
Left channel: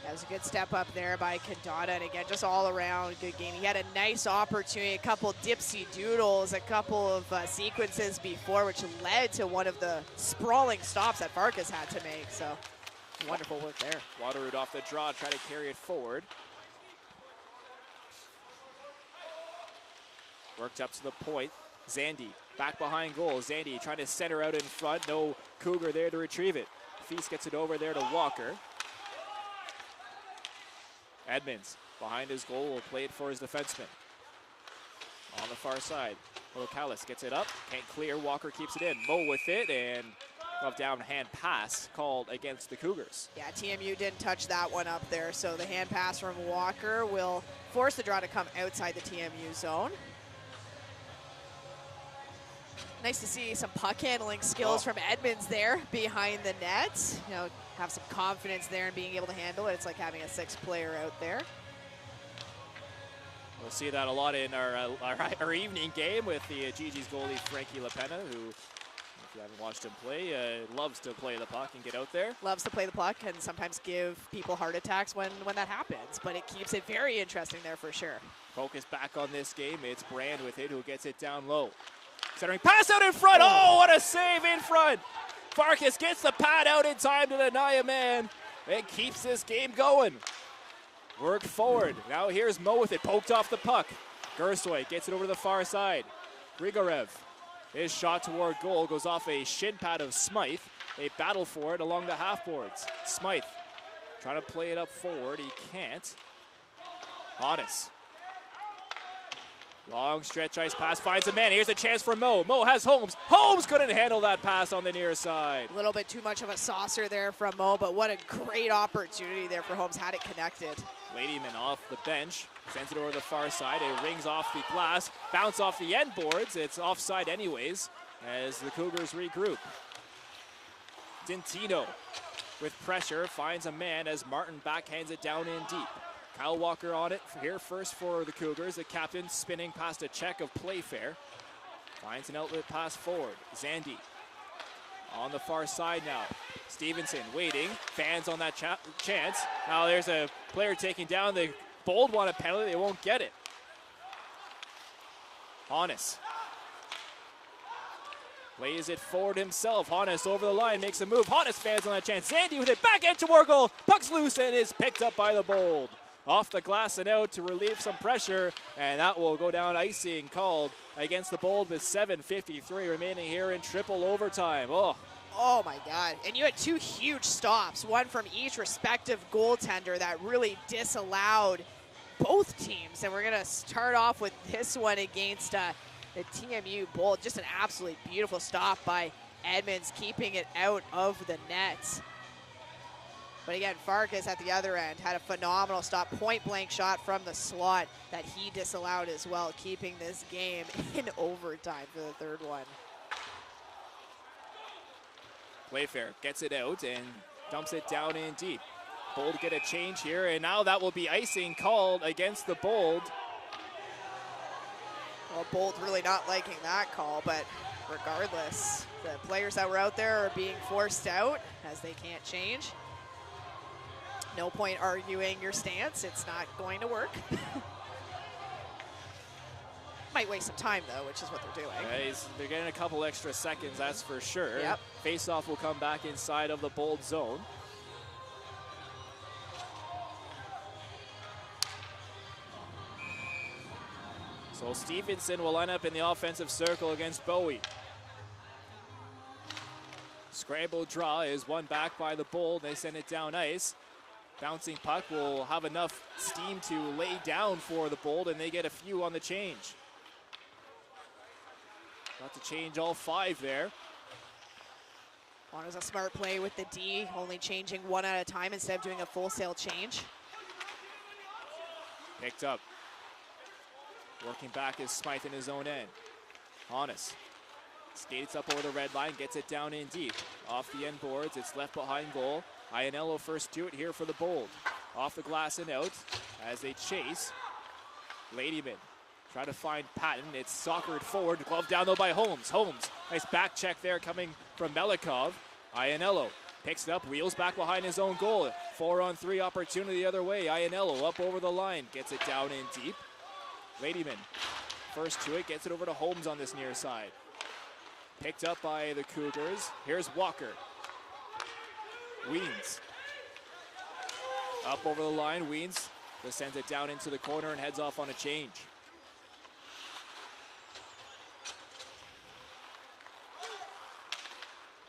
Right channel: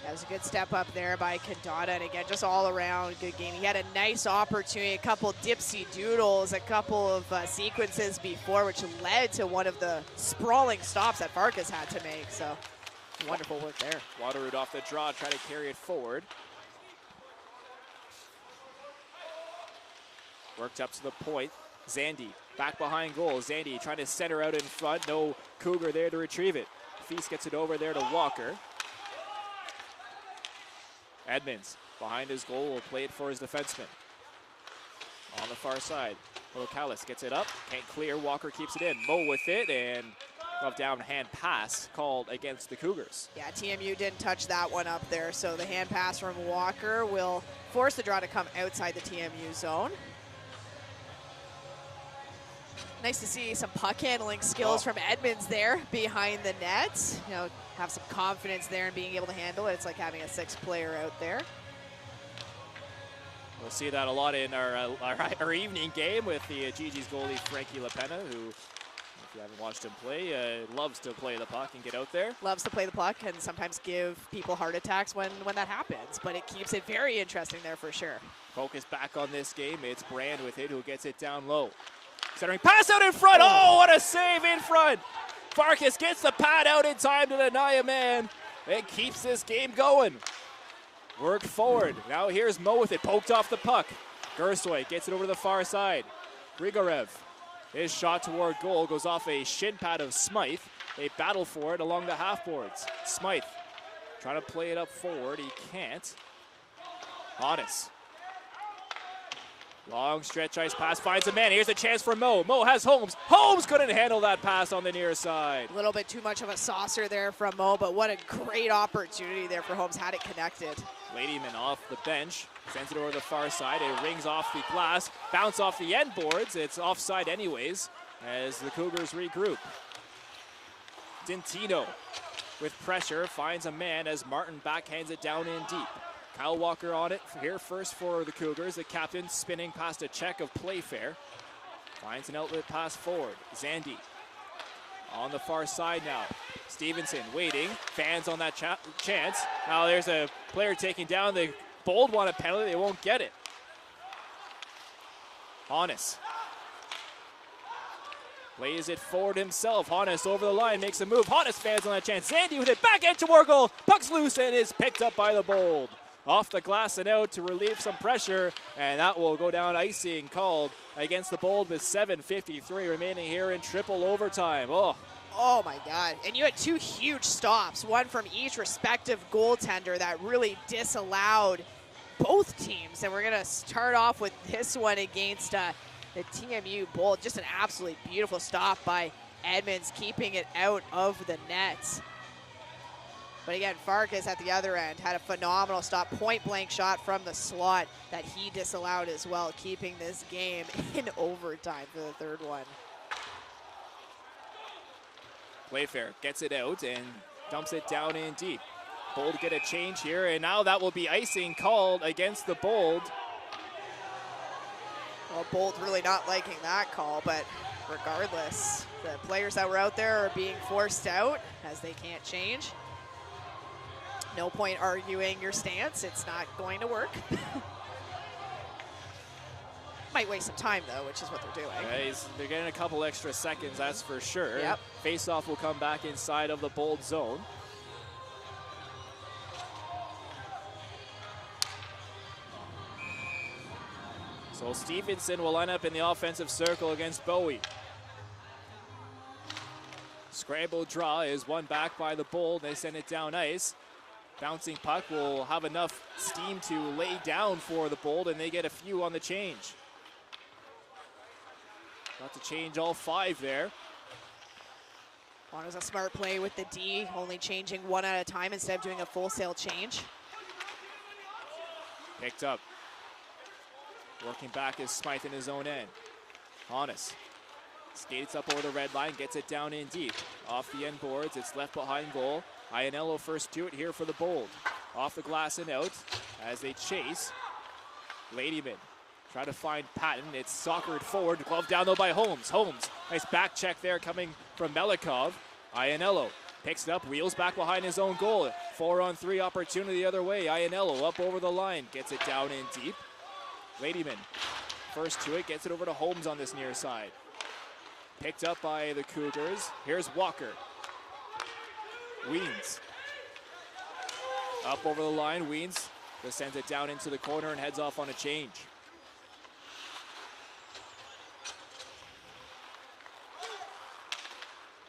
That was a good step up there by Condata, and again, just all around good game. He had a nice opportunity, a couple dipsy doodles, a couple of sequences before, which led to one of the sprawling stops that Farkas had to make. So wonderful work there. Waterroot off the draw, try to carry it forward. Worked up to the point. Zandy back behind goal. Zandy trying to center out in front. No Cougar there to retrieve it. Feast gets it over there to Walker. Edmonds behind his goal will play it for his defenseman. On the far side, Locallis gets it up. Can't clear. Walker keeps it in. Mo with it, and glove down hand pass called against the Cougars. Yeah, TMU didn't touch that one up there, so the hand pass from Walker will force the draw to come outside the TMU zone. Nice to see some puck handling skills from Edmonds there behind the net. You know, have some confidence there in being able to handle it. It's like having a sixth player out there. We'll see that a lot in our evening game with the GG's goalie, Frankie LaPena, who, if you haven't watched him play, loves to play the puck and get out there. Loves to play the puck and sometimes give people heart attacks when that happens, but it keeps it very interesting there for sure. Focus back on this game. It's Brand with it who gets it down low. Centering pass out in front. Oh, what a save in front. Farkas gets the pad out in time to deny a man. It keeps this game going. Worked forward. Now here's Mo with it. Poked off the puck. Gersoy gets it over to the far side. Grigorev. His shot toward goal goes off a shin pad of Smythe. They battle for it along the half boards. Smythe trying to play it up forward. He can't. Honest. Long stretch ice pass finds a man. Here's a chance for Mo. Mo has Holmes. Holmes couldn't handle that pass on the near side. A little bit too much of a saucer there from Mo, but what a great opportunity there for Holmes. Had it connected. Ladyman off the bench. Sends it over the far side. It rings off the glass. Bounce off the end boards. It's offside anyways as the Cougars regroup. Dintino with pressure finds a man as Martin backhands it down in deep. Kyle Walker on it here first for the Cougars. The captain spinning past a check of Playfair. Finds an outlet pass forward. Zandy on the far side now. Stevenson waiting. Fans on that chance. Now there's a player taking down. The Bold want a penalty. They won't get it. Honest plays it forward himself. Honest over the line. Makes a move. Honest fans on that chance. Zandy with it. Back into toward goal. Puck's loose and is picked up by the Bold. Off the glass and out to relieve some pressure, and that will go down icing called against the Bold with 7:53 remaining here in triple overtime. Oh my God. And you had two huge stops, one from each respective goaltender that really disallowed both teams. And we're going to start off with this one against the TMU Bold. Just an absolutely beautiful stop by Edmonds, keeping it out of the net. But again, Farkas at the other end had a phenomenal stop, point-blank shot from the slot that he disallowed as well, keeping this game in overtime for the third one. Playfair gets it out and dumps it down in deep. Bold get a change here, and now that will be icing called against the Bold. Well, Bold really not liking that call, but regardless, the players that were out there are being forced out as they can't change. No point arguing your stance. It's not going to work. Might waste some time, though, which is what they're doing. Yeah, they're getting a couple extra seconds, that's for sure. Yep. Face-off will come back inside of the Bold zone. So Stevenson will line up in the offensive circle against Bowie. Scramble draw is won back by the Bold. They send it down ice. Bouncing puck will have enough steam to lay down for the Bold, and they get a few on the change. Got to change all five there. Well, it was a smart play with the D, only changing one at a time instead of doing a full sail change. Picked up. Working back is Smythe in his own end. Honest. Skates up over the red line, gets it down in deep. Off the end boards, it's left behind goal. Iannello first to it here for the Bold. Off the glass and out as they chase. Ladyman try to find Patton. It's soccered forward. Glove down though by Holmes. Holmes, nice back check there coming from Melikov. Iannello picks it up, wheels back behind his own goal. 4-on-3 opportunity the other way. Iannello up over the line, gets it down in deep. Ladyman first to it, gets it over to Holmes on this near side. Picked up by the Cougars. Here's Walker. Weens. Up over the line, Weens just sends it down into the corner and heads off on a change.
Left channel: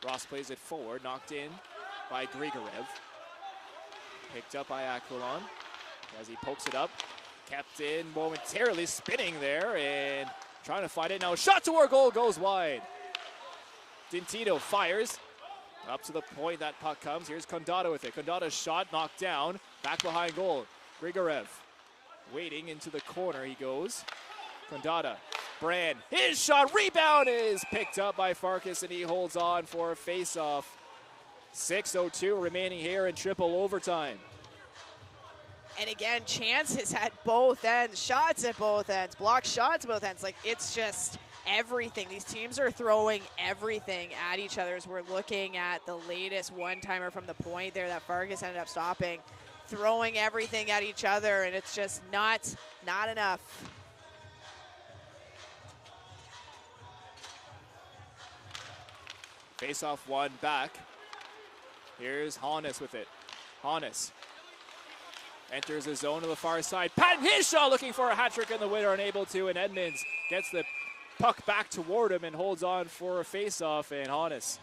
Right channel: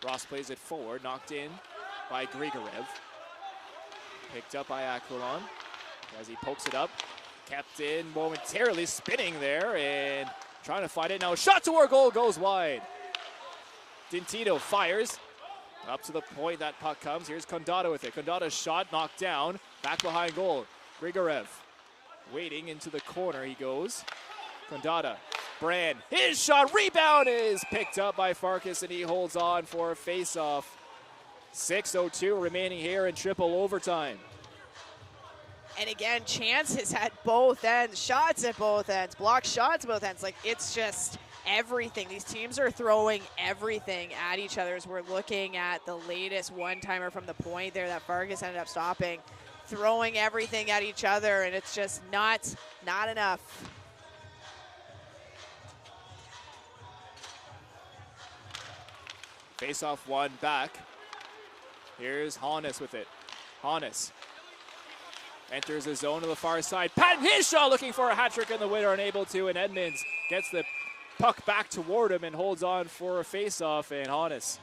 Ross plays it forward, knocked in by Grigorev. Picked up by Aquilon as he pokes it up. Kept in momentarily, spinning there and trying to find it. Now shot toward goal, goes wide. Dintino fires. Up to the point that puck comes. Here's Condata with it. Condata's shot knocked down. Back behind goal. Grigorev waiting into the corner he goes. Condata. Brand. His shot. Rebound is picked up by Farkas and he holds on for a face-off. 6:02 remaining here in triple overtime. And again, chances at both ends, shots at both ends, blocked shots at both ends. Like, it's just everything. These teams are throwing everything at each other as we're looking at the latest one-timer from the point there that Farkas ended up stopping. Throwing everything at each other, and it's just not enough. Face-off one back. Here's Hannes with it. Hannes enters the zone to the far side. Patton, his shot, looking for a hat trick in the winner, unable to, and Edmonds gets the puck back toward him and holds on for a face-off, and Hannes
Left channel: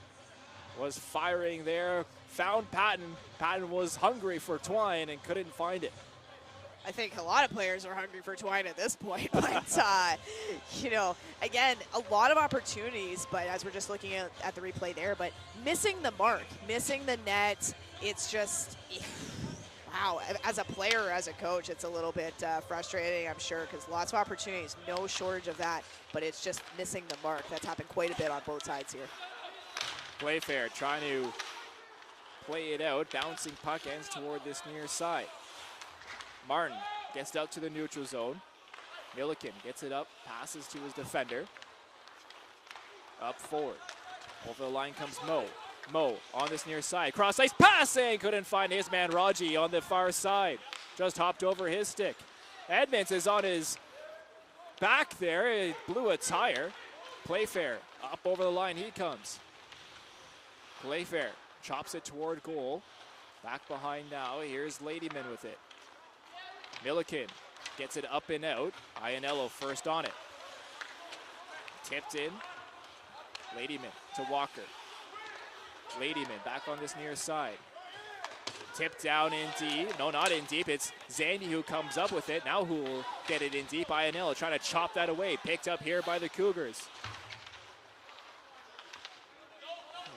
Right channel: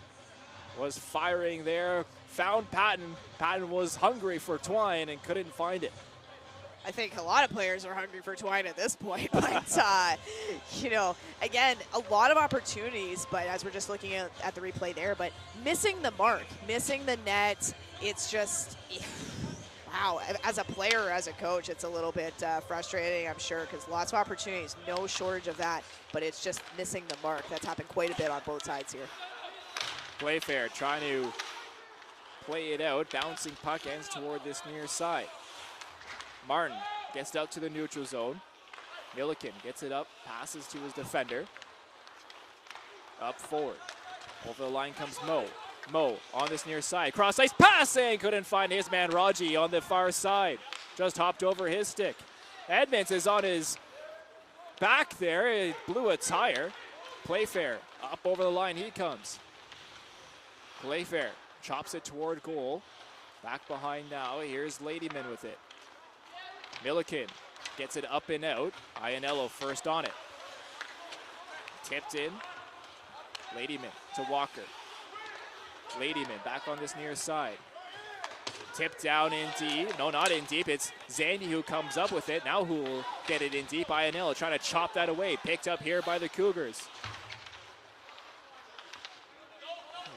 was firing there. Found Patton. Patton was hungry for Twine and couldn't find it. I think a lot of players are hungry for Twine at this point, but, you know, again, a lot of opportunities, but as we're just looking at the replay there, but missing the mark, missing the net, it's just, wow, as a player, as a coach, it's a little bit frustrating, I'm sure, because lots of opportunities, no shortage of that, but it's just missing the mark. That's happened quite a bit on both sides here. Playfair trying to play it out, bouncing puck ends toward this near side. Martin gets it out to the neutral zone. Milliken gets it up, passes to his defender. Up forward. Over the line comes Mo. Mo on this near side. Cross ice passing. Couldn't find his man Raji on the far side. Just hopped over his stick. Edmonds is on his back there. It blew a tire. Playfair up over the line. He comes. Playfair chops it toward goal. Back behind now. Here's Ladyman with it. Milliken gets it up and out. Iannello first on it. Tipped in. Ladyman to Walker. Ladyman back on this near side. Tipped down in deep. No, not in deep. It's Zandy who comes up with it. Now who will get it in deep? Iannello trying to chop that away. Picked up here by the Cougars.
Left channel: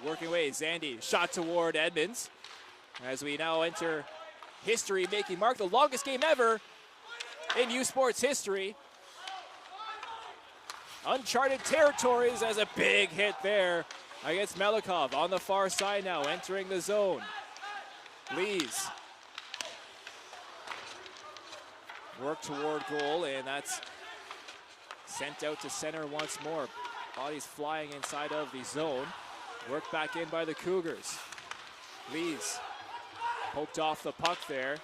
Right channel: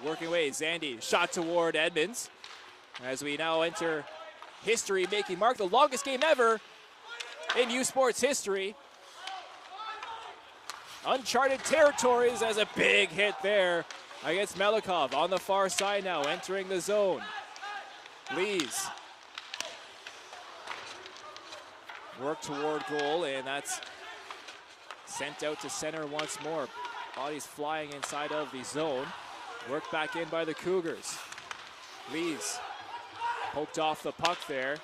Working away. Zandy shot toward Edmonds. As we now enter history-making mark, the longest game ever in U Sports history. Uncharted territories as a big hit there against Melikov on the far side now, entering the zone. Lees. Work toward goal, and that's sent out to center once more. Bodies flying inside of the zone. Worked back in by the Cougars. Lees. Poked off the puck there.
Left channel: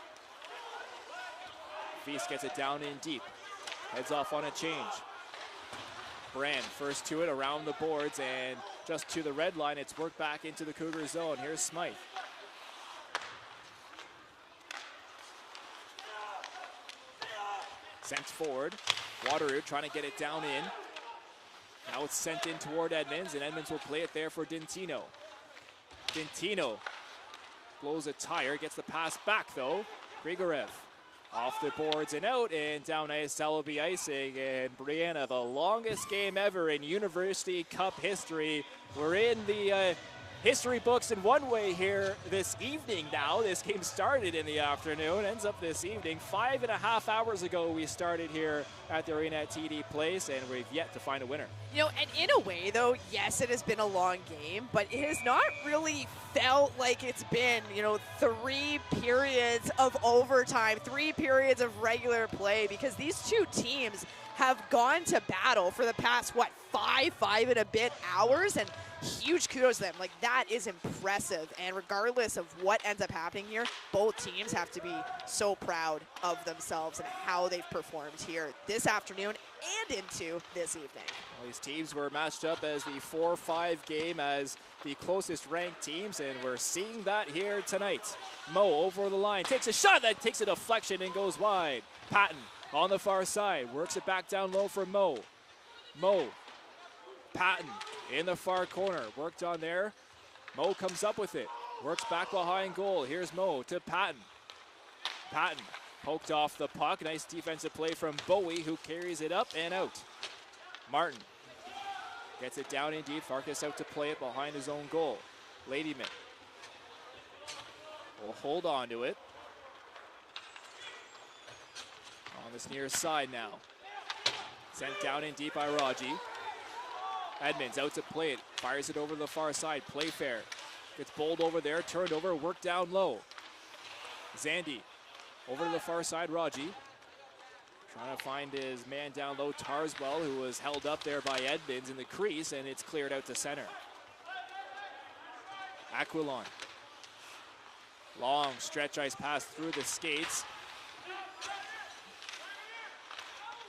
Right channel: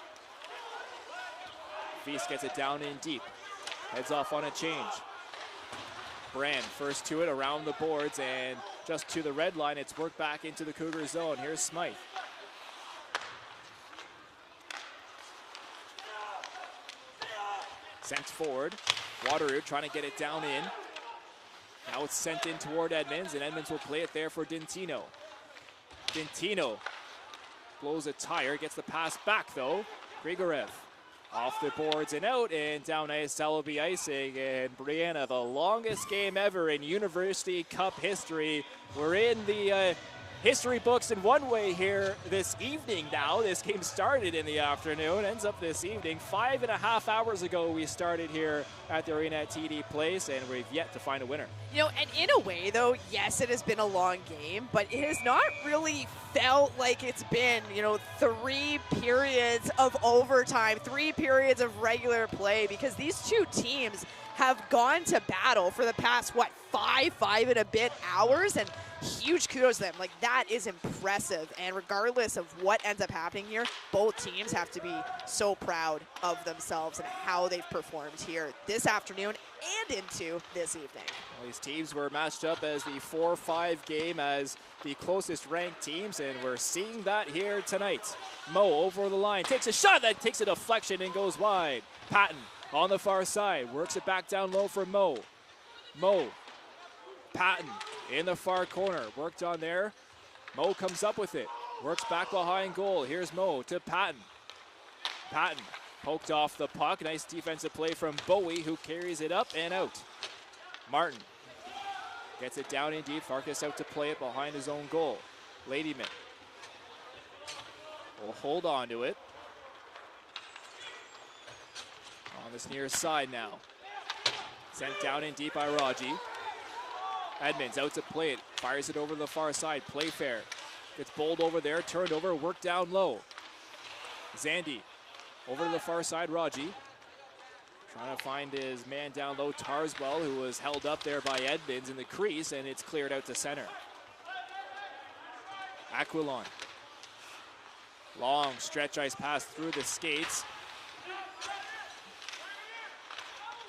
Feast gets it down in deep. Heads off on a change. Brand first to it around the boards and just to the red line. It's worked back into the Cougar zone. Here's Smythe. Sent forward. Wateroo trying to get it down in. Now it's sent in toward Edmonds, and Edmonds will play it there for Dintino. Dintino blows a tire, gets the pass back though. Grigorev off the boards and out, and down ice, Celebi icing, and Brianna, the longest game ever in University Cup history. We're in the history books in one way here this evening now. This game started in the afternoon, ends up this evening. 5.5 hours ago we started here at the arena at TD Place, and we've yet to find a winner. You know, and in a way, though, yes, it has been a long game, but it has not really felt like it's been, you know, 3 periods of overtime, 3 periods of regular play, because these two teams have gone to battle for the past, five and a bit hours, and huge kudos to them. Like, that is impressive, and regardless of what ends up happening here, both teams have to be so proud of themselves and how they've performed here this afternoon and into this evening. Well, these teams were matched up as the 4-5 game as the closest ranked teams, and we're seeing that here tonight. Mo over the line, takes a shot that takes a deflection and goes wide. Patton on the far side, works it back down low for Mo. Mo, Patton in the far corner, worked on there. Mo comes up with it. Works back behind goal. Here's Mo to Patton. Patton poked off the puck. Nice defensive play from Bowie, who carries it up and out. Martin gets it down in deep. Farkas out to play it behind his own goal. Ladyman will hold on to it. On this near side now. Sent down in deep by Raji. Edmonds out to play it. Fires it over the far side. Playfair gets Bold over there. Turned over. Worked down low. Zandy over to the far side. Raji trying to find his man down low. Tarswell, who was held up there by Edmonds in the crease, and it's cleared out to center. Aquilon. Long stretch ice pass through the skates.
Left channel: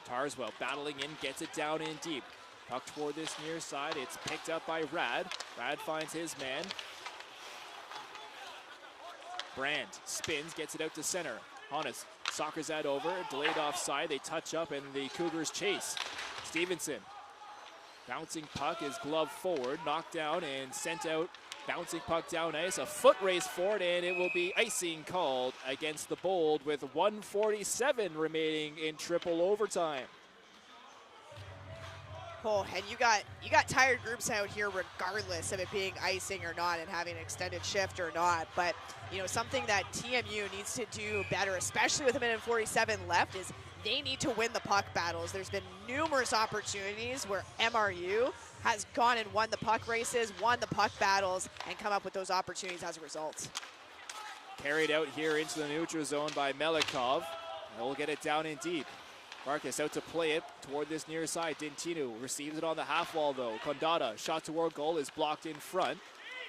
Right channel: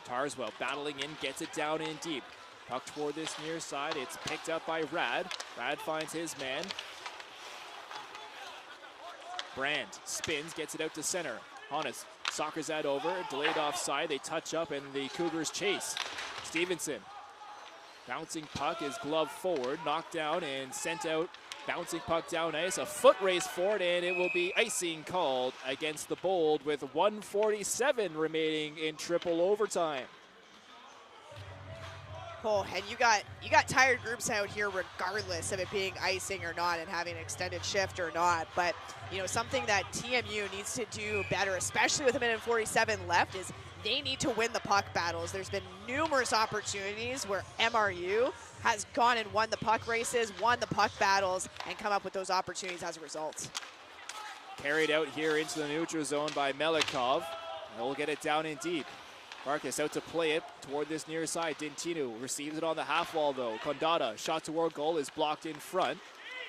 Tarswell battling in, gets it down in deep. Puck toward this near side. It's picked up by Rad. Rad finds his man. Brand spins, gets it out to center. Honest soccers that over, delayed offside. They touch up and the Cougars chase. Stevenson. Bouncing puck is gloved forward, knocked down and sent out. Bouncing puck down ice, a foot race forward, and it will be icing called against the Bold with 1:47 remaining in triple overtime. Oh, and you got tired groups out here regardless of it being icing or not and having an extended shift or not. But, you know, something that TMU needs to do better, especially with a minute and 47 left, is they need to win the puck battles. There's been numerous opportunities where MRU has gone and won the puck races, won the puck battles, and come up with those opportunities as a result. Carried out here into the neutral zone by Melikov. They'll get it down in deep. Marcus out to play it toward this near side. Dintino receives it on the half wall though. Condata, shot toward goal, is blocked in front.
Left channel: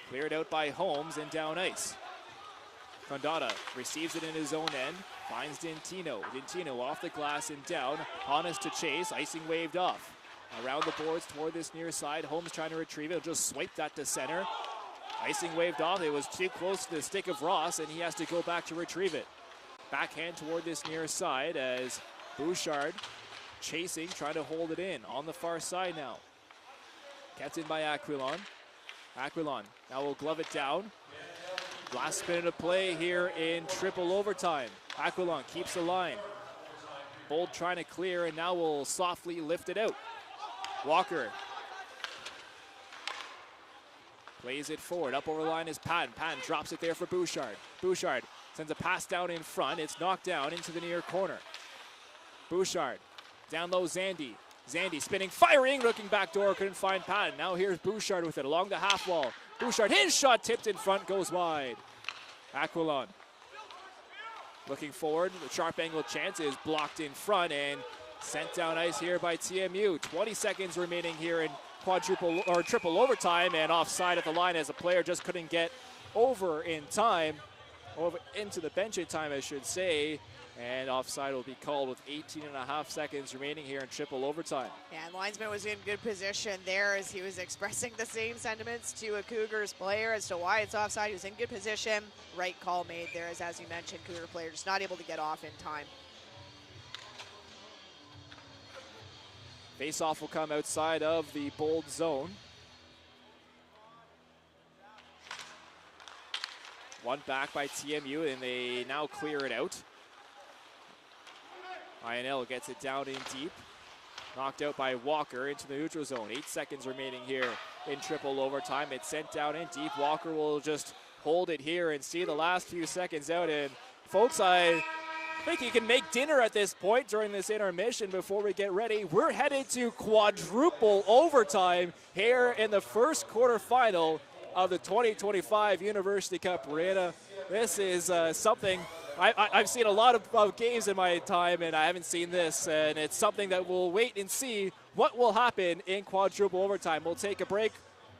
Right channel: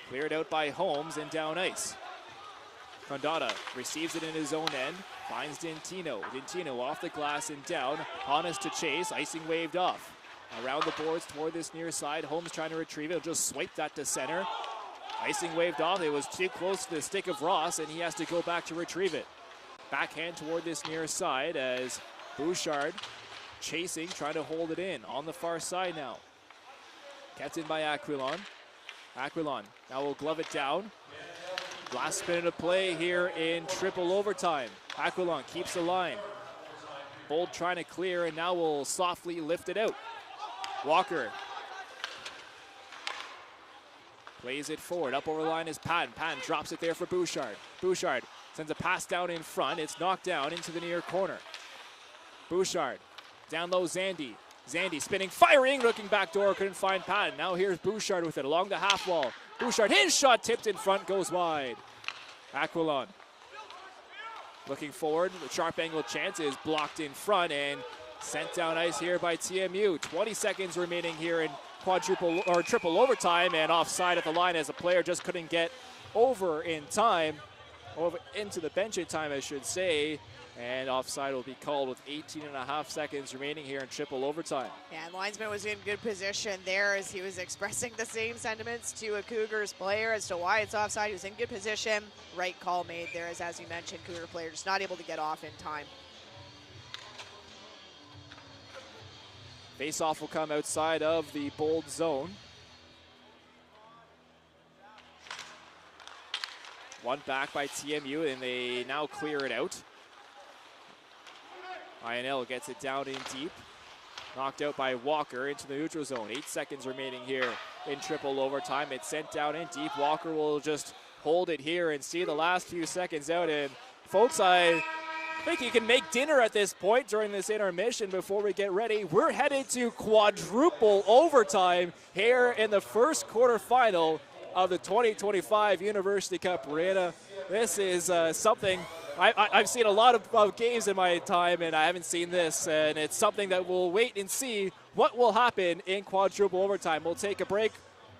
Cleared out by Holmes and down ice. Condata receives it in his own end. Finds Dintino. Dintino off the glass and down. Honest to chase. Icing waved off. Around the boards toward this near side. Holmes trying to retrieve it. He'll just swipe that to center. Icing waved off. It was too close to the stick of Ross, and he has to go back to retrieve it. Backhand toward this near side as Bouchard chasing, trying to hold it in on the far side now. Kept in by Aquilon. Aquilon now will glove it down. Last minute of play here in triple overtime. Aquilon keeps the line. Bold trying to clear and now will softly lift it out. Walker plays it forward. Up over the line is Patton. Patton drops it there for Bouchard. Bouchard sends a pass down in front. It's knocked down into the near corner. Bouchard down low. Zandy. Zandy spinning, firing, looking back door. Couldn't find Patton. Now here's Bouchard with it along the half wall. Bouchard, his shot tipped in front, goes wide. Aquilon looking forward. The sharp angle chance is blocked in front and sent down ice here by TMU. 20 seconds remaining here in quadruple or triple overtime, and offside at the line as a player just couldn't get over in time, over into the bench in time, I should say. And offside will be called with 18 and a half seconds remaining here in triple overtime. Yeah, and linesman was in good position there as he was expressing the same sentiments to a Cougars player as to why it's offside. He was in good position. Right call made there as you mentioned, Cougar player just not able to get off in time. Face-off will come outside of the Bold zone. One back by TMU, and they now clear it out. INL gets it down in deep. Knocked out by Walker into the neutral zone. 8 seconds remaining here in triple overtime. It's sent down in deep. Walker will just hold it here and see the last few seconds out. And folks, I think you can make dinner at this point during this intermission before we get ready. We're headed to quadruple overtime here in the first quarterfinal of the 2025 University Cup Arena. This is something I've seen a lot of games in my time, and I haven't seen this, and it's something that we'll wait and see what will happen in quadruple overtime. We'll take a break.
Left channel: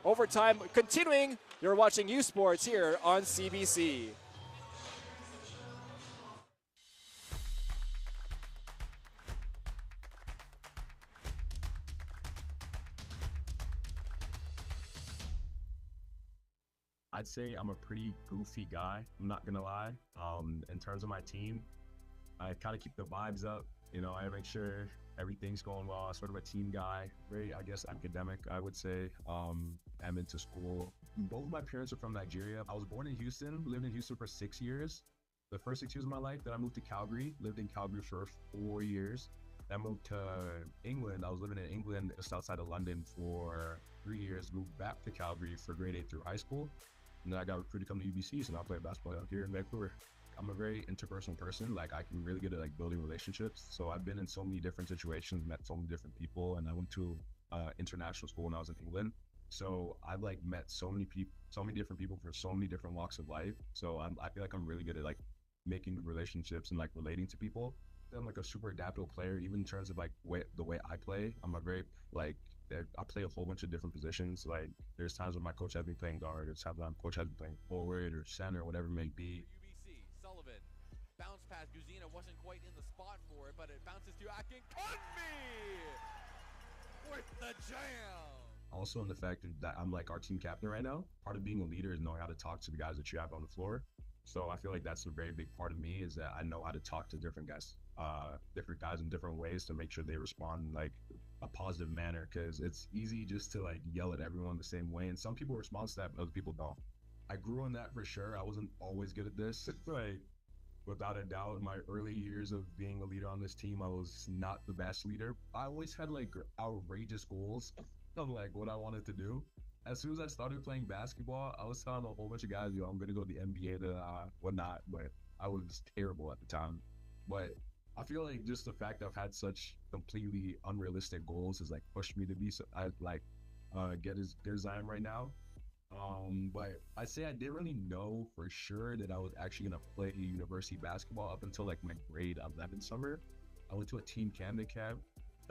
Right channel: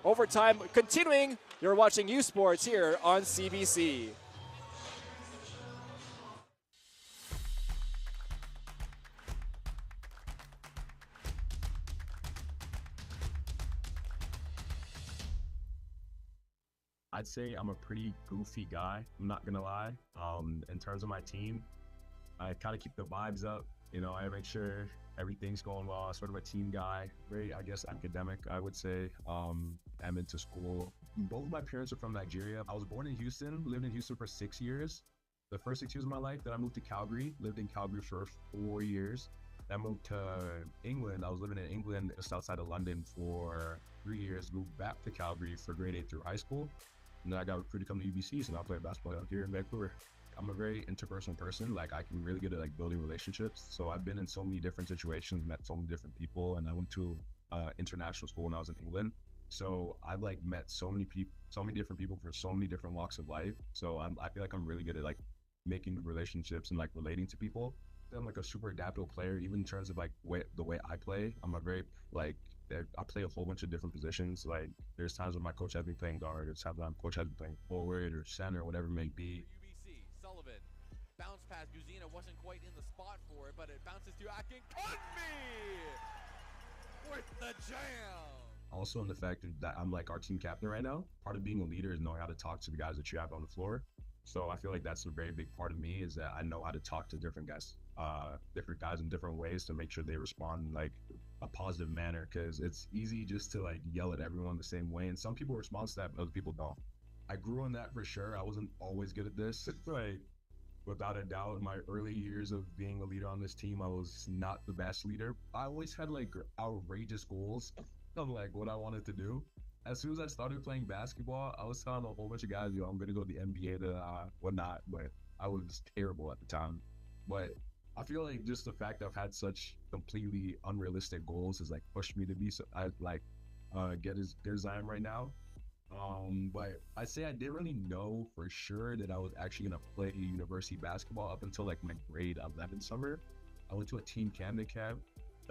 Overtime continuing. You're watching U Sports here on CBC. I'd say I'm a pretty goofy guy, I'm not gonna lie. In terms of my team, I kind of keep the vibes up. You know, I make sure everything's going well. Sort of a team guy, very, I guess, academic, I would say. I'm into school. Both my parents are from Nigeria. I was born in Houston, lived in Houston for 6 years. The first 6 years of my life, then I moved to Calgary, lived in Calgary for 4 years. Then I moved to England. I was living in England, just outside of London for 3 years. Moved back to Calgary for grade 8 through high school. And then I got recruited to come to UBC, so now I play basketball out here in Vancouver. I'm a very interpersonal person. Like, I can really good at like building relationships. So I've been in so many different situations, met so many different people, and I went to international school when I was in England. So I've like met so many people, so many different people for so many different walks of life. So I feel like I'm really good at like making relationships and like relating to people. I'm like a super adaptable player, even in terms of like the way I play. I'm a very like I play a whole bunch of different positions. Like there's times when my coach has me playing guard, there's times when my coach has me playing forward or center, whatever it may be. UBC, Sullivan, bounce pass. Guzina wasn't quite in the spot for it, but it bounces to Akin. With the jam. Also in the fact that I'm like our team captain right now, part of being a leader is knowing how to talk to the guys that you have on the floor. So I feel like that's a very big part of me, is that I know how to talk to different guys in different ways to make sure they respond in like a positive manner, because it's easy just to like yell at everyone the same way, and some people respond to that but other people don't. I grew in that for sure. I wasn't always good at this. Like without a doubt, in my early years of being a leader on this team, I was not the best leader. I always had like outrageous goals of like what I wanted to do. As soon as I started playing basketball, I was telling a whole bunch of guys, yo, I'm going to go to the NBA to whatnot, but I was terrible at the time. But I feel like just the fact that I've had such completely unrealistic goals has like pushed me to be get as good as I am right now. But I'd say I didn't really know for sure that I was actually going to play university basketball up until like my grade 11 summer. I went to a team Camden camp.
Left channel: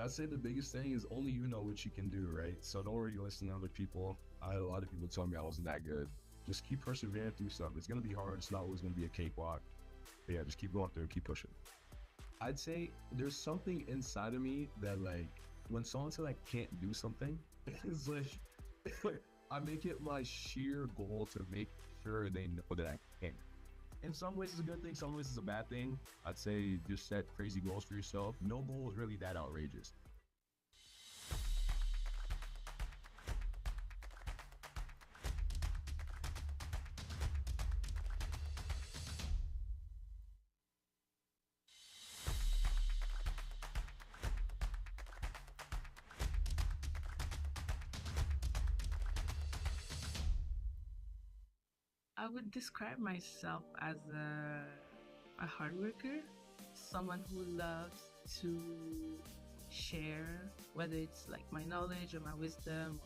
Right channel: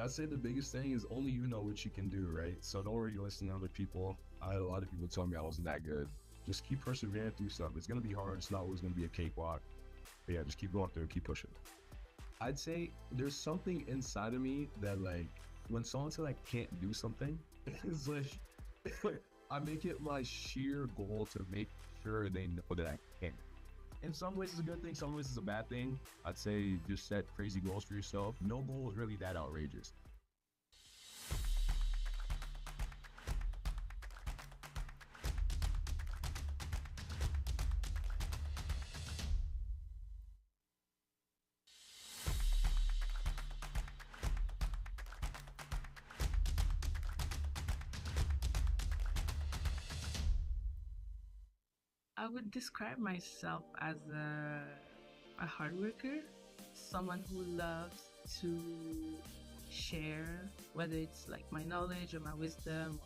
I'd say the biggest thing is only you know what you can do, right? So don't worry, listen to other people. I had a lot of people telling me I wasn't that good. Just keep persevering through stuff. It's going to be hard. It's not always going to be a cakewalk. But yeah, just keep going through, keep pushing. I'd say there's something inside of me that like, when someone says I can't do something, it's like, I make it my sheer goal to make sure they know that I can. In some ways it's a good thing, some ways it's a bad thing. I'd say just set crazy goals for yourself. No goal is really that outrageous. I would describe myself as a hard worker, someone who loves to share, whether it's like my knowledge or my wisdom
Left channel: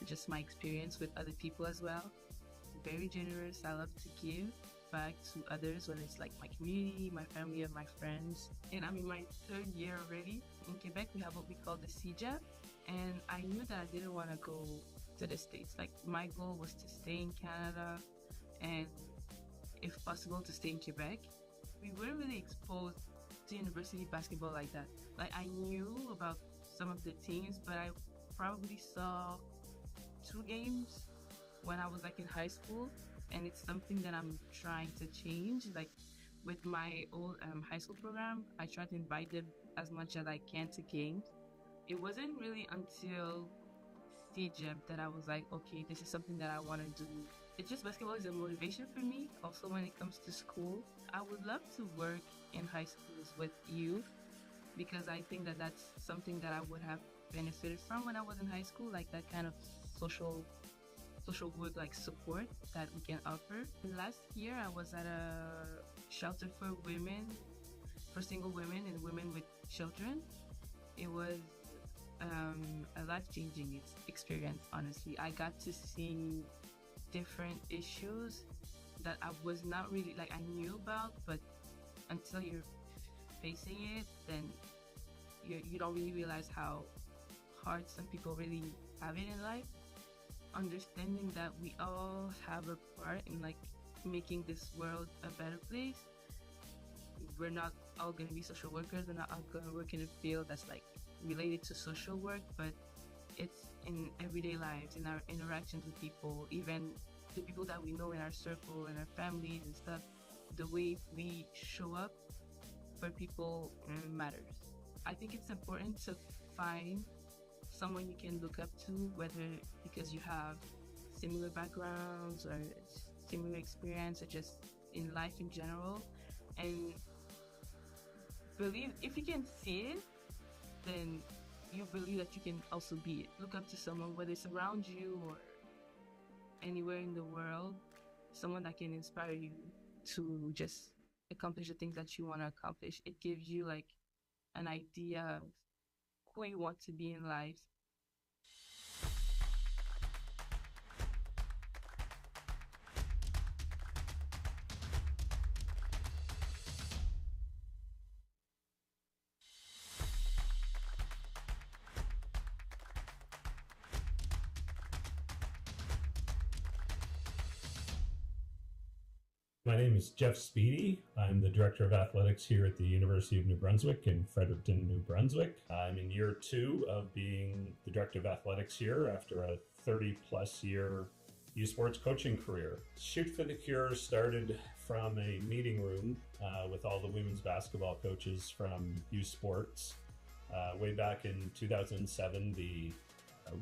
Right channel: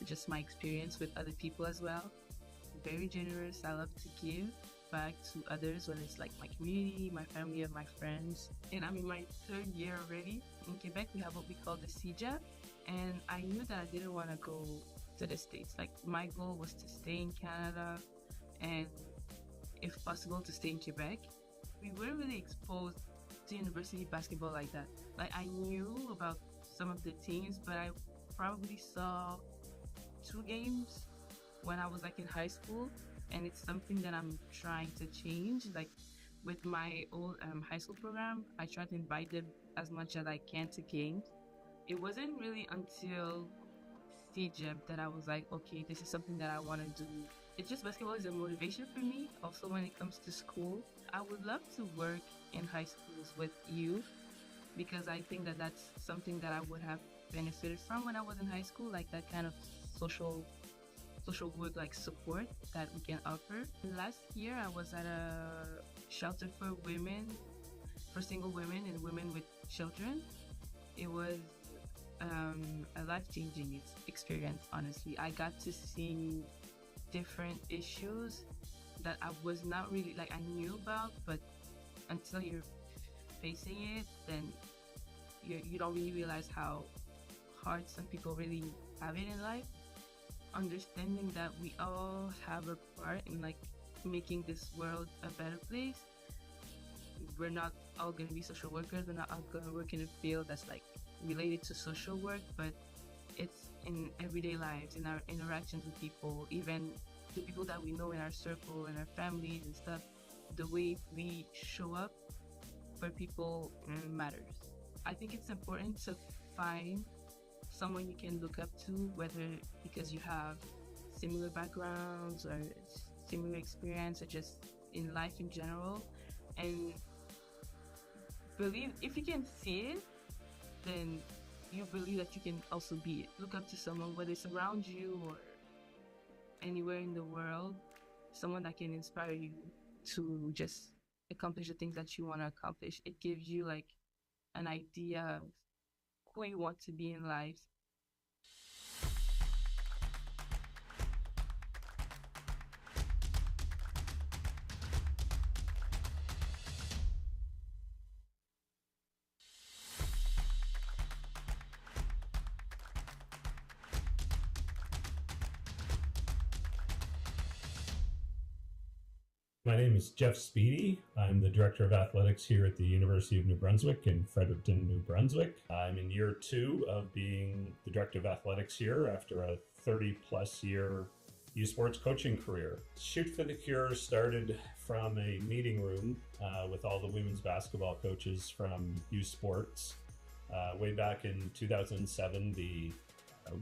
or just my experience with other people as well. Very generous. I love to give back to others, whether it's like my community, my family, or my friends. And I'm in my 3rd year already. In Quebec, we have what we call the CJEP, and I knew that I didn't want to go to the States. Like, my goal was to stay in Canada and, if possible, to stay in Quebec. We weren't really exposed to university basketball like that. Like, I knew about some of the teams, but I probably saw 2 games when I was like in high school, and it's something that I'm trying to change. Like, with my old high school program, I try to invite them as much as I can to games. It wasn't really until CJEP that I was like, okay, this is something that I want to do. It's just basketball is a motivation for me. Also, when it comes to school, I would love to work in high schools with youth, because I think that that's something that I would have benefited from when I was in high school, like that kind of social work, like support that we can offer. Last year, I was at a shelter for women, for single women and women with children. It was a life-changing experience, honestly. I got to see different issues that I was not really, like, I knew about, but until you're facing it, then you don't really realize how hard some people really have it in life. Understanding that we all have a part in, like, making this world a better place. We're not all going to be social workers. We're not all going to work in a field that's, like, related to social work, but it's in everyday lives, in our interactions with people, even the people that we know in our circle, in our families and stuff. The way we show up for people matters. I think it's important to find someone you can look up to, whether because you have similar backgrounds or similar experience or just in life in general, and believe if you can see it, then you believe that you can also be it. Look up to someone, whether it's around you or anywhere in the world, someone that can inspire you to just accomplish the things that you want to accomplish. It gives you like an idea of who you want to be in life. My name is Jeff Speedy. I'm the Director of Athletics here at the University of New Brunswick in Fredericton, New Brunswick. I'm in year 2 of being the Director of Athletics here after a 30-plus year youth sports coaching career. Shoot for the Cure started from a meeting room with all the women's basketball coaches from youth sports. Way back in 2007, the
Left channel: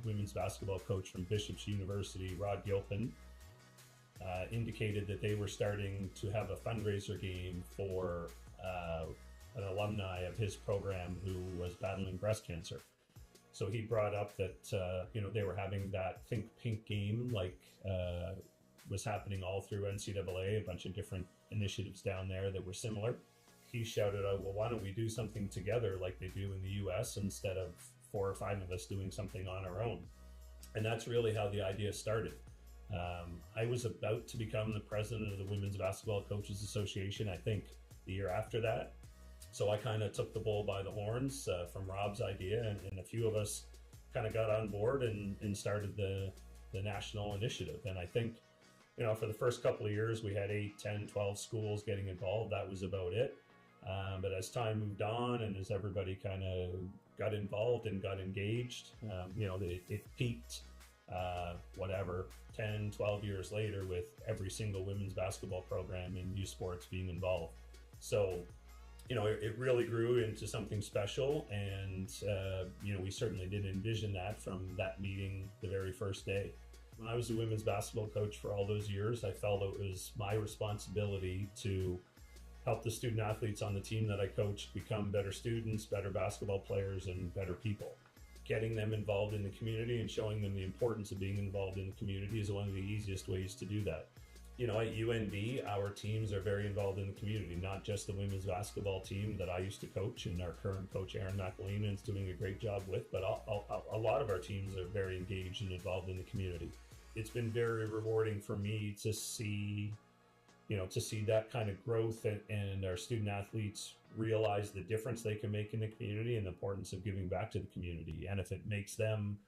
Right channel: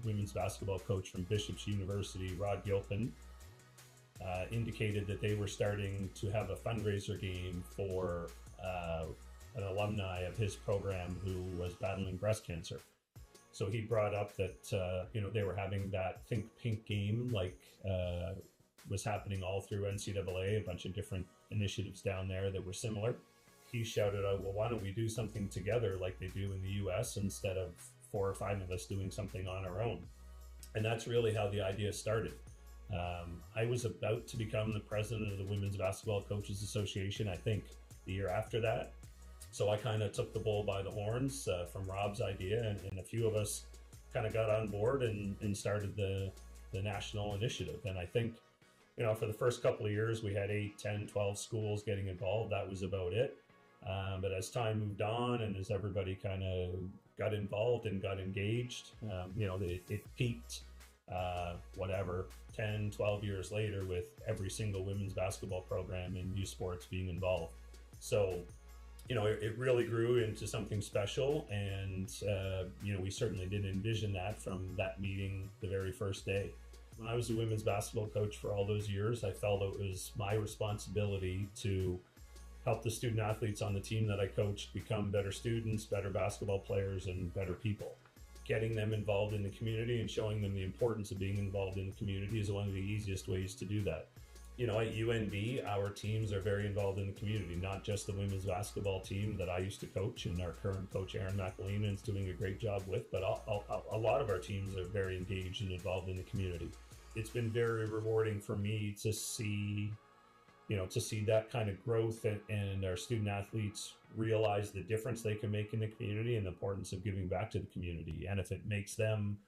women's basketball coach from Bishop's University, Rod Gilpin, indicated that they were starting to have a fundraiser game for an alumni of his program who was battling breast cancer. So he brought up that they were having that Think Pink game, like was happening all through NCAA, a bunch of different initiatives down there that were similar. He shouted out, well, why don't we do something together like they do in the US instead of 4 or 5 of us doing something on our own? And that's really how the idea started. I was about to become the president of the Women's Basketball Coaches Association, I think, the year after that. So I kind of took the bull by the horns from Rob's idea, and a few of us kind of got on board and started the national initiative. And I think, for the first couple of years, we had 8, 10, 12 schools getting involved. That was about it. But as time moved on and as everybody kind of got involved and got engaged, it peaked, 10, 12 years later with every single women's basketball program in youth sports being involved. So, it really grew into something special, and, we certainly didn't envision that from that meeting the very first day. When I was a women's basketball coach for all those years, I felt it was my responsibility to help the student athletes on the team that I coached become better students, better basketball players, and better people. Getting them involved in the community and showing them the importance of being involved in the community is one of the easiest ways to do that. At UNB, our teams are very involved in the community, not just the women's basketball team that I used to coach and our current coach, Aaron McElheen, is doing a great job with, but a lot of our teams are very engaged and involved in the community. It's been very rewarding for me to see that kind of growth and our student athletes realize the difference they can make in the community and the importance of giving back to the community. And if it makes them,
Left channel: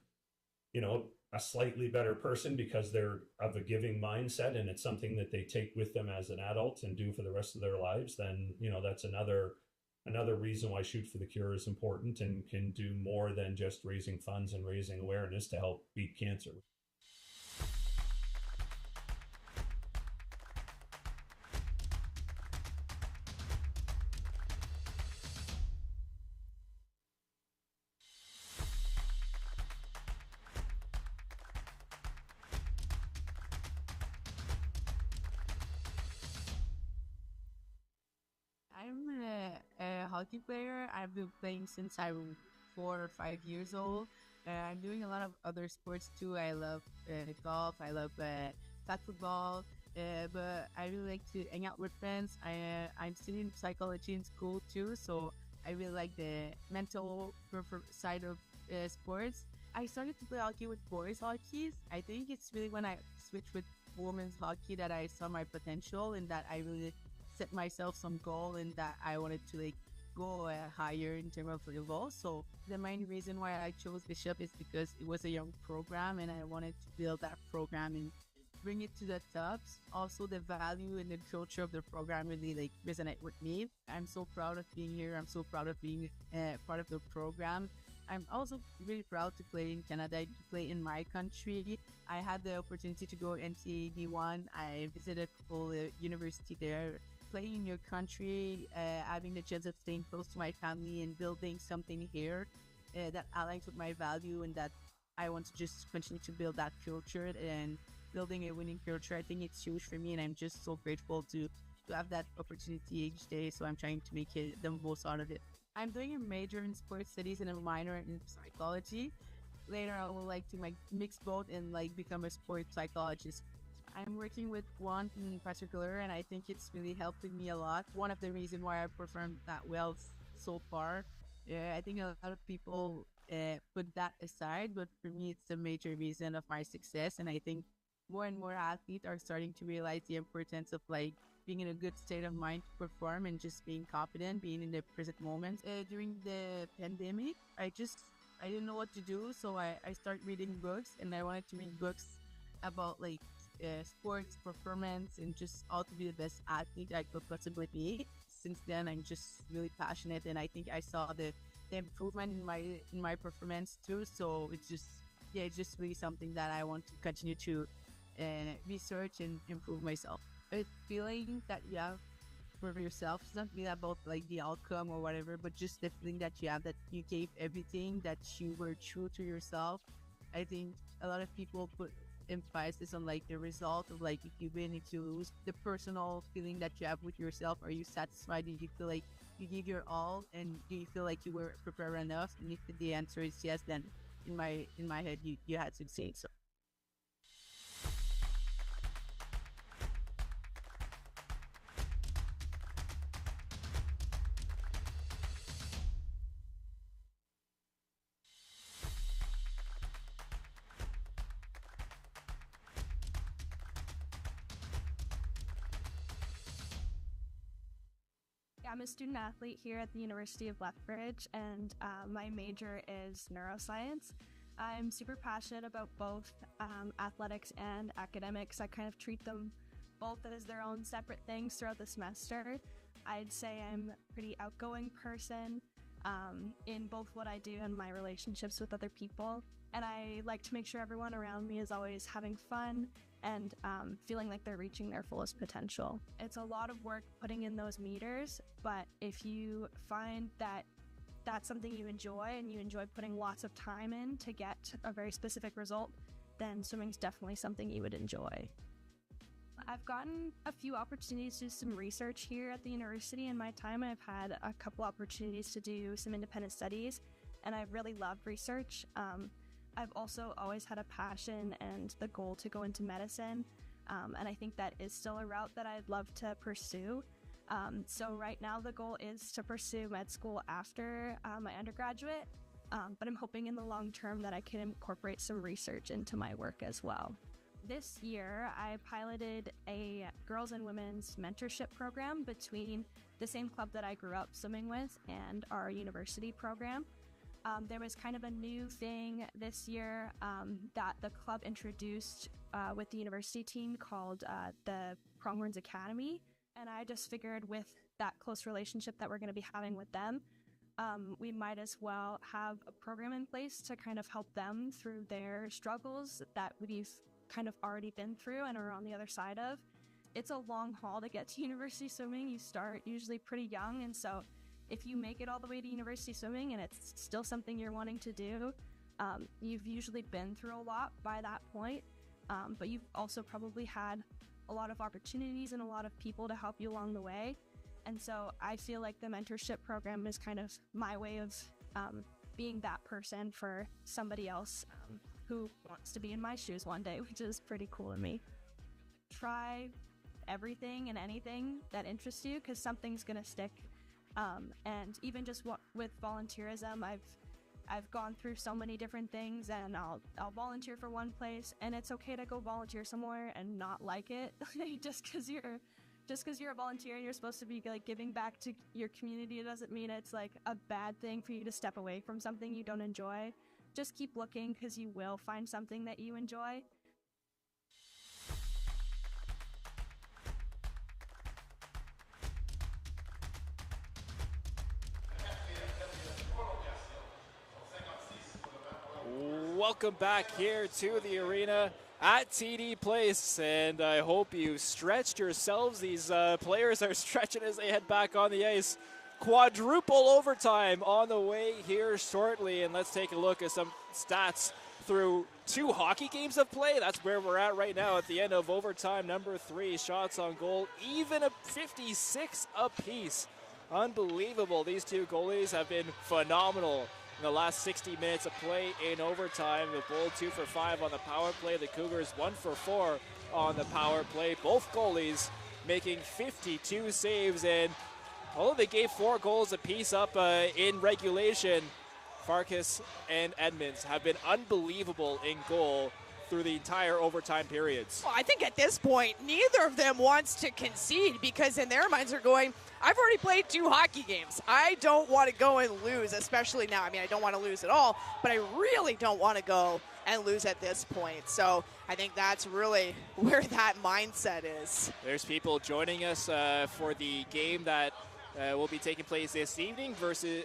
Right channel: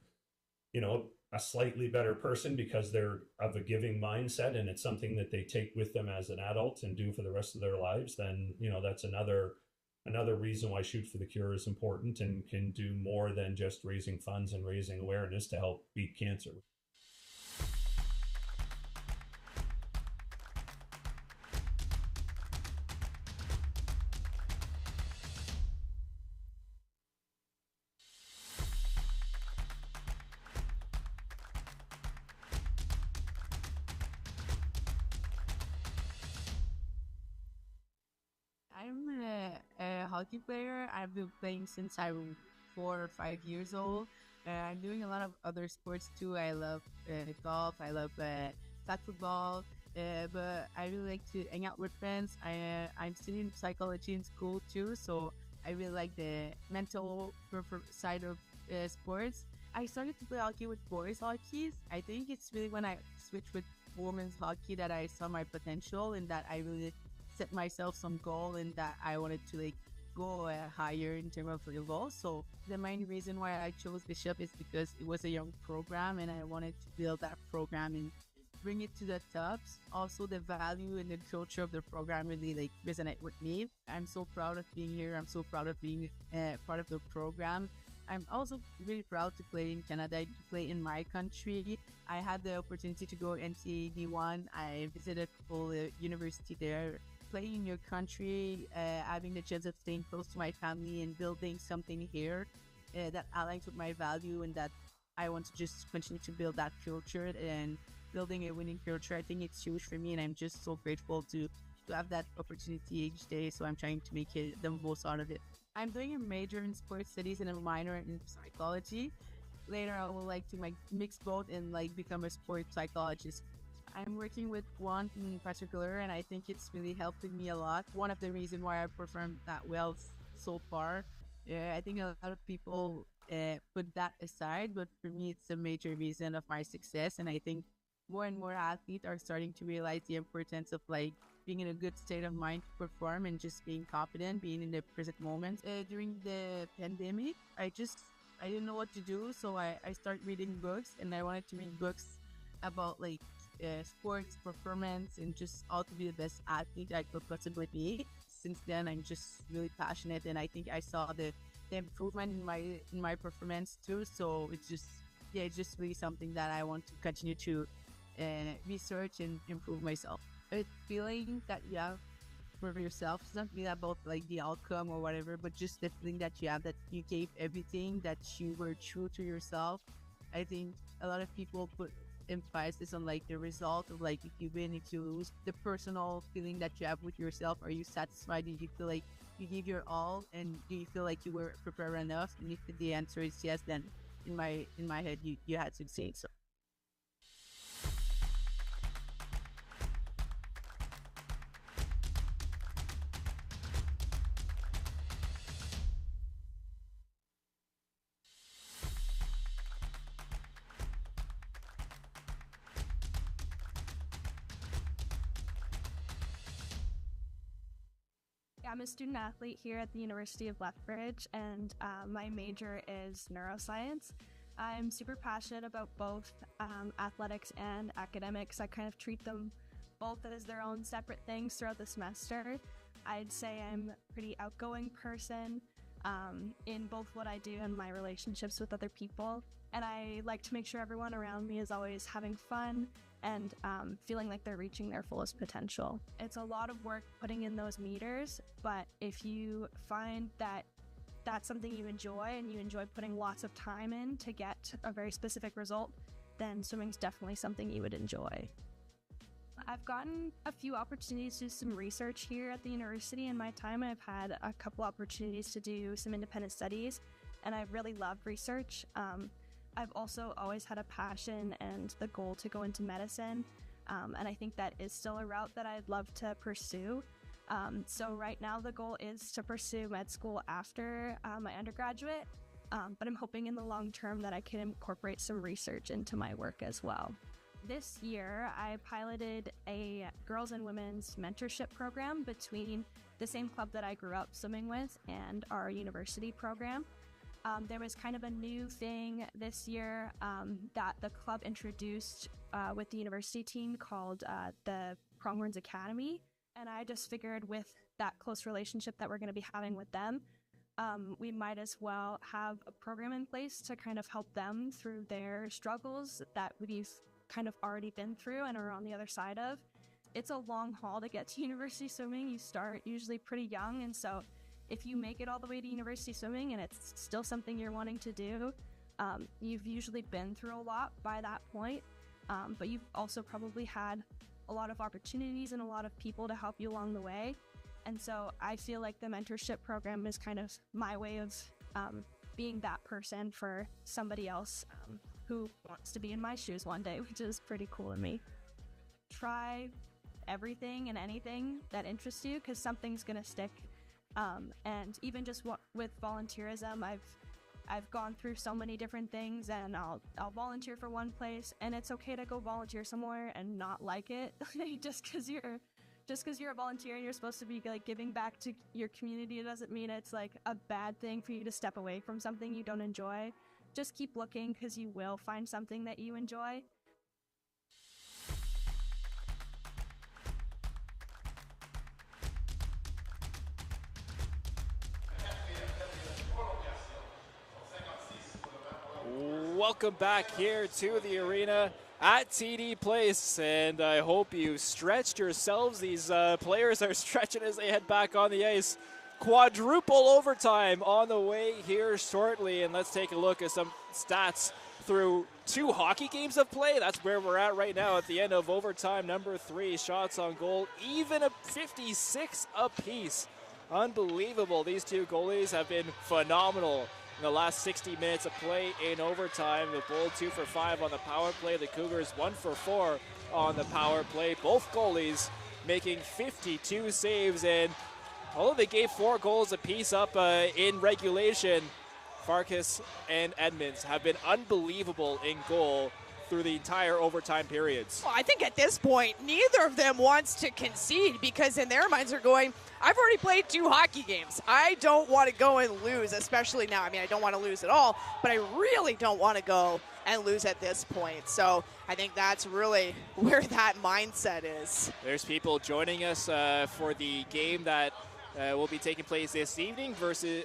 a slightly better person because they're of a giving mindset and it's something that they take with them as an adult and do for the rest of their lives, then, that's another reason why Shoot for the Cure is important and can do more than just raising funds and raising awareness to help beat cancer. Hockey player. I've been playing since I was 4 or 5 years old. I'm doing a lot of other sports too. I love golf. I love flag football. But I really like to hang out with friends. I'm studying psychology in school too, so I really like the mental side of sports. I started to play hockey with boys hockey. I think it's really when I switched with women's hockey that I saw my potential and that I really set myself some goal and that I wanted to go higher in terms of level. So the main reason why I chose Bishop is because it was a young program and I wanted to build that program and bring it to the tops. Also, the value and the culture of the program really resonate with me. I'm so proud of being here. I'm so proud of being part of the program. I'm also really proud to play in Canada, to play in my country. I had the opportunity to go NCAA D1. I visited full university there playing in your country, having the chance of staying close to my family and building something here that aligns with my value and that I want to just continue to build that culture and building a winning culture. I think it's huge for me, and I'm just so grateful to have that opportunity each day. So I'm trying to make it the most out of it. I'm doing a major in sports studies and a minor in psychology. Later, I would like to mix both and become a sports psychologist. I'm working with one in particular, and I think it's really helping me a lot. One of the reasons why I performed that well so far. I think a lot of people put that aside, but for me, it's a major reason of my success. And I think more and more athletes are starting to realize the importance of being in a good state of mind to perform and just being confident, being in the present moment. During the pandemic, I didn't know what to do, so I started reading books, and I wanted to read books about sports performance and just how to be the best athlete I could possibly be. Since then, I'm just really passionate, and I think I saw the improvement in my performance too. So it's just really something that I want to continue to research and improve myself. A feeling that you have for yourself. It's not really about the outcome or whatever, but just the feeling that you have that you gave everything, that you were true to yourself. I think a lot of people put emphasis on the result of if you win, if you lose. The personal feeling that you have with yourself. Are you satisfied? Did you feel like you gave your all, and do you feel like you were prepared enough? And if the answer is yes, then in my head you had succeeded. So. I'm a student athlete here at the University of Lethbridge, and my major is neuroscience. I'm super passionate about both athletics and academics. I kind of treat them both as their own separate things throughout the semester. I'd say I'm a pretty outgoing person in both what I do and my relationships with other people. And I like to make sure everyone around me is always having fun and feeling like they're reaching their fullest potential. It's a lot of work putting in those meters, but if you find that that's something you enjoy and you enjoy putting lots of time in to get a very specific result, then swimming's definitely something you would enjoy. I've gotten a few opportunities to do some research here at the university in my time, and I've had a couple opportunities to do some independent studies, and I've really loved research. I've also always had a passion and the goal to go into medicine, and I think that is still a route that I'd love to pursue. So right now the goal is to pursue med school after my undergraduate, but I'm hoping in the long term that I can incorporate some research into my work as well. This year I piloted a girls and women's mentorship program between the same club that I grew up swimming with and our university program. There was kind of a new thing this year that the club introduced with the university team called the Pronghorns Academy. And I just figured with that close relationship that we're going to be having with them, we might as well have a program in place to kind of help them through their struggles that we've kind of already been through and are on the other side of. It's a long haul to get to university swimming. You start usually pretty young, and so if you make it all the way to university swimming and it's still something you're wanting to do, you've usually been through a lot by that point, but you've also probably had a lot of opportunities and a lot of people to help you along the way. And so I feel like the mentorship program is kind of my way of being that person for somebody else who wants to be in my shoes one day, which is pretty cool to me. Try everything and anything that interests you, because something's gonna stick. And even just with volunteerism, I've gone through so many different things, and I'll volunteer for one place, and it's okay to go volunteer somewhere and not like it. just because you're a volunteer and you're supposed to be giving back to your community, it doesn't mean it's a bad thing for you to step away from something you don't enjoy. Just keep looking, because you will find something that you enjoy. Welcome back here to the arena. at TD Place, and I hope you stretched yourselves. These players are stretching as they head back on the ice. Quadruple overtime on the way here shortly, and let's take a look at some stats through 2 hockey games of play. That's where we're at right now at the end of overtime number 3. Shots on goal, even a 56 apiece. Unbelievable. These 2 goalies have been phenomenal in the last 60 minutes of play in overtime. The Bold 2 for 5 on the power play. The Cougars 1 for 4 on the power play. Both goalies making 52 saves, and although they gave 4 goals apiece up in regulation, Farkas and Edmonds have been unbelievable in goal through the entire overtime periods. Well, I think at this point, neither of them wants to concede, because in their minds are going, I've already played 2 hockey games. I don't want to go and lose, especially now. I mean, I don't want to lose at all, but I really don't want to go and lose at this point. So I think that's really where that mindset is. There's people joining us for the game that will be taking place this evening versus,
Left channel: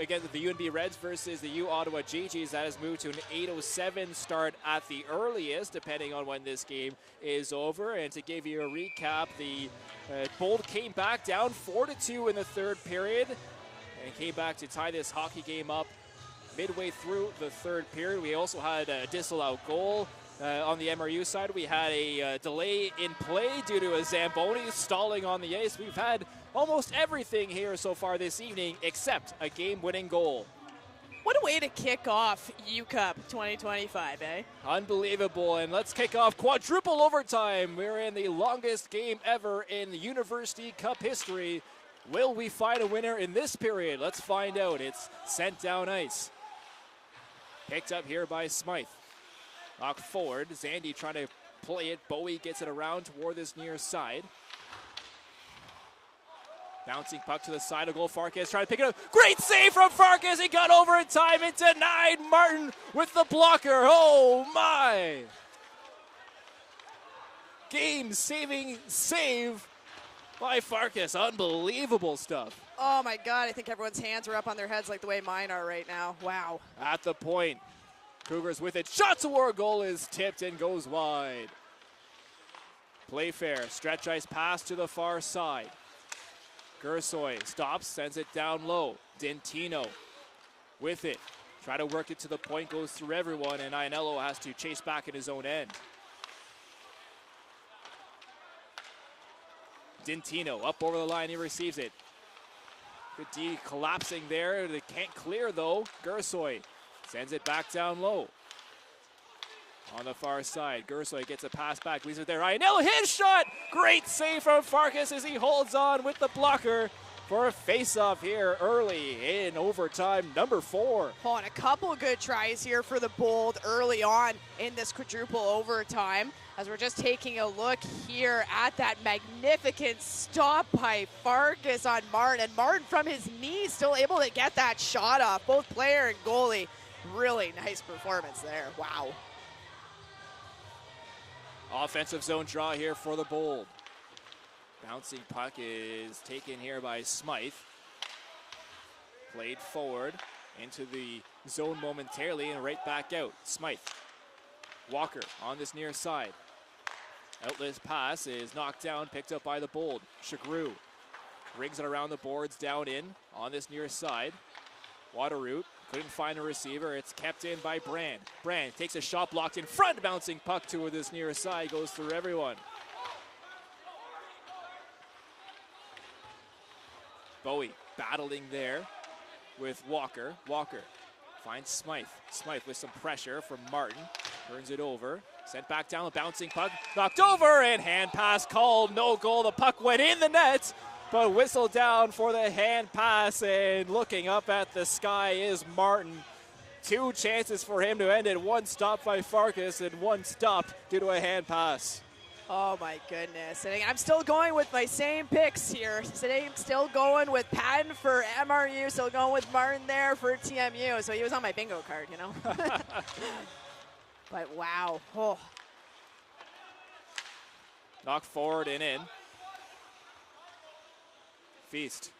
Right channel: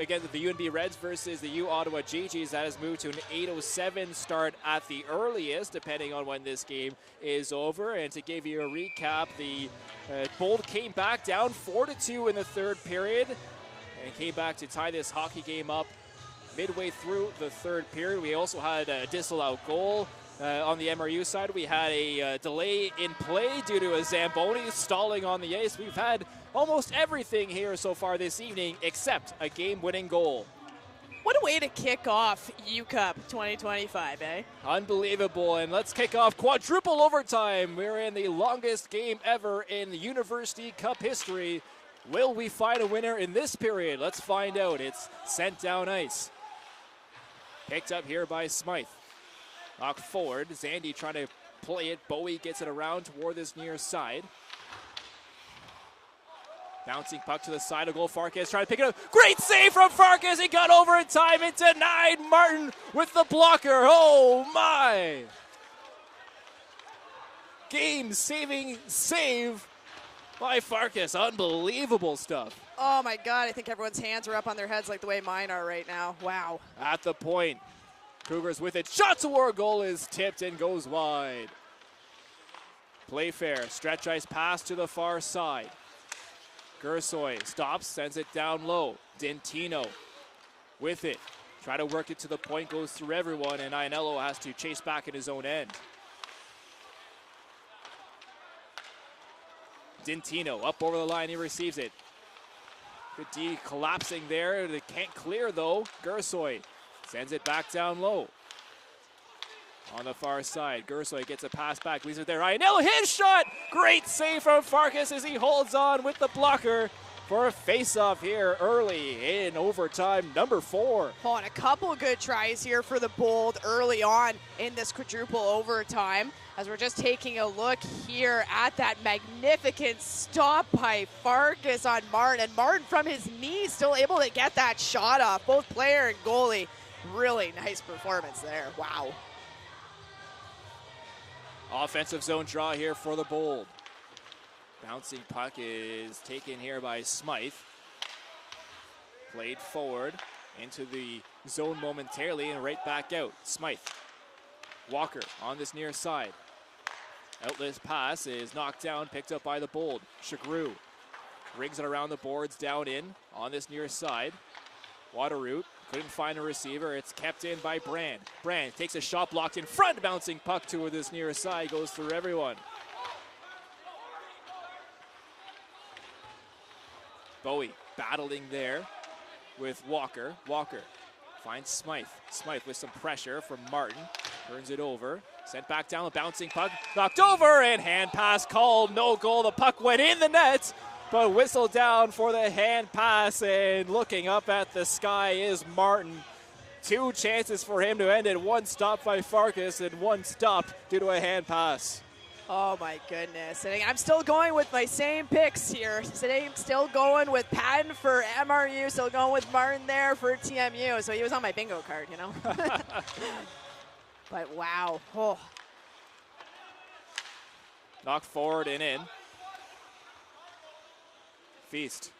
again, the UNB Reds versus the U Ottawa GGs. That has moved to an 8:07 start at the earliest, depending on when this game is over. And to give you a recap, the Bold came back down 4-2 in the 3rd period and came back to tie this hockey game up midway through the 3rd period. We also had a disallowed goal. On the MRU side, we had a delay in play due to a Zamboni stalling on the ice. We've had almost everything here so far this evening except a game-winning goal. What a way to kick off U-Cup 2025, eh? Unbelievable, and let's kick off quadruple overtime. We're in the longest game ever in University Cup history. Will we find a winner in this period? Let's find out. It's sent down ice. Picked up here by Smythe. Knocked forward. Zandy trying to play it. Bowie gets it around toward this near side. Bouncing puck to the side of goal. Farkas trying to pick it up. Great save from Farkas. He got over in time. It denied. Martin with the blocker. Oh my! Game-saving save by Farkas. Unbelievable stuff. Oh my God, I think everyone's hands are up on their heads like the way mine are right now. Wow. At the point. Cougars with it. Shot toward goal is tipped and goes wide. Playfair. Stretch ice pass to the far side. Gersoy stops, sends it down low. Dentino with it. Try to work it to the point, goes through everyone, and Ianello has to chase back in his own end. Dentino up over the line, he receives it. Good D collapsing there. They can't clear though. Gersoy sends it back down low. On the far side, Gersoy gets a pass back, leaves it there. Ianello, his shot! Great save from Farkas as he holds on with the blocker for a face-off here early in overtime number 4. Oh, and a couple of good tries here for the Bold early on in this quadruple overtime. As we're just taking a look here at that magnificent stop by Farkas on Martin. And Martin from his knees still able to get that shot off. Both player and goalie, really nice performance there. Wow. Offensive zone draw here for the Bold. Bouncing puck is taken here by Smythe. Played forward into the zone momentarily and right back out. Smythe. Walker on this near side. Outlet pass is knocked down, picked up by the Bold. Chagru rings it around the boards, down in on this near side. Waterroot couldn't find a receiver. It's kept in by Brand. Brand takes a shot blocked in front. Bouncing puck to this near side. Goes through everyone. Bowie battling there with Walker. Walker finds Smythe. Smythe with some pressure from Martin. Turns it over. Sent back down. A bouncing puck. Knocked over. And hand pass called. No goal. The puck went in the net. But whistled down for the hand pass, and looking up at the sky is Martin. 2 chances for him to end it. 1 stop by Farkas and 1 stop due to a hand pass. Oh my goodness. And I'm still going with my same picks here. Today I'm still going with Patton for MRU, still going with Martin there for TMU. So he was on my bingo card, you know. But wow. Oh. Knocked forward and in. Feast.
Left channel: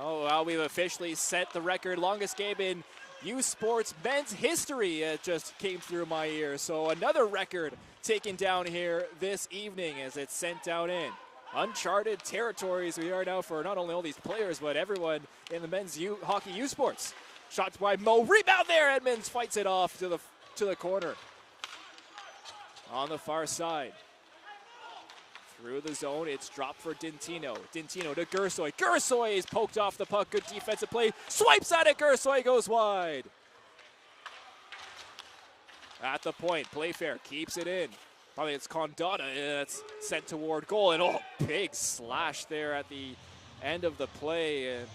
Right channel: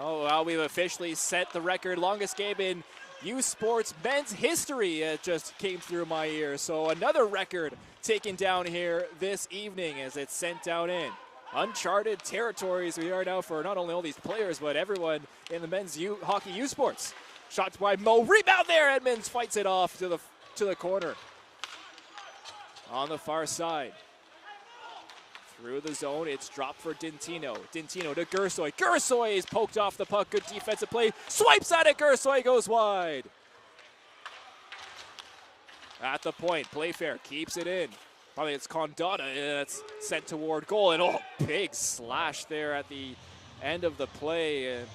Oh, well, we've officially set the record. Longest game in U Sports men's history just came through my ear. So another record taken down here this evening as it's sent down in. Uncharted territories we are now for not only all these players, but everyone in the men's hockey U Sports. Shots by Mo. Rebound there. Edmonds fights it off to the corner. On the far side. Through the zone, it's dropped for Dintino. Dintino to Gersoy. Gersoy is poked off the puck. Good defensive play. Swipes at it. Gersoy goes wide. At the point, Playfair keeps it in. Probably it's Condata that's sent toward goal. And big slash there at the end of the play. And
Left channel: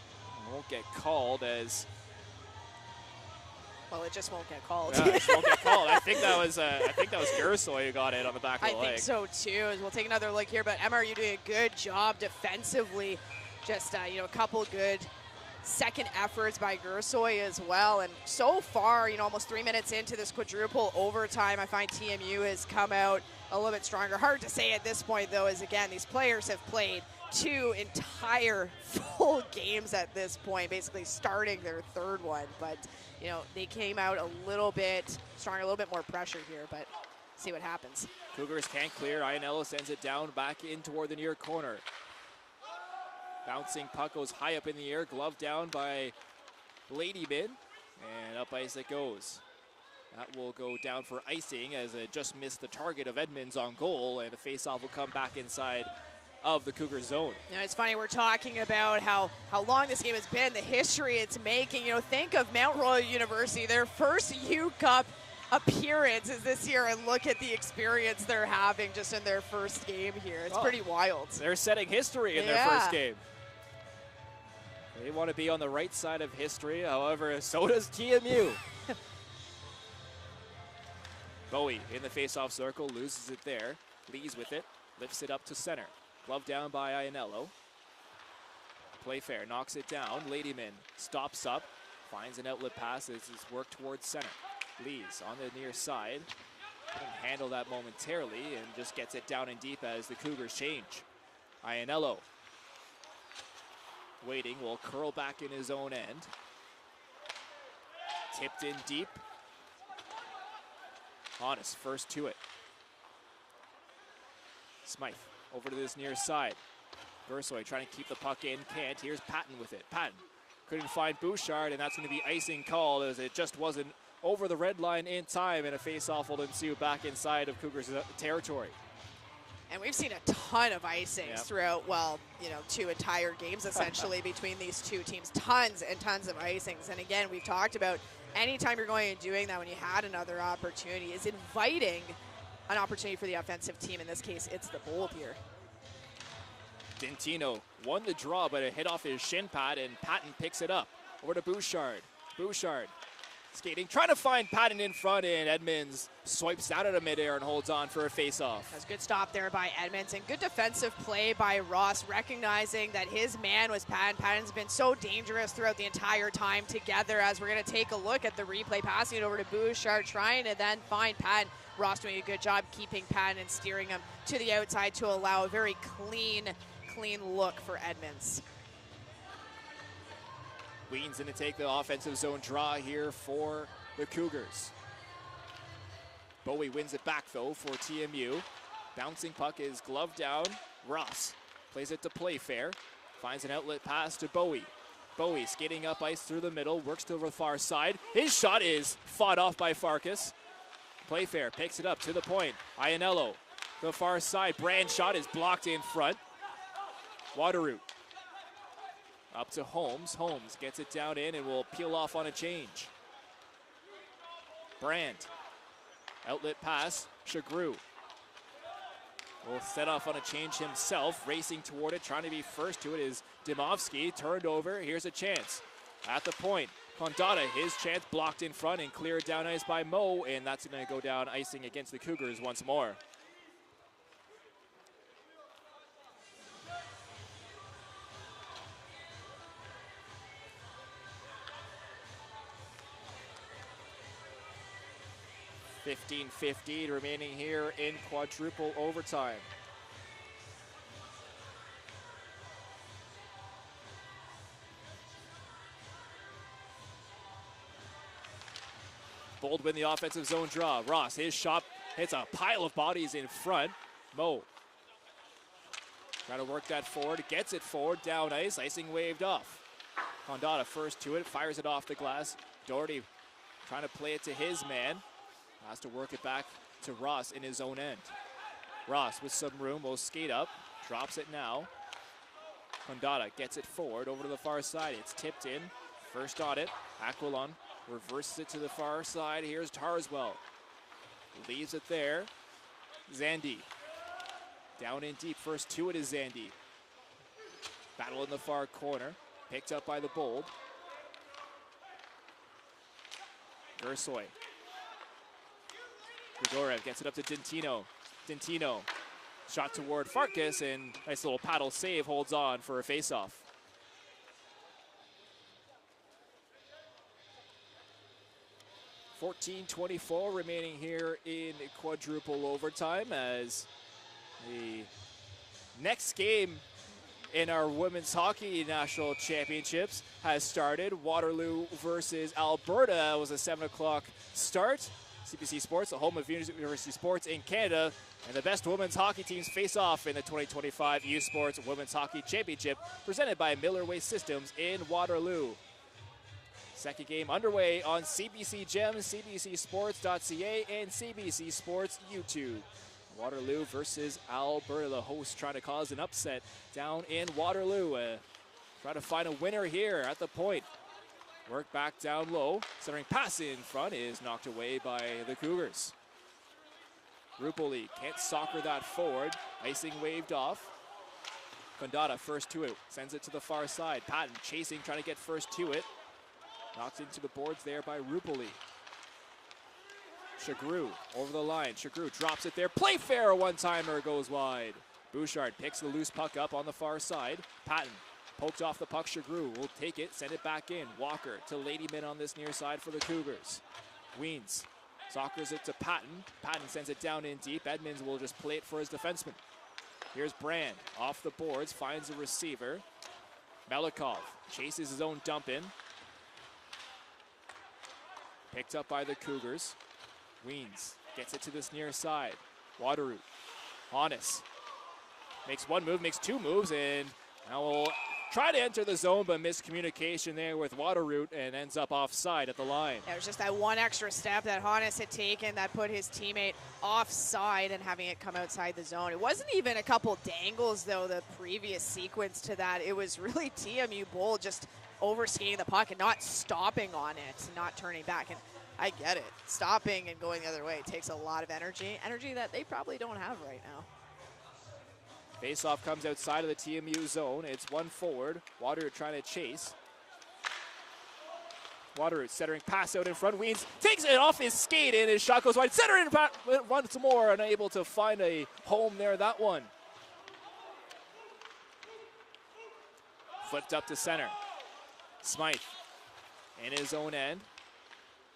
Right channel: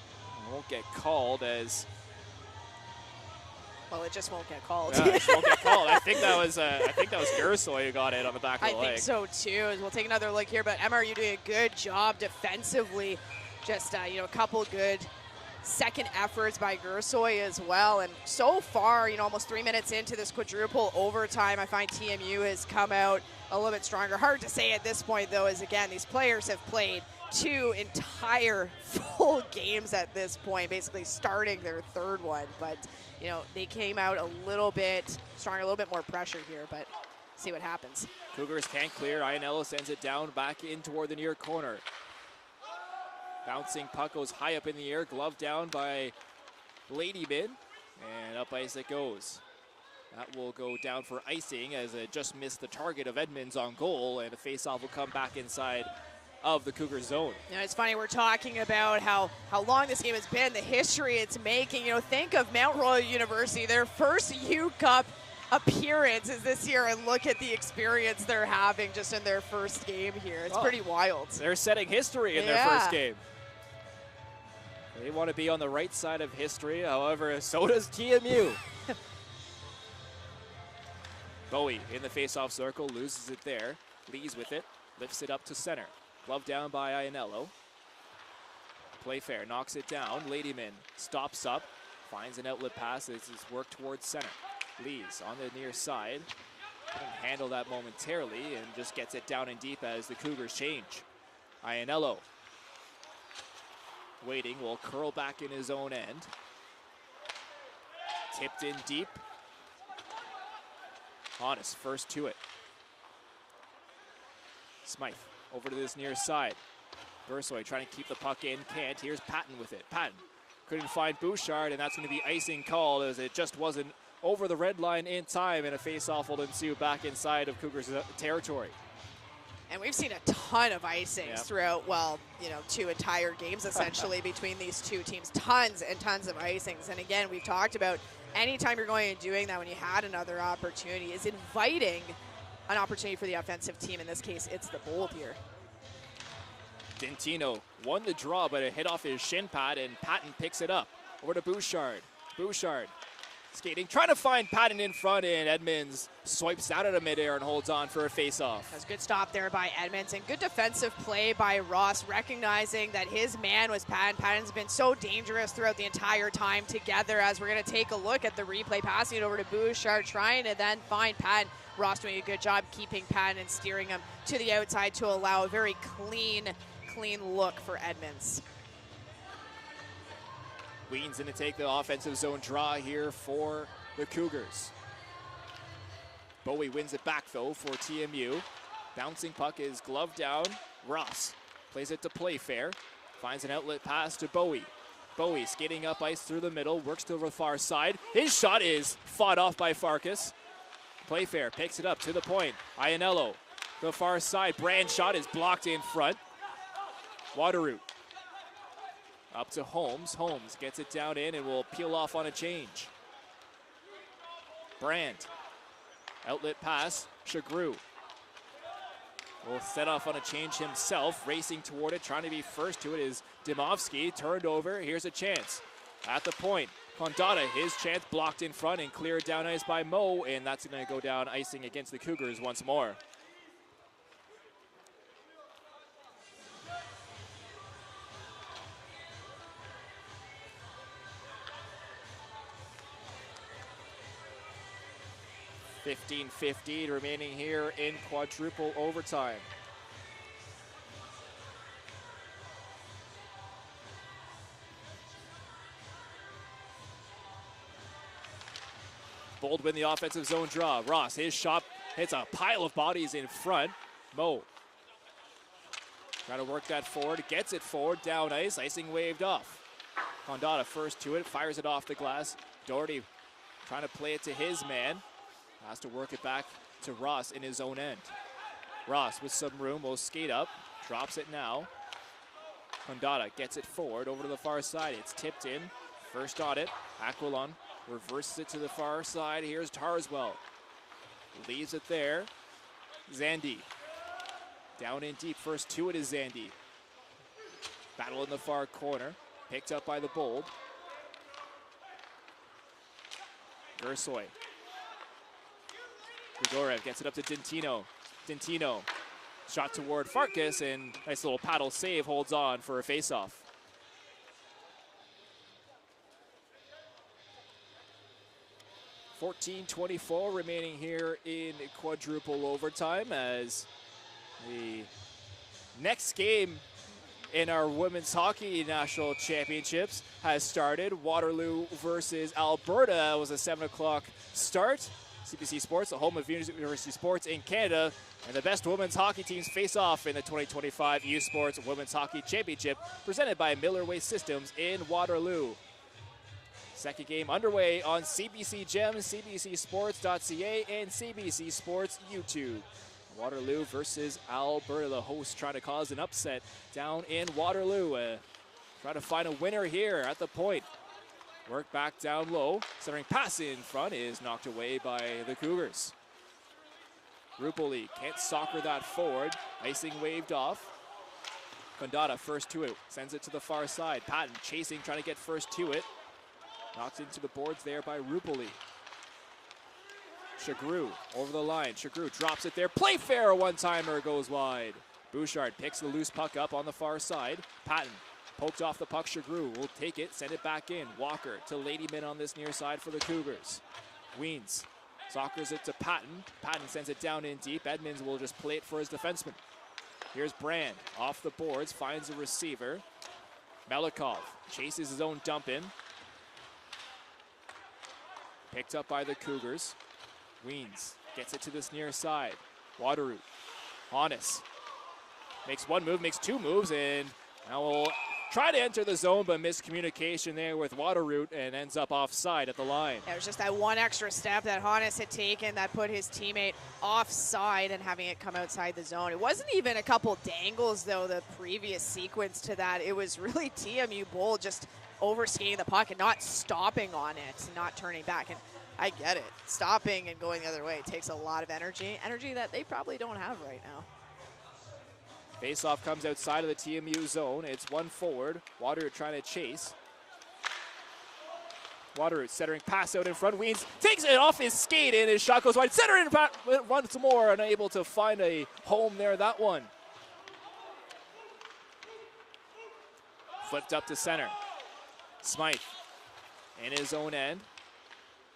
won't get called as... Well, it just won't get called. Yeah, it just won't get called. I think that was Gersoy who got it on the back of the leg. I think so too. We'll take another look here, but MRU doing a good job defensively. Just a couple good second efforts by Gersoy as well. And so far, almost 3 minutes into this quadruple overtime, I find TMU has come out a little bit stronger. Hard to say at this point, though, as again, these players have played 2 entire full games at this point, basically starting their third one. But they came out a little bit stronger, a little bit more pressure here, but see what happens. Cougars can't clear. Ianello sends it down, back in toward the near corner. Bouncing puck goes high up in the air, glove down by Ladyman, and up ice it goes. That will go down for icing as it just missed the target of Edmonds on goal, and the faceoff will come back inside of the Cougar zone. It's funny, we're talking about how long this game has been, the history it's making. Think of Mount Royal University, their first U Cup appearance is this year, and look at the experience they're having just in their first game here. It's pretty wild. They're setting history in their first game. They want to be on the right side of history, however, so does TMU. Bowie in the face-off circle, loses it there, leads with it, lifts it up to center. Glove down by Ianello. Playfair knocks it down. Ladyman stops up, finds an outlet pass as it's worked towards center. Lees on the near side. Couldn't handle that momentarily and just gets it down and deep as the Cougars change. Ianello waiting, will curl back in his own end. Tipped in deep. Honest first to it. Smythe over to this near side. Gersoy trying to keep the puck in, can't. Here's Patton with it. Patton couldn't find Bouchard, and that's going to be icing called as it just wasn't over the red line in time, and a face-off will ensue back inside of Cougars territory. And we've seen a ton of icings throughout, 2 entire games essentially between these two teams. Tons and tons of icings. And again, we've talked about anytime you're going and doing that when you had another opportunity is inviting an opportunity for the offensive team. In this case, it's the Bold here. Dintino won the draw, but it hit off his shin pad, and Patton picks it up. Over to Bouchard. Bouchard skating, trying to find Patton in front, and Edmonds swipes out of midair and holds on for a face-off. That's a good stop there by Edmonds, and good defensive play by Ross, recognizing that his man was Patton. Patton's been so dangerous throughout the entire time together, as we're going to take a look at the replay, passing it over to Bouchard, trying to then find Patton. Ross doing a good job keeping Patton and steering him to the outside to allow a very clean look for Edmonds. Ween's going to take the offensive zone draw here for the Cougars. Bowie wins it back, though, for TMU. Bouncing puck is gloved down. Ross plays it to Playfair. Finds an outlet pass to Bowie. Bowie skating up ice through the middle, works to the far side. His shot is fought off by Farkas. Playfair picks it up to the point. Ianello, the far side. Brand shot is blocked in front. Waterroot up to Holmes. Holmes gets it down in and will peel off on a change. Brandt. Outlet pass. Shagru will set off on a change himself. Racing toward it. Trying to be first to it is Dimovsky. Turned over. Here's a chance. At the point. Condata, his chance blocked in front and cleared down ice by Mo. And that's going to go down icing against the Cougars once more. .15:50 remaining here in quadruple overtime. Bold win the offensive zone draw. Ross, his shot hits a pile of bodies in front. Mo trying to work that forward, gets it forward, down ice, icing waved off. Condotta first to it, fires it off the glass. Doherty trying to play it to his man. Has to work it back to Ross in his own end. Ross with some room will skate up, drops it now. Condotta gets it forward over to the far side. It's tipped in. First on it. Aquilon reverses it to the far side. Here's Tarswell. Leaves it there. Zandy. Down in deep. First to it is Zandy. Battle in the far corner. Picked up by the Bold. Gersoy. Grigorev gets it up to Dintino. Dintino. Shot toward Farkas, and nice little paddle save, holds on for a face-off. .24 remaining here in quadruple overtime as the next game in our Women's Hockey National Championships has started. Waterloo versus Alberta was a 7 o'clock start. CBC Sports, the home of University Sports in Canada, and the best women's hockey teams face off in the 2025 U Sports Women's Hockey Championship presented by Miller Waste Systems in Waterloo. Second game underway on CBC Gem, CBCSports.ca, and CBC Sports YouTube. Waterloo versus Alberta, the hosts trying to cause an upset down in Waterloo. Trying to find a winner here at the point. Work back down low. Centering pass in front is knocked away by the Cougars. Rupoli can't soccer that forward. Icing waved off. Condotta first to it. Sends it to the far side. Patton chasing, trying to get first to it. Knocked into the boards there by Rupoli. Chagru over the line. Chagru drops it there. Playfair, one-timer goes wide. Bouchard picks the loose puck up on the far side. Patton poked off the puck. Chagru will take it, send it back in. Walker to Ladyman on this near side for the Cougars. Weens soccers it to Patton. Patton sends it down in deep. Edmonds will just play it for his defenseman. Here's Brand off the boards, finds a receiver. Melikov chases his own dump in. Picked up by the Cougars. Weens gets it to this near side. Waterroot. Honest makes one move, makes two moves, and now will try to enter the zone, but miscommunication there with Waterroot and ends up offside at the line. It was just that one extra step that Honest had taken that put his teammate offside and having it come outside the zone. It wasn't even a couple dangles, though, the previous sequence to that. It was really TMU Bold just overskating the puck and not stopping on it, not turning back. And I get it. Stopping and going the other way takes a lot of energy that they probably don't have right now. Faceoff comes outside of the TMU zone. It's one forward. Waterroot trying to chase. Waterroot centering pass out in front. Weens takes it off his skate and his shot goes wide. Center in once more, unable to find a home there, that one. Flipped up to center. Smythe in his own end.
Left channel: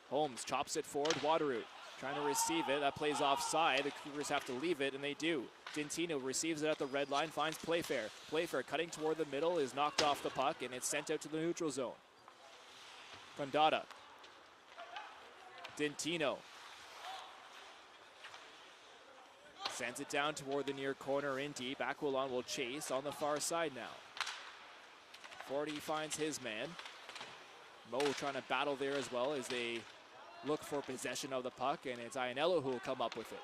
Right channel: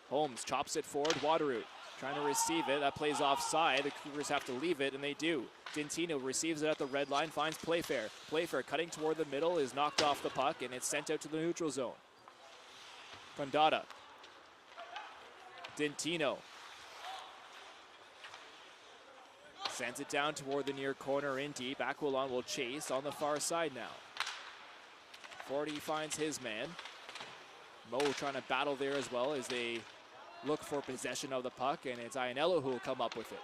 Holmes chops it forward. Waterroot trying to receive it. That plays offside. The Cougars have to leave it, and they do. Dintino receives it at the red line, finds Playfair. Playfair cutting toward the middle is knocked off the puck, and it's sent out to the neutral zone. Condotta. Dintino. Sends it down toward the near corner in deep. Aquilon will chase on the far side now. 40 finds his man. Mo trying to battle there as well as they look for possession of the puck, and it's Ianello who will come up with it.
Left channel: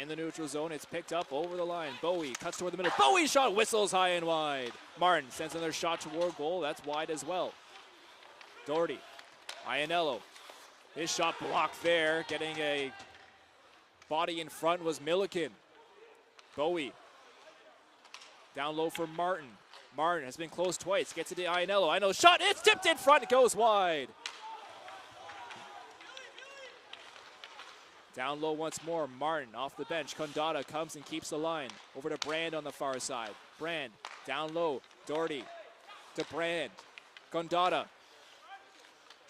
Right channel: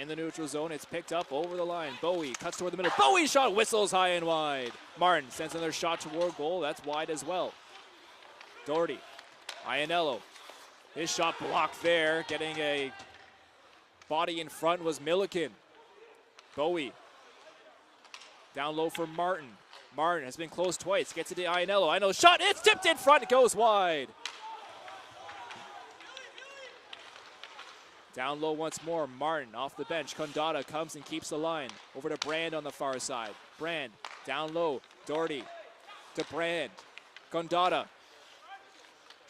In the neutral zone, it's picked up over the line. Bowie cuts toward the middle. Bowie shot whistles high and wide. Martin sends another shot toward goal. That's wide as well. Doherty. Ianello. His shot blocked there. Getting a body in front was Milliken. Bowie. Down low for Martin. Martin has been close twice. Gets it to Ianello. Ianello shot. It's tipped in front. It goes wide. Down low once more. Martin off the bench. Condotta comes and keeps the line. Over to Brand on the far side. Brand down low. Doherty to Brand. Condotta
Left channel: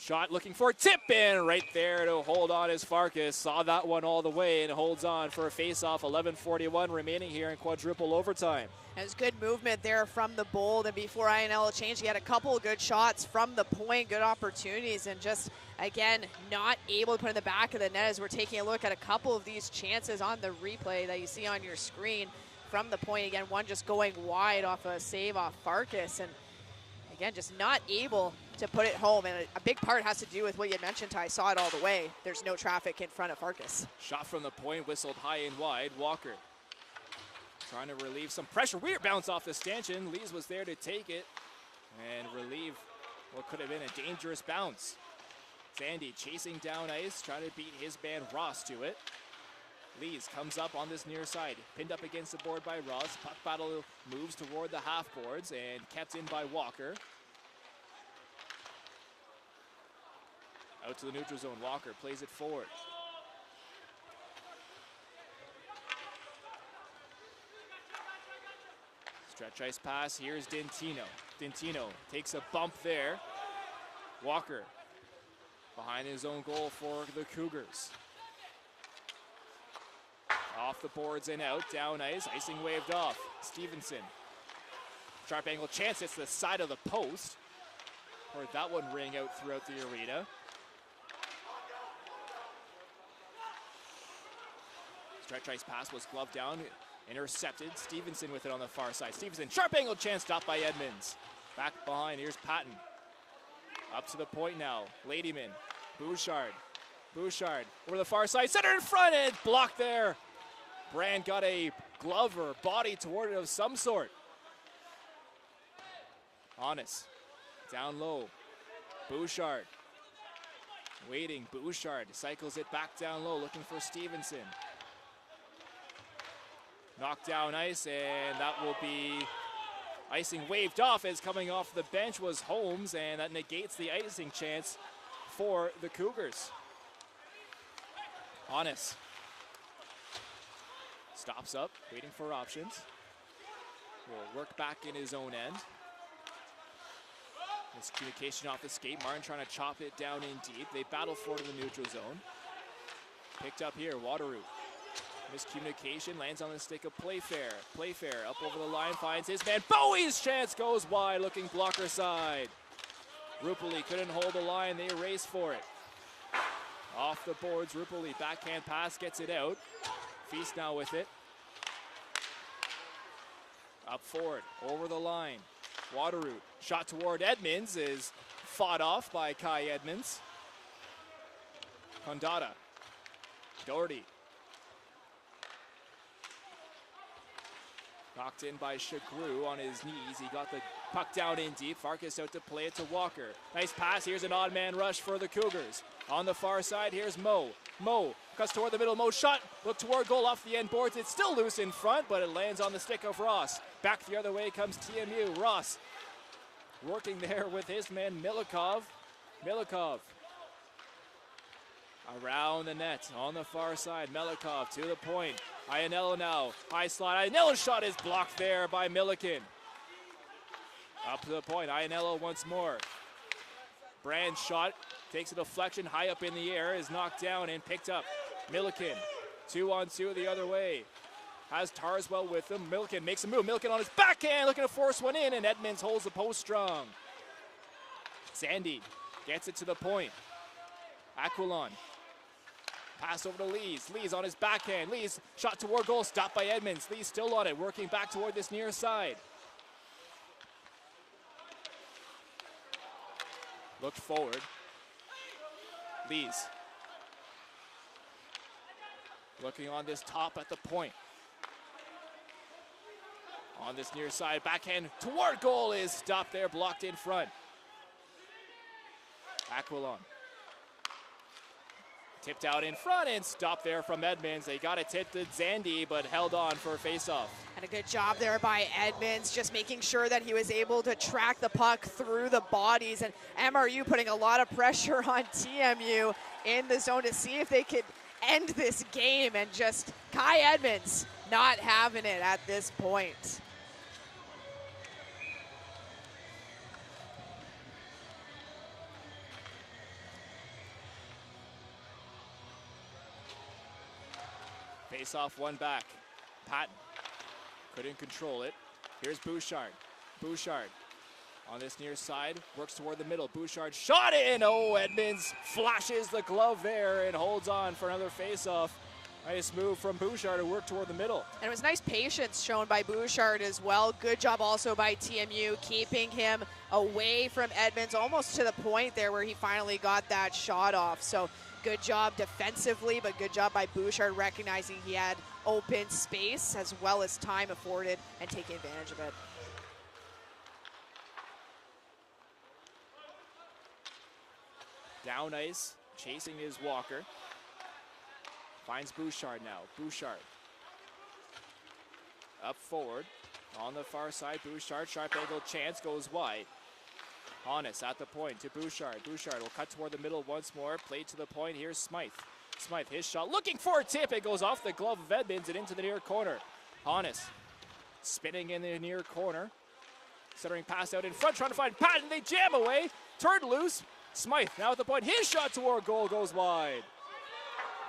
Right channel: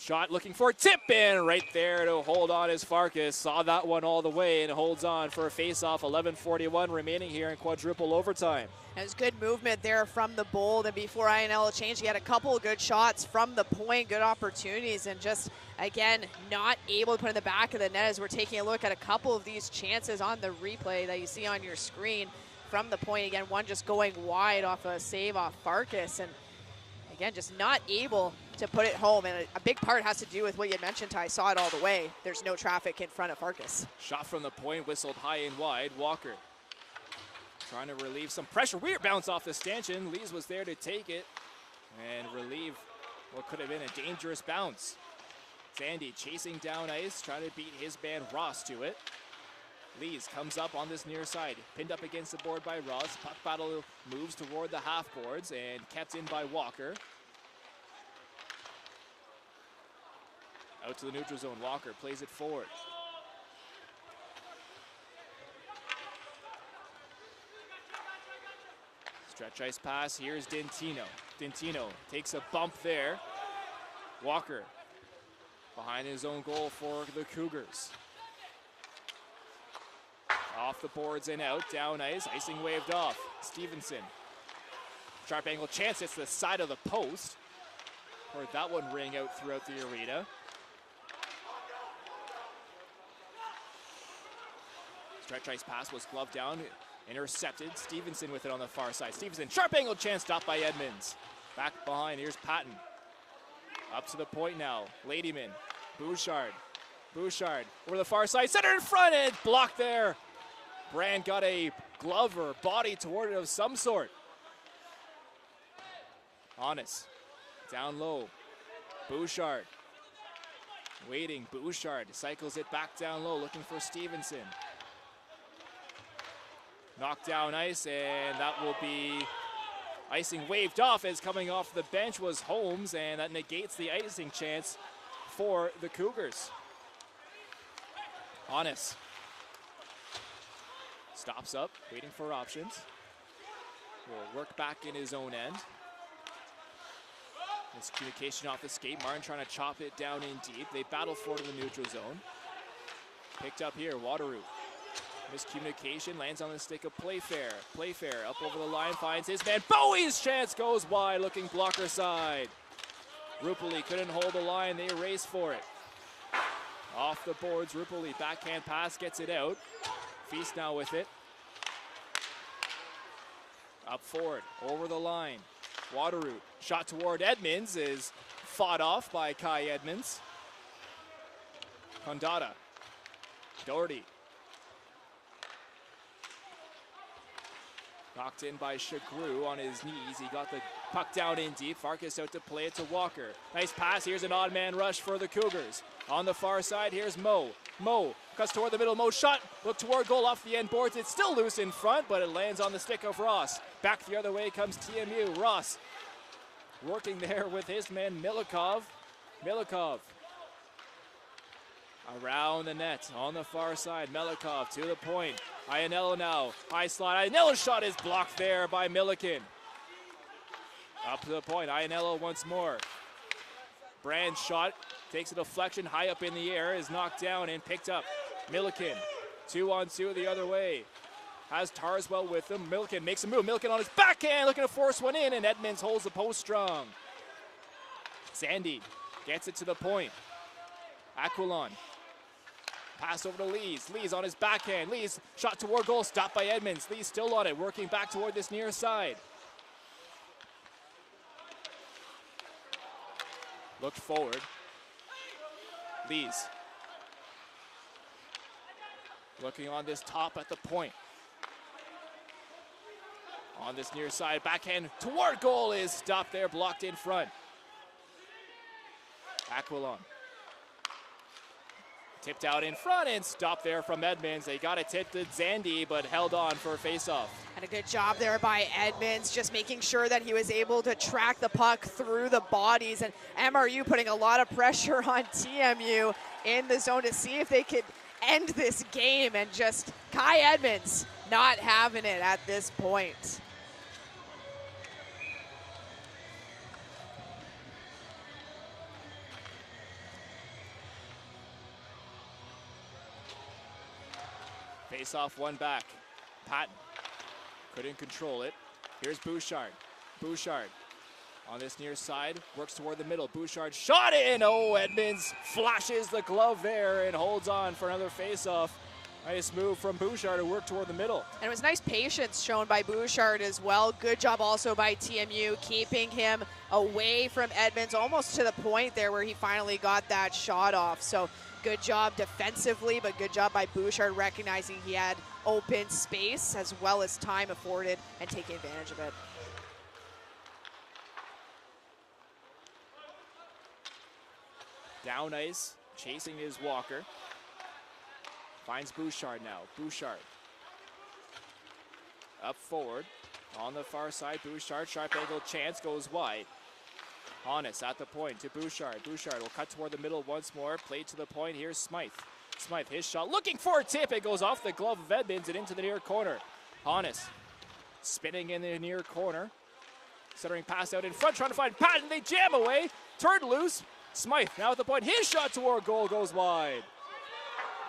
Shot looking for a tip in right there to hold on as Farkas saw that one all the way and holds on for a face-off. 11:41 remaining here in quadruple overtime. It was good movement there from the Bold, and before INL changed, he had a couple of good shots from the point, good opportunities, and just, again, not able to put in the back of the net as we're taking a look at a couple of these chances on the replay that you see on your screen from the point. Again, one just going wide off a save off Farkas, and again, just not able to put it home, and a big part has to do with what you mentioned, Ty. Saw it all the way. There's no traffic in front of Farkas. Shot from the point, whistled high and wide. Walker trying to relieve some pressure. Weird bounce off the stanchion. Lees was there to take it and relieve what could have been a dangerous bounce. Sandy chasing down ice, trying to beat his man Ross to it. Lees comes up on this near side, pinned up against the board by Ross. Puck battle moves toward the half boards and kept in by Walker. Out to the neutral zone. Walker plays it forward. Stretch ice pass. Here's Dentino. Dentino takes a bump there. Walker behind his own goal for the Cougars. Off the boards and out. Down ice. Icing waved off. Stevenson. Sharp angle chance. It's the side of the post. Heard that one ring out throughout the arena. Stretch ice pass was gloved down, intercepted. Stevenson with it on the far side. Stevenson, sharp angle chance, stopped by Edmonds. Back behind, here's Patton. Up to the point now. Ladyman, Bouchard. Bouchard over the far side, center in front, and blocked there. Brand got a glove or body toward it of some sort. Honest, down low. Bouchard. Waiting, Bouchard cycles it back down low, looking for Stevenson. Knocked down ice, and that will be icing waved off as coming off the bench was Holmes, and that negates the icing chance for the Cougars. Honest stops up, waiting for options. Will work back in his own end. Miscommunication off the skate. Martin trying to chop it down in deep. They battle for it in the neutral zone. Picked up here, Wateroo. Miscommunication, lands on the stick of Playfair. Playfair up over the line, finds his man. Bowie's chance goes wide, looking blocker side. Rupali couldn't hold the line, they race for it. Off the boards, Rupali, backhand pass, gets it out. Feast now with it. Up forward, over the line. Wateroo, shot toward Edmonds, is fought off by Kai Edmonds. Hondata, Doherty. Knocked in by Chagru on his knees. He got the puck down in deep. Farkas out to play it to Walker. Nice pass. Here's an odd man rush for the Cougars. On the far side, here's Mo. Mo cuts toward the middle. Mo shot. Look toward goal off the end boards. It's still loose in front, but it lands on the stick of Ross. Back the other way comes TMU. Ross working there with his man Milikov. Milikov around the net on the far side. Milikov to the point. Ianello now, high slide. Ianello's shot is blocked there by Milliken. Up to the point, Ianello once more. Brand's shot takes a deflection high up in the air, is knocked down and picked up. Milliken, 2-on-2 the other way. Has Tarswell with him. Milliken makes a move. Milliken on his backhand, looking to force one in, and Edmonds holds the post strong. Sandy gets it to the point. Aquilon. Pass over to Lees. Lees on his backhand. Lees shot toward goal. Stopped by Edmonds. Lees still on it. Working back toward this near side. Looked forward. Lees. Looking on this top at the point. On this near side. Backhand toward goal is stopped there. Blocked in front. Aquilon. Tipped out in front and stopped there from Edmonds. They got it tipped to Zandy, but held on for a face-off. And a good job there by Edmonds, just making sure that he was able to track the puck through the bodies. And MRU putting a lot of pressure on TMU in the zone to see if they could end this game. And just Kai Edmonds not having it at this point. Face off one back. Patton couldn't control it. Here's Bouchard. Bouchard on this near side, works toward the middle. Bouchard shot in. Oh, Edmonds flashes the glove there and holds on for another face-off. Nice move from Bouchard to work toward the middle. And it was nice patience shown by Bouchard as well. Good job also by TMU keeping him away from Edmonds almost to the point there where he finally got that shot off. So good job defensively, but good job by Bouchard recognizing he had open space as well as time afforded and taking advantage of it. Down ice, chasing is Walker. Finds Bouchard now. Bouchard. Up forward. On the far side, Bouchard. Sharp angle chance goes wide. Honest at the point to Bouchard. Bouchard will cut toward the middle once more. Played to the point. Here's Smythe. Smythe, his shot. Looking for a tip. It goes off the glove of Edmonds and into the near corner. Honest. Spinning in the near corner. Centering pass out in front. Trying to find Patton. They jam away. Turned loose. Smythe now at the point. His shot toward goal goes wide.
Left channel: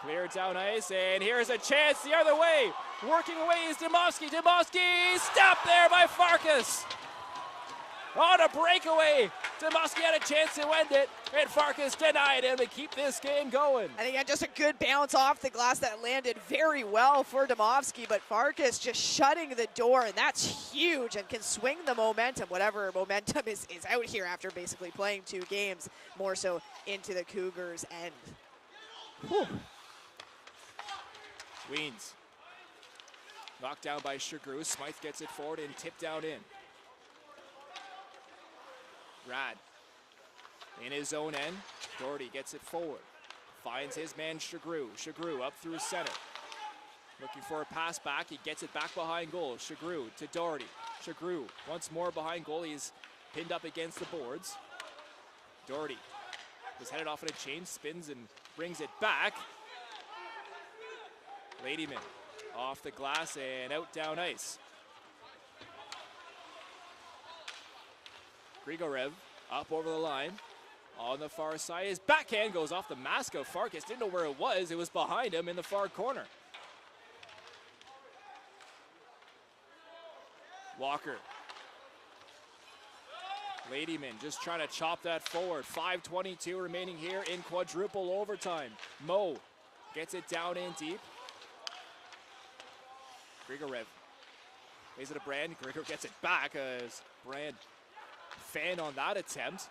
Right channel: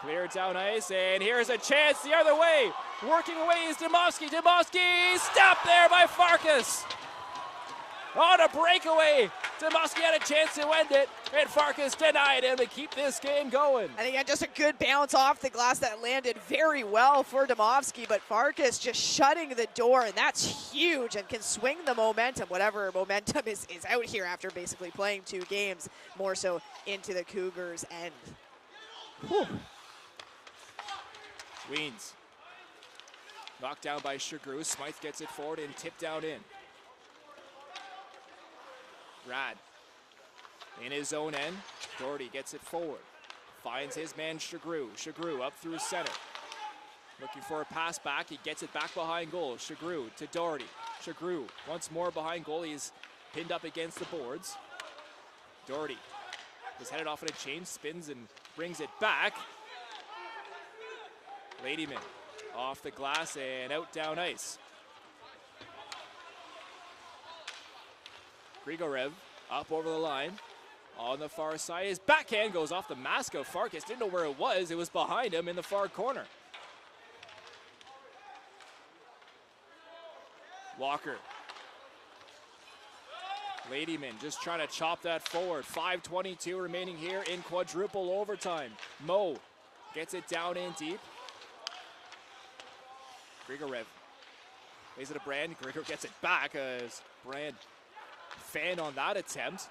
Clear down ice, and here's a chance the other way. Working away is Demovsky. Demovsky stopped there by Farkas. On a breakaway. Demovsky had a chance to end it, and Farkas denied him to keep this game going. And he had just a good bounce off the glass that landed very well for Demovsky, but Farkas just shutting the door, and that's huge and can swing the momentum, whatever momentum is out here after basically playing 2 games, more so into the Cougars' end. Whew. Weens. Knocked down by Shagru. Smythe gets it forward and tipped down in. Rad. In his own end. Doherty gets it forward. Finds his man Shagru. Shagru up through center. Looking for a pass back. He gets it back behind goal. Shagru to Doherty. Shagru once more behind goal. He's pinned up against the boards. Doherty is headed off in a change. Spins and brings it back. Ladyman off the glass and out down ice. Grigorev up over the line. On the far side, his backhand goes off the mask of Farkas. Didn't know where it was. It was behind him in the far corner. Walker. Ladyman just trying to chop that forward. 5:22 remaining here in quadruple overtime. Mo gets it down in deep. Grigorev lays it to Brand. Grigorev gets it back as Brand fanned on that attempt.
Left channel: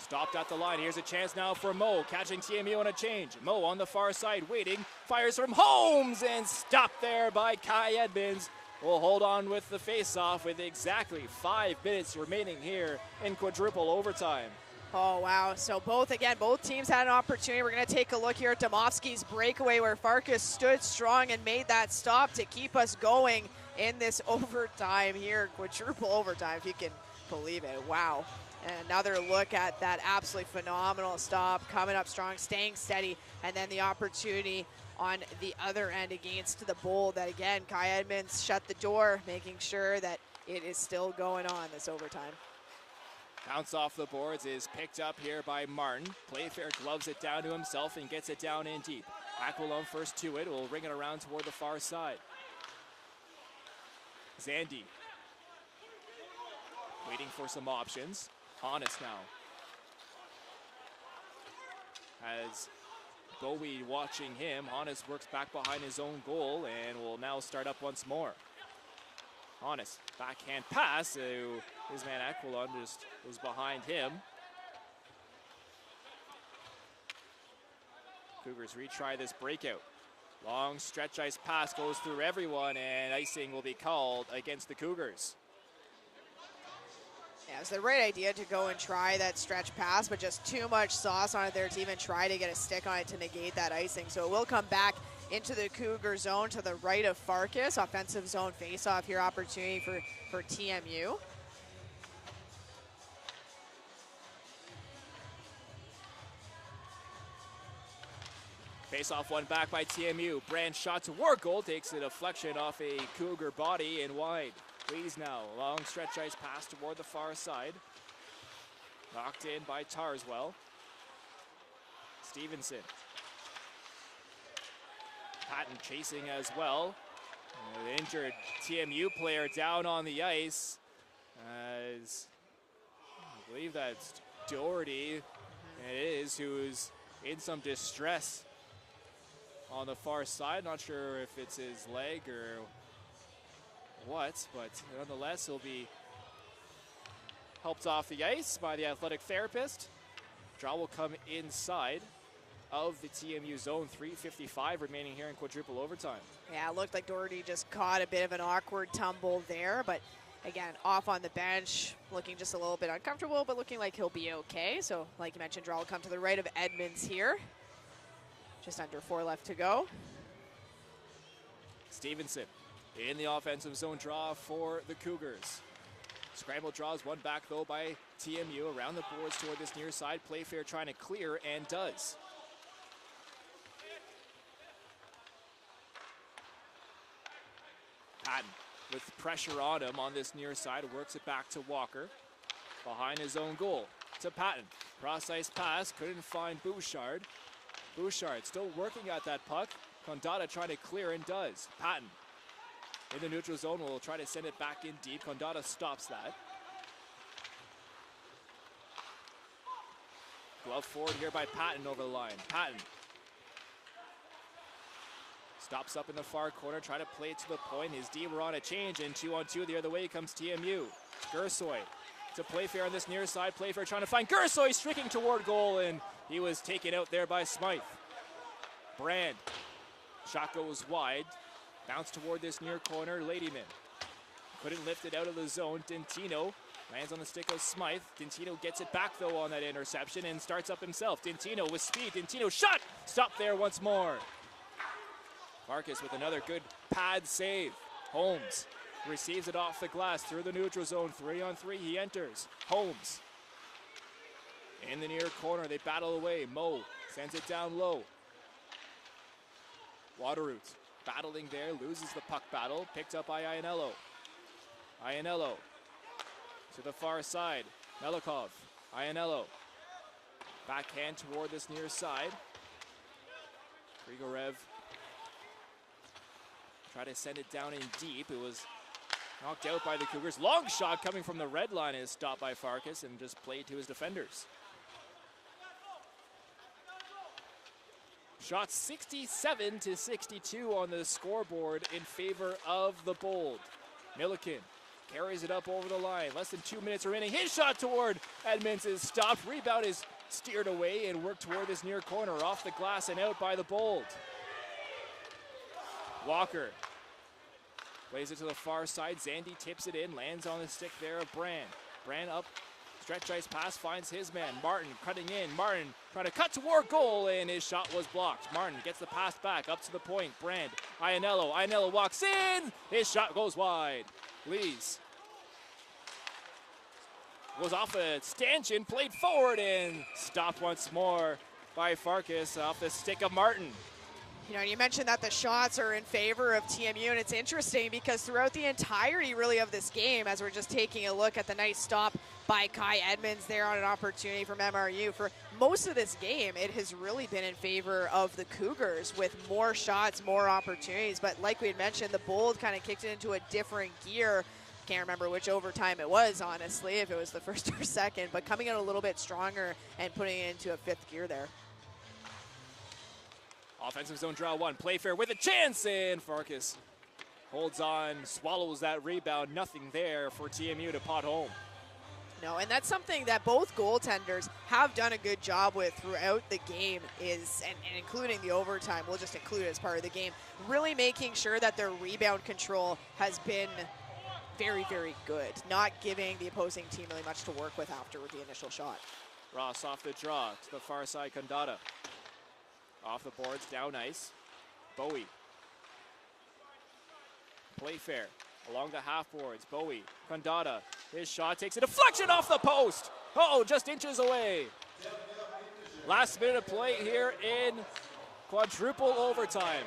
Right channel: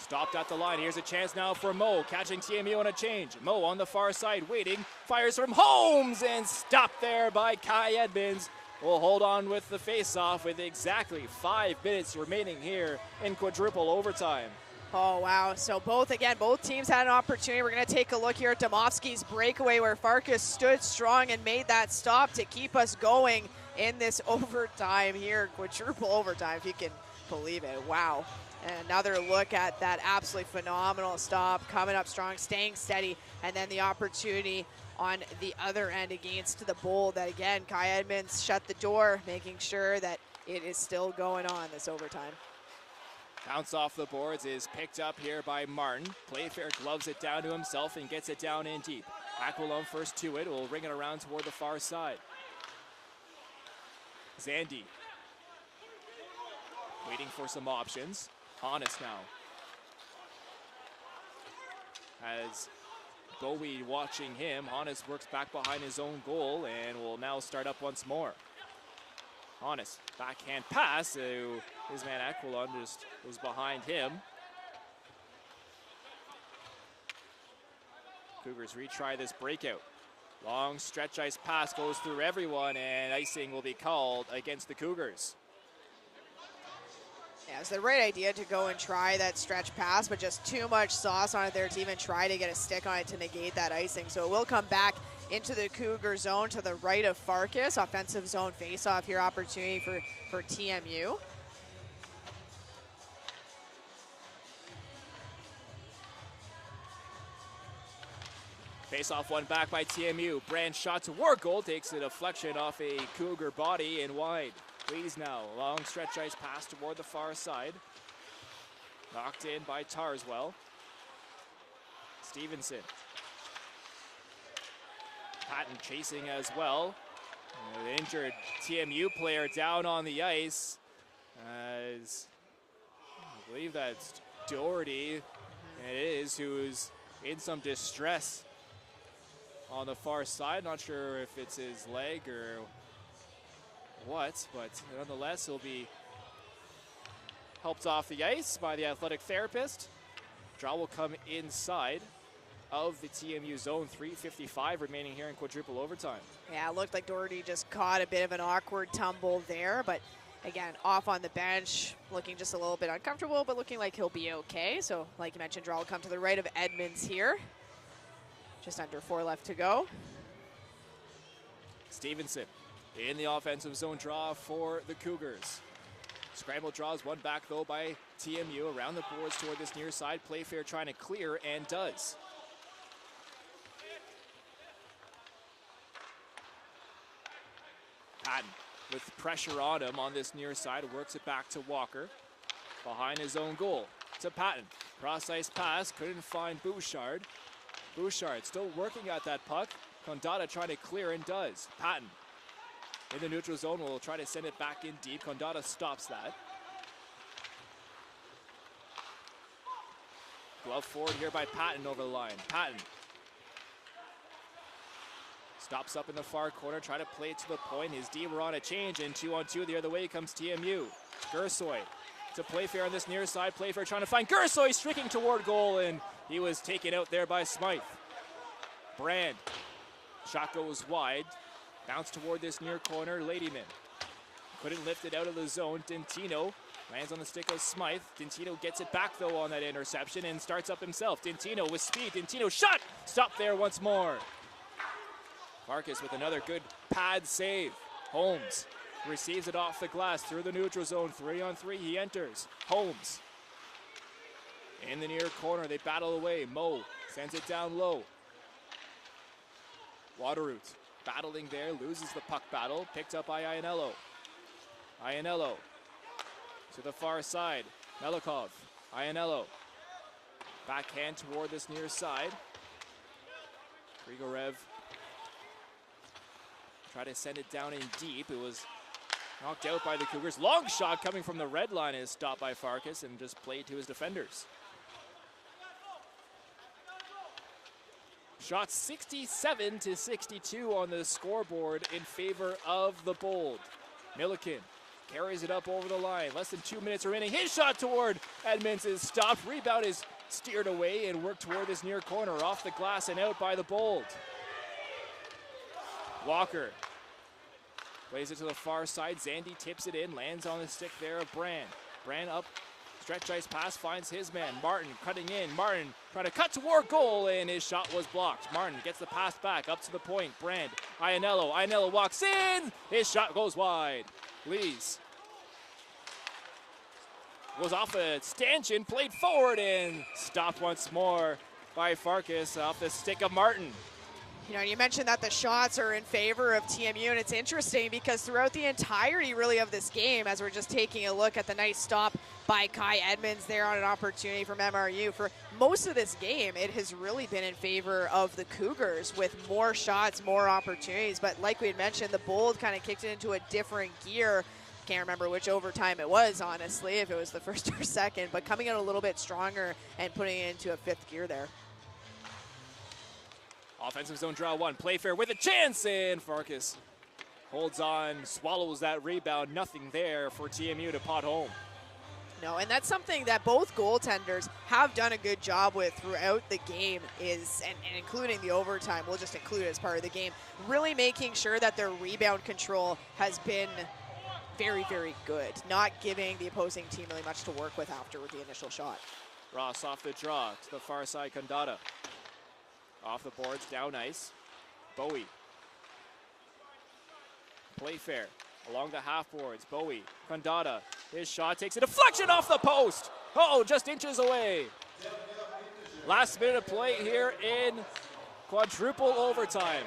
Stopped at the line. Here's a chance now for Mo, catching TMU on a change. Mo on the far side, waiting. Fires from Holmes and stopped there by Kai Edmonds. Will hold on with the face-off with exactly 5 minutes remaining here in quadruple overtime. Oh, wow. So both teams had an opportunity. We're going to take a look here at Demovsky's breakaway where Farkas stood strong and made that stop to keep us going in this overtime here. Quadruple overtime, if you can believe it. Wow. And another look at that absolutely phenomenal stop. Coming up strong, staying steady, and then the opportunity on the other end against the Bold. That again, Kai Edmonds shut the door, making sure that it is still going on this overtime. Bounce off the boards is picked up here by Martin. Playfair gloves it down to himself and gets it down in deep. Aquilone first to it, will ring it around toward the far side. Zandy waiting for some options. Honest now. As Bowie watching him, Honest works back behind his own goal and will now start up once more. Honest, backhand pass to his man Aquilon, just was behind him. Cougars retry this breakout. Long stretch ice pass goes through everyone and icing will be called against the Cougars. Yeah, it's the right idea to go and try that stretch pass, but just too much sauce on it there to even try to get a stick on it to negate that icing. So it will come back into the Cougar zone to the right of Farkas. Offensive zone face-off here, opportunity for TMU. Face-off one back by TMU. Brand shot toward goal, takes a deflection off a Cougar body and wide. Lees now, long stretch ice pass toward the far side. Knocked in by Tarswell. Stevenson. Patton chasing as well. The injured TMU player down on the ice. As I believe that's Doherty, it is, who's in some distress on the far side. Not sure if it's his leg or what, but nonetheless, he'll be helped off the ice by the athletic therapist. Draw will come inside of the TMU zone. 3:55 remaining here in quadruple overtime. Yeah, it looked like Doherty just caught a bit of an awkward tumble there, but again, off on the bench, looking just a little bit uncomfortable, but looking like he'll be okay. So, like you mentioned, draw will come to the right of Edmonds here. Just under 4 left to go. Stevenson in the offensive zone draw for the Cougars. Scramble draws one back, though, by TMU around the boards toward this near side. Playfair trying to clear and does. Patton with pressure on him on this near side, works it back to Walker. Behind his own goal to Patton. Cross-ice pass, couldn't find Bouchard. Bouchard still working at that puck. Condata trying to clear and does. Patton in the neutral zone will try to send it back in deep. Condata stops that. Glove forward here by Patton over the line. Patton stops up in the far corner, trying to play it to the point. His D were on a change, and 2-on-2 the other way comes TMU. Gersoy to Playfair on this near side. Playfair trying to find Gersoy, streaking toward goal, and he was taken out there by Smythe. Brand. Shot goes wide. Bounce toward this near corner. Ladyman couldn't lift it out of the zone. Dintino lands on the stick of Smythe. Dintino gets it back, though, on that interception and starts up himself. Dintino with speed. Dintino shot! Stop there once more. Marcus with another good pad save. Holmes receives it off the glass through the neutral zone. 3-on-3, he enters. Holmes in the near corner. They battle away. Moe sends it down low. Waterroot battling there, loses the puck battle. Picked up by Ianello. Ianello to the far side. Melikov. Ianello. Backhand toward this near side. Grigorev try to send it down in deep. It was knocked out by the Cougars. Long shot coming from the red line is stopped by Farkas and just played to his defenders. Shot 67-62 on the scoreboard in favor of the Bold. Milliken carries it up over the line. Less than 2 minutes remaining. His shot toward Edmonds is stopped. Rebound is steered away and worked toward this near corner. Off the glass and out by the Bold. Walker plays it to the far side. Zandy tips it in, lands on the stick there of Brand. Brand up, stretch ice pass, finds his man. Martin cutting in. Martin trying to cut toward goal, and his shot was blocked. Martin gets the pass back up to the point. Brand, Ianello. Ianello walks in. His shot goes wide. Lees goes off a stanchion, played forward, and stopped once more by Farkas off the stick of Martin. You know, you mentioned that the shots are in favor of TMU, and it's interesting because throughout the entirety, really, of this game, as we're just taking a look at the nice stop by Kai Edmonds there on an opportunity from MRU, for most of this game, it has really been in favor of the Cougars with more shots, more opportunities. But like we had mentioned, the Bold kind of kicked it into a different gear. Can't remember which overtime it was, honestly, if it was the first or second, but coming in a little bit stronger and putting it into a fifth gear there. Offensive zone draw one. Playfair with a chance, and Farkas holds on, swallows that rebound. Nothing there for TMU to pot home. No, and that's something that both goaltenders have done a good job with throughout the game, is and including the overtime. We'll just include it as part of the game. Really making sure that their rebound control has been very, very good. Not giving the opposing team really much to work with after the initial shot. Ross off the draw to the far side. Condata off the boards, down ice. Bowie. Playfair along the half boards. Bowie. Condata. His shot takes a deflection off the post. Oh, just inches away. Last minute of play here in quadruple overtime.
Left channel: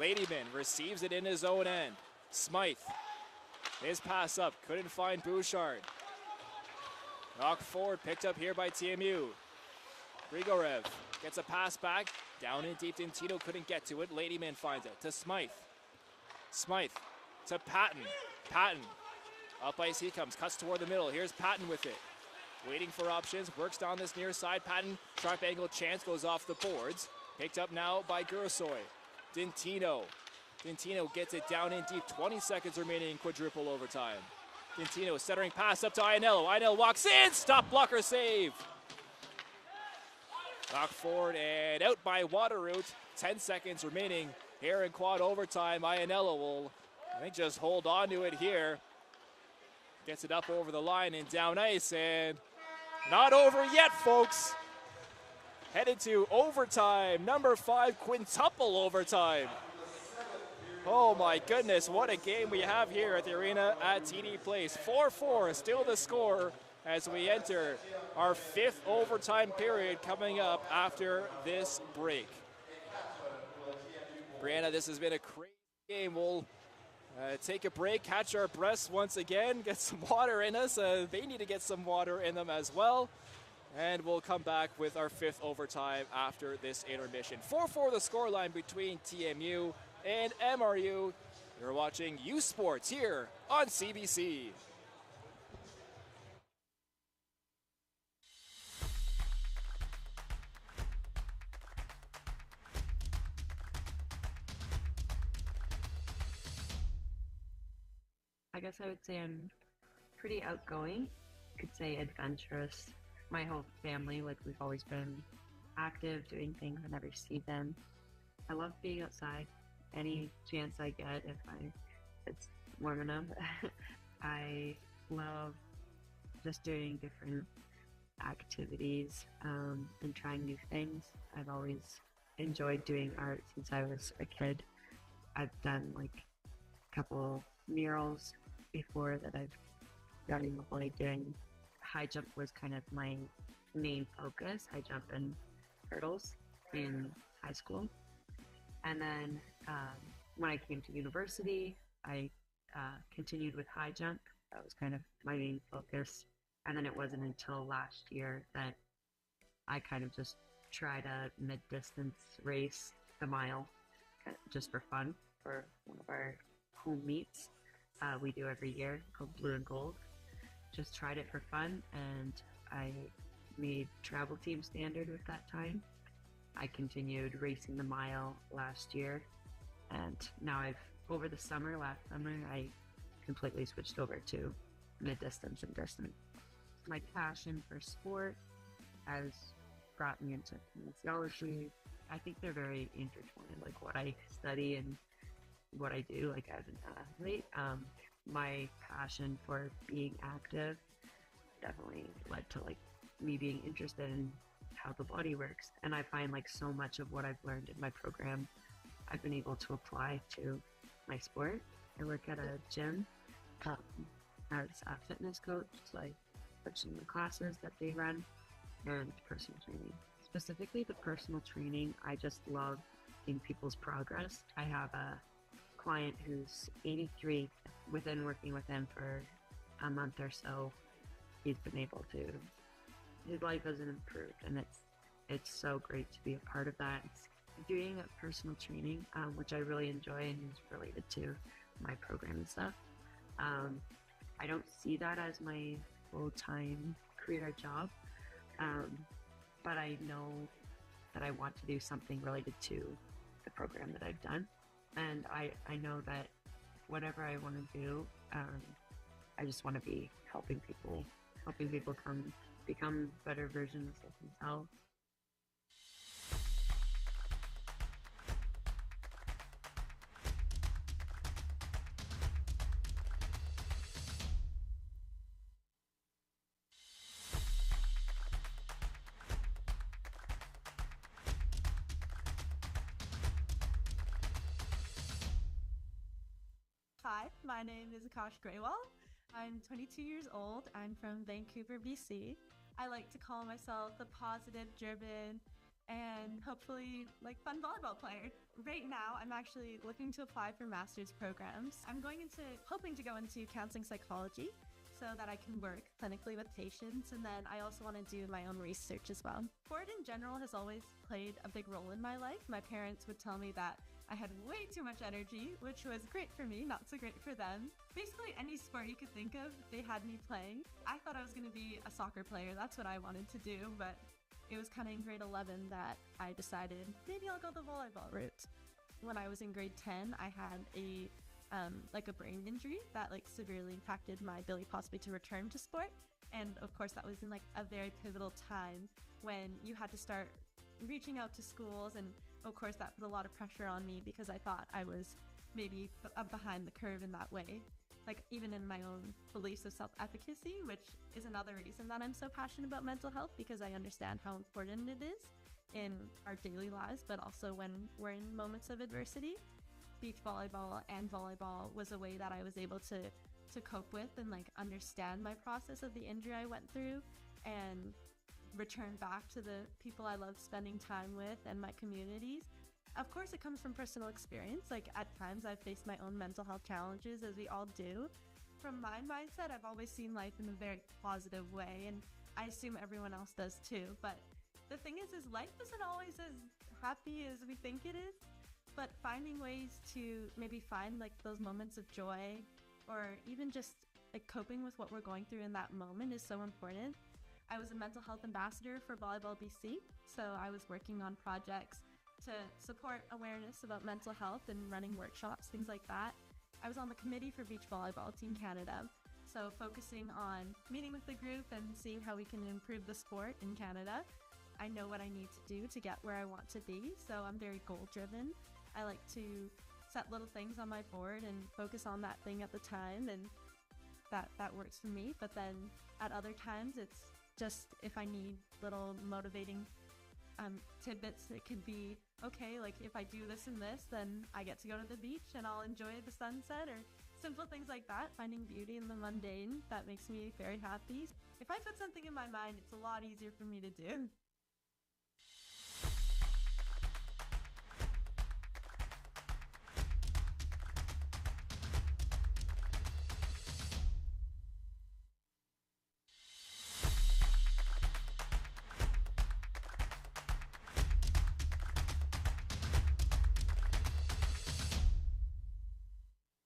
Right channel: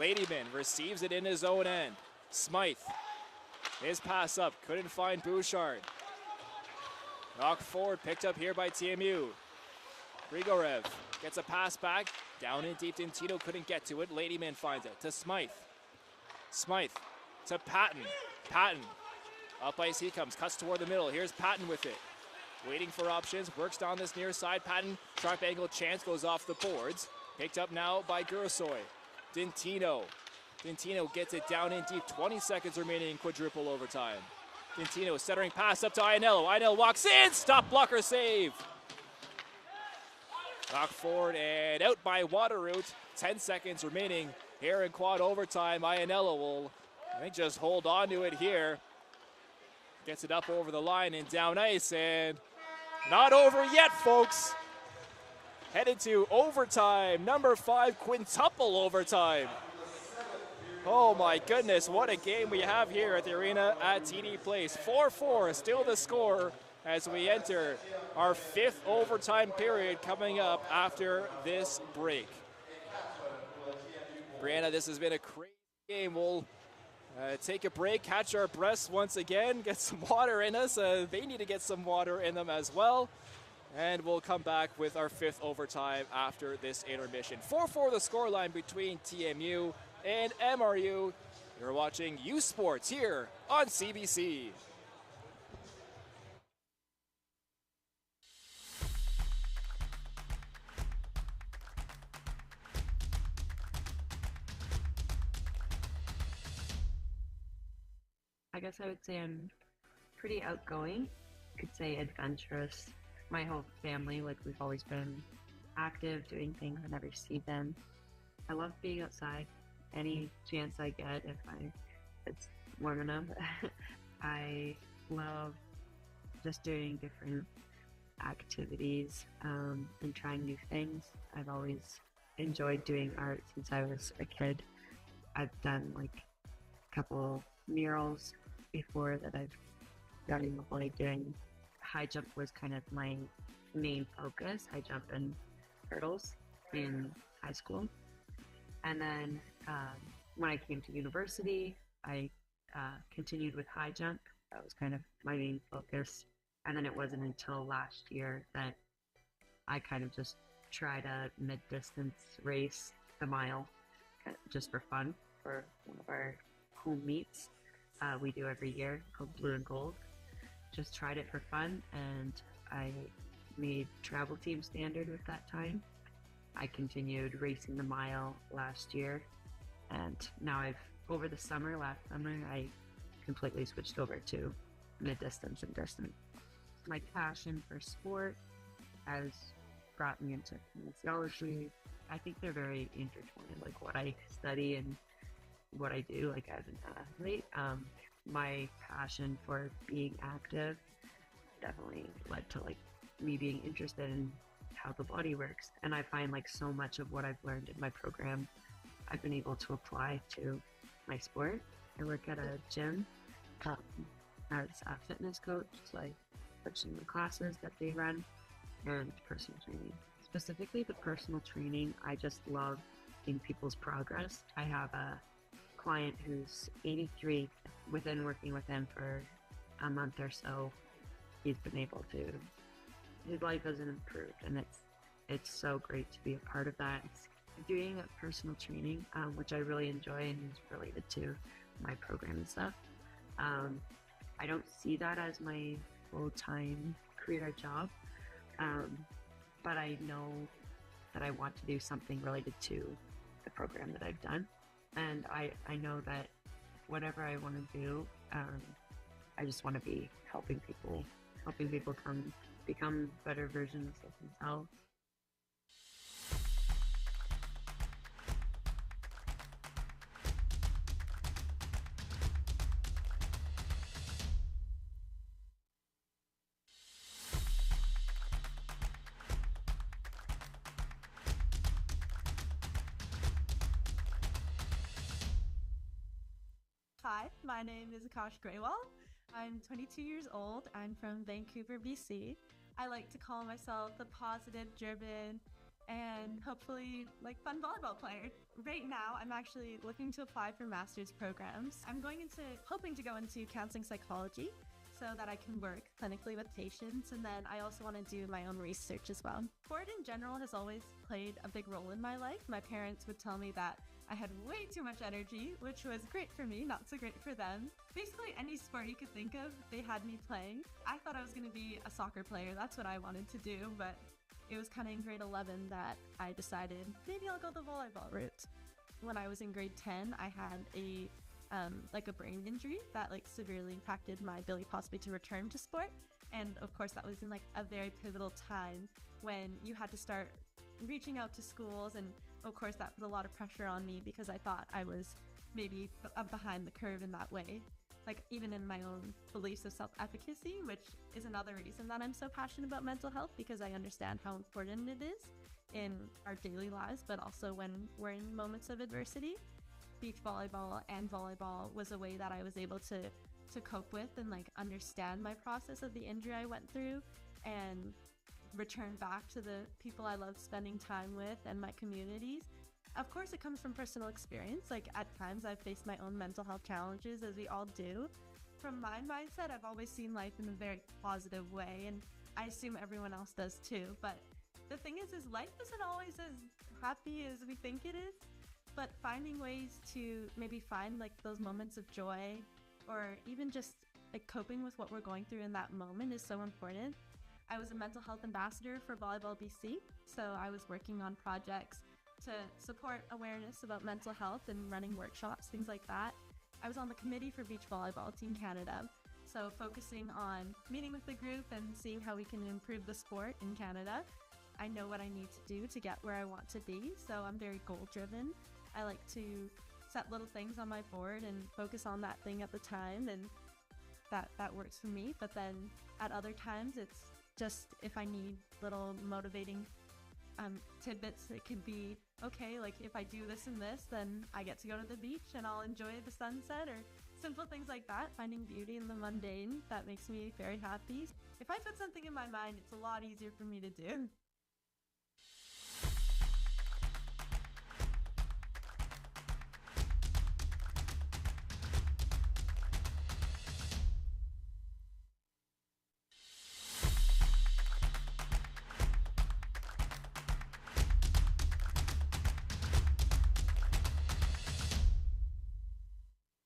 Ladyman receives it in his own end. Smythe. His pass up. Couldn't find Bouchard. Knocked forward. Picked up here by TMU. Grigorev Gets a pass back. Down in deep. Dintino couldn't get to it. Ladyman finds it to Smythe. Smythe to Patton. Patton. Up ice he comes. Cuts toward the middle. Here's Patton with it. Waiting for options. Works down this near side. Patton. Sharp angle chance goes off the boards. Picked up now by Gursoy. Dintino. Dintino gets it down in deep. 20 seconds remaining in quadruple overtime. Dintino centering pass up to Ianello. Ianello walks in. Stop blocker save. Knocked forward and out by Waterroot. 10 seconds remaining here in quad overtime. Ianello will, I think, just hold on to it here. Gets it up over the line and down ice, and not over yet, folks. Headed to overtime. Number 5, quintuple overtime. Oh my goodness, what a game we have here at the arena at TD Place. 4-4, still the score as we enter our 5th overtime period coming up after this break. Brianna, this has been a crazy game. We'll take a break, catch our breaths once again, get some water in us. They need to get some water in them as well. And we'll come back with our 5th overtime after this intermission. 4-4 the scoreline between TMU and MRU. You're watching U Sports here on CBC. I guess I would say I'm pretty outgoing. I could say adventurous. My whole family, like, we've always been active, doing things whenever you see them. I love being outside. Any chance I get, if it's warm enough. I love just doing different activities and trying new things. I've always enjoyed doing art since I was a kid. I've done like a couple murals before that I've gotten like doing. High jump was kind of my main focus, high jump and hurdles in high school. And then when I came to university, I continued with high jump. That was kind of my main focus. And then it wasn't until last year that I kind of just tried a mid-distance race, the mile, just for fun, for one of our home meets we do every year called Blue and Gold. Just tried it for fun, and I made travel team standard with that time. I continued racing the mile last year, and now over the summer, last summer, I completely switched over to mid-distance and distance. My passion for sport has brought me into kinesiology. I think they're very intertwined, like what I study and what I do, like as an athlete. My passion for being active definitely led to like me being interested in how the body works, and I find like so much of what I've learned in my program I've been able to apply to my sport. I work at a gym as a fitness coach, so I coach in the classes that they run, and personal training. Specifically the personal training, I just love seeing people's progress. I have a client who's 83. Within working with him for a month or so, he's been able to, his life has improved, and it's so great to be a part of that. Doing a personal training, which I really enjoy and is related to my program and stuff. I don't see that as my full-time career job, but I know that I want to do something related to the program that I've done, and I know that whatever I want to do, I just want to be helping people become better versions of themselves. My name is Akash Graywall. I'm 22 years old. I'm from Vancouver, BC. I like to call myself a positive, driven, and hopefully fun volleyball player. Right now, I'm actually looking to apply for master's programs. I'm hoping to go into counseling psychology. so that I can work clinically with patients, and then I also want to do my own research as well. Sport in general has always played a big role in my life. My parents would tell me that I had way too much energy, which was great for me, not so great for them. Basically, any sport you could think of, they had me playing. I thought I was going to be a soccer player. That's what I wanted to do, but it was kind of in grade 11 that I decided maybe I'll go the volleyball route. When I was in grade 10, I had a brain injury that severely impacted my ability possibly to return to sport. And of course that was in a very pivotal time when you had to start reaching out to schools, and of course that put a lot of pressure on me because I thought I was maybe behind the curve in that way. Even in my own beliefs of self-efficacy, which is another reason that I'm so passionate about mental health, because I understand how important it is in our daily lives, but also when we're in moments of adversity. Beach volleyball and volleyball was a way that I was able to cope with and understand my process of the injury I went through and return back to the people I love spending time with and my communities. Of course, it comes from personal experience. At times I've faced my own mental health challenges, as we all do. From my mindset, I've always seen life in a very positive way, and I assume everyone else does too. But the thing is life isn't always as happy as we think it is. But finding ways to maybe find those moments of joy, or even just coping with what we're going through in that moment, is so important. I was a mental health ambassador for Volleyball BC, so I was working on projects to support awareness about mental health and running workshops, things like that. I was on the committee for Beach Volleyball Team Canada, so focusing on meeting with the group and seeing how we can improve the sport in Canada. I know what I need to do to get where I want to be, so I'm very goal-driven. I like to set little things on my board and focus on that thing at the time, and that works for me. But then at other times, it's just if I need little motivating tidbits, it could be, okay, if I do this and this, then I get to go to the beach and I'll enjoy the sunset, or simple things like that, finding beauty in the mundane. That makes me very happy. If I put something in my mind, it's a lot easier for me to do.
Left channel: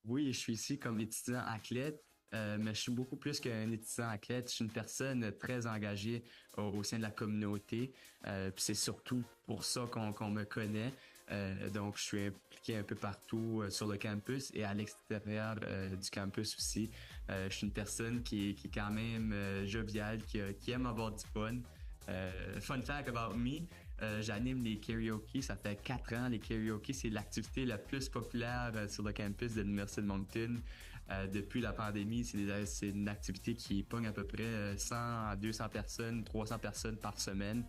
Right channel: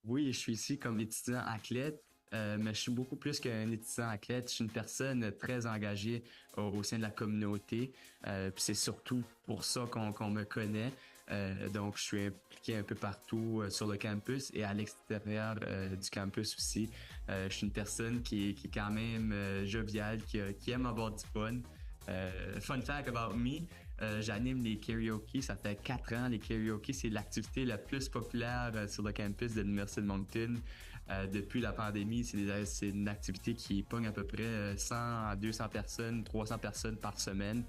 Oui, je suis ici comme étudiant athlète, mais je suis beaucoup plus qu'un étudiant athlète. Je suis une personne très engagée au sein de la communauté. Puis c'est surtout pour ça qu'on me connaît. Donc, je suis impliqué un peu partout sur le campus et à l'extérieur du campus aussi. Je suis une personne qui est quand même joviale, qui aime avoir du fun. Fun fact about me, j'anime les karaoke, ça fait 4 ans. Les karaoke, c'est l'activité la plus populaire sur le campus de l'Université de Moncton. Depuis la pandémie, c'est une activité qui pogne à peu près 100 à 200 personnes, 300 personnes par semaine.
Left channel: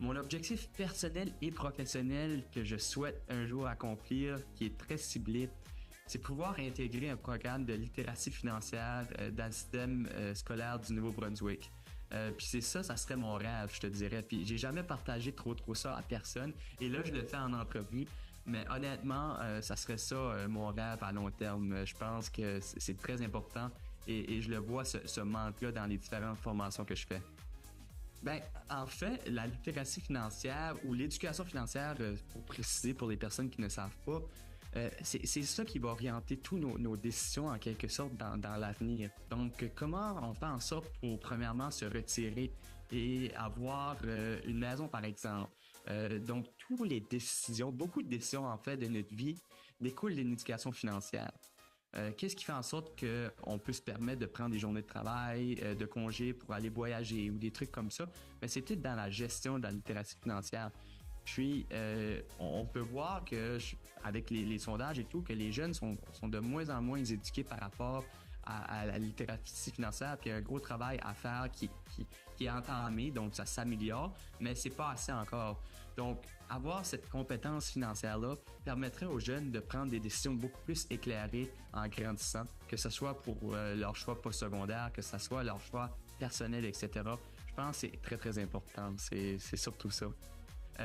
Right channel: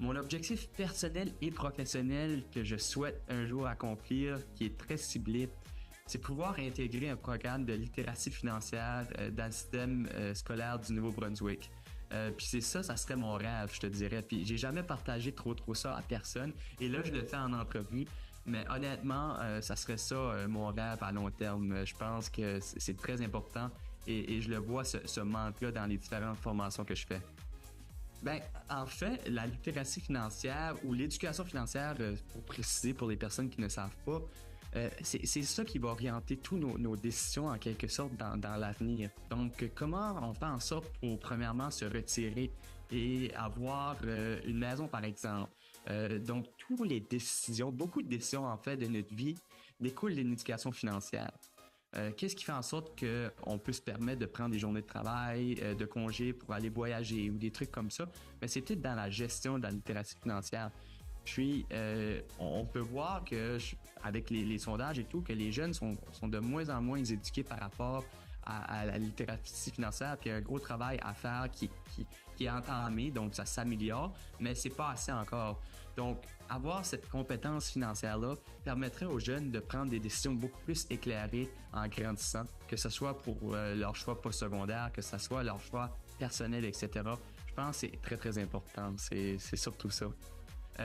Mon objectif personnel et professionnel que je souhaite un jour accomplir, qui est très ciblé, c'est pouvoir intégrer un programme de littératie financière dans le système scolaire du Nouveau-Brunswick. Puis c'est ça serait mon rêve, je te dirais. Puis j'ai jamais partagé trop ça à personne. Et là, je le fais en entrevue. Mais honnêtement, ça serait ça mon rêve à long terme. Je pense que c'est très important et je le vois, ce manque-là, dans les différentes formations que je fais. En fait, la littératie financière ou l'éducation financière, pour préciser pour les personnes qui ne savent pas, c'est ça qui va orienter tous nos décisions en quelque sorte dans l'avenir. Donc, comment on fait en sorte pour premièrement se retirer et avoir une maison par exemple. Donc, toutes les décisions, beaucoup de décisions en fait de notre vie découlent d'une éducation financière. Qu'est-ce qui fait en sorte qu'on peut se permettre de prendre des journées de travail, de congés pour aller voyager ou des trucs comme ça? C'est tout dans la gestion de la littératie financière. Puis, on peut voir que, avec les sondages et tout, que les jeunes sont de moins en moins éduqués par rapport à la littératie financière, puis il y a un gros travail à faire qui est entamé, donc ça s'améliore, mais c'est pas assez encore. Donc, avoir cette compétence financière-là permettrait aux jeunes de prendre des décisions beaucoup plus éclairées en grandissant, que ce soit pour leur choix postsecondaire, que ce soit leur choix personnel, etc. Je pense que c'est très, très important. C'est surtout ça.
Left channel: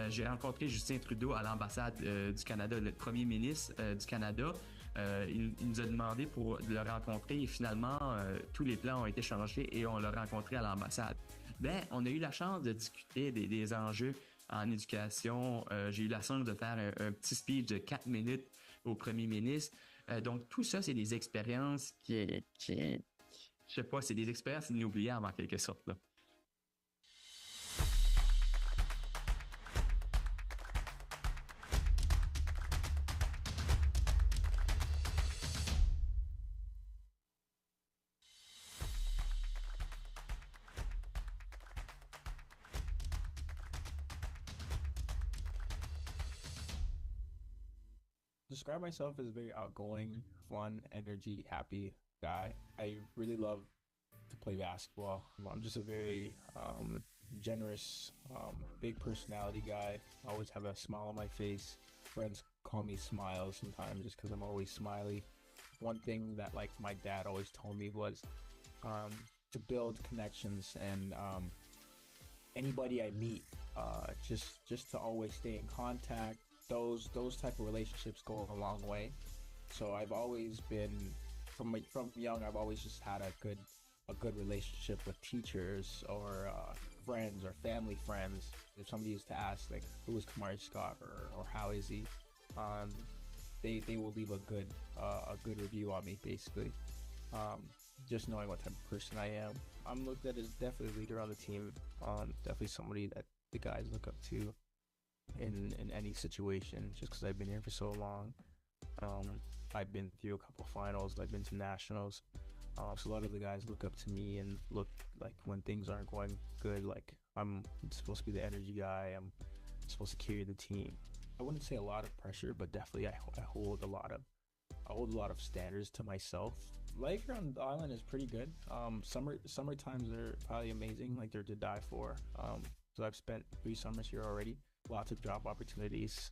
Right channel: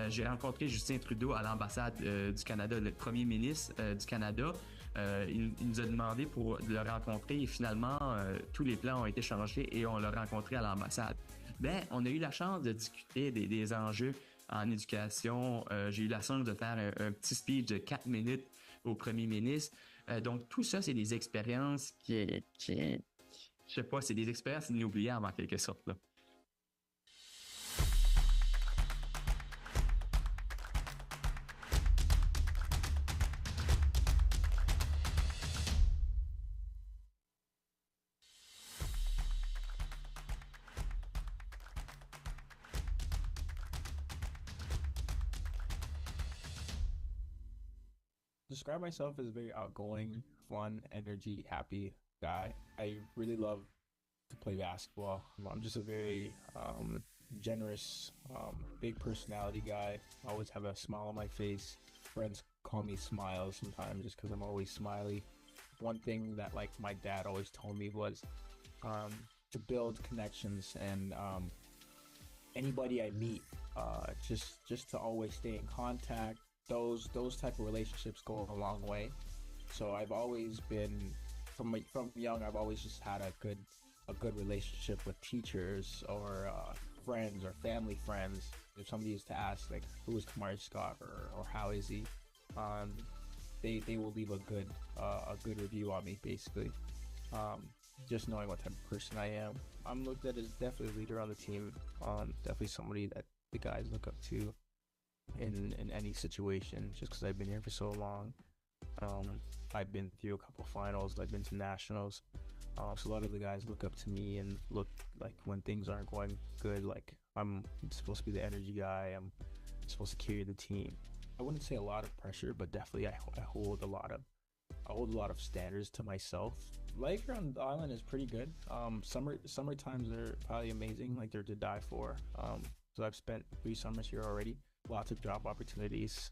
J'ai rencontré Justin Trudeau à l'ambassade du Canada, le premier ministre du Canada. il nous a demandé de le rencontrer et finalement, tous les plans ont été changés et on l'a rencontré à l'ambassade. On a eu la chance de discuter des enjeux en éducation. J'ai eu la chance de faire un petit speech de 4 minutes au premier ministre. Donc, tout ça, c'est des expériences je sais pas, c'est des expériences inoubliables en quelque sorte, là. Describe myself as a very outgoing, fun, energy, happy guy. I really love to play basketball. I'm just a very generous, big personality guy. I always have a smile on my face. Friends call me Smile sometimes just because I'm always smiley. One thing that like my dad always told me was to build connections and anybody I meet, just to always stay in contact. Those type of relationships go a long way. So I've always been from young. I've always just had a good relationship with teachers or friends or family friends. If somebody used to ask like who is Kamari Scott or how is he, they will leave a good review on me basically. Just knowing what type of person I am, I'm looked at as definitely a leader on the team. Definitely somebody that the guys look up to in any situation, just because I've been here for so long. I've been through a couple finals, I've been to nationals, so a lot of the guys look up to me and look like when things aren't going good, like I'm supposed to be the energy guy, I'm supposed to carry the team. I wouldn't say a lot of pressure, but definitely I hold a lot of standards to myself. Life here on the island is pretty good. Summer times are probably amazing, like they're to die for. So I've spent 3 summers here already. Lots of job opportunities,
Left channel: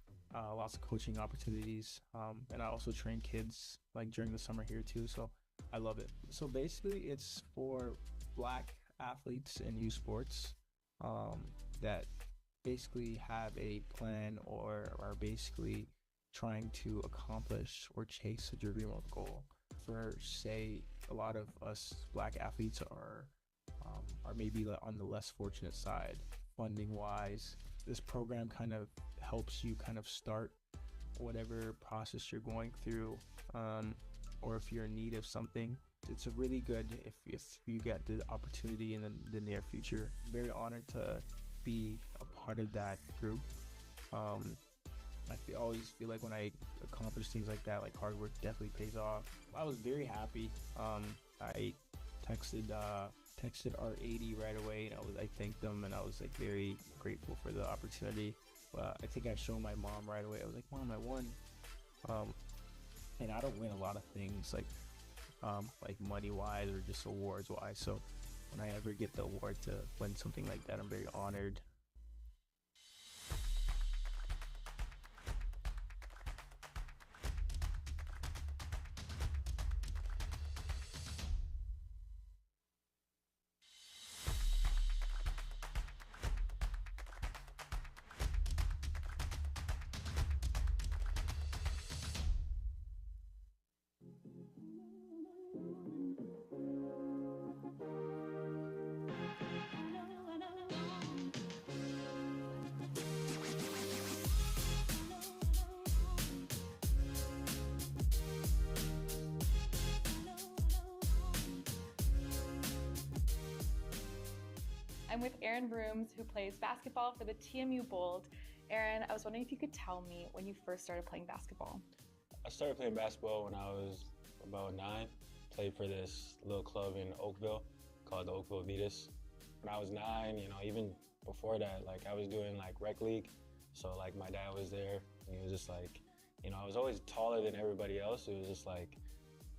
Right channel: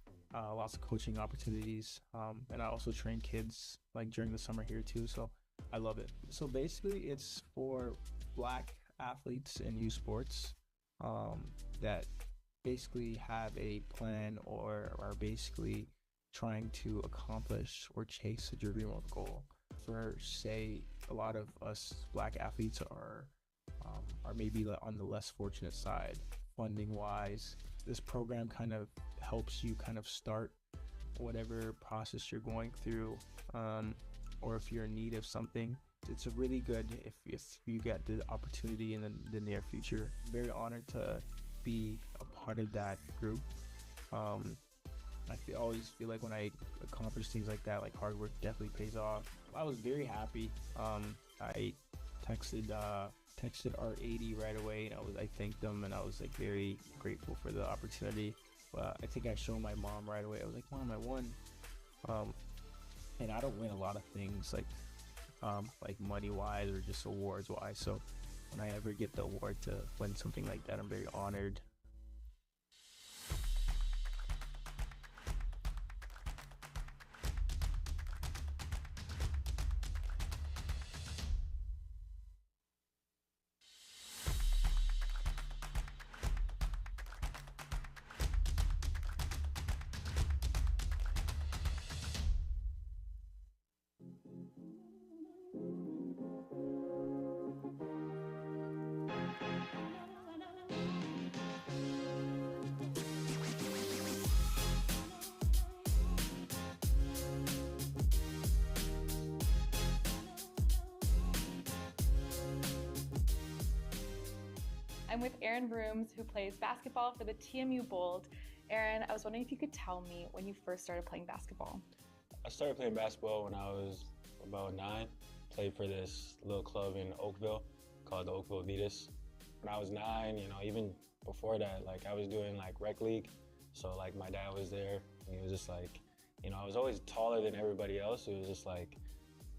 lots of coaching opportunities, and I also train kids like during the summer here too, so I love it. So basically it's for Black athletes in youth sports that basically have a plan or are basically trying to accomplish or chase a dream or goal. For say a lot of us Black athletes are maybe on the less fortunate side funding wise. This program kind of helps you kind of start whatever process you're going through, or if you're in need of something. It's a really good if you get the opportunity in the near future. Very honored to be a part of that group. I always feel like when I accomplish things like that, like hard work definitely pays off. I was very happy. I texted R80 right away, and I thanked them, and I was like very grateful for the opportunity. But I think I showed my mom right away. I was like, Mom, I won. And I don't win a lot of things like money wise or just awards wise. So when I ever get the award to win something like that, I'm very honored. I'm with Aaron Brooms, who plays basketball for the TMU Bold. Aaron, I was wondering if you could tell me when you first started playing basketball. I started playing basketball when I was about 9. Played for this little club in Oakville called the Oakville Vitas. When I was 9, even before that, like I was doing like rec league. So like my dad was there, and he was just like, I was always taller than everybody else. It was just like,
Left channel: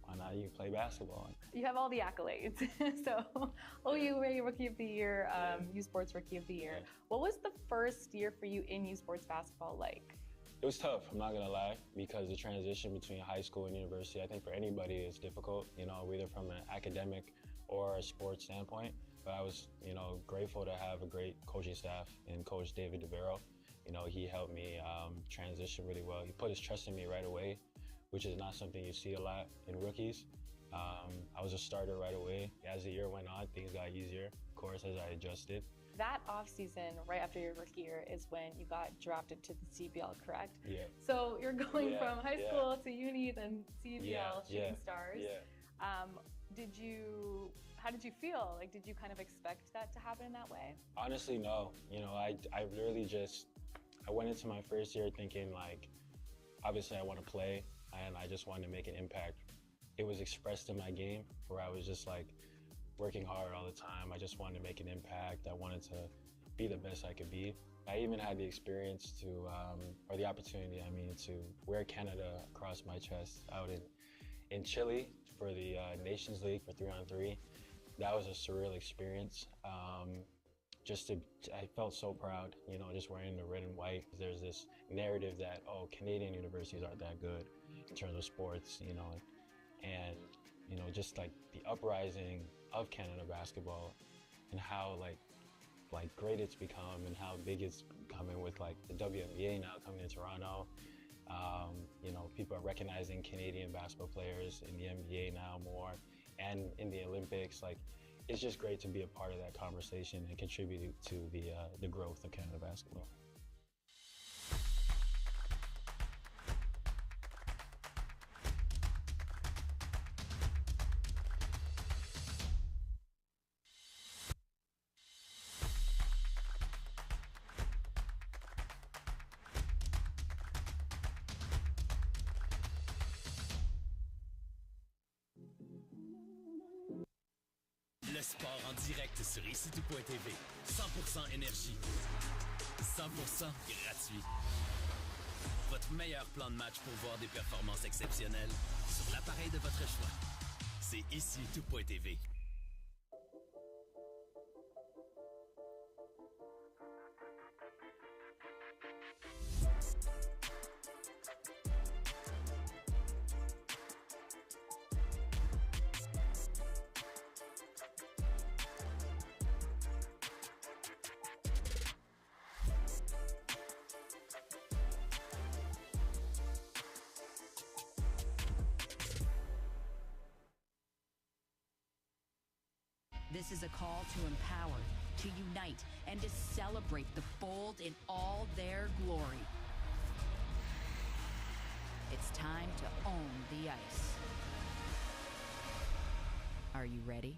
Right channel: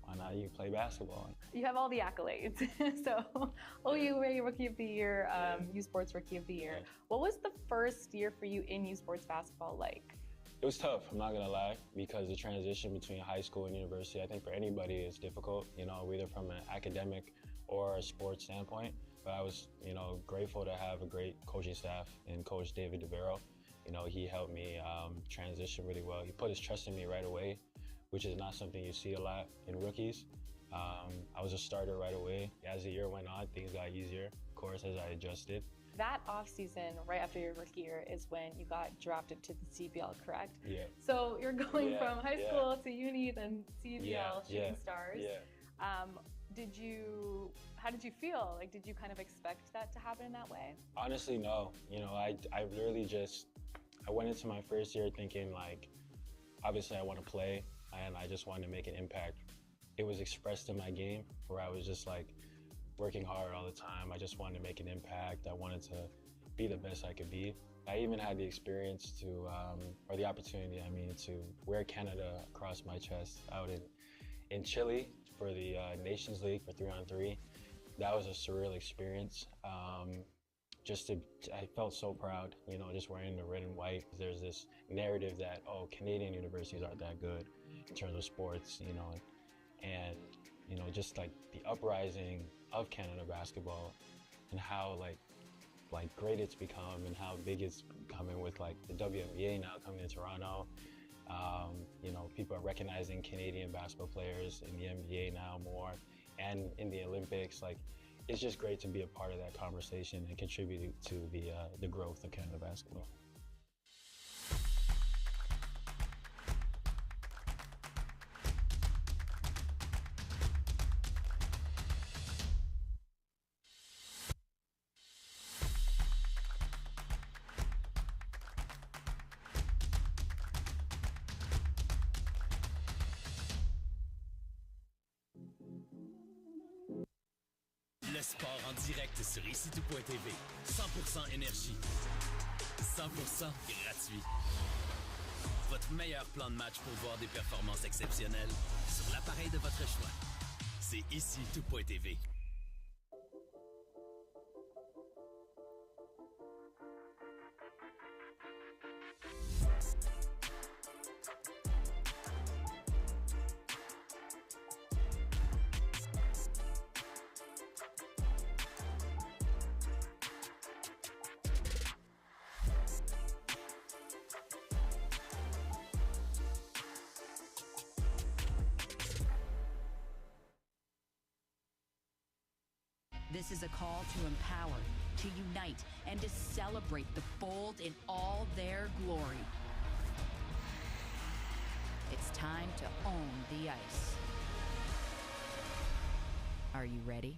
why not you play basketball? You have all the accolades. So, OUA Rookie of the Year, U Sports Rookie of the Year. What was the first year for you in U Sports basketball like? It was tough, I'm not gonna lie, because the transition between high school and university, I think for anybody is difficult, either from an academic or a sports standpoint. But I was, grateful to have a great coaching staff and Coach David DeVero. He helped me transition really well. He put his trust in me right away which is not something you see a lot in rookies. I was a starter right away. As the year went on, things got easier, of course, as I adjusted. That offseason, right after your rookie year, is when you got drafted to the CBL, correct? Yeah. So you're going from high school to uni, then CBL, Shooting Stars. Yeah. How did you feel? Like, did you kind of expect that to happen in that way? Honestly, no. You know, I literally I went into my first year thinking, like, obviously I want to play, and I just wanted to make an impact. It was expressed in my game, where I was just, like, working hard all the time. I just wanted to make an impact. I wanted to be the best I could be. I even had the experience or the opportunity, to wear Canada across my chest out in Chile for the Nations League for 3-on-3. That was a surreal experience. I felt so proud, just wearing the red and white. There's this narrative that, Canadian universities aren't that good in terms of sports, and, just like the uprising of Canada basketball and how like great it's become and how big it's becoming with like the WNBA now coming to Toronto. People are recognizing Canadian basketball players in the NBA now more and in the Olympics. Like, it's just great to be a part of that conversation and contribute to the growth of Canada basketball. Le sport en direct sur ici.tv. 100% énergie. 100% gratuit. Votre meilleur plan de match pour voir des performances exceptionnelles sur l'appareil de votre choix. C'est ici.tv. This is a call to empower, to unite, and to celebrate the bold in all their glory. It's time to own the ice. Are you ready?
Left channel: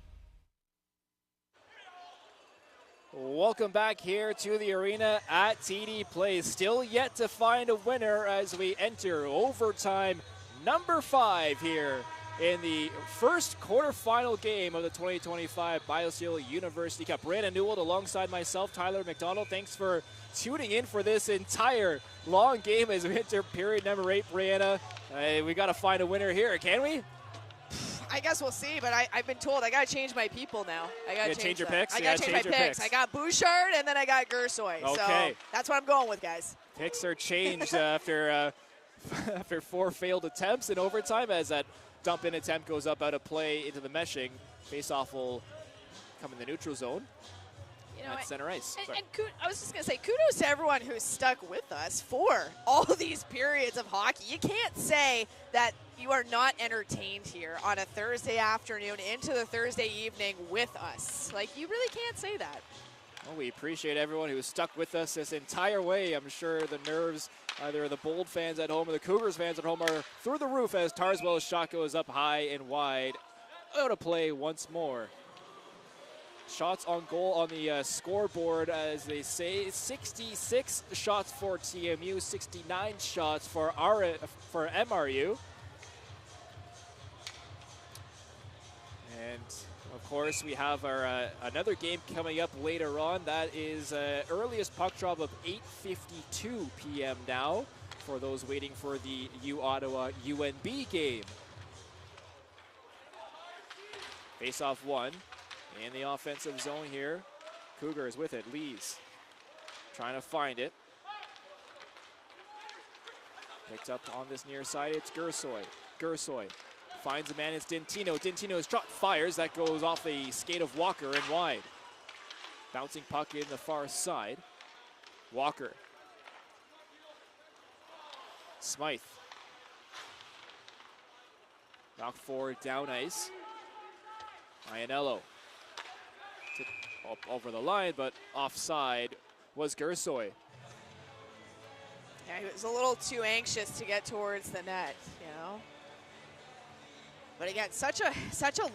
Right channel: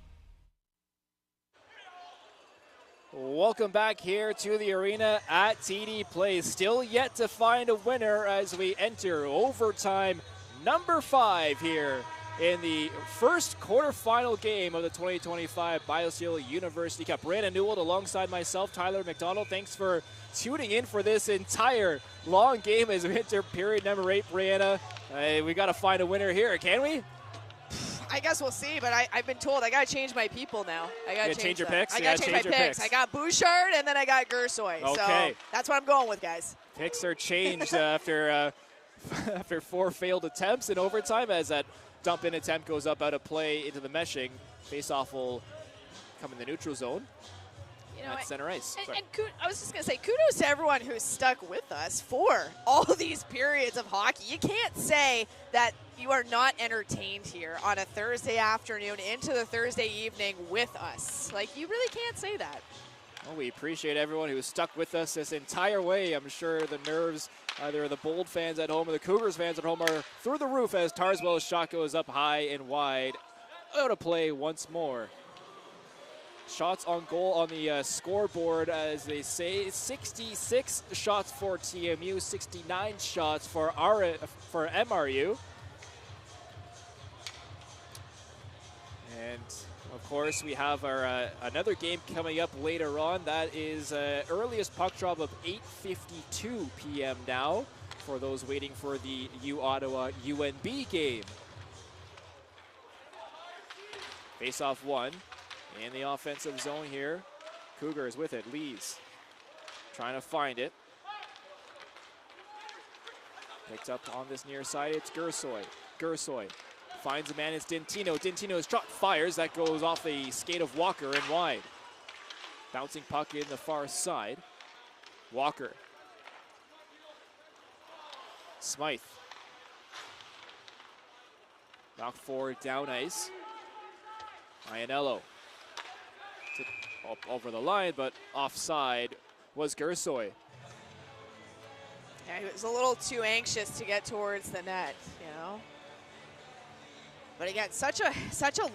Welcome back here to the arena at TD Place. Still yet to find a winner as we enter overtime number 5 here in the first quarterfinal game of the 2025 BioSteel University Cup. Brandon Newell alongside myself, Tyler McDonald. Thanks for tuning in for this entire long game as we enter period number 8, Brianna. We got to find a winner here, can we? I guess we'll see, but I've been told I got to change my people now. I got to change your picks? I got to change my picks. I got Bouchard, and then I got Gersoy. Okay. So that's what I'm going with, guys. Picks are changed after 4 failed attempts in overtime as that dump-in attempt goes up out of play into the meshing. Face-off will come in the neutral zone. At center ice. And I was just going to say, kudos to everyone who's stuck with us for all of these periods of hockey. You can't say that you are not entertained here on a Thursday afternoon into the Thursday evening with us. Like, you really can't say that. Well, we appreciate everyone who's stuck with us this entire way. I'm sure the nerves, either the Bold fans at home or the Cougars fans at home, are through the roof as Tarswell's shot goes up high and wide. Out of play once more. Shots on goal on the scoreboard, as they say, 66 shots for TMU, 69 shots for MRU. And of course, we have our another game coming up later on. That is earliest puck drop of 8:52 p.m. now for those waiting for the U Ottawa UNB game. Face-off 1. In the offensive zone here, Cougars with it. Lees trying to find it. Picked up on this near side, it's Gersoy. Gersoy finds a man, it's Dintino. Dintino's shot fires, that goes off the skate of Walker and wide. Bouncing puck in the far side. Walker. Smythe Knocked forward, down ice. Iannello up over the line, but offside was Gersoy. Yeah, he was a little too anxious to get towards the net, you know. But again, such a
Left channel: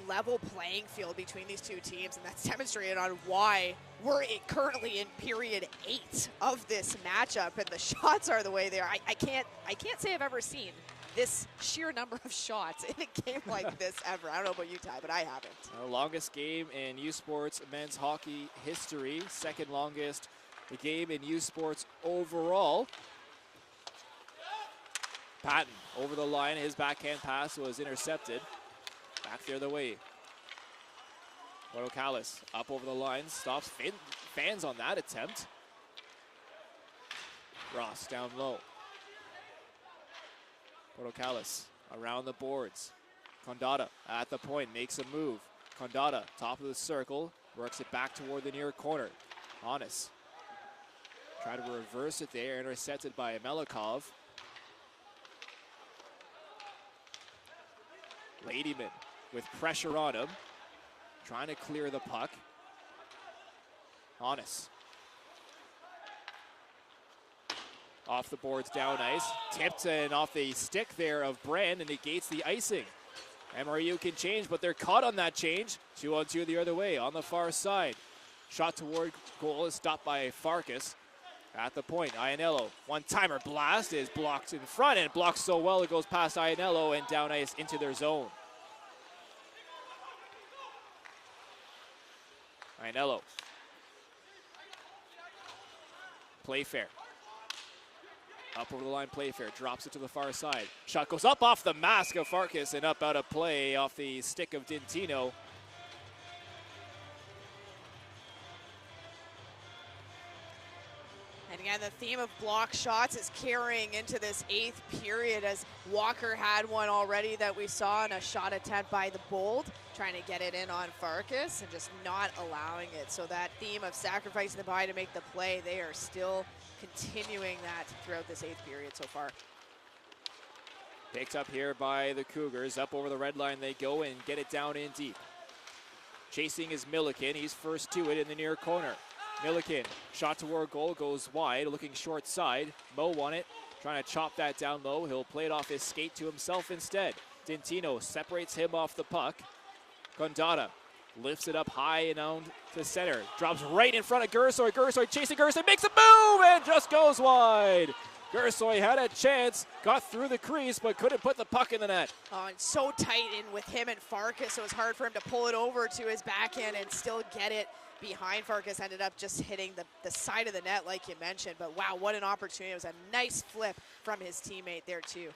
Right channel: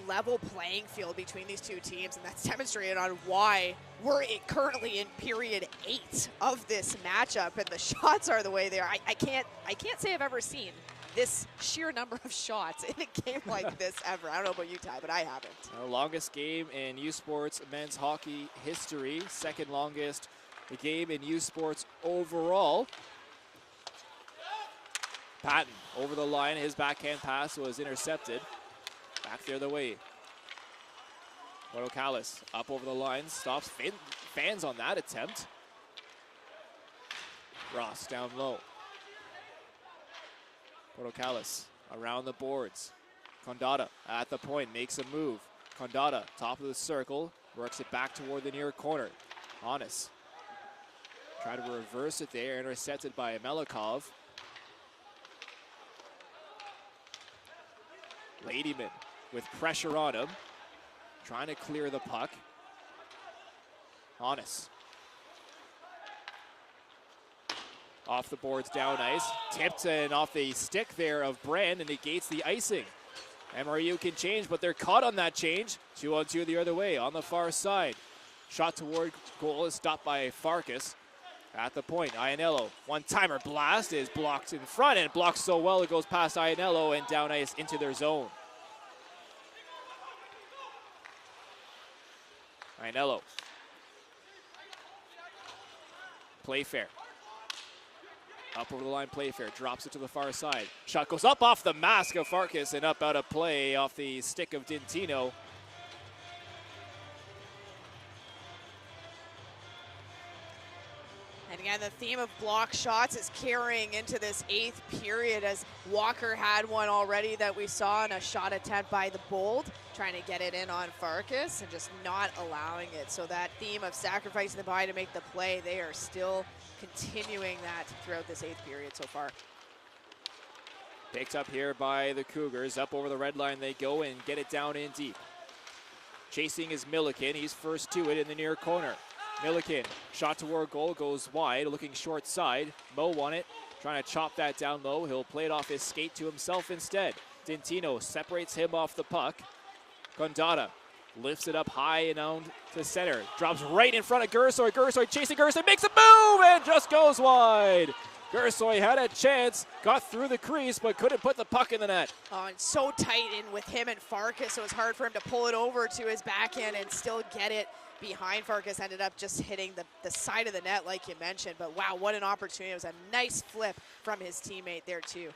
level playing field between these two teams, and that's demonstrated on why we're currently in period 8 of this matchup, and the shots are the way they are. I can't say I've ever seen this sheer number of shots in a game like this ever. I don't know about you, Ty, but I haven't. The longest game in U Sports men's hockey history, second longest game in U Sports overall. Patton over the line, his backhand pass was intercepted. Back the other way. Callis up over the line, stops fans on that attempt. Ross down low. Callis around the boards. Condata at the point, makes a move. Condata, top of the circle, works it back toward the near corner. Honest. Try to reverse it there, intercepted by Melikov. Ladyman with pressure on him, trying to clear the puck. Honest. Off the boards, down ice. Tipped and off the stick there of Brand and negates the icing. MRU can change, but they're caught on that change. 2-on-2 the other way on the far side. Shot toward goal is stopped by Farkas. At the point, Iannello. One-timer blast is blocked in front and blocked so well it goes past Iannello and down ice into their zone. Iannello. Playfair. Up over the line, Playfair drops it to the far side. Shot goes up off the mask of Farkas and up out of play off the stick of Dintino. And again, the theme of block shots is carrying into this 8th period as Walker had one already that we saw in a shot attempt by the Bold, trying to get it in on Farkas and just not allowing it. So that theme of sacrificing the body to make the play, they are still continuing that throughout this 8th period so far. Picked up here by the Cougars. Up over the red line they go and get it down in deep. Chasing is Milliken. He's first to it in the near corner. Milliken, shot toward goal, goes wide, looking short side. Mo won it, trying to chop that down low. He'll play it off his skate to himself instead. Dintino separates him off the puck. Gondata lifts it up high and down to center. Drops right in front of Gersoy. Gersoy chasing Gersoy, makes a move and just goes wide. Gersoy had a chance, got through the crease, but couldn't put the puck in the net. Oh, and so tight in with him and Farkas, so it's hard for him to pull it over to his backhand and still get it behind Farkas. Ended up just hitting the side of the net like you mentioned, but wow, what an opportunity. It was a nice flip from his teammate there too.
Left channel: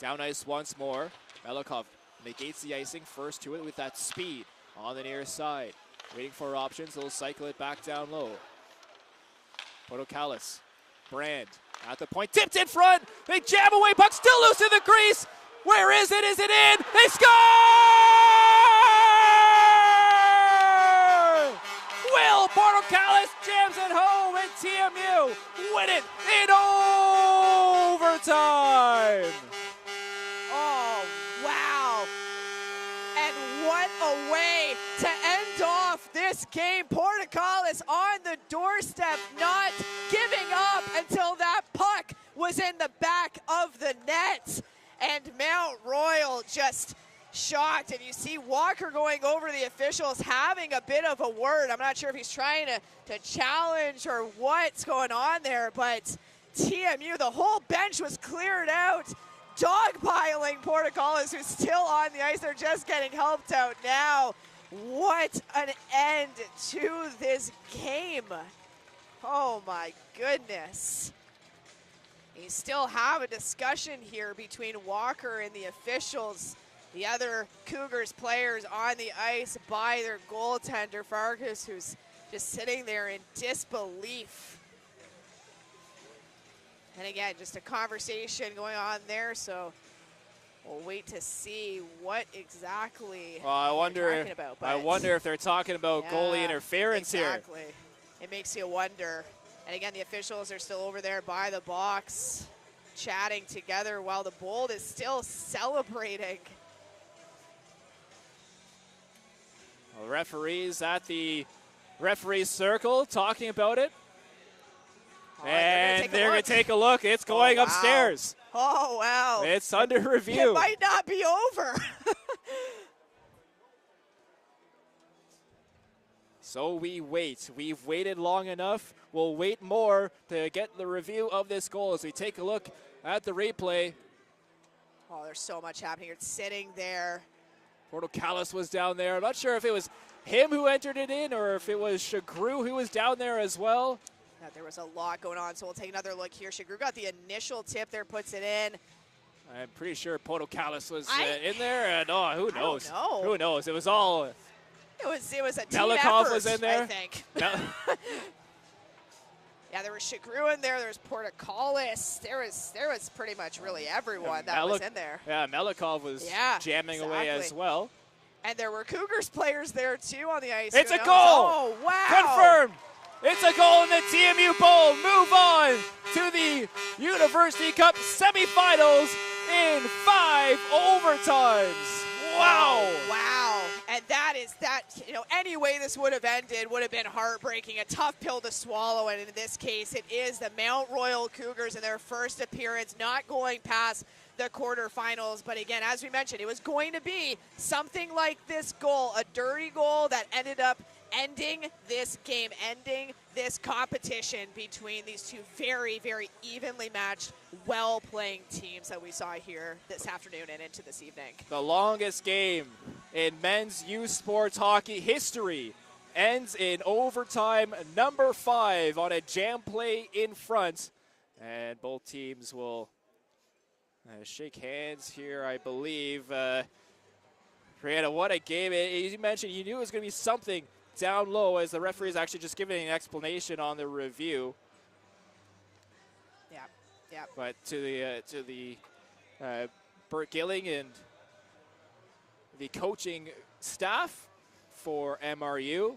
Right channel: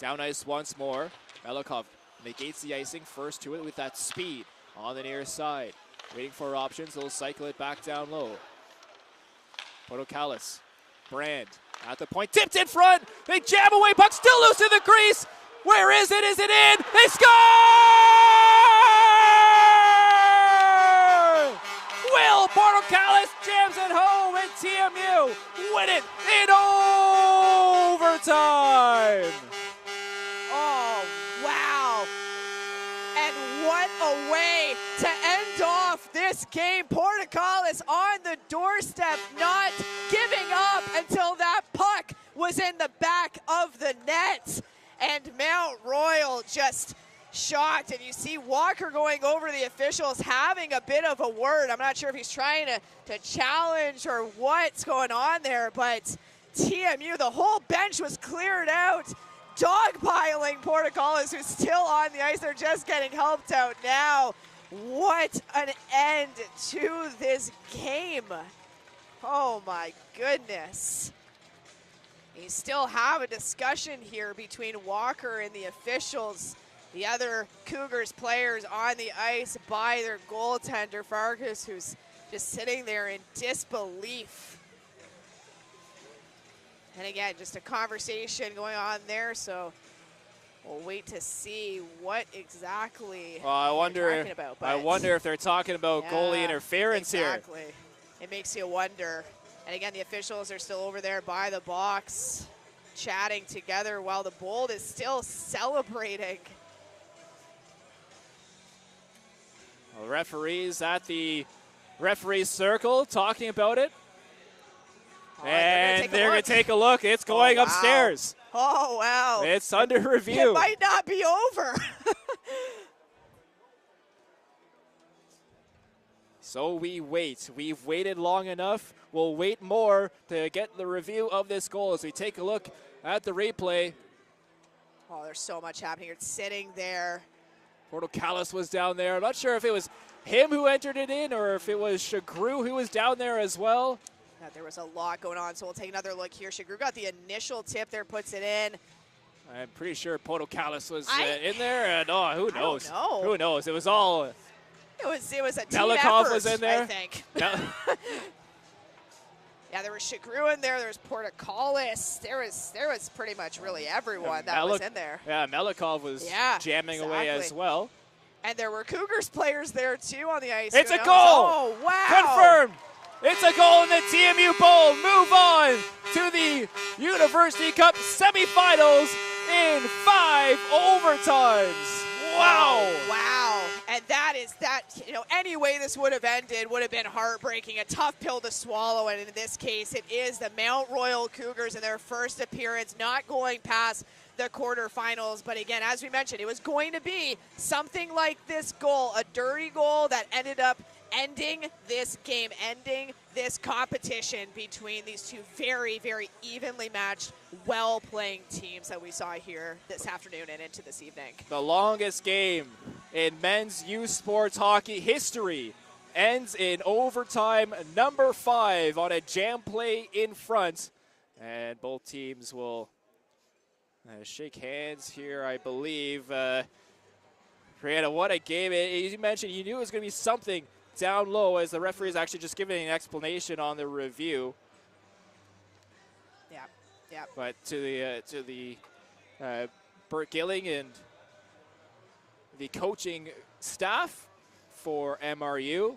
Down ice once more. Melikov negates the icing, first to it with that speed on the near side. Waiting for options, he'll cycle it back down low. Callis, Brand at the point, tipped in front, they jam away, puck still loose in the crease. Where is it? Is it in? They score! Will Callis jams it home and TMU win it in overtime. Oh, wow. And what a way to end off this game. Callis on the doorstep, not giving up until that puck was in the back of the net. And Mount Royal just shocked. And you see Walker going over the officials, having a bit of a word. I'm not sure if he's trying to challenge or what's going on there, but TMU, the whole bench was cleared out, dogpiling Callis, who's still on the ice. They're just getting helped out now. What an end to this game. Oh my goodness. You still have a discussion here between Walker and the officials. The other Cougars players on the ice by their goaltender, Farkas, who's just sitting there in disbelief. And again, just a conversation going on there, so we'll wait to see what exactly I wonder if they're talking about Yeah, goalie interference here. Exactly. It makes you wonder. And again, the officials are still over there by the box, chatting together while the Bold is still celebrating. referees at the referee circle talking about it. And they're going to take a look. It's going upstairs. Oh, wow. It's under review. It might not be over. So we wait. We've waited long enough. We'll wait more to get the review of this goal as we take a look at the replay. Oh, there's so much happening. It's sitting there. Portocalis was down there. I'm not sure if it was him who entered it in or if it was Shagru who was down there as well. Yeah, there was a lot going on, so we'll take another look here. Shagru got the initial tip there, puts it in. I'm pretty sure Portocalis was in there, and who knows? I don't know. Who knows? It was all. It was a team Melikov effort, was in there. I think. Yeah, there was Shagru in there. There was Portocalis. There was pretty much really everyone that was in there. Yeah, Melikov was jamming away as well. And there were Cougars players there too on the ice. It's a goal! Oh, wow! Confirmed! It's a goal in the TMU Bowl. Move on to the University Cup semifinals in 5 overtimes. Wow! Wow! And that, any way this would have ended would have been heartbreaking, a tough pill to swallow, and in this case, it is the Mount Royal Cougars in their first appearance, not going past the quarterfinals. But again, as we mentioned, it was going to be something like this goal, a dirty goal that ended up ending this game, ending this competition between these two very, very evenly matched, well-playing teams that we saw here this afternoon and into this evening. The longest game in men's youth sports hockey history ends in overtime number 5 on a jam play in front. And both teams will shake hands here, I believe. Brianna, what a game. You mentioned you knew it was going to be something down low as the referee is actually just giving an explanation on the review. Yeah. But to the Bert Gilling and the coaching staff for MRU.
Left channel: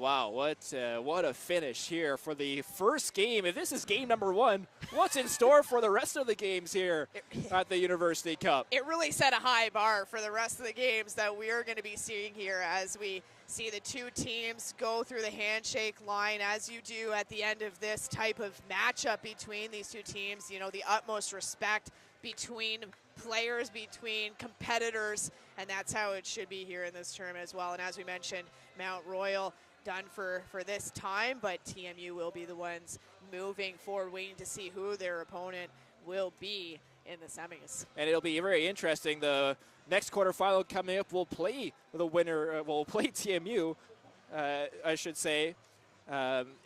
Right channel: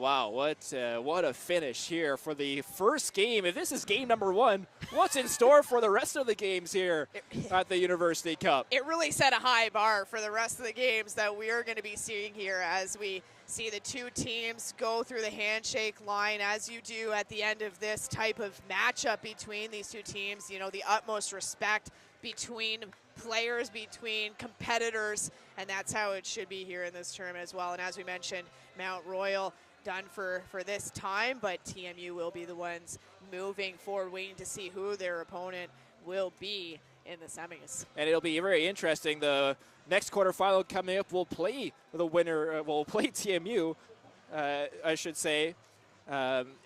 Wow, what a finish here for the first game. If this is game number 1, what's in store for the rest of the games here at the University Cup? It really set a high bar for the rest of the games that we are going to be seeing here as we see the two teams go through the handshake line, as you do at the end of this type of matchup between these two teams. You know, the utmost respect between players, between competitors, and that's how it should be here in this tournament as well. And as we mentioned, Mount Royal done for this time, but TMU will be the ones moving forward, waiting to see who their opponent will be in the semis. And it'll be very interesting. The next quarterfinal coming up will play the winner, will play TMU, I should say,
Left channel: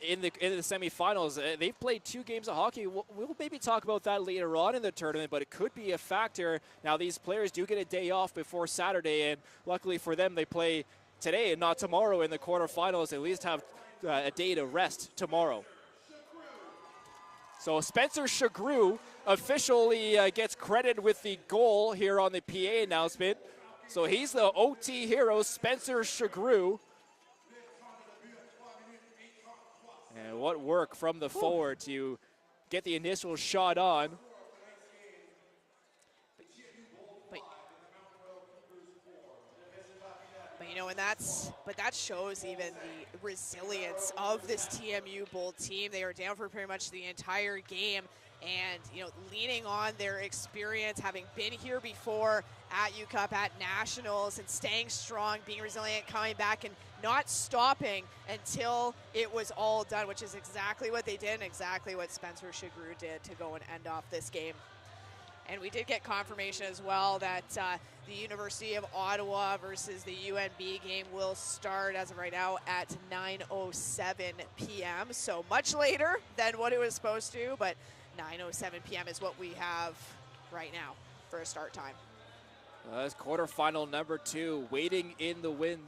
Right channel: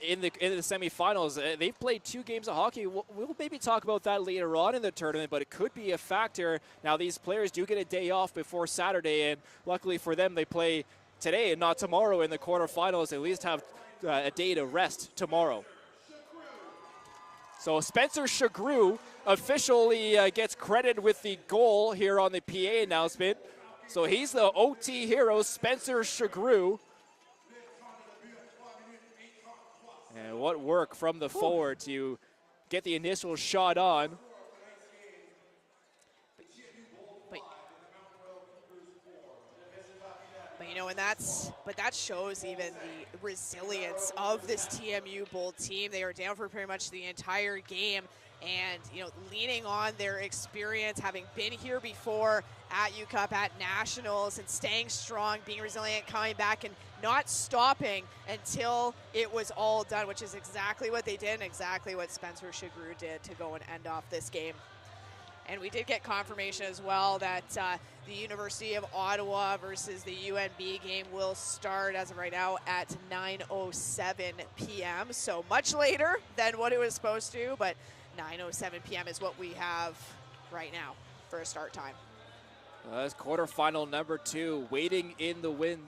in the semifinals. They've played 2 games of hockey. We'll maybe talk about that later on in the tournament, but it could be a factor. Now, these players do get a day off before Saturday, and luckily for them, they play today and not tomorrow in the quarterfinals. They at least have a day to rest tomorrow. So Spencer Shagru officially gets credit with the goal here on the PA announcement. So he's the OT hero, Spencer Shagru. And what work from the forward to get the initial shot on. But you know, that shows even the resilience of this TMU Bold team. They were down for pretty much the entire game, and you know, leaning on their experience, having been here before at UCup, at Nationals, and staying strong, being resilient, coming back, and not stopping until it was all done, which is exactly what they did and exactly what Spencer Shagru did to go and end off this game. And we did get confirmation as well that the University of Ottawa versus the UNB game will start as of right now at 9:07 p.m. So much later than what it was supposed to, but 9:07 p.m. is what we have right now for a start time. That's quarterfinal number 2, waiting in the wind.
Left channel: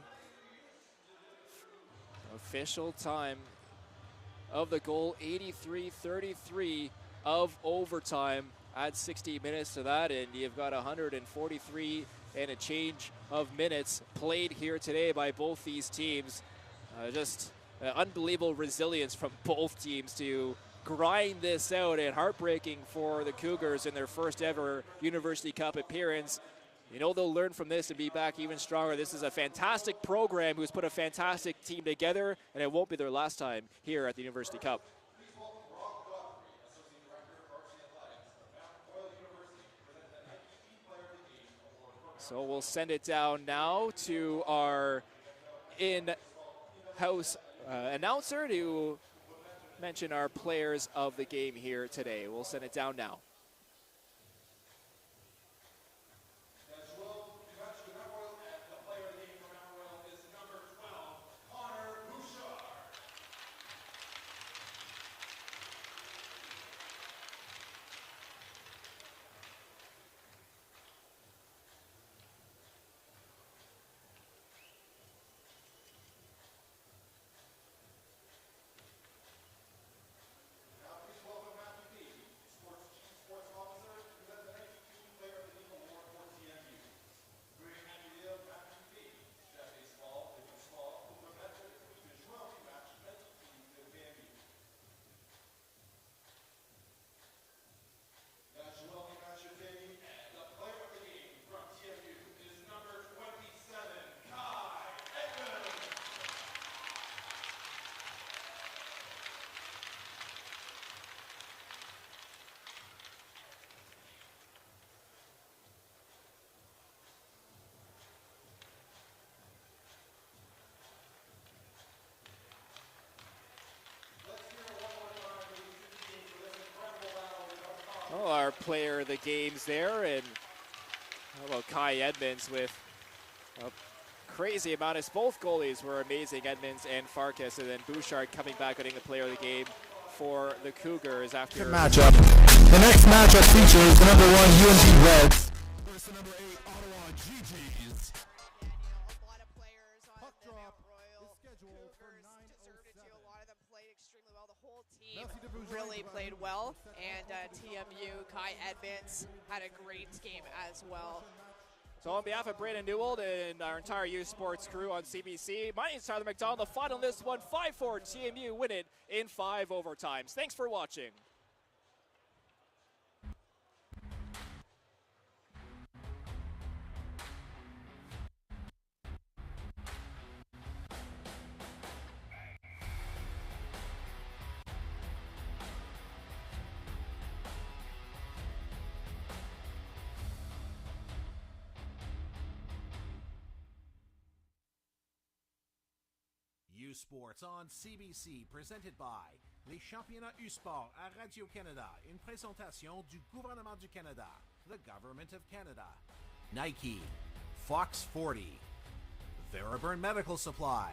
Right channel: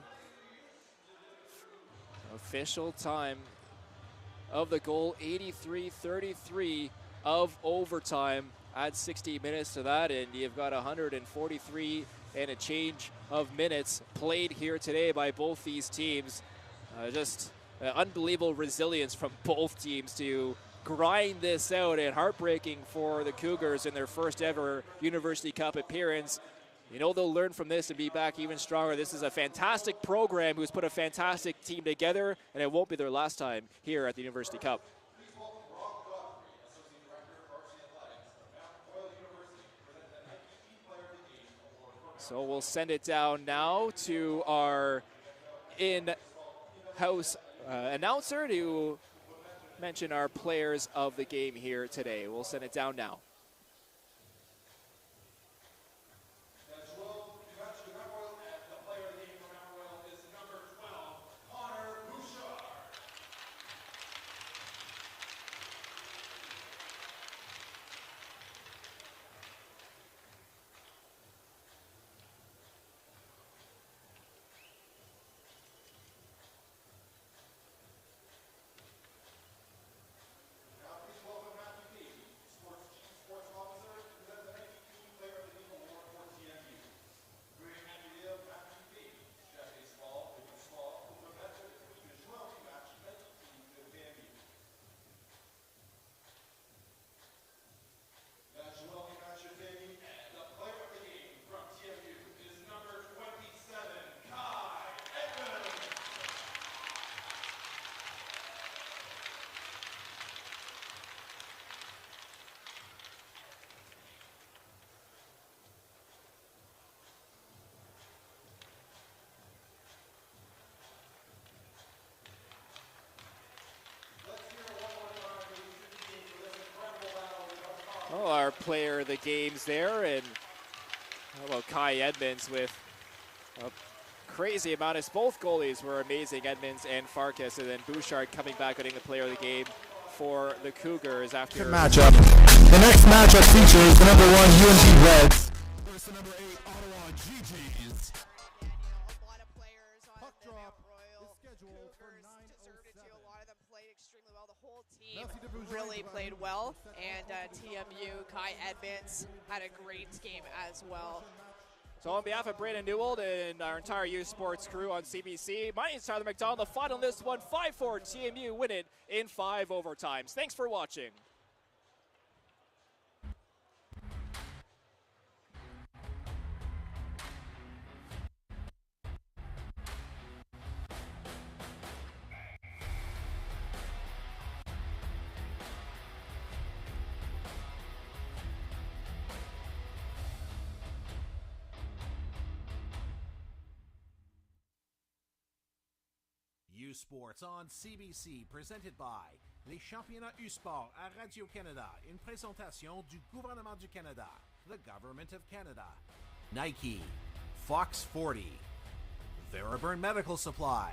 Official time of the goal, 83-33 of overtime. Add 60 minutes to that, and you've got 143 and a change of minutes played here today by both these teams. Just unbelievable resilience from both teams to grind this out, and heartbreaking for the Cougars in their first ever University Cup appearance. You know they'll learn from this and be back even stronger. This is a fantastic program who's put a fantastic team together, and it won't be their last time here at the University Cup. So we'll send it down now to our in-house announcer to mention our players of the game here today. We'll send it down now. Oh, our player of the games there, and how about Kai Edmonds with a crazy amount of, both goalies were amazing, Edmonds and Farkas, and then Bouchard coming back winning the player of the game for the Cougars after matchup. The next matchup features the number 1 UNG Reds versus the number 8 Ottawa GGs. A lot of players on the Mount Royal Cougars deserted to. A lot of them played extremely well. The whole team really played well, and TMU, Kai Edmonds had a great game as well. So on behalf of Brandon Newell and our entire youth sports crew on CBC, my name is Tyler McDonald. The final in this one, 5-4, TMU win it in 5 overtimes. Thanks for watching. Sports on CBC, présenté by les championnats U-Sport à Radio-Canada, une présentation du gouvernement du Canada, the Government of Canada. Nike, Fox 40, Theraburn Medical Supply,